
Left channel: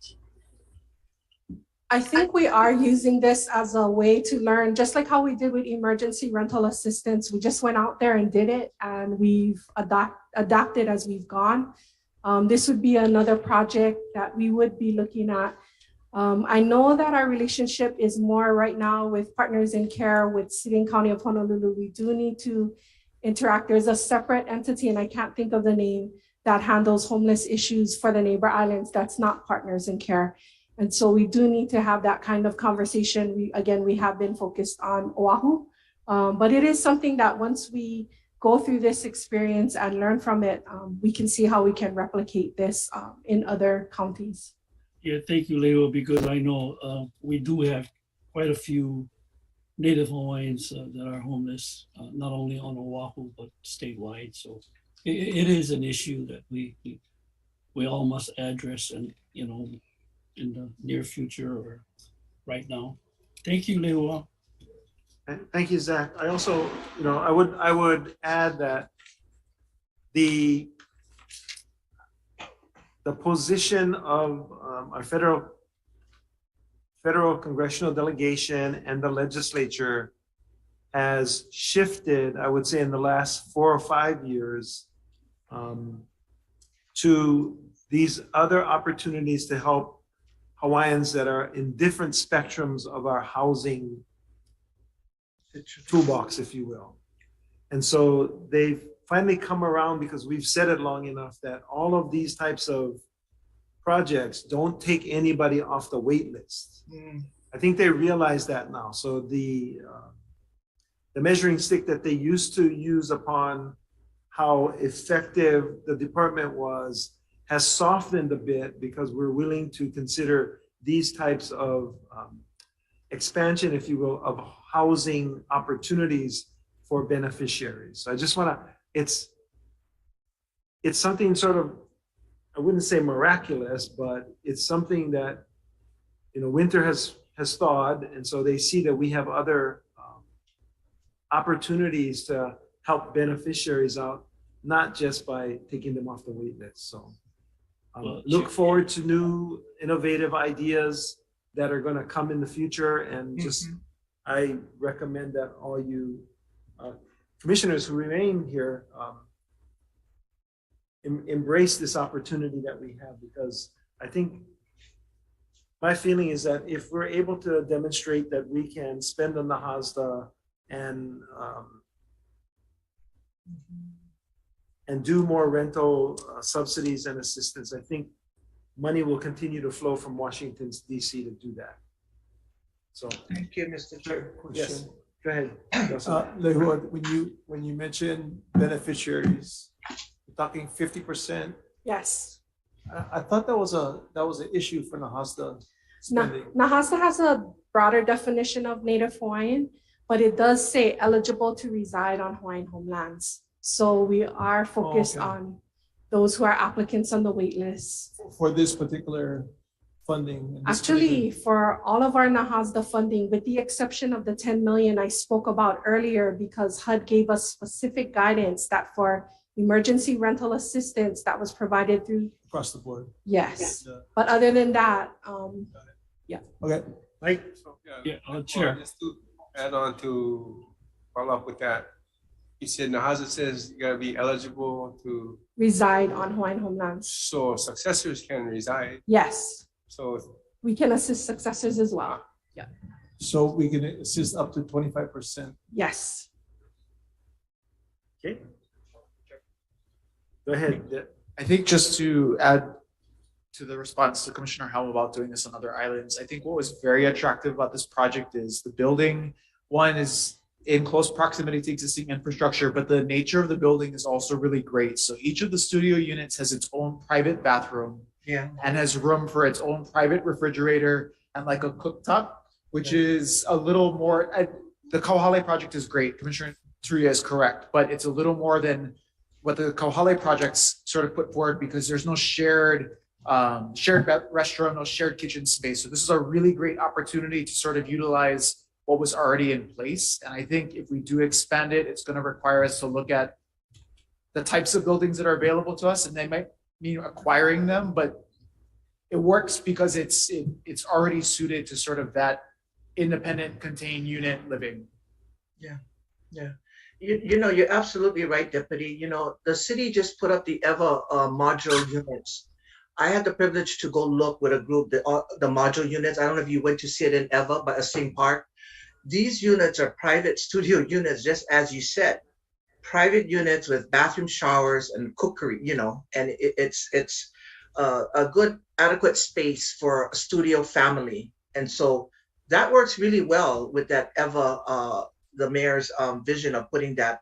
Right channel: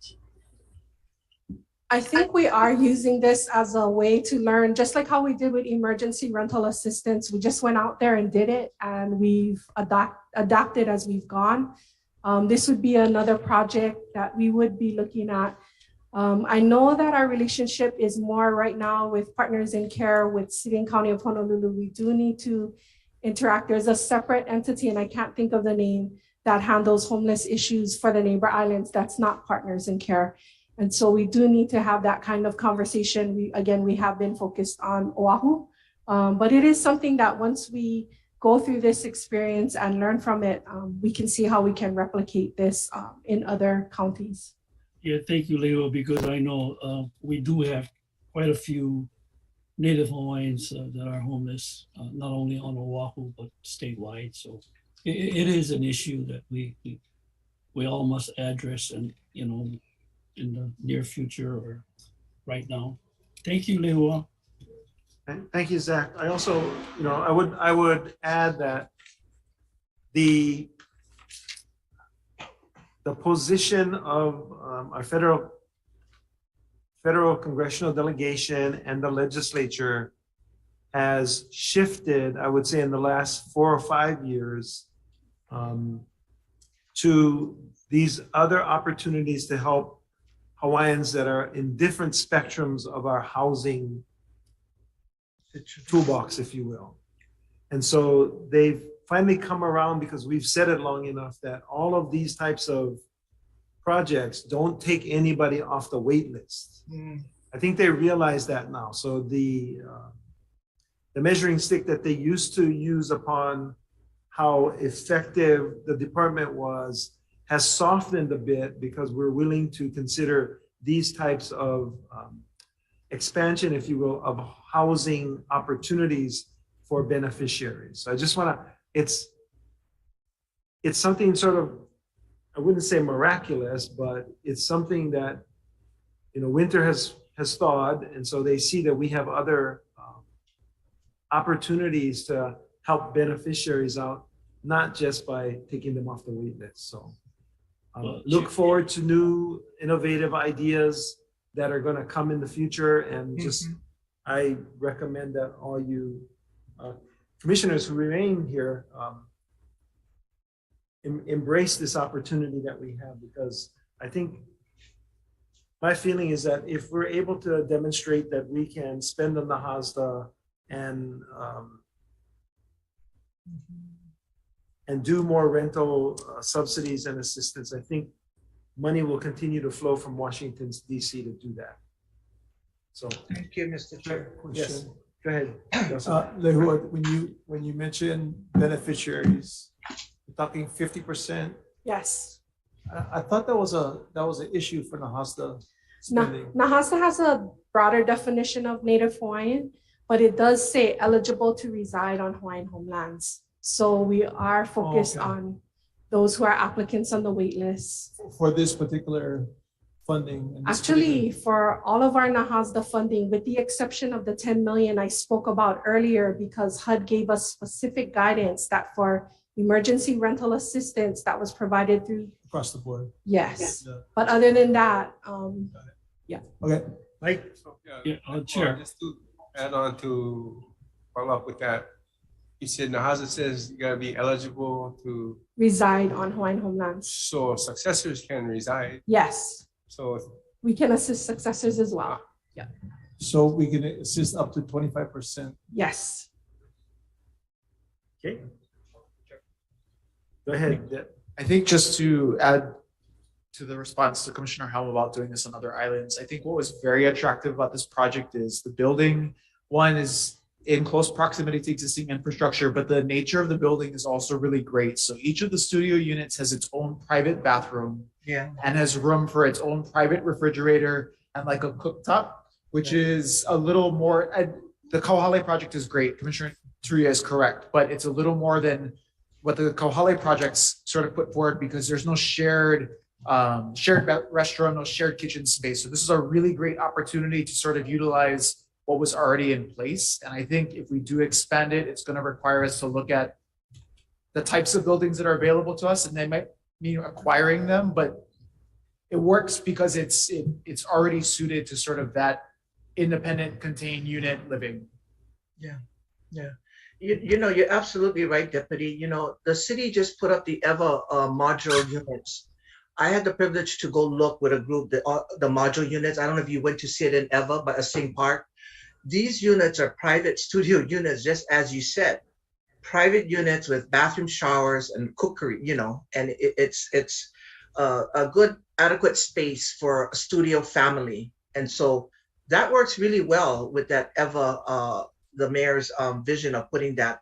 I think we are using this as a way to learn, just like how we did with emergency rental assistance. We just went out there and did it, and we've adapted as we've gone. This would be another project that we would be looking at. I know that our relationship is more right now with Partners in Care with City and County of Honolulu. We do need to interact. There's a separate entity, and I can't think of the name, that handles homeless issues for the neighbor islands. That's not Partners in Care. And so we do need to have that kind of conversation. We have been focused on Oahu, but it is something that once we go through this experience and learn from it, we can see how we can replicate this in other counties. Yeah, thank you, Leo, because I know we do have quite a few Native Hawaiians that are homeless, not only on Oahu, but statewide. So it is an issue that we all must address, and, you know, in the near future or right now. Thank you, Leo. Thank you, Zach. I also, you know, I would add that the position of our federal congressional delegation and the legislature has shifted, I would say, in the last 4 or 5 years to these other opportunities to help Hawaiians that are in different spectrums of our housing toolbox, if you will. And so they've finally come around, because we've said it long enough, that all of these types of projects don't take anybody off the wait list. I think they realize that now. So the measuring stick that they used to use upon how effective the department was has softened a bit, because we're willing to consider these types of expansion, if you will, of housing opportunities for beneficiaries. So I just want to, it's something sort of, I wouldn't say miraculous, but it's something that, you know, winter has thawed, and so they see that we have other opportunities to help beneficiaries out, not just by taking them off the wait list. So look forward to new innovative ideas that are going to come in the future, and just I recommend that all you commissioners who remain here embrace this opportunity that we have, because I think my feeling is that if we're able to demonstrate that we can spend on the HASDA and do more rental subsidies and assistance, I think money will continue to flow from Washington DC to do that. So Thank you, Mr. Chair. Yes. Go ahead. Lehua, when you mention beneficiaries, you're talking 50%. Yes. I thought that was an issue for Nahasda spending. Nahasda has a broader definition of Native Hawaiian, but it does say eligible to reside on Hawaiian homelands. So we are focused on those who are applicants on the wait list. For this particular funding. Actually, for all of our Nahasda funding, with the exception of the 10 million I spoke about earlier, because HUD gave us specific guidance that for emergency rental assistance that was provided through across the board. Yes. But other than that, yeah. Okay. Mike? Chair. Just to add on to follow up with that, you said Nahasda says you gotta be eligible to reside on Hawaiian homelands. So successors can reside. Yes. So we can assist successors as well. Yeah. So we can assist up to 25%. Yes. Okay. Go ahead. I think just to add to the response to Commissioner Helm about doing this on other islands, I think what was very attractive about this project is the building, one is in close proximity to existing infrastructure, but the nature of the building is also really great. So each of the studio units has its own private bathroom, and has room for its own private refrigerator and like a cooktop, which is a little more, the Kauai project is great. Commissioner Turia is correct, but it's a little more than what the Kauai projects sort of put forward, because there's no shared restroom, no shared kitchen space. So this is a really great opportunity to sort of utilize what was already in place. And I think if we do expand it, it's going to require us to look at the types of buildings that are available to us, and they might mean acquiring them, but it works because it's already suited to sort of that independent contained unit living. Yeah. You know, you're absolutely right, Deputy. You know, the city just put up the EVA modular units. I had the privilege to go look with a group, the modular units. I don't know if you went to see it in EVA, but Sing Park. These units are private studio units, just as you said, private units with bathroom, showers, and cookery, you know, and it's a good, adequate space for a studio family. And so that works really well with that EVA, the mayor's vision of putting that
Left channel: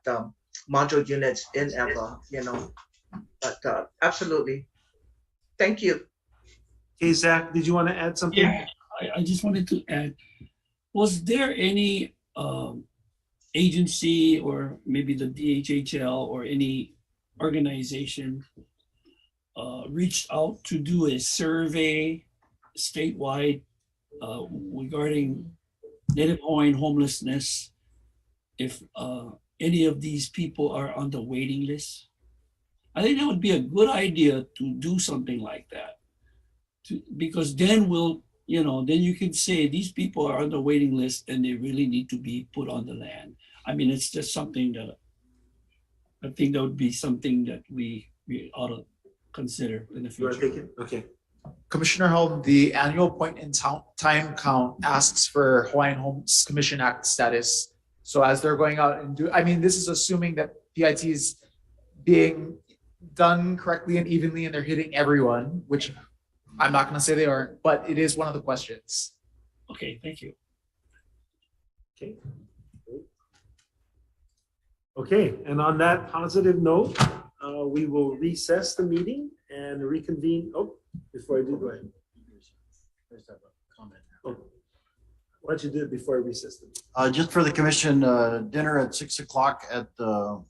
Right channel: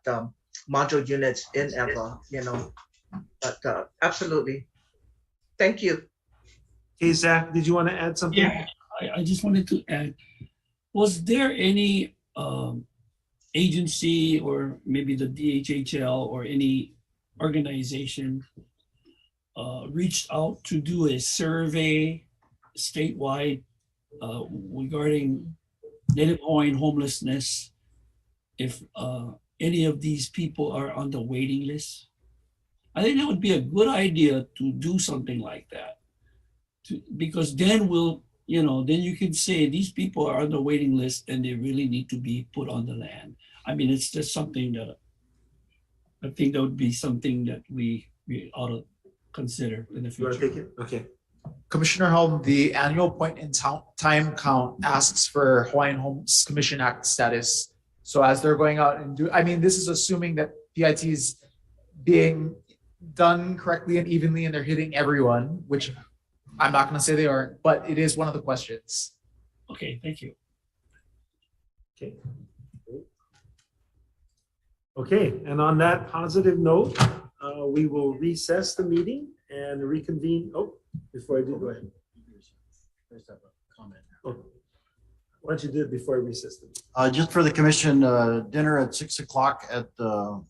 modular units in EVA, you know, but absolutely. Thank you. Hey, Zach, did you want to add something? Yeah, I just wanted to add, was there any agency or maybe the DHHL or any organization reached out to do a survey statewide regarding Native Hawaiian homelessness, if any of these people are on the waiting list? I think that would be a good idea to do something like that, because then then you can say these people are on the waiting list and they really need to be put on the land. I mean, it's just something that I think that would be something that we ought to consider in the future. Okay. Commissioner Helm, the annual point in time count asks for Hawaiian Homes Commission Act status. So as they're going out and this is assuming that PIT is being done correctly and evenly and they're hitting everyone, which I'm not going to say they aren't, but it is one of the questions. Okay, thank you. Okay. Okay, and on that positive note, we will recess the meeting and reconvene. Oh, before I do, go ahead. Oh, why don't you do it before I recess the meeting? Just for the commission, dinner at 6 o'clock at the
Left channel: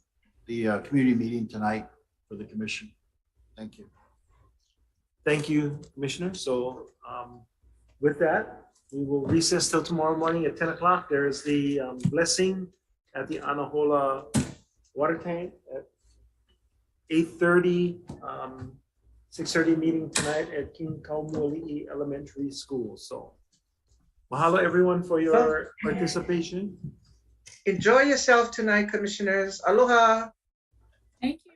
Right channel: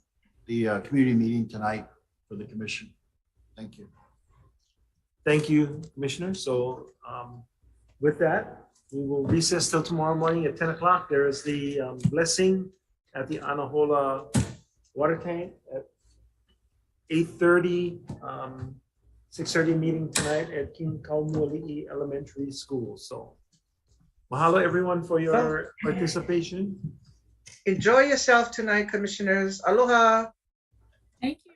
community meeting tonight for the commission. Thank you. Thank you, Commissioner. So with that, we will recess till tomorrow morning at 10 o'clock. There is the blessing at the Anahola water tank at 8:30, 6:30 meeting tonight at King Kaumuali'i Elementary School. So mahalo everyone for your participation. Enjoy yourself tonight, commissioners. Aloha. Thank you.